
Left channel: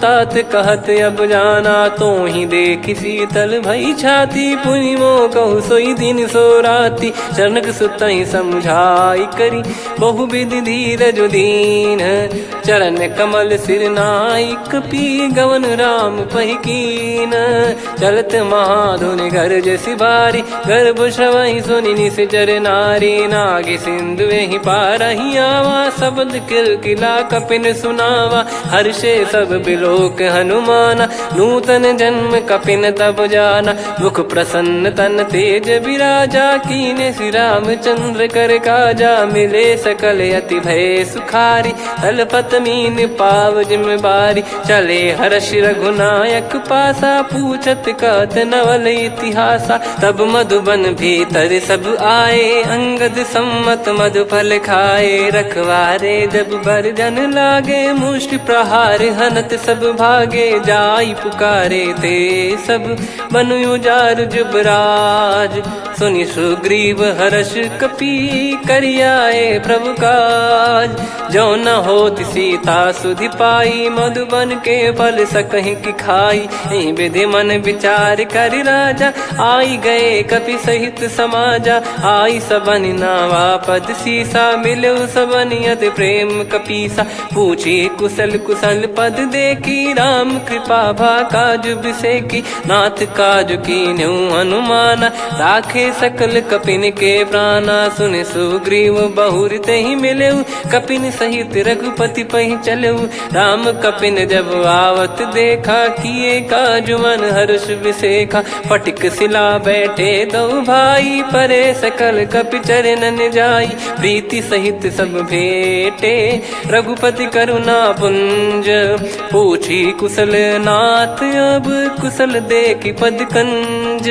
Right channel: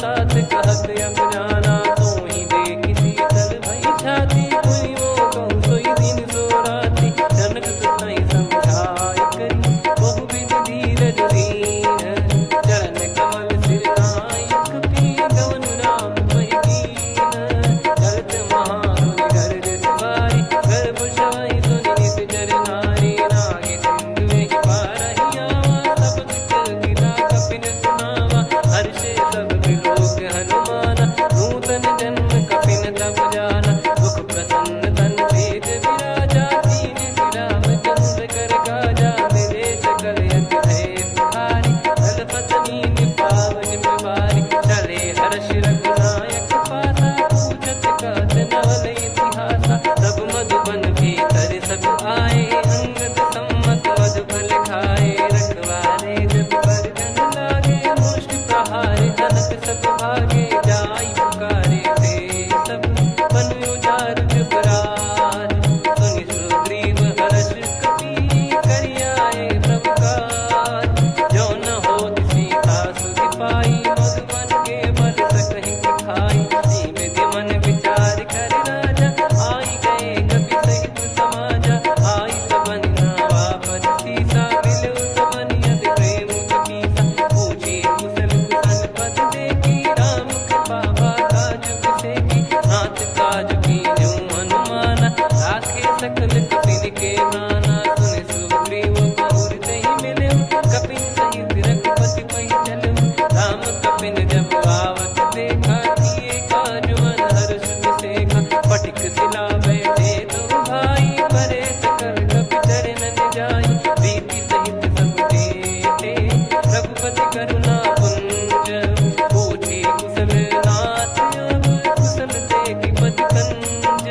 तात कहत अब जाना। तो ही देख शीतल भई छाती पुनि मो कहु सोई दिन सो राती। जनक सुतहि समझाई करी बहु विधि धीरज दीन। चरण कमल सिर नाइक पी गवन राम पहिकीन। चलत महाधुनि गरज सिबारी गर्भ श्रवहि सुनि निश्चर नारी। नागे सिंधु ही पारहि आवा शब्द किलकिला कपिन सुनावा। हर्षे सब बिलोक हनुमाना नूतन जन्म कपिन तब जाना। मुख प्रसन्न तन तेज विराजा कीने श्री रामचंद्र कर काजा। मिले सकल अति भय सुखारी तलपत मीन पाव जिम्मेवारी। चले हर्ष रघुनायक पासा पूछत कहत नवल इतिहासा। तब मधुबन भीतर सब आए अंगद सम्मत मधुफल खाए। रखवारे जब बरजन लागे मुष्टि प्रहार हनत सब भागे। जाई पुकारे ते सब बनु उजार जुबराज। सुनि सुग्रीव हर्ष कपि करियाए प्रभु काज। जो न होत सीता सुधि पाई जाई, मधुबन के फल सकहीं की खाई। विधि मन विचार कर राजा, आई गए कपि सहित समाजा। आई सबनि नावा पद सीसा, मिलो सबनि अति प्रेम कपीसा। पूछी कुशल कुशल पद देखी, राम कृपा भा काज बिसेकी। नाथ काज कीन्हु हनुमाना, राखे सकल कपिन के प्राणा। सुने सुग्रीव बहुर तेहि मिलेउ, कपिन सहित रघुपति पहि चलेउ। राम कपिन जब आवत देखा, किए काज मन हर्ष विसेखा। फटिक सिला बैठे दो भाई, परे सकल कपि चरणन जाई। प्रीति सहित सब भेटे, रघुपति करुणा पुंज। पूछी कुशल नाथ, अब कुशल देखि पद कंज।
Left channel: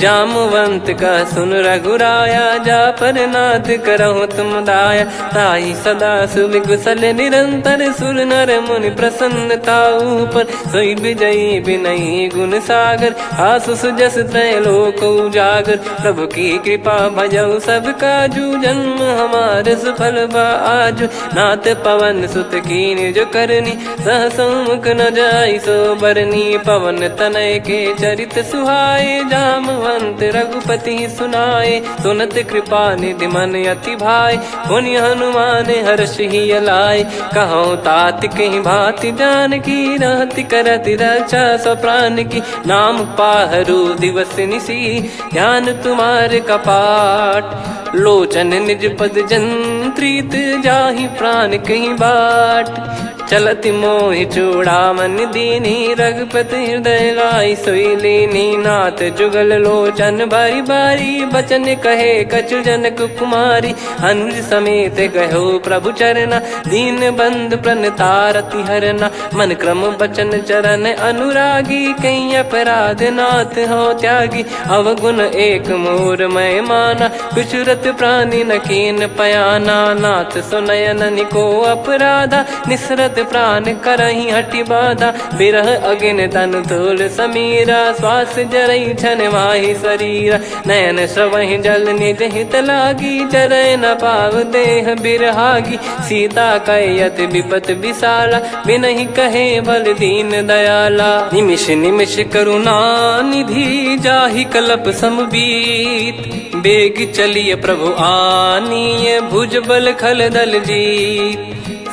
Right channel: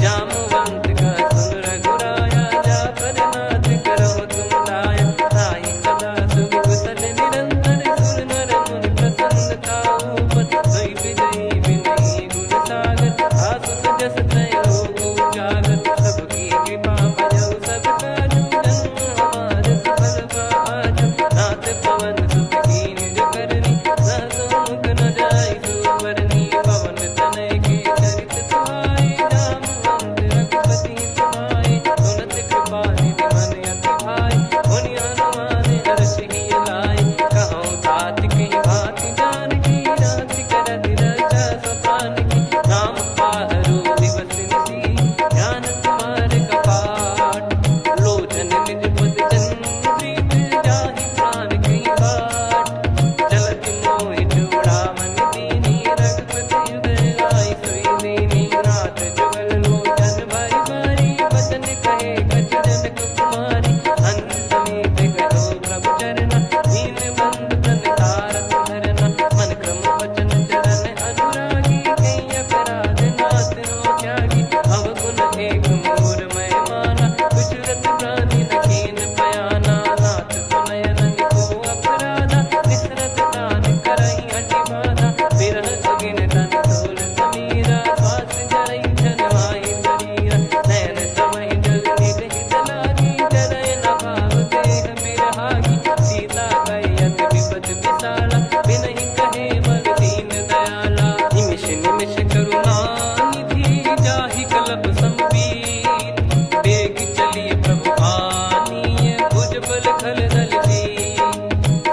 जामवंत का सुन रघुराया, जा पर नाथ करहु तुम दाया। ताहि सदा सुविकुशल निरंतर, सुर नर मुनि प्रसन्नता ऊपर। सोई विजयी विनयी गुण सागर, आसु सुजस त्रैलोक उजागर। प्रभु की कृपा भजऊ सब काजू, जन्म हमार सफल बा आजु। नाथ पवन सुत कीन्ह जो करनी, सहसो मुख न जाई सो बरनी। पवन तनय के चरित सुहाए, जामवंत रघुपति सुनाए। सुनत कृपा निधि मन अति भाई, मुनि हनुमान हर्ष ही लाए। कहो तात कहीं भांति जानकी, रहति करति रक्षा सो प्राण की। नाम पाहरु दिवस निसी, ध्यान तुम्हारे कपाट। लोचन निज पद जंत्रित, जाहि प्राण कहीं बाट। चलति मोहि चूड़ामन दीनी, रघुपति हृदय लाई सोई लीनी। नाथ जुगल लोचन बारी बारी, बचन कहे कछु जनक कुमारी। अनुज समेत गहो प्रभु चरना, दीन बंद प्रणतारति हरना। मन क्रम बचन चरण अनुरागी, कहीं अपराध नाथ हो त्यागी। अवगुण एक मोर मैं माना, बिचुरत प्राणी न कीन पयाना। नाथ सुनयन निको अपराधा, निसरत प्राण करही हटि बाधा। बिरह अगिन तन तोल समीरा, श्वास जरई छन माही शरीरा। नयन श्रवहि जल निज हित लागी, चरय न पाव देह बिरहागी। सीता कयत विपत विशाला, बिनहि कहे बल दीन दयाला। निमिष निमिष करुणा निधि, जाहि कल्प समबीत। बेग चलिए प्रभु आनीय, भुज बल खल दल जीत।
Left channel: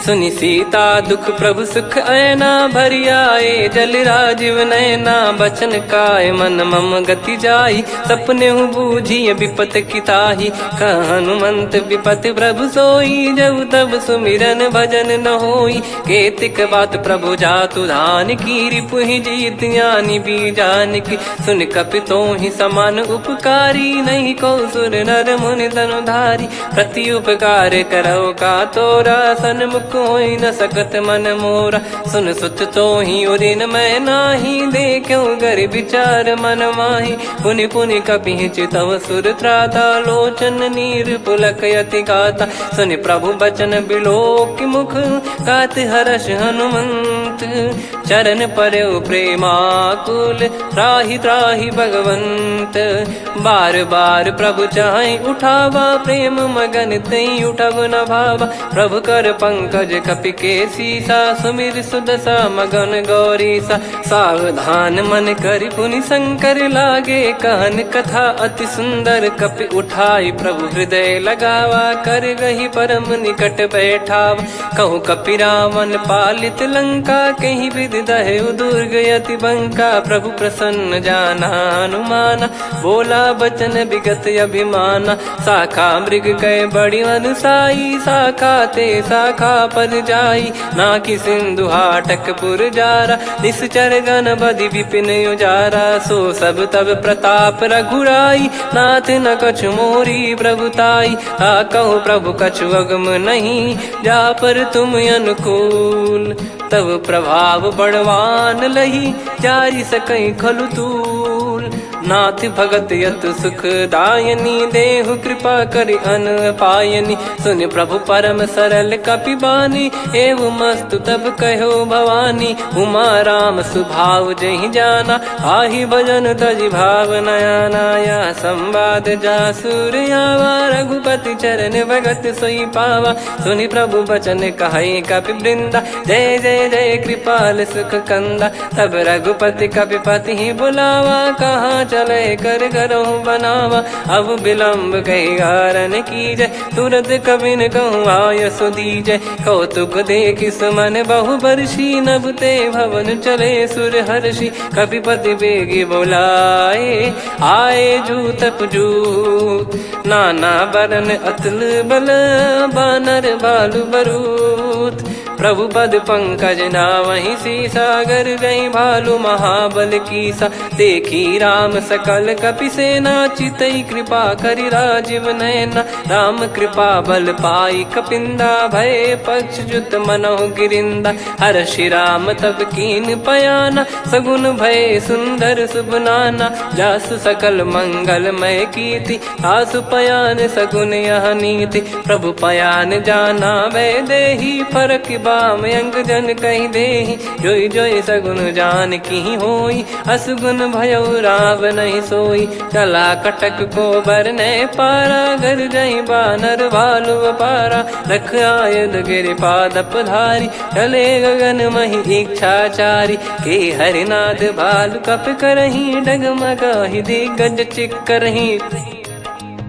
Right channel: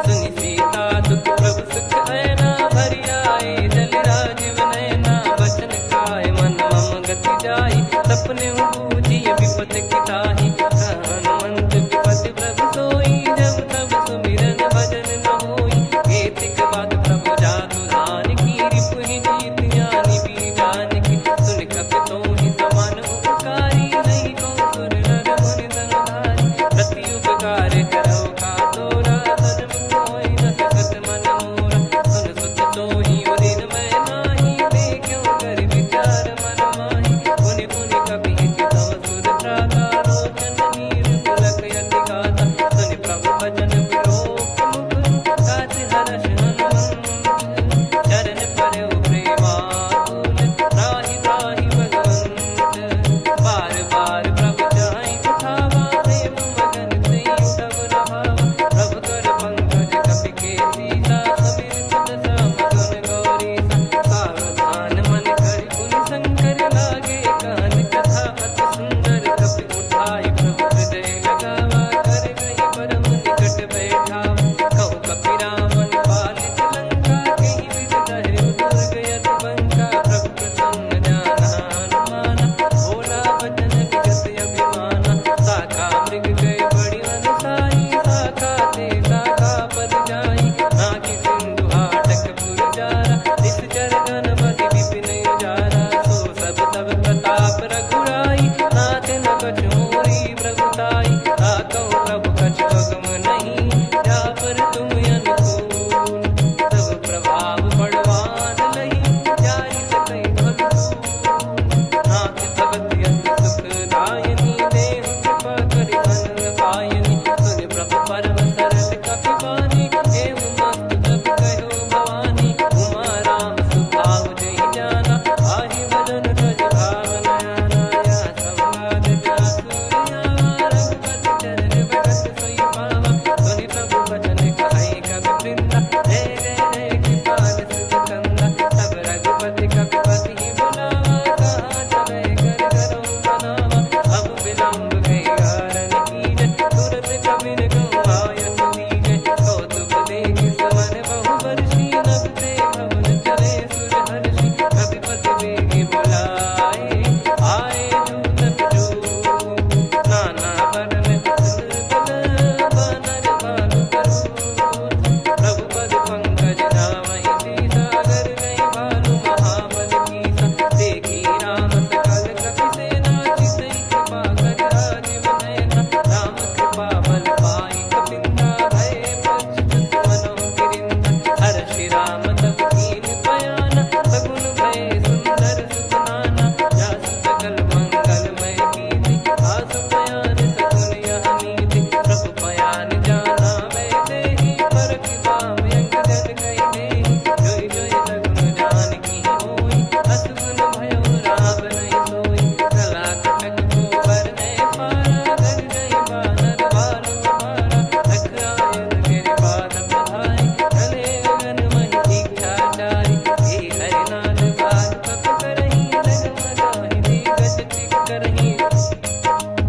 सुनि सीता दुख प्रभु सुख ऐना, भरि आए जल राजीव नैना। बचन काय मन मम गति जाई, सपने हूँ बूझिय विपत किताही। हनुमंत विपत प्रभु सोई, जब तब सुमिरन भजन न होई। केतिक बात प्रभु जातु धान की, रिपुहि जीत ज्ञानी बीजान की। सुन कपि तोहि समान उपकारी, नहीं को सुर नर मुनि तनुधारी। प्रति उपकार करौ का तोरा, सन्मुख कोई न सकत मन मोरा। सुन सुत तोहि उदिन मैं नाही, देखो गर विचार मन माही। पुनि पुनि कपि चितव सुर त्राता, लोचन नीर पुलक यति गाता। सुनि प्रभु बचन बिलोक मुख, गात हर्ष हनुमंत। चरण परौ प्रेमाकुल, त्राहि त्राहि भगवंत। बार बार प्रभु चाहि उठावा, प्रेम मगन तई उठब न भावा। प्रभु कर पंकज कपि के सीसा, सुमिर सुदशा मगन गौरीसा। सावधान मन करि पुनि शंकर, लागे कहन कथा अति सुंदर। कपि उठाई प्रभु हृदय लगावा, कर गही परम निकट बैठावा। कहूँ कपि रावण पालित लंका, कहीं विधि दहु दुर्ग यति बंका। प्रभु प्रसन्न जाना हनुमाना, बोला बचन विगत अभिमाना। शाखा मृग कै बड़ी अनुसाई, शाखा ते शाखा पर जाई। नाकि सिंधु हाटक पुर जारा, निश्चर गण बधि विपिन उजारा। सो सब तब प्रताप रघुराई, नाथ न कछु मोरी प्रभुताई। कहूँ प्रभु कछु अगम नहीं, जा पर तुम अनुकूल। तब प्रभाव बड़वान लही, जारी सकई खलु तूल। नाथ भगत यत सुखदायनी, देहु कृपा करि अन पायनी। सुन प्रभु परम सरल कपिबानी, एवं मस्तु तब कहो भवानी। उमा राम सुभाव जहि जाना, आहि भजन तजि भाव नयाना। या संवाद जासुर आवा, रघुपति चरण भगत सोई पावा। सुनि प्रभु बचन कहे कपि वृंदा, जय जय जय कृपाल सुख कंदा। तब रघुपति कपिपति ही बुलावा, कहाँ चले कर करहु बनावा। अब विलम्ब कही कारण कीजय, तुरत कबिन कहूँ आयस दीजय। कौतुक देखि सुमन बहु बरसी, नभ ते भवन चले सुर हर्षि। कपिपति बेगी बोलाए, आए जूतक जूत। नाना बरन अतुल बल, बानर भालु बरूत। प्रभु पद पंकज नावहि सीसा, गर गई भालु महाबल कीसा। देखी राम सकल कपि सेना, चितई कृपा करि राजीव नयना। राम कृपा बल पाई कपिंदा, भय पक्षजुत मनों गिरिंदा। हर्षि राम तब कीन पयाना, सगुन भय सुंदर शुभ नाना। जासु सकल मंगलमय कीर्ति, आसु पयान सगुन यह नीति। प्रभु पयान जाना वै देहि, फरक बाम अंग जन कहि देहि। जोई जोई सगुन जान की होई, असगुन भयो राव नहीं सोई। चला कटक को बरने पारा, घर जई बानर भालु अपारा। लख आयद गिरिपाद पधारी, चले गगन महि इच्छाचारी। के हरिनाथ भालु कप करही, डगमगाहि दिग्गज चिक्करही।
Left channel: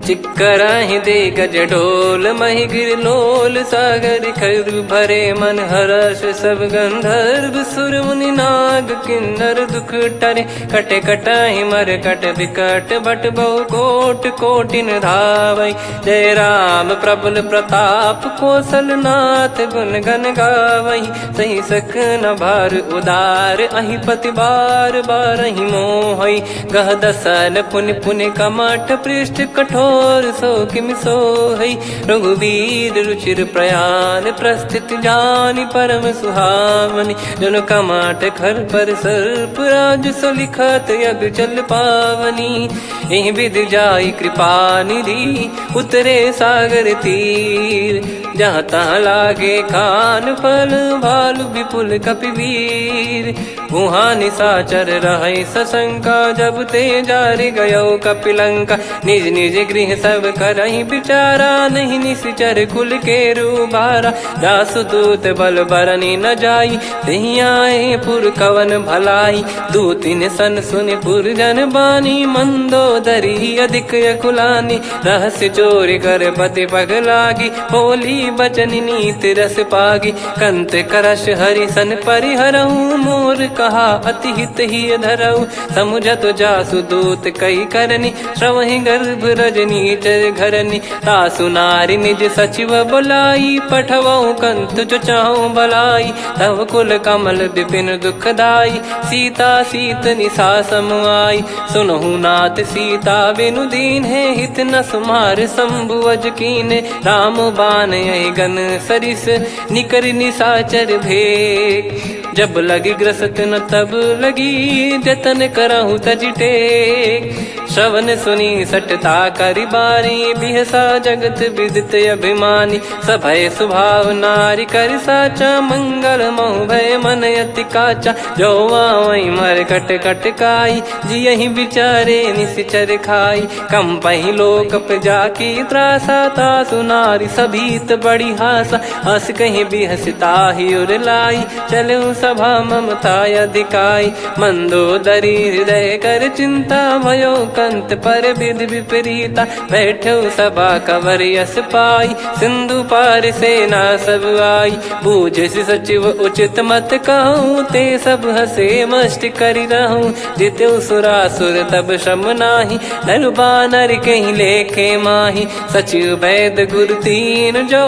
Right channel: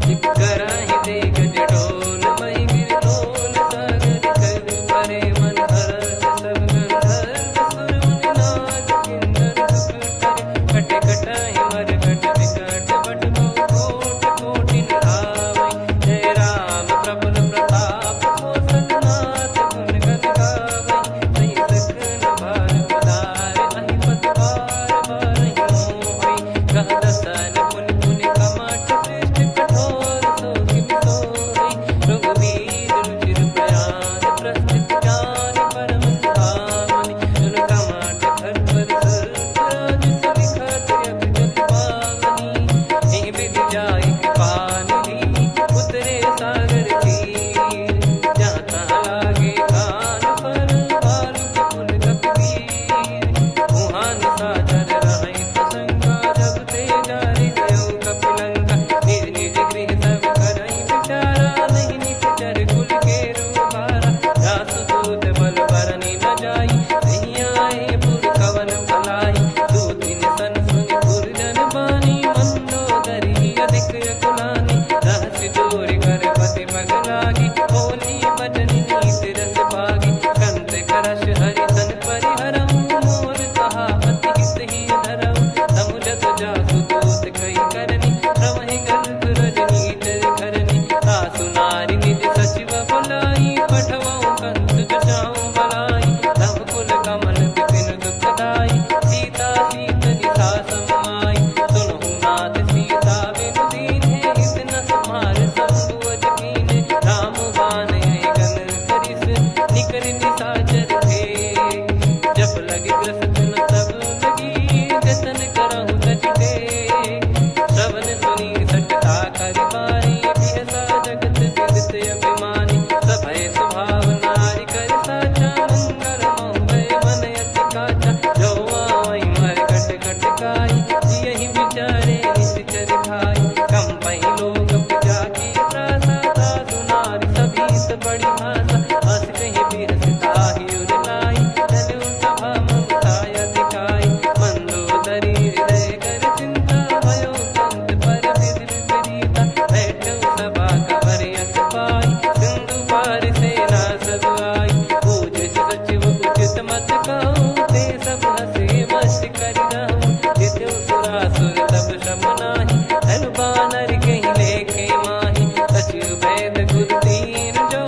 चिक्कराहि दिग्गज ढोल, महि गिर लोल। सागर खर भरे मन हर्ष, सब गंधर्व सुर मुनि नाग किन्नर दुख टरे। कटे कटाहि मर कट विकट, बट बहु कोट कोटिन धावै। जय राम प्रबल प्रताप, कौशल नाथ गुण गन गावै। सही सकन भार उदार, अहि पति बार बारहि मोहै। गह दसन पुन पुन कमठ, पृष्ठ कठोर सो किम सोहै। रघुवीर रुचिर प्रयाण, प्रस्थित जानि परम सुहावनी। जन कमाट खर पर सर्प, राज सलिखत यग जल पावनी। एहि विधि जाई कृपा निधि, उतरे सागर तीर। जहाँ तहाँ लागे खान फल, भालु विपुल कपिवीर। वहाँ निशाचर रहै सशंका, जब ते जारि गयो कपिलंका। निज निज गृह सब करहि विचारा, नहीं निश्चर कुल के रूबारा। जासु दूत बल बरनि न जाई, तेहि आए पुर कवन भलाई। दूतिन सन सुन पुर जन बानी, मंदोदरी अधिक अकुलानी। रहस्य चोरी कर पति पगलागी, होली बचन नीति रस पागी। कंत करश हरिसन परिहरहु, मोर कहा अति हित ही धरऊ। समुझत जासु दूत कई करनी, श्रवहि गर्भ रजनी चर घरनी। तासु नारी निज सचिव बुलाई, पठवऊ कंत जो चाहूं भलाई। तव कुल कमल विपिन दुखदाई, सीता सीत निशा समाई। सुनहु नाथ सीता बिनु दीन है, हित न सुमार शंभु अज कीने। राम बान गन सरिस, निकर निशाचर भेग। जब लगी ग्रसत न तब लगी, जतन करहु तज टेक। श्रवण सुनी सटता करि बारी, बिहसा जगत विदित अभिमानी। सभय स्वभाव नारी कर साचा, मंगल मऊ भय मन अति काचा। जो आवै मर कट कट काई, जियहि विचारे निश्चर खाई। कम पहि लोक जाकी त्रासा, तासु नारी सभीत बड़ी हासा। हस कहीं बिहसता ही उर लाई, चलऊ सभा ममता अधिकाई। मंदोदरी हृदय कर चिंता, भयो कंत पर विधि विपरीता। बैठो सभा कवर यस पाई, सिंधु पार सेना सब आई। पूज सचिव उचित मत कहूँ, ते सब हसे मष्ट करि रहूँ। जित्यु सुरासुर तब श्रम नाही, नर बानर कहीं लेखे माही। सचिव वैद गुरु तीन जो,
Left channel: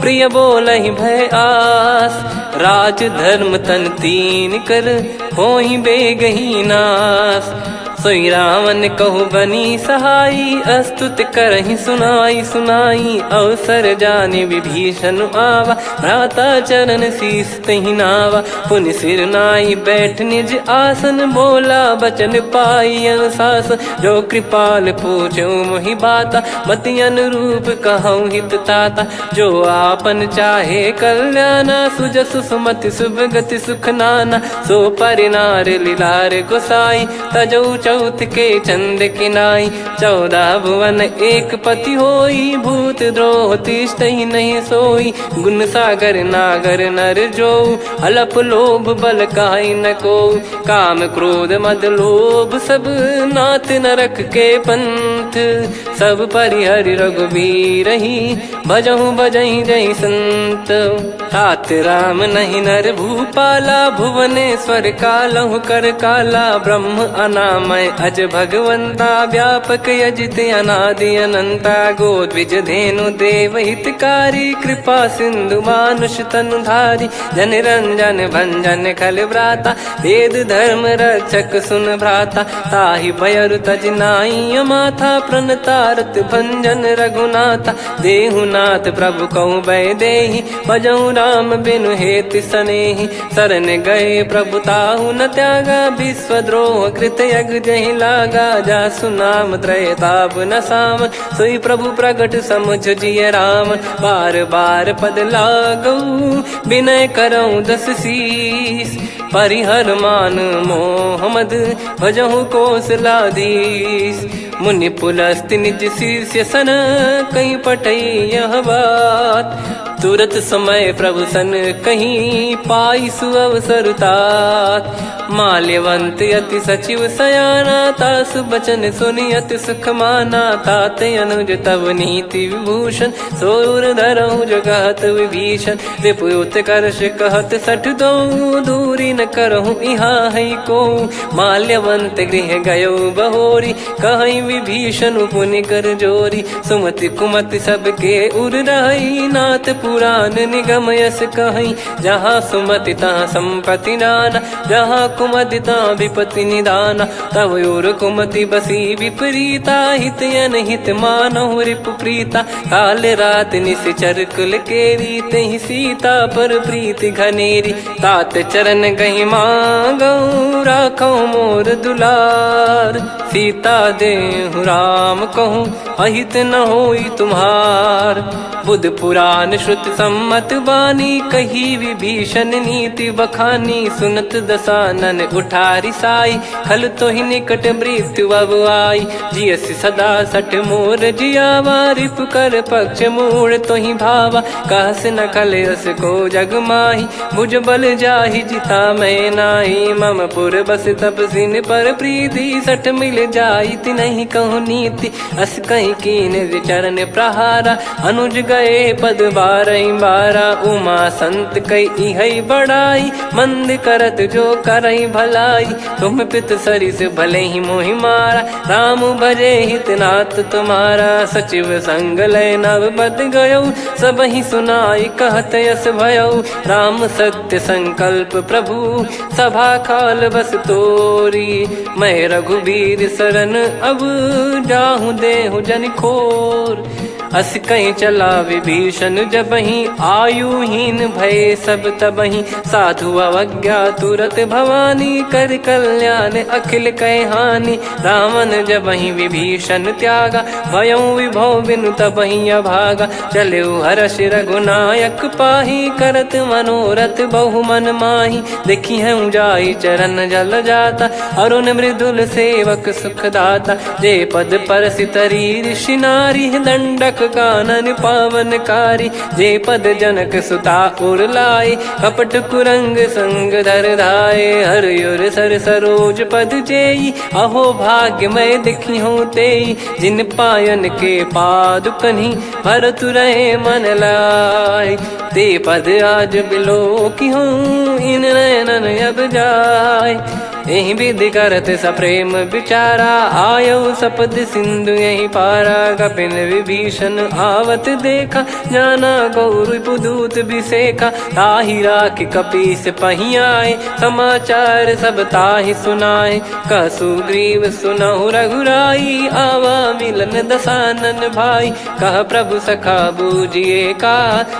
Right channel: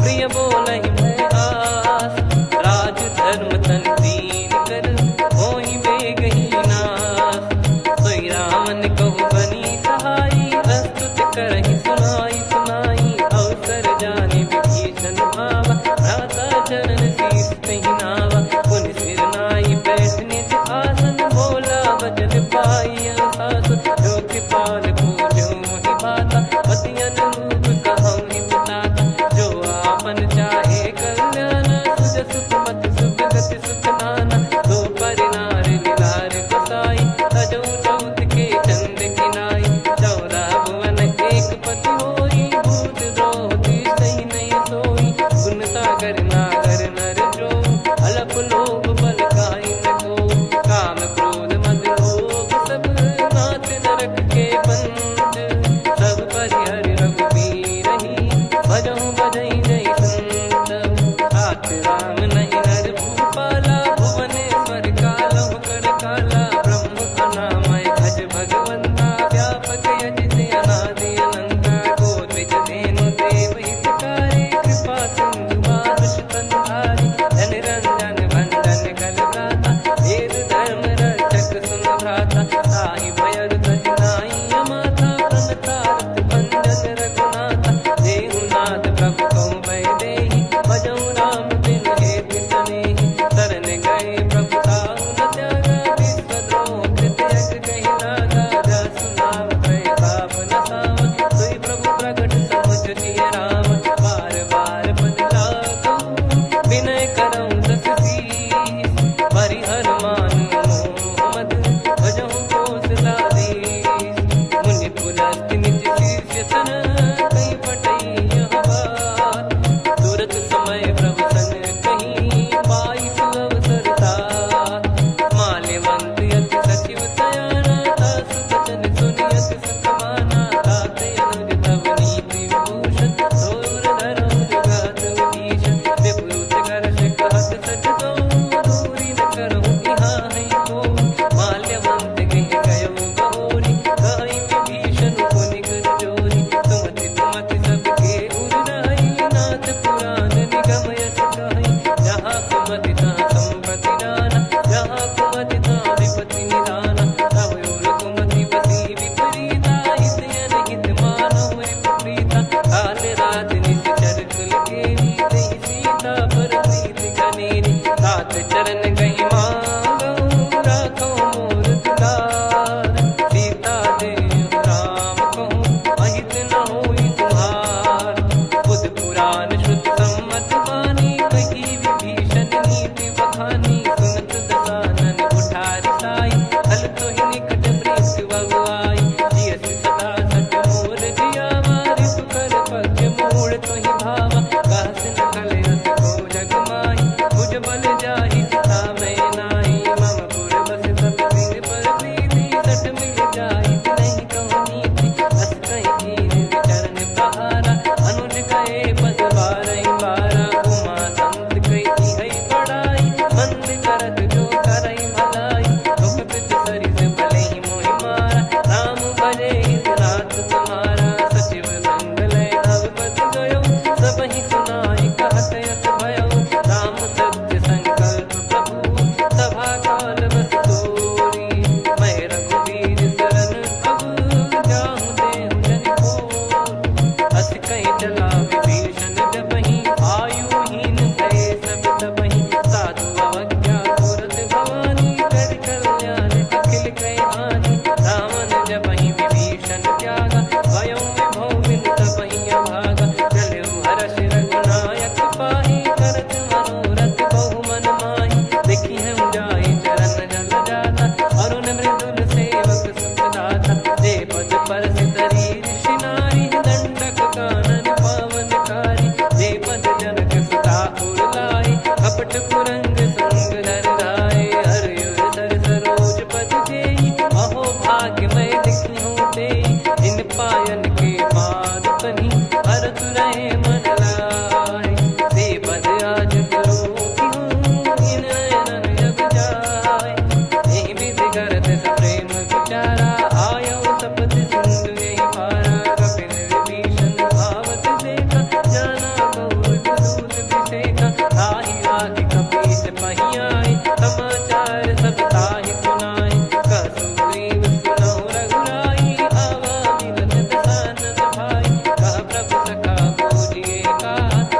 प्रिय बोलहि भय आस। राज धर्म तन तीन कर, होहि बेगहि नास। सोई रावण कहु बनी सहाई, अस्तुत करहि सुनाई सुनाई। अवसर जाने विभीषण आवा, भ्राता चरण शीस तहि नावा। पुनि सिर नाई बैठ निज आसन, बोला बचन पाई अनुशासन। जो कृपाल पूछो मोहि बाता, मति अनुरूप कहूँ हित ताता। जो आपन चाहे कल्याणा, सुजसु सुमति शुभ गति सुख नाना। सो परिनार लीलार गोसाई, तजौ चौथ के चंद किनाई। 14 भुवन एक पति होई, भूत द्रोह तिष्ठहि नहीं सोई। गुण सागर नागर नर जो, अलप लोभ बल काई न को। काम क्रोध मद लोभ सब, नाथ नरक के पंथ। सब परिहरि रघुबीर ही, भजहु भजहि जय संत। तात राम नहीं नर भूपाला, भुवनेश्वर कालहु कर काला। ब्रह्म अनामय अज भगवंता, व्यापक यजित अनादि अनंता। गोद्विज धेनु देव हितकारी, कृपा सिंधु मानुष तनुधारी। जन रंजन भंजन खल भ्राता, वेद धर्म रक्षक सुन भ्राता। ताहि भयरु तज नाई माथा, प्रणतारत भंजन रघुनाथा। देहुनाथ प्रभु कहु बै देहि, भजहु राम बिनु हेति सनेहि। शरण गए प्रभु ताहु न त्यागा, विश्वद्रोह कृत यज्ञ जहि लागा। जासु नाम त्रय ताप न साम, सोई प्रभु प्रगट समुझ जिय राम। बार बार पद लागऊ, विनय करऊँ दस शीस। परिहर मान मोह मद, भजहु कौशलाधीश। मुनि पुलस्त्य निज शीर्ष सन, कहीं पठई यह बात। तुरत समय प्रभु सन कहीं, पाई सुअवसर तात। माल्यवंत अति सचिव सयाना, तासु बचन सुनि अति सुख माना। ताते अनुज तव नीति विभूषण, सोर धरहु जगत विभीषण। विपुत करश कहत सठ दो, दूरी न करहु यहाँ है को। माल्यवंत गृह गयो बहोरी, कहीं विभीषण पुनि कर जोरी। सुमति कुमति सबके उर रही, नाथ पुराण निगम यस कहीं। जहाँ सुमति तहाँ संपत्ति नाना, जहाँ कुमति तहाँ विपत्ति निदाना। तव और कुमति बसी विपरीता, हित अनहित मानहु रिपु प्रीता। काल रात निशिचर कुल केरी, तहि सीता पर प्रीति घनेरी। तात चरण गहि मांगऊ, राखो मोर दुलार। सीता देहु राम कहूँ, अहित न होई तुम्हार। बुध पुराण श्रुत सम्मत बानी, कही विभीषण नीति बखानी। सुनत दसानन उठारी साई, खल तो ही निकट मृत्यु अब आई। जियस सदा सठ मोर जियावा, रिप कर पक्ष मूड़ तो ही भावा। कहस न खल रस को जग माही, भुज बल जाहि जिता मैं नाई। मम पुर बस तपसिन पर प्रीति, सठ मिल जाई नहीं कहूँ नीति। अस कहीं कीन विचरण प्रहारा, अनुज गए पद बारई बारा। उमा संत कई है बड़ाई, मंद करत जो करई भलाई। तुम पित सरिस भले ही मोहि मारा, राम भजे हित नाथ तुम्हारा। सचिव संग लय नव पद गयो, सब ही सुनाई कहत यस भयो। राम सत्य संकल्प प्रभु, सभा काल बस तोरी। मैं रघुबीर शरण अब, जाहु देहु जन खोर। अस कहीं चला विभीषण जबहि, आयुहीन भय सब तबहि। साधु अवज्ञा तुरत भवानी, कर कल्याण अखिल कह हानि। रावण जबहि विभीषण त्यागा, भयउ विभव बिनु तबहि अभागा। चले हर्ष रघुनायक पाही, करत मनोरथ बहु मन माही। देखी है जाई चरण जल जाता, अरुण मृदुल सेवक सुखदाता। जे पद पर सितरी ऋषि नारी, दंडक कानन पावनकारी। जे पद जनक सुता उर लाए, कपट कुरंग संग धर धाये। हरियुर सर सरोज पद जेई, अहो भाग्य मैं दिखी हूँ तेई। जिन पायन के पाद कन्ही, भरत रहे मन लाए। ते पद आज बिलो की हूँ, इन नयनन अब जाए। यही विधि करत सप्रेम विचारा, आयो सपद सिंधु यही पारा। कपिन विभीषण आवत देखा, जाना गौर बुदूत बिसेखा। ताहि राखि कपीस पहियाए, समाचार सब ताहि सुनाए। कह सुग्रीव सुनहु रघुराई, आवा मिलन दसानन भाई। कह प्रभु सखा बूझिए का,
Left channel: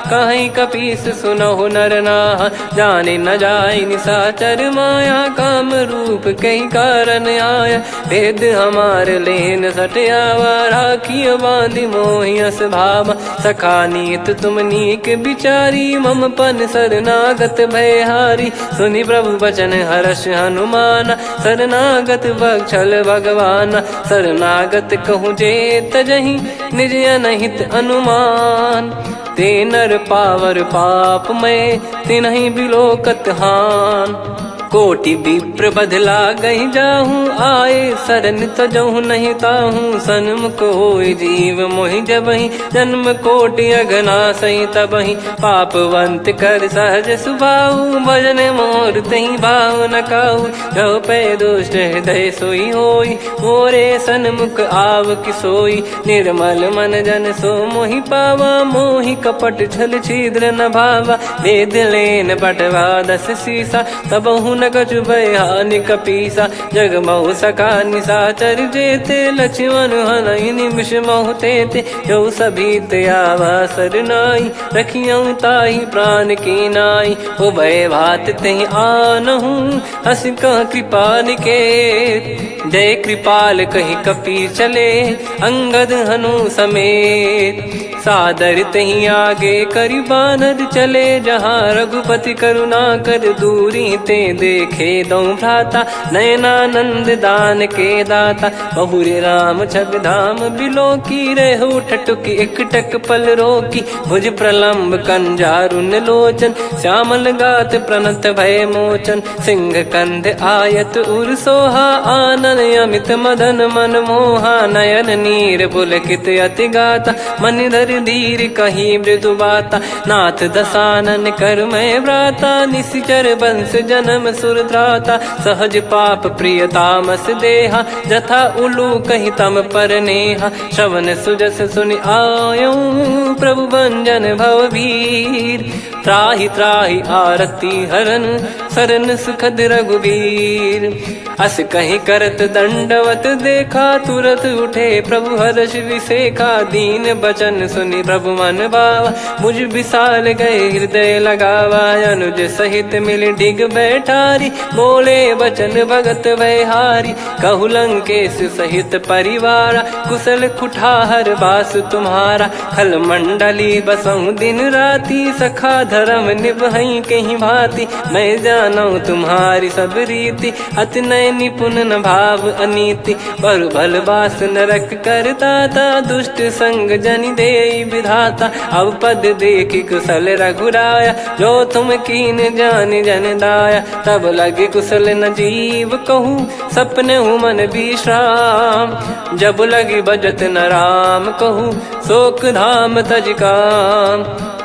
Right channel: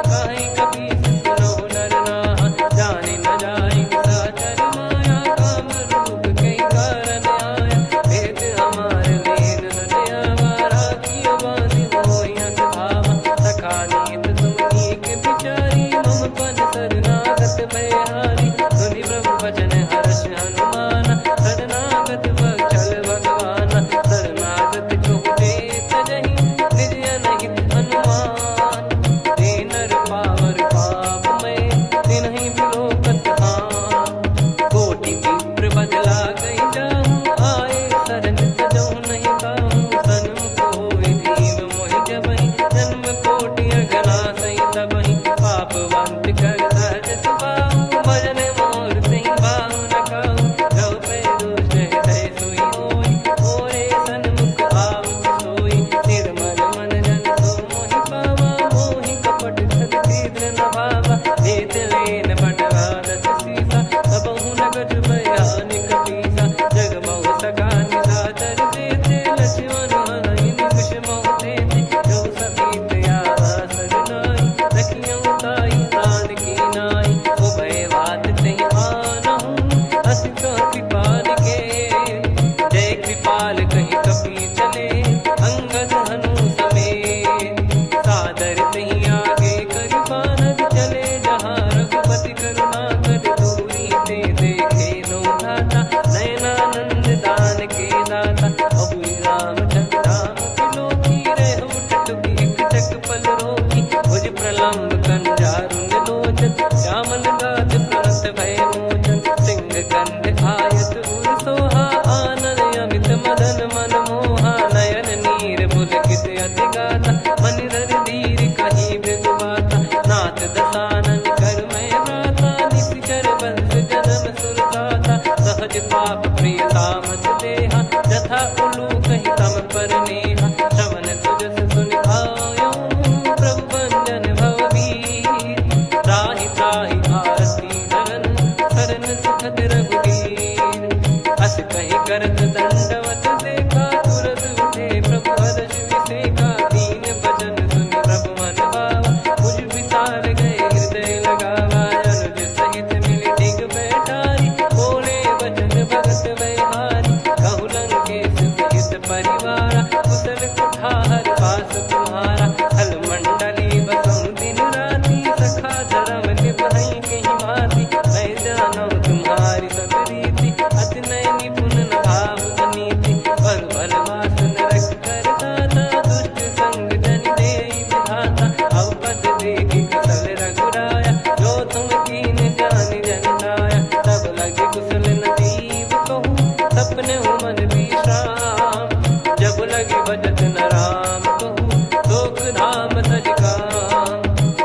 कहीं कपीस सुनहु नर नाहा। जाने न जाय निशाचर माया, काम रूप कई कारण आया। वेद हमार लेन सटयावा, राखियो बांधि मोहियस भावा। सखा नीत तुम नीक बिचारी, मम पन शरणागत भयहारी। सुनि प्रभु वचन हर्ष हनुमाना, शरणागत बक्षल भगवाना। शरणागत कहूँ जे तजहि, निज अनहित अनुमान। ते नर पावर पाप में, तिन्हि बिलोकत हान। कोटि विप्र बदला गई जाहूँ, आए शरण तजहु नहीं ताहूँ। सन्मुख होय जीव मोहि जबहि, जन्म कोटि अगना सही तबहि। पापवंत कर सहज सुभाऊ, भजन मोर तहि भाव न काऊ। जो पै दुष्ट हृदय सोई होई, मोरे सन्मुख आव किसोई। निर्मल मन जन सो मोहि पावा, मोहि कपट छल छिद्र न भावा। वेद लेन बटवा 10 सीसा, तबहु न कछु भयानि कपीसा। जग महु सका निशाचर जेते, लक्ष्मण हनहि निमिष महु तेते। जो सभी त्यावा सरनाई, रखियऊ ताहि प्राण की नाई। उभय भात तेहि आनहु, हस कह कृपाल के। जय कृपाल कहि कपी चले, अंगद हनु समेत। सादर तही आगे करि बानर चले, जहाँ रघुपति करुणा कर दूरी ते देखे दो भ्राता। नयनानंद दान के दाता, बहुरी राम छग धाम बिलो की। रेहु ठटुकी एकटक पल रोकी, भुज प्रलम्ब कंजारुन लोचन। श्यामल गात प्रणत भय मोचन, सिंह कंध आयत उर सोहा। आनन अमित मदन मन मोहा, नयन नीर पुलकित अति गाता। मन धर धीर कहीं मृदु बाता, नाथ दसानन कर मैं व्राता। निशिचर वंश जन्म सुर त्राता, सहज पाप प्रिय तामस देहा। जथा उलू कहीं तम पर नेहा, श्रवण सुजस सुनि आयो। प्रभु भंजन भवभीर, त्राहि त्राहि आरती हरन। शरण सुखद रघुवीर, अस कहीं करत दंडवत देखा। तुरत उठे प्रभु हर्ष विसेखा, दीन बचन सुनि प्रभु मन भावा। मुझ विसार गए हृदय लगावा, अनुज सहित मिल डिग बैठारी। बोले वचन भगत वैहारी, कहु लंकेश सहित परिवारा। कुशल कुठार बास तुम्हारा, खल मंडली बसऊं दिन राती। सखा धर्म निभई कहीं भांति, मैं जानू तुम्हारी सब रीति। अति नय निपुण न भाव अनीति, पर भल बास नरक करता था। दुष्ट संग जन दे विधाता, अब पद देखी कुशल रघुराया। जो तुम कीन जान जन दाया, तब लगे कुशल न जीव कहूँ। सपने हूँ मन विश्राम, जब लगी बजत न राम कहूँ। शोक धाम तज काम,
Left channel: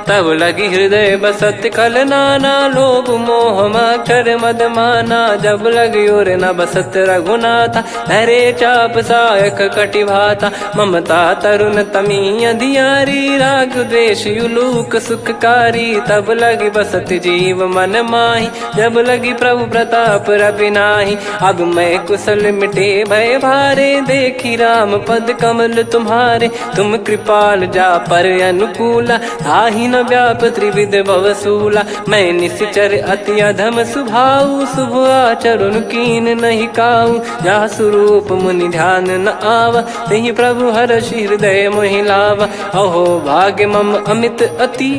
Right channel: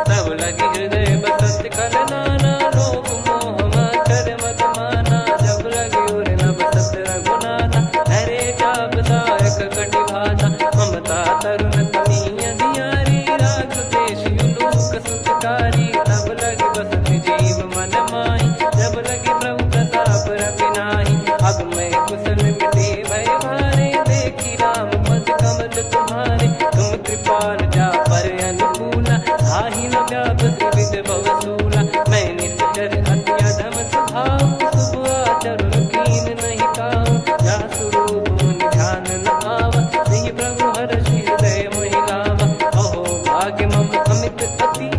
तब लगी हृदय बसत कल नाना। लोभ मोह मक्षर मद माना, जब लगी और न बसत रघुनाथा। धरे चाप सायक कटि भाता, ममता तरुण तमी अधियारी। राग द्वेष युलूक सुखकारी, तब लगी बसत जीव मन माही। जब लगी प्रभु प्रताप रवि नाही, अब मैं कुशल मिटे भय भारे। देखी राम पद कमल तुम्हारे, तुम कृपाल जा पर अनुकूला। आही न व्याप त्रिविध भवसूला, मैं निश्चर अति अधम सुभाऊ। शुभ आचरण कीन नहीं काऊ, जा स्वरूप मुनि ध्यान न आवा। नहीं प्रभु हर्ष हृदय मोहि लावा, अहो भाग्य मम अमित अति।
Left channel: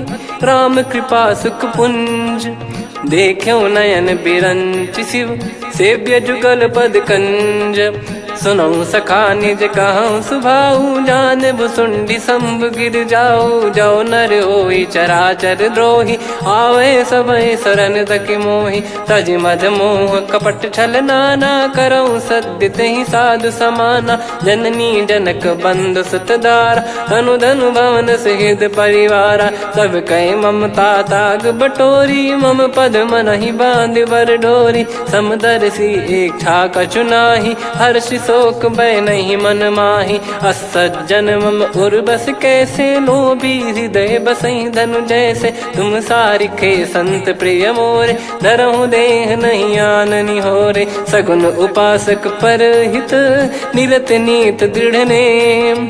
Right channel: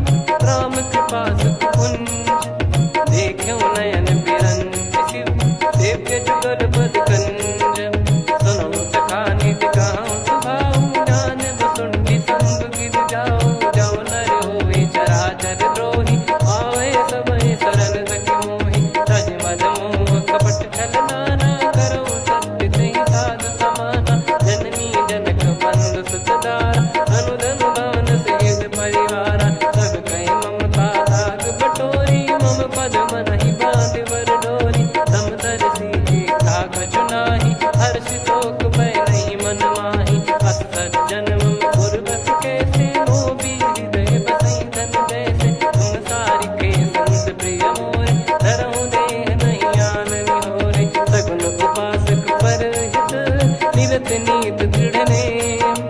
राम कृपा सुख पुंज, देखो नयन बिरंच शिव। सेव्य जुगल पद कंज, सुनऊ सखा निज कहूँ सुभाऊ, जान भुसुंडी संभ गिर जाओ। जाओ नर होई चराचर द्रोही, आवे सबय शरण तकी मोहि। तज मद मोह कपट छल नाना, करऊँ सत्य तेहि साधु समाना। जननी जनक बंधु सुतदारा, अनुधनु भवन सहित परिवारा। सब कहे ममता ताग बटोरी, मम पद मनहि बांध बर डोरी। समदर्शी इच्छा कछु नाही, हर्षि शोक भय नहीं मन माही। असज्जन मम उर बस कैसे, लोभी हृदय बसई धनु जैसे। तुम सारिखे संत प्रिय मोरे, धरहु देह नहीं आननि होरे। सगुन उपासक परहित, निरत नीत दृढ़ नेम।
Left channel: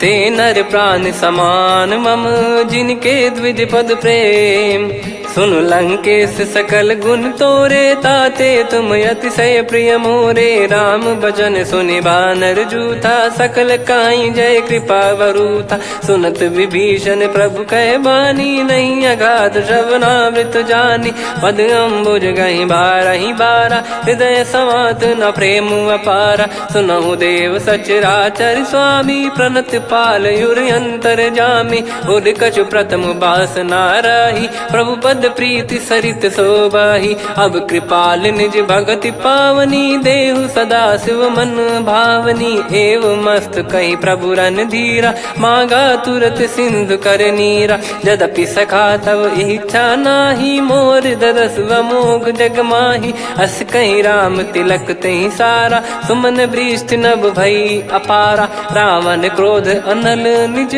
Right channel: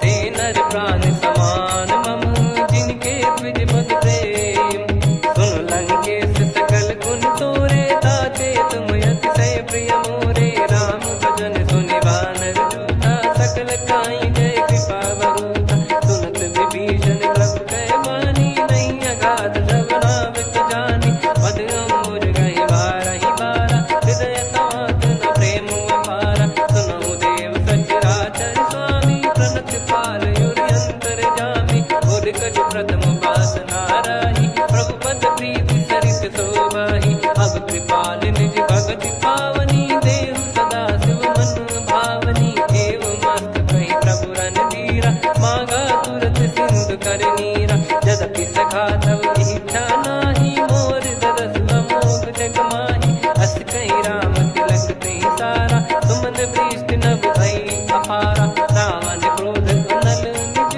ते नर प्राण समान मम, जिनके द्विज पद प्रेम। सुन लंकेश सकल गुण तोरे, ताते तुम अतिशय प्रिय मोरे। राम भजन सुनि बानर जूथा, सकल काई जय कृपा वरूथा। सुनत विभीषण प्रभु कह बानी, नहीं अगाध श्रवणामृत जानी। पद अम्बुज गहि बारहि बारा, हृदय समात न प्रेम अपारा। सुनहु देव सचराचर स्वामी, प्रणत पाल युर अंतर जामी। उद कछु प्रथम बास नाराही, प्रभु पद प्रीति सरित शोभाही। अब कृपाल निज भगति पावनी, देहु सदा शिव मन भावनी। एव मस्त कही प्रभु रन धीरा, मांगा तुरत सिंधु कर नीरा। यद्यपि सखा तब इच्छा नाही, मोर दरस मोग जग माही। अस कही राम तिलक तेहि सारा, तुमन वृष्ट नभ भई अपारा। रावण क्रोध अनल निज,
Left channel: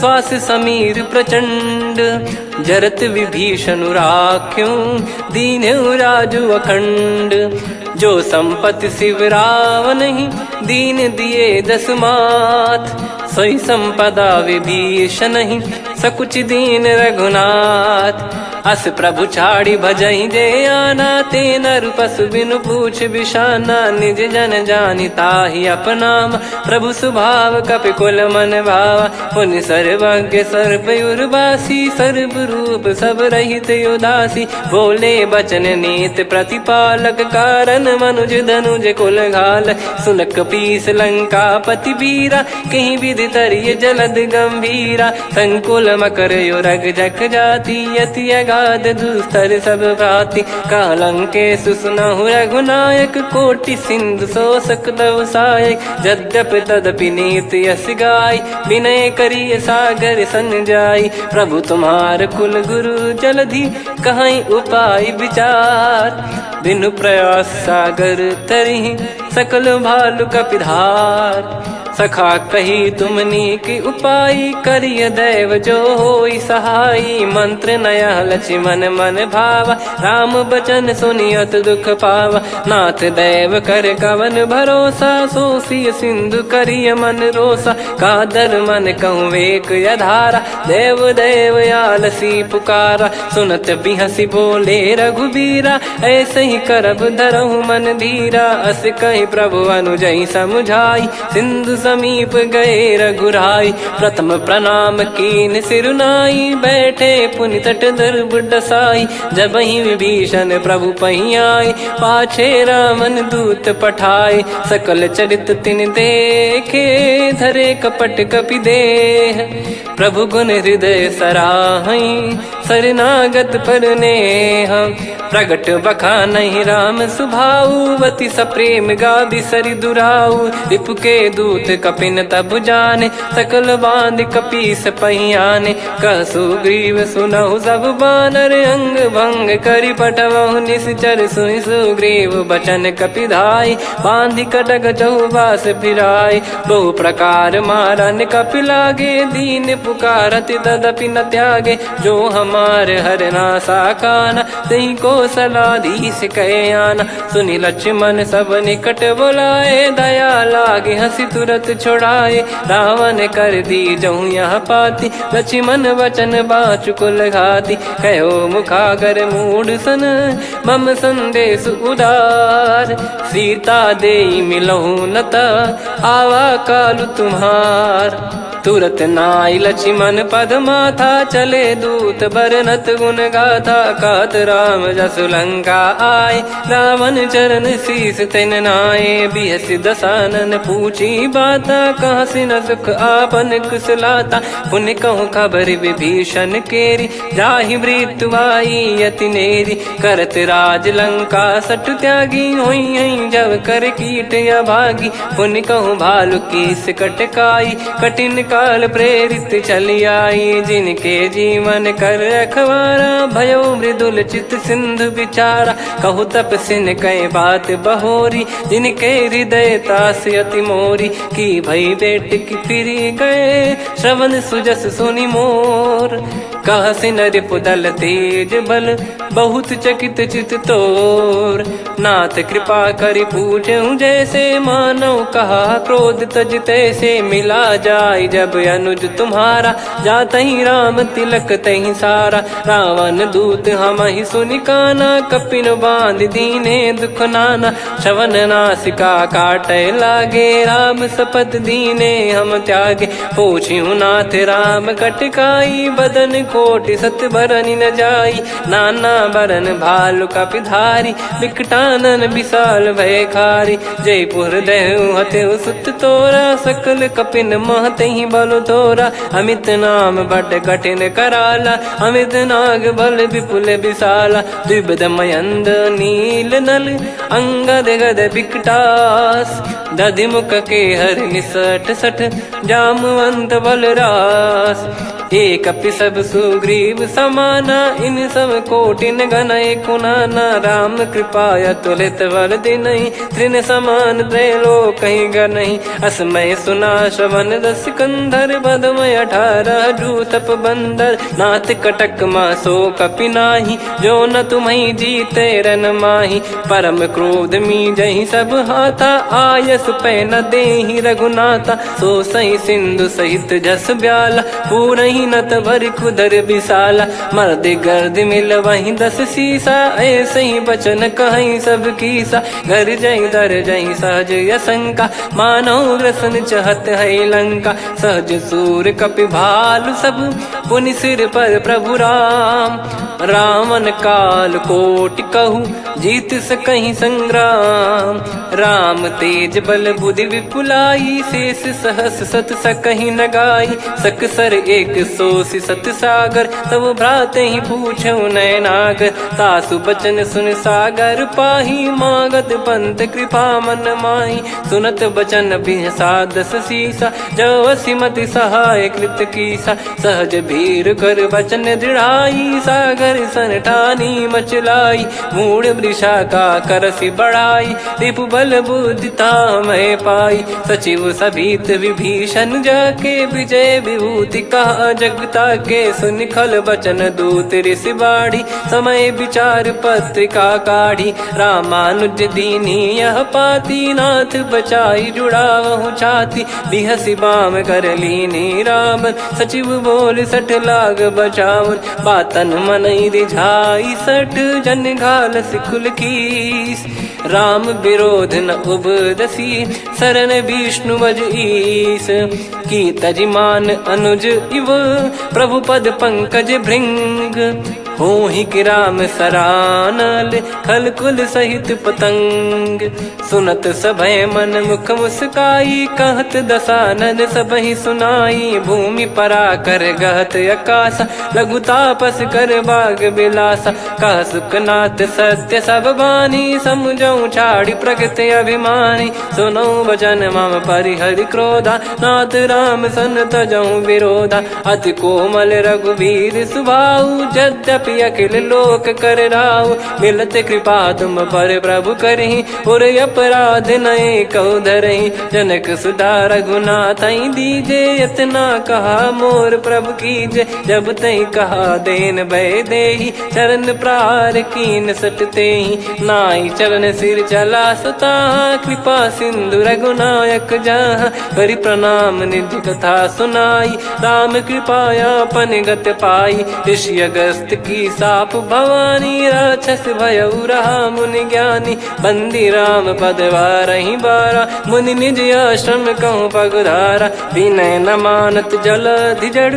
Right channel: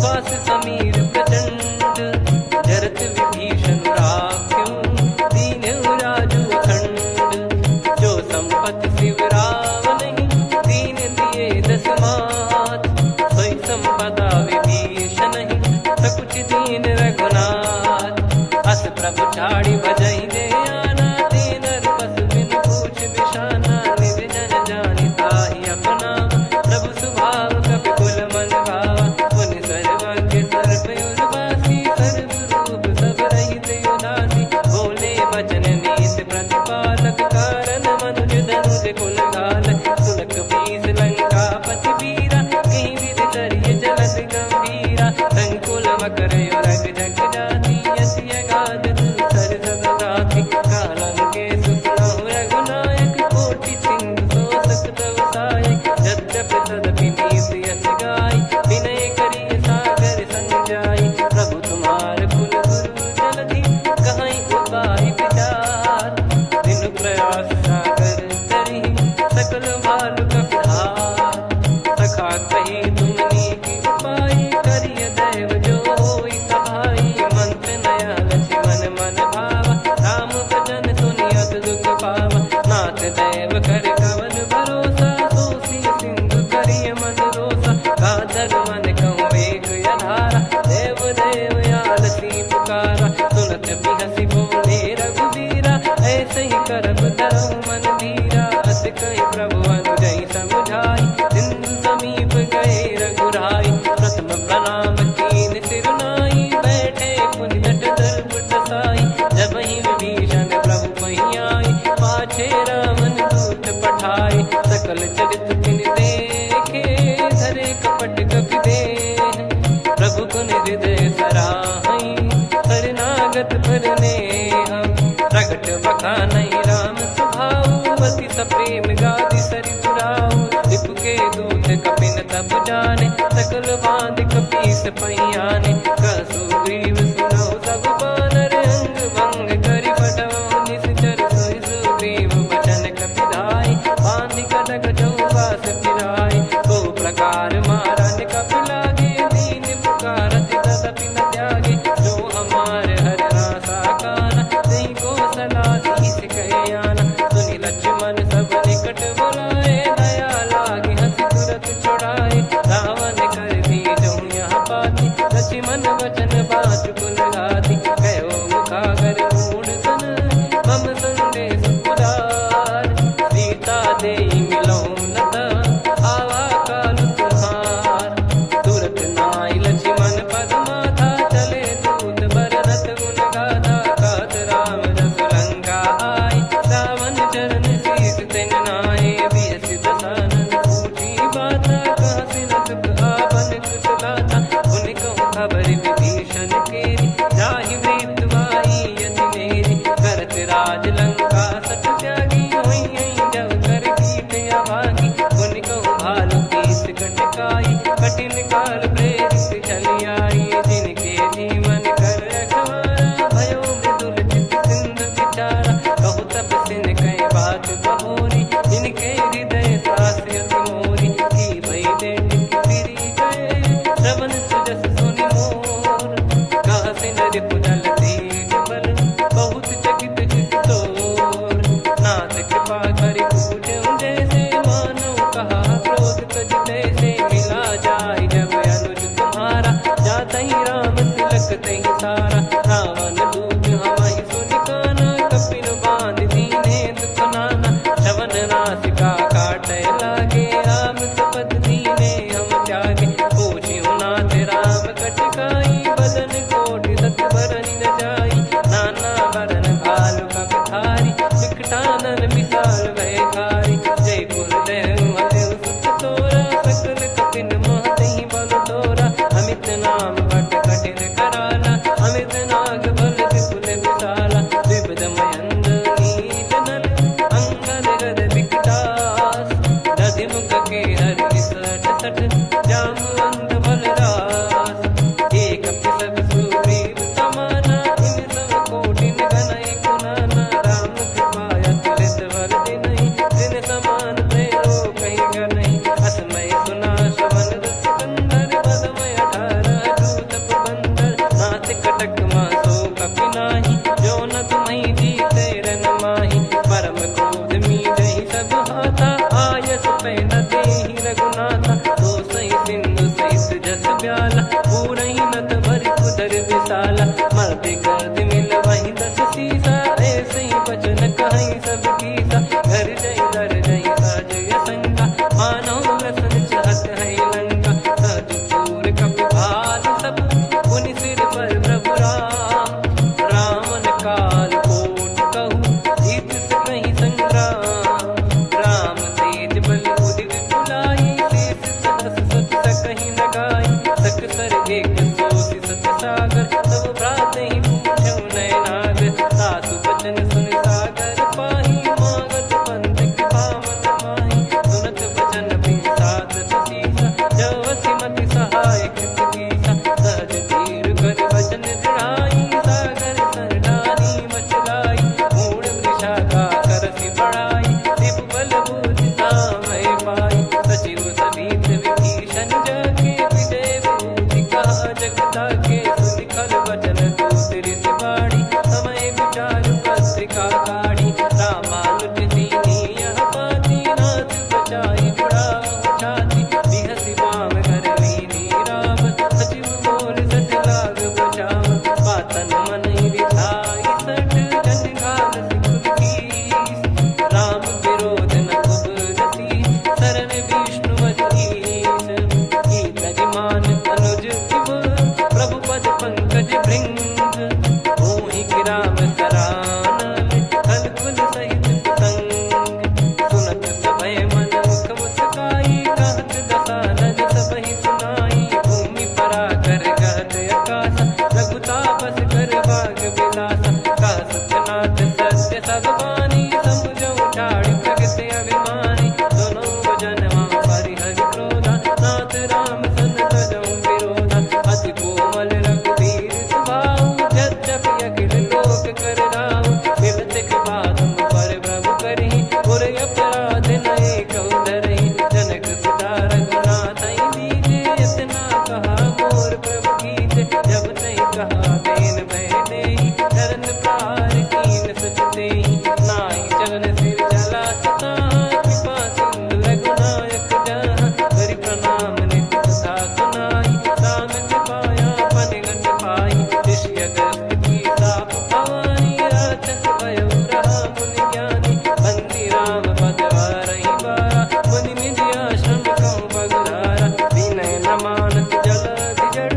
श्वास समीर प्रचंड। जरत विभीषण राख्यों, दीन्हु राजु अखंड। जो संपत्ति शिव रावण ही, दीन दिए दस मात। सोई संपदा विभीषण ही, सकुच दीन रघुनाथ। अस प्रभु छाड़ी भजहि जे आना, ते नर पशु बिनु पूछ बिशाना। निज जन जानि ताहि अपनाम, प्रभु स्वभाव कपि कुल मन भावा। पुनि सर्वज्ञ सर्वयुर्वासी, सर्व रूप सब रहित उदासी। बोले बचन नीत प्रतिपालक, कारण मनुज धनुज कुल घाल। सुनक पीस लंका पति वीरा, कहीं विधि तरिय जलद गंभीरा। संकुल मकर युरग जख जाति, यति अगाध दुस्तर सब भाति। कालंकेश सुनहु रघुनायक, कोटि सिंधु शोषक तव सहायक। यद्यपि तदपि नीति यस गाय, विनय करिय सागर सन जाई। प्रभु तुम्हार कुल गुरु जलधि, कहीं उपाय विचार। बिनु प्रयास सागर तरिहि, सकल भालु कपिधार। सखा कही तुमनी की उपाय, करिय दैव जो होई सहाई। मंत्र नया लक्ष्मण मन भावा, राम बचन सुनियत दुख पावा। नाथ दैव कर कवन भरोसा, सोसिय सिंधु करिय मन रोसा। कादर मन कहूँ एक यधारा, देव देव आलसी पुकारा। सुनत बिहसी बोले रघुबीरा, ऐसे ही करब धरहु मन धीरा। अस कही प्रभु अनुजई समुझाई, सिंधु समीप गए रघुराई। प्रथम प्रणाम कीन सिरुनाई, बैठे पुनि तट दर्भ डसाई। जब ही विभीषण प्रभु पही आए, पाछे रामन दूत पठाए। सकल चरित तिन देखे, धरे कपट कपि देह। प्रभु गुण हृदय सराहई, शरणागत पर नेह। प्रगट बखानहि राम सुभाऊ, बति सप्रेम गादि सरि दुराऊ। रिपु के दूत कपिन तब जाने, सकल बांध कपीस पहियाने। कह सुग्रीव सुनहु सब बानर, अंग भंग करि पटवहु निश्चर। सुनि सुग्रीव बचन कपिधाई, बांधि कटक चौबास फिराई। बहु प्रकार मारन कपि लागे, दीन पुकारत तदपि न त्यागे। जो हमार हरना साकाना, तही को सलाधीश कहे आना। सुनि लक्ष्मण सब निकट बुलाए, दया लागे हंसी तुरत छुड़ाए। रावण कर दी जहूँ यहाँ पाती, लक्ष्मण वचन बाचु कुल घाती। कहो मुखागर मूढ़ सन, मम संदेश उदार। सीता देई मिलहु न ता, आवा कालु तुम्हार। तुरत नाई लक्ष्मण पद माथा, चले दूत बरनत गुण गाथा। कहत राम जसु लंका आए, रावण चरण शीस तिन नाये। बिहस दसानन पूछी बाता, कहाँ से न सुख आपन कुशलाता। पुन कहूँ खबर विभीषण केरी, जाहि मृत्यु आई यति नेरी। करत राज लंका सठ त्यागी, होई जब कर कीट अभागी। पुन कहूँ भालु कीस कटकाई, कठिन काल प्रेरित चली आई। जिनके जीवन कर रखवारा, भयो मृदुल चित सिंधु विचारा। कहु तपसिन कई बात बहोरी, जिनके हृदय तास अति मोरी। की भई बेट की फिरी गए, श्रवण सुजस सुनि मोर। कहसि नरिपु दल तेज बल, बहुत चकित चित तोर। नाथ कृपा करि पूछऊं जैसे, मानव कहा क्रोध तज तैसे। मिला जाय जब अनुज तुम्हारा, जातहि राम तिलक तहि सारा। रावण दूत हमहि सुनि काना, कपिन बांध दीने दुख नाना। श्रवण नासिका काटै लागे, राम शपथ दीने हम त्यागे। पूछिहु नाथ राम कटकाई, बदन कोटि सत बरनि न जाई। नाना बरन भालु कपिधारी, विकटानन विशाल भयखारी। जयपुर देहु हतेउ सुत तोरा, सकल कपिन महतहि बल तोरा। अमित नाम बट कठिन कराला, अमित नाग बल विपुल विशाला। द्विविध मयंद नील नल, अंगद गद विकटास। दधिमुख के हर निसठ सठ, जामवंत बलरास। एक अपि सब सुग्रीव समाना, इन सब कोटिन गणय कुनाना। राम कृपा अतुलित बल दिनहि, तृण समान त्रैलोक कहीं गनहि। असमय सुना श्रवण रस कंधर, बदमय 18 जूतप बंदर। नाथ कटक मासो कपि नाही, जो न तुम्हि जीते रन माही। परम क्रोध मीजहि सब हाथा, आयस पै न देहि रघुनाथा। सो सही सिंधु सहित जस ब्याला, पूरहि नत भरि कुदर विशाला। मर्द गर्द मिल वही 10 सीसा, ऐसे ही बचन कहीं सब कीसा। घर जहि दर जहि सहज यसंका, मानव ग्रसन चहत है लंका। सहज सूर कपि भालु सब, पुनि सिर पर प्रभु राम। रावण काल कोटि कहु, जीत सकहि संग्राम। राम तेज बल बुद्धि विपुलाई, शेष सहस सत सकहि न गाई। सकसर 180 सत सागर, तब भ्रात ही पूछऊ नयनागर। तासु बचन सुन सागर पाही, मागत पंत कृपा मन माही। सुनत बचन बिहसा 10 सीसा, जवसि मति सहाय कृत कीसा। सहज भीर कर बचन दृढ़ाई, सागर सन ठानी मचलाई। मूढ़ वृषा का करसि बढ़ाई, रिपु बल बुद्धि तामय पाई। सचिव सभीत विभीषण जाके, विजय विभूति कहा जगता के। सुनि खल बचन दूत ऋषि बाड़ी, समय विचार पत्रिका काढ़ी। रामानुज दीनी यह पाती, नाथ बचाई जुड़ावहु छाती। बिहसि बाम कर लीनी राम, सचिव बोल सठ लाग बचावन। बातन मनहि रिझाई सठ, जन घाल सिकुल कीस। राम विरोध न उपदसी, शरण विष्णु बज ईस। की तजिमान अनुज इव, प्रभु पद पंकज भृंग। होहि कि राम सरानल, खल कुल सहित पतंग। सुनत सभय मन मुख मुस्काई, कहत दसानन सबहि सुनाई। भूमि परा कर गहत आकाशा, लघु तापस कर बाग बिलासा। कह सुखनाथ सत्य सब बानी, समझऊ छाड़ी प्रगति अभिमानी। सुनो भजन मम परिहरि क्रोधा, नाथ राम सन तजऊ विरोधा। अति कोमल रघुवीर सुभाऊ, यद्यपि अखिल लोक कर राऊ। मिलत कृपा तुम पर प्रभु करहि, पुर अपराध नए कहु धरहि। जनक सुधा रघुनाथ दीजे, इतना कहा मोर प्रभु कीजे। जब तई कहा देन भय देहि, चरण प्रार कीन सट तेहि। नाई चरण से फिर चला सुता कृपा सिंधु रघुनायक जहाँ करी प्रणाम निज कथा सुनाई राम कृपाया अपन गत पाई ऋषि अगस्त की साप भवानी राक्षस भयउ रहा मुनि ज्ञानी बंदी राम पद वारहि बारा मुनि निज आश्रम कहूँ पगधारा विनय न मानत जलधि जड़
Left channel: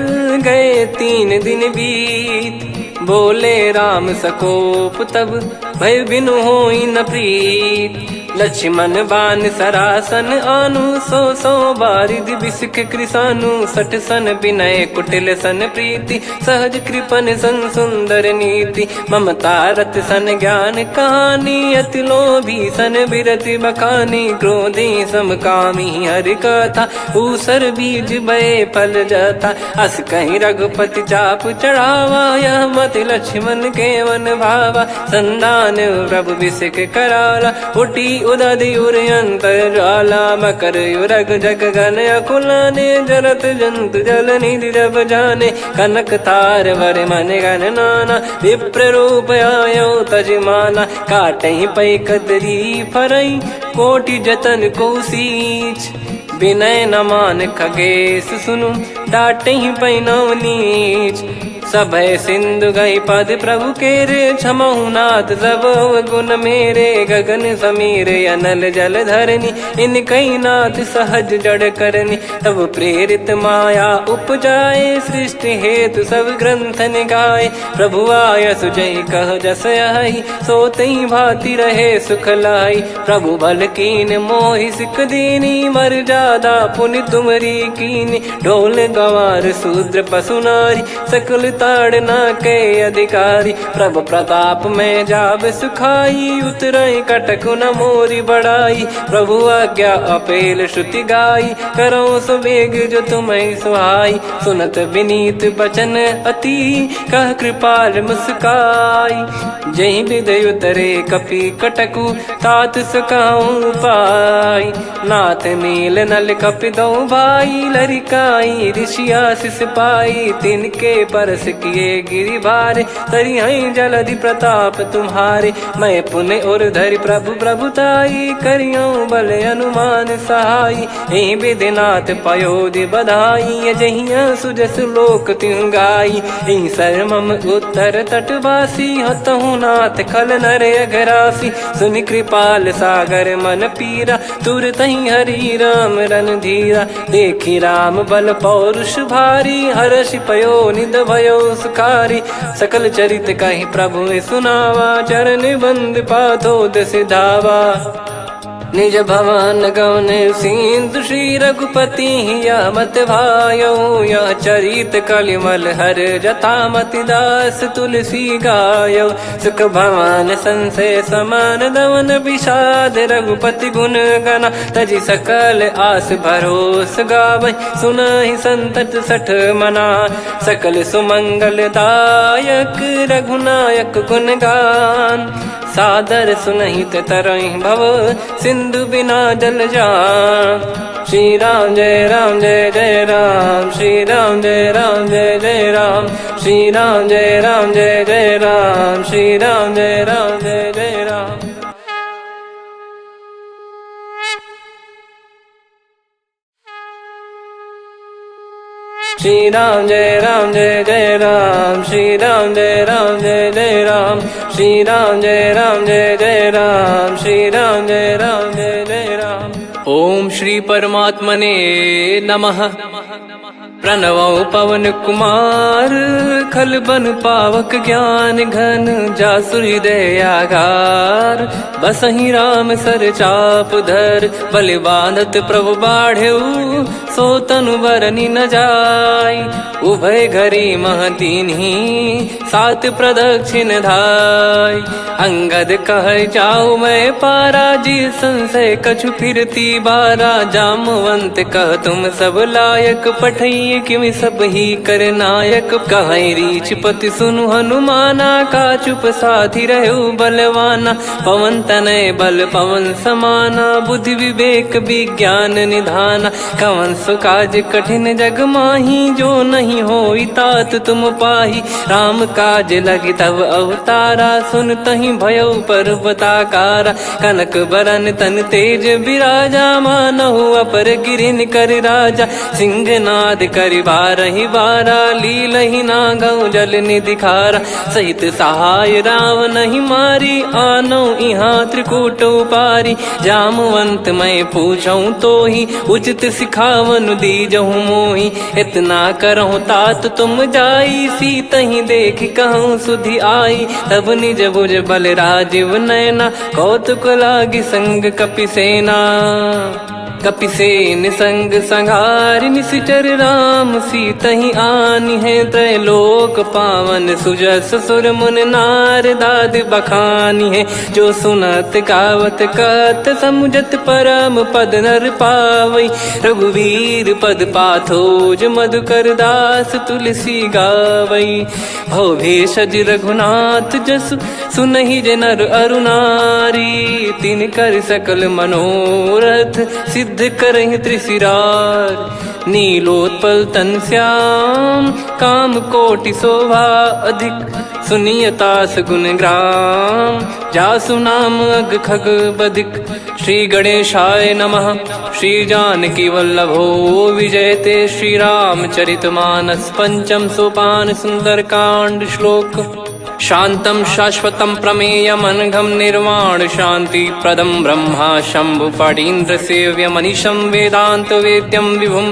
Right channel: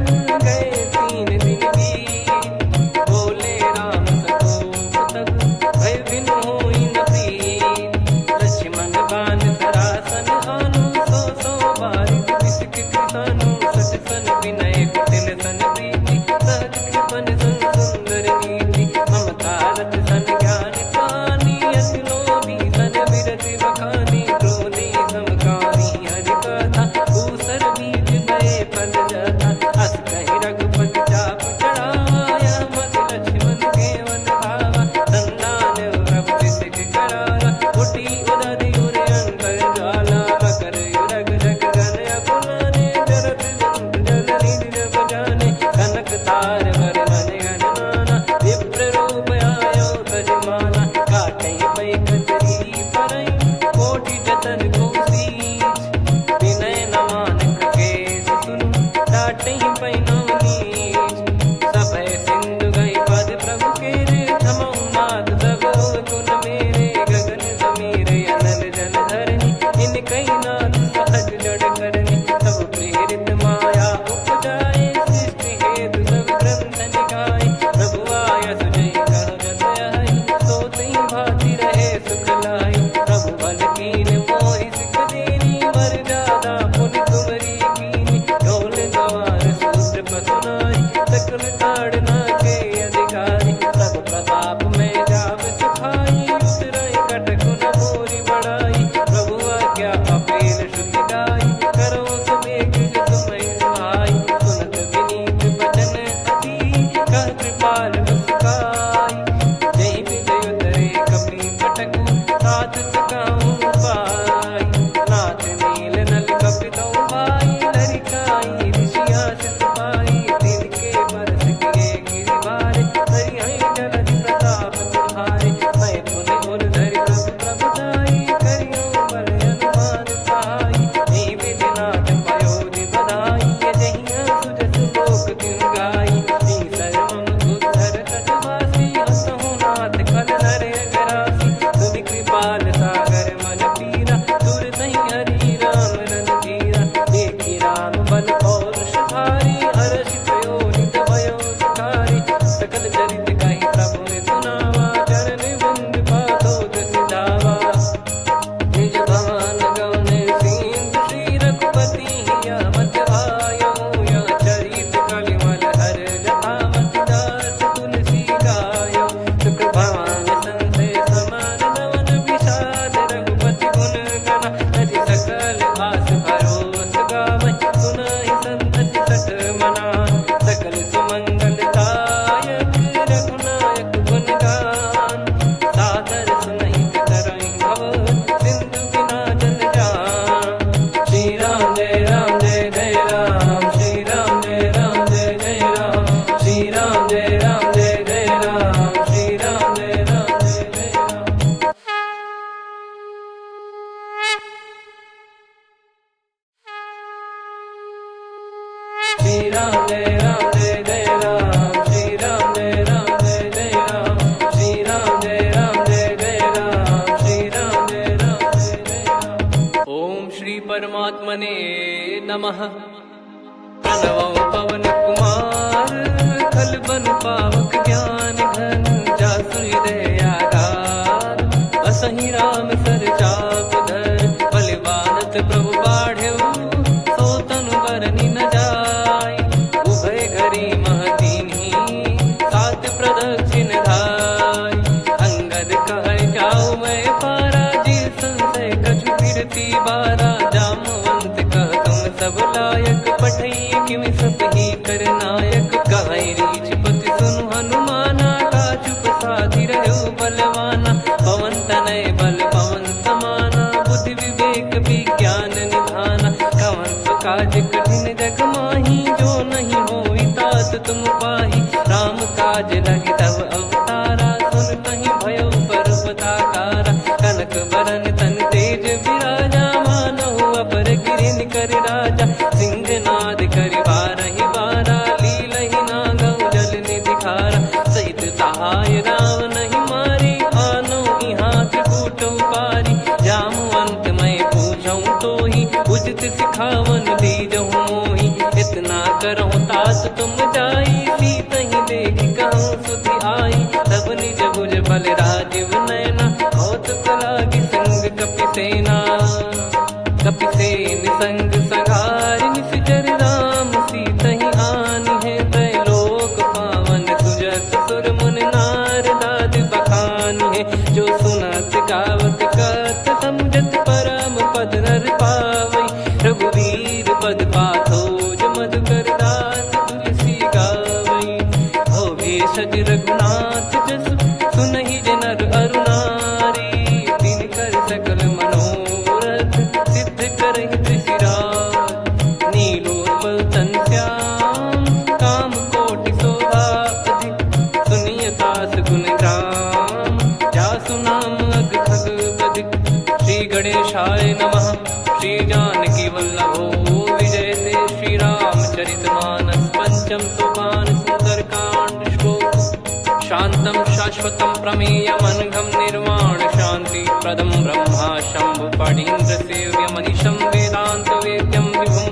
गए 3 दिन बीत बोले राम सकोप तब भय बिनु होई न प्रीत लक्ष्मण बान सरासन आनु 100 बारिद बिसक कृसानु 60 सन विनय कुटिल सन प्रीति सहज कृपन सन सुंदर नीति ममता रत सन ज्ञान कहानी अति लोभी सन बिरति बखानी क्रोधी समकामी हरि कथा ऊसर बीज भय फल जाता अस कहीं रघुपति चाप चढ़ावा यह मत लक्ष्मण के वन भावा संदान प्रभु बिसक कराला उठी उदधि उर अंतर ज्वाला मकर युरग जग गन अकुलाने जरत जंतु जल निधि जब जाने कनक तार वर मन गन नाना विप्र रूप आयो तजमाना काटहि पै कतरी फरई कोटि जतन को सींच विनय न मान खगेश सुनु डाटहि पै नव नीच सभय सिंधु गई पद प्रभु केरे क्षमहु नाथ सब गुण मेरे गगन समीर अनल जल धरनी इन कई नाथ सहज जड़ करनी तब प्रेरित माया उपजाए सृष्टि हेतु सब ग्रंथ निगाए प्रभु आय सुजय कह जस आई सो तई भांति रहे सुख लाई प्रभु बल कीन मोहि सिख दीनी मर जादा पुनि तुमरी कीनी ढोल गवार शूद्र पशु नारी सकल ताड़ना के अधिकारी प्रभु प्रताप में जाब सुखाई उतरई कटकु न मोरी बढ़ाई प्रभु आज्ञा अपेल श्रुति गाई करो सुबेग जो तुम्हें सुहाई सुनत विनीत बचन अति कह कृपाल मुस्काई जय विद उतरे कपि कटकु तात सकाऊं पाई नाथ नील नल कपि दो भाई लरिकाई ऋषि आशीष पाई तिनके परस किए गिरि भारे तरी हई जलधि प्रताप तुम्हारे मैं पुण्य और धरि प्रभु प्रभुताई करियो बल अनुमान सहाई ए विधिनाथ पयोधि बधाई जहिया सुजस लोक तिहु गाई ए सरमम उत्तर तटवासी हतहु नाथ खल नर अघरासी सुनि कृपाल सागर मन पीरा तुरत ही हरि राम रन धीरा देखी राम बल पौरुष भारी हर्षि पयो निध भयो सुखारी सकल चरित कहीं प्रभु सुनावा चरण बंद पाथो दस धावा निज भवन गौन सिंधु श्री रघुपति या मत भायो या चरित कलिमल हर जथा मति दास तुलसी गायो सुख भवन संशय समान दवन विषाद रघुपति गुण गना तजि सकल आस भरोस गावै सुनहि संतत सठ मना सकल सुमंगल दायक रघुनायक गुण गान सादर सुनहित तरहि भव सिंधु बिना जल जान श्री राम जय जय राम श्री राम जय जय राम श्री राम जय जय राम श्री राम जय जय राम श्री राम जय जय राम श्री राम जय जय राम श्री राम जय जय राम श्री राम जय जय राम। ओम श्री परमात्मने नमः। प्रणवो पवन कुमार खल बन पावक ज्ञान घन जासु हृदय आगार बसहि राम सर चाप धर बलि बांधत प्रभु बाढ़ेऊ सो तनु बरनि न जाय उभय घरी महतीन्ही सात प्रदक्षिण धाय अंगद कह जाऊ मैं पारा जी संशय कछु फिरती बारा जामवंत कह तुम सब लायक पठई किमि सब ही कर नायक कहीं रीछ पति सुनु हनुमाना का चुप साधि रहु बलवाना पवन तनय बल पवन समाना, बुद्धि विवेक विज्ञान निधाना। कवन सो काज कठिन जग माही, जो नहीं होई तात तुम पाही। राम काज लगी तब अवतारा, सुन तहि भयउ पर्वताकारा। कनक बरन तन तेज बिराजा, मानहु अपर गिरिन कर राजा। सिंहनाद करि बारहि बारा, लीलहि नागौ जल निधि खारा। सहित सहाय रावण नहीं मारी, आनो यहाँ त्रिकूट उपारी। जामवंत मैं पूछऊँ तो ही, उचित सिखावन दीजहु मोहि। इतना करहु तात तुम जाई, सीतहि देख कहूँ सुधि आई। तब निज भुज बल राजीव नयना, कौतुक लागी संग कपिसेना। कपिसेन संग संहारि निशिचर राम, सीतहि आनि है त्रैलोक पावन। सुजस सुर मुन नार दाद बखानी है, जो सुनत गावत कथ समुझत परम पद नर पावई। रघुवीर पद पाथोज मधुकर दास तुलसी गावई। भव भेषज रघुनाथ जसु, सुनहि जे नर अरु नारी। तिन कर सकल मनोरथ, सिद्ध करहि त्रिशिरार। नीलोत्पल तन श्याम, काम कोटि शोभा अधिक। सुनियतास गुण ग्राम, जासु नाम अग खग बदिक। श्री गणेशाय नमः। श्री जानकी वल्लभो विजयते, श्री रामचरित मानस पंचम सोपान सुंदरकांड श्लोक। शांतं शाश्वतं प्रमेयमनघं निर्वाण शांति प्रदं ब्रह्मा शंभु फणीन्द्र सेव्य मनीषं वेदांत वेद्यं विभुं।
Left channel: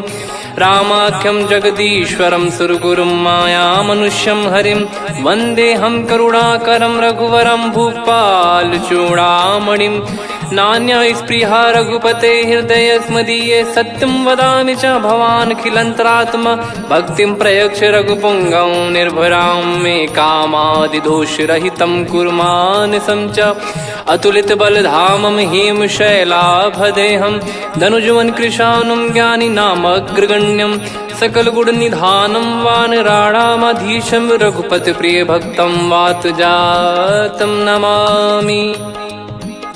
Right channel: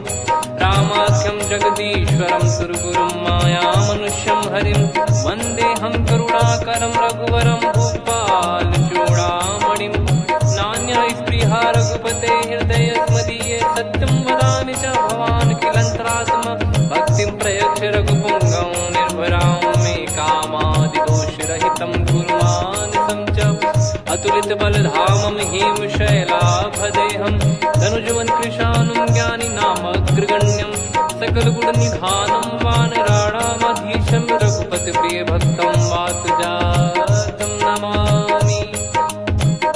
रामाख्यं जगदीश्वरं सुरगुरुं माया मनुष्यं हरिं। वन्देऽहं करुणाकरं रघुवरं भूपाल चूडामणिं। नान्या स्पृहा रघुपते हृदय स्मदीये, सत्यं वदामि च भवान् खिलन्तरात्मा। भक्तिं प्रयच्छ रघुपुङ्गं निर्भरां मे कामादिदोषरहितं कुर्मानसं च। अतुलित बलधामं हेमशैलाभदेहं, धनुजवन कृशानुं ज्ञानी नामग्रगण्यं। सकल गुण निधानं वानराणामधीशं, रघुपति प्रिय भक्तं वात जातं नमामि।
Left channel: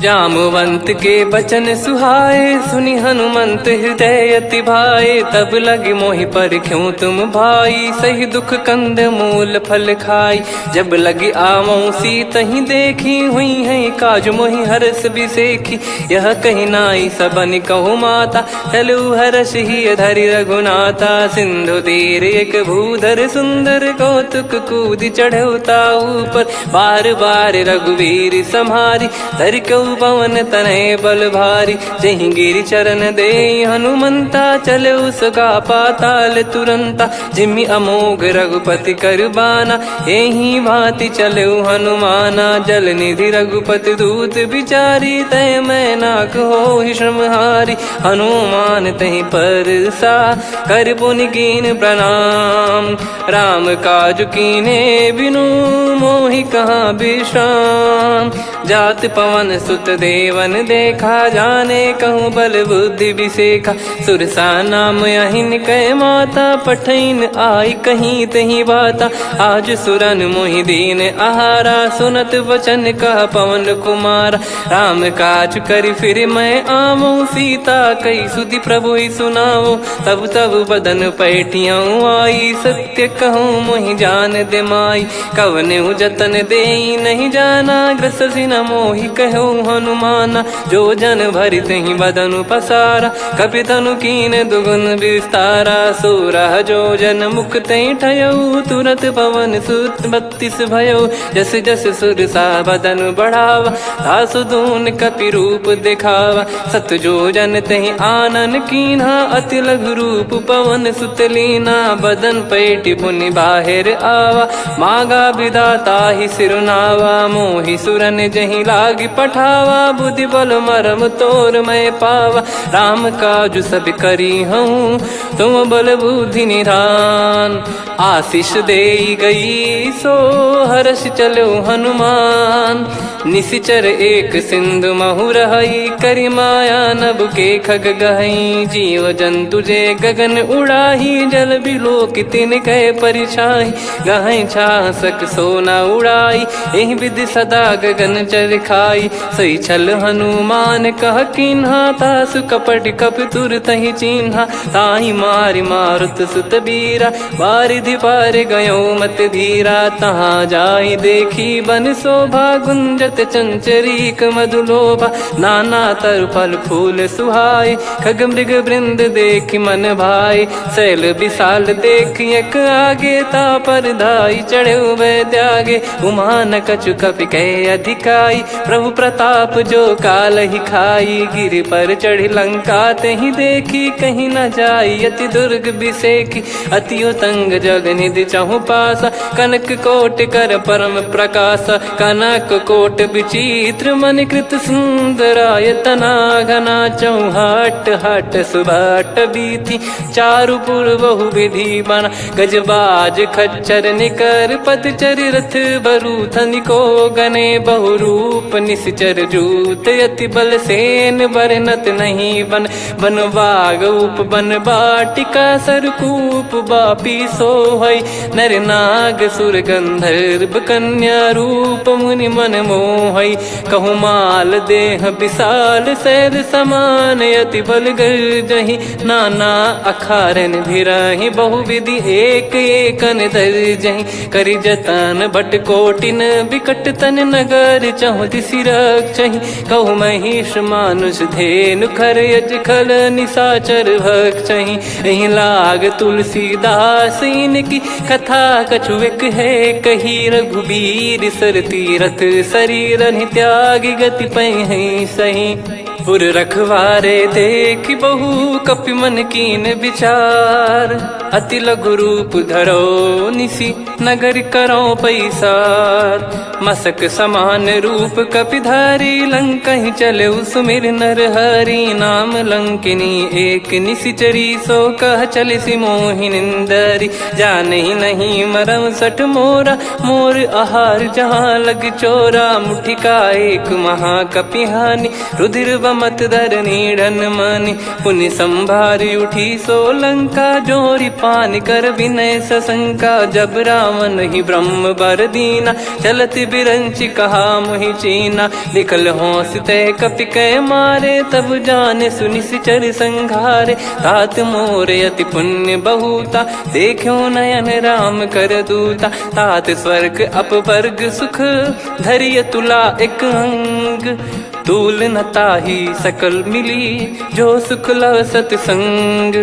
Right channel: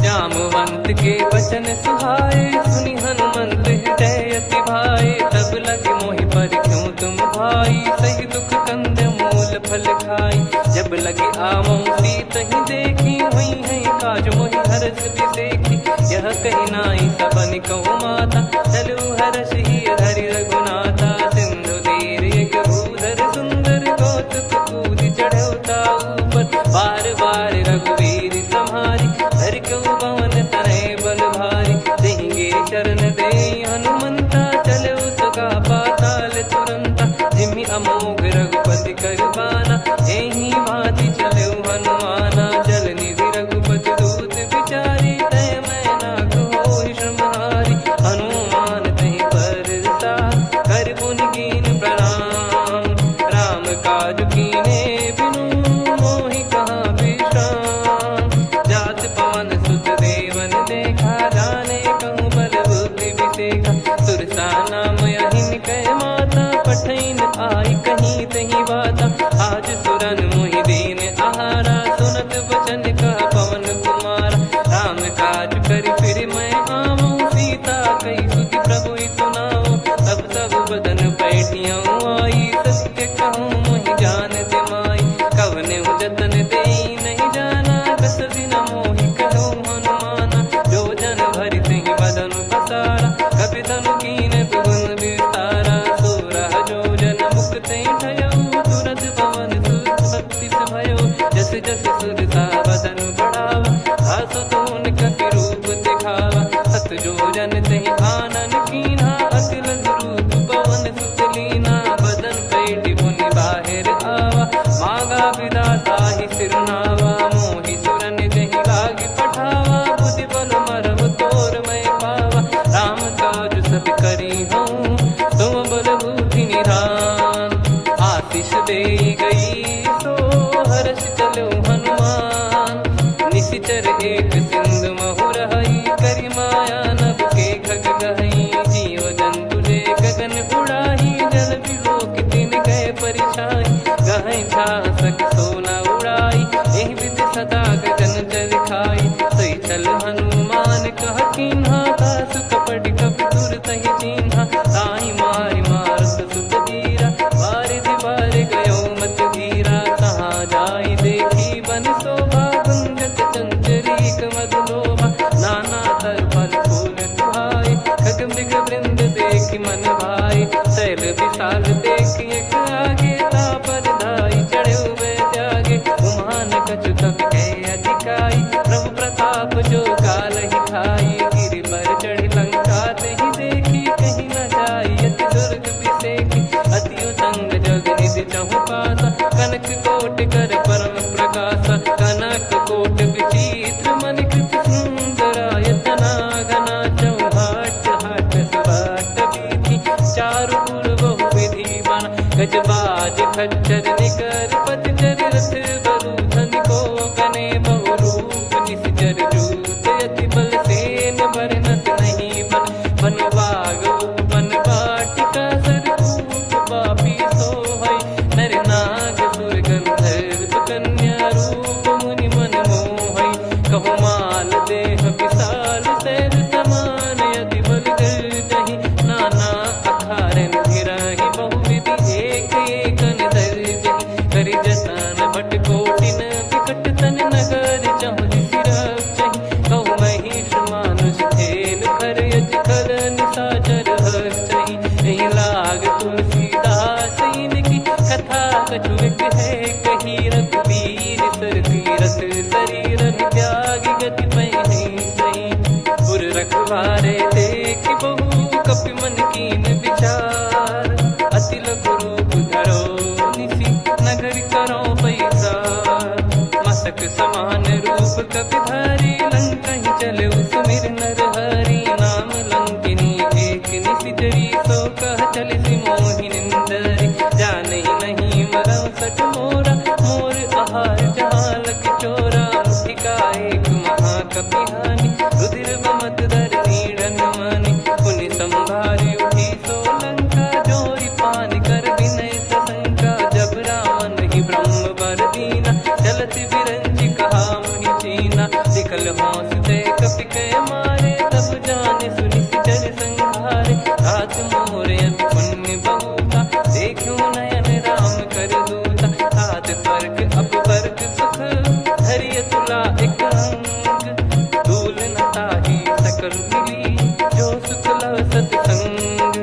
जामवंत के बचन सुहाए, सुनि हनुमंत हृदय अति भाए। तब लगे मोहि पर क्यों तुम भाई, सही दुख कंद मूल फल खाई। जब लगी आवऊं सीतहि देखी, हुई है काज मोहि हरस बिसेखी। यह कही नाई सबन कहु माता, चलु हरष ही धरि रघुनाथा। सिंधु तीर एक भूधर सुंदर, कौतुक कूद चढ़ौता ऊपर। बार बार रघुवीर सम्हारी, धरि कऊ पवन तनय बल भारी। जहि गिरि चरण दे हनुमंता, चले उसका पाताल तुरंता। जिमि अमोघ रघुपति कर बाना, एहि भांति चले हनुमाना। जल निधि रघुपति दूत बिचारी, तय मैं नाग होहि श्रमहारी। हनुमान तहि परसा, कर पुनि कीन प्रणाम। राम काज कीने बिनु, मोहि कहाँ विश्राम। जात पवन सुत देवन देखा, जाने कहूँ बल बुद्धि विसेखा। सुरसा नाम अहिन कै माता, पठैन आई कहीं तहीं बाता। आज सुरन मोहि दीन आहारा, सुनत वचन कह पवन कुमारा। राम काज करि फिर मैं आवऊं, सीता कई सुधि प्रभु ही सुनाऊं। तब तब बदन पैठियाँ आई, सत्य कहूँ मोहि जान दे माई। कवने जतन दे नहीं जाना, ग्रसि न मोहि कहूँ हनुमाना। जो जन भरि तहि बदनु पसारा, कपि तनु कीन दुगुन विस्तारा। सोरह जो जन मुख तहि ठयऊ, तुरत पवन सुत 32 भयऊ। जस जस सुरसा बदन बढ़ावा, धासु दून कपि रूप दिखावा। सत जो जन तहि आनन कीन्हा, अति लघु रूप पवन सुत लीना। बदन पैटि पुनि बाहिर आवा, मागा विधाता ही सिरुनावा। मोहि सुरन जहि लागी पठावा, बुद्धि बल मरम तोर मैं पावा। राम काजु सब करी हूँ, तुम बल बुद्धि निधान। आशीष दे गई सो हर्ष चलो हनुमान, निसिचर एक सिंधु महु रहई, करि माया नभ के खग गहई। जीव जंतु जे गगन उड़ाही, जल बिलोक तिन गए परिछाई। गहई छासक सोना उड़ाई, एहि विधि सदा गगन चर खाई। सही छल हनुमान कह किन्हा, तासु कपट कप तुर तहि चिन्हा। ताहि मारि मारुत सुत बीरा, बारिधि पार गयो मत धीरा। तहाँ जाई देखी बन शोभा, गुंजत चंचरीक मधुलोभा। नाना तर फल फूल सुहाए, खग मृग वृंद देख मन भाई। शैल विशाल देख एक आगे, तापर धाई चढ़े वै त्यागे। उमान कछु कपि कहे अधिकाई, प्रभु प्रताप जो काल ही खाई। गिर पर चढ़ी लंका तहि देखी, कहीं न जाई अति दुर्ग बिसेकी। अति उतंग जग निधि चहु पासा, कनक कोट कर परम प्रकाश। कनक कोट विचित्र मन कृत सुंदरायतना घना। चौहाट हाट सुबाट बीती, चारु पुर बहु विधि बना। गजबाज खच्चर निकर पतचर, रथ बरु धनिको गने। बहु रूप निसिचर जूत, अति बल सेन बरनत नहीं बन। बन बाग उप बन बाटिका, सरकूप बापी सोहई। नर नाग सुर गंधर्व कन्या, रूप मुनि मन मोहई। कहु माल देह विशाल, शैल समान अति बल गर्जहि। नाना अखारन भिरहि, बहु विधि एक एकन दर्जहि। करि जतन भट कोटिन, विकट तन नगर चहु दिसि रक्षहि। कहु महिष मानुष धेनु, खर यज खल निशाचर भक्षहि। एहि लाग तुलसीदास इनकी, कथा कछु एक है कही। रघुबीर सर तीरथ शरीर, त्यागी गति पहि सही। पुर रखवारे देखि बहु, कपि मन कीन विचार। अति लघु रूप धरो निसि, नगर करो पैसार। मसक समान रूप कपिधारी, लंकहि चले सुमिर नर हरि। नाम लंकिनी एक निसिचरी, सो कह चलिसि मोहि निंदरी। जानहि नहीं मरम सठ मोरा, मोर आहार जहाँ लग चोरा। मुठिका एक महाकपिहानि, रुधिर बमत धरनी ढन मानि। पुनि संभारी उठी सो लंका, जोरी पान कर विनय सशंका। जब रावण ही ब्रह्म बर दीना, चलति बिरंचि कहा मुहि चीना। निकल होंस तय कपि कै मारे, तब जाने सुनिसिचर संघारे। तात मोर अति पुण्य बहुता, देखो नयन राम कर दूता। तात स्वर्ग अपवर्ग सुख, धैर्य तुला एक अंग। तूल न ताहि सकल मिली, जो सुख लव सतसंग।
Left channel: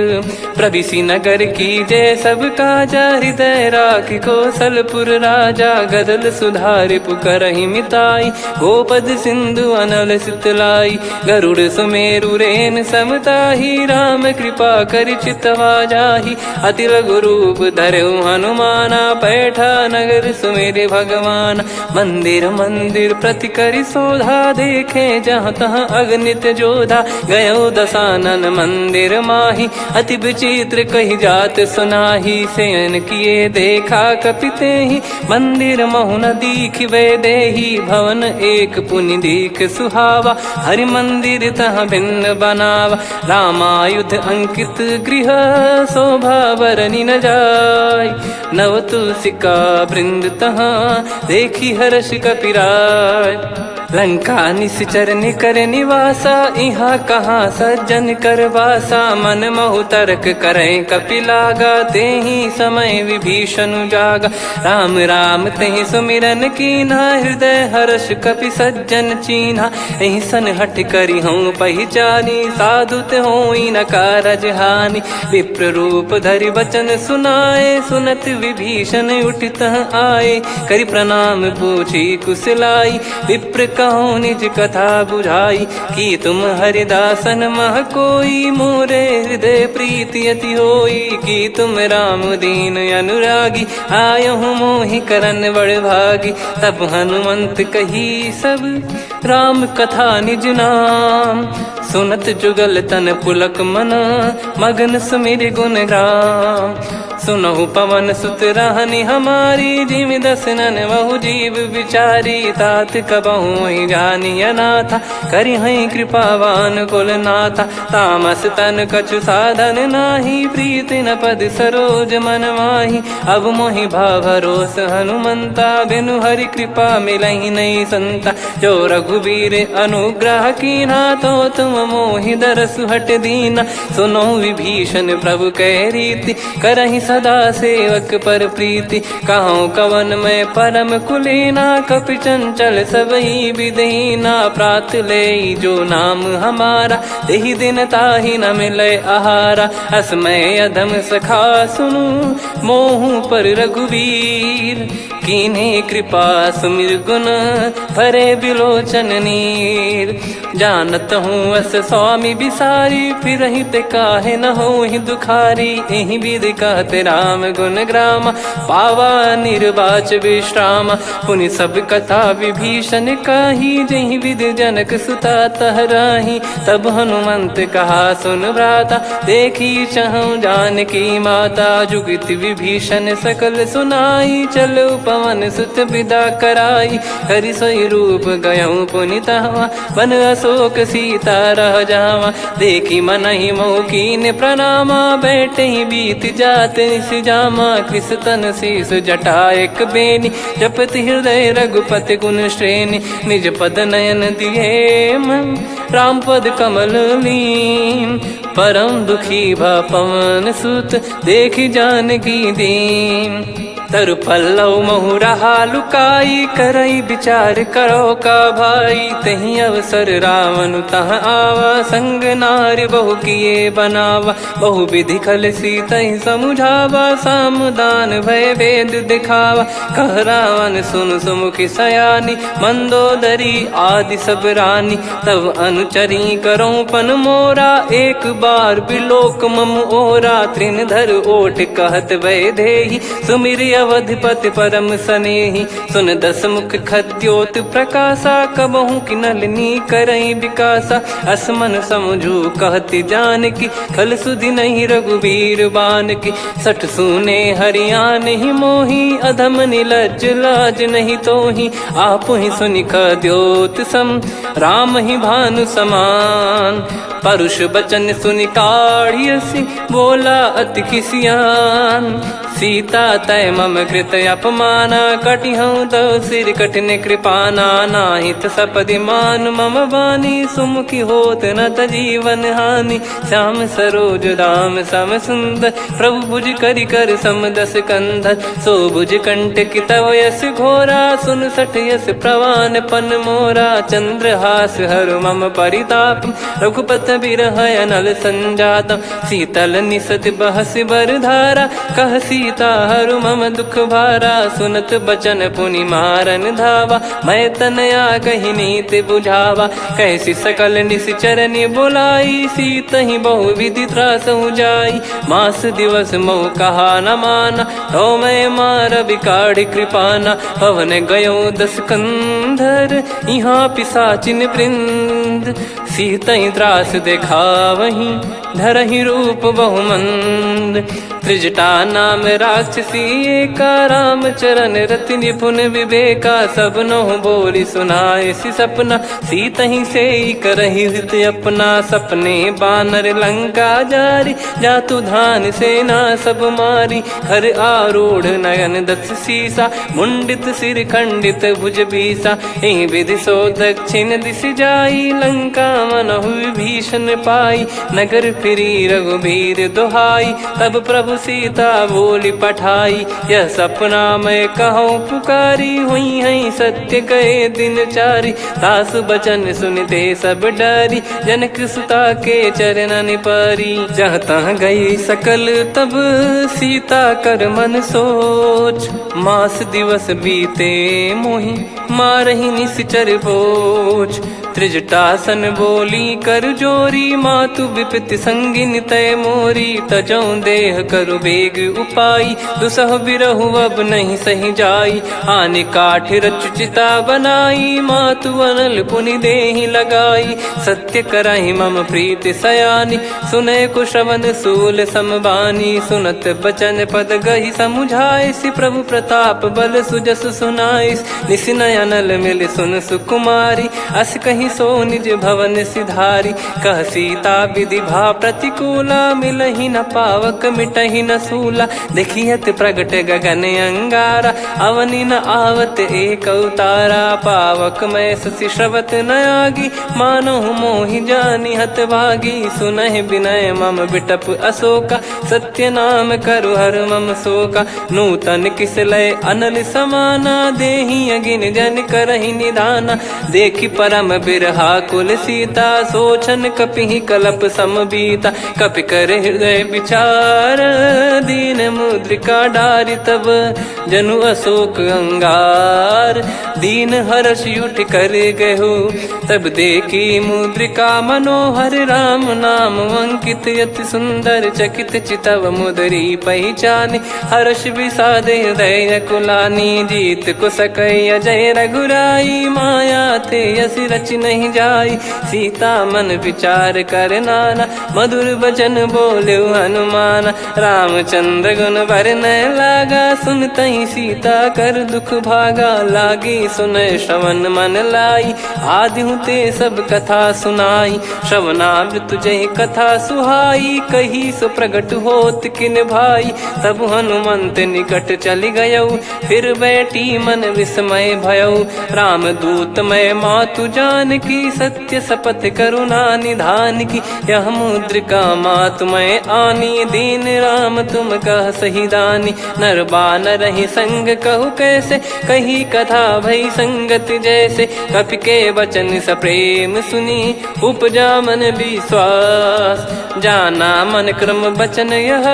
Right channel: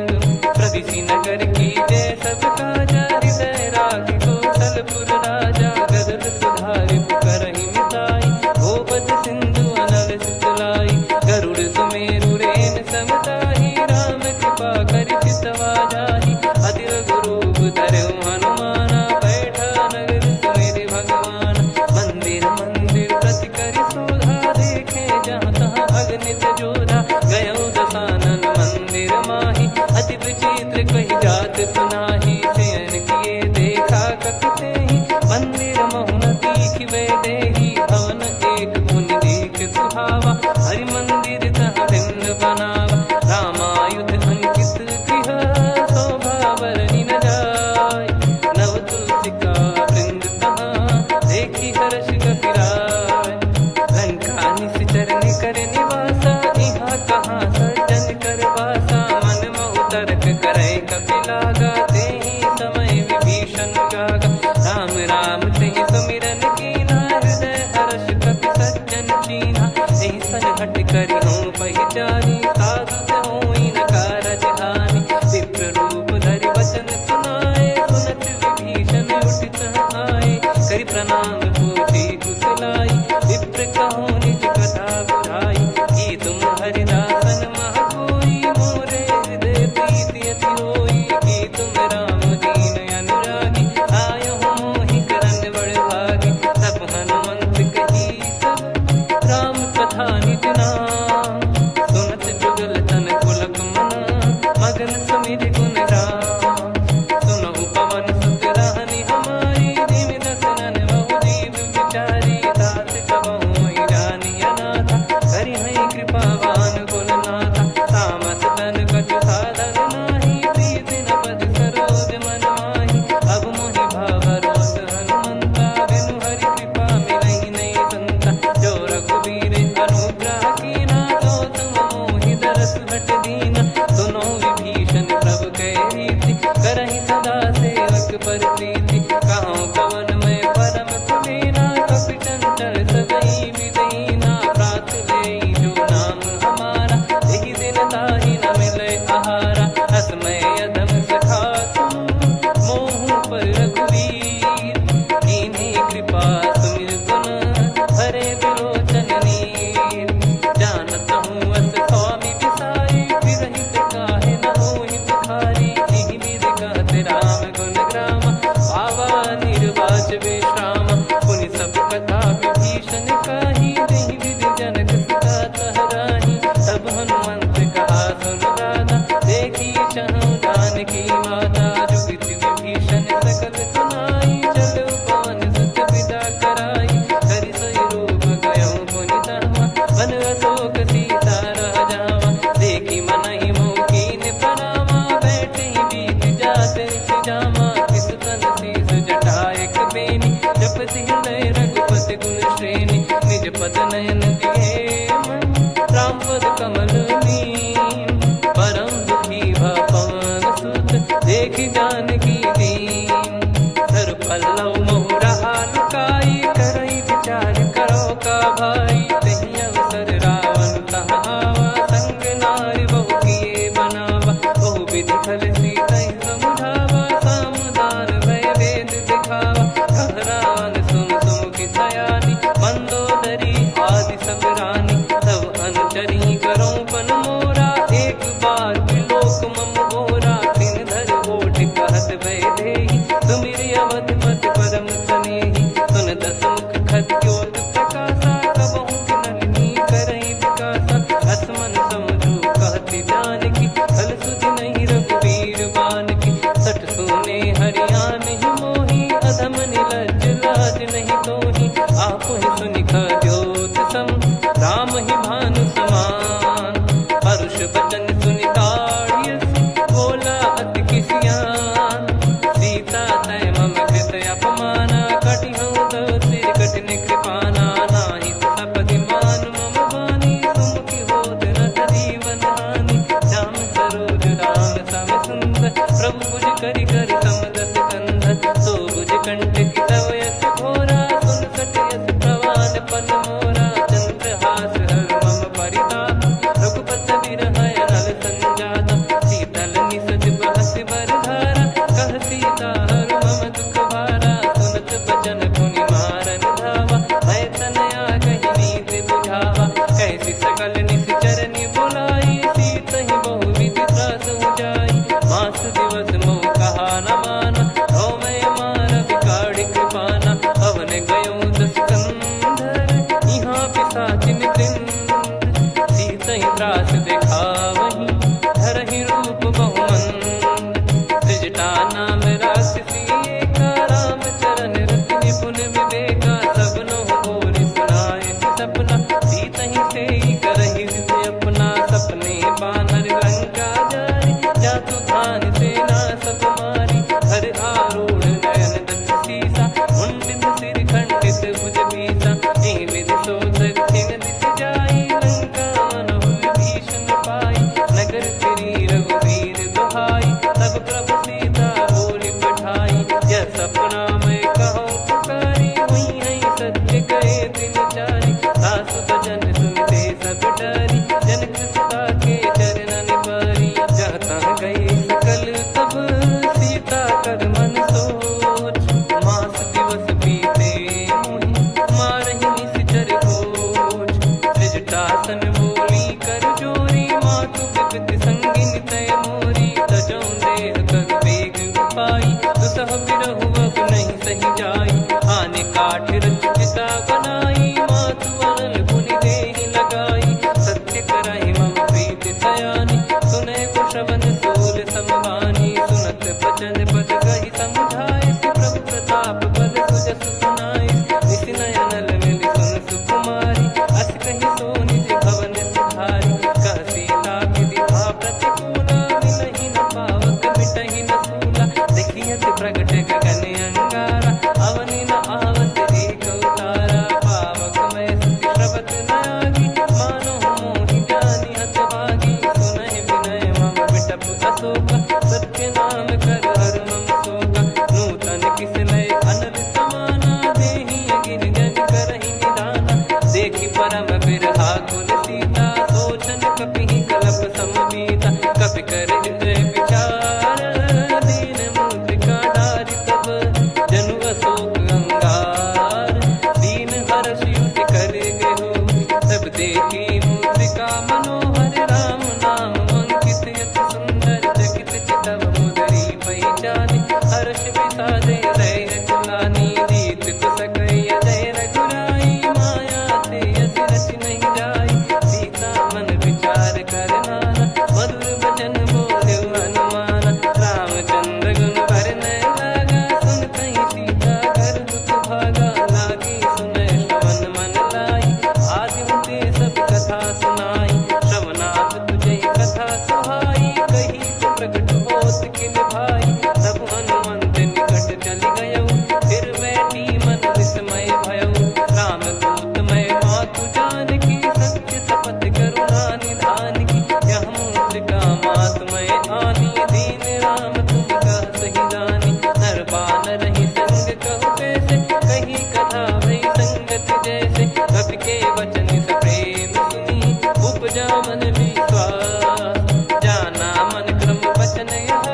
प्रविशि नगर की जय सब काजा, हृदय राखि कौशलपुर राजा। गदल सुधारि पुकारहि मिताई, गोपद सिंधु अनल सितलाई। गरुड़ सुमेरु रेन समताहि, राम कृपा कर चितवा जाहि। अति लघु रूप धरऊ हनुमाना, पैठा नगर सुमेरे भगवान। मंदिर मंदिर प्रति करि शोधा, देखे जहाँ तहाँ अगणित जोधा। गयो दशानन मंदिर माही, अति विचित्र कही जात सुनाही। शयन किए देखा कपि तेहि, मंदिर महु न दीख वे देही। भवन एक पुनि दीख सुहावा, हरि मंदिर तहाँ भिन्न बनावा। रामायुध अंकित गृह, शोभा बरनि न जाय। नव तुलसिका वृंद तहाँ, देखी हर्ष कपिराय। लंका निश्चर निकर निवासा, इहाँ कहाँ सज्जन कर वासा। मन महु तर्क करें कपिलागा, तेहि समय विभीषण जागा। राम राम तेहि सुमिरन कीन्हा, हृदय हर्ष कपि सज्जन चीन्हा। एहि सन हट करि हूँ पहिचानी, साधु ते होई न कारज हानि। विप्र रूप धरि वचन सुनाए, सुनत विभीषण उठित आए। करि प्रणाम पूछी कुशलाई, विप्र कहो निज कथा बुझाई। कि तुम हरिदासन मह कोई, मोरे हृदय प्रीति अति होई। कि तुम राम दीन अनुरागी, आयहु मोहि करन बड़ भागी। तब हनुमंत कही सब, राम कथा निज नाम। सुनत जुगल तन पुलक मना, मगन सुमिर गुण राम। सुनहु पवन सुत रहनी हमारी, जिम दसनन बहु जीव विचारी। तात कबहु जानी अनाथा, करि हई कृपावान कुल नाथा। तामस तन कछु साधन नाही, प्रीति न पद सरोज मन माही। अब मोहि भाव भरोस हनुमंता, बिनु हरि कृपा मिलहि नहीं संता। जो रघुबीर अनुग्रह कीना, तो तुम मोहि दरसु हट दीना। सुनो विभीषण प्रभु कह रीति, करहि सदा सेवक पर प्रीति। कहूँ कवन में परम कुलीना, कपि चंचल सबई विदहीना। प्रात ले जो नाम हमारा, तेहि दिन ताहि न मिले आहारा। असमय अधम सखा सुनु, मोहु पर रघुवीर। कीन्हे कृपा सुमिर गुण, भरे बिलोचन नीर। जानत हूँ अस स्वामी बिसारी, फिरहित काहे न होहि दुखारी। एहि विधि कहते राम गुण ग्राम, पावा निर्वाच विश्राम। पुनि सब कथा विभीषण काही, जहि विधि जनक सुता तहराही। तब हनुमंत कहा सुन भ्राता, देखी चहु जानकी माता। जुगित विभीषण सकल सुनाई, चलो पवन सुत विदा कराई। करि सोई रूप गयऊँ पुनि तहवा, बन अशोक सीता रह जावा। देखी मनहि मोह कीन प्रणामा, बैठे ही बीत जात निस जामा। किस तन शीस जटा एक बेनी, जपति हृदय रघुपति गुण श्रेणी। निज पद नयन दिए मन, राम पद कमल लीन। परम दुखी भा पवन सुत, देखि जानकी दीन। तरु पल्लव महु रहा लुकाई, करई विचार करो का भाई। तहि अवसर रावण तहाँ आवा, संग नारी बहु किए बनावा। बहु विधि खल सीतहि समुझावा, सामदान भय वेद दिखावा। कह रावण सुन सुमुखी सयानी, मंदोदरी आदि सब रानी। तब अनुचरी करो पन मोरा, एक बार बिलोक मम ओरा। तृण धर ओट कहत भय देहि, सुमिरि अवधिपति परम सनेहि। सुन दस मुख खद्योत प्रकाशा, कबहु कि नलिनी करई विकासा। असमन समझू कहति जानकी, खल सुधि नहीं रघुबीर बान की। सठ सुने हरियाण ही मोही, अधम निलज्ज लाज नहीं तोही। आप ही सुनि खद्योत सम, राम ही भानु समान। परुष बचन सुनि काढ़ियसि, बोला अति किसियान। सीता तय मम कृत अपमाना, कटिहऊँ दो सिर कठिन कृपाना। नाहित सपदि मान मम बानी, सुमुखी होत न तजीवन हानि। श्याम सरोज राम सम सुंदर, प्रभु भुज करि कर सम दस कंधर। सो भुज कंटक तव यस घोरा, सुन सठ यस प्रवान पन मोरा। चंद्रहास हर मम परिताप, रघुपत बिरह अनल संजात। शीतल निसत बहस बर धारा, कह सीता हरु मम दुख भारा। सुनत बचन पुनि मारन धावा, मैं तनया कहि नीति बुझावा। कैसी सकल निश्चरनि बुलाई, सीतहि बहु विधि त्रास जाई। मास दिवस मोह कहा न माना, तो मैं मार बिकाढ़ कृपाना। पवन गयो दस कंधर, यहाँ पिशाचिन वृंद। सीतहि त्रास देखावहीं, धरहि रूप बहुमंद। त्रिजटा नाम राक्षसी एका, राम चरण रति निपुण विवेका। सब नोह बोली सुनाए सि सपना, सीतहि सेई करहि हित अपना। सपने बानर लंका जारी, जातु धान सेना सब मारी। हर आरूढ़ नयन दस सीसा, मुंडित सिर खंडित भुज बीसा। एहि विधि सो दक्षिण दिश जाई, लंका मनहु विभीषण पाई। नगर फिरी रघुबीर दुहाई, तब प्रभु सीता बोली पठाई। यह सपना मैं कहूँ पुकारी, हुई है सत्य कहे दिन चारी। सासु बचन सुनते सब डरी, जनक सुता के चरणन परी। जहाँ तहाँ गई सकल तब, सीता कर मन सोच। मास दिवस बीते मोहि, मारहि निश्चर बोझ। त्रिजटासन बोली कर जोरी, मातु विपित संगिन तय मोरी। तजौ देह करु बेग उपाई, दुसह बिरहु अब नहीं सही जाई। आने काठ रचिता बनाई, मातु अनल पुनि देहि लगाई। सत्य करहि मम प्रीति सयानी, सुनय कुशवन सूल समबानी। सुनत बचन पद गहि समुझाए, सि प्रभु प्रताप बल सुजस सुनाइस। निसि नयनल मिल सुन सुकुमारी, अस कहीं सो निज भवन सिधारी। कह सीता विधि भा प्रतिकूला, मिलहि न पावक मिटहि न सूला। देखियत प्रगट गगन अंगारा, अवनि न आवत एक अवतारा। पावक मैं ससि श्रवत न आगी, मानो मोहि जानि हत भागी। सुनहि विनय मम बिटप अशोका, सत्य नाम करु हर मम शोका। नूतन किस लय अनल समाना, देहि अगिन जन करहि निदाना। देखि परम बिरहा कुल सीता, सोचन कपिहि कलप समबीता। कपि कर हृदय विचार, दीन मुद्रिका डारि तब जनु अशोक अंगार। दीन हर्ष युट कर गहु, तब देखी मुद्रिका मनोहर। राम नाम अंकित अति सुंदर, चकित चितव मुदरी पहचान। हर्ष विषाद हृदय कुलानी, जीत को सकय जय रघुराई। माया थे यस रच नहीं जाई, सीता मन विचार कर नाना। मधुर बचन बोले हनुमान, रामचंद्र गुण भरन लागा। सुनतहि सीता कर दुख भागा, लागी सुनय श्रवण मन लाई। आदि ते सब कथा सुनाई, श्रवणामृत जय कथा सुहाई। कही सो प्रगट होत किन भाई, तब हनुमंत निकट चली गयौ। फिर बैठी मन विस्मय भयौ, राम दूत मैं मातु जान की। सत्य शपथ करुणा निधान की, यह मुद्रिका मातु मैं आनी। दीन राम तुम कह सही दानी, नर बानर ही संग कहु कैसे। कही कथा भई संगति जैसे, कपि के वचन सप्रेम सुनी। उपजा मन विश्वास, जाना मन क्रम बचन यह।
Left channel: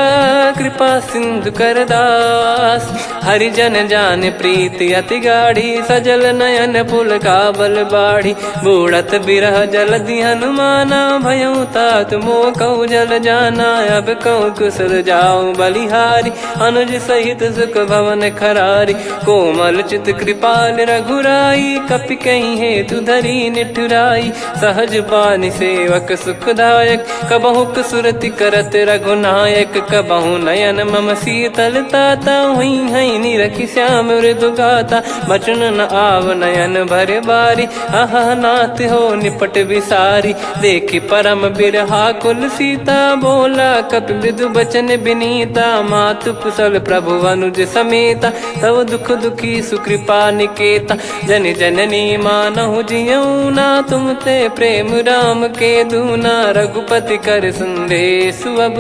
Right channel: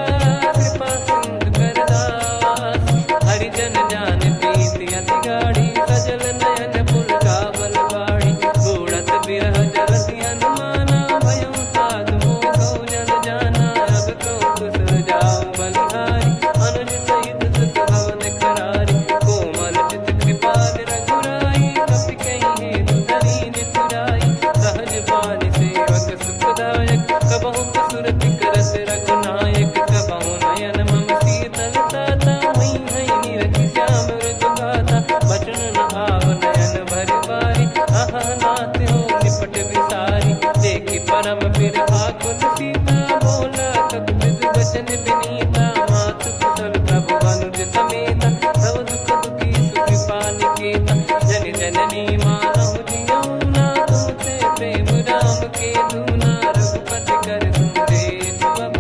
कृपा सिंधु कर दास, हरिजन जान प्रीति अति गाढ़ी। सजल नयन पुल काबल बाढ़ी, बूढ़त बिरह जलधि हनुमाना। भयउ तात मोह कहु जल जाना, अब कहु कुशल जाऊं बलिहारी। अनुज सहित सुख भवन खरारी, कोमल चित कृपाल रघुराई। कपि कहीं हेतु धरी निठुराई, सहज पानि सेवक सुखदायक। कबहु सुरति करत रघुनायक, कबहु नयन मम शीतल ताता। हुई हई निरखि श्याम मृदु गाता, बचन न आव नयन भर बारी। अह नाथ हो निपट विसारी, देखि परम बिरहा कुल सीता। बोला कपि मृदु बचन बिनीता, मातु कुशल प्रभु अनुज समेता। तव दुख दुखी सुकृपा निकेता, जन जननी मानहु जियऊ ना। तुम ते प्रेम राम के दूना, रघुपति कर संदेश अब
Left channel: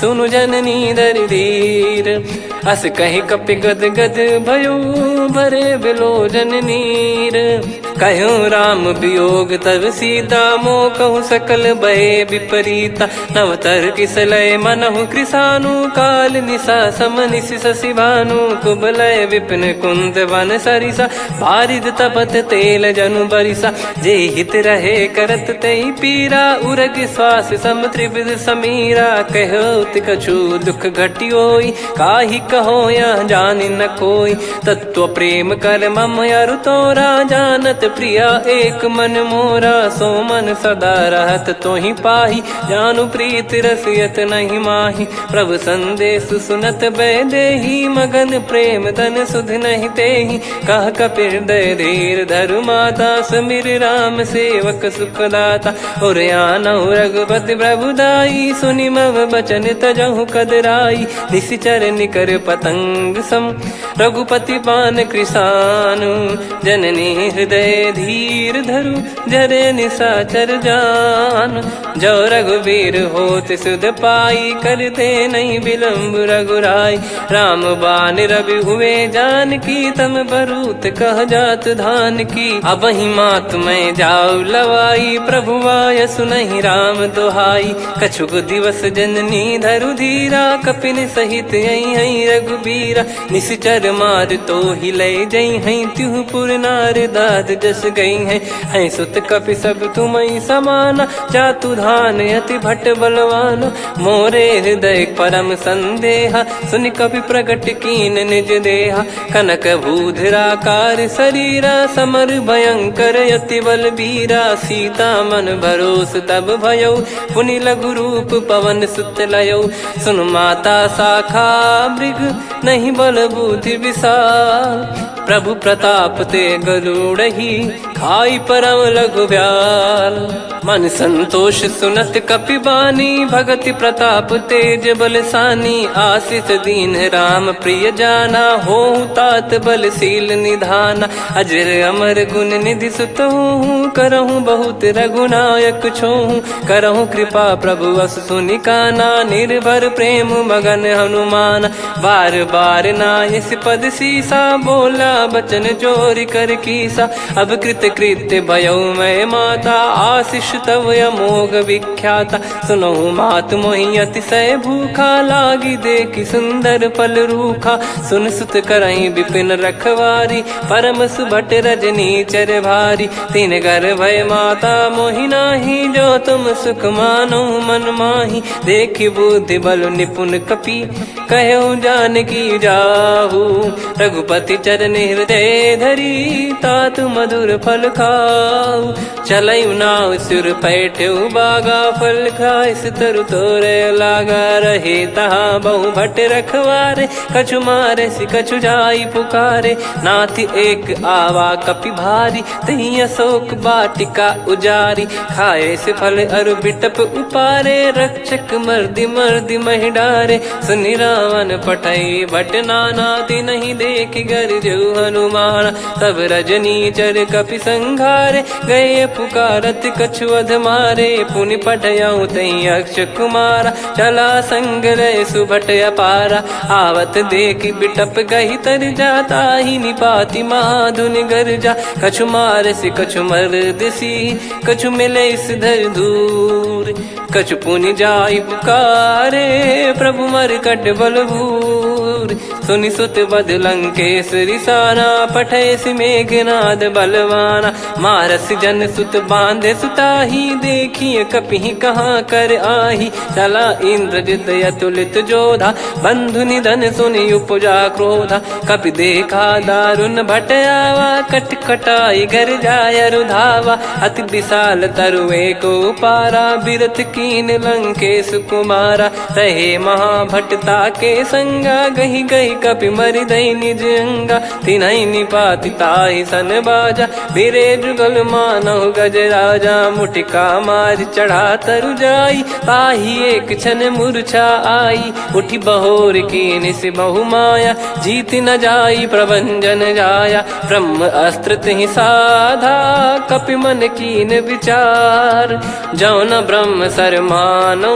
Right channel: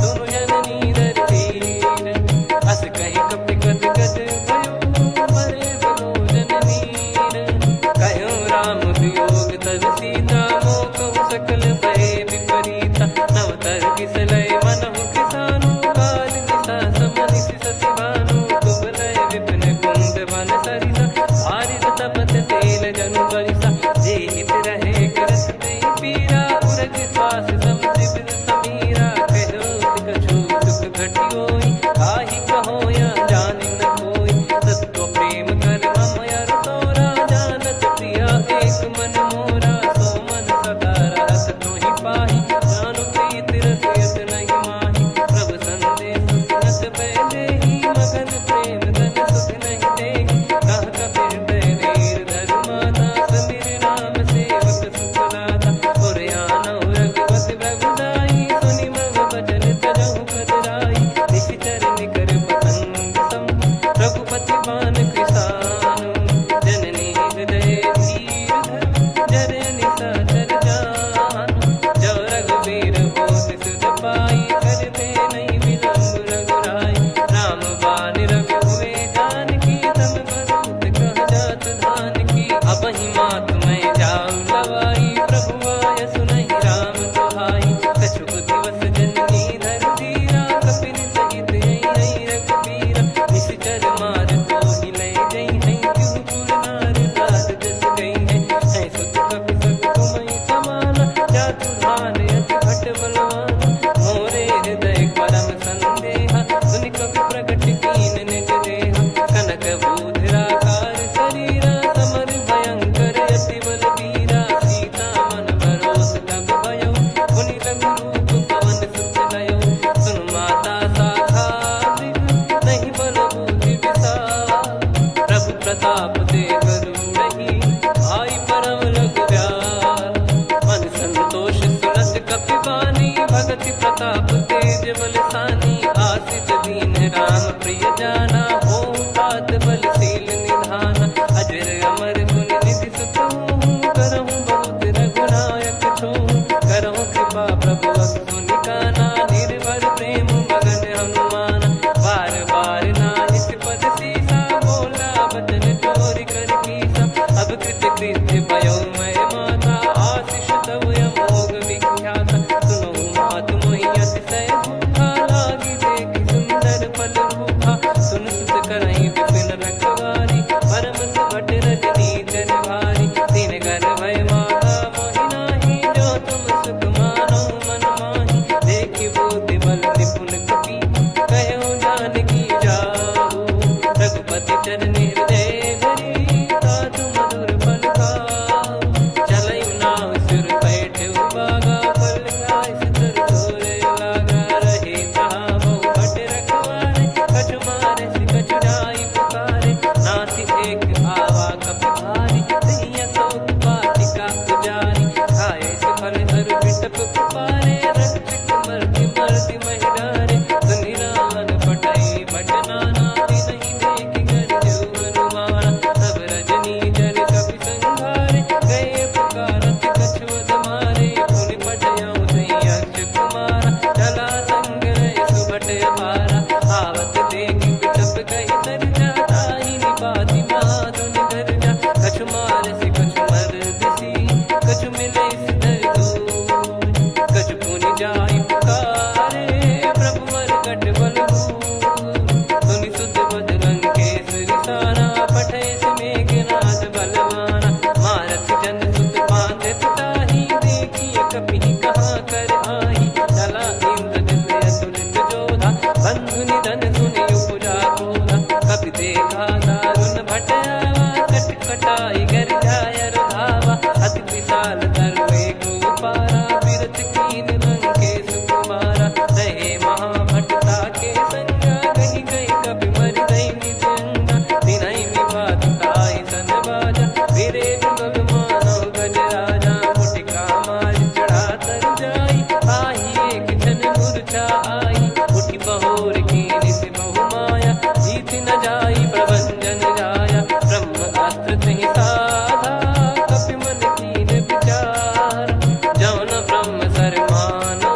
सुनु जननी दर धीर। अस कहि कपि गद गद भयो, भरे बिलोचन नीर। कहो राम वियोग तब सीता, मोह कहु सकल भय विपरीता। नव तर किस लय मनहु कृसानु, काल निशा सम निशि शशि भानु। कुबलय विपिन कुंद वन सरिसा, बारिद तपत तेल जनु बरिसा। जे हित रहे करत तेहि पीरा, उरग श्वास सम त्रिविध समीरा। कहो कछु दुख घटियोई, काहि कहो या जानि न कोई। तत्व प्रेम कर मम अरु तोरा, जानत प्रिया एक मन मोरा। सो मन सदा रहत तोहि पाही, जानु प्रीत रसियत नहीं माही। प्रभु संदेश सुनत बैदेही, मगन प्रेम धन सुध नहीं तेहि। कह कपि हृदय धीर धरु माता, सुमिर राम सेवक सुखदाता। और आनहु रघुपति प्रभुदाई, सुनि मम बचन तजहु कदराई। निशिचर निकर पतंग सम, रघुपति पान कृसानु। जननी हृदय धीर धरु, जरे निशाचर जान। जो रघुबीर होत सुध पाई, करते नहीं विलम्ब रघुराई। राम बान रवि हुए जानकी, तम बरूत कह जात धान की। अब ही मात मैं जाऊ लवाई, प्रभु आय सुनहि राम दोहाई। कछुक दिवस जननी धरु धीरा, कपिन सहित आई रघुबीरा। निश्चर मार तो ही ले जई हैं, त्युह पुर नार दाद जस गई हैं। सुत कपि सब तुमई समाना, जातु धान अति भट बलवान। मोरे हृदय परम संदेहा, सुनि कपि प्रकट कीन निज देहा। कनक भूधराकार शरीरा, समर भयंकर अति बलबीरा। सीता मन भरोस तब भयो, पुनि लघु रूप पवन सुत लयो। सुन माता शाखा मृग, नहीं बल बुद्धि विशाल। प्रभु प्रताप ते गरुड़हि, खाई परम लघु ब्याल। मन संतोष सुनत कपि बानी, भगति प्रताप तेज बलसानी। आशीष दीन राम प्रिय जाना, होहु तात बलशील निधाना। अजर अमर गुण निधि सुतहु, करहु बहुत रघुनायक छोहु। करहु कृपा प्रभु अस सुनि काना, निर्भर प्रेम मगन हनुमान। बार बार नायस पद सीसा, बोला बचन जोर कर कीसा। अब कृत कृत्य भयो मैं माता, आशीष तव अमोघ विख्याता। सुनो मात मोहि अतिशय भूखा, लागी देखि सुंदर फल रूखा। सुन सुत करहि विपिन रखवारी, परम सुभट रजनी चर भारी। तीन घर भय माता मोहि नाही, जो तुम सुख मानो मन माही। देखि बुद्धि बल निपुण कपि, कहो जानकी जाहू। रघुपति चरण हृदय धरी, तात मधुर फल खाऊ। चलऊ नाव सिर पैठ्यु बागा, फल खाय सितर तोरे लागा। रहे तहाँ बहु भट रखवारे, कछु मारे सि कछु जाई पुकारे। नाथ एक आवा कपि भारी, तही अशोक वाटिका उजारी। खाए से फल अरु बिटप उपारे, रक्षक मर्दि मर्दि महि डारे। सुनि रावण पटई भट नाना, तिनहि देखि गर जऊ हनुमान। तब रजनी चर कपि संघारे, गए पुकारत कछु अध मारे। पुनि पठयऊ तई अक्ष कुमारा, चला संग रहे सुभट अपारा। आवत देखि बिटप कहि तर जाता, ही निपाति माधुनि गर्जा। कछु मार से कछु मर्दिसी, कछु मिले इस धर दूर। कछु पुनि जाई पुकारे, प्रभु मरकट बलभूर। सुनि सुत बद लंकेश्वरी साना, पठय मेघनाद बलवाना। मारस जन सुत बांधे सुताही, देखिए कपि कहाँ कर आही। चला इंद्रजित अतुलित जोधा, बंधु निधन सुनि उपजा क्रोधा। कपि देखा दारुण भट आवा, कट कटाई घर जाय रुधावा। अति विशाल तरुए को पारा, बिरथ कीन लंकेश कुमारा। रहे महाभटता के संगा, गही गही कपि मरि दई निज अंगा। तिन्हि निपाति ताहि सन बाजा, बिरे जुगल मानव गज राजा। मुटिका मार चढ़ा तरु जाई, ताहि एक क्षण मूर्छा आई। उठि बहोर कीनि से बहु माया, जीत न जाई प्रभंजन जाया। ब्रह्म अस्त्र तिहि साधा, कपि मन कीन विचार। जौ न ब्रह्म सर मानौ,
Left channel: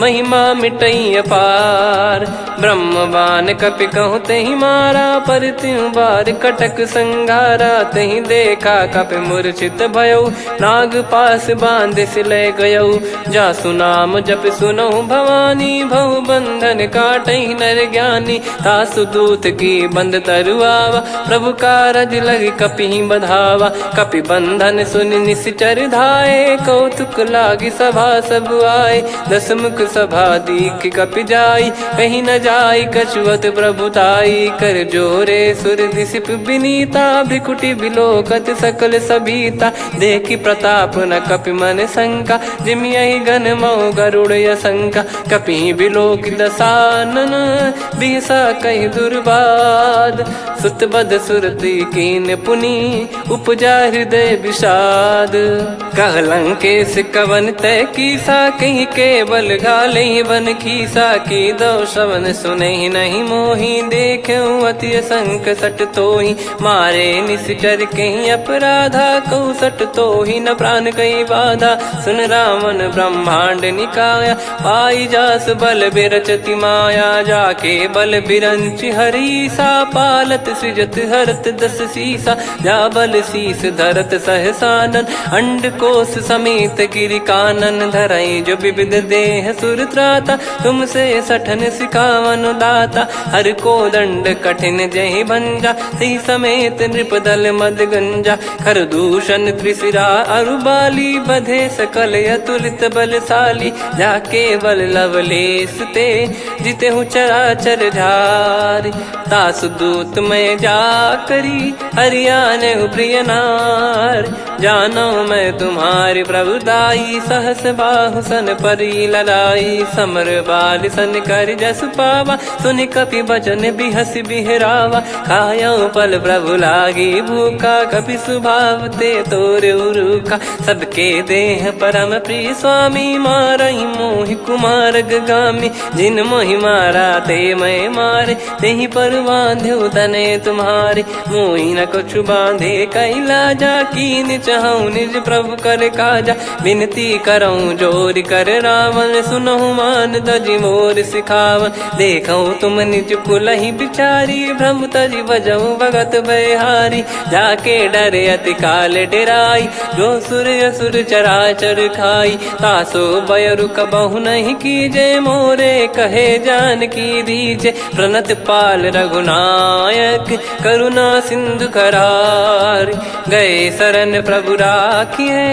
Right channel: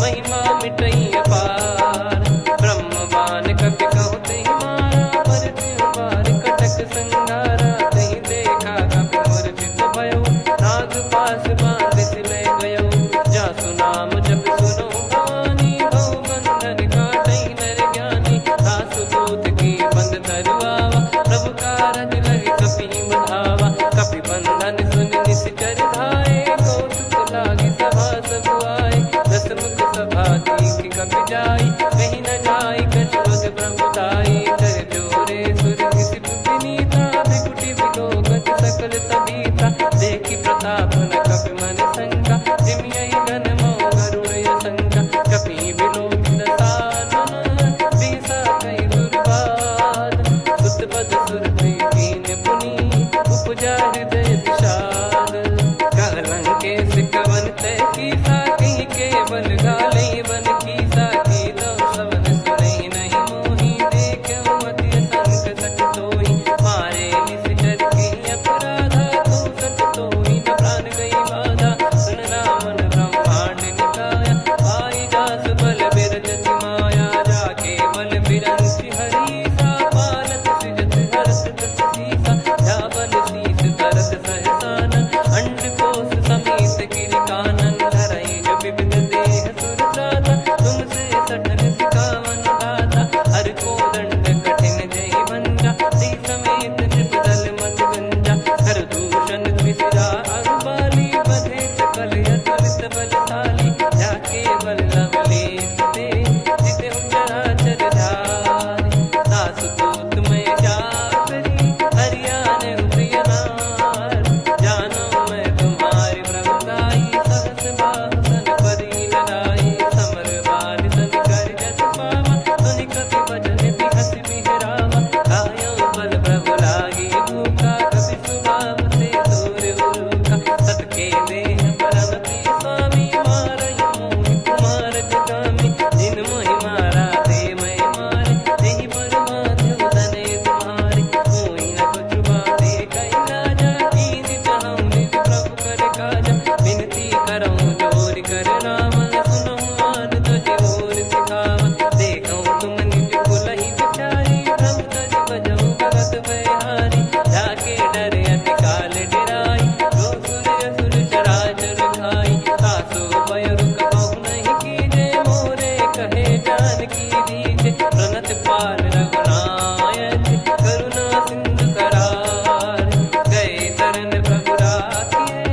महिमा मिटई अपार। ब्रह्म बान कपि कहूँ तहि मारा, पर त्यों बार कटक संगारा। तहि देखा कपि मूर्छित भयो, नाग पास बांध सिले गयो। जा सुनाम जप सुनो भवानी, भव बंधन काटहि नर ज्ञानी। तासु दूत की बंद तरुआवा, प्रभु कारज लग कपि बधावा। कपि बंधन सुनि निश्चर धाये, कौतुक लागी सभा सब आए। दसमुख सभा दीख कपि जाई, कहीं न जाई कछुअत प्रभुताई। कर जोरे सुर दिसिप विनीता, भिकुटी बिलोकत सकल सबीता। देखि प्रताप न कपि मन शंका, जिमियहि गन मऊ गरुड़ असंका। कपि बिलोक दसानन, बिहसा कहि दुर्बाद। सुत बद सुरति कीन पुनि, उपजा हृदय विषाद। कह लंकेश कवन तय कीसा, कहीं केवल गाले बन खीसा। की दो श्रवण सुनहि नहीं मोहि, ही देख्यो अति संक सट तो ही मारे निश्चर कहीं अपराधा को सट तो ही न प्राण कई बाधा सुन रावण ब्रह्मांड निकाया पाई जास बल बिरचति माया जाके बल बिरंच हरी सा पालत सृजत हरत दस सीसा जा बल शीस धरत सहसानन अंड कोश समेत गिरि कानन धरई जो विविध देह सुर त्राता तुमसे सठन सिखावन दाता हर को दंड कठिन जहि भंजा सी समेत नृपदल मद गंजा खर दूषण त्रिशिरा अरुबाली बधे सकल अतुलित बलशाली जाके बल लवलेस ते जिते हूँ चराचर झारी दास दूत में जा करी हरियाने प्रिय नार जानो मैं तुम्हारी प्रभुदाई सहस बाहु सन परी ललाई समर बाल सन कर जस पावा सुन कपि भजन बिहस बिहरावा खायो पल प्रभु लागी भूखा कपि स्वभाव ते तोर उरुखा सबके देह परम प्रिय स्वामी मारई मोहि कुमार गामी जिन मोहि मारा ते मैं मारे तेहि पर बांधो तने तुम्हारे मोहि न कुछ बांधे कैला जा कीन चाहूं निज प्रभु कर काजा विनती करऊं जोर कर रावण सुनहु मान तजि मोर सिखावन देखो तुम निज कुलहि बिचारी भ्रम तजि बजऊं भगत बहारी जाके डरे अति काल डेराई जो सुर असुर चराचर खाई तासो बयरु कबहु नहीं कीजे मोरे कहे जान की दीजे प्रणत पाल रघुनायक करुणा सिंधु करार गए शरण प्रभु राखिए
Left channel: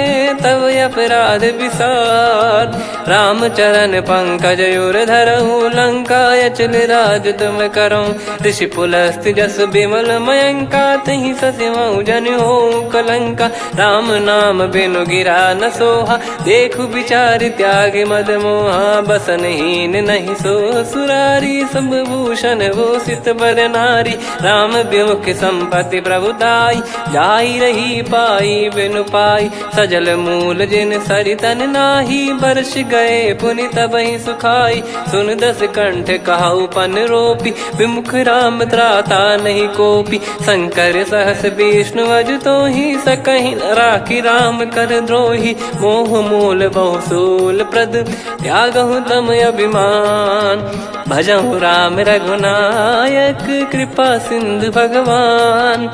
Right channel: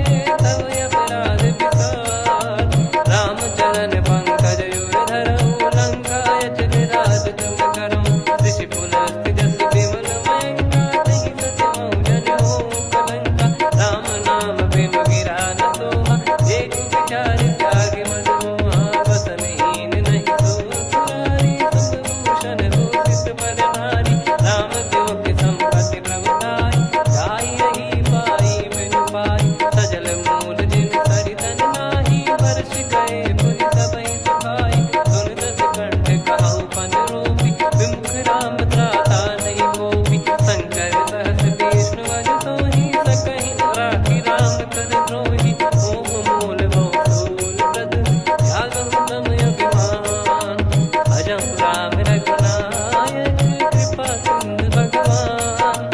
तब अपराध विसार राम चरण पंकज उर धरहु लंका अचल राज तुम करऊं ऋषि पुलस्त जस विमल मयंका तहि सत्यमऊ जन हो कलंका राम नाम बिनु गिरा न सोहा देखु विचार त्याग मद मोहा बसनहीन नहीं सो सुरारी सब भूषण भूषित बर नारी राम विमुख संपत्ति प्रभुताई जाई रही पाई बिनु पाई सजल मूल जिन सरितन नाही वर्ष गए पुनि तबहि सुखाई सुन दस कंठ कहाऊ पन रोपी विमुख राम त्राता नहीं कोपी शंकर सहस विष्णु अज तो ही सकहि राखी राम कर द्रोही मोह मूल बहु सूल प्रद त्यागहु तम अभिमान भजहु राम रघुनायक कृपा सिंधु भगवान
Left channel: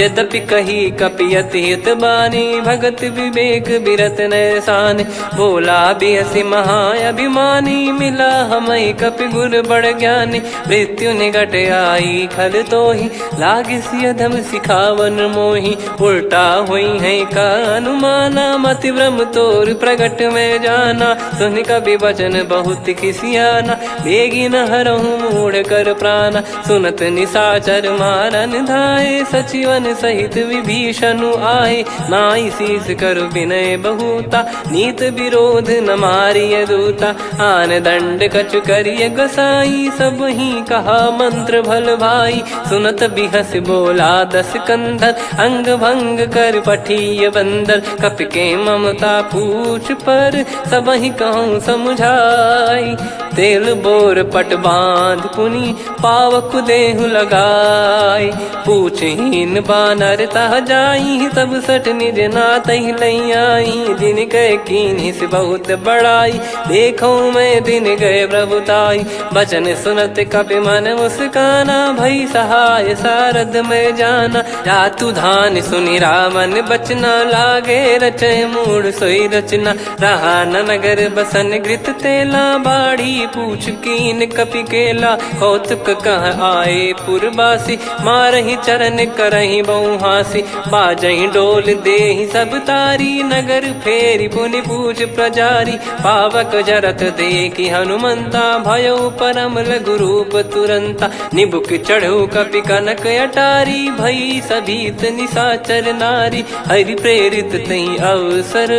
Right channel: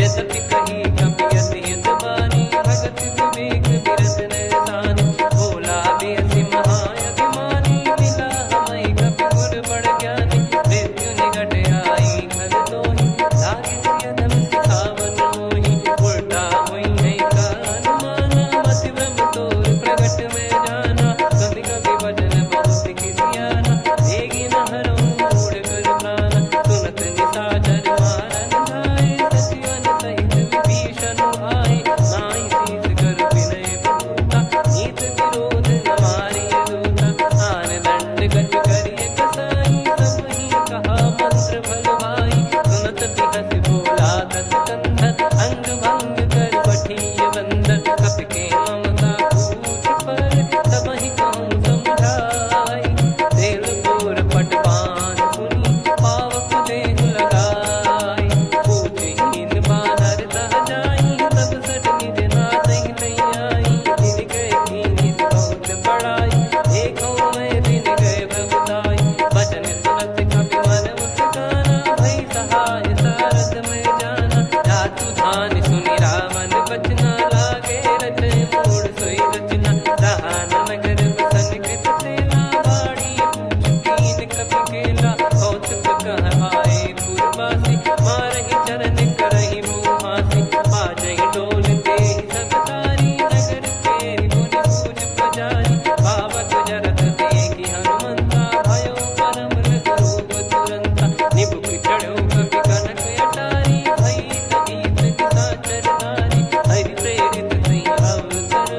यद्यपि कही कपियत हित बानी भगत विवेक बिरत नैसान बोला बिहसी महाअभिमानी मिला हमई कपि गुर बड़ ज्ञानी मृत्यु निकट आई खल तो ही लागे सियधम सिखावन मोही उल्टा हुई है का अनुमाना मति भ्रम तोर प्रगट में जाना सुन कभी वचन बहुत किसियाना बेगी न हरहु मूढ़ कर प्राण सुनत निशाचर मारन धाये सचिवन सहित विभीषणु आए नाई शीस कर विनय बहुता नीत विरोध न मारिय दूता आन दंड कछु करिय गसाई सब ही कहा मंत्र भल भाई सुनत बिहस बोला दस कंधर अंग भंग कर पठिय बंदर कपि के ममता पूछ पर सब ही कहूँ समझाई तेल बोर पट बांध पुनि पावक देहु लगाई पूछहीन बानर तह जाई तब सट निज नाथ लई आई दिन गए कीन्ही से बहुत बड़ाई देखो मैं दिन गए प्रभुताई बचन सुनत कपि मन मुस्काना भई सहाय सारद में जाना जातु धान सुनि रावण बचना लागे रचय मूड सोई रचना रहा न नगर बसन कृत तेला बाड़ी पूछ कीन कपि केला कौतुक कह आए पुरबासी मारहि चरण करहि बहु हासी बाजहि डोल देहि सब तारी नगर फेरी पुनि पूज प्रजारी पावक जरत देखि हनुमंता भयो परम लघु रूप तुरंता निबुक चढ़ऊ कपि कनक अटारी भई सभीत निशाचर नारी हरि प्रेरित तई अवसर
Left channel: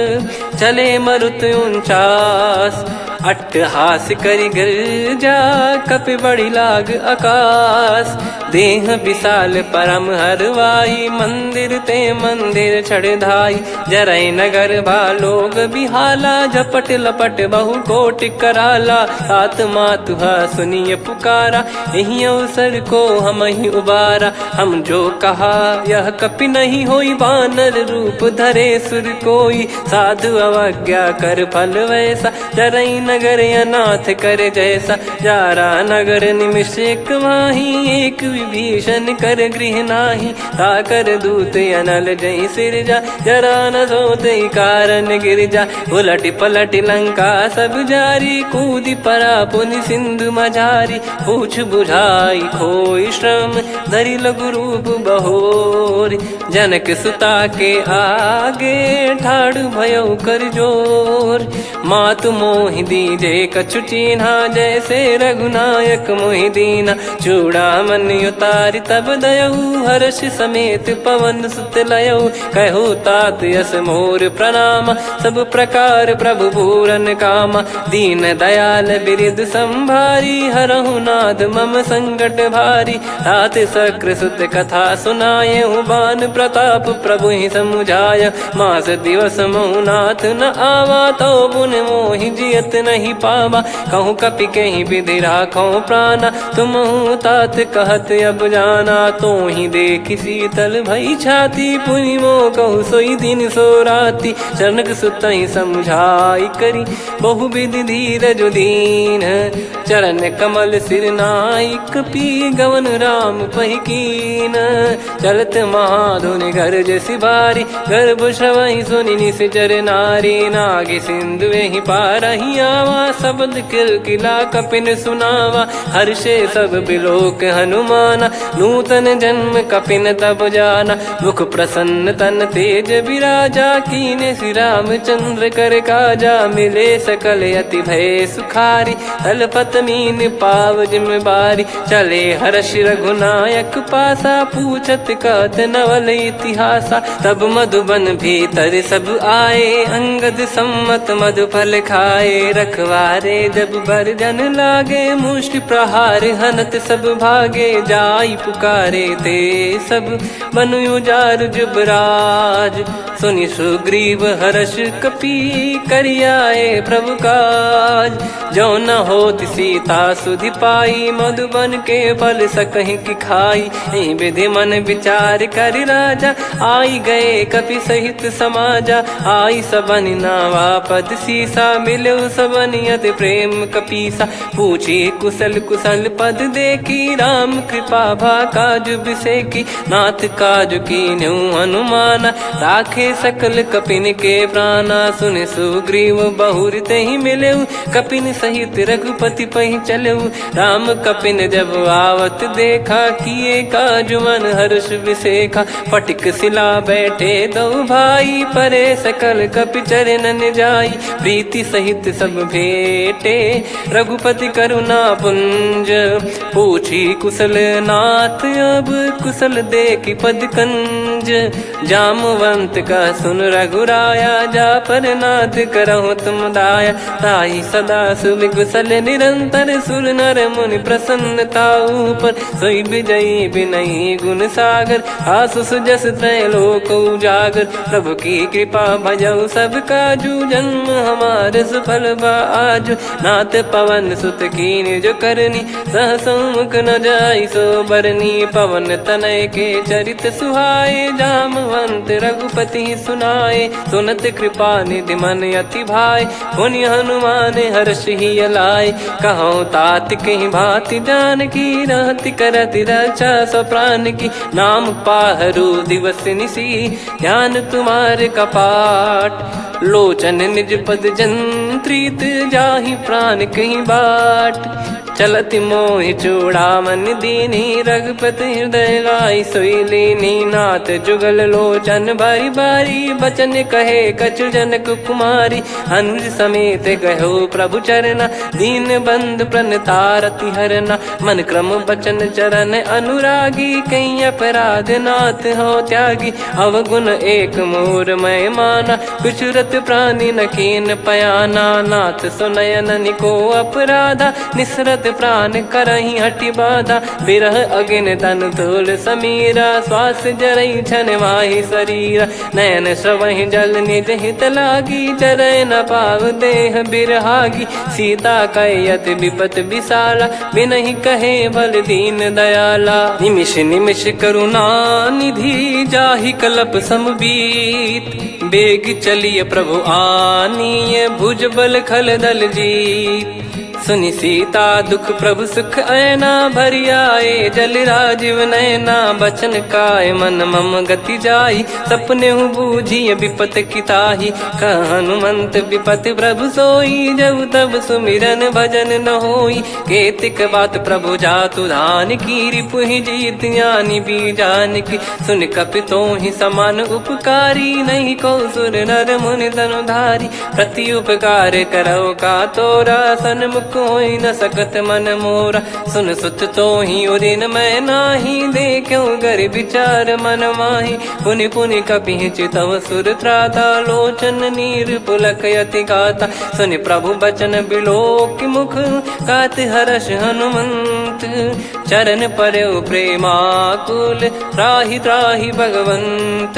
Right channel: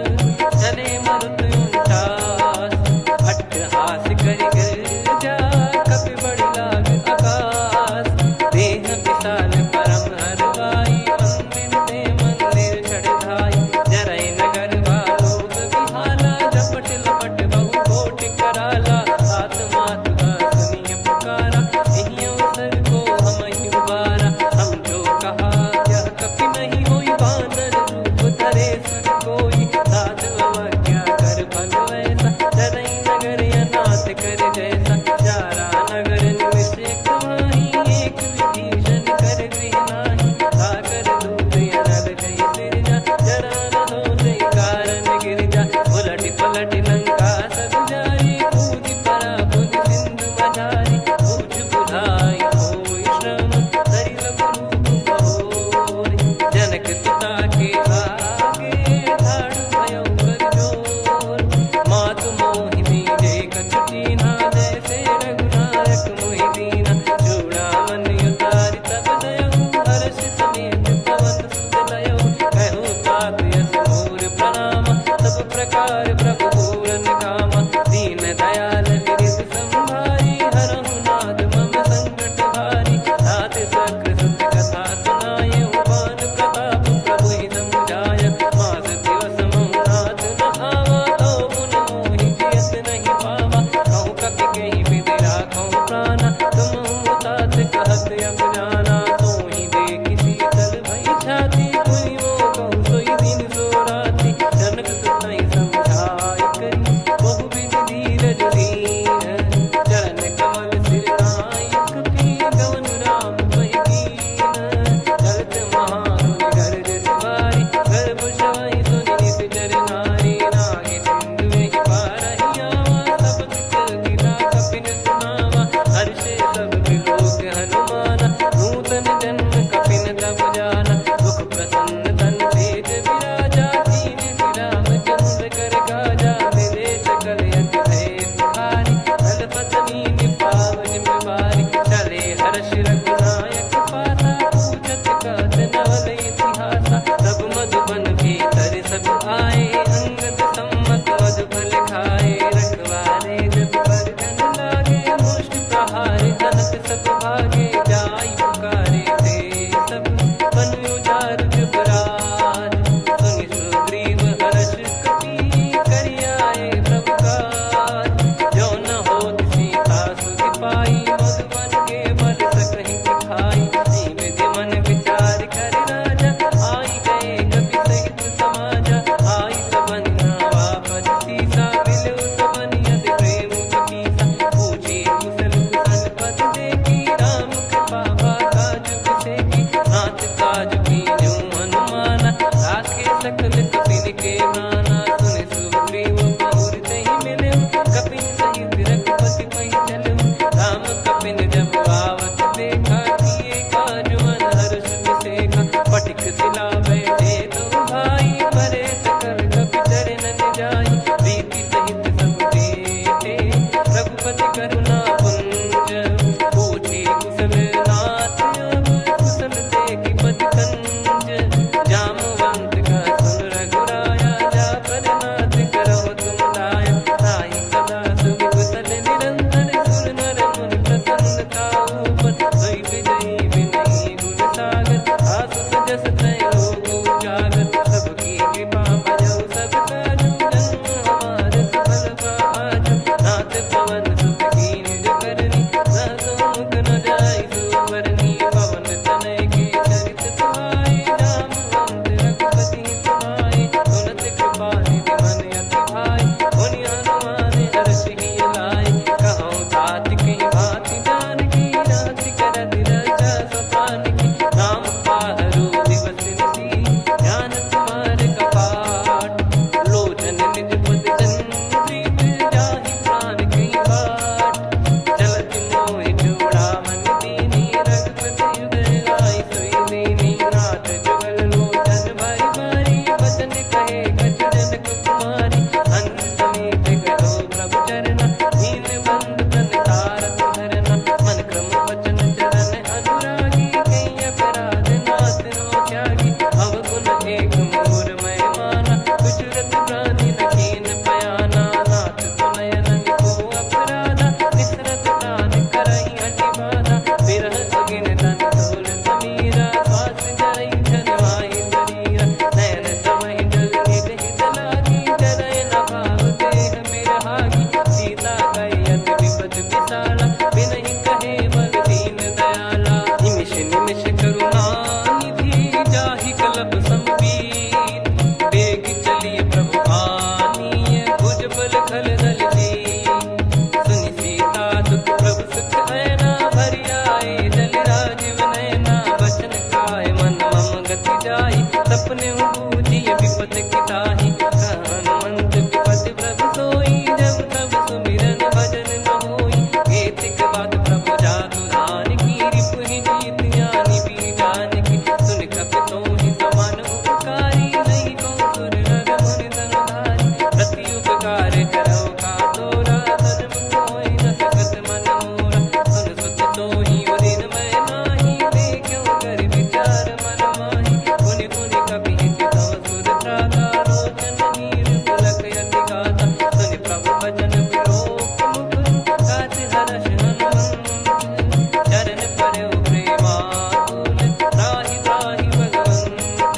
चले मरुत 49 अट्टहास करि गिरजा कपि बड़ी लाग आकाश देह विशाल परम हरवाई मंदिर ते मंदिर चढ़ धाई जरई नगर बालोग बिहाला जप लपट लपट बहु कोटि कराला, आत्मा तुहा सुनिए पुकारा, यही अवसर को हम ही उबारा। हम जो कहा यह कपि नहीं होई, वानर रूप धरे सुर कोई, साधु अवज्ञा कर फल वैसा, डरई नगर अनाथ कर जैसा। जारा नगर निमिष एक माही, एक विभीषण कर गृह नाही, ताकर दूत अनल जई सिरजा, जरा न सोते कारण गिर जा। उलट पलट लंका सब जारी, कूदी परा पुनि सिंधु मझारी, पूछ बुझाई खोई श्रम, धरि लघु रूप बहोरी। जनक सुता के आगे ठाड़ भयो कर जोर, मातु मोहि दीजे कछु चीन्हा, जैसे रघुनायक मोहि दीना। चूड़ामणि उतारि तब दयऊ, हर्ष समेत पवन सुत लयऊ, कहु तात यस मोर प्रणाम, सब प्रकार प्रभु पूरन कामा। दीन दयाल बिरिद संभारी, हरहु नाद मम संकट भारी, तात सक्र सुत कथा सुनाये, बान प्रताप प्रभु ही समुझाय। मास दिवस महु नाथ न आवा, तो पुन मोहि जियत नहीं पावा, कहूँ कपि कहीं विधि राखो प्राणा, तुम तात कहत अब जाना। तो ही देखी शीतल भई छाती, पुनि मो कहु सोई दिन सो राती, जनक सुत ही समझाई करी, बहु विधि धीरज दीन, चरण कमल सिर नाई, कपि गवन राम पहिकीन। चलत महाधुनि गरज सिबारी, गर्भ श्रवहि सुनि निश्चर नारी, नागे सिंधु ही पारहि आवा, शब्द किलकिला कपिन सुनावा। हर्षे सब बिलोक हनुमाना, नूतन जन्म कपिन तब जाना। मुख प्रसन्न तन तेज विराजा, कीने श्री रामचंद्र कर काजा। मिले सकल अति भय सुखारी, तलपत मीन पाव जिम बारी। चले हर्ष रघुनायक पासा, पूछत कहत नवल इतिहासा। तब मधुबन भीतर सब आए, अंगद सम्मत मधुफल खाए। रखवारे जब बरजन लागे, मुष्टि प्रहार हनत सब भागे। जाई पुकारे ते सब बन उजार जुबराज, सुनि सुग्रीव हर्ष कपि करियाए प्रभु काज। जो न होत सीता सुधि पाई, मधुबन के फल सकहि की खाई। विधि मन विचार कर राजा, आई गए कपि सहित समाजा। आई सबन नावा पद सीसा, मिलो सबन यत प्रेम कपीसा। पूछी कुशल कुशल पद देखी, राम कृपा भा काज बिसेकी। नाथ काज कीन्हु हनुमाना, राखे सकल कपिन के प्राणा। सुन सुग्रीव बहुर तेहि मिलेऊ, कपिन सहित रघुपति पहि चलेऊ। राम कपिन जब आवत देखा, किए काज मन हर्ष विसेखा। फटिक सिला बैठे दो भाई, परे सकल कपि चरणन जाई। प्रीति सहित सब भेटे, रघुपति करुणा पुंज। पूछी कुशल नाथ अब, कुशल देखि पद कंज। जामवंत का सुन रघुराया, जा पर नाथ करहु तुम दाया। ताहि सदा सुभि कुशल निरंतर, सुर नर मुनि प्रसन्नता ऊपर। सोई विजयी विनयी गुण सागर, आसुस जस तै लोक उजागर। प्रभु की कृपा भजऊ सब काजू, जन्म हमार सफल बा आजु। नाथ पवन सुत कीन्ह जो करनी, सहसो मुख न जाई सो बरनी। पवन तनय के चरित सुहाए, जामवंत रघुपति सुनाए। सुनत कृपा निधि मन अति भाई, पुनि हनुमान हर्ष ही लाए। कहूँ तात कहीं भांति जानकी, रहति करति रक्षा सो प्राण की। नाम पाहरु दिवस निसी, ध्यान तुम्हारे कपाट। लोचन निज पद जंत्रित, जाहि प्राण कहीं बाट। चलति मोहि चूड़ामणि दीनी, रघुपति हृदय लाई सोई लीनी। नाथ जुगल लोचन भारी भारी, बचन कहे कछु जनक कुमारी। अनुज समेत गयो प्रभु चरना, दीन बंधु प्रणतारति हरना। मन क्रम बचन चरण अनुरागी, कहीं अपराध नाथ हो त्यागी। अवगुण एक मोर मैं माना, विचुरत प्राणी न कीन पयाना। नाथ सुनयन निको अपराधा, निसरत प्राण करही हटि बाधा, बिरह अगिन तन तोल समीरा, श्वास जरई छन वाहि शरीरा, नयन श्रवहि जल निज हित लागी, चरय न पाव देह बिरहागी, सीता कैयत विपत विशाला, बिनहि कहे बल दीन दयाला, निमिष निमिष करुणा निधि, जाहि कलप समबीत, बेग चलिए प्रभु आनीय, भुज बल खल दल जीत, सुनि सीता दुख प्रभु सुख ऐना, भरि आए जल राजीव नैना, बचन काय मन मम गति जाई, सपने हूँ बूझिय विपत किताही, कह हनुमंत विपत प्रभु सोई, जब तब सुमिरन भजन न होई, केतिक बात प्रभु जातु धान की, रिपुहि जीत ज्ञानी बीजान की, सुन कपि तोहि समान उपकारी, नहीं को सुर नर मुनि तनुधारी, प्रति उपकार करो का तोरा, सन्मुख कोई न सकत मन मोरा, सुन सुत तो ही उदिन मैं नाही, देखो गर विचार मन माही, पुनि पुनि कपि चितव सुर त्राता, लोचन नीर पुलक यति गाता, सुनि प्रभु बचन बिलोक मुख, गात हर्ष हनुमंत, चरण परयो प्रेमाकुल, त्राहि त्राहि भगवंत,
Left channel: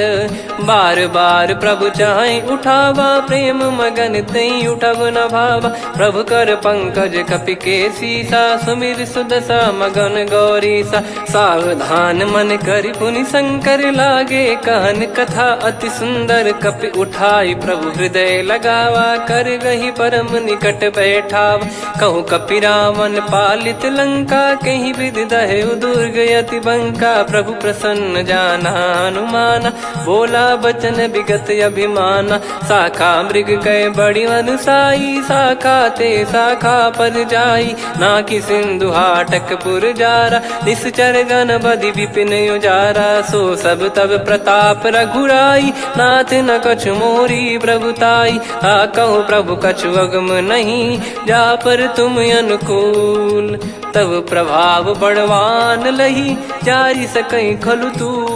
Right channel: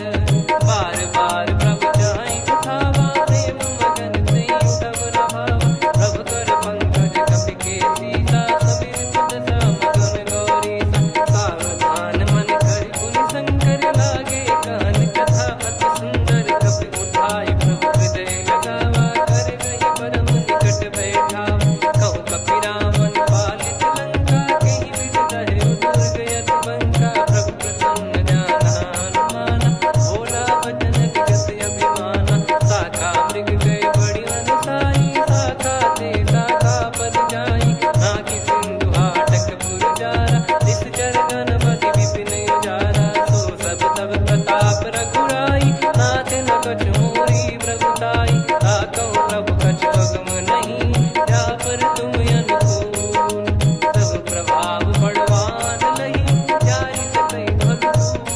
बार बार प्रभु चाहि उठावा, प्रेम मगन तई उठब न भावा, प्रभु कर पंकज कपि के सीसा, सुमिर सुदशा मगन गौरीसा, सावधान मन करि पुनि शंकर लागे, कहन कथा अति सुंदर, कपि उठाई प्रभु हृदय लगावा, कर गही परम निकट बैठावा, कहूँ कपि रावण पालित लंका, कहीं विधि दहेउ दुर्ग यति बंका, प्रभु प्रसन्न जाना हनुमाना, बोला बचन विगत अभिमाना, शाखा मृग कह बड़ी अनुसाई, शाखा ते शाखा पर जाई, नाकि सिंधु हाटक पुर जारा, निश्चर गण बदि विपिन उजारा, सो सब तब प्रताप रघुराई, नाथ न कछु मोरी प्रभुताई, आ कहो प्रभु कछु अगम नहीं, जा पर तुम अनुकूल, तब प्रभाव बड़वान लही, जारी सकई खलु तूल,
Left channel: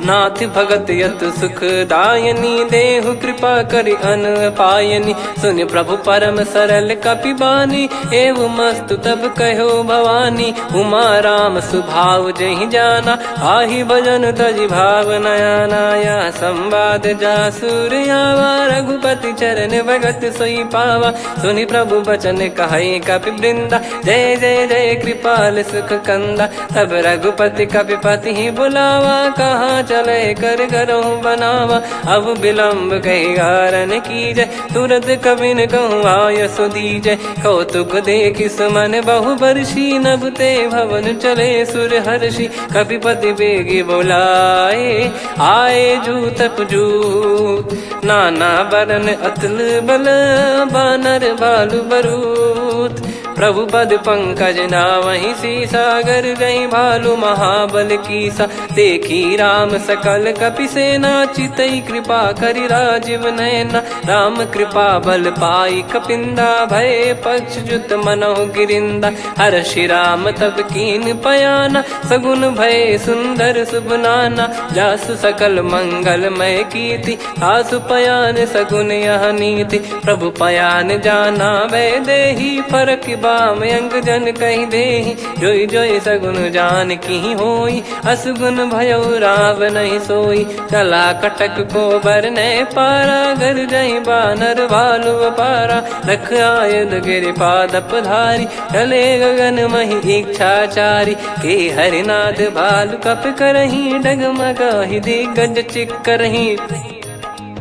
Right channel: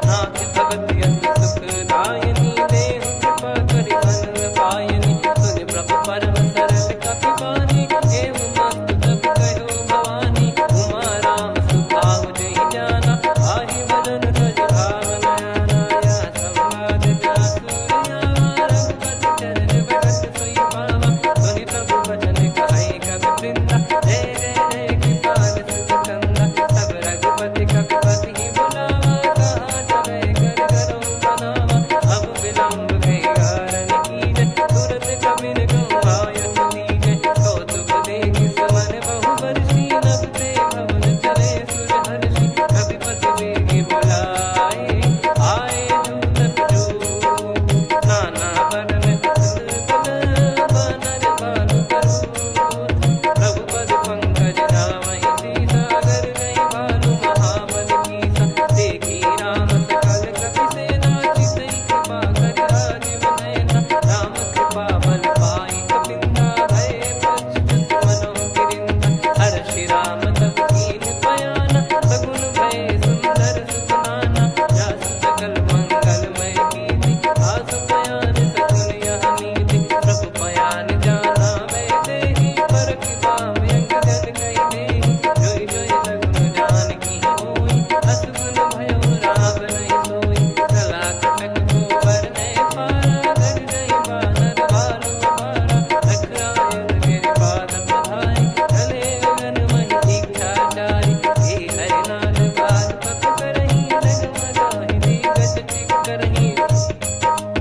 नाथ भगत यत सुख दायनी, देहु कृपा करि अन पायनी, सुनि प्रभु परम सरल कपि बानी, एव मस्तु तब कहो भवानी, उमा राम सुभाव जहि जाना, आहि भजन तजि भाव नयाना, या संवाद जासुर आवा, रघुपति चरण भगत सोई पावा, सुनि प्रभु बचन कहै कपि वृंदा, जय जय जय कृपाल सुख कंदा, तब रघुपति कपिपति ही बुलावा, कहाँ चले कर करहु बनावा, अब विलम्ब कही कारण कीजय, तुरत कबिन कहूँ आय सुदीजय, कौतुक देखि सुमन बहु बरसी, नभ ते भवन चले सुर हर्षि, कपिपति बेगी बोलाए, आए जूतप जू, नाना बरन अतुल बल, बानर भालु बरूत, प्रभु पद पंकज नामहि सीसा, गर गई भालु महाबल कीसा, देखी राम सकल कपि सेना, चितई कृपा करि राजीव नयना, राम कृपा बल पाई कपिंदा, भय पक्षजुत मनोह गिरिंदा, हर्षि राम तब कीन पयाना, सगुन भय सुंदर सुगुनाना, जासु सकल मंगलमय कीर्ति, आसु पयान सगुन यह नीति, प्रभु पयान जाना वै देहि, फरक बाम अंग जन कहि देहि, जोई जोई सगुन जान की होई, असगुन भयो राव नहीं सोई, चला कटक को बरने पारा, घर जई बानर भालु अपारा, रख आयद गिरि पाद पधारी, चले गगन महि इच्छाचारी, के हरिनाथ भालु कप करही, डगमगाहि दिग्गज चिक्करही,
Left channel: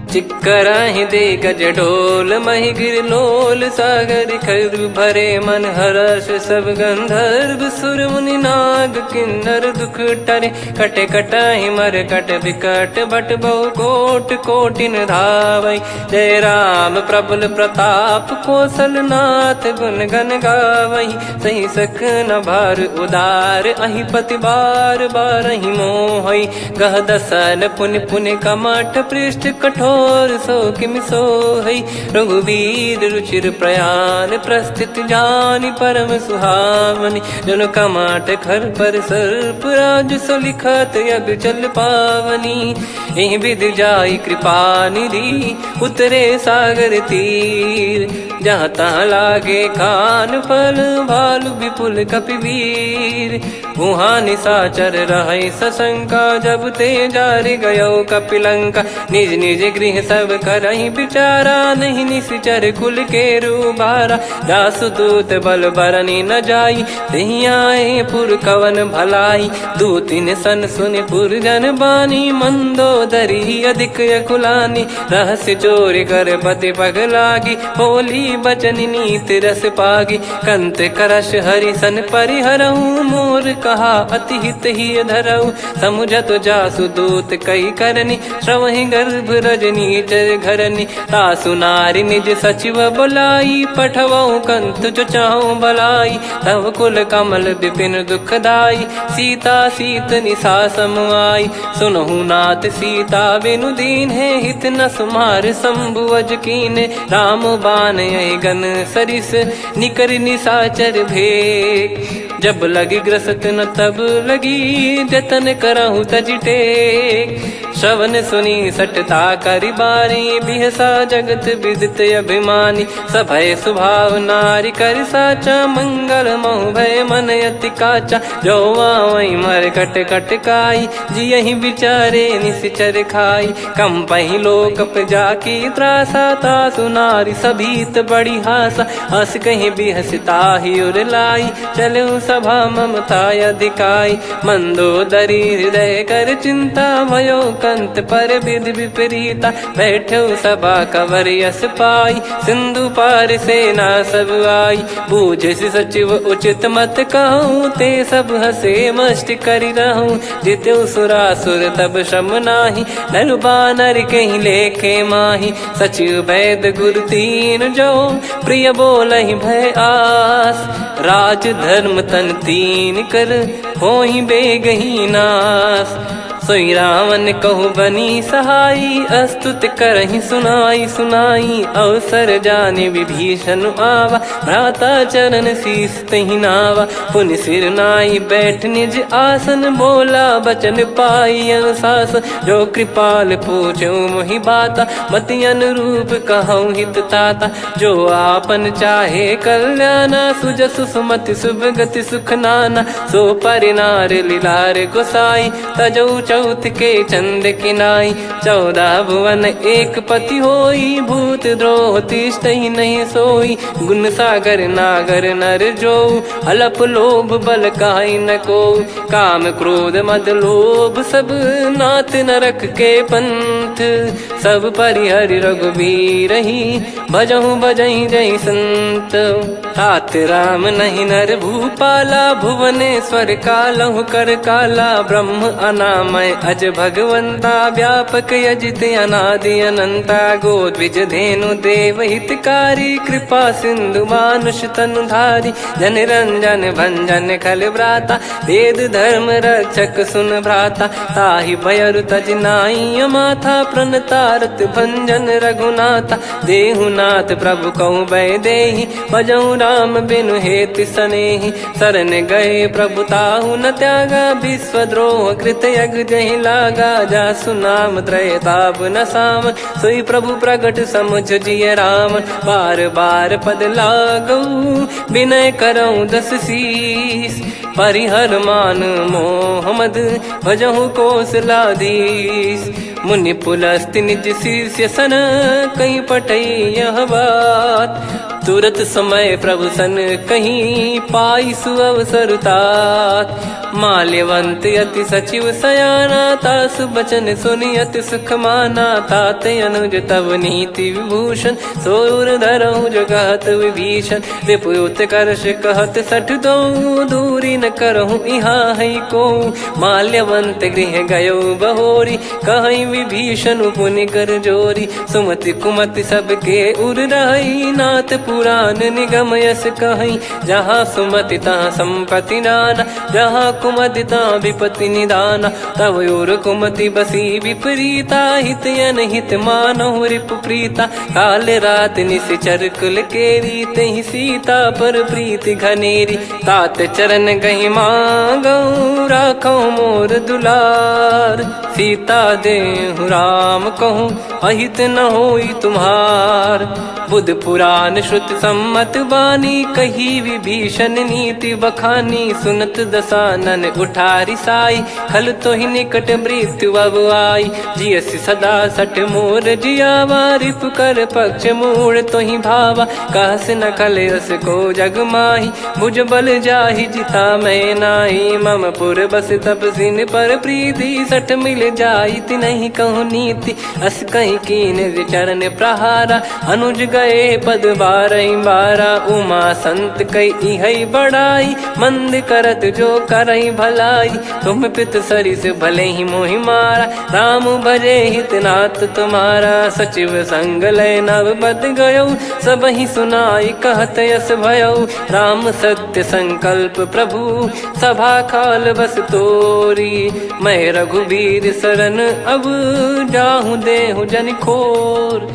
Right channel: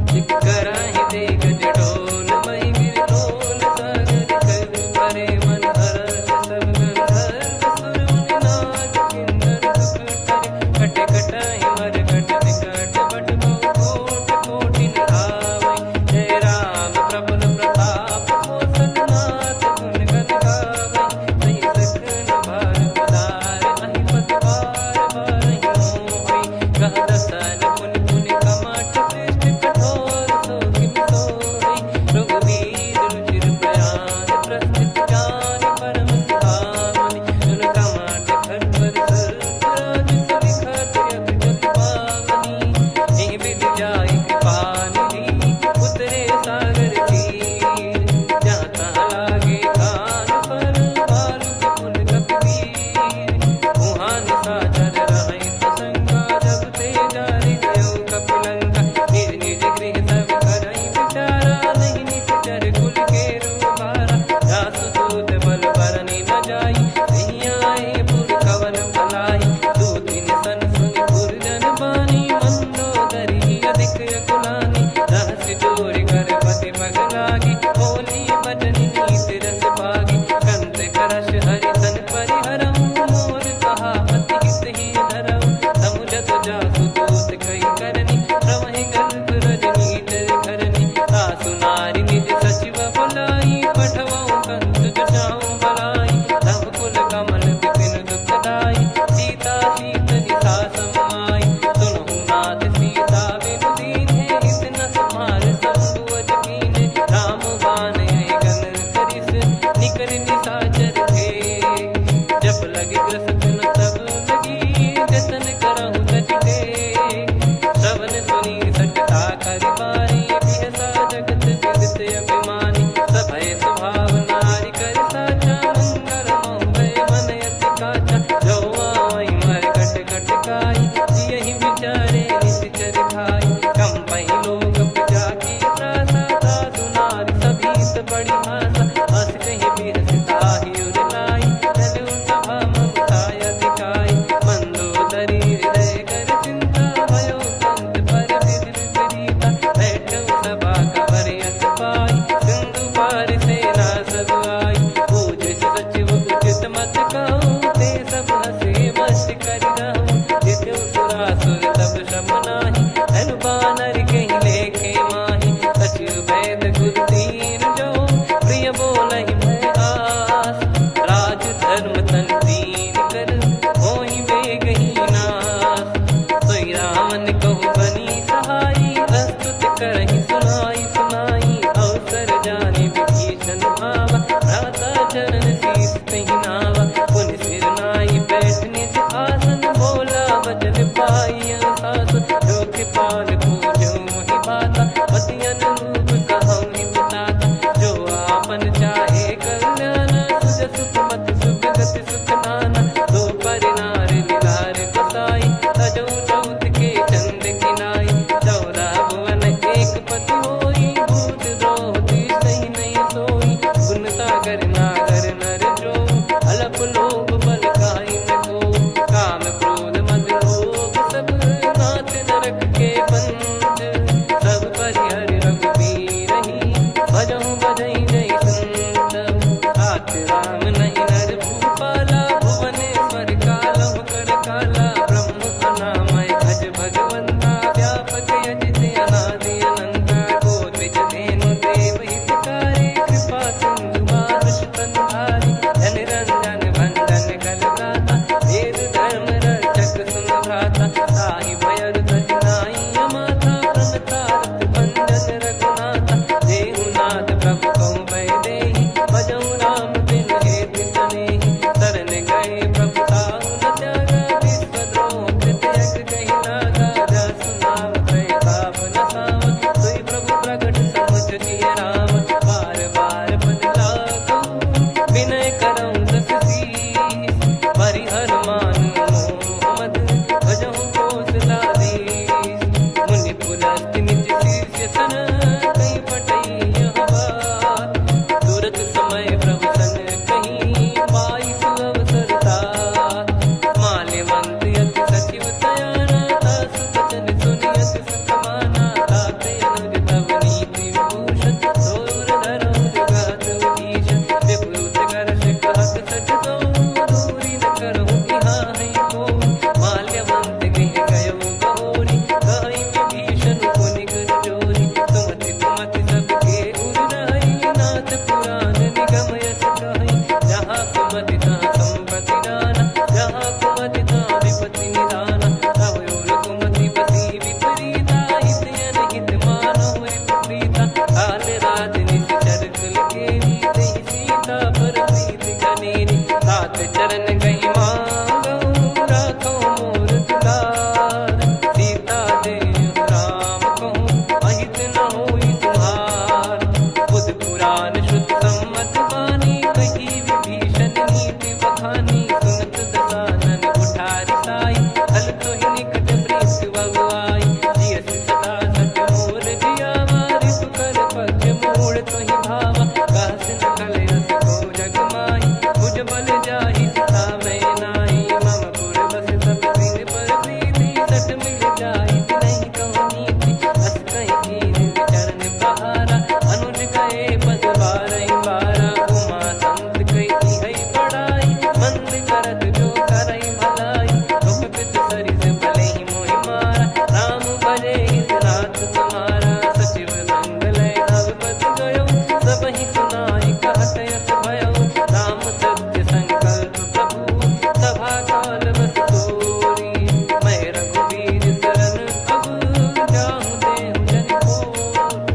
चिक्कराहि दिग्गज ढोल, महि गिर लोल, सागर खरु भरे मन हर्ष, सब गंधर्व सुर मुनि नाग किन्नर दुख टरे, कटे कटाहि मर कट विकट, बट बहु कोट कोटिन धावै, जय राम प्रबल प्रताप, कौशल नाथ गुण गण गावै, सही सख न भार उदार, अहि पति बार बारहि मोहै, गह दसन पुनि पुनि कमठ पृष्ठ कठोर, सो किमि सोहै, रघुबीर रुचिर प्रयाण, प्रस्थित जानि परम सुहावनी, जन कमाट खर पर सर्प राज, सलिखत यग चल पावनी, एहि विधि जाई कृपा निधि, उतरे सागर तीर, जहाँ जहाँ तहाँ लागे खान फल भालू विपुल कपिवीर। वहाँ निशाचर रहे सशंका जब ते जारि गयो कपिलंका। निज निज गृह सब करहि विचारा नहीं निश्चर कुल के रूबारा। जासुदूत बल बरनी न जाई तेहि आए पुर कवन भलाई। दू तीन सन सुनि पुर जन बानी मंदोदरी अधिक अकुलानी। रहस्य चोरी कर पति पग लागी होली बचन नीत रस पागी। कंत करश हरि सन परिहरऊ मोर कहा अति हित ही धरऊ। समुझत जासुदूत कई करनी श्रवहि गर्भ रजनी चर घरनी। तासु नारी निज सचिव बुलाई पठवऊ कंत जो चाहूं भलाई। तव कुल कमल विपिन दुखदाई सीता सीत निशा समुआई। सुनहु नाथ सीता बिनु दीन है हित न सुमार शंभु अज कीने। राम बान गन सरिस निकर निशाचर भेग। जब लगी ग्रसत न तब लगी जतन करहु तज टेक। श्रवण सुनी सटता करि बारी बिहसा जगत विदित अभिमानी। सभय स्वभाव नारी कर साचा मंगल मऊ भय मन अति काचा। जो आवई मर कट कट काई जियहि विचारे निश्चर खाई। कम पही लोक प्रजा की त्रासा तासु नारी सभीत बड़ी हासा। हस कहीं बिहसता ही उर लाई चलऊ सभा ममता अधिकाई। मंदोदरी हृदय कर चिंता भयो कंत पर विधि विपरीता। बैठो सभा कवर यस पाई सिंधु पार सेना सब आई। पूजे सचिव उचित मत कहूँ ते सब हसे मस्त करि रहूं। जित्यु सुरासुर तब श्रम नाही धनु बानर कहीं लेखे माही। सचिव वैद गुरु तीन जो प्रिय बोलहि भय आस। राज धर्म तन तीन कर होई बेगही नास। सोई रावण कहु बनी सहाई अस्तुत करहि सुनाई सुनाई। अवसर जाने विभीषण आवा भ्राता चरण शीस तहि नावा। पुनि सिर नाई बैठ निज आसन बोला बचन पाई अनुशासन। जो कृपाल पूछो मोहि बाता मति अनुरूप कहूँ हित ताता। जो आपन चाहे कल्याणा सुजसु सुमति शुभ गति सुख नाना। सो परिनार लीलार गोसाई तजौ चौथ के चंद किनाई। 14 भुवन एक पति होई भूत द्रोह तिष्ठहि नहीं सोई। गुण सागर नागर नर जो अलप लोभ बल काई न को। काम क्रोध मद लोभ सब नाथ नरक के पंथ। सब परिहरि रघुबीर ही भजहु भजहि जय संत। हाथ राम नहीं नर भूपाला भुवनेश्वर कालहु कर काला। ब्रह्म अनामय अज भगवंता व्यापक यजित अनादि अनंता। गोद्विज धेनु देव हितकारी कृपा सिंधु मानुष तनुधारी। जन रंजन भंजन खल भ्राता वेद धर्म रक्षक सुन भ्राता। ताहि भयरु तज नाई माथा प्रणतारत भंजन रघुनाथा। देहुनाथ प्रभु कहु भय देहि भजहु राम बिनु हेतु सनेहि। शरण गए प्रभु ताहु न त्यागा विश्वद्रोह कृत यज्ञ जहि लागा। जासु नाम त्रयताप न साम सोई प्रभु प्रगट समुझ जिय राम। बार बार पद लागऊ विनय करऊँ 10 शीस। परिहर मान मोह मद भजहु कौशलाधीश। मुनि पुलस्त्य निज शीर्ष सन कहीं पटई यह बात। तुरत समय प्रभु सन कहीं पाई सुअवसर तात। माल्यवंत अति सचिव सयाना तासु बचन सुनि अति सुख माना। तात अनुज तव नीति विभूषण सोर धरहु जगत विभीषण। विपुत करश कहत सठ दो दूरी न करहु यहाँ है को। माल्यवंत गृह गयो बहोरी कहीं विभीषण पुनि कर जोरी। सुमति कुमति सबके उर रही नाथ पुराण निगम यस कहीं। जहाँ सुमति तहाँ संपत्ति नाना जहाँ कुमति तहाँ विपत्ति निदाना। तव और कुमति बसी विपरीता हित अनहित मानहु रिपु प्रीता। काल रात निशिचर कुल केरी तहि सीता पर प्रीति घनेरी। तात चरण गहि मांगऊ राखो मोर दुलार। सीता देहु राम कहूँ अहित न होई तुम्हार। बुध पुराण श्रुत सम्मत बानी, कही विभीषण नीति बखानी। सुनत दसानन उठारी साई, खल तो ही निकट मृत्यु अब आई। जियसि सदा सठ मोर जियावा, रिप कर पक्ष मूड़ तो ही भावा। कहस न खल रस को जग माही, भुज बल जाहि जिता मैं नाई। मम पुर बस तप सिन पर प्रीति, सठ मिल जाई तिनहि कहु नीति। अस कहीं कीन चरण प्रहारा, अनुज गए पद बारहि बारा। उमा संत कई इहै बड़ाई, मंद करत जो करई भलाई। तुम पित सरिस भले ही मोहि मारा, राम भजे हितनाथ तुम्हारा। सचिव संग लय नव बद गयो, सब ही सुनाई कहत यस भयो। राम सत्य संकल्प प्रभु, सभा काल बस तोरी। मैं रघुबीर शरण अब, जाहु देहु जन खोर।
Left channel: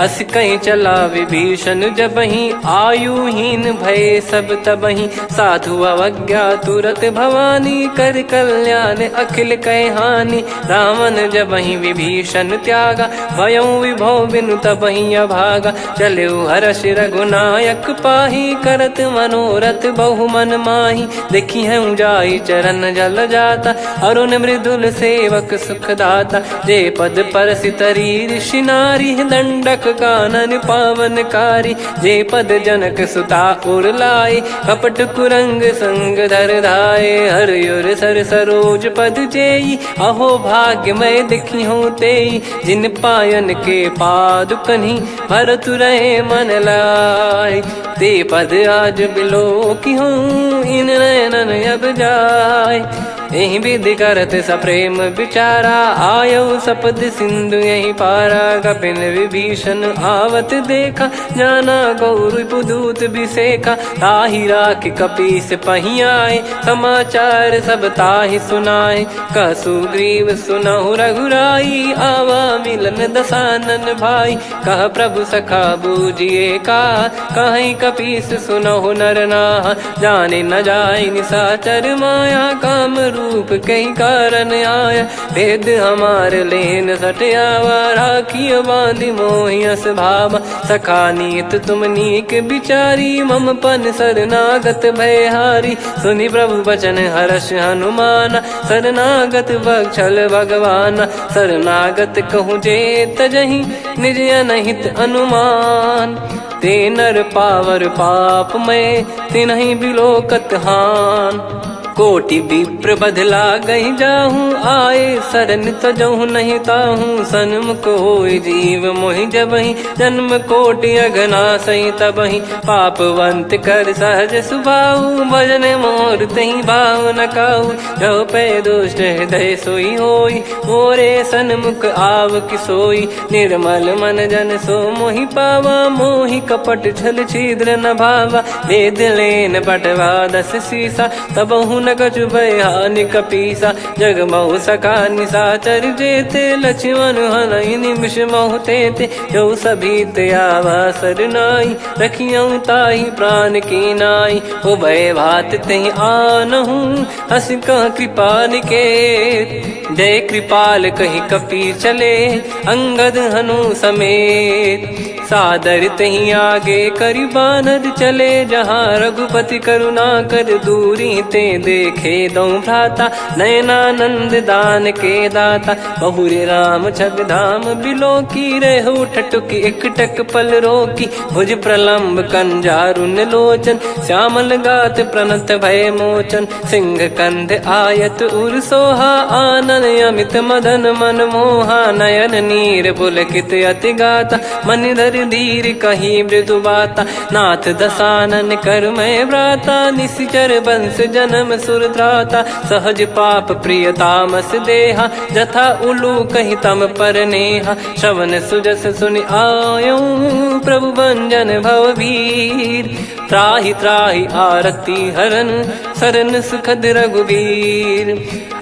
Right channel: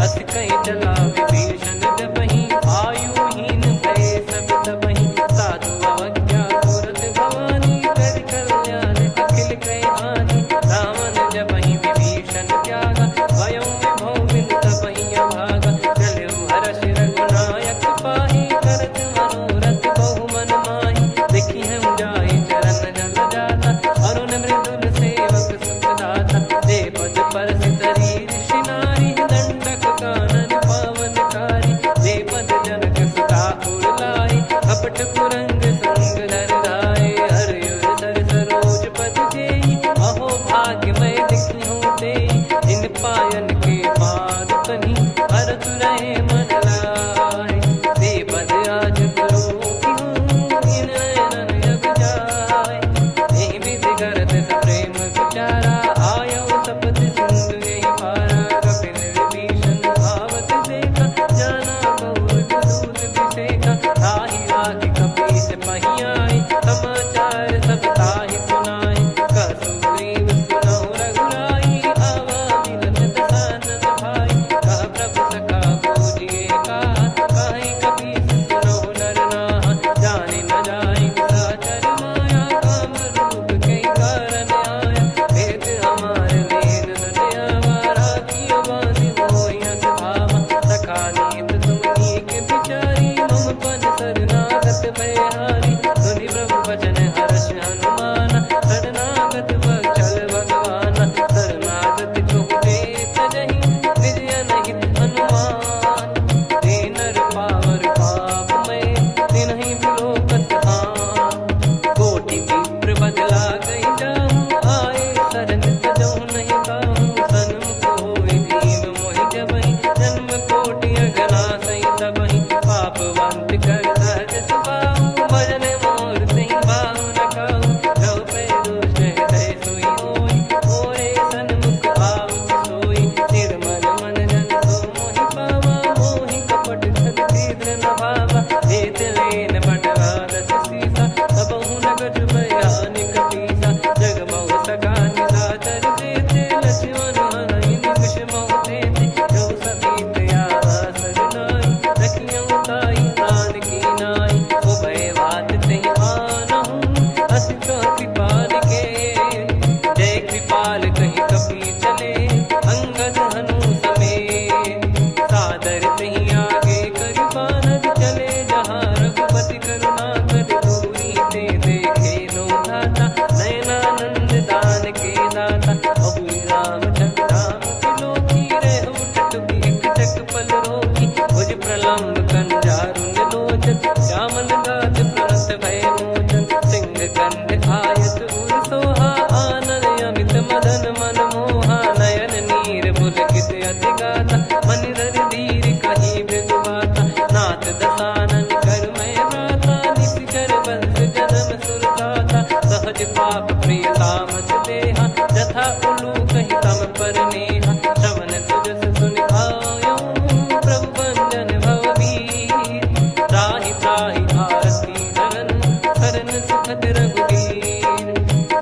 अस कहीं चला विभीषण जबहि, आयुहीन भय सब तबहि। साधु अवज्ञा तुरत भवानी, कर कल्याण अखिल कह हानि। रावण जबहि विभीषण त्यागा, भयउ विभव बिनु तबहि अभागा। चलऊ हर्ष रघुनायक पाहि, करत मनोरथ बहु मन माहि। देखी हूँ जाई चरण जल जाता, अरुण मृदुल सेवक सुखदाता। जे पद परसि तरी ऋषि नारी, दंडक कानन पावनकारी। जे पद जनक सुता उर लाए, कपट कुरंग संग धर धाये। हरियुर सर सरोज पद जेई, अहो भाग्य मैं दिखी हूँ तेई। जिन पायन के पाद कन्ही, भरत रहे मन लाय। ते पद आज बिलो की हूँ, इन नयनन अब जाय। यही विधि करत सप्रेम विचारा, आयो सपद सिंधु यही पारा। कपिन विभीषण आवत देखा, जाना गौर बुदूत बिसेखा। ताहि राख कपीस पही आए, समाचार सब ताहि सुनाए। कह सुग्रीव सुनहु रघुराई, आवा मिलन दसानन भाई। कह प्रभु सखा बूझिए का, कहीं कपीस सुनहु नर नाहा। जाने न जाय निशाचर माया, काम रूप कई कारण आया। वेद हमार लेन सटयावा, राखियो बांधि मोहियस भावा। सखा नीत तुम नीक बिचारी, मम पन शरणागत भयहारी। सुनि प्रभु वचन हर्ष हनुमाना, शरणागत बक्षल भगवाना। शरणागत कहूँ जे तजहि, निज अनहित अनुमान। ते नर पावर पाप में, तिन्हि बिलोकत हान। कोटि विप्र बदला गई जाहूँ, आए शरण तजहु नहीं ताहूँ। सन्मुख होय जीव मोहि जबहि, जन्म कोटि अघना सही तबहि। पापवंत कर सहज सुभाऊ, भजन मोर तहि भाव न काऊ। जो पै दुष्ट हृदय सोई होई, मोरे सन्मुख आव किसोई। निर्मल मन जन सो मोहि पावा, मोहि कपट छल छिद्र न भावा। वेद लेन बटवा दस सीसा, तबहु न कछु भय हानि कपीसा। जग महु सखा निशाचर जेते, लक्ष्मण हनहि निमिष महु तेते। जो सभी ते आवा सरनाई, रखियऊ ताहि प्राण की नाई। उभय भात तेहि आनहु, अस कह कृपाल के। जय कृपाल कहि कपी चले, अंगद हनु समेत। सादर तही आगे करि बानर चले, जहाँ रघुपति करुणा कर दूरी ते देखे दो भ्राता। नयनानंद दान के दाता, बहुरी राम छग धाम बिलो की। रहु ठटुकी एकटक पल रोकी, भुज प्रलम्ब कंजारुन लोचन। श्यामल गात प्रणत भय मोचन, सिंह कंद आयत उर सोहा। आनन अमित मदन मन मोहा, नयन नीर पुलकित अति गाता। मन धर धीर कहीं मृदु बाता, नाथ दसानन कर मैं व्राता। निशिचर वंश जन्म सुर त्राता, सहज पाप प्रिय तामस देहा। जथा उलू कही तम पर नेहा, श्रवण सुजस सुनि आयो। प्रभु भंजन भववीर, त्राहि त्राहि आरती हरन। शरण सुखद रघुवीर,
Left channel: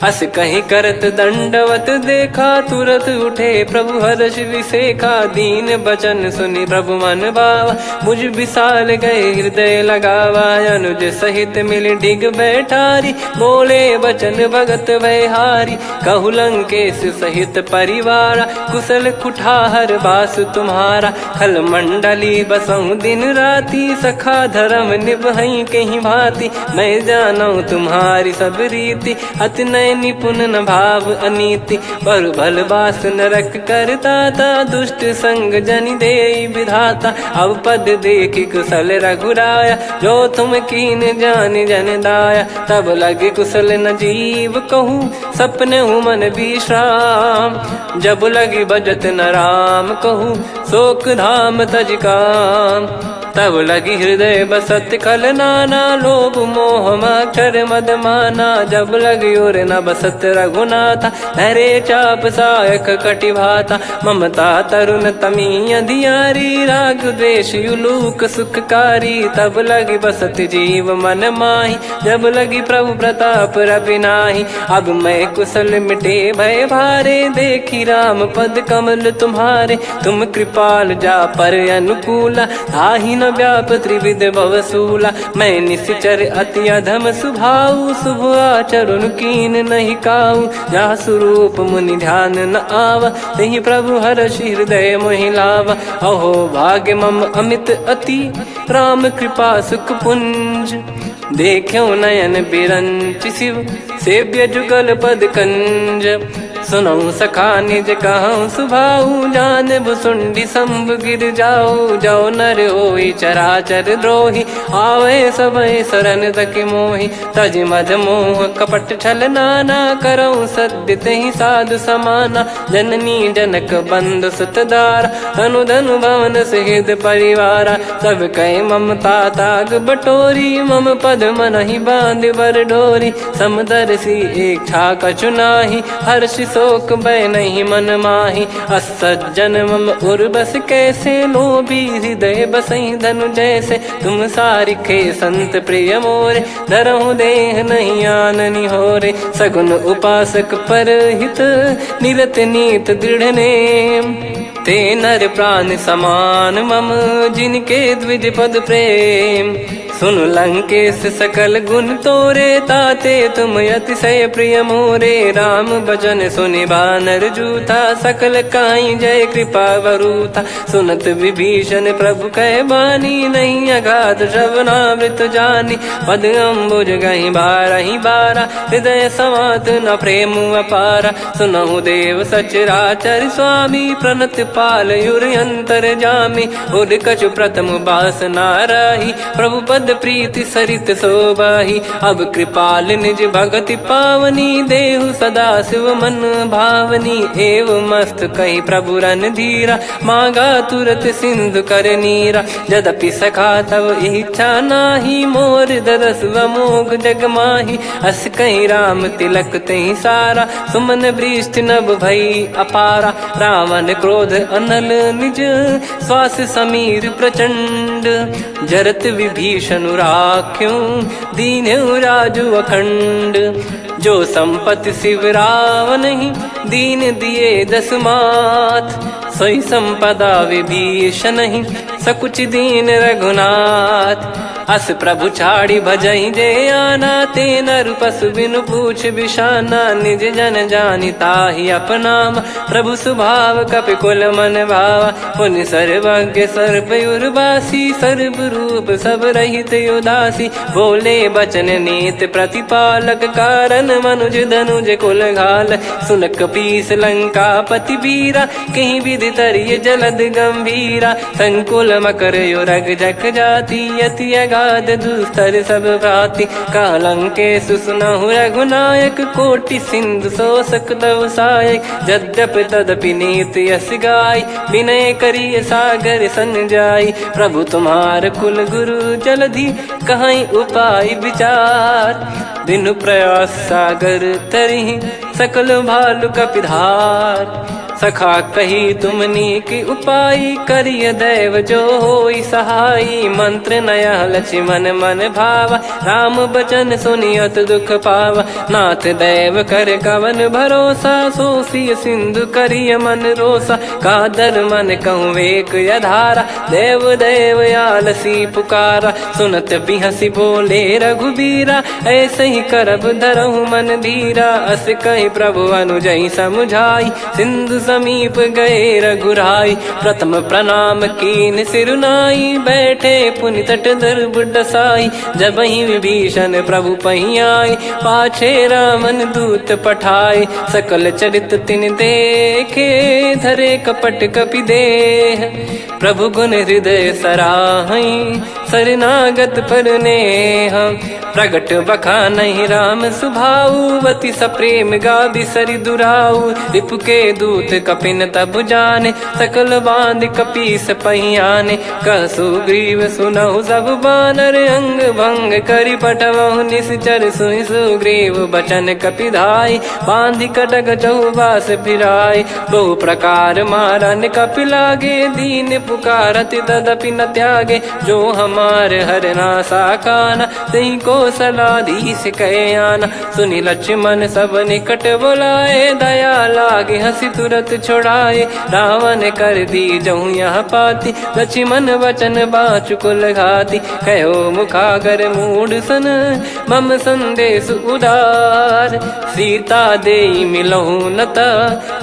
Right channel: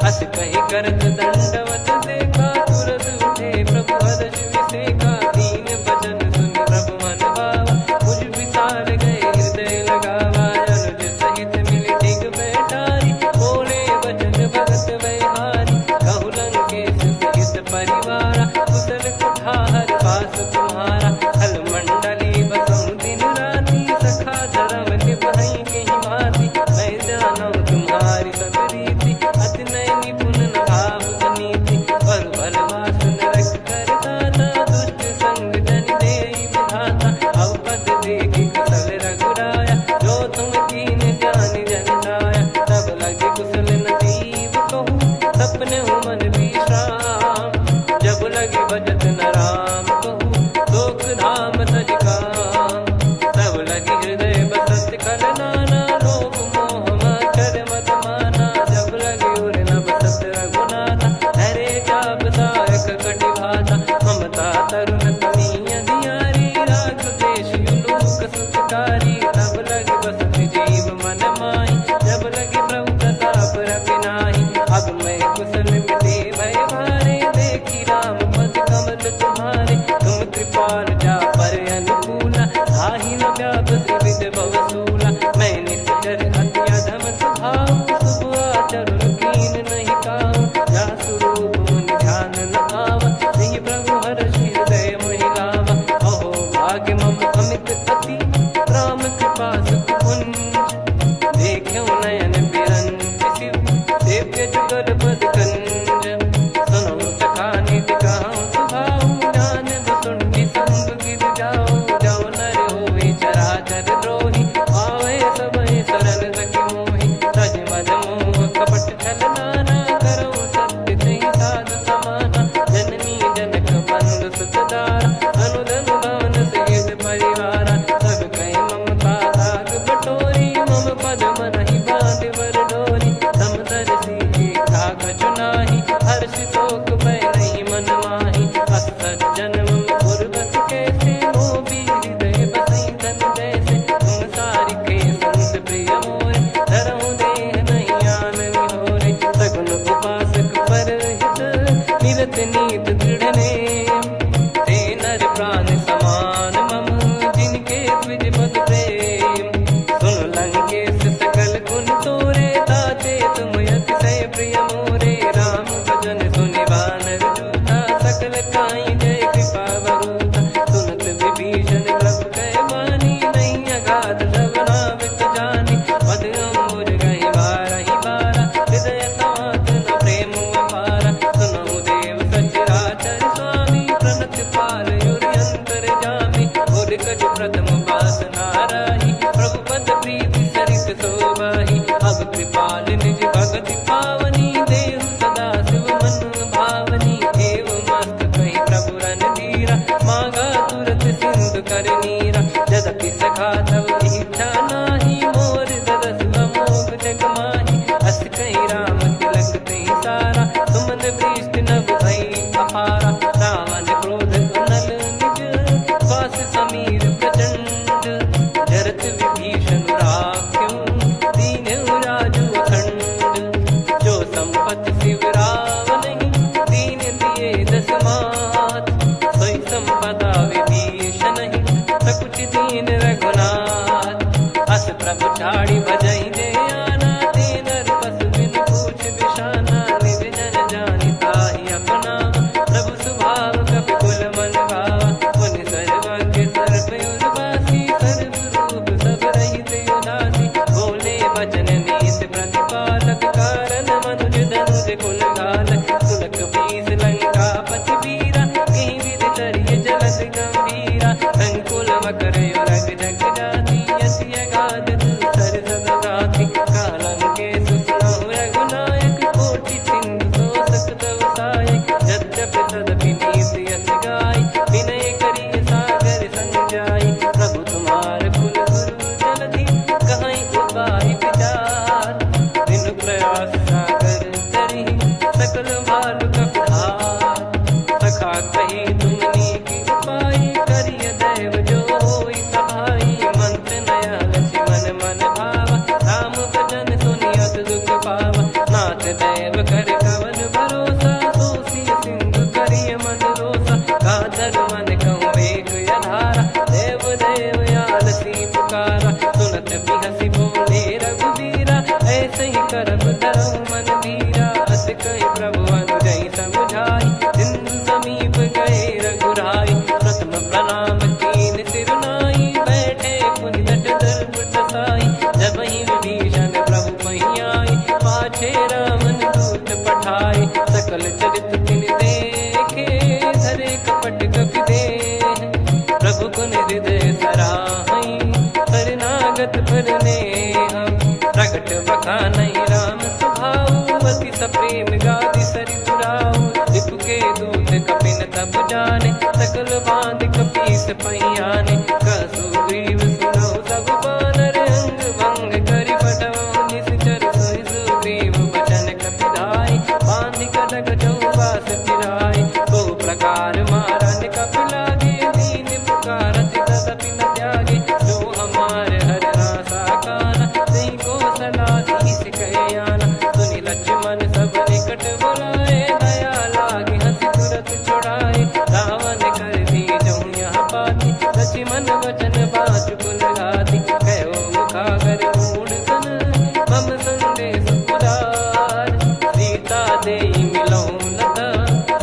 अस कहीं करत दंडवत देखा, तुरत उठे प्रभु हर्ष विसेखा। दीन बचन सुनि प्रभु मन भावा, मुझ विशाल गए हृदय लगावा। अनुज सहित मिल डिग बैठारी, बोले बचन भगत वैहारी। कहु लंकेश सहित परिवारा, कुशल कुठार बास तुम्हारा। खल मंडली बसऊं दिन राती, सखा धर्म निभई कहीं भांति। मैं जानू तुम्हारी सब रीति, अति नय निपुण न भाव अनीति। पर भल बास नरक करता था, दुष्ट संग जन दे विधाता। अब पद देखी कुशल रघुराया, जो तुम कीन जान जन दाया। तब लगे कुशल न जीव कहूँ, सपने मन विश्राम। जब लगी बजत न राम कहूँ, शोक धाम तज काम। तब लगी हृदय बसत खल नाना, लोभ मोह मकर मद माना। जब लगी उर न बसत रघुनाथा, धरे चाप सायक कटि भाता। ममता तरुण तमी अधियारी, राग द्वेष युलूक सुखकारी। तब लगी बसत जीव मन माही, जब लगी प्रभु प्रताप रवि नाही। अब मैं कुशल मिटे भय भारे, देखी राम पद कमल तुम्हारे। तुम कृपाल जा पर अनुकूला, ताहि न व्याप त्रिविध भवसूला। मैं निश्चर अति अधम सुभाऊ, शुभ आचरण कीन नहीं काऊ। जहाँ स्वरूप मुनि ध्यान न आवा, तहि प्रभु हर्ष हृदय मोहि लावा। अहो भाग्य मम अमित अति, राम कृपा सुख पुंज। देखो नयन बिरंच शिव, सेव्य जुगल पद कंज। सुनऊ सखा निज कहूँ सुभाऊ, जान भुसुंडी संभ गिर जाओ। जाओ नर होई चराचर द्रोही, आवे सबय शरण तक मोहि। तज मद मोह कपट छल नाना, करऊँ सत्य तहि साधु समाना। जननी जनक बंधु सुतदारा, धनु धनु भवन सहित परिवारा। सब कहे ममता ताग बटोरी, मम पद मनहि बांध बर डोरी। समदर्शी इच्छा कछु नाही, हर्षि शोक भय नहीं मन माही। असज्जन मम उर्वश कैसे, लोभी हृदय बसई धनु जैसे। तुम सारिके संत प्रिय मोरे, धरहु देह नहीं आननि होरे। सगुन उपासक पर हित, निरत नीत दृढ़ नेम। ते नर प्राण समान मम, जिनके द्विज पद प्रेम। सुन लंकेश सकल गुण तोरे, ताते तुम अतिशय प्रिय मोरे। राम भजन सुनि बानर जूथा, सकल काई जय कृपा वरूथा। सुनत विभीषण प्रभु कह बानी, नहीं अगाध श्रवणामृत जानी। पद अम्बुज गहि बारहि बारा, हृदय समात न प्रेम अपारा। सुनहु देव सचराचर स्वामी, प्रणत पाल युर अंतर जामी। उर कछु प्रथम बास नाराही, प्रभु पद प्रीति सरित शोभाही। अब कृपाल निज भगति पावनी, देहु सदा शिव मन भावनी। एव मस्त कही प्रभु रन धीरा, मांगा तुरत सिंधु कर नीरा। यद्यपि सखा तब इच्छा नाही, मोर दरस वमोघ जग माही। अस कही राम तिलक तहि सारा, सुमन वृष्टि नभ भई अपारा। रावण क्रोध अनल निज, श्वास समीर प्रचंड। जरत विभीषण राख्यों, दीन्हु राजु अखंड। जो संपत्ति शिव रावण ही, दीन दिए दस मात। सोई संपदा विभीषण ही, सकुच दीन रघुनाथ। अस प्रभु छाड़ी भजई जे आना, ते नर पशु बिनु पूछ बिशाना। निज जन जानि ताहि अपनाम, प्रभु स्वभाव कपि कुल मन भावा। पुनि सर्वज्ञ सर्वयुर्वासी, सर्व रूप सब रहित उदासी। बोले बचन नीत प्रतिपालक, कारण मनुज धनुज कुल घाल। सुनक पीस लंका पति वीरा, कहीं विधि तरिय जलद गंभीरा। संकुल मकर युरग जग जाति, अति अगाध दुस्तर सब भांति। कालंकेशु सुनहु रघुनायक, कोटि सिंधु शोषक तव सहायक। यद्यपि तदपि नीति यस गाय, विनय करिय सागर सन जाई। प्रभु तुम्हार कुल गुरु जलधि, कहीं उपाय विचार। बिनु प्रयास सागर तरिहि, सकल भालु कपिधार। सखा कही तुमनी की उपाय, करिय दैव जो होई सहाई। मंत्र नया लक्ष्मण मन भावा, राम बचन सुनियत दुख पावा। नाथ दैव कर कवन भरोसा, सोसी सिंधु करिय मन रोसा। कादर मन कहूँ एक यधारा, देव देव आलसी पुकारा। सुनत बिहसी बोले रघुबीरा, ऐसे ही करब धरहु मन धीरा। अस कही प्रभु अनुजई समझाई, सिंधु समीप गए रघुराई। प्रथम प्रणाम कीन सिरुनाई, बैठे पुनि तट दर्ब डसाई। जब ही विभीषण प्रभु पही आए, पाछे रावण दूत पठाए। सकल चरित तिन देखे, धरे कपट कपि देह। प्रभु गुण हृदय सराहई, शरणागत पर नेह। प्रगट बखानहि राम सुभाऊ, बति सप्रेम गादि सरि दुराऊ। रिपु के दूत कपिन तब जाने, सकल बांध कपीस पहियाने। कह सुग्रीव सुनहु सब बानर, अंग भंग करि पठवहु निश्चर। सुनि सुग्रीव बचन कपि धाई, बांधि कटक चौबास फिराई। बहु प्रकार मारन कपि लागे, दीन पुकारत तदपि न त्यागे। जो हमार हरना साकाना, तई को सलाधीश कहे आना। सुनि लक्ष्मण सब निकट बोलाए, दया लागे हंसी तुरत छोड़ाए। रावण कर दी जऊँ यह पाती, लक्ष्मण वचन बाचु कुल घाती। कहो मुखागर मूढ़ सन, मम संदेश उदार। सीता देई मिलहु नत,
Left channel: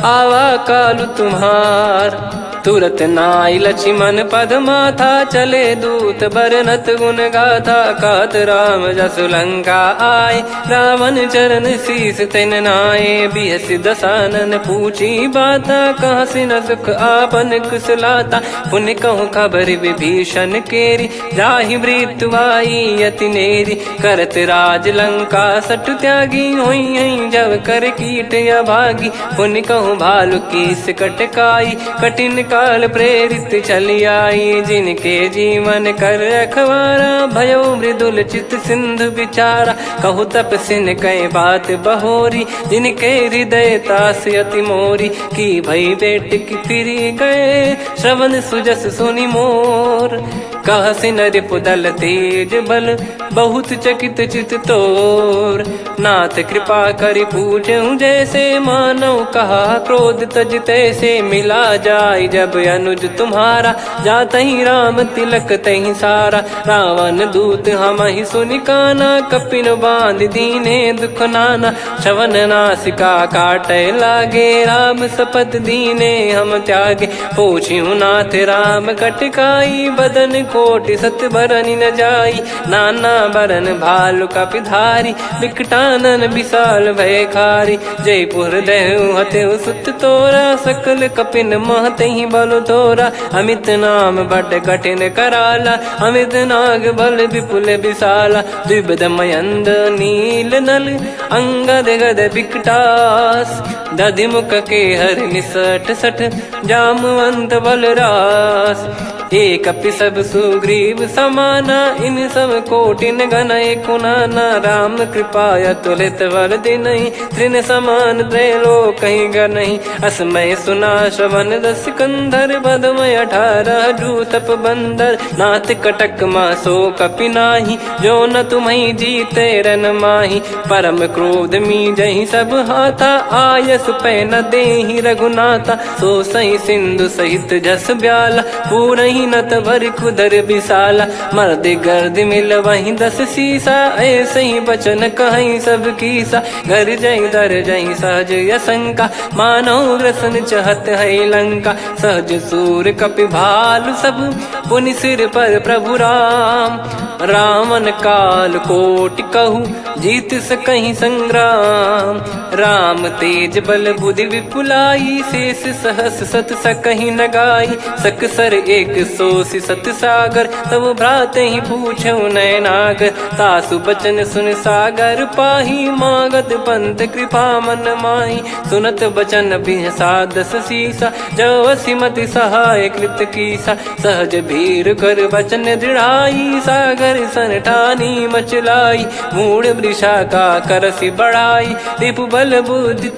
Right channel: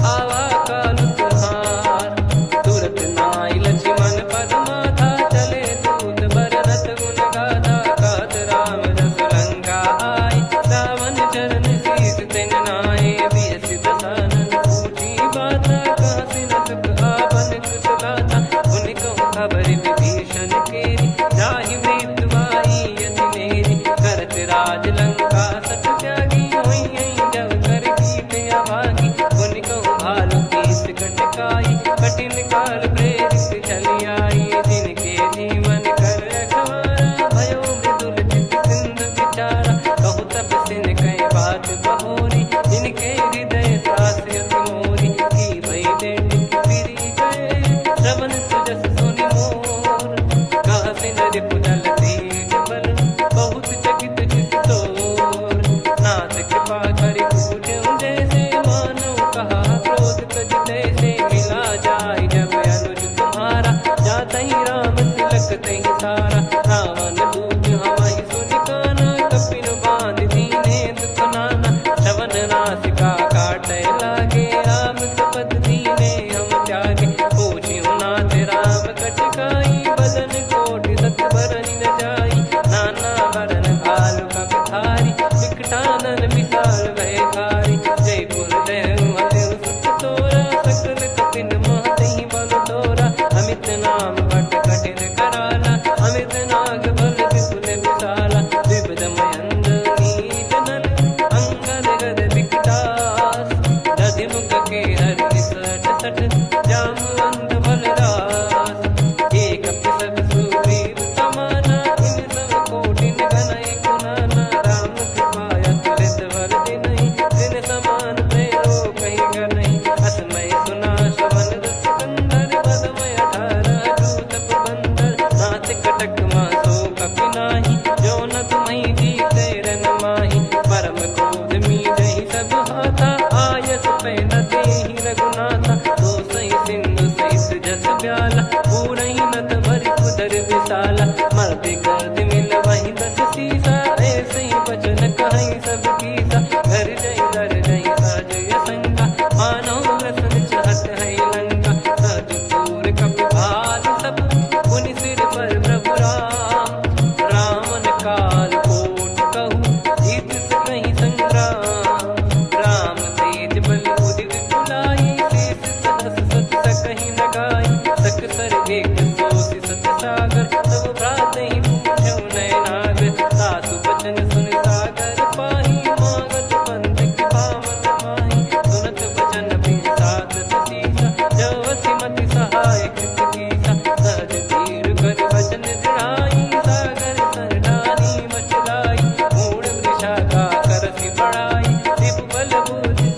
आवा कालु तुम्हार। तुरत नाई लक्ष्मण पद माथा, चले दूत बरनत गुण गाथा। कहत राम जसु लंका आए, रावण चरण शीस तिन नाये। बिहस दसानन पूछी बाता, कहाँ से न सुख आपन कुशलाता। पुन कहूँ खबर विभीषण केरी, जाहि मृत्यु आई यति नेरी। करत राज लंका सठ त्यागी, होई जब कर कीट अभागी। पुन कहूँ भालु कीस कटकाई, कठिन काल प्रेरित चली आई। जिनके जीवन कर रखवारा, भयो मृदुल चित सिंधु विचारा। कहु तपसिन कह बात बहोरी, जिनके हृदय तास यति मोरी। की भई बेट की फिरी गए, श्रवण सुजस सुनि मोर। कह सिन रिपुदल तेज बल, बहुत चकित चित तोर। नाथ कृपा करि पूजऊं जैसे, मानव कहा क्रोध तज तैसे। मिला जाय जब अनुज तुम्हारा, जात ही राम तिलक तही सारा। रावण दूत हम ही सुनि काना, कपिन बांध दीने दुख नाना। श्रवण नासिका काटे लागे, राम सपत दीने हम त्यागे। पूछ्यू नाथ राम कटकाई, बदन कोटि सत बरनि न जाई। नाना बरन भालु कपिधारी, विकटानन विशाल भयखारी। जयपुर देहु हतेउ सुत तोरा, सकल कपिन महतहि बल तोरा। अमित नाम बट कठिन कराला, अमित नाग बल विपुल विशाला। द्विविध मयंद नील नल, अंगद गद विकटास। दधिमुख के हर निसठ सठ, जामवंत बलरास। एक अपि सब सुग्रीव समाना, इन सब कोटिन गणय कुनाना। राम कृपा अतुलित बल दिनहि, तृण समान त्रैलोक कहीं गनहि। असमय सुना श्रवण दस कंधर, बदमय 18 जूतप बंदर। नाथ कटक मासो कपि नाही, जो न तुम्हि जीते रन माही। परम क्रोध मीजहि सब हाथा, आयस पै न देहि रघुनाथा। सो सही सिंधु सहित जस ब्याला, पूरहि नत भरि कुदर विशाला। मर्द गर्द मिल वही 10 सीसा, ऐसे ही बचन कहीं सब कीसा। घर जय दर जय सहज यसंका, मानव ग्रसन चहत है लंका। सहज सूर कपि भालु सब, पुनि सिर पर प्रभु राम। रावण काल कोटि कहूँ, जीत सकहीं संग्राम। राम तेज बल बुद्धि विपुलाई, शेष सहस सत सकहीं न गाई। सकसर 180 सत सागर, तब भ्रात ही पूछऊ नयनागर। तासु बचन सुन सागर पाही, मागत पंथ कृपा मन माही। सुनत बचन बिहसा 10 सीसा, जो असिमति सहाय कृत कीसा। सहज धीर कर बचन दृढ़ाई, सागर सन ठानी मचलाई, मूढ़ वृषा का करसी बढ़ाई, रिपु बल बुद्धि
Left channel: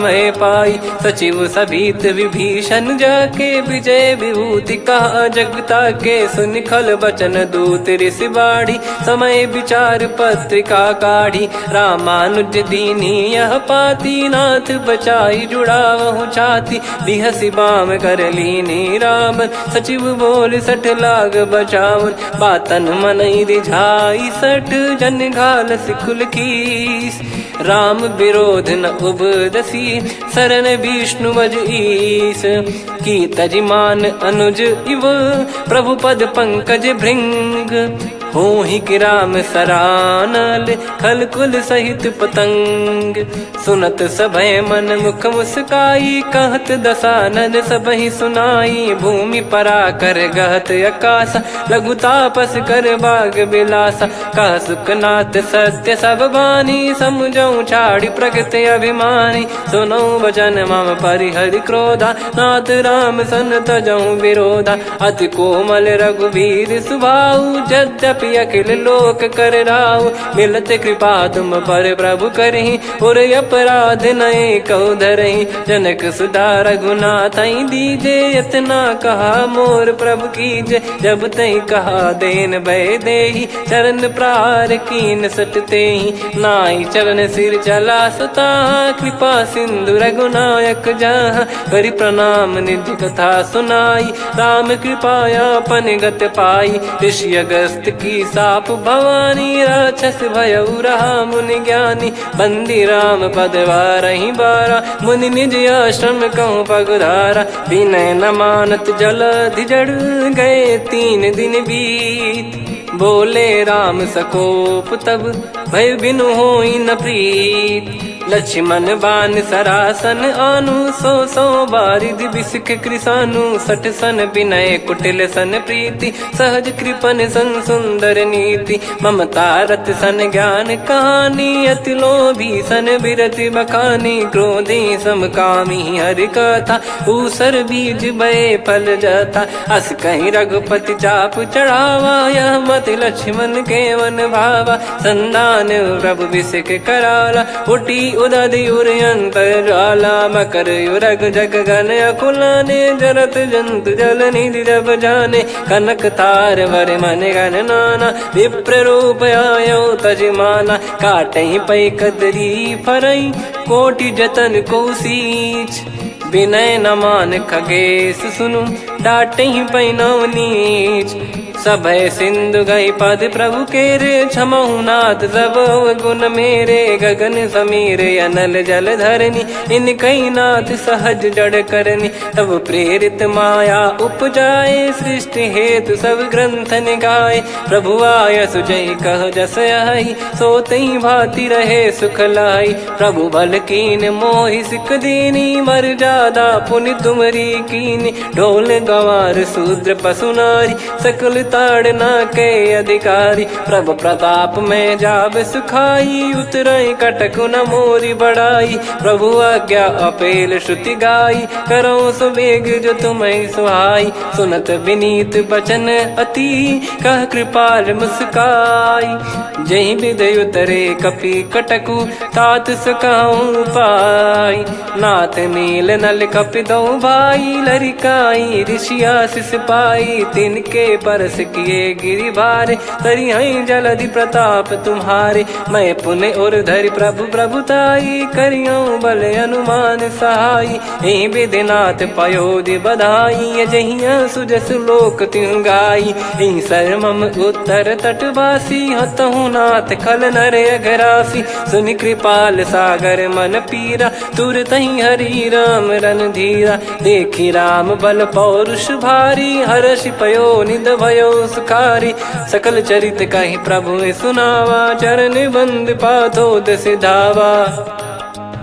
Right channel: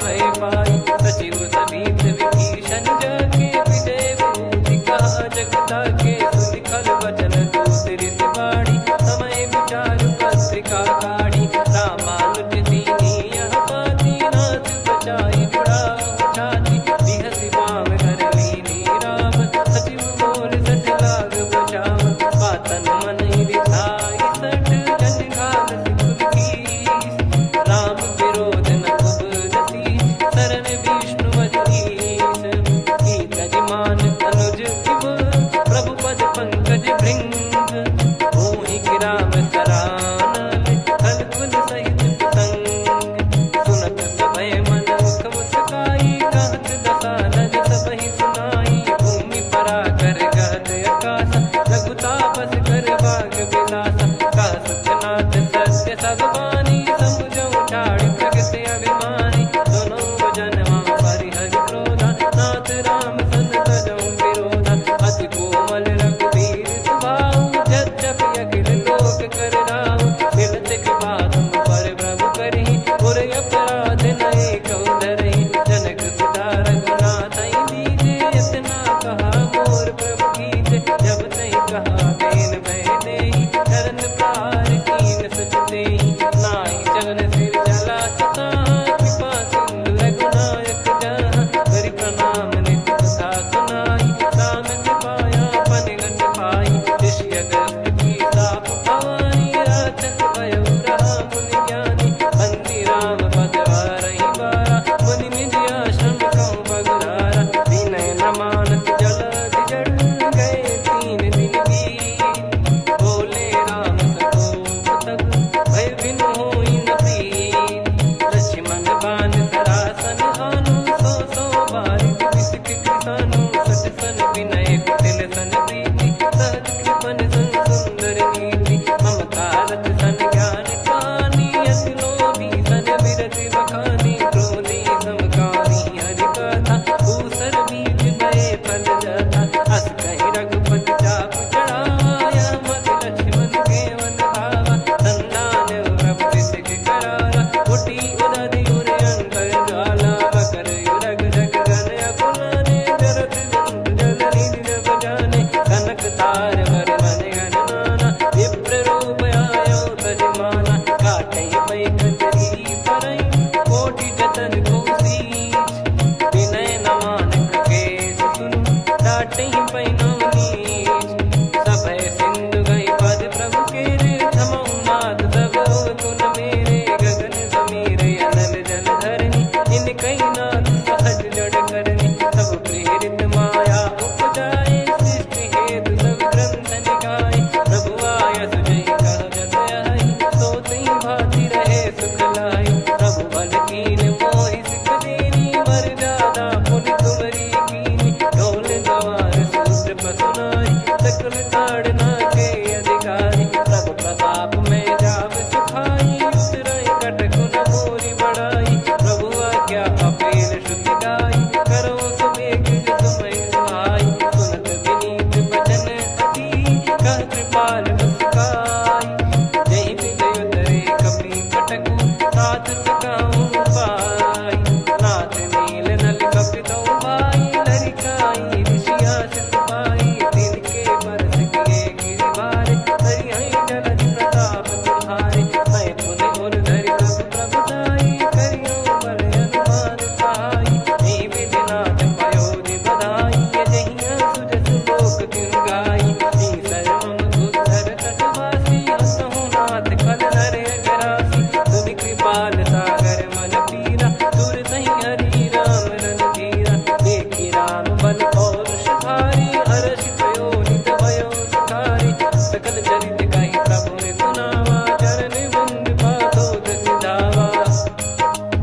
मैं पाई। सचिव सभीत विभीषण जाके, विजय विभूति कहा जगता के, सुन खल बचन दूत ऋषि बाड़ी, समय विचार पत्रिका काढ़ी, रामानुज दीनी यह पाती, नाथ बचाई जुड़ावहु छाती, बिहसी बाम कर लीनी राम, सचिव बोल सठ लाग बचावन, बातन मनई रिझाई सठ, जन घाल सिकुल कीस, राम विरोध न उपदसी, शरण विष्णु मज ईस, की तजिमान अनुज इव, प्रभु पद पंकज भृंग, होहि कि राम सरानल, खल कुल सहित पतंग, सुनत सभय मन मुख मुस्काई, कहत दसानन सबहि सुनाई, भूमि परा कर गहत आकाशा, लघु तापस कर बाग बिलासा, कह सुखनाथ सत्य सब बानी, समझौ छाड़ी प्रगति अभिमानी, सुनो भजन मम परिहरि क्रोधा, नाथ राम सन तजौ विरोधा, अति कोमल रघुवीर सुभाऊ, यद्यपि अखिल लोक कर राऊ, मिलत कृपा तुम पर प्रभु करहि, पुर अपराध नए कहु धरहि, जनक सुधा रघुनाथ दीजे, इतना कहा मोर प्रभु कीजे, जब तई कहा देन भय देहि, चरण प्रार कीन सटतेहि, नाई चरण सिर चला सता, कृपा सिंधु रघुनायक जहाँ, करि प्रणाम निज कथा सुनाई, राम कृपाया पन गत पाई, ऋषि अगस्त की साप भवानी, राक्षस भयउ रहा मुनि ज्ञानी, बंदी राम पद वारहि बारा, मुनि निज आश्रम कहूँ पगुधारा, विनय न मानत जलधि जड़ गए 3 दिन बीत, बोले राम सकोप तब भय बिनु होई न प्रीत, लक्ष्मण बान सरासन आनु, 100 बारिधि बिसक कृसानु, 60 सन विनय कुटिल सन प्रीति, सहज कृपन सन सुंदर नीति, ममता रत सन ज्ञान कहानी, अति लोभी सन बिरति बखानी, क्रोधी समकामी हरि कथा, ऊसर बीज भय फल जता, अस कहीं रघुपति चाप चढ़ावा, यह मत लक्ष्मण के वन भावा, संदान प्रभु बिसक कराला, उठी उदधि उर अंतर ज्वाला, मकर युरग जग गण अकुलाने, जरत जंतु जल निधि जब जाने, कनक तार वर मन गण नाना, विप्र रूप आयो तजमाना, काटहि पै कदरी फरई, कोटि जतन को सींच, विनय न मान खगेश सुनु, डांटहि पै नव नीच, सभय सिंधु गई पद प्रभु केरे, क्षमहु नाथ सब गुण मेरे, गगन समीर अनल जल धरनी, इन कई नाथ सहज जड़ करनी, तब प्रेरित माया उपजाए, सृष्टि हेतु सब ग्रंथ निगाए, प्रभु आय सुजय कह जस आई, सोतहि भांति रहे सुख लाई, प्रभु बल कीन मोहि सिख दीनी, मर जादा पुनि तुमरी कीनी, ढोल गवार शूद्र पशु नारी, सकल ताड़ना के अधिकारी, प्रभु प्रताप में जाब सुखाई, उतरई कटक न मोरी बढ़ाई, प्रभु आज्ञा अपेल श्रुति गाई, करो सुबेग जो तुम्हें सुहाई, सुनत विनीत बचन अति, कह कृपाल मुस्काई, जहि विद उतरे कपि कटकु, तात सकाऊं पाई, नाथ नील नल कपि दो भाई, लरिकाई ऋषि आशीष पाई, तिनके परस किए गिरि भारे, तरिहै जलधि प्रताप तुम्हारे, मैं पुण्य और धरि प्रभु प्रभुताई, करियौ बल अनुमान सहाई, एहि विधिनाथ पयोधि बधाई, जहिया सुजस लोक तिहुँ गाई, एहि सरमम उत्तर तटवासी, हतहु नाथ खल नर अघरासी, सुनि कृपाल सागर मन पीरा, तुरतहि हरि राम रन धीरा, देखि राम बल पौरुष भारी, हर्षि पयो निध भयो सुखारी, सकल चरित कहि प्रभु सुनावा, चरण बंद पाथो दस धावा।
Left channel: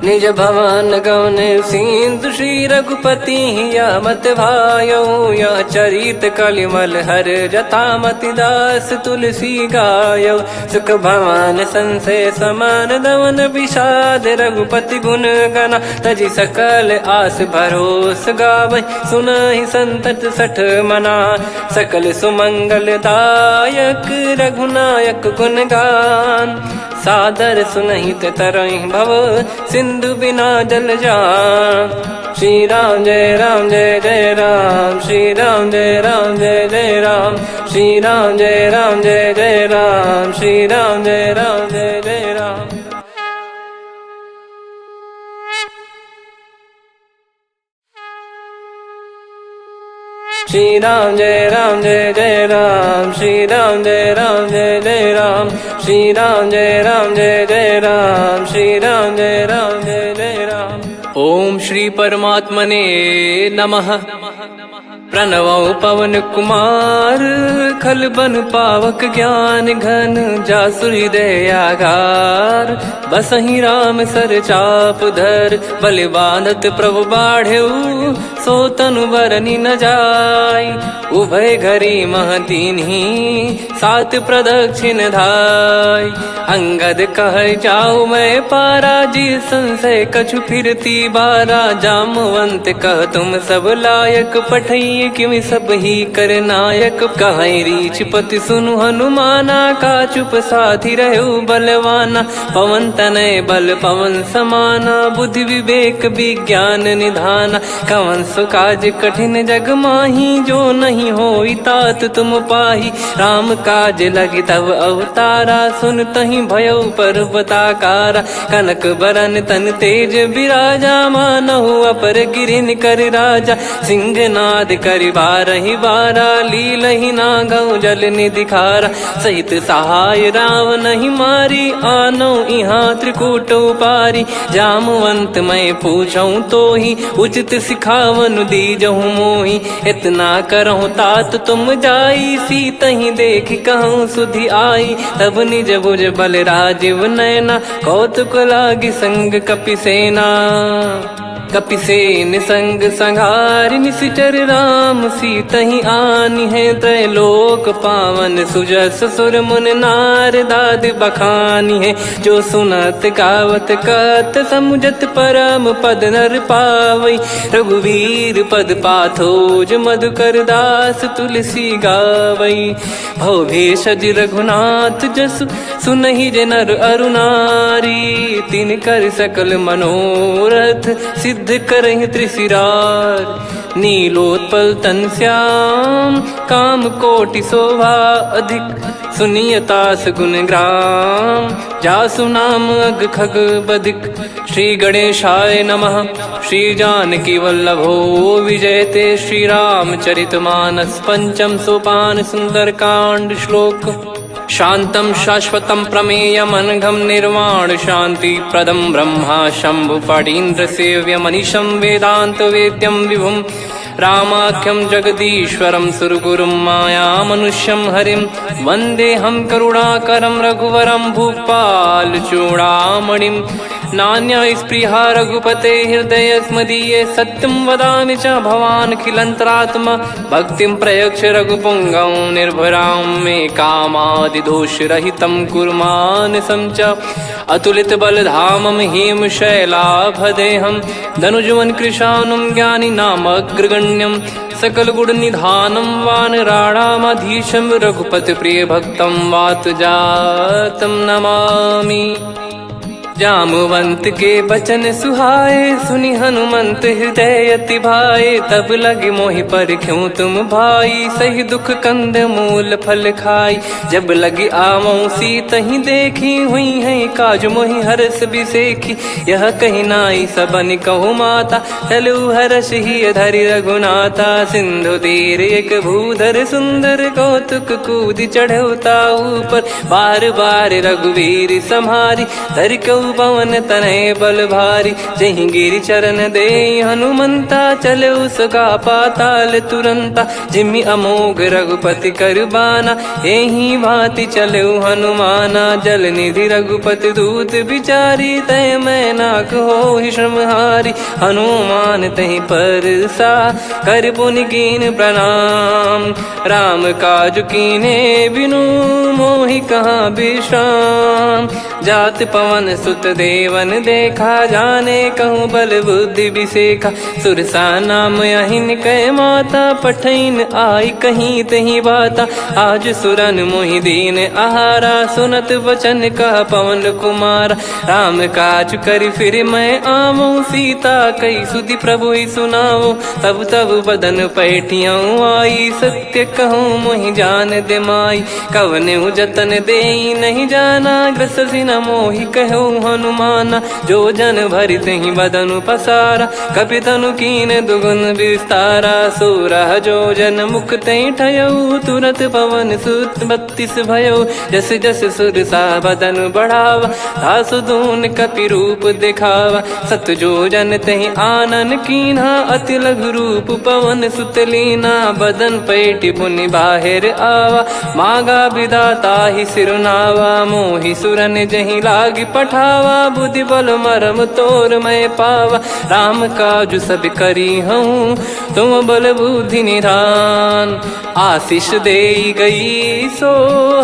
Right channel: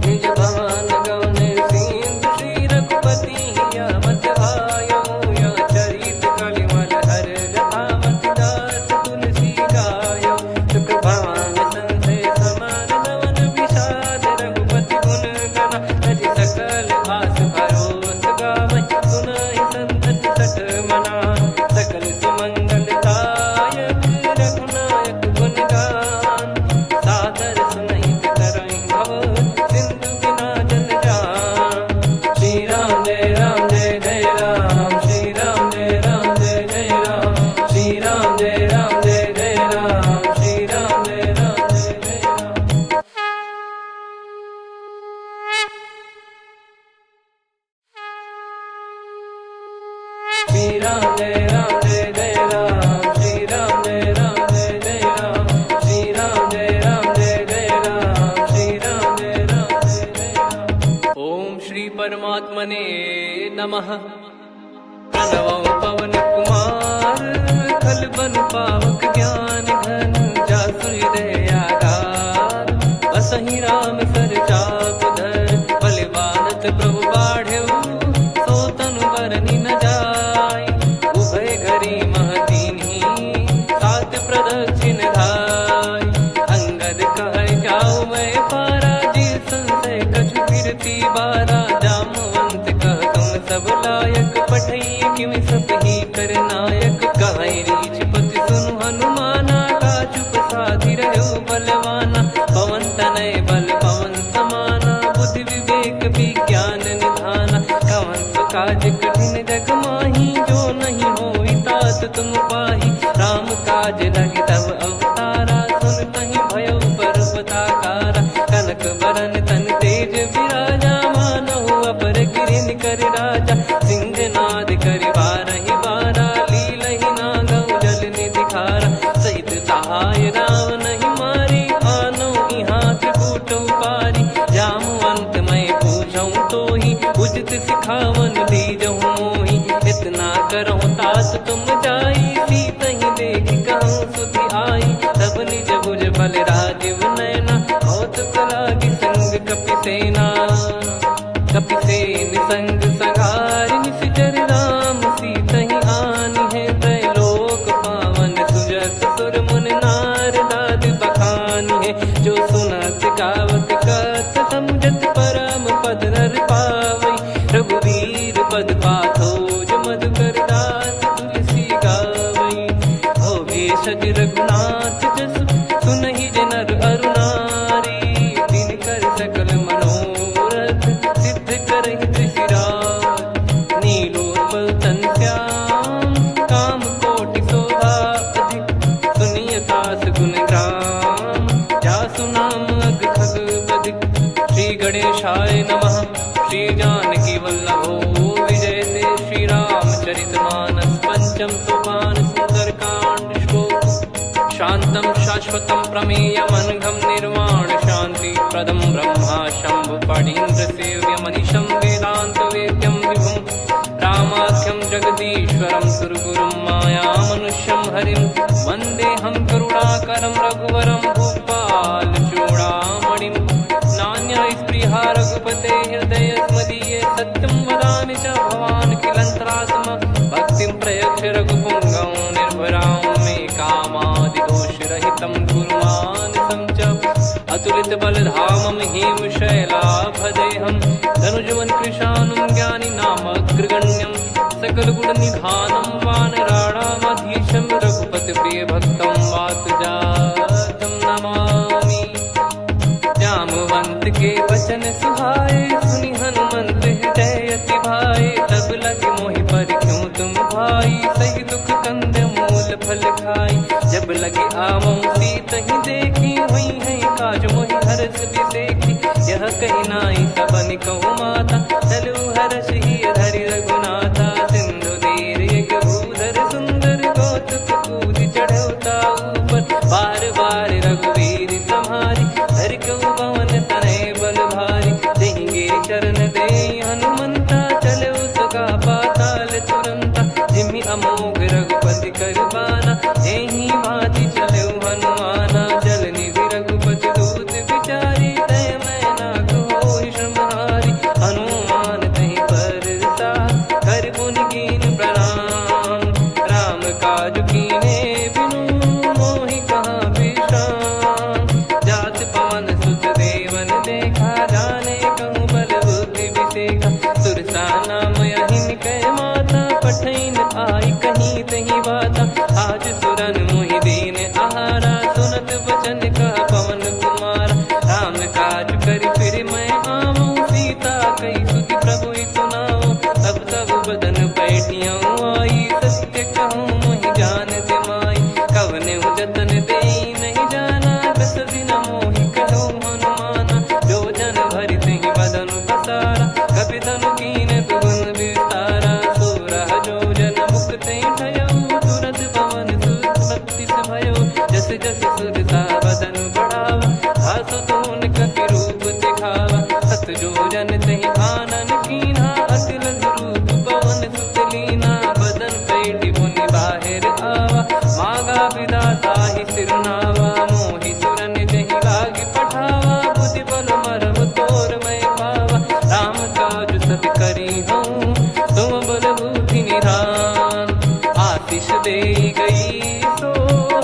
निज भवन गवन सिंधु श्री रघुपति या मत भायो या चरित कलिमल हर जथा मति दास तुलसी गायो सुख भवन संशय समान दवन विषाद रघुपति गुण गना तजि सकल आस भरोस गावै सुनहि संतत सठ मना सकल सुमंगल दायक रघुनायक गुण गान सादर सुनहित तरहि भव सिंधु बिना जल जान। श्री राम जय जय राम श्री राम जय जय राम श्री राम जय जय राम श्री राम जय जय राम। श्री राम जय जय राम श्री राम जय जय राम श्री राम जय जय राम श्री राम जय जय राम। ओम श्री परमात्मने नमः। प्रणवौ पवन कुमार खल बन पावक ज्ञान घन जासु हृदय आगार बसहि राम सर चाप धर बलि बानत प्रभु बाढ़ऊ सो तनु बरनि न जाय उभय घरी महतीन्ही सात प्रदक्षिण धाय अंगद कह जाऊ मैं पारा जी संशय कछु फिरती बारा जामवंत कह तुम सब लायक पठई किमि सब ही कर नायक कहीं रीछ पति सुनु हनुमाना का चुप साधि रहु बलवाना पवन तनय बल पवन समाना बुद्धि विवेक विज्ञान निधाना कवन सो काज कठिन जग माही जो नहीं होई तात तुम पाही राम काज लगी तब अवतारा सुन तहि भयउ पर्वताकारा कनक बरन तन तेज विराजा मानहु अपर गिरिन कर राजा सिंहनाद करि बारहि बारा लीलहि नागौ जल निधि खारा सहित सहाय राव नहीं मारी आनो इहाँ त्रिकूट पारी जामवंत मैं पूछऊँ तो ही उचित सिखावन दीजहु मोही इतना करहु तात तुम जाई सीतहि देख कहूँ सुधि आई तब निज भुज बल राजीव नैना कौतुक लागी संग कपिसेना कपिसेन संग संघारि निशिचर राम सीतहि आनि है त्रैलोक पावन सुजस सुर मुन नार दाद बखानी है जो सुनत गावत कथ समुझत परम पद नर पावै रघुवीर पद पाथोज मधुकर दास तुलसी गावै भव भेषज रघुनाथ जसु सुनहि जे नर अरु नारी तिन कर सकल मनोरथ सिद्ध करहि त्रिशिरार नीलोत्पल तन श्याम काम कोटि शोभा अधिक सुनियतास गुण ग्राम जासु नाम अग खग बदिक श्री गणेशाय नमः। श्री जानकी वल्लभो विजयते श्री रामचरितमानस पंचम सोपान सुंदरकांड श्लोक शांतं शाश्वतं प्रमेयमनघं निर्वाण शांति प्रदं ब्रह्मा शंभु फणीन्द्र सेव्य मनीषं वेदांत वेद्यं विभुं रामाख्यं जगदीश्वरं सुरगुरुं माया मनुष्यं हरिं वन्देऽहं करुणाकरं रघुवरं भूपाल चूडामणिं नान्या स्पृहा रघुपते हृदय स्मदीये सत्यं वदामि च भवान् खिलन्तरात्मा भक्तिं प्रयक्ष रघुपुङ्गं निर्भरां मे कामादिदोषरहितं कुर्मानसं च अतुलित बलधामं हेमशैलाभदेहं धनुजवन कृशानुं ज्ञानी नामग्रगण्यं सकल गुण निधानं वानराणामधीशं रघुपति प्रिय भक्तं वात जातं नमामि। जामवंत के बचन सुहाए सुनि हनुमंत हृदय अति भाए तब लगे मोहि पर क्यों तुम भाई सही दुख कंद मूल फल खाई जब लगी आवऊं सीतहि देखी हुई है काज मोहि हरस बिसेखी यह कही नाई सबन कहु माता चलु हरष ही धरि रघुनाथा सिंधु तीर एक भूधर सुंदर कौतुक कूद चढ़ौता ऊपर बार बार रघुवीर सम्हारी धरि कौ तयऊ पवन तनय बल भारी। जहि गिरि चरण दे हनुमंता, चले उसका पाताल तुरंता। जिमि अमोघ रघुपति कर बाना, एहि भांति चले हनुमाना। जल निधि रघुपति दूत बिचारी, तय मैं नाग होहि श्रमहारी। हनुमान तहि परसा, कर पुनि कीन प्रणाम। राम काज कीने बिनु, मोहि कहाँ विश्राम। जात पवन सुत देवन देखा, जाने कहूँ बल बुद्धि विसेखा। सुरसा नाम अहिन कै माता, पठैन आई कहीं तहीं बाता। आज सुरन मोहि दीन आहारा, सुनत वचन कह पवन कुमारा। राम काज करि फिर मैं आवूँ, सीता कई सुधि प्रभु ही सुनाऊँ। तब तब बदन पैठियाँ आई, सत्य कहूँ मोहि जान दे माई। कवने जतन दे नहीं जाना, ग्रसि न मोहि कहूँ हनुमाना। जो जन भरि तहि बदन पसारा, कपि तनु कीन दुगुन विस्तारा। सोरह जो जन मुख तहि ठयऊ, तुरत पवन सुत 32 भयऊ। जस जस सुरसा बदन बढ़ावा, आसु दून कपि रूप दिखावा। सत जो जन तहि आनन कीन्हा, अति लघु रूप पवन सुत लीना। बदन पैटि पुनि बाहिर आवा, मागा विधाता ही सिरुनावा। मोहि सुरन जहि लागी पठावा, बुद्धि बल मरम तोर मैं पावा। राम काज सब करी हूँ, तुम बल बुद्धि निधान। आशीष दे गई सो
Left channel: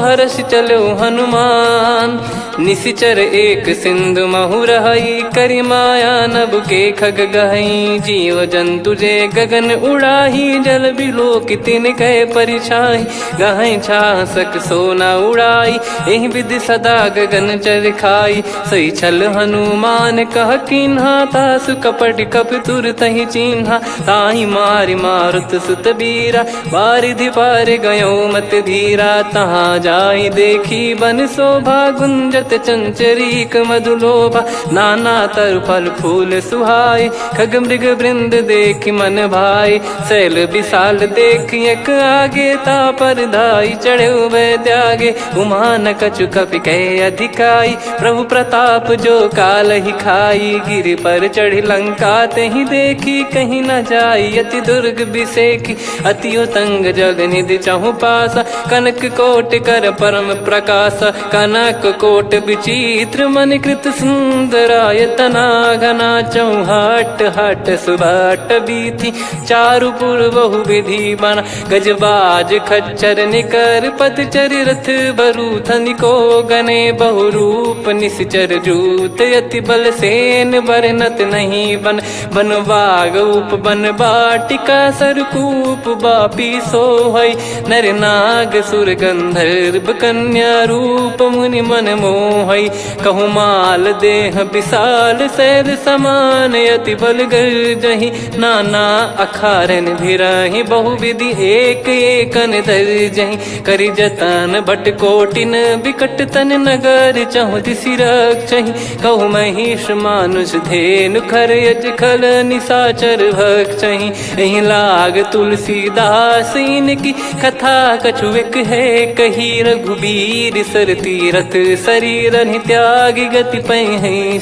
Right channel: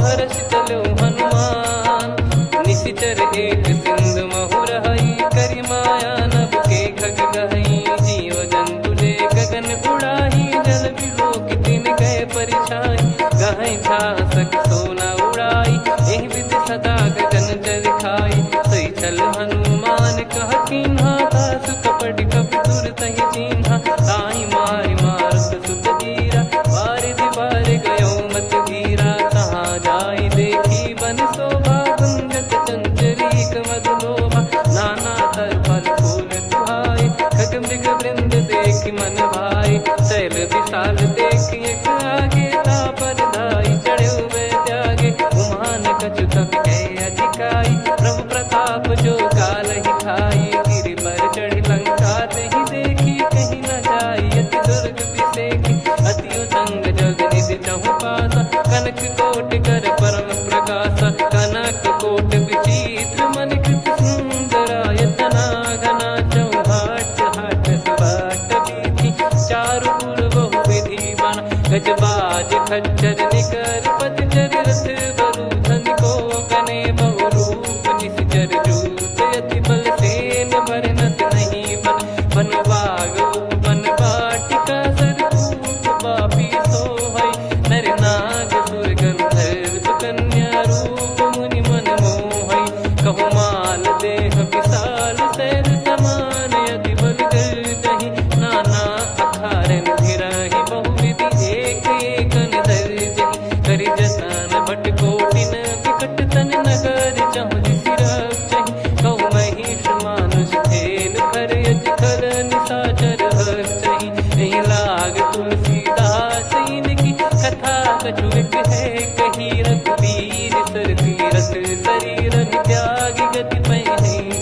हर्ष चलो हनुमान। निशिचर एक सिंधु महु रहई, करि माया नभ के खग गहई। जीव जंतु जे गगन उड़ाही, जल बिलो की तिन कह परिछाई। गहई छासक सोना उड़ाई, एहि विधि सदा गगन चर खाई। सही छल हनुमान कह कीन्हा, तासु कपट कप तुर तहि चिन्हा। ताहि मारि मारुत सुत बीरा, बारिधि पार गयो मत धीरा। तहाँ जाई देखी बन शोभा, गुंजत चंचरीक मधुलोभा। नाना तर फल फूल सुहाई, खग मृग वृंद देख मन भाई। शैल विशाल देख एक आगे, तापर धाई चढ़े वै त्यागे। उमान कछु कपि कह अधिकाई, प्रभु प्रताप जो काल ही खाई। गिरि पर चढ़ी लंका तहि देखी, कहीं न जाई अति दुर्ग बिसेखी। अति उतंग जग निधि चहु पासा, कनक कोट कर परम प्रकाशा। कनक कोट विचित्र मन कृत सुंदरायतना। घना चौहाट हाट सुबाट बीथी, चारु पुर बहु विधि बना। गजबाज खच्चर निकर पतचर, रथ बरु धनिको गने। बहु रूप निशिचर जूत, अति बल सेन बरनत नहीं बन। बन बाग उप बन बाटिका, सरकूप बापी सोहई। नर नाग सुर गंधर्व कन्या, रूप मुनि मन मोहई। कहु माल देह विशाल, शैल समान अति बल गर्जहि। नाना अखारन भिराहि, बहु विधि एक एकन धरजहि। करि जतन भट कोटिन, विकट तन नगर चहु दिसि रक्षहि। कहु महिष मानुष धेनु, खर यज खल निशाचर भक्षहि। एहि लाग तुलसीदास इनकी, कथा कछु एक है कही। रघुबीर सर तीरथ शरीर, त्यागी गति पै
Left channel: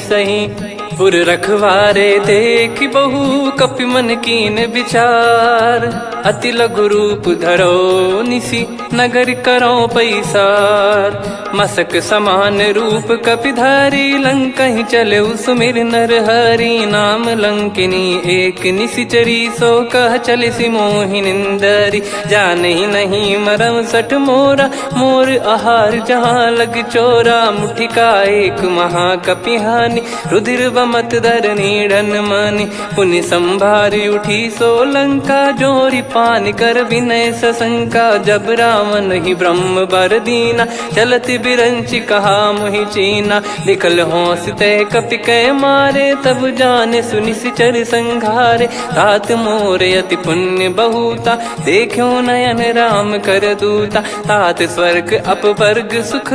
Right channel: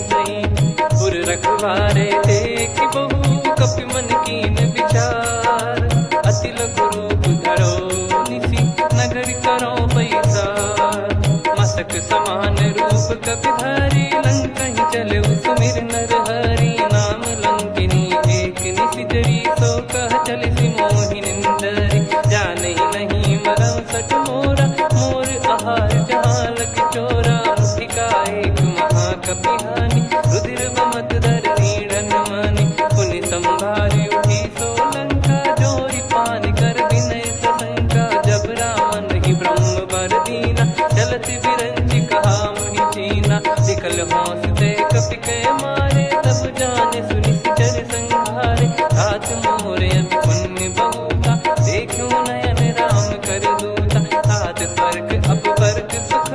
सही। पुर रखवारे देख बहु, कपि मन कीन विचार। अति लघु रूप धरो निसी, नगर करो पैसार। मसक समान रूप कपिधारी, लंकहि चले सुमिर नर हरि। नाम लंकिनी एक निशिचरी, सो कह चलिसि मोहि निंदरी। जानहि नहीं मरम सठ मोरा, मोर आहार जहाँ लग चोरा। मुठिका एक महाकपिहानि, रुधिर बमत धरनी ढन मानि। पुनि संभारी उठी सो लंका, जोरी पान कर विनय सशंका। जब रावण ही ब्रह्म बर दीना, चलति बिरंचि कहा मुहि चीना। निकल होंस तय कपि कै मारे, तब जाने सुनि सिचर संघारे। तात मोर अति पुण्य बहुता, देखो नयन राम कर दूता। तात स्वर्ग अपवर्ग सुख,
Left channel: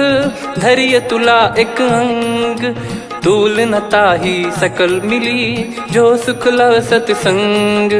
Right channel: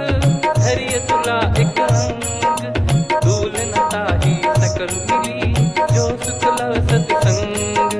धरिय तुला एक अंग। तूल न ताहि साथी सकल मिली जो सुख लव सत्संग।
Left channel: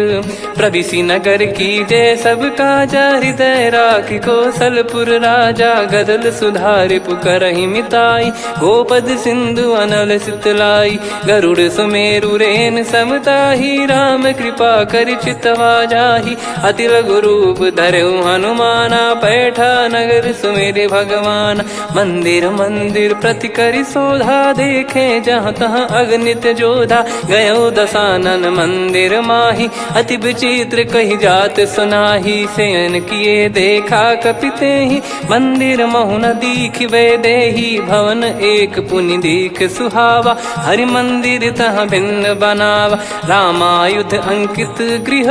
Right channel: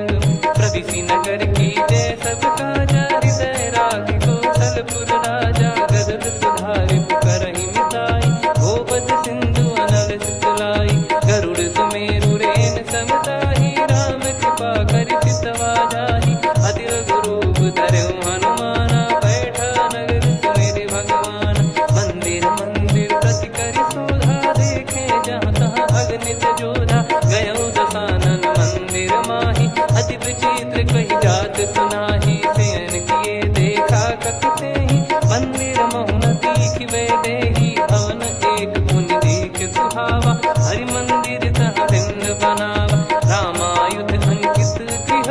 प्रविसी नगर की जय सब काजा हृदय राखी कौशलपुर राजा। गदल सुधारि पुकरहि मिताई गोपद सिंधु अनल सितलाई। गरुड़ सुमेरु रेन समताही राम कृपा कर चितवा जाही। अति लघु रूप धरऊ हनुमाना पैठा नगर सुमेरे भगवान। मंदिर मंदिर प्रति करि शोधा देखे जहाँ तहाँ अगणित जोधा। गयो दशानन मंदिर माही अति विचित्र कही जात सुनाही। शयन किए देखा कपिते ही मंदिर महु न दीख वे देही। भवन एक पुनि दीख सुहावा हरि मंदिर तह भिन्न बनावा। रामायुध अंकित गृह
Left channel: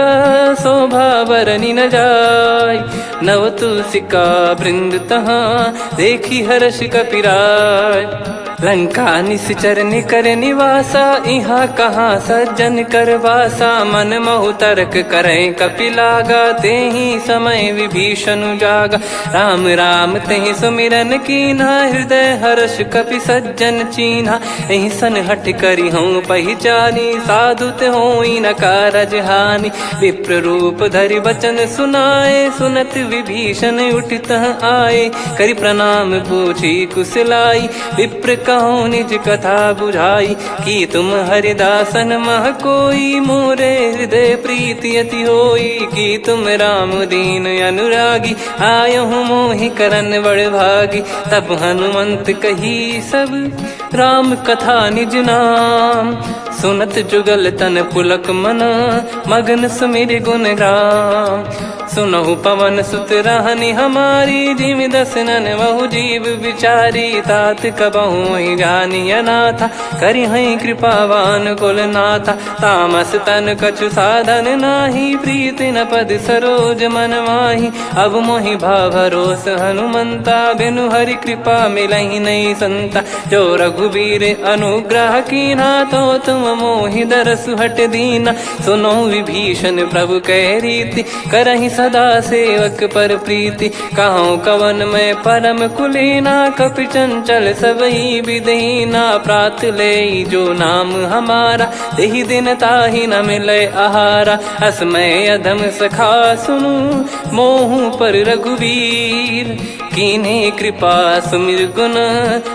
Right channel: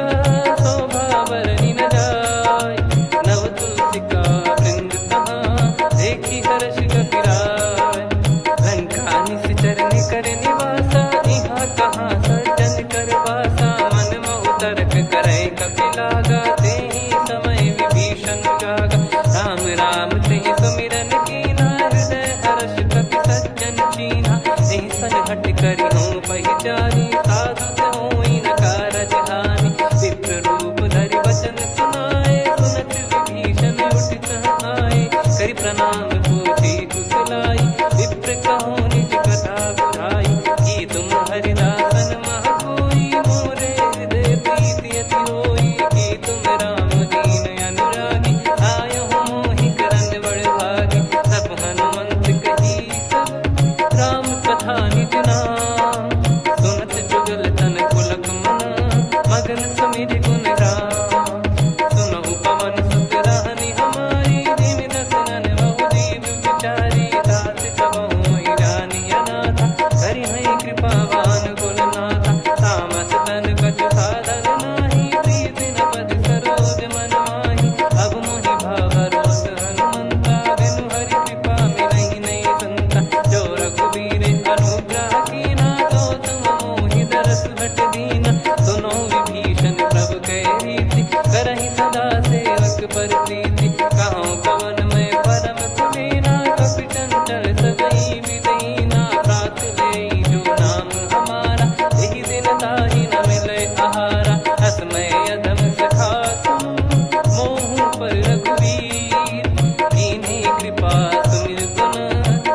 शोभा बरनी न जाय। नव तुलसिका वृंद तहाँ देखी हर्ष कपिराय। लंका निश्चर निकर निवासा यहाँ कहाँ सज्जन कर वासा। मन महु तर्क करें कपिलागा तेहि समय विभीषण जागा। राम राम तेहि सुमिरन कीन्हा हृदय हर्ष कपि सज्जन चीन्हा। एहि सन हट करि हूँ पहिचानी साधु ते होई न कारज हानि। विप्र रूप धरि बचन सुनाए सुनत विभीषण उठित आए। करि प्रणाम पूछी कुशलाई विप्र कहो निज कथा बुझाई। कि तुम हरिदासन मह कोई मोरे हृदय प्रीति अति होई। कि तुम राम दीन अनुरागी आयहु मोहि करन बड़ भागी। तब हनुमंत कही सब राम कथा निज नाम। सुनत जुगल तन पुलक मना मगन सुमिर गुण राम। सुनहु पवन सुत रहनी हमारी जिमि दसनन बहु जीव विचारी। तात कबहु जानी अनाथा करि हई कृपावान कुल नाथा। तामस तन कछु साधन नाही प्रीति न पद सरोज मन माही। अब मोहि भावरोस हनुमंता बिनु हरि कृपा मिलहि नहीं संता। जो रघुबीर अनुग्रह कीना तो तुम मोहि दरसु हट दीना। सुनो विभीषण प्रभु कह रीति करहि सदा सेवक पर प्रीति। कहो कवन में परम कुलीना कपि चंचल सबई विदहीना। प्रात ले जो नाम हमारा तेहि दिन ताहि न मिले आहारा। असमय अधम सखा सुनु मोहु पर रघुवीर। कीन्हे कृपा सुमिर गुण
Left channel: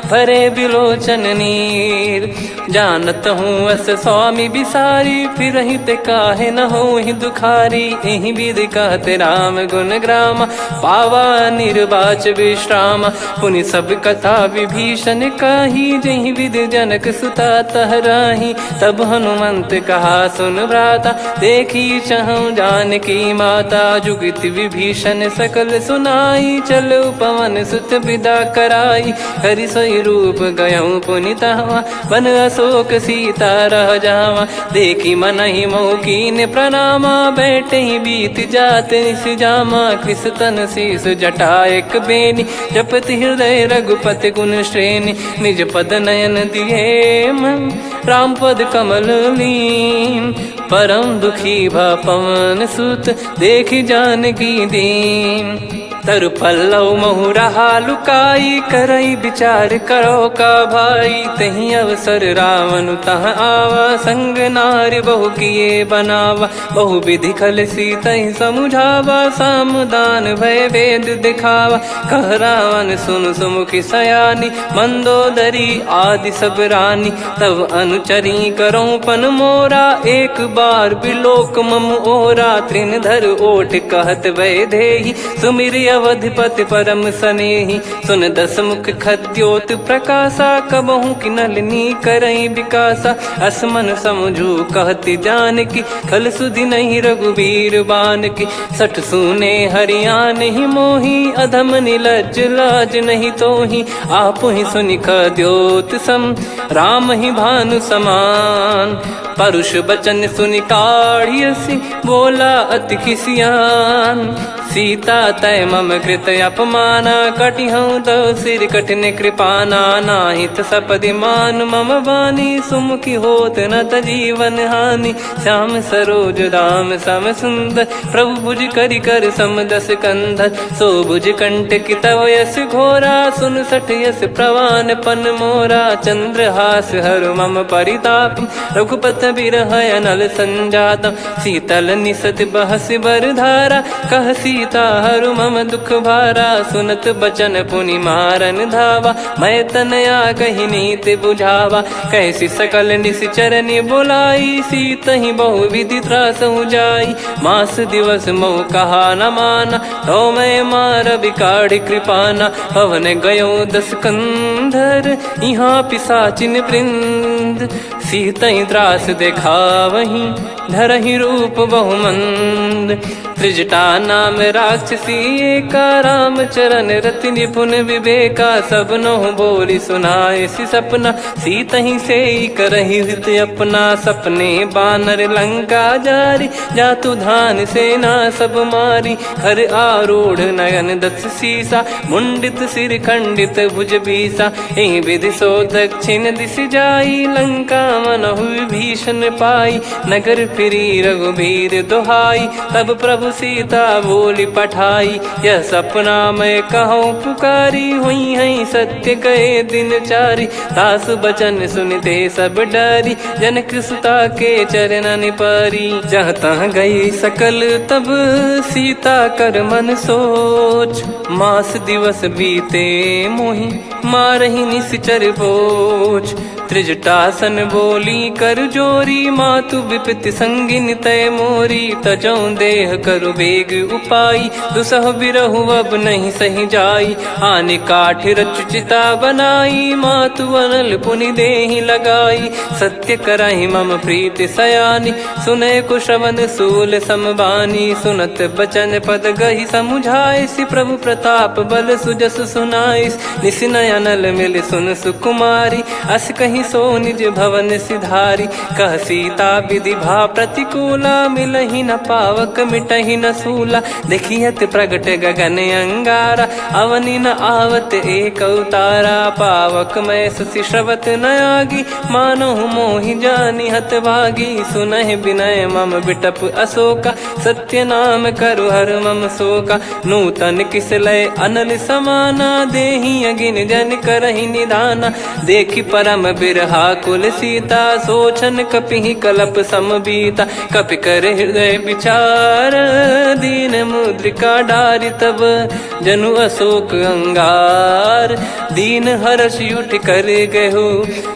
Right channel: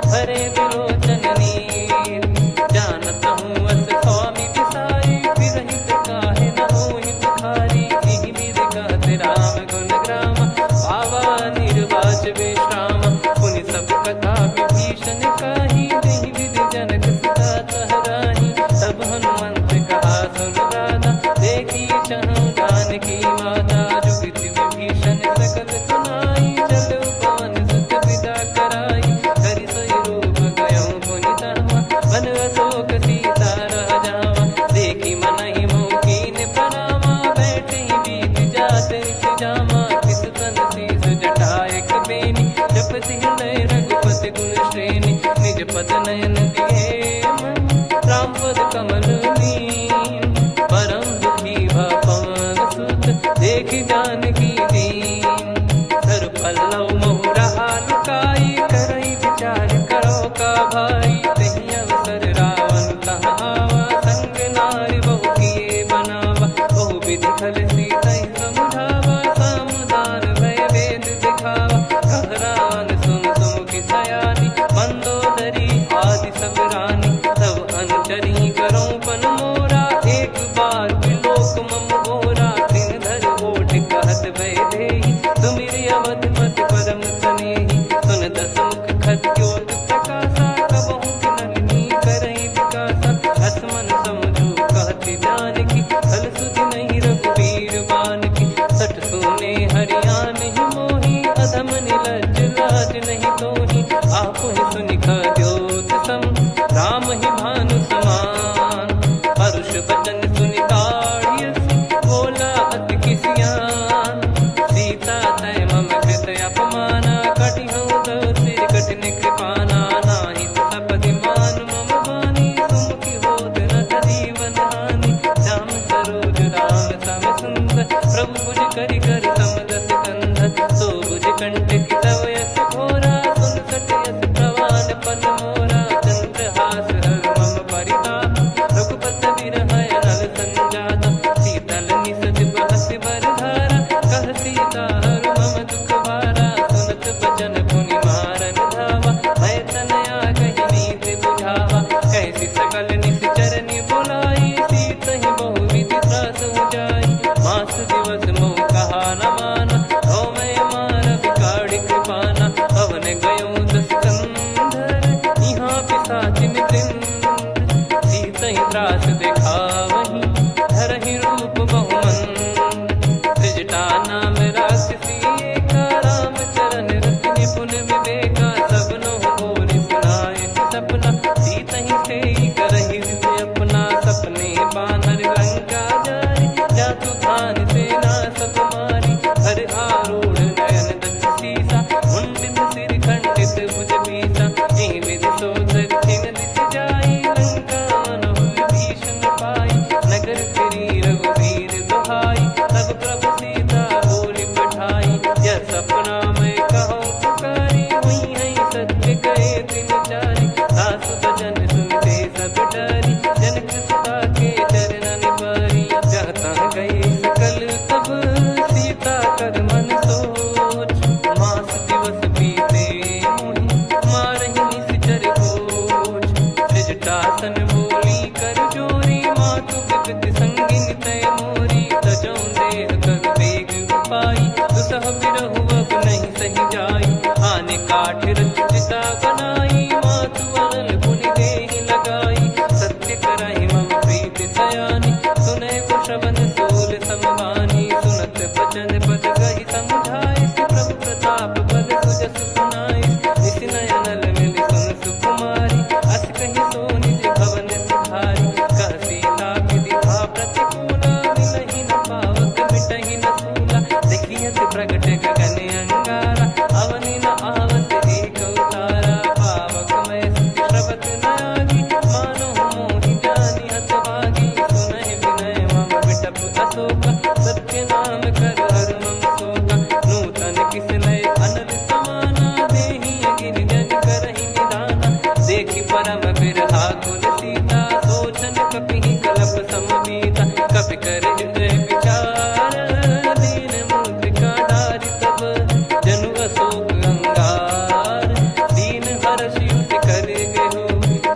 भरे बिलोचन नीर। जानत हूँ अस स्वामी बिसारी फिर ते काहे न होहि दुखारी। एहि विधि कहते राम गुण ग्राम पावा निर्वाच विश्राम। पुनि सब कथा विभीषण काही जहि विधि जनक सुता तहराही। तब हनुमंत कहा सुन भ्राता देखी चहु जानकी माता। जुगित विभीषण सकल सुनाई चलो पवन सुत विदा कराई। करि सोई रूप गयऊँ पुनि तहवा वन अशोक सीता रह जावा। देखी मनहि मौकीन प्रणामा बैठे ही बीत जात निस जामा। कृस तन शीस जटा एक बेनी जपति हृदय रघुपति गुण श्रेणी। निज पद नयन दिए मन राम पद कमल लीन। परम दुखी भा पवन सुत देखि जानकी दीन। तरु पल्लव महु रहा लुकाई करई विचार करो का भाई। तही अवसर रावण तह आवा संग नारी बहु किए बनावा। बहु विधि खल सीतहि समुझावा सामदान भय वेद दिखावा। कह रावण सुन सुमुखी सयानी मंदोदरी आदि सब रानी। तब अनुचरी करो पन मोरा एक बार बिलोक मम ओरा। तृण धर ओट कहत भय देहि सुमिर अवधिपति परम सनेहि। सुन दस मुख खद्योत प्रकाशा कबहु कि नलिनी करई विकासा। असमन समझू कहति जानकी खल सुधि नहीं रघुवीर बान की। सठ सुने हरियान ही मोही अधम निलज लाज नहीं तोही। आप ही सुनि खद्योत सम राम ही भानु समान। परुष बचन सुनि काढ़ियसि बोला अति खिसियान। सीता तय मम कृत अपमाना कटिहऊँ दो सिर कठिन कृपाना। नाहित सपदि मान मम बानी सुमुखी होत न जीवन हानि। श्याम सरोज राम सम सुंदर प्रभु भुज करि कर समदस कंधर। सो भुज कंटक तव यस घोरा सुन सठ यस प्रवान पन मोरा। चंद्रहास हर मम परिताप रघुपत बिरह अनल संजात। शीतल निसत बहस बर धारा कह सीता हरु मम दुख भारा। सुनत बचन पुनि मारन धावा मैं तनया कही नीति बुझावा। कैसी सकल निश्चरनि बोलाई सीतहि बहु विधि त्रास जाई। मास दिवस मोह कहा न माना तो मैं मार बिकाढ़ कृपाना। पवन गयो दस कंधर यहाँ पिशाचिन वृंद। सीतहि त्रास देखावहीं धरहि रूप बहुमंद। त्रिजटा नाम राक्षसी एका राम चरण रति निपुण विवेका। सबनो बोली सुनाए सि सपना सीतहि से करहि हृदय अपना। सपने बानर लंका जारी जातु धान सेना सब मारी। हर आरूढ़ नयन दस सीसा मुंडित सिर खंडित भुज बीसा। एहि विधि सो दक्षिण दिश जाई लंका मनहु भीषण पाई। नगर फिरी रघुबीर दोहाई तब प्रभु सीता बोली पठाई। यह सपना मैं कहूँ पुकारी हुई है सत्य कहे दिन चारी। दास बचन सुनते सब डरी जनक सुता के चरण पारी। जहाँ तहाँ गई सकल तब सीता कर मन सोच। मास दिवस बीते मोहि मारहि निश्चर बोझ। त्रिजटासन बोली कर जोरी मातु विपत्ति संगिन तय मोरी। तजौ देह करु बेग उपाई दुसह बिरहु अब नहीं सही जाई। आने काठ रचिता बनाई मातु अनल पुनि देहि लगाई। सत्य करहि मम प्रीति सयानी सुनय को श्रवण सूल समबानी। सुनत बचन पद गहि समुझाए सि प्रभु प्रताप बल सुजस सुनाइस। निसिनय अनल मिल सुन सुकुमारी अस कहीं सो निज भवन सिधारी। कह सीता विधि भा प्रतिकूला मिलहि न पावक मिटहि न सूला। देखियत प्रगट गगन अंगारा अवनि न आवत एक अवतारा। पावक मैं शशि श्रवत न आगी मानो मोहि जानि हत भागी। सुनहि विनय मम बिटप अशोका सत्य नाम करु हर मम शोका। नूतन किस लय अनल समाना देहि अगिन जन करहि निदाना। देखि परम बिरहा कुल सीता सोचन कपिहि कलप समबीता। कपि कर हृदय विचार दीन मुद्रिका डारि तब जनु अशोक अंगार। दीन हर्ष उठ कर गहु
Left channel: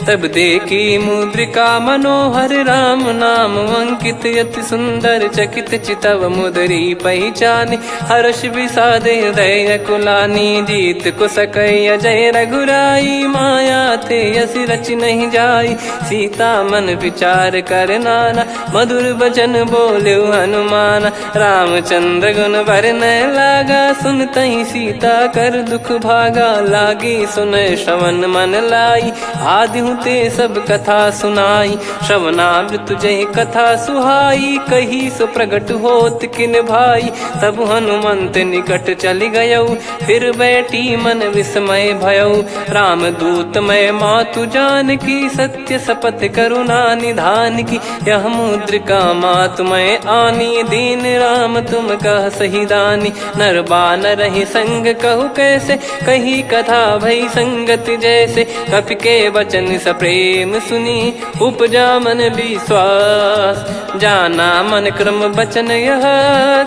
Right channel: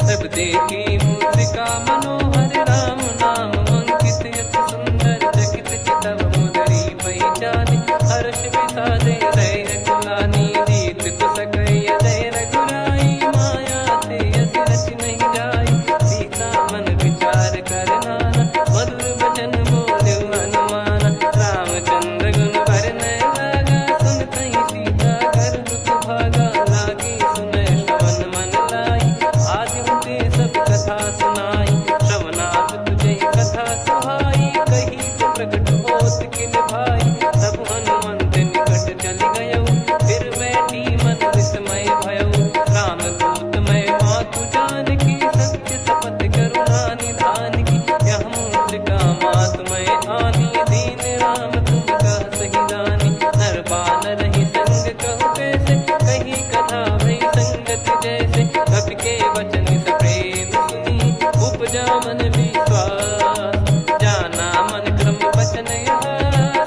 तब देखी मुद्रिका मनोहर। राम नाम अंकित अति सुंदर चकित चितव मुदरी पहचानी। हर्ष विषाद हृदय कुलानी जीत को सकय जय रघुराई। माया थे यस रच नहीं जाई सीता मन विचार कर नाना। मधुर बचन बोले हनुमान रामचंद्र गुण भरन लागा। सुनतहि सीता कर दुख भागा लागी सुनय श्रवण मन लाई। आदि ते सब कथा सुनाई श्रवणामृत जय कथा सुहाई। कही सो प्रगट होत किन भाई तब हनुमंत निकट चली गयऊ। फिर बैठी मन विस्मय भयऊ राम दूत मैं मातु जान की। सत्य शपथ करुणा निधान की यह मुद्रिका मातु मैं आनी। दीन राम तुम कह सही दानी नर बानर ही संग कहु कैसे। कही कथा भई संगति जैसे कपि के वचन सप्रेम सुनी। उपजा मन विश्वास जाना मन क्रम बचन यह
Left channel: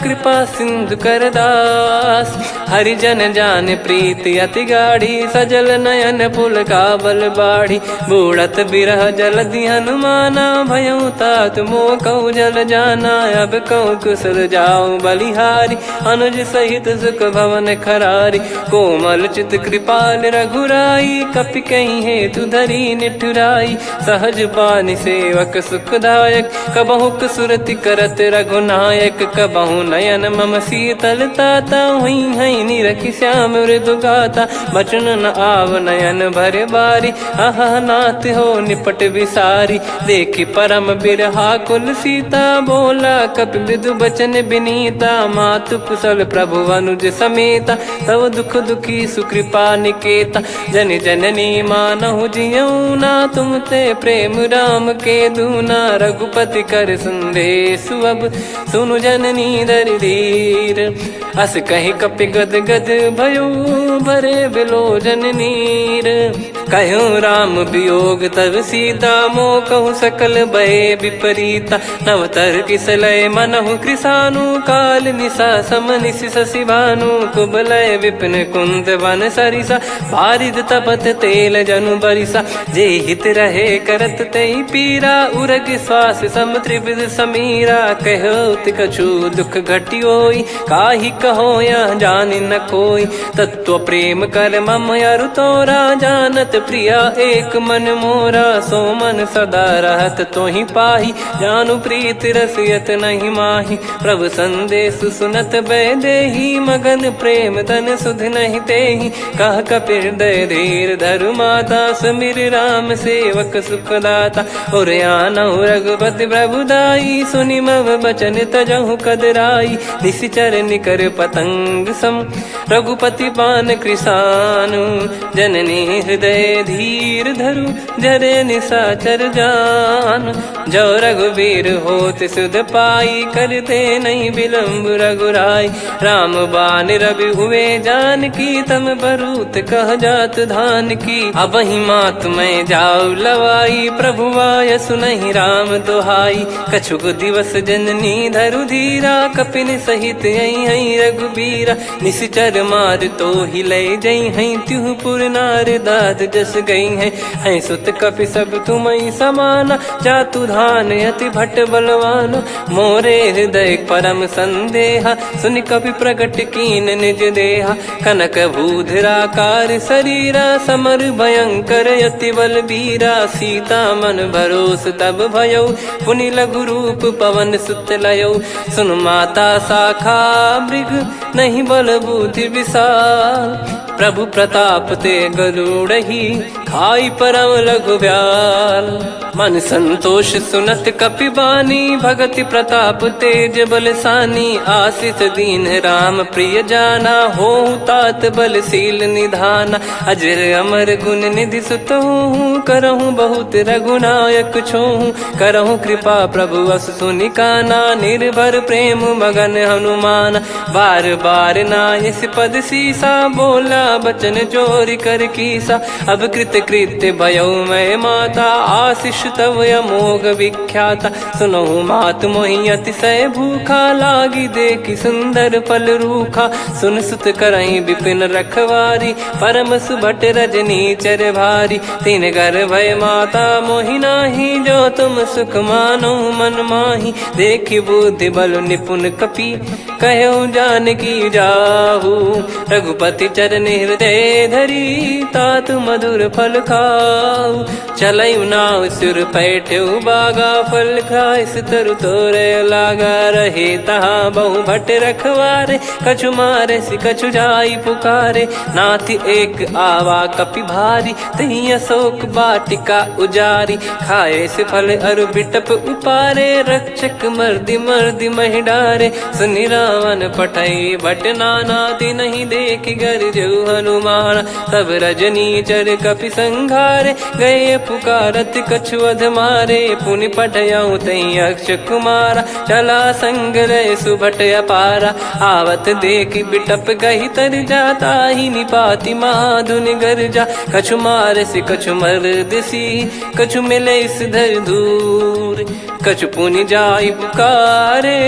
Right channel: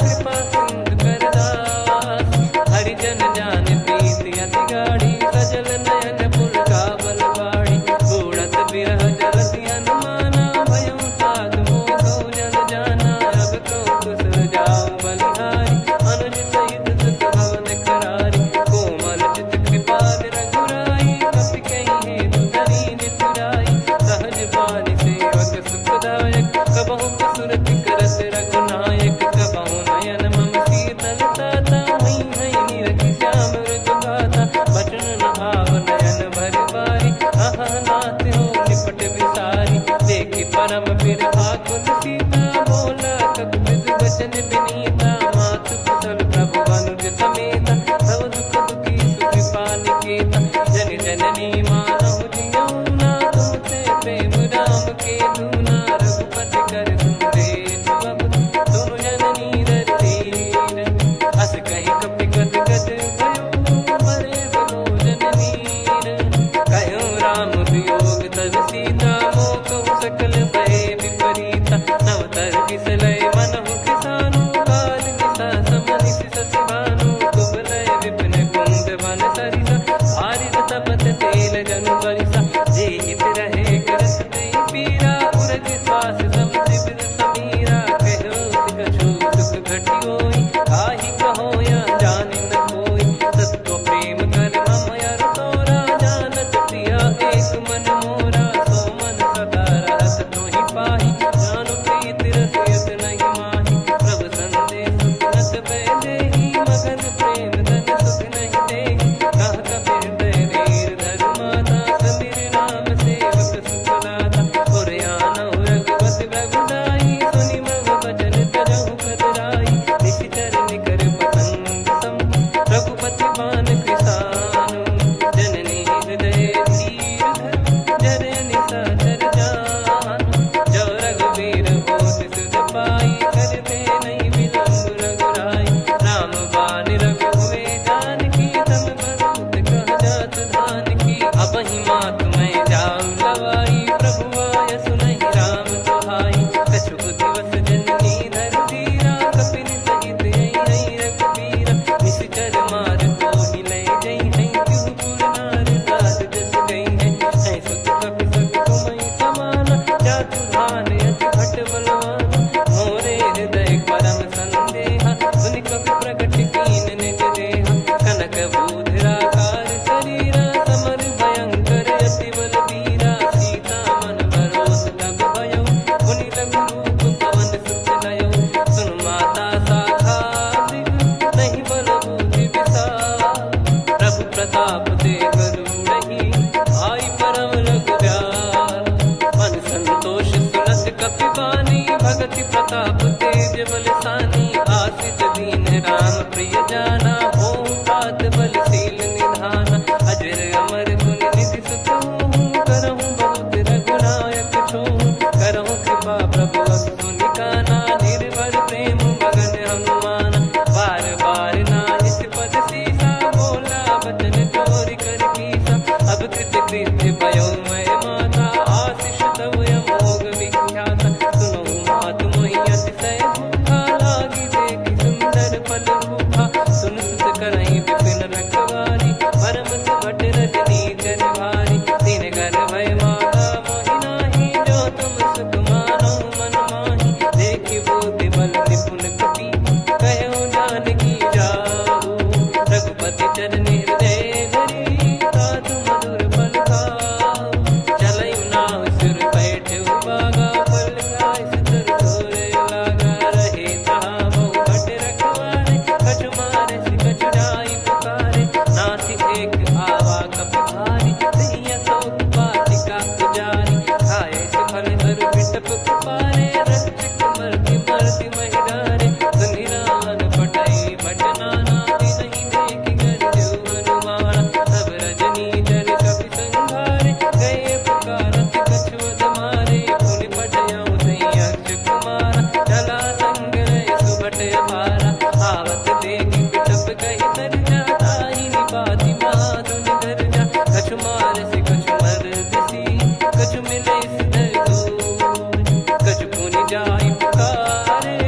कृपा सिंधु कर दास। हरिजन जान प्रीति अति गाढ़ी सजल नयन पुल का बल बाढ़ी। बूढ़त बिरह जलधि हनुमाना भयउ तात मोह कहु जल जाना। अब कहु कुशल जाऊ बलिहारी अनुज सहित सुख भवन खरारी। कोमल चित कृपाल रघुराई कपि कहीं हेतु धरी निठुराई। सहज पानि सेवक सुखदायक कबहु सुरति करत रघुनायक। कबहु नयन मम शीतल ताता हुई है निरखि श्याम मृदु गाता। बचन न आव नयन भर बारी काली, अह नाथ हो निपट विसारी। देखी परम बिरहा कुल सीता, बोला कपि मृदु बचन बिनीता। मातु कुशल प्रभु अनुज समेता, तव दुख दुखी सुकृपा निकेता। जन जननी मानहु जियऊ ना, तुम ते प्रेम राम के दूना। रघुपति कर संदेश अब, सुनु जननी दर धीर। अस कहीं कपि गद गद भयो, भरे बिलोचन नीर। कहूँ राम वियोग तब सीता, मोह कहूँ सकल भय विपरीता। नवतर किसलय मनहु कृसानु, काल निशा समनिश शशि भानु। कुबलय विपिन कुंद वन सरिसा, पारिद तपत तेल जनु बरिसा। जे हित रहे करत तेहि पीरा, उरग श्वास सम त्रिविध समीरा। कहत कछु दुख घटियोई, काहि कहो या जानि न कोई। तत्व प्रेम कर मम अरु तोरा, जानत प्रिया एक मन मोरा। सो मन सदा रहत तोहि पाहि, जानु प्रीत रसियत नहीं माहि। प्रभु संदेश सुनत बैदेही, मगन प्रेम धन सुध नहीं तेहि। कह कपि हृदय धीर धरु माता, समिर राम सेवक सुखदाता। और आनहु रघुपति प्रभु दाई, सुनि मम बचन तजहु कदराई। निशिचर निकर पतंग सम, रघुपति पान कृसानु। जननी हृदय धीर धरु, जरे निशाचर जान। जो रघुवीर होत सुध पाई, करते नहीं विलम्ब रघुराई। राम बान रवि हुए जानकी, तम बरूत कह जात धान की। अब ही मात मैं जाऊ लवाई, प्रभु आय सुनहि राम दोहाई। कछुक दिवस जननी धरु धीरा, कपिन सहित यही रघुबीरा। निशिचर मार तो ही ले जई हैं, त्युह पुर नार दाद जस गई हैं। सुत कपि सब तुमहि समाना, जातु धान अति भट बलवान। मोरे हृदय परम संदेहा, सुनि कपि प्रकट कीन निज देहा। कनक भूधराकार शरीरा, समर भयंकर अति बल बीरा। सीता मन भरोस तब भयउ, पुनि लघु रूप पवन सुत लयउ। सुन माता शाखा मृग, नहीं बल बुद्धि विशाल। प्रभु प्रताप ते गरुड़हि, खाई परम लघु ब्याल। मन संतोष सुनत कपि बानी, भगति प्रताप तेज बलसानी। आशीष दीन राम प्रिय जाना, होहु तात बलशील निधाना। अजर अमर गुण निधि सुतहु, करहु बहुत रघुनायक छोहु। करहु कृपा प्रभु अस सुनि काना, निर्भर प्रेम मगन हनुमान। बार बार नायस पद सीसा, बोला बचन चोरी कर कीसा। अब कृत कृत्य भयो मैं माता, आशीष तव अमोघ विख्याता। सुनहु मात मोहि अतिशय भूखा, लागी देखी सुंदर फल रूखा। सुन सुत करहि विपिन रखवारी, परम सुभट रजनी चर भारी। तीन घर भय माता मोहि नाही, जो तुम सुख मानो मन माही। देखि बुद्धि बल निपुण कपि, कहु जानकी जाहू। रघुपति चरण हृदय धरी, तात मधुर फल खाऊ। चलयु नाव सिर पैठ्यु बागा, फल खाय सितर तोरे लागा। रहे तहाँ बहु भट रखवारे, कछु मारे सि कछु जाई पुकारे। नाथ एक आवा कपि भारी, तही अशोक वाटिका उजारी। खाए से फल अरु बिटप उपारे, रक्षक मर्दि मर्दि महि डारे। सुनि रावण पठई भट नाना, तिनहि देखि गरजउ हनुमान। तब रजनी चर कपि संघारे, गए पुकारत कछु अध मारे। पुनि पठयउ तई अक्ष कुमारा, चला संग रहे सुभट अपारा। आवत देखि बिटप गहि तर जाता, ही निपाति माधुनि गर्जा। कछु मार से कछु मर्दिसी, कछु मिले इस धर दूर। कछु पुनि जाई पुकारे,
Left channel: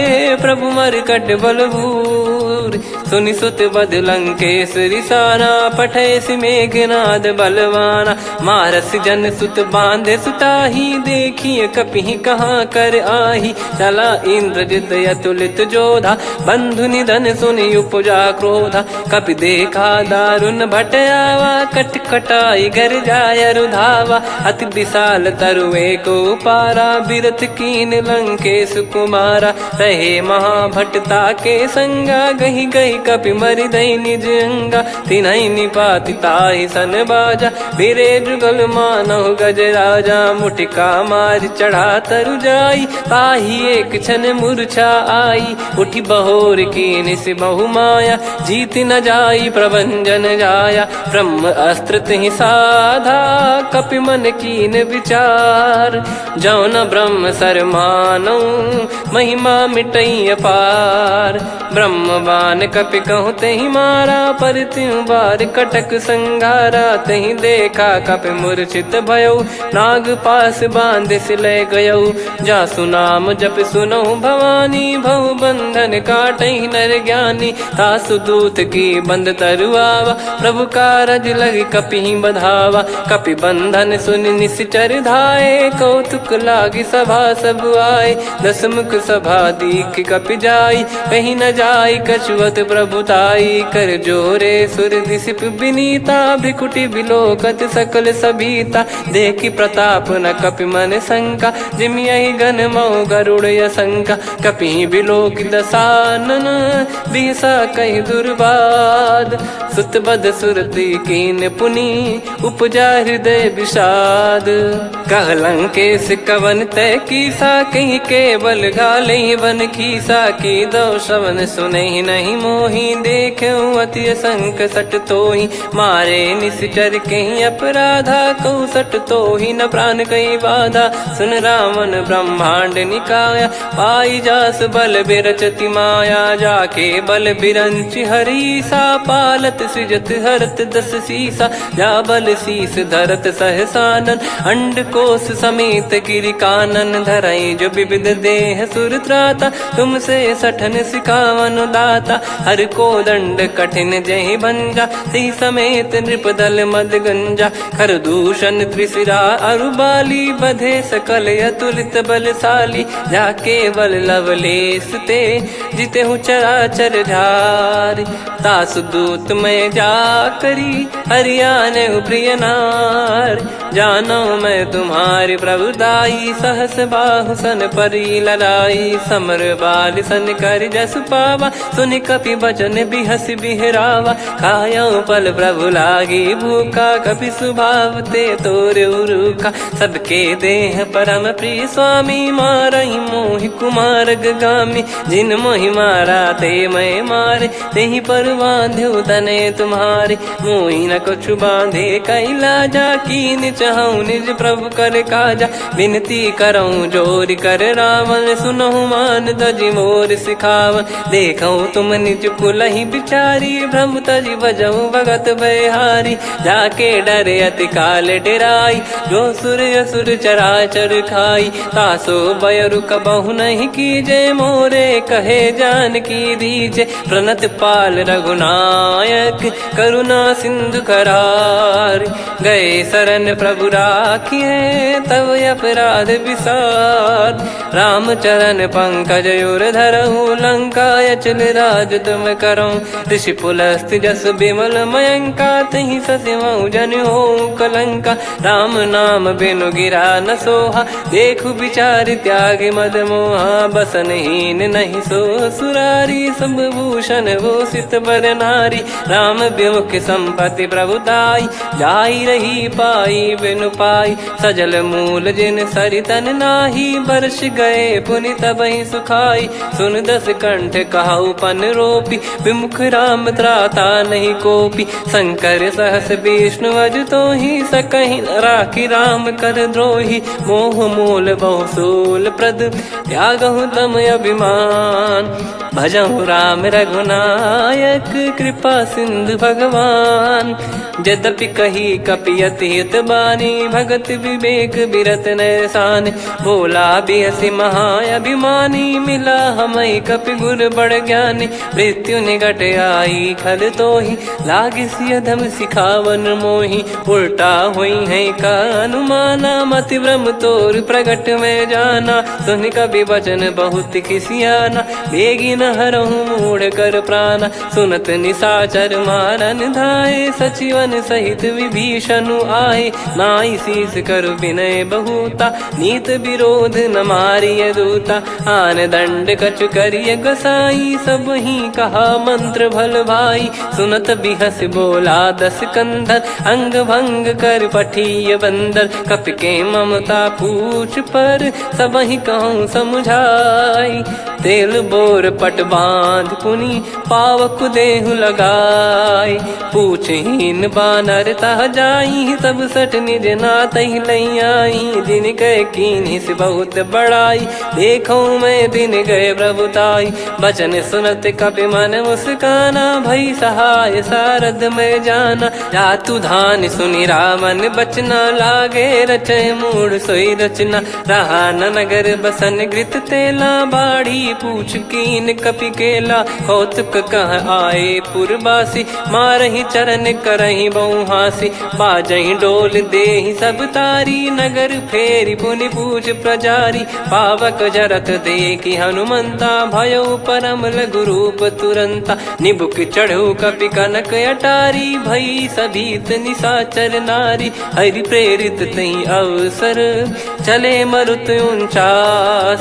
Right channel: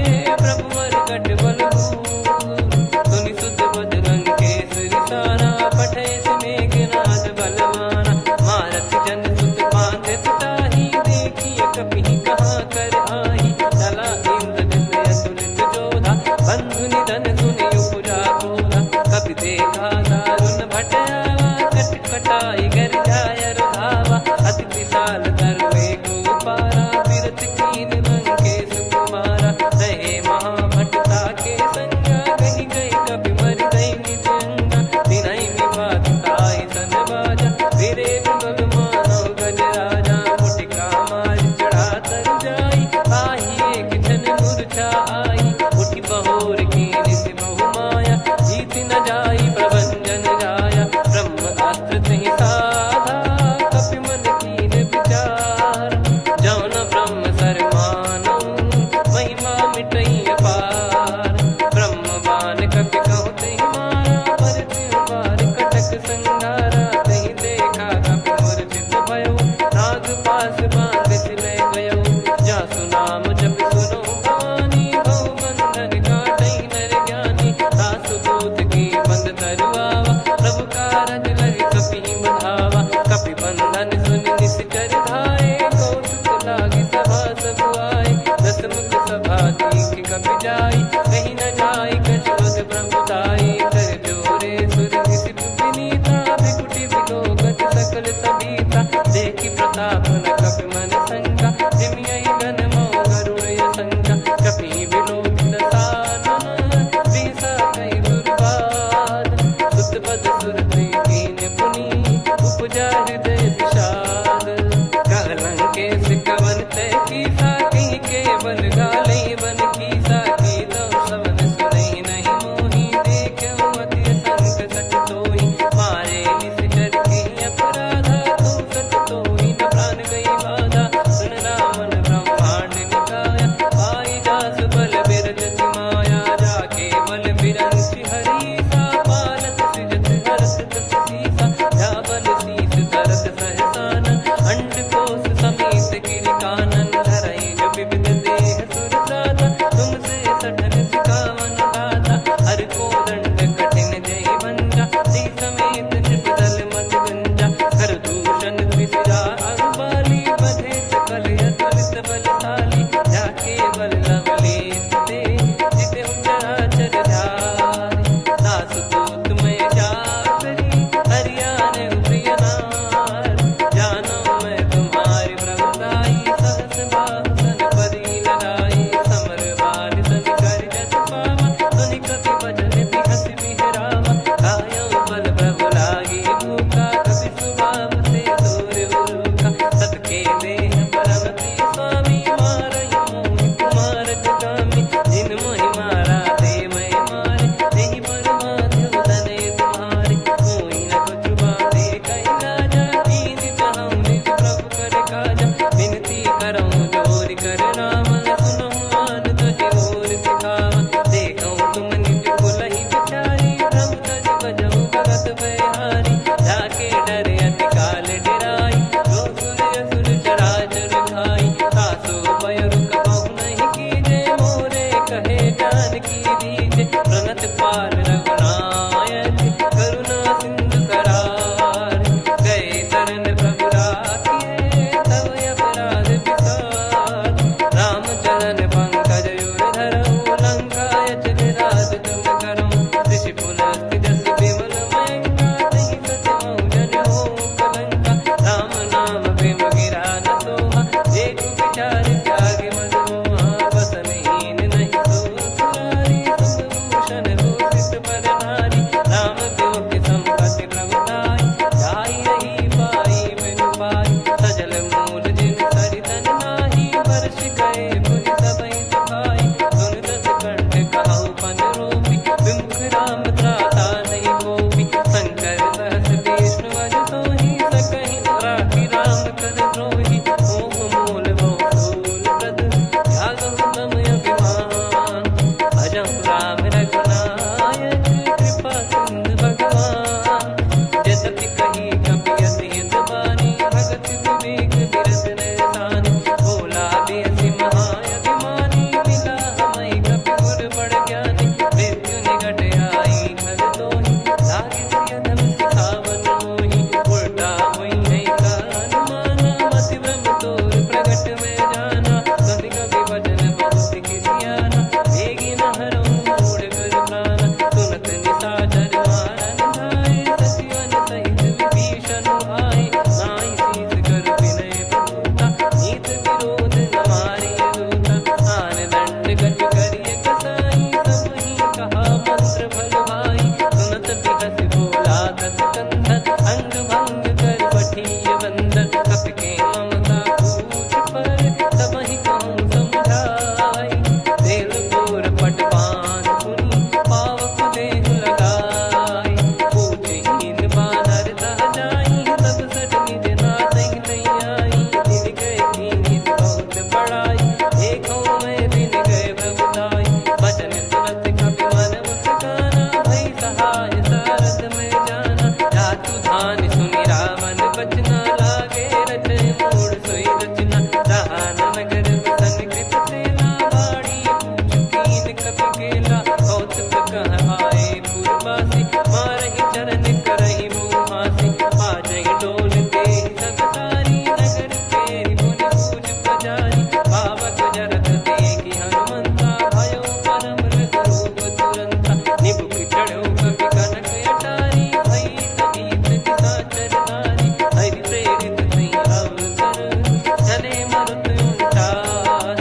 प्रभु मरकट बलभूर। सुनि सुत बद लंकेश्वरी साना, पठयसि मेघनाद बलवाना। मारस जन सुत बांधे सुताही, देखिए कपिहि कहाँ कर आही। चला इंद्रजित अतुलित जोधा, बंधु निधन सुनि उपजा क्रोधा। कपि देखा दारुण भट आवा, कट कटाई घर जाय रुधावा। अति विशाल तरुए को पारा, बिरत कीन लंकेश कुमारा। रहे महाभटता के संगा, गही गही कपि मरि दई निज अंगा तिन्हई निपाति ताहि सन बाजा फिरे जुगल मानव गज राजा मुटिका मार चढ़ा तरु जाई ताहि एक क्षण मूर्छा आई उठी बहोर की निस बहु माया जीत न जाई प्रभंजन जाया ब्रह्म अस्त्र तिहि साधा कपि मन कीन विचार जौ न ब्रह्म सर मानौ महिमा मिटई अपार ब्रह्म बान कपि कहूँ तेहि मारा पर त्यों बार कटक संगारा तेहि देखा कपि मूर्छित भयो नाग पास बांध सिले गयो जा सुनाम जप सुनो भवानी भव बंधन काटई नर ज्ञानी तासु दूत की बंद तरुआवा प्रभु कारज लग कपि बधावा कपि बंधन सुन निश्चर धाये कौतुक लागी सभा सब आए दसमुख सभा दीख कपि जाई कहीं न जाई कछुवत प्रभुताई कर जोरे सुर दिसिप विनीता भिकुटी विलोकत सकल सबीता देखी प्रताप न कपि मन शंका जिमियहि गन मऊ गरुड़ असंका कपि विलोक दसानन बिहसा कहि दुर्बाद सुत बद सुरति कीन पुनि उपजा हृदय विषाद कहलंकेश कवन तय कीसा कहीं केवल गाले बन खीसा की दो श्रवण सुने नहीं मोही देखे अति संक सट तोही मारे निश्चर कहीं अपराधा तो सट तो ही न प्राण कहीं बाधा सुन रावण ब्रह्मांड निकाया पाई जास बल बिरचति माया जाके बल बिरंच हरीसा पालत सृजत हरत दस सीसा जा बल शीस धरत सहसानन अंड कोश समेत गिरि कानन धरई जो विविध देह सुर त्राता तुमसे सठन सिखावन दाता हर को दंड कठिन जहि भंजा ती समेत नृप दल मद गंजा खर दूषण त्रिशिरा अरुबाली बधे सकल अतुलित बलशाली जाके बल लवलेस ते जिते हूँ चराचर झारी तासु दूत में जा करी हरियाने प्रिय नार जानो मैं तुम्हारी प्रभुदाई सहस बाहु सन परी ललाई समर बाल सन कर जस पावा सुन कपि भजन बिहस बिहरावा खायो पल प्रभु लागी भूखा कपि स्वभाव ते तोर उरुखा सबके देह परम प्रिय स्वामी मारई मोहि कुमार गामी जिन मोहि मारा ते मैं मारे तेहि पर बांधे तने तुम्हारे मोहि न कुछ बांधे कैला जा कीन चाहूं निज प्रभु कर काजा विनती करऊं जोर कर रावण सुनहु मान तजि मोर सिखावन देखो तुम निज कुलहि बिचारी भ्रम तजि बजऊं भगत बहारी जाके डरे अति काल डेराई जो सुर असुर चराचर खाई तासो बयरु कबहु नहीं कीजे मोरे कहे जान की दीजे प्रणत पाल रघुनायक करुणा सिंधु करार गए शरण प्रभु राखिए तब अपराध विसार राम चरण पंकज उर धरहु लंका अचल राज तुम करऊं ऋषि पुलस्त जस बिमल मयंका तहि सत्यमऊ जन हो कलंका राम नाम बिनु गिरा न सोहा देखु विचार त्याग मद मोहा बसनहीन नहीं सो सुरारी सब भूषण वो सित बर नारी राम विमुख संपत्ति प्रभुताई जाई रही पाई बिनु पाई सजल मूल जिन सरितन नाही वर्ष गए पुनि तबहि सुखाई सुन दस कंठ कहाऊ पन रोपी विमुख राम त्राता नहीं कोपी शंकर सहस विष्णु अज तो ही सकहि राखी राम कर द्रोही मोह मूल बहु सूल प्रद त्यागहु तम अभिमान भजहु राम रघुनायक कृपा सिंधु भगवान यद्यपि कही कपियत हित बानी भगत विवेक बिरत नैसान बोला बिहसी महाअभिमानी मिला हमई कपि गुर बड़ ज्ञानी मृत्यु निकट आई खल तो ही लागे सियधम सिखावन मोही उल्टा हुई है का अनुमाना भांति ब्रह्म तोर प्रगट में जाना। सुन कवि वचन बहुत खिसियाना, बेगी न हरहु मूढ़ कर प्राणा। सुनत निशाचर मारन धाये, सचिवन सहित विभीषण आए। नाई शीस कर विनय बहुता, नीत विरोध न मारिय दूता। आन दंड कछु करिय गसाई, सब ही कहा मंत्र भल भाई। सुनत बिहस बोला दस कंधर, अंग भंग कर पठिय बंदर। कपि के ममता पूछ पर, सब ही कहूँ समझाई। तेल बोर पट बांध पुनि, पावक देहु लगाई। पूछहीन बानर तह जाई, सब सट निज नाथ लई आई। दिन गए कीन्ही से बहुत बड़ाई, देखो मैं दिन गए प्रभुताई। बचन सुनत कपि मन मुस्काना, भई सहाय सारद में जाना। जातु धान सुनि रावण बचना, लागे रचय मूढ़ सोई रचना। रहा न नगर बसन कृत तेला, बाड़ी पूछ कीन कपि केला। कौतुक कह आए पुरबासी, मारहि चरण करहि बहु हासी। बाजहि डोल देहि सब तारी, नगर फेरी पुनि पूछ प्रजारी। पावक जरत देखि हनुमंता, भयो परम रघुरूप तुरंता। निबुक चढ़ऊ कपि कनक अटारी, भई सभीत निशाचर नारी। हरि प्रेरित तई अवसर, चले मरुत 49।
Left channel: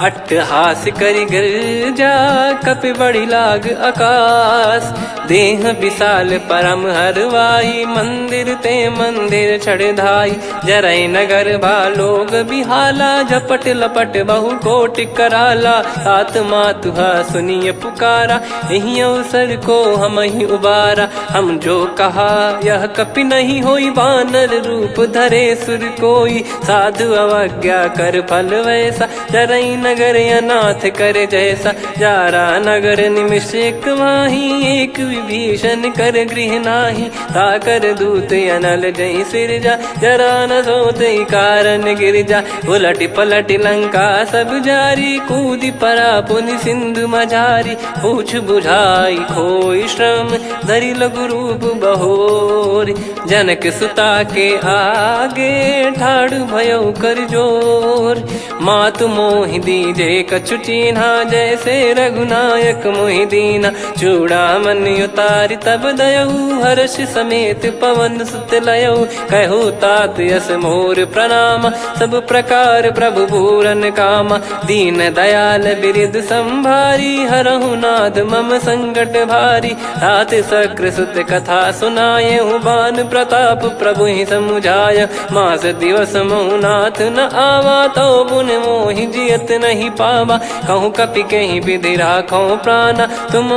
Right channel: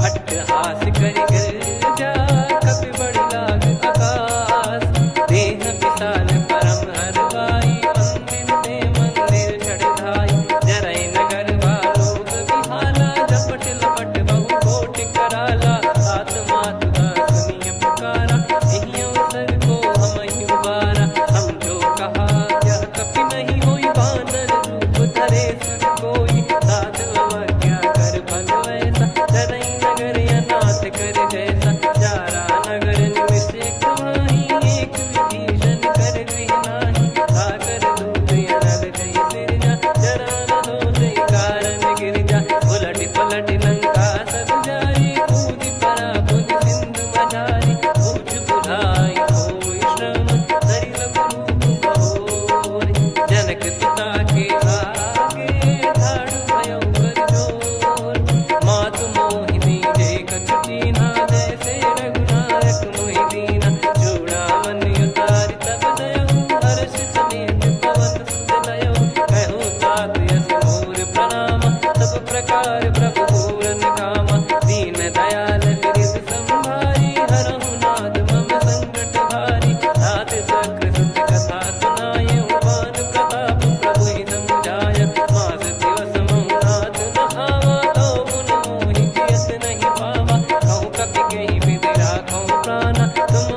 अट्टहास करि गिरजा, कपि बड़ी लाग आकाश। देह विशाल परम हरवाई, मंदिर ते मंदिर चढ़धाई। जरई नगर भालोग बिहाला, झपट लपट बहु कोटि कराला। सात मातुहा सुनिय पुकारा, यही अवसर को हम ही उबारा। हम जो कहा यह कपि नहीं होई, वानर रूप धरे सुर कोई। साधु अवज्ञा कर फल वैसा, जरई नगर अनाथ कर जैसा। जारा नगर निमिष एक माही, एक विभीषण कर गृह नाही। ताकर दूत अनल जय सिरजा, जरा न सोते कारण गिरजा। उलट पलट लंका सब जारी, कूदी परा पुनि सिंधु मझारी। पूछ बुझाई खोई श्रम, धरि लघु रूप बहोरी। जनक सुता के आगे, ठाड़ भयो कर जोर। मातु मोहि दीजे कछु चीन्हा, जैसे रघुनायक मोहि दीना। चूड़ामन उतारि तब दयऊ, हर्ष समेत पवन सुत लयऊ। कहु तात यस मोर प्रणाम, सब प्रकार प्रभु पूरन कामा। दीन दयाल बिरिद संभारी, हरहु नाद मम संकट भारी। तात सक्र सुत कथा सुनाये, बान प्रताप प्रभु ही समुझाय। मास दिवस महु नाथ न आवा, तो पुन मोहि जियत नहीं पावा। कहूँ कपि कहीं विधि राखो प्राणा, तुम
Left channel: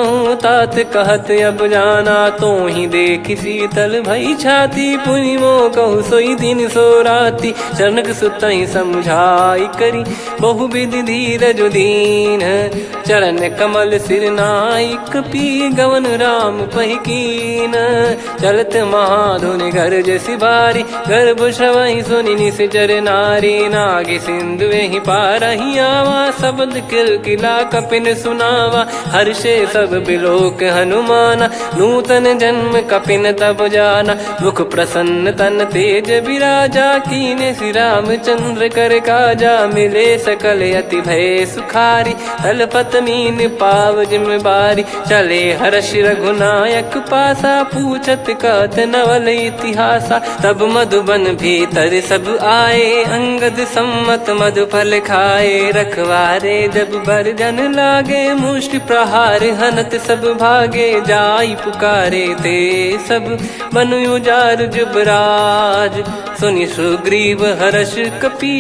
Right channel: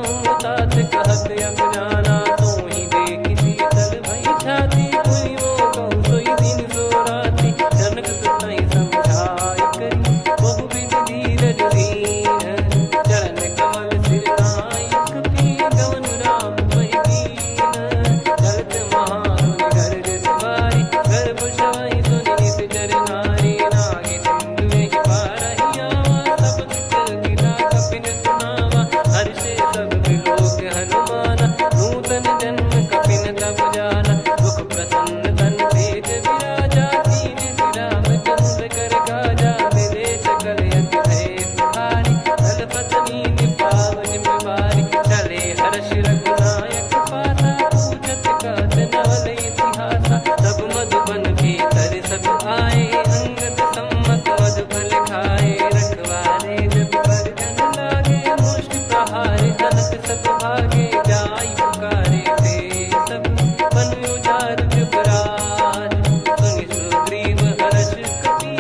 तात कहत अब जाना। तो ही देखी शीतल भई छाती, पुनि मो कहु सोई दिन सो राती। जनक सुतहि समझाई करी, बहु विधि धीरज दीन। चरण कमल सिर नाई, कपि गवन राम पहिकीन। चलत महाधुनि गरज सिबारी, गर्भ श्रवहि सुनि निश्चर नारी। नागे सिंधु ही पारहि आवा, शब्द किलकिला कपिन सुनावा। हर्षे सब बिलोक हनुमाना, नूतन जन्म कपिन तब जाना। मुख प्रसन्न तन तेज विराजा, कीने श्री रामचंद्र कर काजा। मिले सकल अति भय सुखारी, तलपत मीन पाव जिम बारी। चले हर्ष रघुनायक पासा, पूछत कहत नवल इतिहासा। तब मधुबन भीतर सब आए, अंगद सम्मत मधुफल खाए। रखवारे जब बरजन लागे, मुष्टि प्रहार हनत सब भागे। जाई पुकारे ते सब, बन उजार जुबराज। सुनि सुग्रीव हर्ष कपि,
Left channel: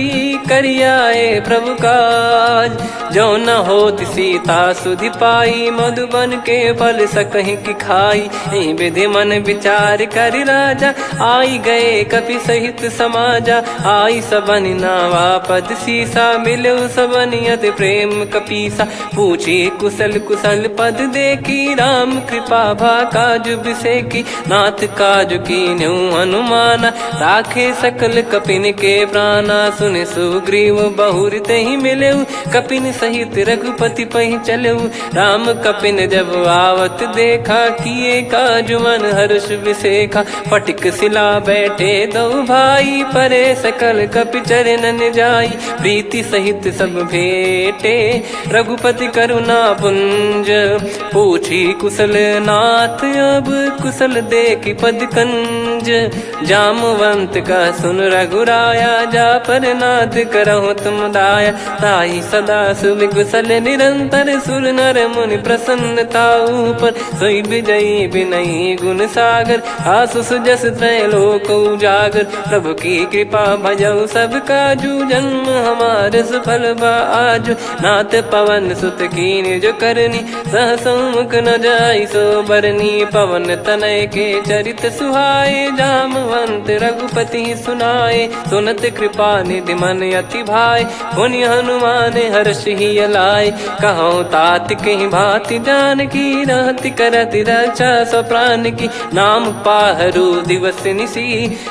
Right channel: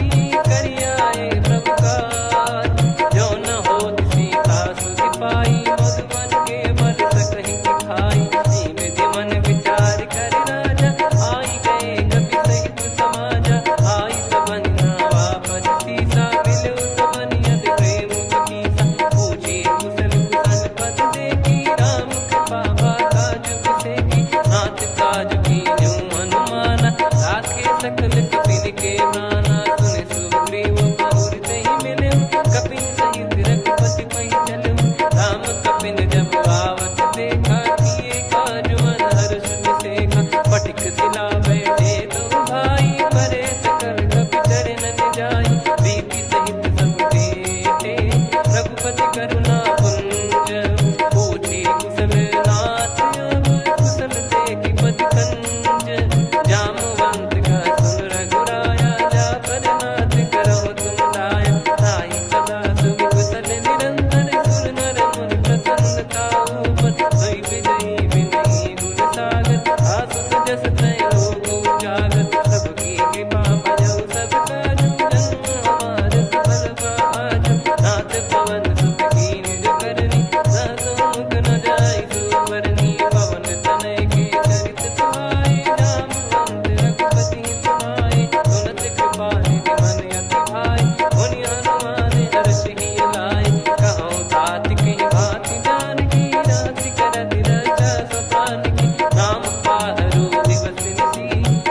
करियाए प्रभु काज। जो न होत सीता सुधि पाई, मधुबन के फल सकहि की खाई। विधि मन विचार कर राजा, आई गए कपि सहित समाजा। आई सबन नावा पद सीसा, मिलो सबनियत प्रेम कपीसा। पूछी कुशल कुशल पद देखी, राम कृपा भा काजु बिसेकी। नाथ काजु कीन्यु हनुमाना, राखे सकल कपिन के प्राणा। सुन सुग्रीव बहुर तहि मिलेउ, कपिन सहित रघुपति पहि चलेउ। राम कपिन जब आवत देखा, किए काजु मन हर्ष विसेखा। फटिक सिला बैठे दो भाई, परे सकल कपि चरणन जाई। प्रीति सहित सब भेटे, रघुपति करुणा पुंज। पूछी कुशल नाथ, अब कुशल देखि पद कंज। जामवंत का सुन रघुराया, जा पर नाथ करहु तुम दाया। ताहि सदा सुविकुशल निरंतर, सुर नर मुनि प्रसन्नता ऊपर। सोई विजयी विनयी गुण सागर, आसुस जस त्रैलोक उजागर। प्रभु की कृपा भजऊ सब काजू, जन्म हमार सफल बा आजु। नाथ पवन सुत की निज करनी, सहसो मुख न जाई सो बरनी। पवन तनय के चरित सुहाए, जामवंत रघुपति सुनाए। सुनत कृपा निधि मन अति भाई, पुनि हनुमान हर्ष ही लाए। कहो तात कहीं भांति जानकी, रहति करति रक्षा सब प्राण की। नाम पाहरु दिवस निसी,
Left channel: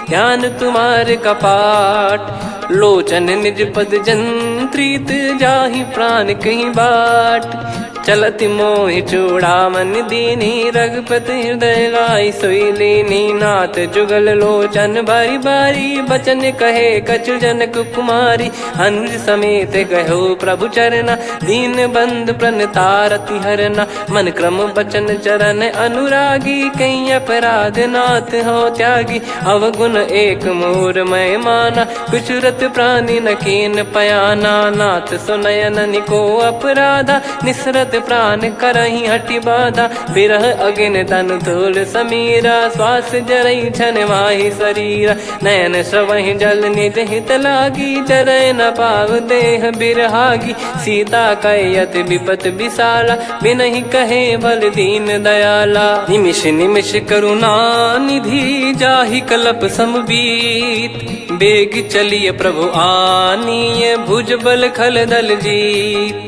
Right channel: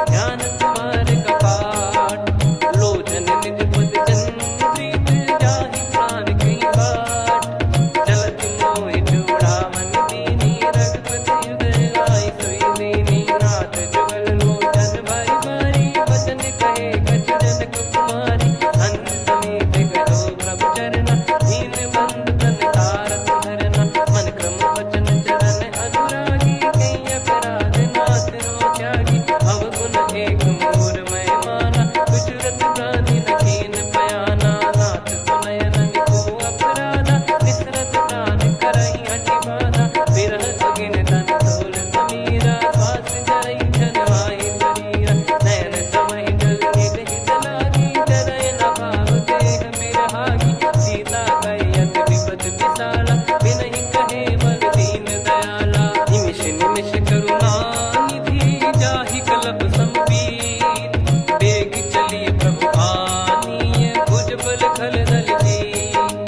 ध्यान तुम्हारे कपाट। लोचन निज पद जंत्रित, जाहि प्राण कहीं बाट। चलति मोहि चूड़ामणि दीनी, रघुपति हृदय लाई सोई लीनी। नाथ जुगल लोचन बारी बारी, बचन कहे कछु जनक कुमारी। अनुज समेत गयो प्रभु चरना, दीन बंधु प्रणतारति हरना। मन क्रम बचन चरण अनुरागी, कहीं अपराध नाथ हो त्यागी। अवगुण एक मोर मैं माना, विचुरत प्राणी न कीन पयाना। नाथ सुनयन निको अपराधा, निसरत प्राण करही हटि बाधा। बिरह अगिन तन तोल समीरा, श्वास जरई छन माही शरीरा। नयन श्रवहि जल निज हित लागी, चरय न पाव देह बिरहागी। सीता कयत विपत विशाला, बिनहि कहे बल दीन दयाला। निमिष निमिष करुणा निधि, जाहि कलप समबीत। बेग चलिय प्रभु आनीय, भुज बल खल दल जीत।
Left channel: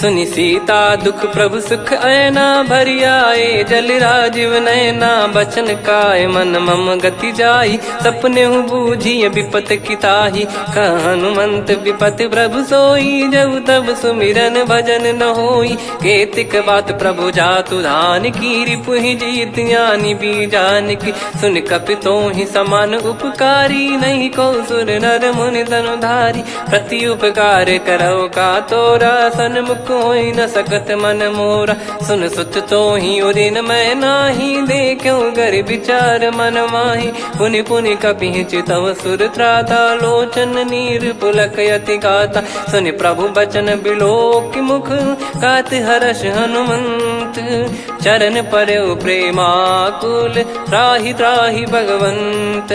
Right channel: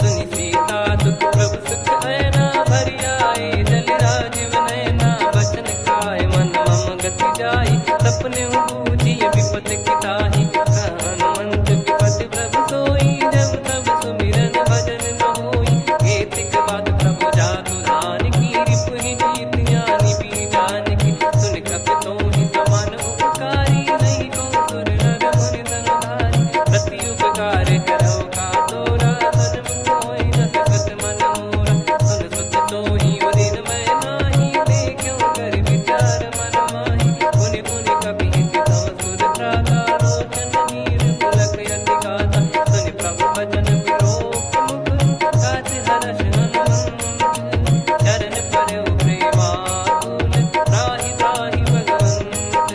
सुनि सीता दुख प्रभु सुख ऐना, भरि आए जल राजीव नैना। बचन काय मन मम गति जाई, सपने हूँ बूझिय विपत किताही। हनुमंत विपत प्रभु सोई, जब तब सुमिरन भजन न होई। केतिक बात प्रभु जातु धान की, रिपुहि जीत ज्ञानी बीजान की। सुन कपि तोहि समान उपकारी, नहीं को सुर नर मुनि तनुधारी। प्रति उपकार करौ का तोरा, सन्मुख कोई न सकत मन मोरा। सुन सुत तो ही उदिन मैं नाही, देखो गर विचार मन माही। पुनि पुनि कपि चितव सुर त्राता, लोचन नीर पुलक यति गाता। सुनि प्रभु बचन बिलोक मुख, गात हर्ष हनुमंत। चरण परौ प्रेमाकुल, त्राहि त्राहि भगवंत।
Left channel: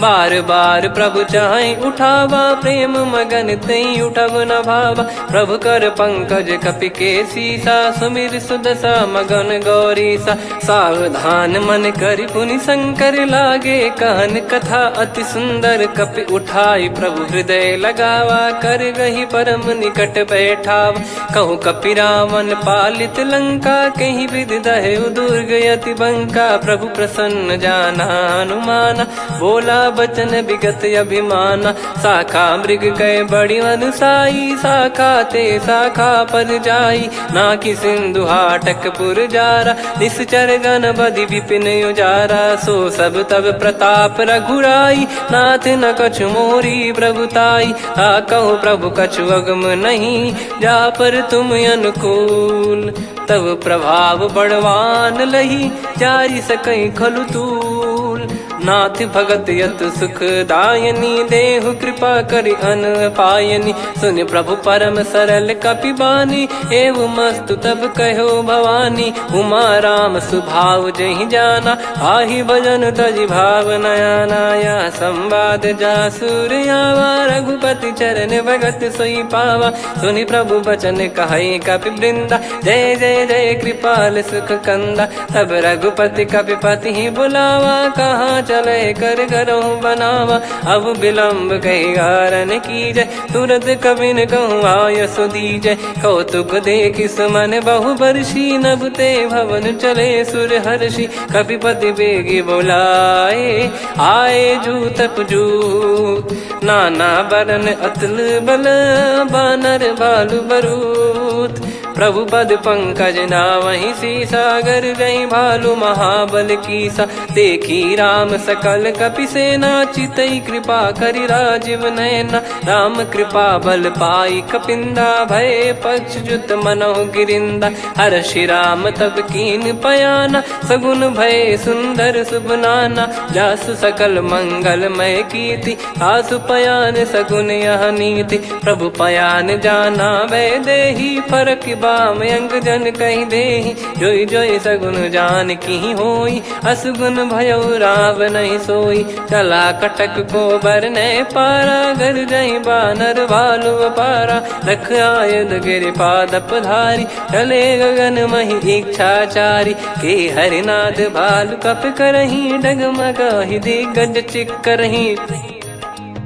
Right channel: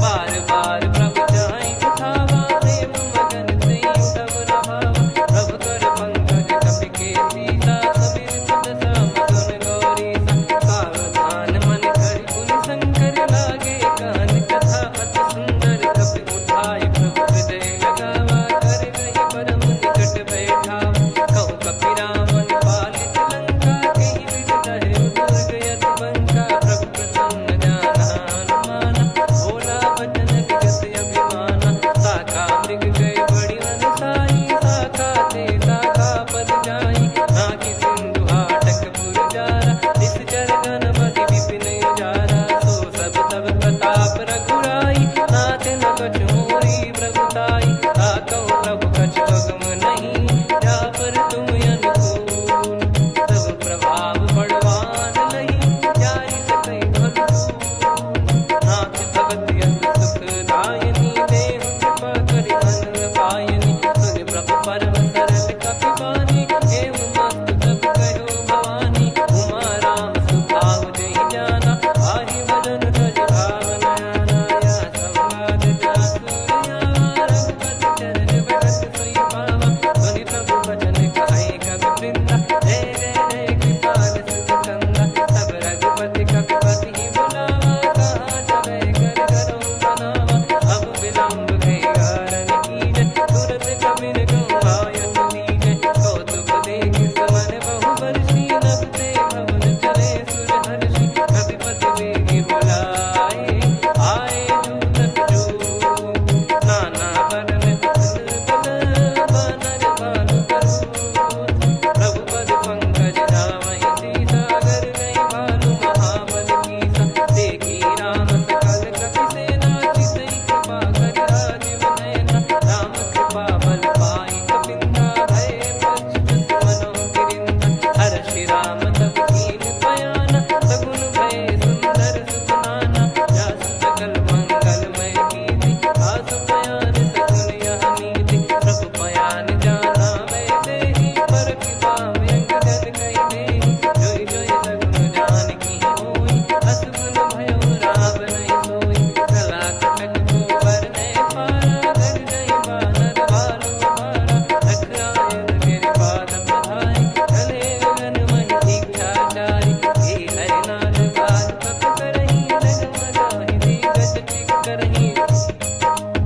बार बार प्रभु चाहि उठावा, प्रेम मगन तई उठब न भावा। प्रभु कर पंकज कपि के सीसा, सुमिर सुदशा मगन गौरीसा। सावधान मन करि पुनि शंकर लागे, कहन कथा अति सुंदर। कपि उठाई प्रभु हृदय लगावा, कर गही परम निकट बैठावा। कहूँ कपि रावण पालित लंका, कहीं विधि दहु दुर्ग यति बंका। प्रभु प्रसन्न जाना हनुमाना, बोला बचन विगत अभिमाना। शाखा मृग कय बड़ी अनुसाई, शाखा ते शाखा पर जाई। नाकि सिंधु हाटक पुर जारा, निश्चर गण बधि विपिन उजारा। सो सब तब प्रताप रघुराई, नाथ न कछु मोरी प्रभुताई। कहो प्रभु कछु अगम नहीं, जा पर तुम अनुकूल। तब प्रभाव बड़वान लही, जारी सकई खलु तूल। नाथ भगत यत सुख दायनी, देहु कृपा करि अन पायनी। सुन प्रभु परम सरल कपि बानी, एव मस्तु तब कहो भवानी। उमा राम सुभाव जहि जाना, आहि भजन तजि भाव नयाना। या संवाद जासुर आवा, रघुपति चरण भगत सोई पावा। सुनि प्रभु बचन कहै कपि वृंदा, जय जय जय कृपाल सुख कंदा। तब रघुपति कपिपति बुलावा, कहाँ चले कर करहु बनावा। अब विलम्ब कही कारण कीजय, तुरत कबिन कहूँ आयस दीजय। कौतुक देखि सुमन बहु बरसी, नभ ते भवन चले सुर हर्षि। कपिपति बेगी बोलाए, आए जूतक जूत। नाना बरन अतुल बल, बानर बालु बरूत। प्रभु पद पंकज नावहि सीसा, गर गई भालु महाबल कीसा। देखी राम सकल कपि सेना, चितई कृपा करि राजीव नयना। राम कृपा बल पाई कपिंदा, भय पक्षजुत मनहु गिरिंदा। हर्षि राम तब कीन पयाना, सगुन भय सुंदर शुभ नाना। जासु सकल मंगलमय कीर्ति, आसु पयान सगुन यह नीति। प्रभु पयान जाना वै देहि, फरक बाम अंग जन कहि देहि। जोई जोई सगुन जान की होई, असगुन भयो राव नहीं सोई। चला कटक को बरने पारा, घर जई बानर भालु अपारा। लख आयद गिरि पाद पधारी, चले गगन महि इच्छाचारी। के हरिनाथ भालु कप करही, डगमगाहि दिग्गज चिक्करही।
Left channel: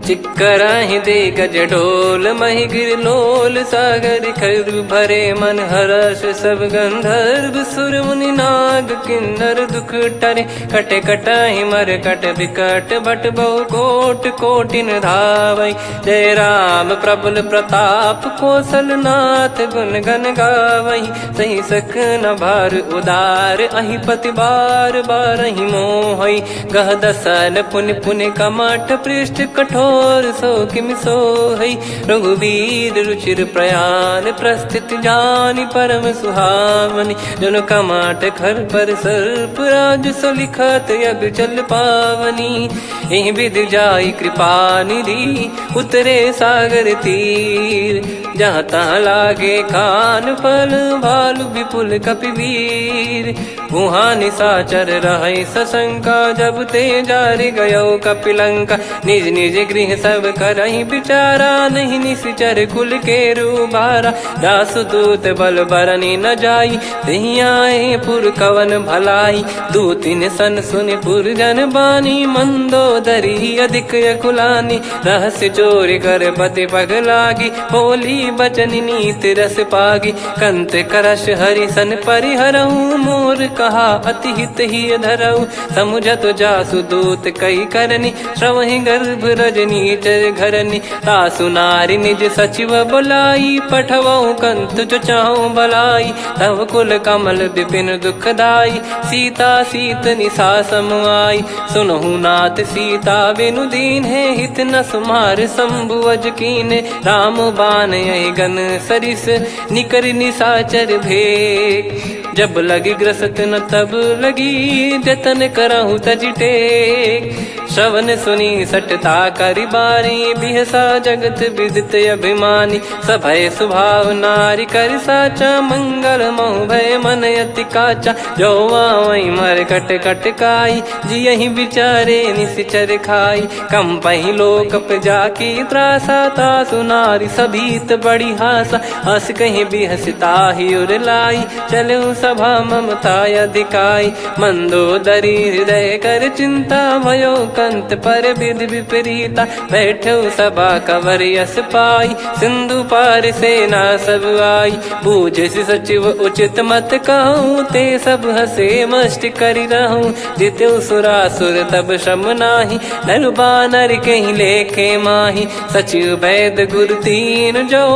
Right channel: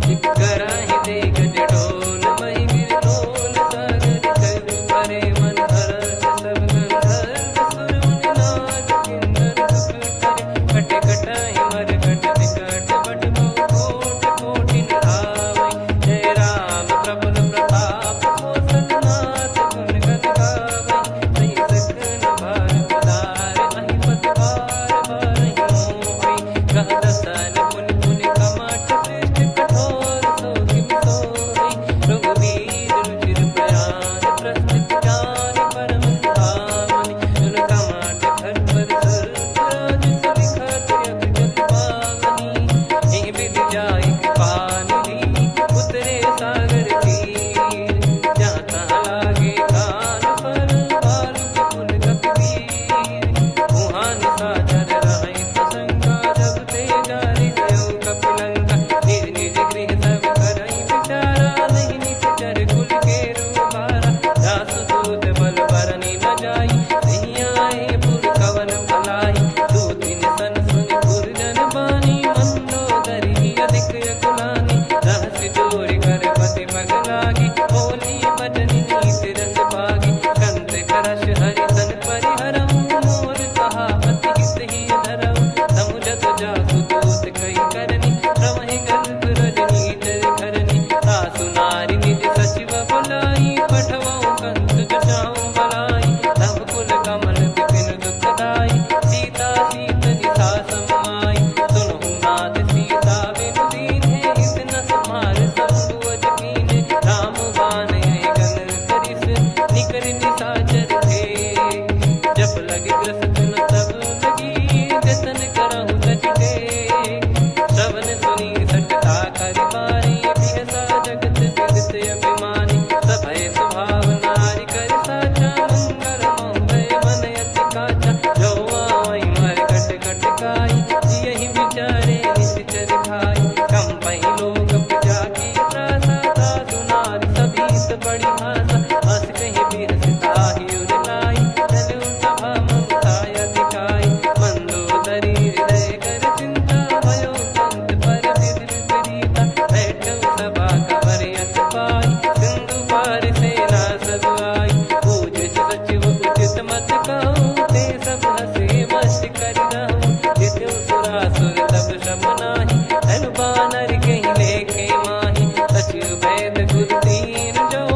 चिक्कराहि दिग्गज ढोल, महि गिर लोल। सागर खर भरे मन हर्ष, सब गंधर्व सुर मुनि नाग किन्नर दुख टरे। कटे कटाहि मरकट विकट, भट बहु कोट कोटिन धावै। जय राम प्रबल प्रताप, कौशल नाथ गुण गन गावै। सही सकन भार उदार, अहिपति बार बारहि मोहै। गह दसन पुन पुन कमठ, पृष्ठ कठोर सो किम सोहै। रघुवीर रुचिर प्रयाण, प्रस्थित जानि परम सुहावनी। जन कमाट खर पर सर्प, राज सलिखत यग जल पावनी। एहि विधि जाई कृपा निधि, उतरे सागर तीर। जहाँ तहाँ लागे खान फल, भालु विपुल कपिवीर। वहाँ निशाचर रहै सशंका, जब ते जारि गयो कपिलंका। निज निज गृह सब करहि विचारा, नहीं निश्चर कुल के रूबारा। दास दूत बल बरनी न जाई, तेहि आए पुर कवन भलाई। दूतिन सन सुनि पुर जन बानी, मंदोदरी अधिक अकुलानी। रहस्य चोरी कर पति पगलागी, होली बचन नीत रस पागी। कंत करश हरि सन परिहरहु, मोर कहा अति हित ही धरऊ। समुझत जासु दूत कई करनी, श्रवहि गर्भ रजनी चर घरनी। तासु नारी निज सचिव बुलाई, पठवऊ कंत जो चाहूं भलाई। तव कुल कमल विपिन दुखदाई, सीता सीत निशा समुआई। सुनहु नाथ सीता बिनु दीन है, हित न सुमार शंभु अज कीने। राम बान यही गन सरिस, निकर निशाचर भेग। जब लगी ग्रसत न तब लगी, जतन करहु तज टेक। श्रवण सुनी सटता करि बारी, बिहसा जगत विदित अभिमानी। सभय स्वभाव नारी कर साचा, मंगल महु भय मन अति काचा। जो आवै मर कट कट काई, जियहि विचारे निश्चर खाई। कम पहि लोक जाकी त्रासा, तासु नारी सभीत बड़ी हासा। हस कहीं बिहसता ही उर लाई, चलऊ सभा ममता अधिकाई। मंदोदरी हृदय कर चिंता, भयो कंत पर विधि विपरीता। बैठो सभा कवर यस पाई, सिंधु पार सेना सब आई। पूजे सचिव उचित मत कहूँ, ते सब हसे मस्त करि रहूँ। जित्यु सुरासुर तब श्रम नाही, नल बानर कहीं लेखे माही। सचिव वैद गुरु तीन जो,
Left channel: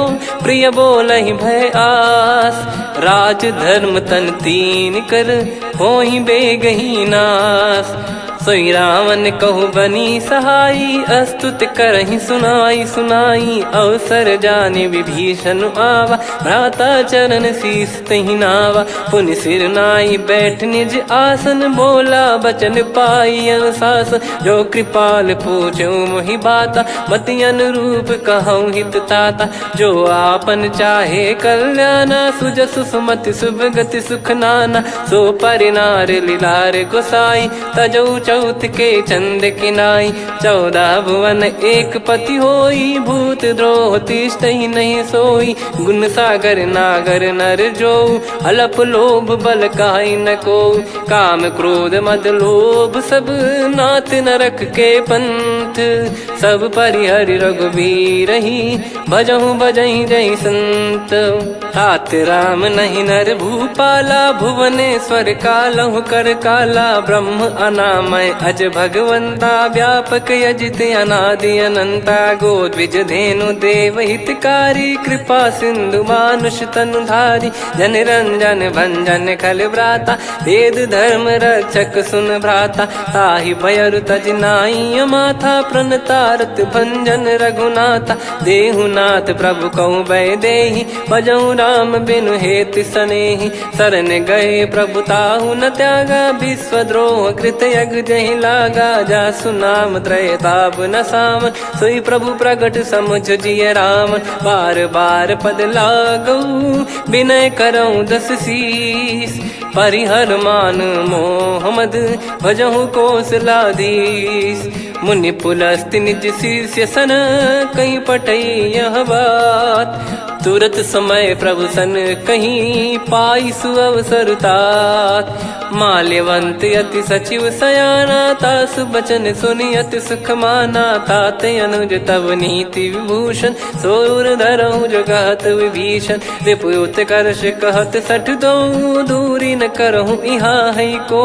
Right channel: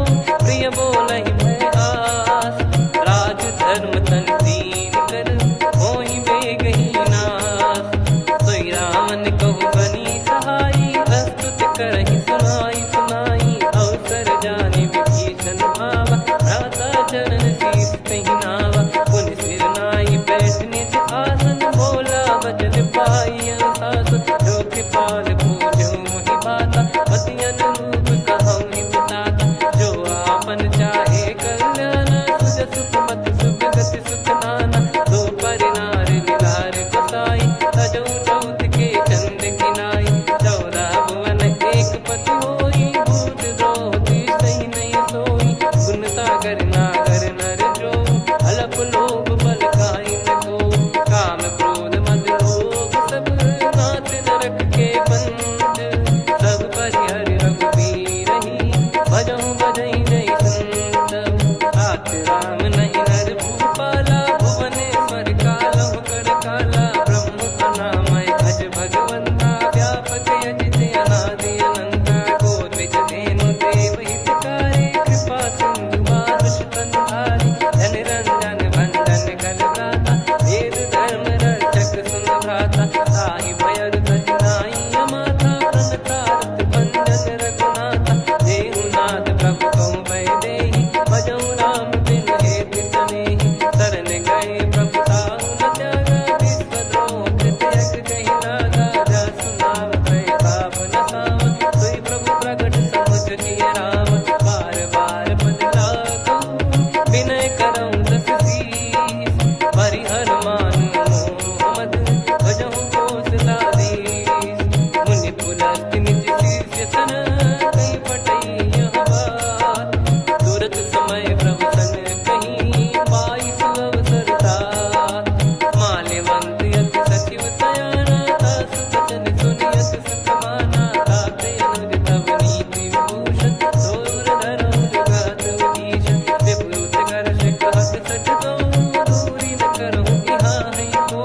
प्रिय बोलहि भय आस। राज धर्म तन तीन कर, होहि बेगहि नाश। सोई रावण कहु बनी सहाई, अस्तुत करहि सुनाई सुनाई। अवसर जाने विभीषण आवा, भ्राता चरण शीस तहि नावा। पुनि सिर नाई बैठ निज आसन, बोला बचन पाई अनुशासन। जो कृपाल पूछो मोहि बाता, मति अनुरूप कहूँ हित ताता। जो आपन चाहे कल्याणा, सुजसु सुमति शुभ गति सुख नाना। सो परिनार लीलार गोसाई, तजौ चौथ के चंद की नाई। 14 भुवन एक पति होई, भूत द्रोह तिष्ठ ही नहीं सोई। गुण सागर नागर नर जो, अलप लोभ बल काई न को। काम क्रोध मद लोभ सब, नाथ नरक के पंथ। सब परिहरि रघुबीर ही, भजहु भजहि जय संत। हाथ राम नहीं नर भूपाला, भुवनेश्वर कालहु कर काला। ब्रह्म अनामय अज भगवंता, व्यापक यजित अनादि अनंता। गोद्विज धेनु देव हितकारी, कृपा सिंधु मानुष तनुधारी। जन रंजन भंजन कल भ्राता, वेद धर्म रक्षक सुन भ्राता। ताहि भयरु तज नाई माथा, प्रणतारत भंजन रघुनाथा। देहुनाथ प्रभु कहु बै देहि, भजहु राम बिनु हेति सनेहि। शरण गए प्रभु ताहु न त्यागा, विश्वद्रोह कृत यज्ञ जहि लागा। जासु नाम त्रयताप न सावन, सोई प्रभु प्रगट समुझ जिय राम। बार बार पद लागऊ, विनय करऊँ 10 शीस। परिहर मान मोह मद, भजहु कौशलाधीश। मुनि पुलस्त्य निज शीर्ष सन, कहीं पटई यह बात। तुरत समय प्रभु सन कहीं, पाई सुअवसर तात। माल्यवंत अति सचिव सयाना, तासु बचन सुनि अति सुख माना। ताते अनुज तव नीति विभूषण, सोर धरहु जगत विभीषण। विपुत करश कहत सठ दो, दूरी न करहु यहाँ है को।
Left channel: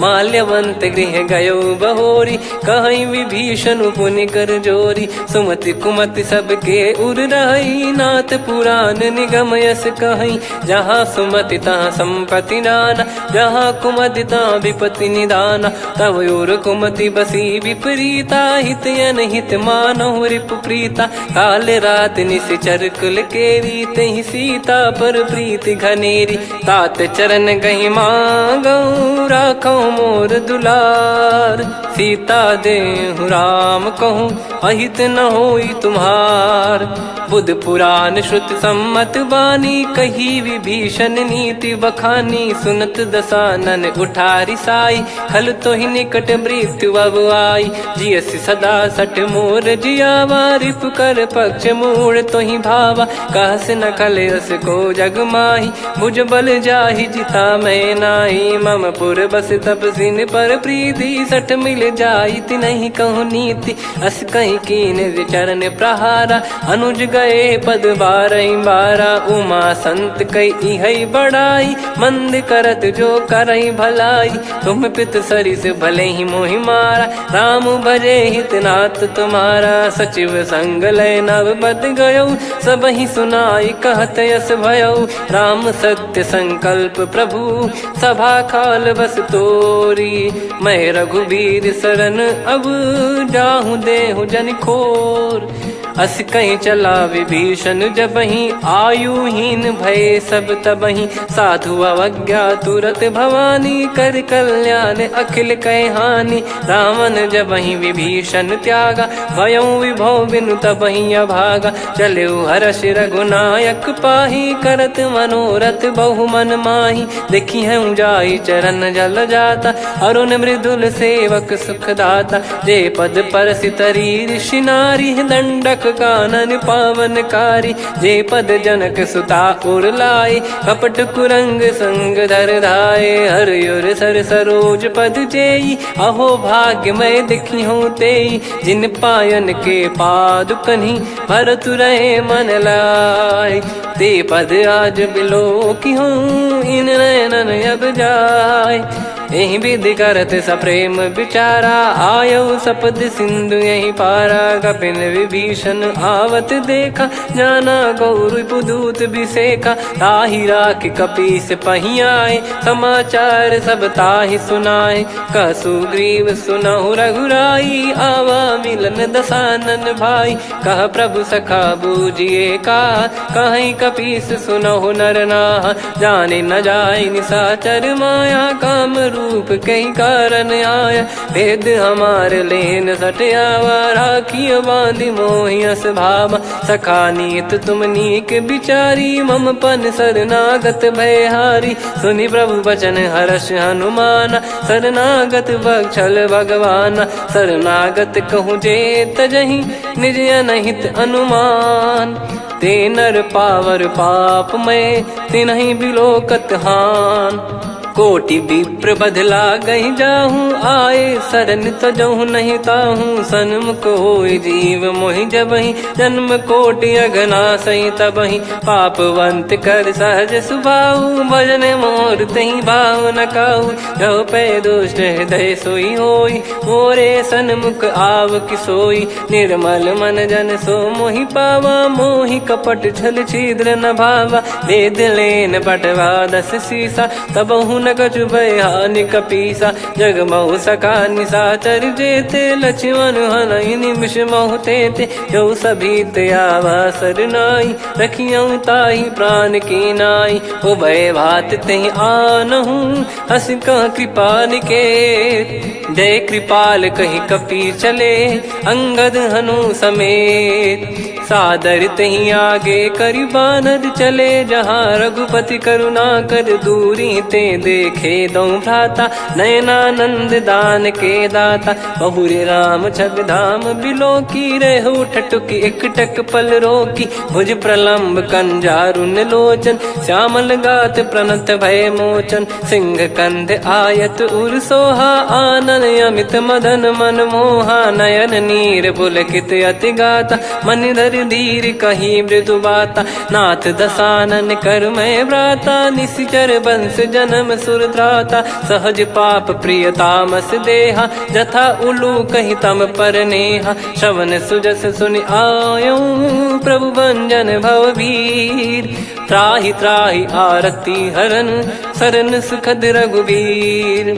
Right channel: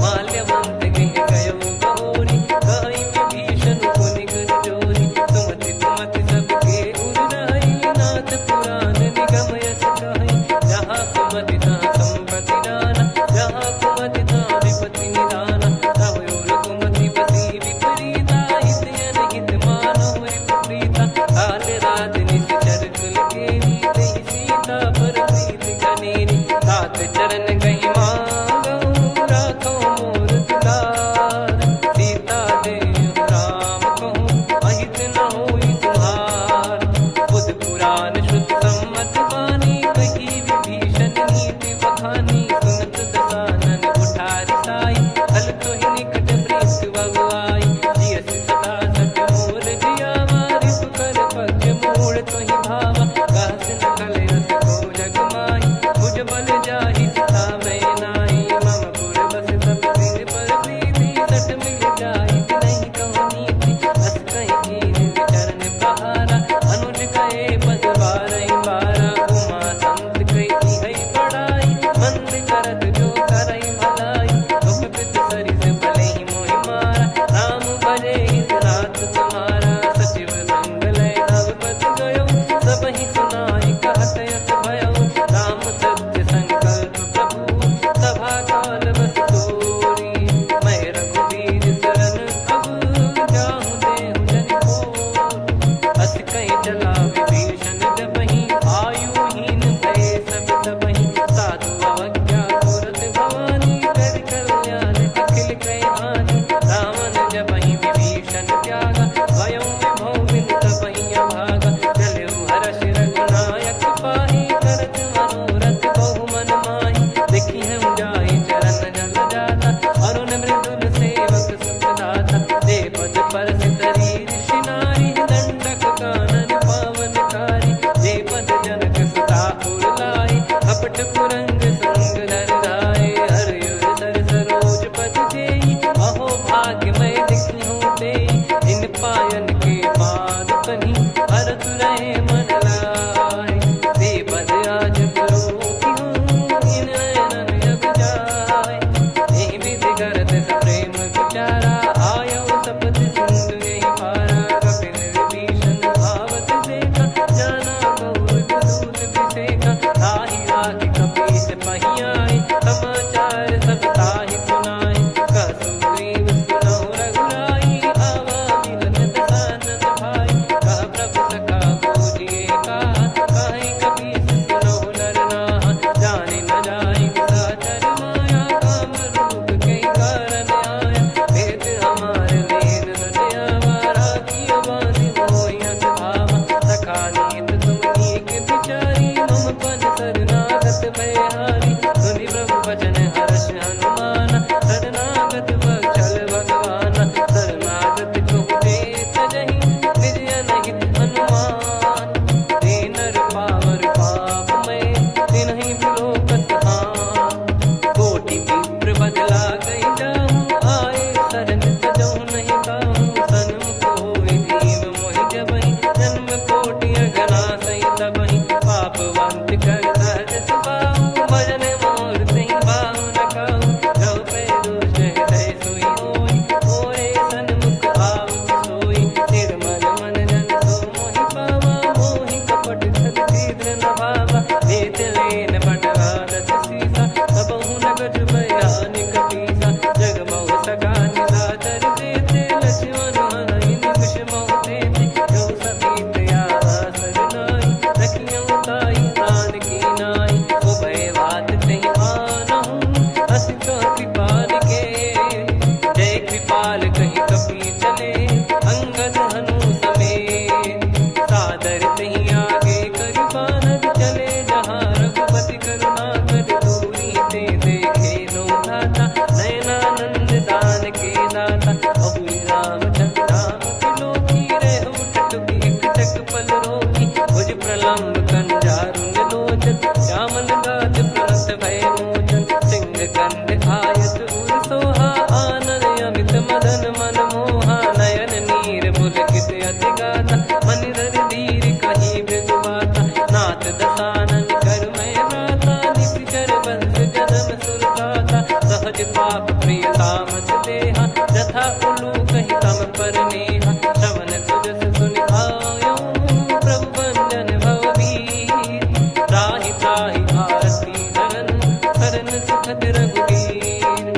माल्यवंत गृह गयो बहोरी, कहीं विभीषण पुनि कर जोरी। सुमति कुमति सबके उर रही, नाथ पुराण निगम यस कहीं। जहाँ सुमति तहाँ संपत्ति नाना, जहाँ कुमति तहाँ विपत्ति निदाना। तव और कुमति बसी विपरीता, हित अनहित मानहु रिपु प्रीता। काल रात निशिचर कुल केरी, तहि सीता पर प्रीति घनेरी। तात चरण गहि मांगऊ, राखो मोर दुलार। सीता देहु राम कहूँ, अहित न होई तुम्हार। बुध पुराण श्रुत सम्मत बानी, कही विभीषण नीति बखानी। सुनत दसानन उठारी साई, खल तो ही निकट मृत्यु अब आई। जियसि सदा सठ मोर जियावा, रिपु कर पक्ष मूड़ तो ही भावा। कहस न खलयस को जग माही, भुज बल जाहि जिता मैं नाई। मम पुर बस तपसिन पर प्रीति, सठ मिल जाई नहीं कहूँ नीति। अस कहीं कीन विचरण प्रहारा, अनुज गए पद 12 उमा संत कई है बड़ाई। मंद करत जो करई भलाई, तुम पित सरिस भले ही मोहि मारा। राम भजे हितनाथ तुम्हारा, सचिव संग लय नव बद गयो। सब ही सुनाई कहत यस भयो, राम सत्य संकल्प प्रभु। सभा काल बस तोरी, मैं रघुबीर शरण अब जाहूँ देहु जन खोर। अस कहीं चला विभीषण जबहि, आयुहीन भय सब तबहि। साधु अवज्ञा तुरत भवानी, कर कल्याण अखिल कह हानि। रावण जबहि विभीषण त्यागा, भयउ विभव बिनु तबहि अभागा। चलऊ हर्ष रघुनायक पाहि, करत मनोरथ बहु मन माहि। देखी हूँ जाई चरण जल जाता, अरुण मृदुल सेवक सुखदाता। जे पद पर सितरी ऋषि नारी, दंडक कानन पावनकारी। जे पद जनक सुता उर लाए, कपट कुरंग संग धर धाये। हरियुर सर सरोज पद जेई, अहो भाग्य मैं दिखी हूँ तेई। जिन पायन के पादुकनि, भरत रहे मन लाय। ते पद आज बिलो की हूँ, इन नयनन अब जाय। यही विधि करत सप्रेम विचारा, आयऊ सपद सिंधु यही पारा। कपिन विभीषण आवत देखा, जाना गौर बुदूत बिसेखा। ताहि राखि कपीस पही आए, समाचार सब ताहि सुनाए। कह सुग्रीव सुनहु रघुराई, आवा मिलन दसानन भाई। कह प्रभु सखा बूझिए का, कहीं कपीस सुनहु नर नाहा। जाने न जाय निशाचर माया, काम रूप कई कारण आया, भेद हमार लेन सटयावा, राखिय बांधि मोहियस भावा, सखा नीत तुम नीक बिचारी, मम पन शरणागत भयहारी, सुनि प्रभु वचन हर्ष हनुमाना, शरणागत बक्षल भगवाना, शरणागत कहूँ जे तजहि निज अनहित अनुमान, ते नर पावर पाप में तिन्हि बिलोकत हान, कोटि विप्र बदला गई जाहूँ, आए शरण तजहु नहीं ताहूँ, सन्मुख होय जीव मोहि जबहि, जन्म कोटि अगना सही तबहि, पापवंत कर सहज सुभाऊ, भजन मोर तहि भाव न काहू, जो पै दुष्ट हृदय सोई होई, मोरे सन्मुख आव किसोई, निर्मल मन जन सो मोहि पावा, मोहि कपट छल छिद्र न भावा, वेद लेन बटवा दस सीसा, तबहु न कछु भयानि कपीसा, जग महु सका निशाचर जेते, लक्ष्मण हनहि निमिष महु तेते, जो सभी त्यावा सरनाई, रखियऊ ताहि प्राण की नाई, उभय भात तेहि आनहूँ, हस कह कृपाल के, जय कृपाल कहि कपी चले, अंगद हनु समेत, सादर तही आगे करि बानर चले, जहाँ रघुपति करुणा कर दूरी ते देखे दो भ्राता, नयनानंद दान के दाता, बहुरी राम छवि धाम बिलो की, रेहु ठटुकी एकटक पल रोकी, भुज प्रलम्ब कंजारुन लोचन, श्यामल गात प्रणत भय मोचन, सिंह कंद आयत उर सोहा, आनन अमित मदन मन मोहा, नयन नीर पुलकित अति गाता, मन धर धीर कहीं मृदु बाता, नाथ दसानन कर मैं व्राता, निश्चर बंस जन्म सुरत्राता, सहज पाप प्रिय तामस देहा, जथा उलू कही तम पर नेहा, श्रवण सुजस सुनि आयो, प्रभु भंजन भवबीर, त्राहि त्राहि आरती हरन, सरन सुखद रघुवीर,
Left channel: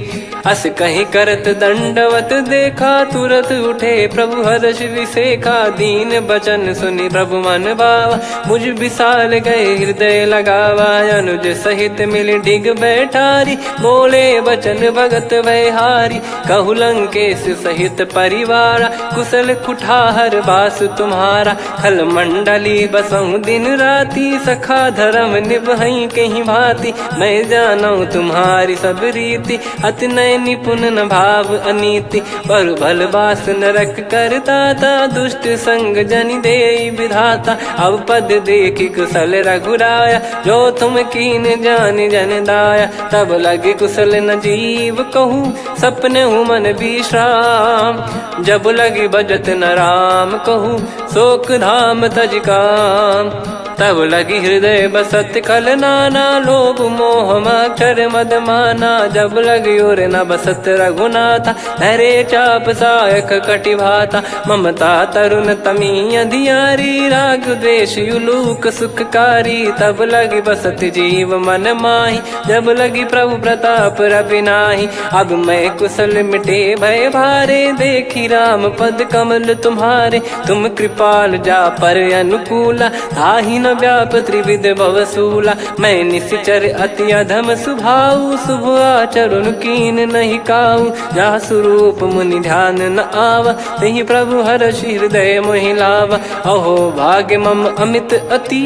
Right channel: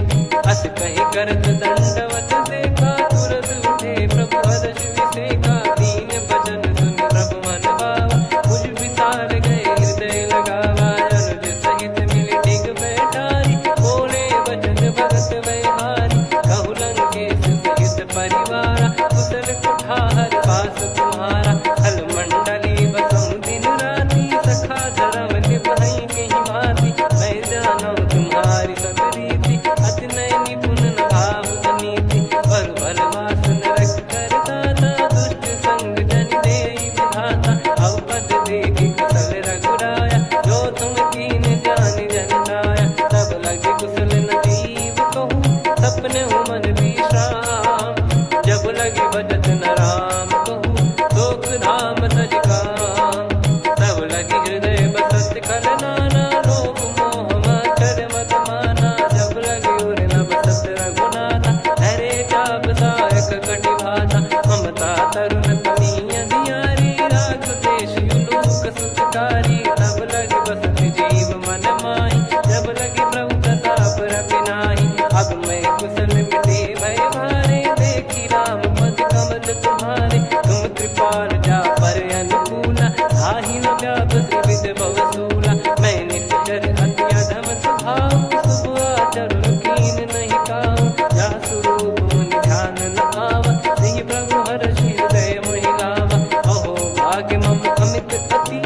अस कहीं करत दंडवत देखा, तुरत उठे प्रभु हर्ष विसेखा, दीन बचन सुनि प्रभु मन भावा, मुझ विशाल गए हृदय लगावा, अनुज सहित मिल डिग बैठारी, बोले बचन भगत वैहारी, कहु लंकेश सहित परिवारा, कुशल कुठार बास तुम्हारा, खल मंडली बसऊं दिन राती, सखा धर्म निभई कहीं भांति, मैं जानू तुम्हारी सब रीति, अति नय निपुण न भाव अनीति, पर भल बास नरक करताता, दुष्ट संग जन दे विधाता, अब पद देखी कुशल रघुराया, जो तुम कीन जान जन दाया, तब लगे कुशल न जीव कहूँ, सपने मन विश्राम, जब लगी भजत न राम कहूँ, शोक धाम तज काम, तब लगी हृदय बसत कल नाना, लोभ मोह मकर मद माना, जब लगी उर न बसत रघुनाथा, हरे चाप सायक कटि भाता, ममता तरुण तमी अधियारी, राग द्वेष युलूक सुखकारी, तब लगी बसत जीव मन माही, जब लगी प्रभु प्रताप रविनाही, अब मैं कुशल मिटे भय भारे, देखी राम पद कमल तुम्हारे, तुम कृपाल जा पर अनुकूला, ताहि न व्याप त्रिविध भवसूला, मैं निश्चर अति अधम सुभाऊ, शुभ आचरण कीन नहीं काऊ, जा स्वरूप मुनि ध्यान न आवा, नहीं प्रभु हर्ष हृदय मोहि लावा, अहो भाग्य मम अमित अति,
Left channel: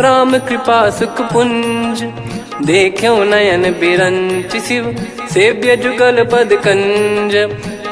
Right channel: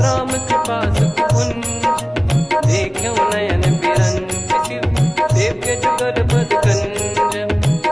राम कृपा सुख पुंज, देखो नयन बिरंच शिव, सेव्य जुगल पद कंज,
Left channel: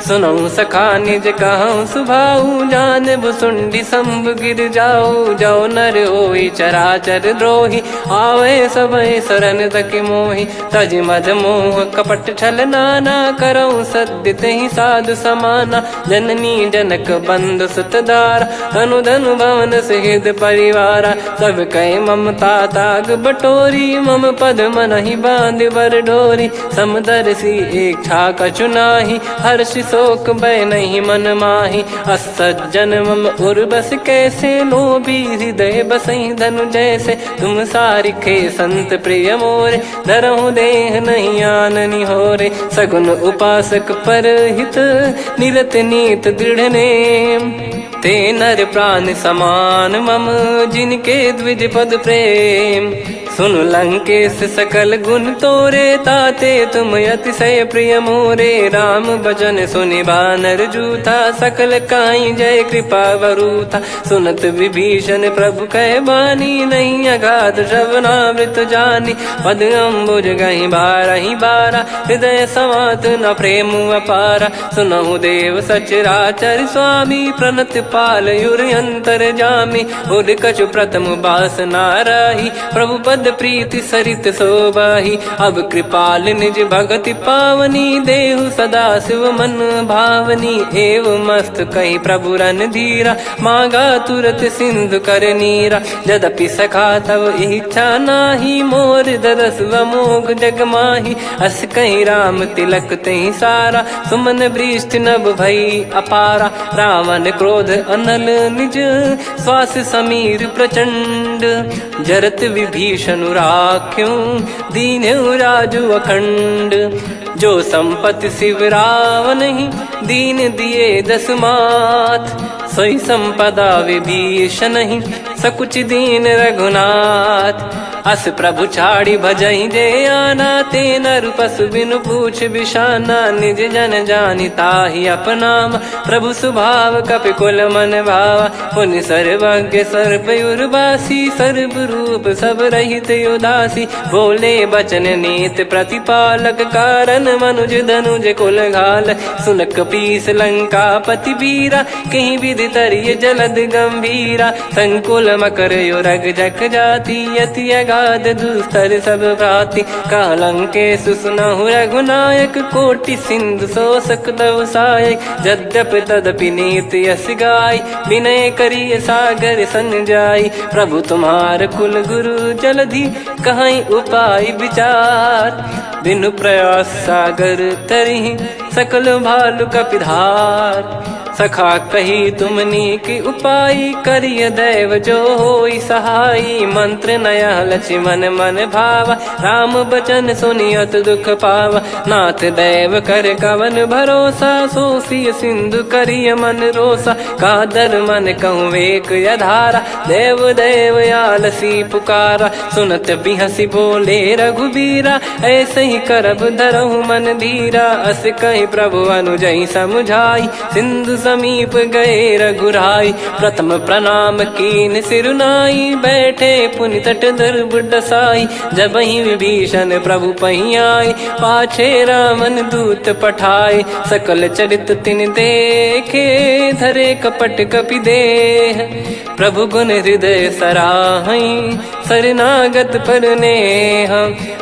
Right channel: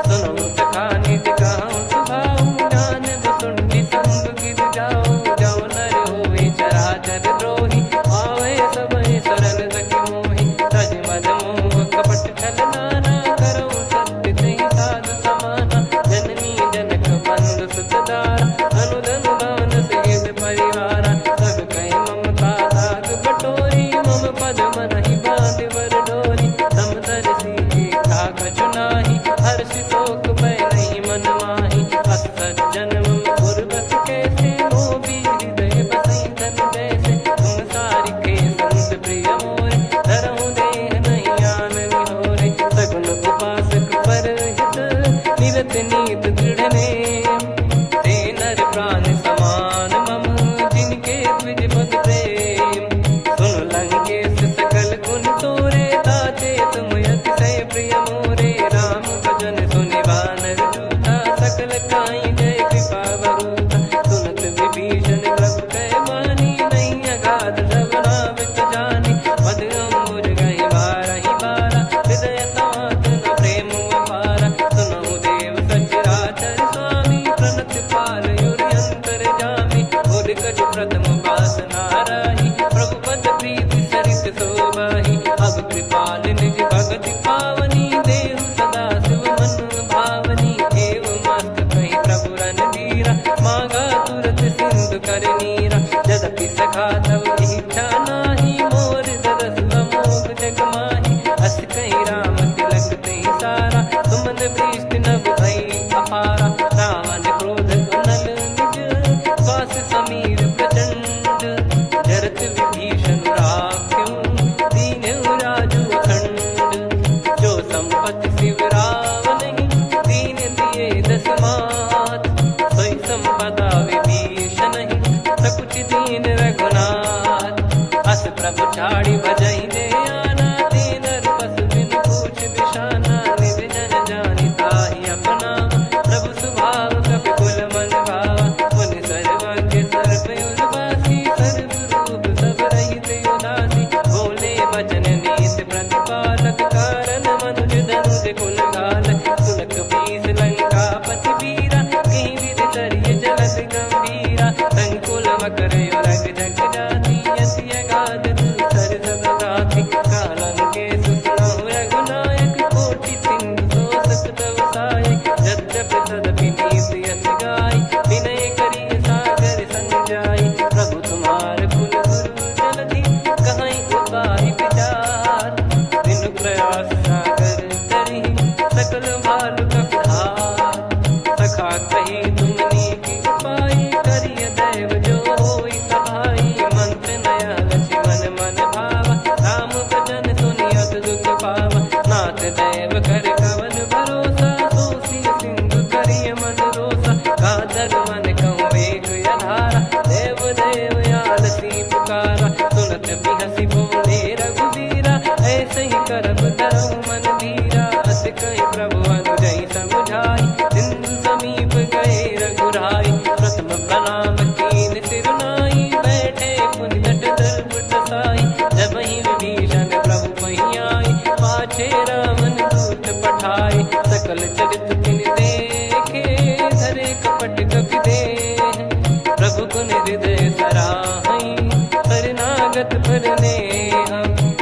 सुनऊ सखा निज कहूँ सुभाऊ, जान भुसुंडी संभ गिर जाओ, जाओ नर होई चराचर द्रोही, आवे सबय शरण तकी मोहि, तज मद मोह कपट छल नाना, करऊँ सत्य तेहि साधु समाना, जननी जनक बंधु सुतदारा, धनु धनु भवन सहित परिवारा, सब कहे ममता ताग बटोरी, मम पद मनहि बांध बर डोरी, समदर्शी इच्छा कछु नाही, हर्षि शोक भय नहीं मन माही, असज्जन मम उर बस कैसे, लोभी हृदय बसई धनु जैसे, तुम सारिखे संत प्रिय मोरे, धरहु देह नहीं आननि होरे, सगुन उपासक पर हित, निरत नीत दृढ़ नेम, ते नर प्राण समान मम, जिनके द्विज पद प्रेम, सुन लंकेश सकल गुण तोरे, ताते तुम अतिशय प्रिय मोरे। राम भजन सुनि बानर जूथा, सकल काई जय कृपा वरूथा। सुनत विभीषण प्रभु कह बानी, नहीं अगाध श्रवणामृत जानी। पद अम्बुज गहि बारहि बारा, हृदय समात न प्रेम अपारा। सुनहु देव सचराचर स्वामी, प्रणत पाल युर अंतर जामी। उर कछु प्रथम बास नाराही, प्रभु पद प्रीति सरित शोभाही। अब कृपाल निज भगति पावनी, देहु सदा शिव मन भावनी। एव मस्त कही प्रभु रन धीरा, मांगा तुरत सिंधु कर नीरा। यद्यपि सखा तब इच्छा नाही, मोर दरस अमोघ जग माही। अस कहीं राम तिलक तही सारा, सुमन वृष्ट नभ भई अपारा। रावण क्रोध अनल निज, श्वास समीर प्रचंड। जरत विभीषण राख्यों, दीन्हु राजु अखंड। जो संपत्ति शिव रावण ही, दीन दिए दस मात। सोई संपदा विभीषण ही, सकुच दीन रघुनाथ। अस प्रभु छाड़ी भजहि जे आना, ते नर पशु बिनु पूछ बिशाना। निज जन जानि ताहि अपनाम, प्रभु स्वभाव कपि कुल मन भावा। पुनि सर्वज्ञ सर्वयुर्वासी, सर्व रूप सब रहित उदासी। बोले बचन नीत प्रतिपालक, कारण मनुज धनुज कुल घाल। सुन कपीस लंका पति वीरा, कहीं विधि तरिय जलद गंभीरा। संकुल मकर युरग जग जाति, अति अगाध दुस्तर सब भ्राति। कालंकेश सुनहु रघुनायक, कोटि सिंधु शोषक तव सहायक। यद्यपि तदपि नीति यस गाय, विनय करिय सागर सन जाई। प्रभु तुम्हार कुल गुरु जलधि, कहीं उपाय विचार। बिनु प्रयास सागर तरिहि, सकल भालु कपिधार। सखा कही तुमनी की उपाय, करिय दैव जो होई सहाई। मंत्र नया लक्ष्मण मन भावा, राम बचन सुनियत दुख पावा। नाथ दैव कर कवन भरोसा, सोसिय सिंधु करिय मन रोसा। कादर मन कहूँ एक यधारा, देव देव आलसी पुकारा। सुनत बिहसी बोले रघुबीरा, ऐसे ही करब धरहु मन धीरा। अस कही प्रभु अनुजहि समुझाई, सिंधु समीप गए रघुराई। प्रथम प्रणाम कीन सिरुनाई, बैठे पुनि तट दर्भ डसाई। जब ही विभीषण प्रभु पही आए, पाछे रावण दूत पठाए। सकल चरित तिन देखे, धरे कपट कपि देह। प्रभु गुण हृदय सराहई, शरणागत पर नेह।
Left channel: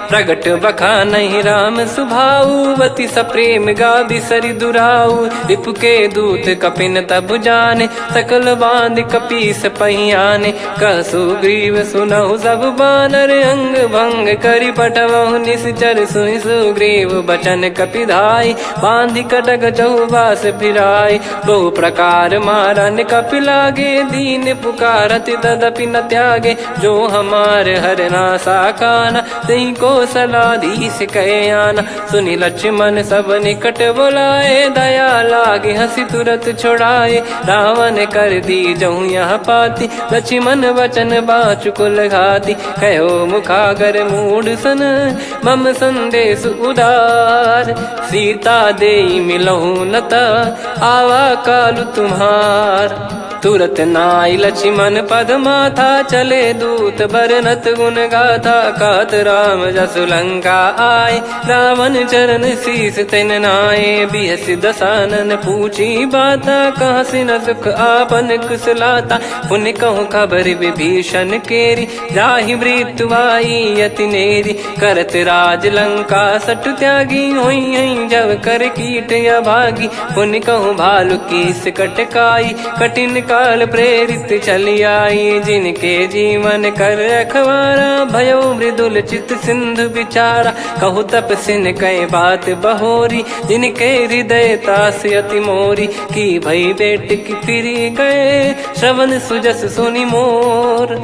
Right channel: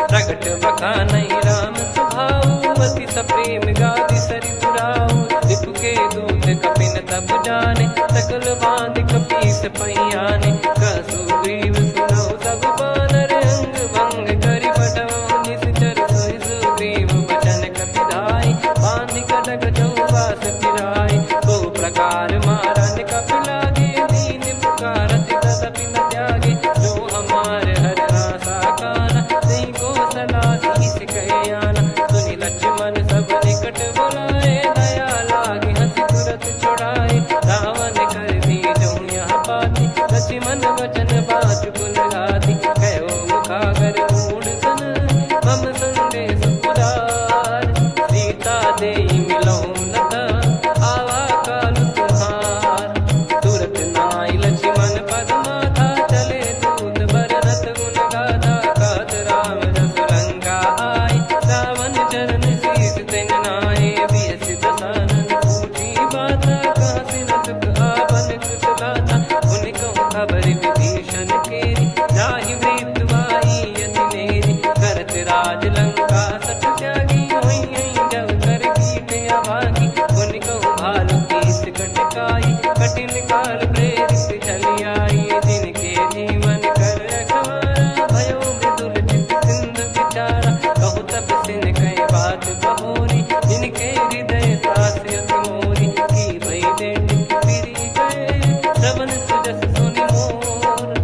प्रगट बखानहि राम सुभाऊ, अति सप्रेम गादि सरि दुराऊ। रिपु के दूत कपिन तब जाने, सकल बांध कपीस पहियाने। कह सुग्रीव सुनहु सब बानर, अंग भंग करि पठवहु निश्चर। सुनि सुग्रीव बचन कपिधाई, बांधि कटक चौबास फिराई। बहु प्रकार मारन कपि लागे, दीन पुकारत तदपि न त्यागे। जो हमार हरना साकाना, तही को सलाधीश कहे आना। सुनि लक्ष्मण सब निकट बोलाए, दया लागे हंसी तुरत छोड़ाए। रावण कर दी जहु यहाँ पाती, लक्ष्मण वचन बाचु कुल घाती। कहो मुखागर मूढ़ सन, मम संदेश उदार। सीता देई मिलहु नता, आवा कालु तुम्हार। तुरत नाई लक्ष्मण पद माथा, चले दूत बरनत गुण गाथा। कहत राम जसु लंका आए, रावण चरण शीस तिन नाए। बिहस दसानन पूछी बाता, कहाँ से न सुख आपन कुशलाता। पुन कहूँ खबर विभीषण केरी, जाहि मृत्यु आई अति नेरी। करत राज लंका सठ त्यागी, होई जब कर कीट अभागी। पुन कहूँ भालु कीस कटकाई, कठिन काल प्रेरित चली आई। जिनके जीवन कर रखवारा, भयो मृदुल चित सिंधु विचारा। कहु तपसिन कई बात बहोरी, जिनके हृदय तास अति मोरी। की भई बेट की फिरी गए, श्रवण सुजस सुनि मोर।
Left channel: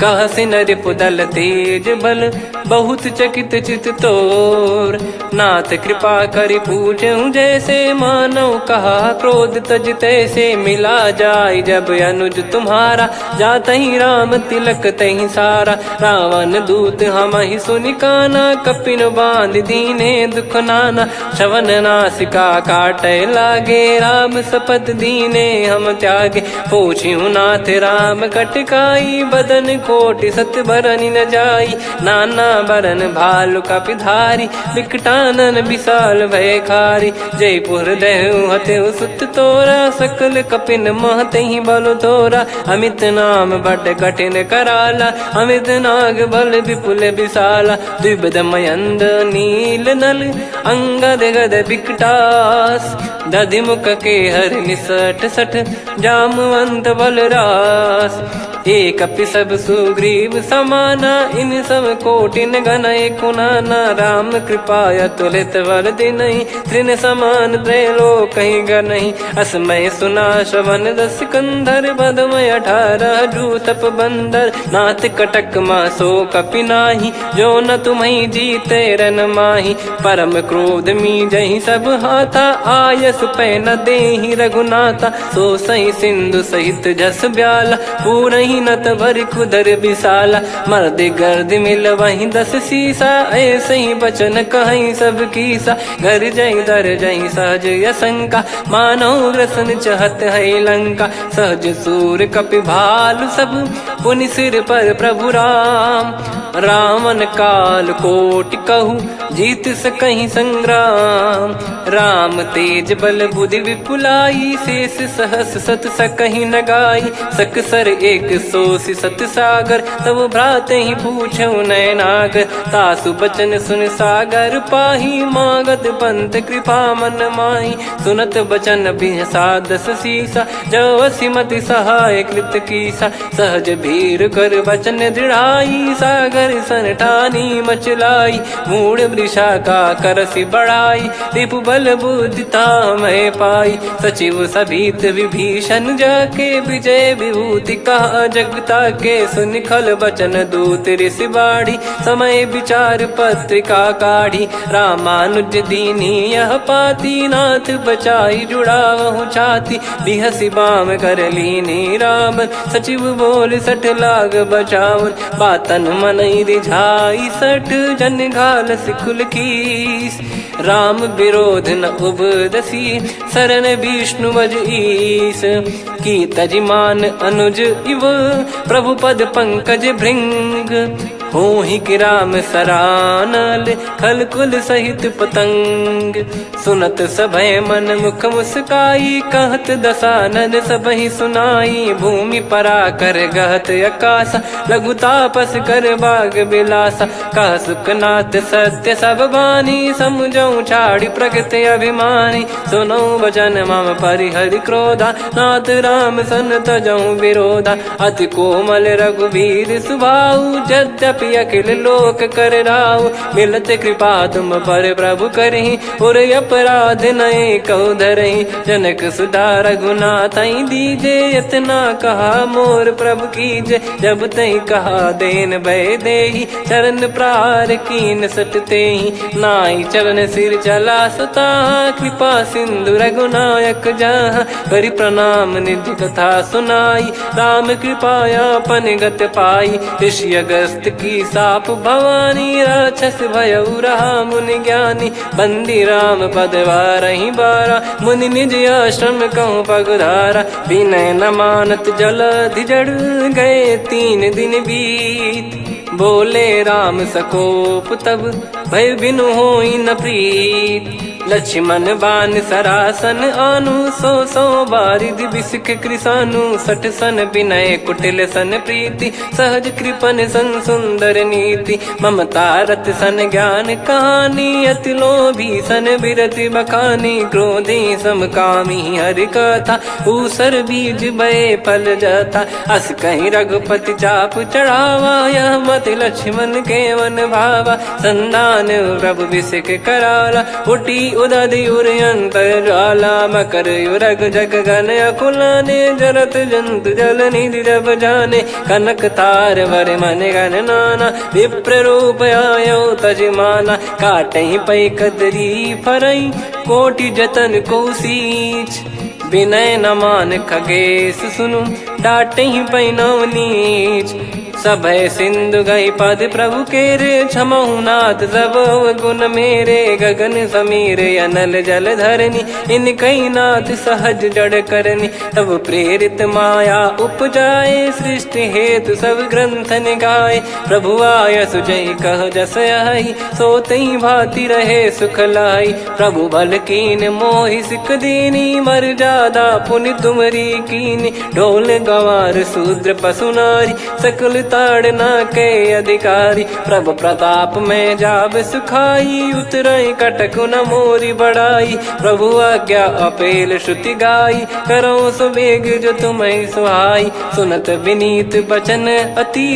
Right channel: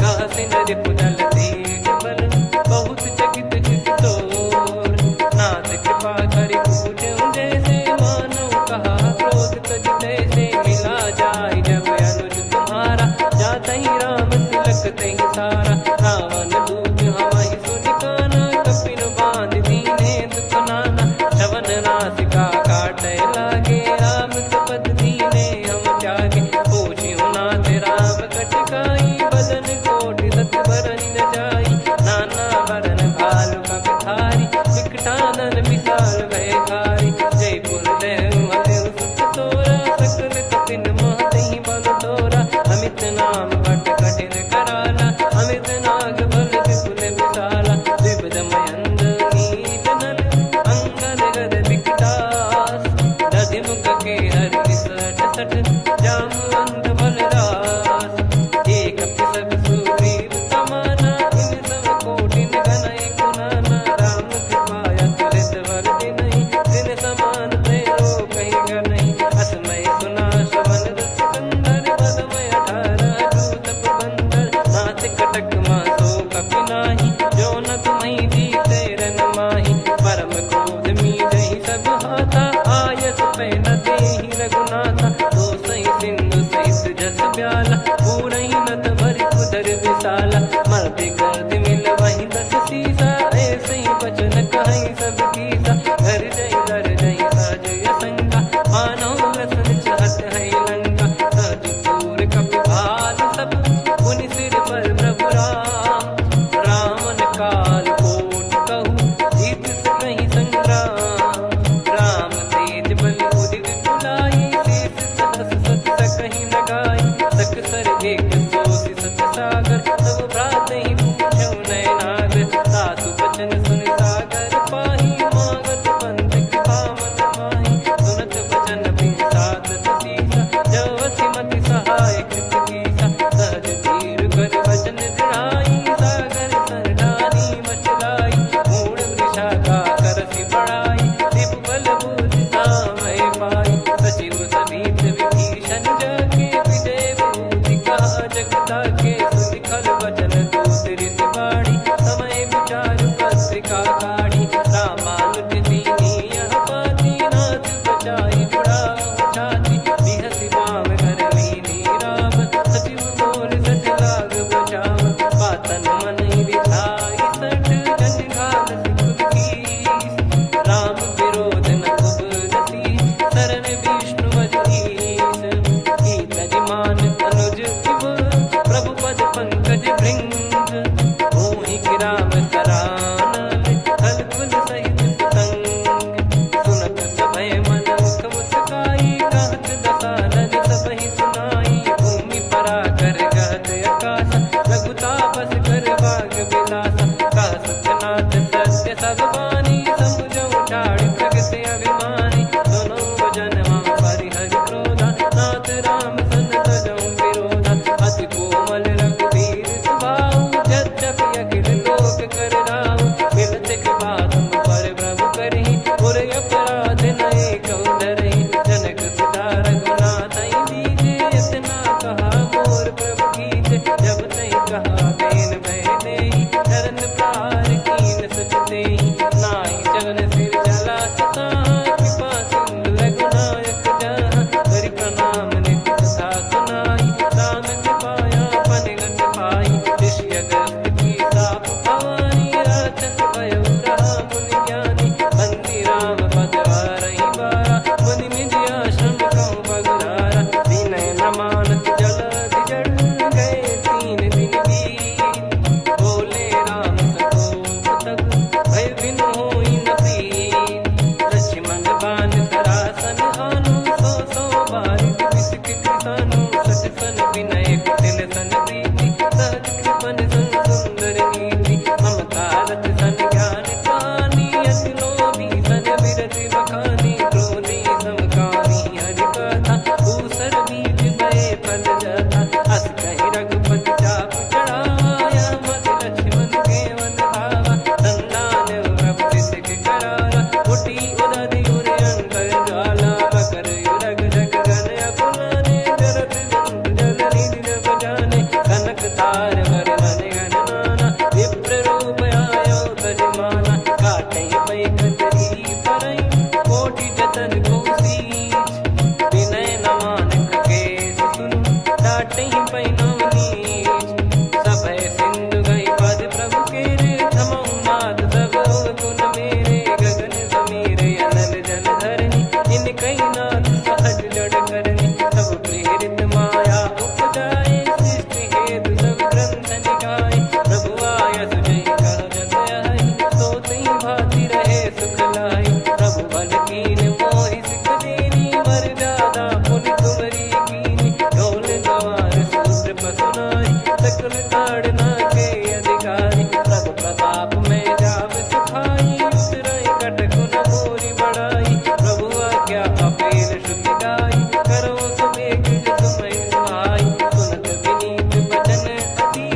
कहसिन रिपुदल तेज बल, बहुत चकित चित तोर। नाथ कृपा करि पूजहु जैसे, मानव कहा क्रोध तज तैसे। मिला जाय जब अब अनुज तुम्हारा, जात ही राम तिलक तही सारा। रावण दूत हम ही सुनि काना, कपिन बांध दीने दुख नाना। श्रवण नासिका काटे लागे, राम शपथ दीने हम त्यागे। पूछिहु नाथ राम कटकाई, बदन कोटि सत बरनि न जाई। नाना बरन भालु कपिधारी, विकटानन विशाल भयकारी। जयपुर देहु हतेउ सुत तोरा, सकल कपिन महतेहि बल तोरा। अमित नाम बट कठिन कराला, अमित नाग बल विपुल विशाला। द्विविध मयंद नील नल, अंगद गद विकटास। दधिमुख के हर निसठ सठ, जामवंत बलरास। एक अपि सब सुग्रीव समाना, इन सब कोटिन गण कुनाना। राम कृपा अतुलित वर दिनहि, तृण समान त्रैलोक कहीं गनहि। असमय सुना श्रवण दस कंधर, बदमय 18 जूतप बंदर। नाथ कटक मासो कपि नाही, जो न तुम्हि जीते रन माही। परम क्रोध मी जहि सब हाथा, आयस पै न देहि रघुनाथा। सो सही सिंधु सहित जस ब्याला, पूरहि नत भरि कुदर विशाला। मर्द गर्द मिल वहीं 10 सीसा, ऐसे ही बचन कहीं सब कीसा। घर जय दर जय सहज यसंका, मानव ग्रसन चहत है लंका। सहज सूर कपि भालु सब, पुनि सिर पर प्रभु राम। रावण काल कोटि कहु, जीत सकहि संग्राम। राम तेज बल बुद्धि विपुलाई, शेष सहस सत सकहि न गाई। सकसर एक सोसि सत सागर, तब भ्रात ही पूछऊ नयनागर। तासु बचन सुन सागर पाही, मागत पंथ कृपा मन माही। सुनत बचन बिहसा 10 सीसा, जवसि मति सहाय कृत कीसा। सहज भीर कर बचन दृढ़ाई, सागर सन ठानी मचलाई। मूढ़ वृषा का करसि बढ़ाई, रिपु बल बुद्धि तामय पाई। सचिव सभीत विभीषण जाके, विजय विभूति कहा जगता के। सुनि खल बचन दूत ऋषि बाड़ी, समय विचार पत्रिका काढ़ी। रामानुज दीनी यह पाती, नाथ बचाई जुड़ावहु छाती। बिहसि बाम कर लीनी रावण, सचिव बोल सठ लाग बचावन। बातन मनहि रिझाई सठ, जन घाल सिकुल कीस। राम विरोध न उपदसी, शरण विष्णु बज ईस। की तजिमान अनुज इव, प्रभु पद पंकज भृंग। होहि गिरा में सरानल, खल कुल सहित पतंग। सुनत सभय मन मुख मुस्काई, कहत दसानन सबहि सुनाई। भूमि परा कर गहत आकाशा, लघु तापस कर बाग बिलासा। कह सुखनाथ सत्य सब बानी, समझौ छाड़ी प्रकृति अभिमानी। सुनो भजन मम परिहरि क्रोधा, नाथ राम सन तजौ विरोधा। अति कोमल रघुवीर सुभाऊ, यद्यपि अखिल लोक कर राऊ। मिलत कृपा तुम पर प्रभु करहि, पुर अपराध नए कहु धरहि। जनक सुधा रघुनाथ दीजे, इतना कहा मोर प्रभु कीजे। जब तई कहा देन भय देहि, चरण प्रार कीन सटतेहि। नाई चरण सिर चला सता, कृपा सिंधु रघुनायक जहाँ। करि प्रणाम निधि कथा सुनाई, राम कृपाया अपन गत पाई। ऋषि अगस्त की साप भवानी, राक्षस भयउ रहा मुनि ज्ञानी। बंदी राम पद वारहि बारा, मुनि निज आश्रम कहूँ पगधारा। विनय न मानत जलधि जड़, गए 3 दिन बीत। बोले राम सकोप तब, भय बिनु होई न प्रीत। लक्ष्मण बान सरासन आनु, 100 बारिधि बिसक कृसानु। 60 सन विनय कुटिल सन प्रीति, सहज कृपन सन सुंदर नीति। ममता रत सन ज्ञान कहानी, अति लोभी सन बिरति बखानी। क्रोधी समकामी हरि कथा, ऊसर बीज भय फल जथा। अस कहीं रघुपति चाप चढ़ावा, यह मत लक्ष्मण के वन भावा। संदान प्रभु बिसक कराला, उठी उदधि उर अंतर ज्वाला। मकर युरग जग गन अकुलाने, जरत जंतु जल निधि जब जाने। कनक तार वर मन गण नाना, विप्र रूप आयो तजमाना। काटहि पै कतरी फरई, कोटि जतन को सींच। विनय न मान खगेश सुनु, डांटे ही पैनव नीच। सभय सिंधु गई पद प्रभु केरे, क्षमहु नाथ सब गुण मेरे। गगन समीर अनल जल धरनी, इन कई नाथ सहज जड़ करनी। तब प्रेरित माया उपजाए, सृष्टि हेतु सब ग्रंथन गाए। प्रभु आय सुजय कह जस आई, सो तई भांति रहे सुख लाई। प्रभु बल कीन मोहि सिख दीनी, मर जादा पुनि तुमरी कीनी। ढोल गवार शूद्र पशु नारी, सकल ताड़ना के अधिकारी। प्रभु प्रताप में जाब सुखाई, उतरई कटक न मोरी बढ़ाई। प्रभु आज्ञा अपेल श्रुति गाई, करो सो बेग जो तुम्हें सुहाई। सुनत विनीत बचन अति,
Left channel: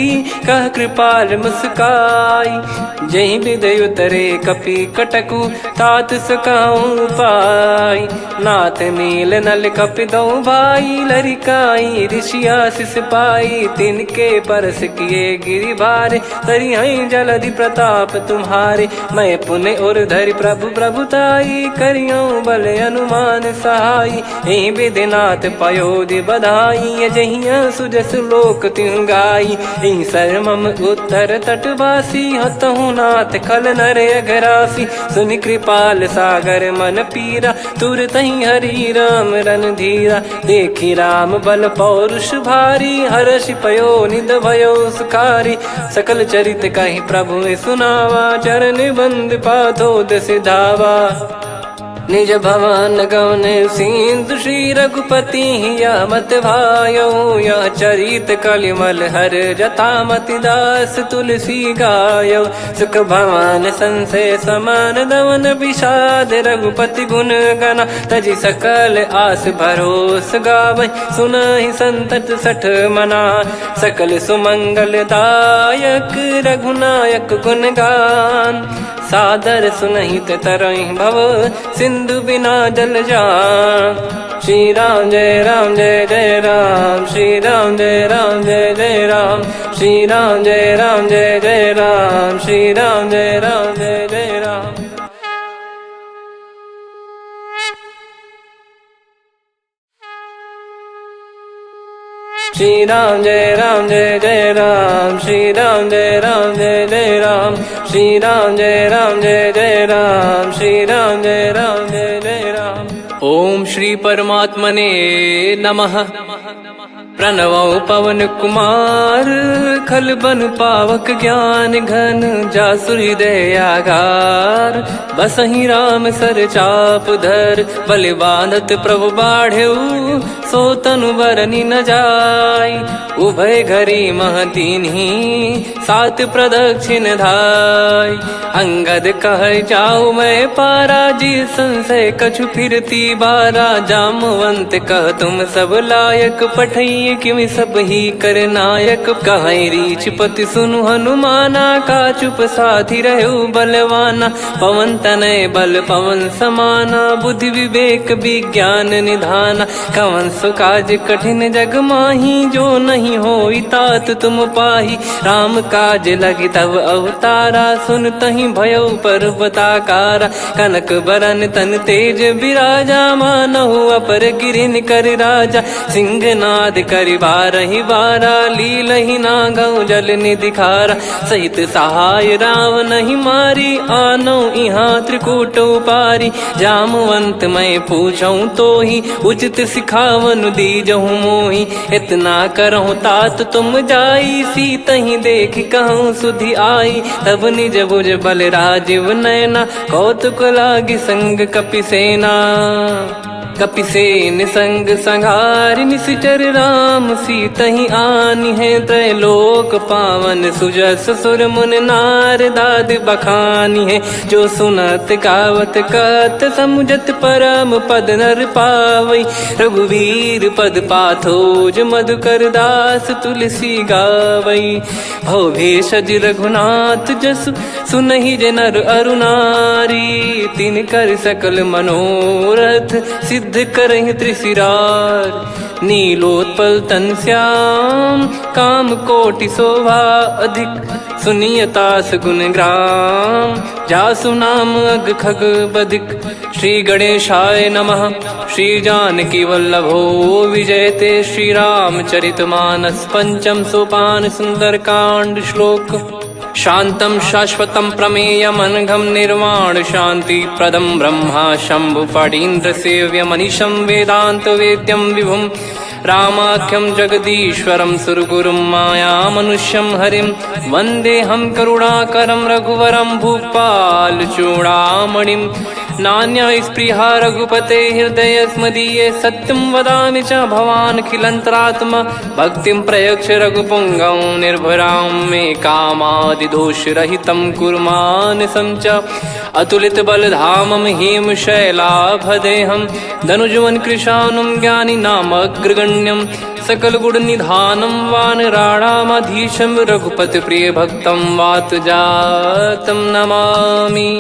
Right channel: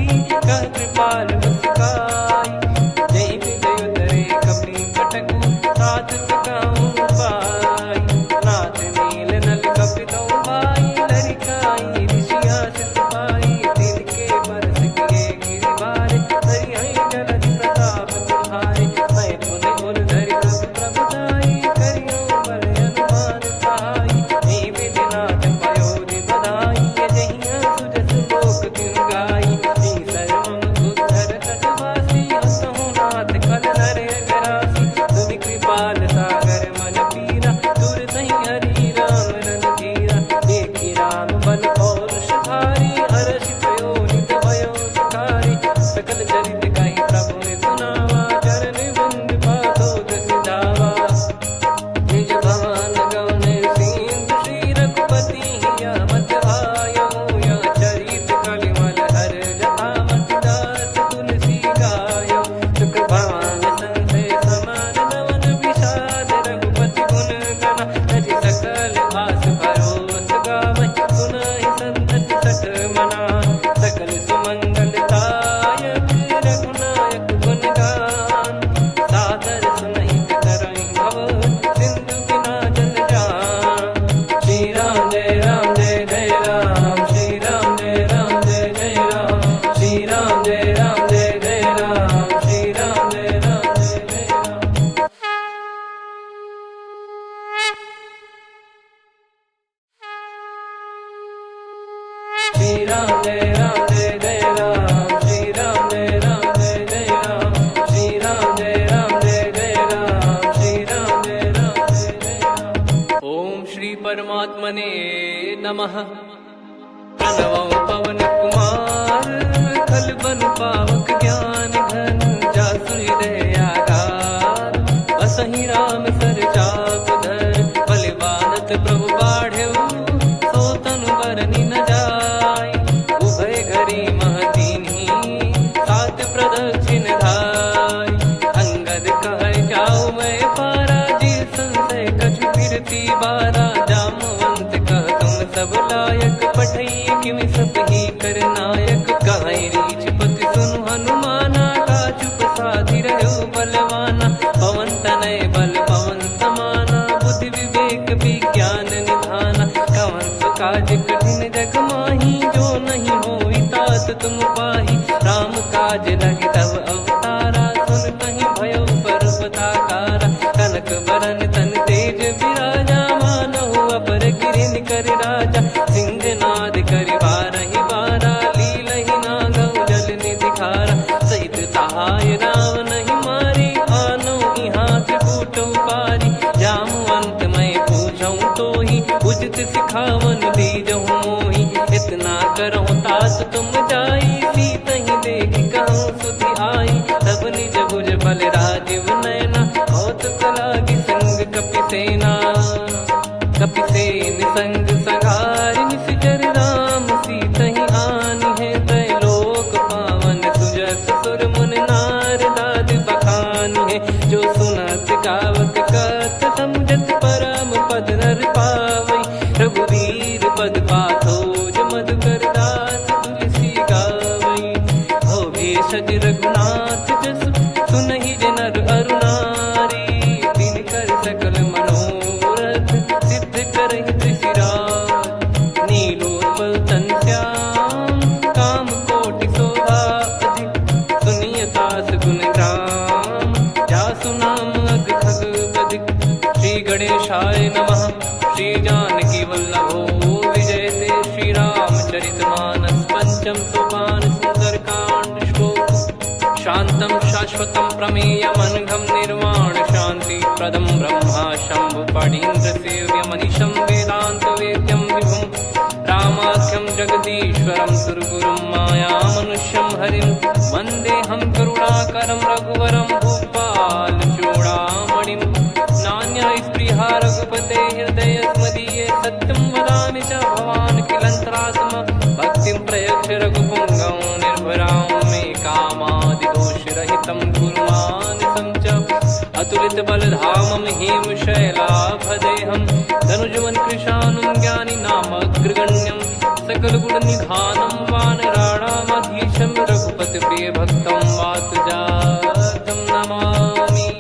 कह कृपाल मुस्काई। जय विदय उतरे कपि कटकु, तात सकाऊं पाई। नाथ नील नल कपि दो भाई, लरिकाई ऋषि आशीष पाई। तिनके परस किए गिरि भारे, तरी हई जलधि प्रताप तुम्हारे। मैं पुण्य और धरि प्रभु प्रभुताई, करियो बल अनुमान सहाई। यही विधिनाथ पयोधि बधाई, जहिया सुजस लोक तिहु गाई। यही सरमम उत्तर तटवासी, हतहु नाथ खल नर अघरासी। सुनि कृपाल सागर मन पीरा, तुरत ही हरि राम रन धीरा। देखी राम बल पौरुष भारी, हर्ष पयो निध भयो सुखारी। सकल चरित कहि प्रभु सुनावा, चरण बंद पाथोद सिधावा। निज भवन गवन सिंधु, श्री रघुपति या मत भायो। या चरित कलिमल हर जथा, मति दास तुलसी गायो। सुख भवन संशय समान दवन, विषाद रघुपति गुण गना। तजि सकल आस भरोस गावै, सुनहि संतत सठ मना। सकल सुमंगल दायक, रघुनायक गुण गान। सादर सुनहित तरहि भव, सिंधु बिना जल जान। श्री राम जय राम जय जय राम, श्री राम जय राम जय जय राम। श्री राम जय राम जय जय राम, श्री राम जय राम जय जय राम। श्री राम जय राम जय जय राम, श्री राम जय राम जय जय राम। श्री राम जय राम जय जय राम, श्री राम जय राम जय जय राम। ओम श्री परमात्मने नमः। प्रणवो पवन कुमार, खल बन पावक ज्ञान घन। जासु हृदय आगार, बसहि राम सर चाप धर। बलि बांधत प्रभु बाढ़ऊ, सो तनु बरनि न जाय। उभय घरी महतीन्ही, सात प्रदक्षिण धाय। अंगद कह जाऊ मैं पारा, जी संशय कछु फिरती बारा। जामवंत कह तुम सब लायक, पठई किमि सब ही कर नायक। कहीं रीछ पति सुनु हनुमाना, का चुप साधि रहु बलवाना। पवन तनय बल पवन समाना, बुद्धि विवेक विज्ञान निधाना। कवन सो काज कठिन जग माही, जो नहीं होई तात तुम पाही। राम काज लगी तब अवतारा, सुन तहि भयो पर्वताकारा। कनक बरन तन तेज विराजा, मानहु अपर गिरिन कर राजा। सिंहनाद करि बारहि बारा, लीलहि नागौ जल निधि खारा। सहित सहाय राम नहीं मारी, आनो इहाँ त्रिकूट उपारी। जामवंत मैं पूछऊँ तोहि, उचित सिखावन दीजहु मोहि। इतना करहु तात तुम जाई, सीतहि देख कहूँ सुधि आई। तब निज भुज बल राजीव नयना, कौतुक लागी संग कपि सेना। कपिसेन संग संघारि निश्चर राम, सीतहि आनि है त्रैलोक पावन। सुजस सुर मुन नार दाद बखानी है, जो सुनत गावत कथ समुझत परम पद नर पावै। रघुवीर पद पाथोज मधुकर दास, तुलसी गावै। भव भेषज रघुनाथ जसु, सुनहि जे नर अरु नारी। तिन कर सकल मनोरथ, सिद्ध करहि त्रिशिरार। नीलोत्पल तन श्याम, काम कोटि शोभा अधिक। सुनियतास गुण ग्राम, जासु नाम अग खग बदिक। श्री गणेशाय नमः। श्री जानकी वल्लभो विजयते श्रीरामचरितमानस। पंचम सोपान सुंदरकांड श्लोक। शांतं शाश्वतं प्रमेयमनघं निर्वाण शांति प्रदं ब्रह्मा शंभु फणीन्द्र सेव्यमनिशं वेदांत वेद्यं विभुं रामाख्यं जगदीश्वरं सुरगुरुं मायामनुष्यं हरिं वन्देऽहं करुणाकरं रघुवरं भूपाल चूडामणिं। नान्या स्पृहा रघुपते हृदयस्मदीये सत्यं वदामि च भवान् खिलन्तरात्मा भक्तिं प्रयच्छ रघुपुङ्गं निर्भरां मे कामादिदोषरहितं कुर्मानिसं च अतुलितबलधामं हेमशैलाभदेहं धनुजवन् कृशानुं ज्ञानिनामग्रगण्यं सकलगुणनिधानं वानराणामधीशं रघुपतिप्रियभक्तं वातजातं नमामि।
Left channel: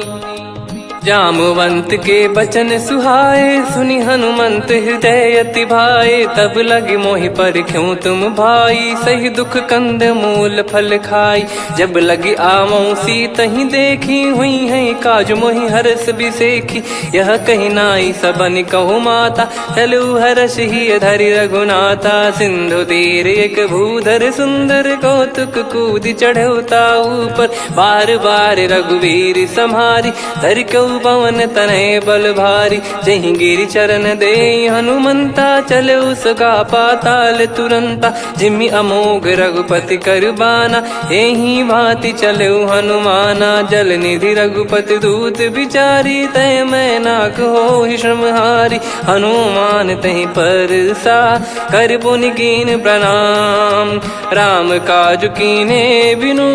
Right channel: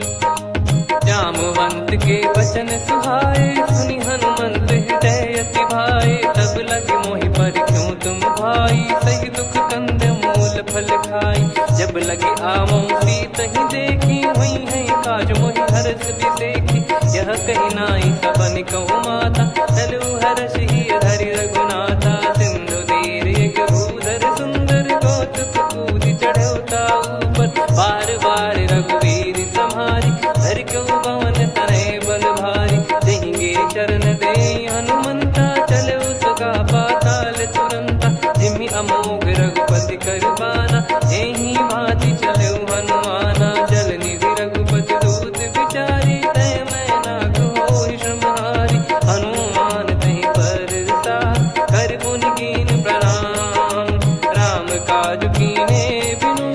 जामवंत के बचन सुहाए सुनि हनुमंत हृदय अति भाए। तब लगे मोहि पर क्यों तुम भाई सही दुख कंद मूल फल खाई। जब लगी आवऊं सीतहि देखी हुई है काज मोहि हरस बिसेखी। यह कही नाई सबन कहु माता चलु हरष ही धरि रघुनाथा। सिंधु तीर एक भूधर सुंदर कौतुक कूद चढ़ौता ऊपर। बार बार रघुवीर सम्हारी धरि कऊ पवन तनय बल भारी। जहि गिरि चरण दे हनुमंता चले उसका पाताल तुरंता। जिमि अमोघ रघुपति कर बाना एहि भांति चले हनुमाना। जल निधि रघुपति दूत बिचारी तय मैं नाग होहि श्रमहारी। हनुमान तहि परसा कर पुनि कीन प्रणाम। राम काज कीने बिनु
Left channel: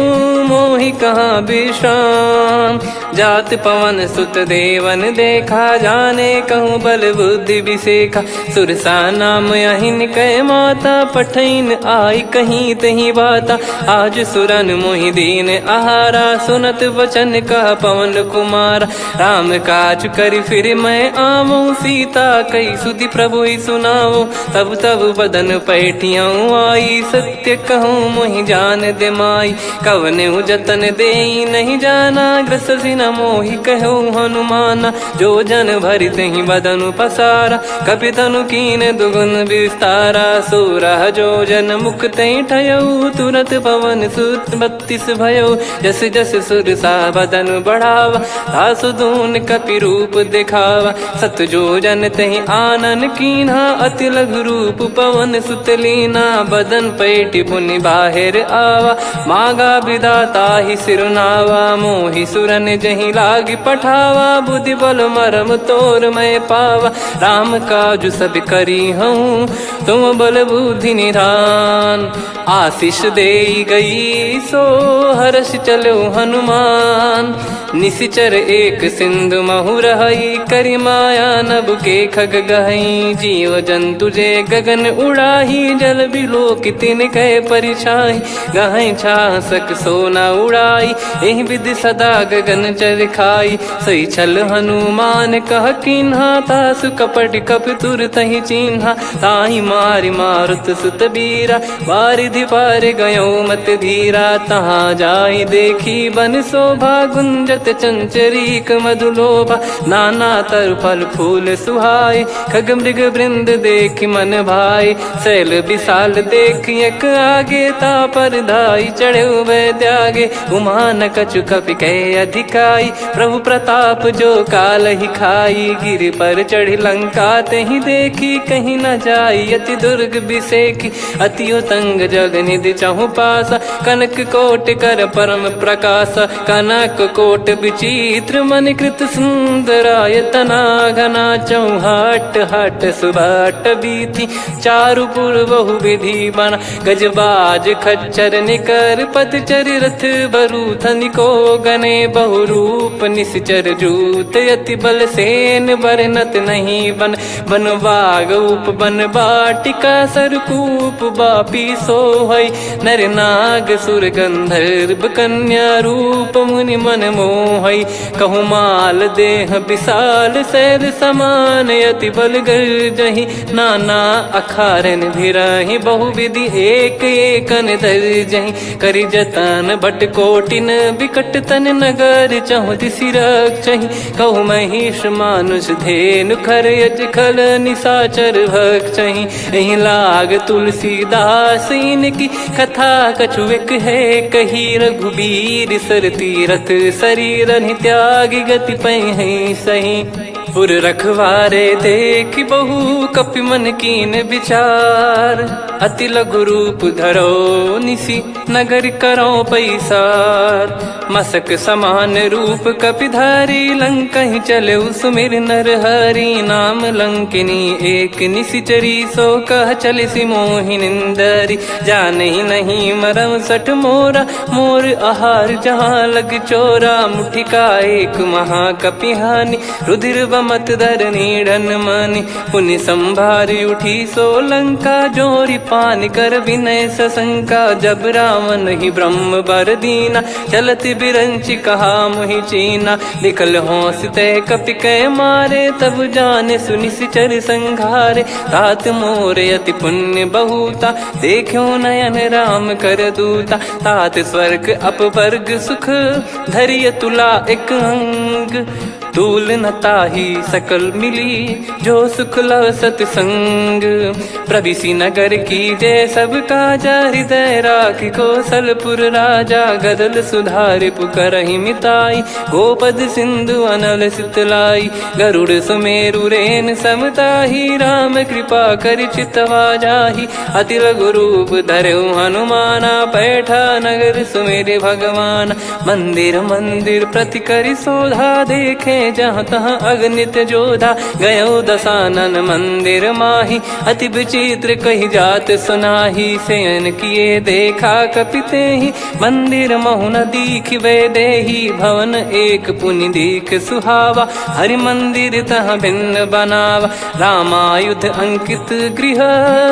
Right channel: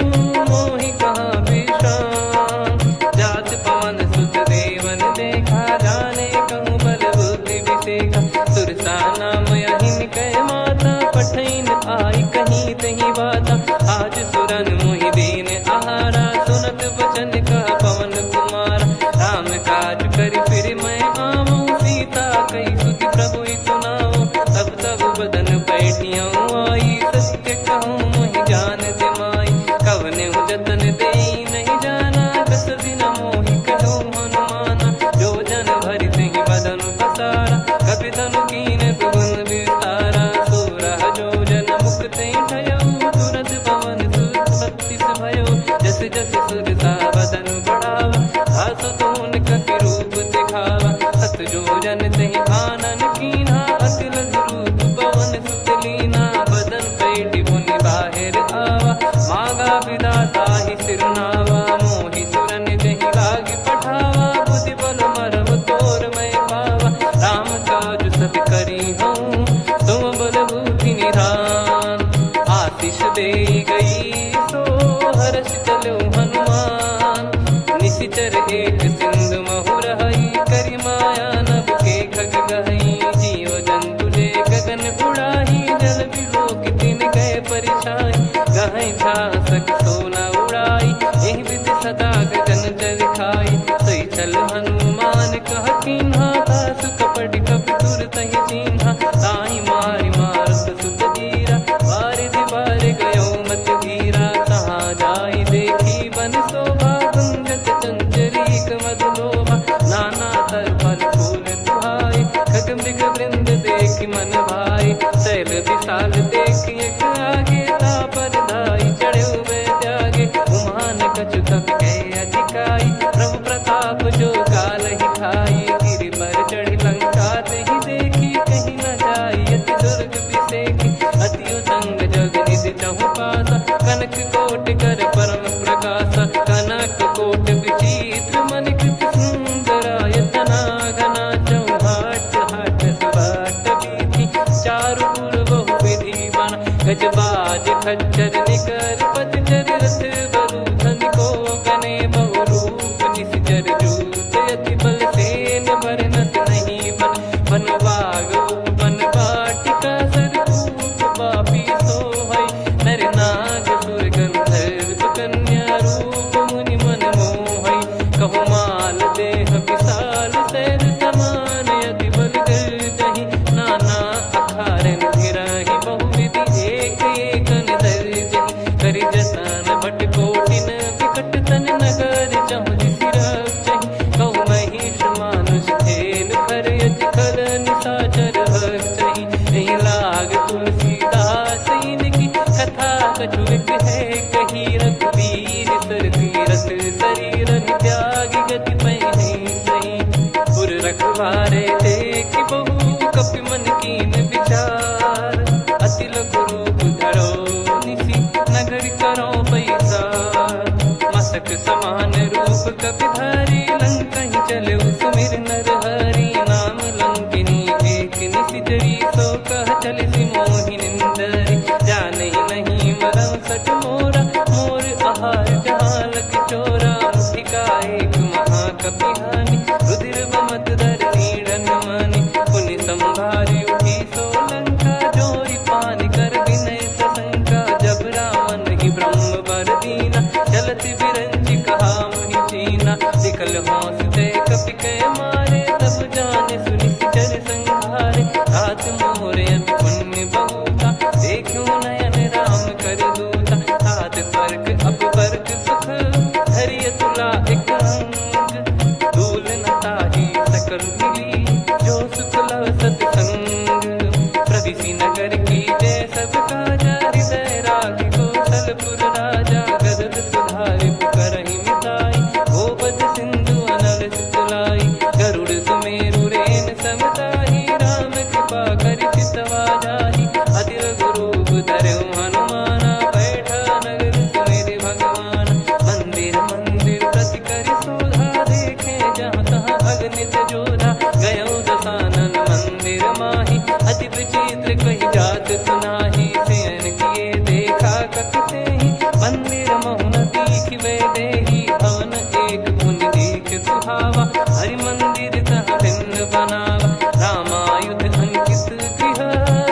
मोहि कहाँ विश्राम। जात पवन सुत देवन देखा जाने कहूँ बल बुद्धि विसेखा। सुरसा नाम अहिन कै माता पठैन आई कहीं तही बाता। आज सुरन मोहि दीन आहारा सुनत वचन कह पवन कुमारा। राम काज कर फिर मैं आवूं सीता कई सुधि प्रभु सुनाओ। तब तब बदन पैठियाँ आई सत्य कहूँ मोहि जान दे माई। कवन जतन दे नहीं जाना ग्रसि न मोहि कहो हनुमाना। जो जन भरि तहि बदनु पसारा कपि तनु कीन दुगुन विस्तारा। सोरह जो जन मुख तहि ठयऊ तुरंत पवन सुत 32 भयऊ। जस जस सुरसा बदन बढ़ावा आसु दून कपि रूप दिखावा। सत जो जन तहि आनन कीन्हा अति लघु रूप पवन सुत लीना। बदन पैटि पुनि बाहिर आवा मागा विदाता ही सिरनावा। मोहि सुरन जहि लागी पठावा बुद्धि बल मरम तोर मैं पावा। राम काज सब करी हूँ तुम बल बुद्धि निधान। आशीष दे गई सो हर्ष चलो हनुमान। निशिचर एक सिंधु महु रही करि माया नभ के खग गहई। जीव जंतु जे गगन उड़ाही जल बिलोक तिन गए परिछाई। गहई छासक सोना उड़ाई एहि विधि सदा गगन चर खाई। सही छल हनुमान कह कीन्हा तासु कपट कप तुर तहि चिन्हा। ताहि मारि मारुत सुत बीरा वारिधि पार गयो मत धीरा। तहाँ जाई देखी बन शोभा गुंजत चंचरीक मधुलोभा। नाना तर फल फूल सुहाई खग मृग वृंद देख मन भाई। शैल विशाल देख एक आगे ता पर धाई चढ़े त्यागे। उमान कछु कपि कहे अधिकाई प्रभु प्रताप जो काल ही खाई। गिर पर चढ़ी लंका तहि देखी कहीं न जाई। अति दुर्ग बिसेखी अति उतंग जग निधि चहु पासा। कनक कोट कर परम प्रकाश कनक कोट विचित्र मन कृत सुंदरायतना। घना चौहाट हाट सुबाट बीती चारु पुर बहु विधि बना। गजबाज खच्चर निकर पतचर रथ बरु धनिको गने बहु रूप निश्चर जूत। अति बल सेन बरनत नहीं बन बन बाग उप बन बाटिका सरकूप बापी सोहई। नर नाग सुर गंधर्व कन्या रूप मुनि मन मोह मोहई। कहूँ माल देह विशाल सैद समान यति बल गर्जहि। नाना अखारन भिरहि बहुविधि एक एकन दर्जहि। करि जतन भट कोटिन विकट तन नगर चहु दिसि रक्षहि। कहु महिष मानुष धेनु खर यज खल निशाचर भक्षहि। एहि लाग तुलसीदास इनकी कथा कछुक है कही। रघुबीर सर तीरथ शरीर त्यागी गति पै सही। पुर रखवारे देखि बहु कपि मन कीन विचार। अति लघु रूप धरो निसी नगर करो पैसार। मसक समान रूप कपिधारी लंकहि चले सुमिर नर हरि। नाम लंकिनी एक निशिचरी सो कह चलिसि मोहि निंदरी। जानहि नहीं मरम सठ मोरा मोर आहार जहाँ लग चोरा। मुठिका एक महाकपिहानि रुधिर बमत धरनी ढन मानि। पुनि संभारी उठी सो लंका जोरी पान कर विनय सशंका। जब रावण ही ब्रह्म बर दीना चलत बिरंचि कहा मुहि चीना। निकल होंस तय कपि कै मारे तब जाने सुनि सिचर संघारे। तात मोर अति पुण्य बहुता देखो नयन राम कर दूता। तात स्वर्ग अपवर्ग सुख धैर्य तुला एक अंग। तूल न ताहि सकल मिली जो सुख लव सतसंग। प्रविशि नगर की जय सब काजा हृदय राखि कौशलपुर राजा। गदल सुधारि पुकरहि मिताई गोपद सिंधु अनल सितलाई। गरुड़ सुमेरु रेन समताहि राम कृपा कर चितवा जाहि। अति लघु रूप धरऊ हनुमाना पैठा नगर सुमेरे भगवान। मंदिर मंदिर प्रति करि शोधा देखे जहाँ तहाँ अगणित जोधा। गयो दशानन मंदिर माही अति विचित्र कही जात सुनाही। शयन किए देखा कपिते ही मंदिर महु न दीख वे देही। भवन एक पुनि दीख सुहावा हरि मंदिर तह भिन्न बनावा। रामायुध अंकित गृह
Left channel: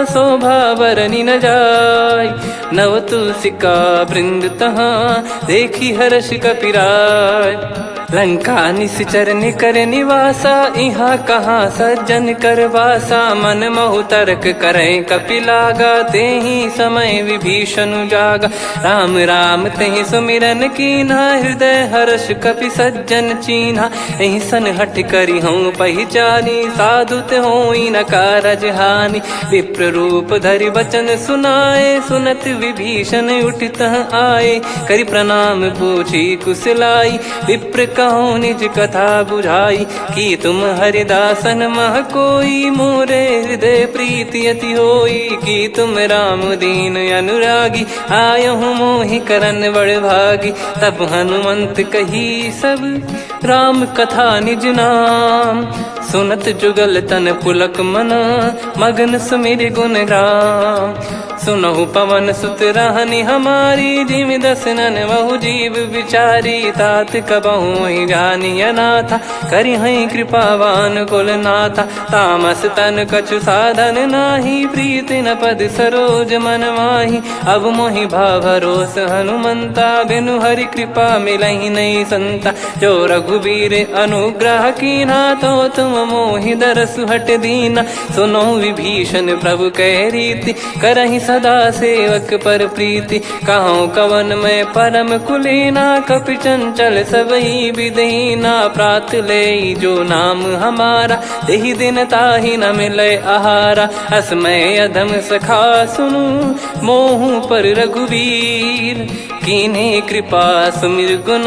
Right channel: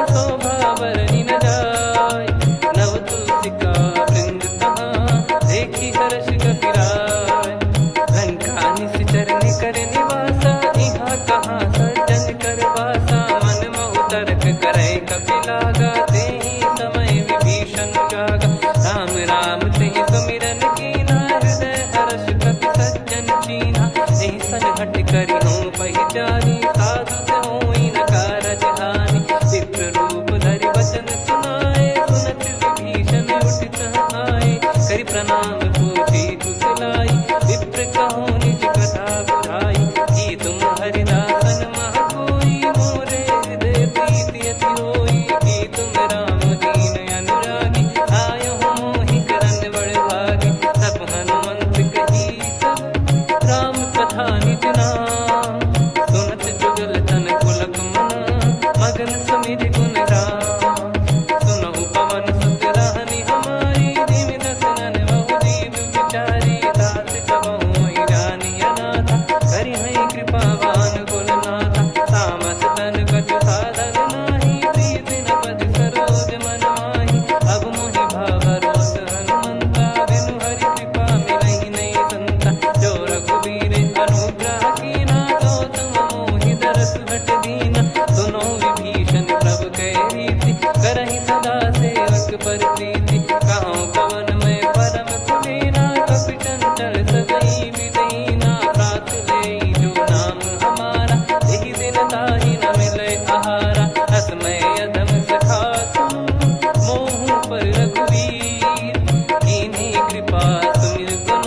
शोभा बरनी न जाय। नव तुलसिका वृंद तहाँ देखी हर्ष कपिराय। लंका निश्चर निकर निवासा यहाँ कहाँ सज्जन कर वासा। मन महु तर्क करे कपिलागा तेहि समय विभीषण जागा। राम राम तेहि सुमिरन कीन्हा हृदय हर्ष कपि सज्जन चीन्हा। एहि सन हट करि हूँ पहिचानी साधु ते होई न कारज हानि। विप्र रूप धरि वचन सुनाए सुनत विभीषण उठित आए। करि प्रणाम पूछी कुशलाई विप्र कहो निज कथा बुझाई। कि तुम हरिदासन मह कोई मोरे हृदय प्रीति अति होई। कि तुम राम दीन अनुरागी आयहु मोहि करन बड़ भागी। तब हनुमंत कही सब राम कथा निज नाम। सुनत जुगल तन पुलक मना मगन सुमिर गुण राम। सुनहु पवन सुत रहनी हमारी जिम दसनन बहु जीव विचारी। तात कबहु जानी अनाथा करि हई कृपावान कुल नाथा। तामस तन कछु साधन नाही प्रीति न पद सरोज मन माही। अब मोहि भावरोस हनुमंता बिनु हरि कृपा मिलहि नहीं संता। जो रघुबीर अनुग्रह कीना तो तुम मोहि दरसु हट दीना। सुनो विभीषण प्रभु कह रीति करहि सदा सेवक पर प्रीति। कहूँ कवन में परम कुलीना कपि चंचल सबई विदहीना। प्रात ले जो नाम हमारा तेहि दिन ताहि न मिले आहारा। असमय अधम सखा सुनु मोहु पर रघुवीर। कीन्हे कृपा सुमिर गुण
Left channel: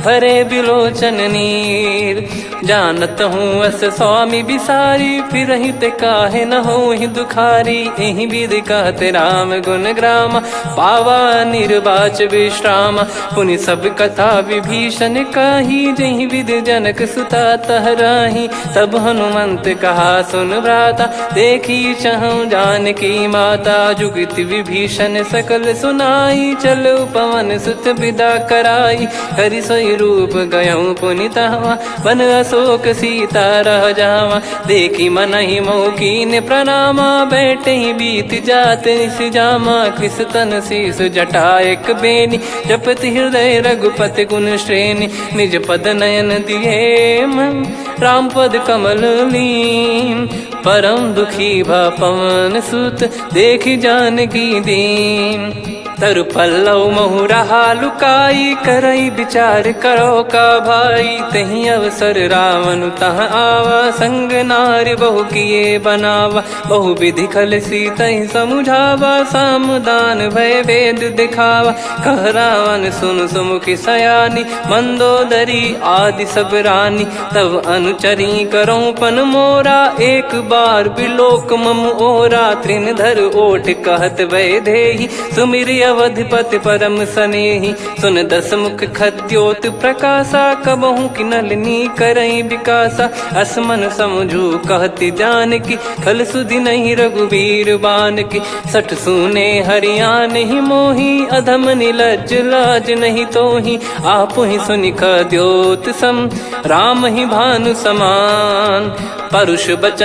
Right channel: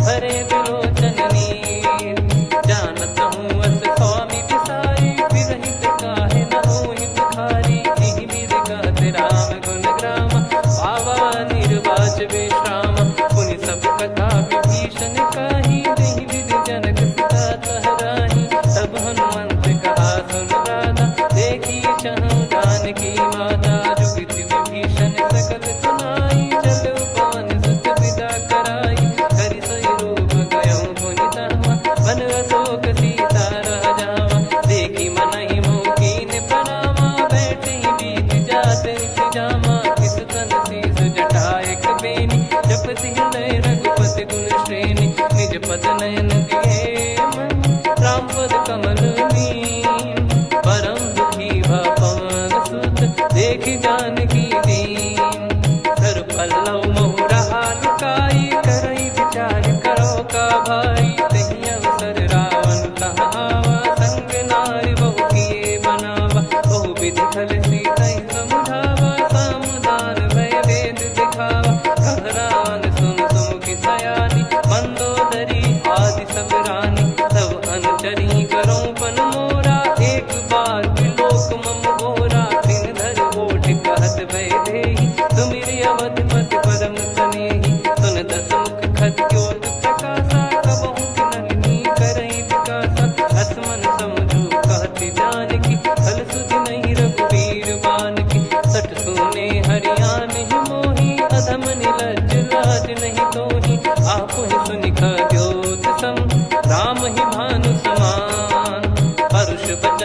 भरे बिलोचन नीर। जानत हूँ अस स्वामी बिसारी फिर ते काहे न हो ही दुखारी। एहि विधि कहते राम गुण ग्राम पावा निर्वाच विश्राम। पुनि सब कथा विभीषण काही जहि विधि जनक सुता तहराही। तब हनुमंत कहा सुन भ्राता देखी चहु जानकी माता। जुगति विभीषण सकल सुनाई चलो पवन सुत विदा कराई। करि सोई रूप गयऊँ पुनि तहवा बन शोक सीता रह जावा। देखी मन ही मौकीन प्रणामा, बैठे ही बीत जाते निस जामा। किस तन शीस जटा एक बेनी, जपति हृदय रघुपति गुण श्रेणी। निज पद नयन दिए मन, राम पद कमल लीन। परम दुखी भा पवन सुत, देखी जानकी दीन। तरु पल्लव महु रहा लुकाई, करई विचार करो का भाई। तही अवसर रावण तह आवा, संग नारी बहु किए बनावा। बहु विधि खल सीतहि समुझावा, सामदान भय वेद दिखावा। कह रावण सुन सुमुखी सयानी, मंदोदरी आदि सब रानी। तब अनुचरी करो पन मोरा, एक बार बिलोक मम ओरा। तृणधर ओठ कहत भय देहि, सुमिर अवधिपति परम सनेहि। सुन दस मुख खद्योत प्रकाशा, कबहु की नलिनी करई विकासा। असमन समझू कहति जानकी, खल सुधि नहीं रघुवीर बान की। सठ सुने हरियाण ही मोही, अधम निलज्ज लाज नहीं तोही। आप ही सुनि खद्योत सम, राम ही भानु समान। परुष बचन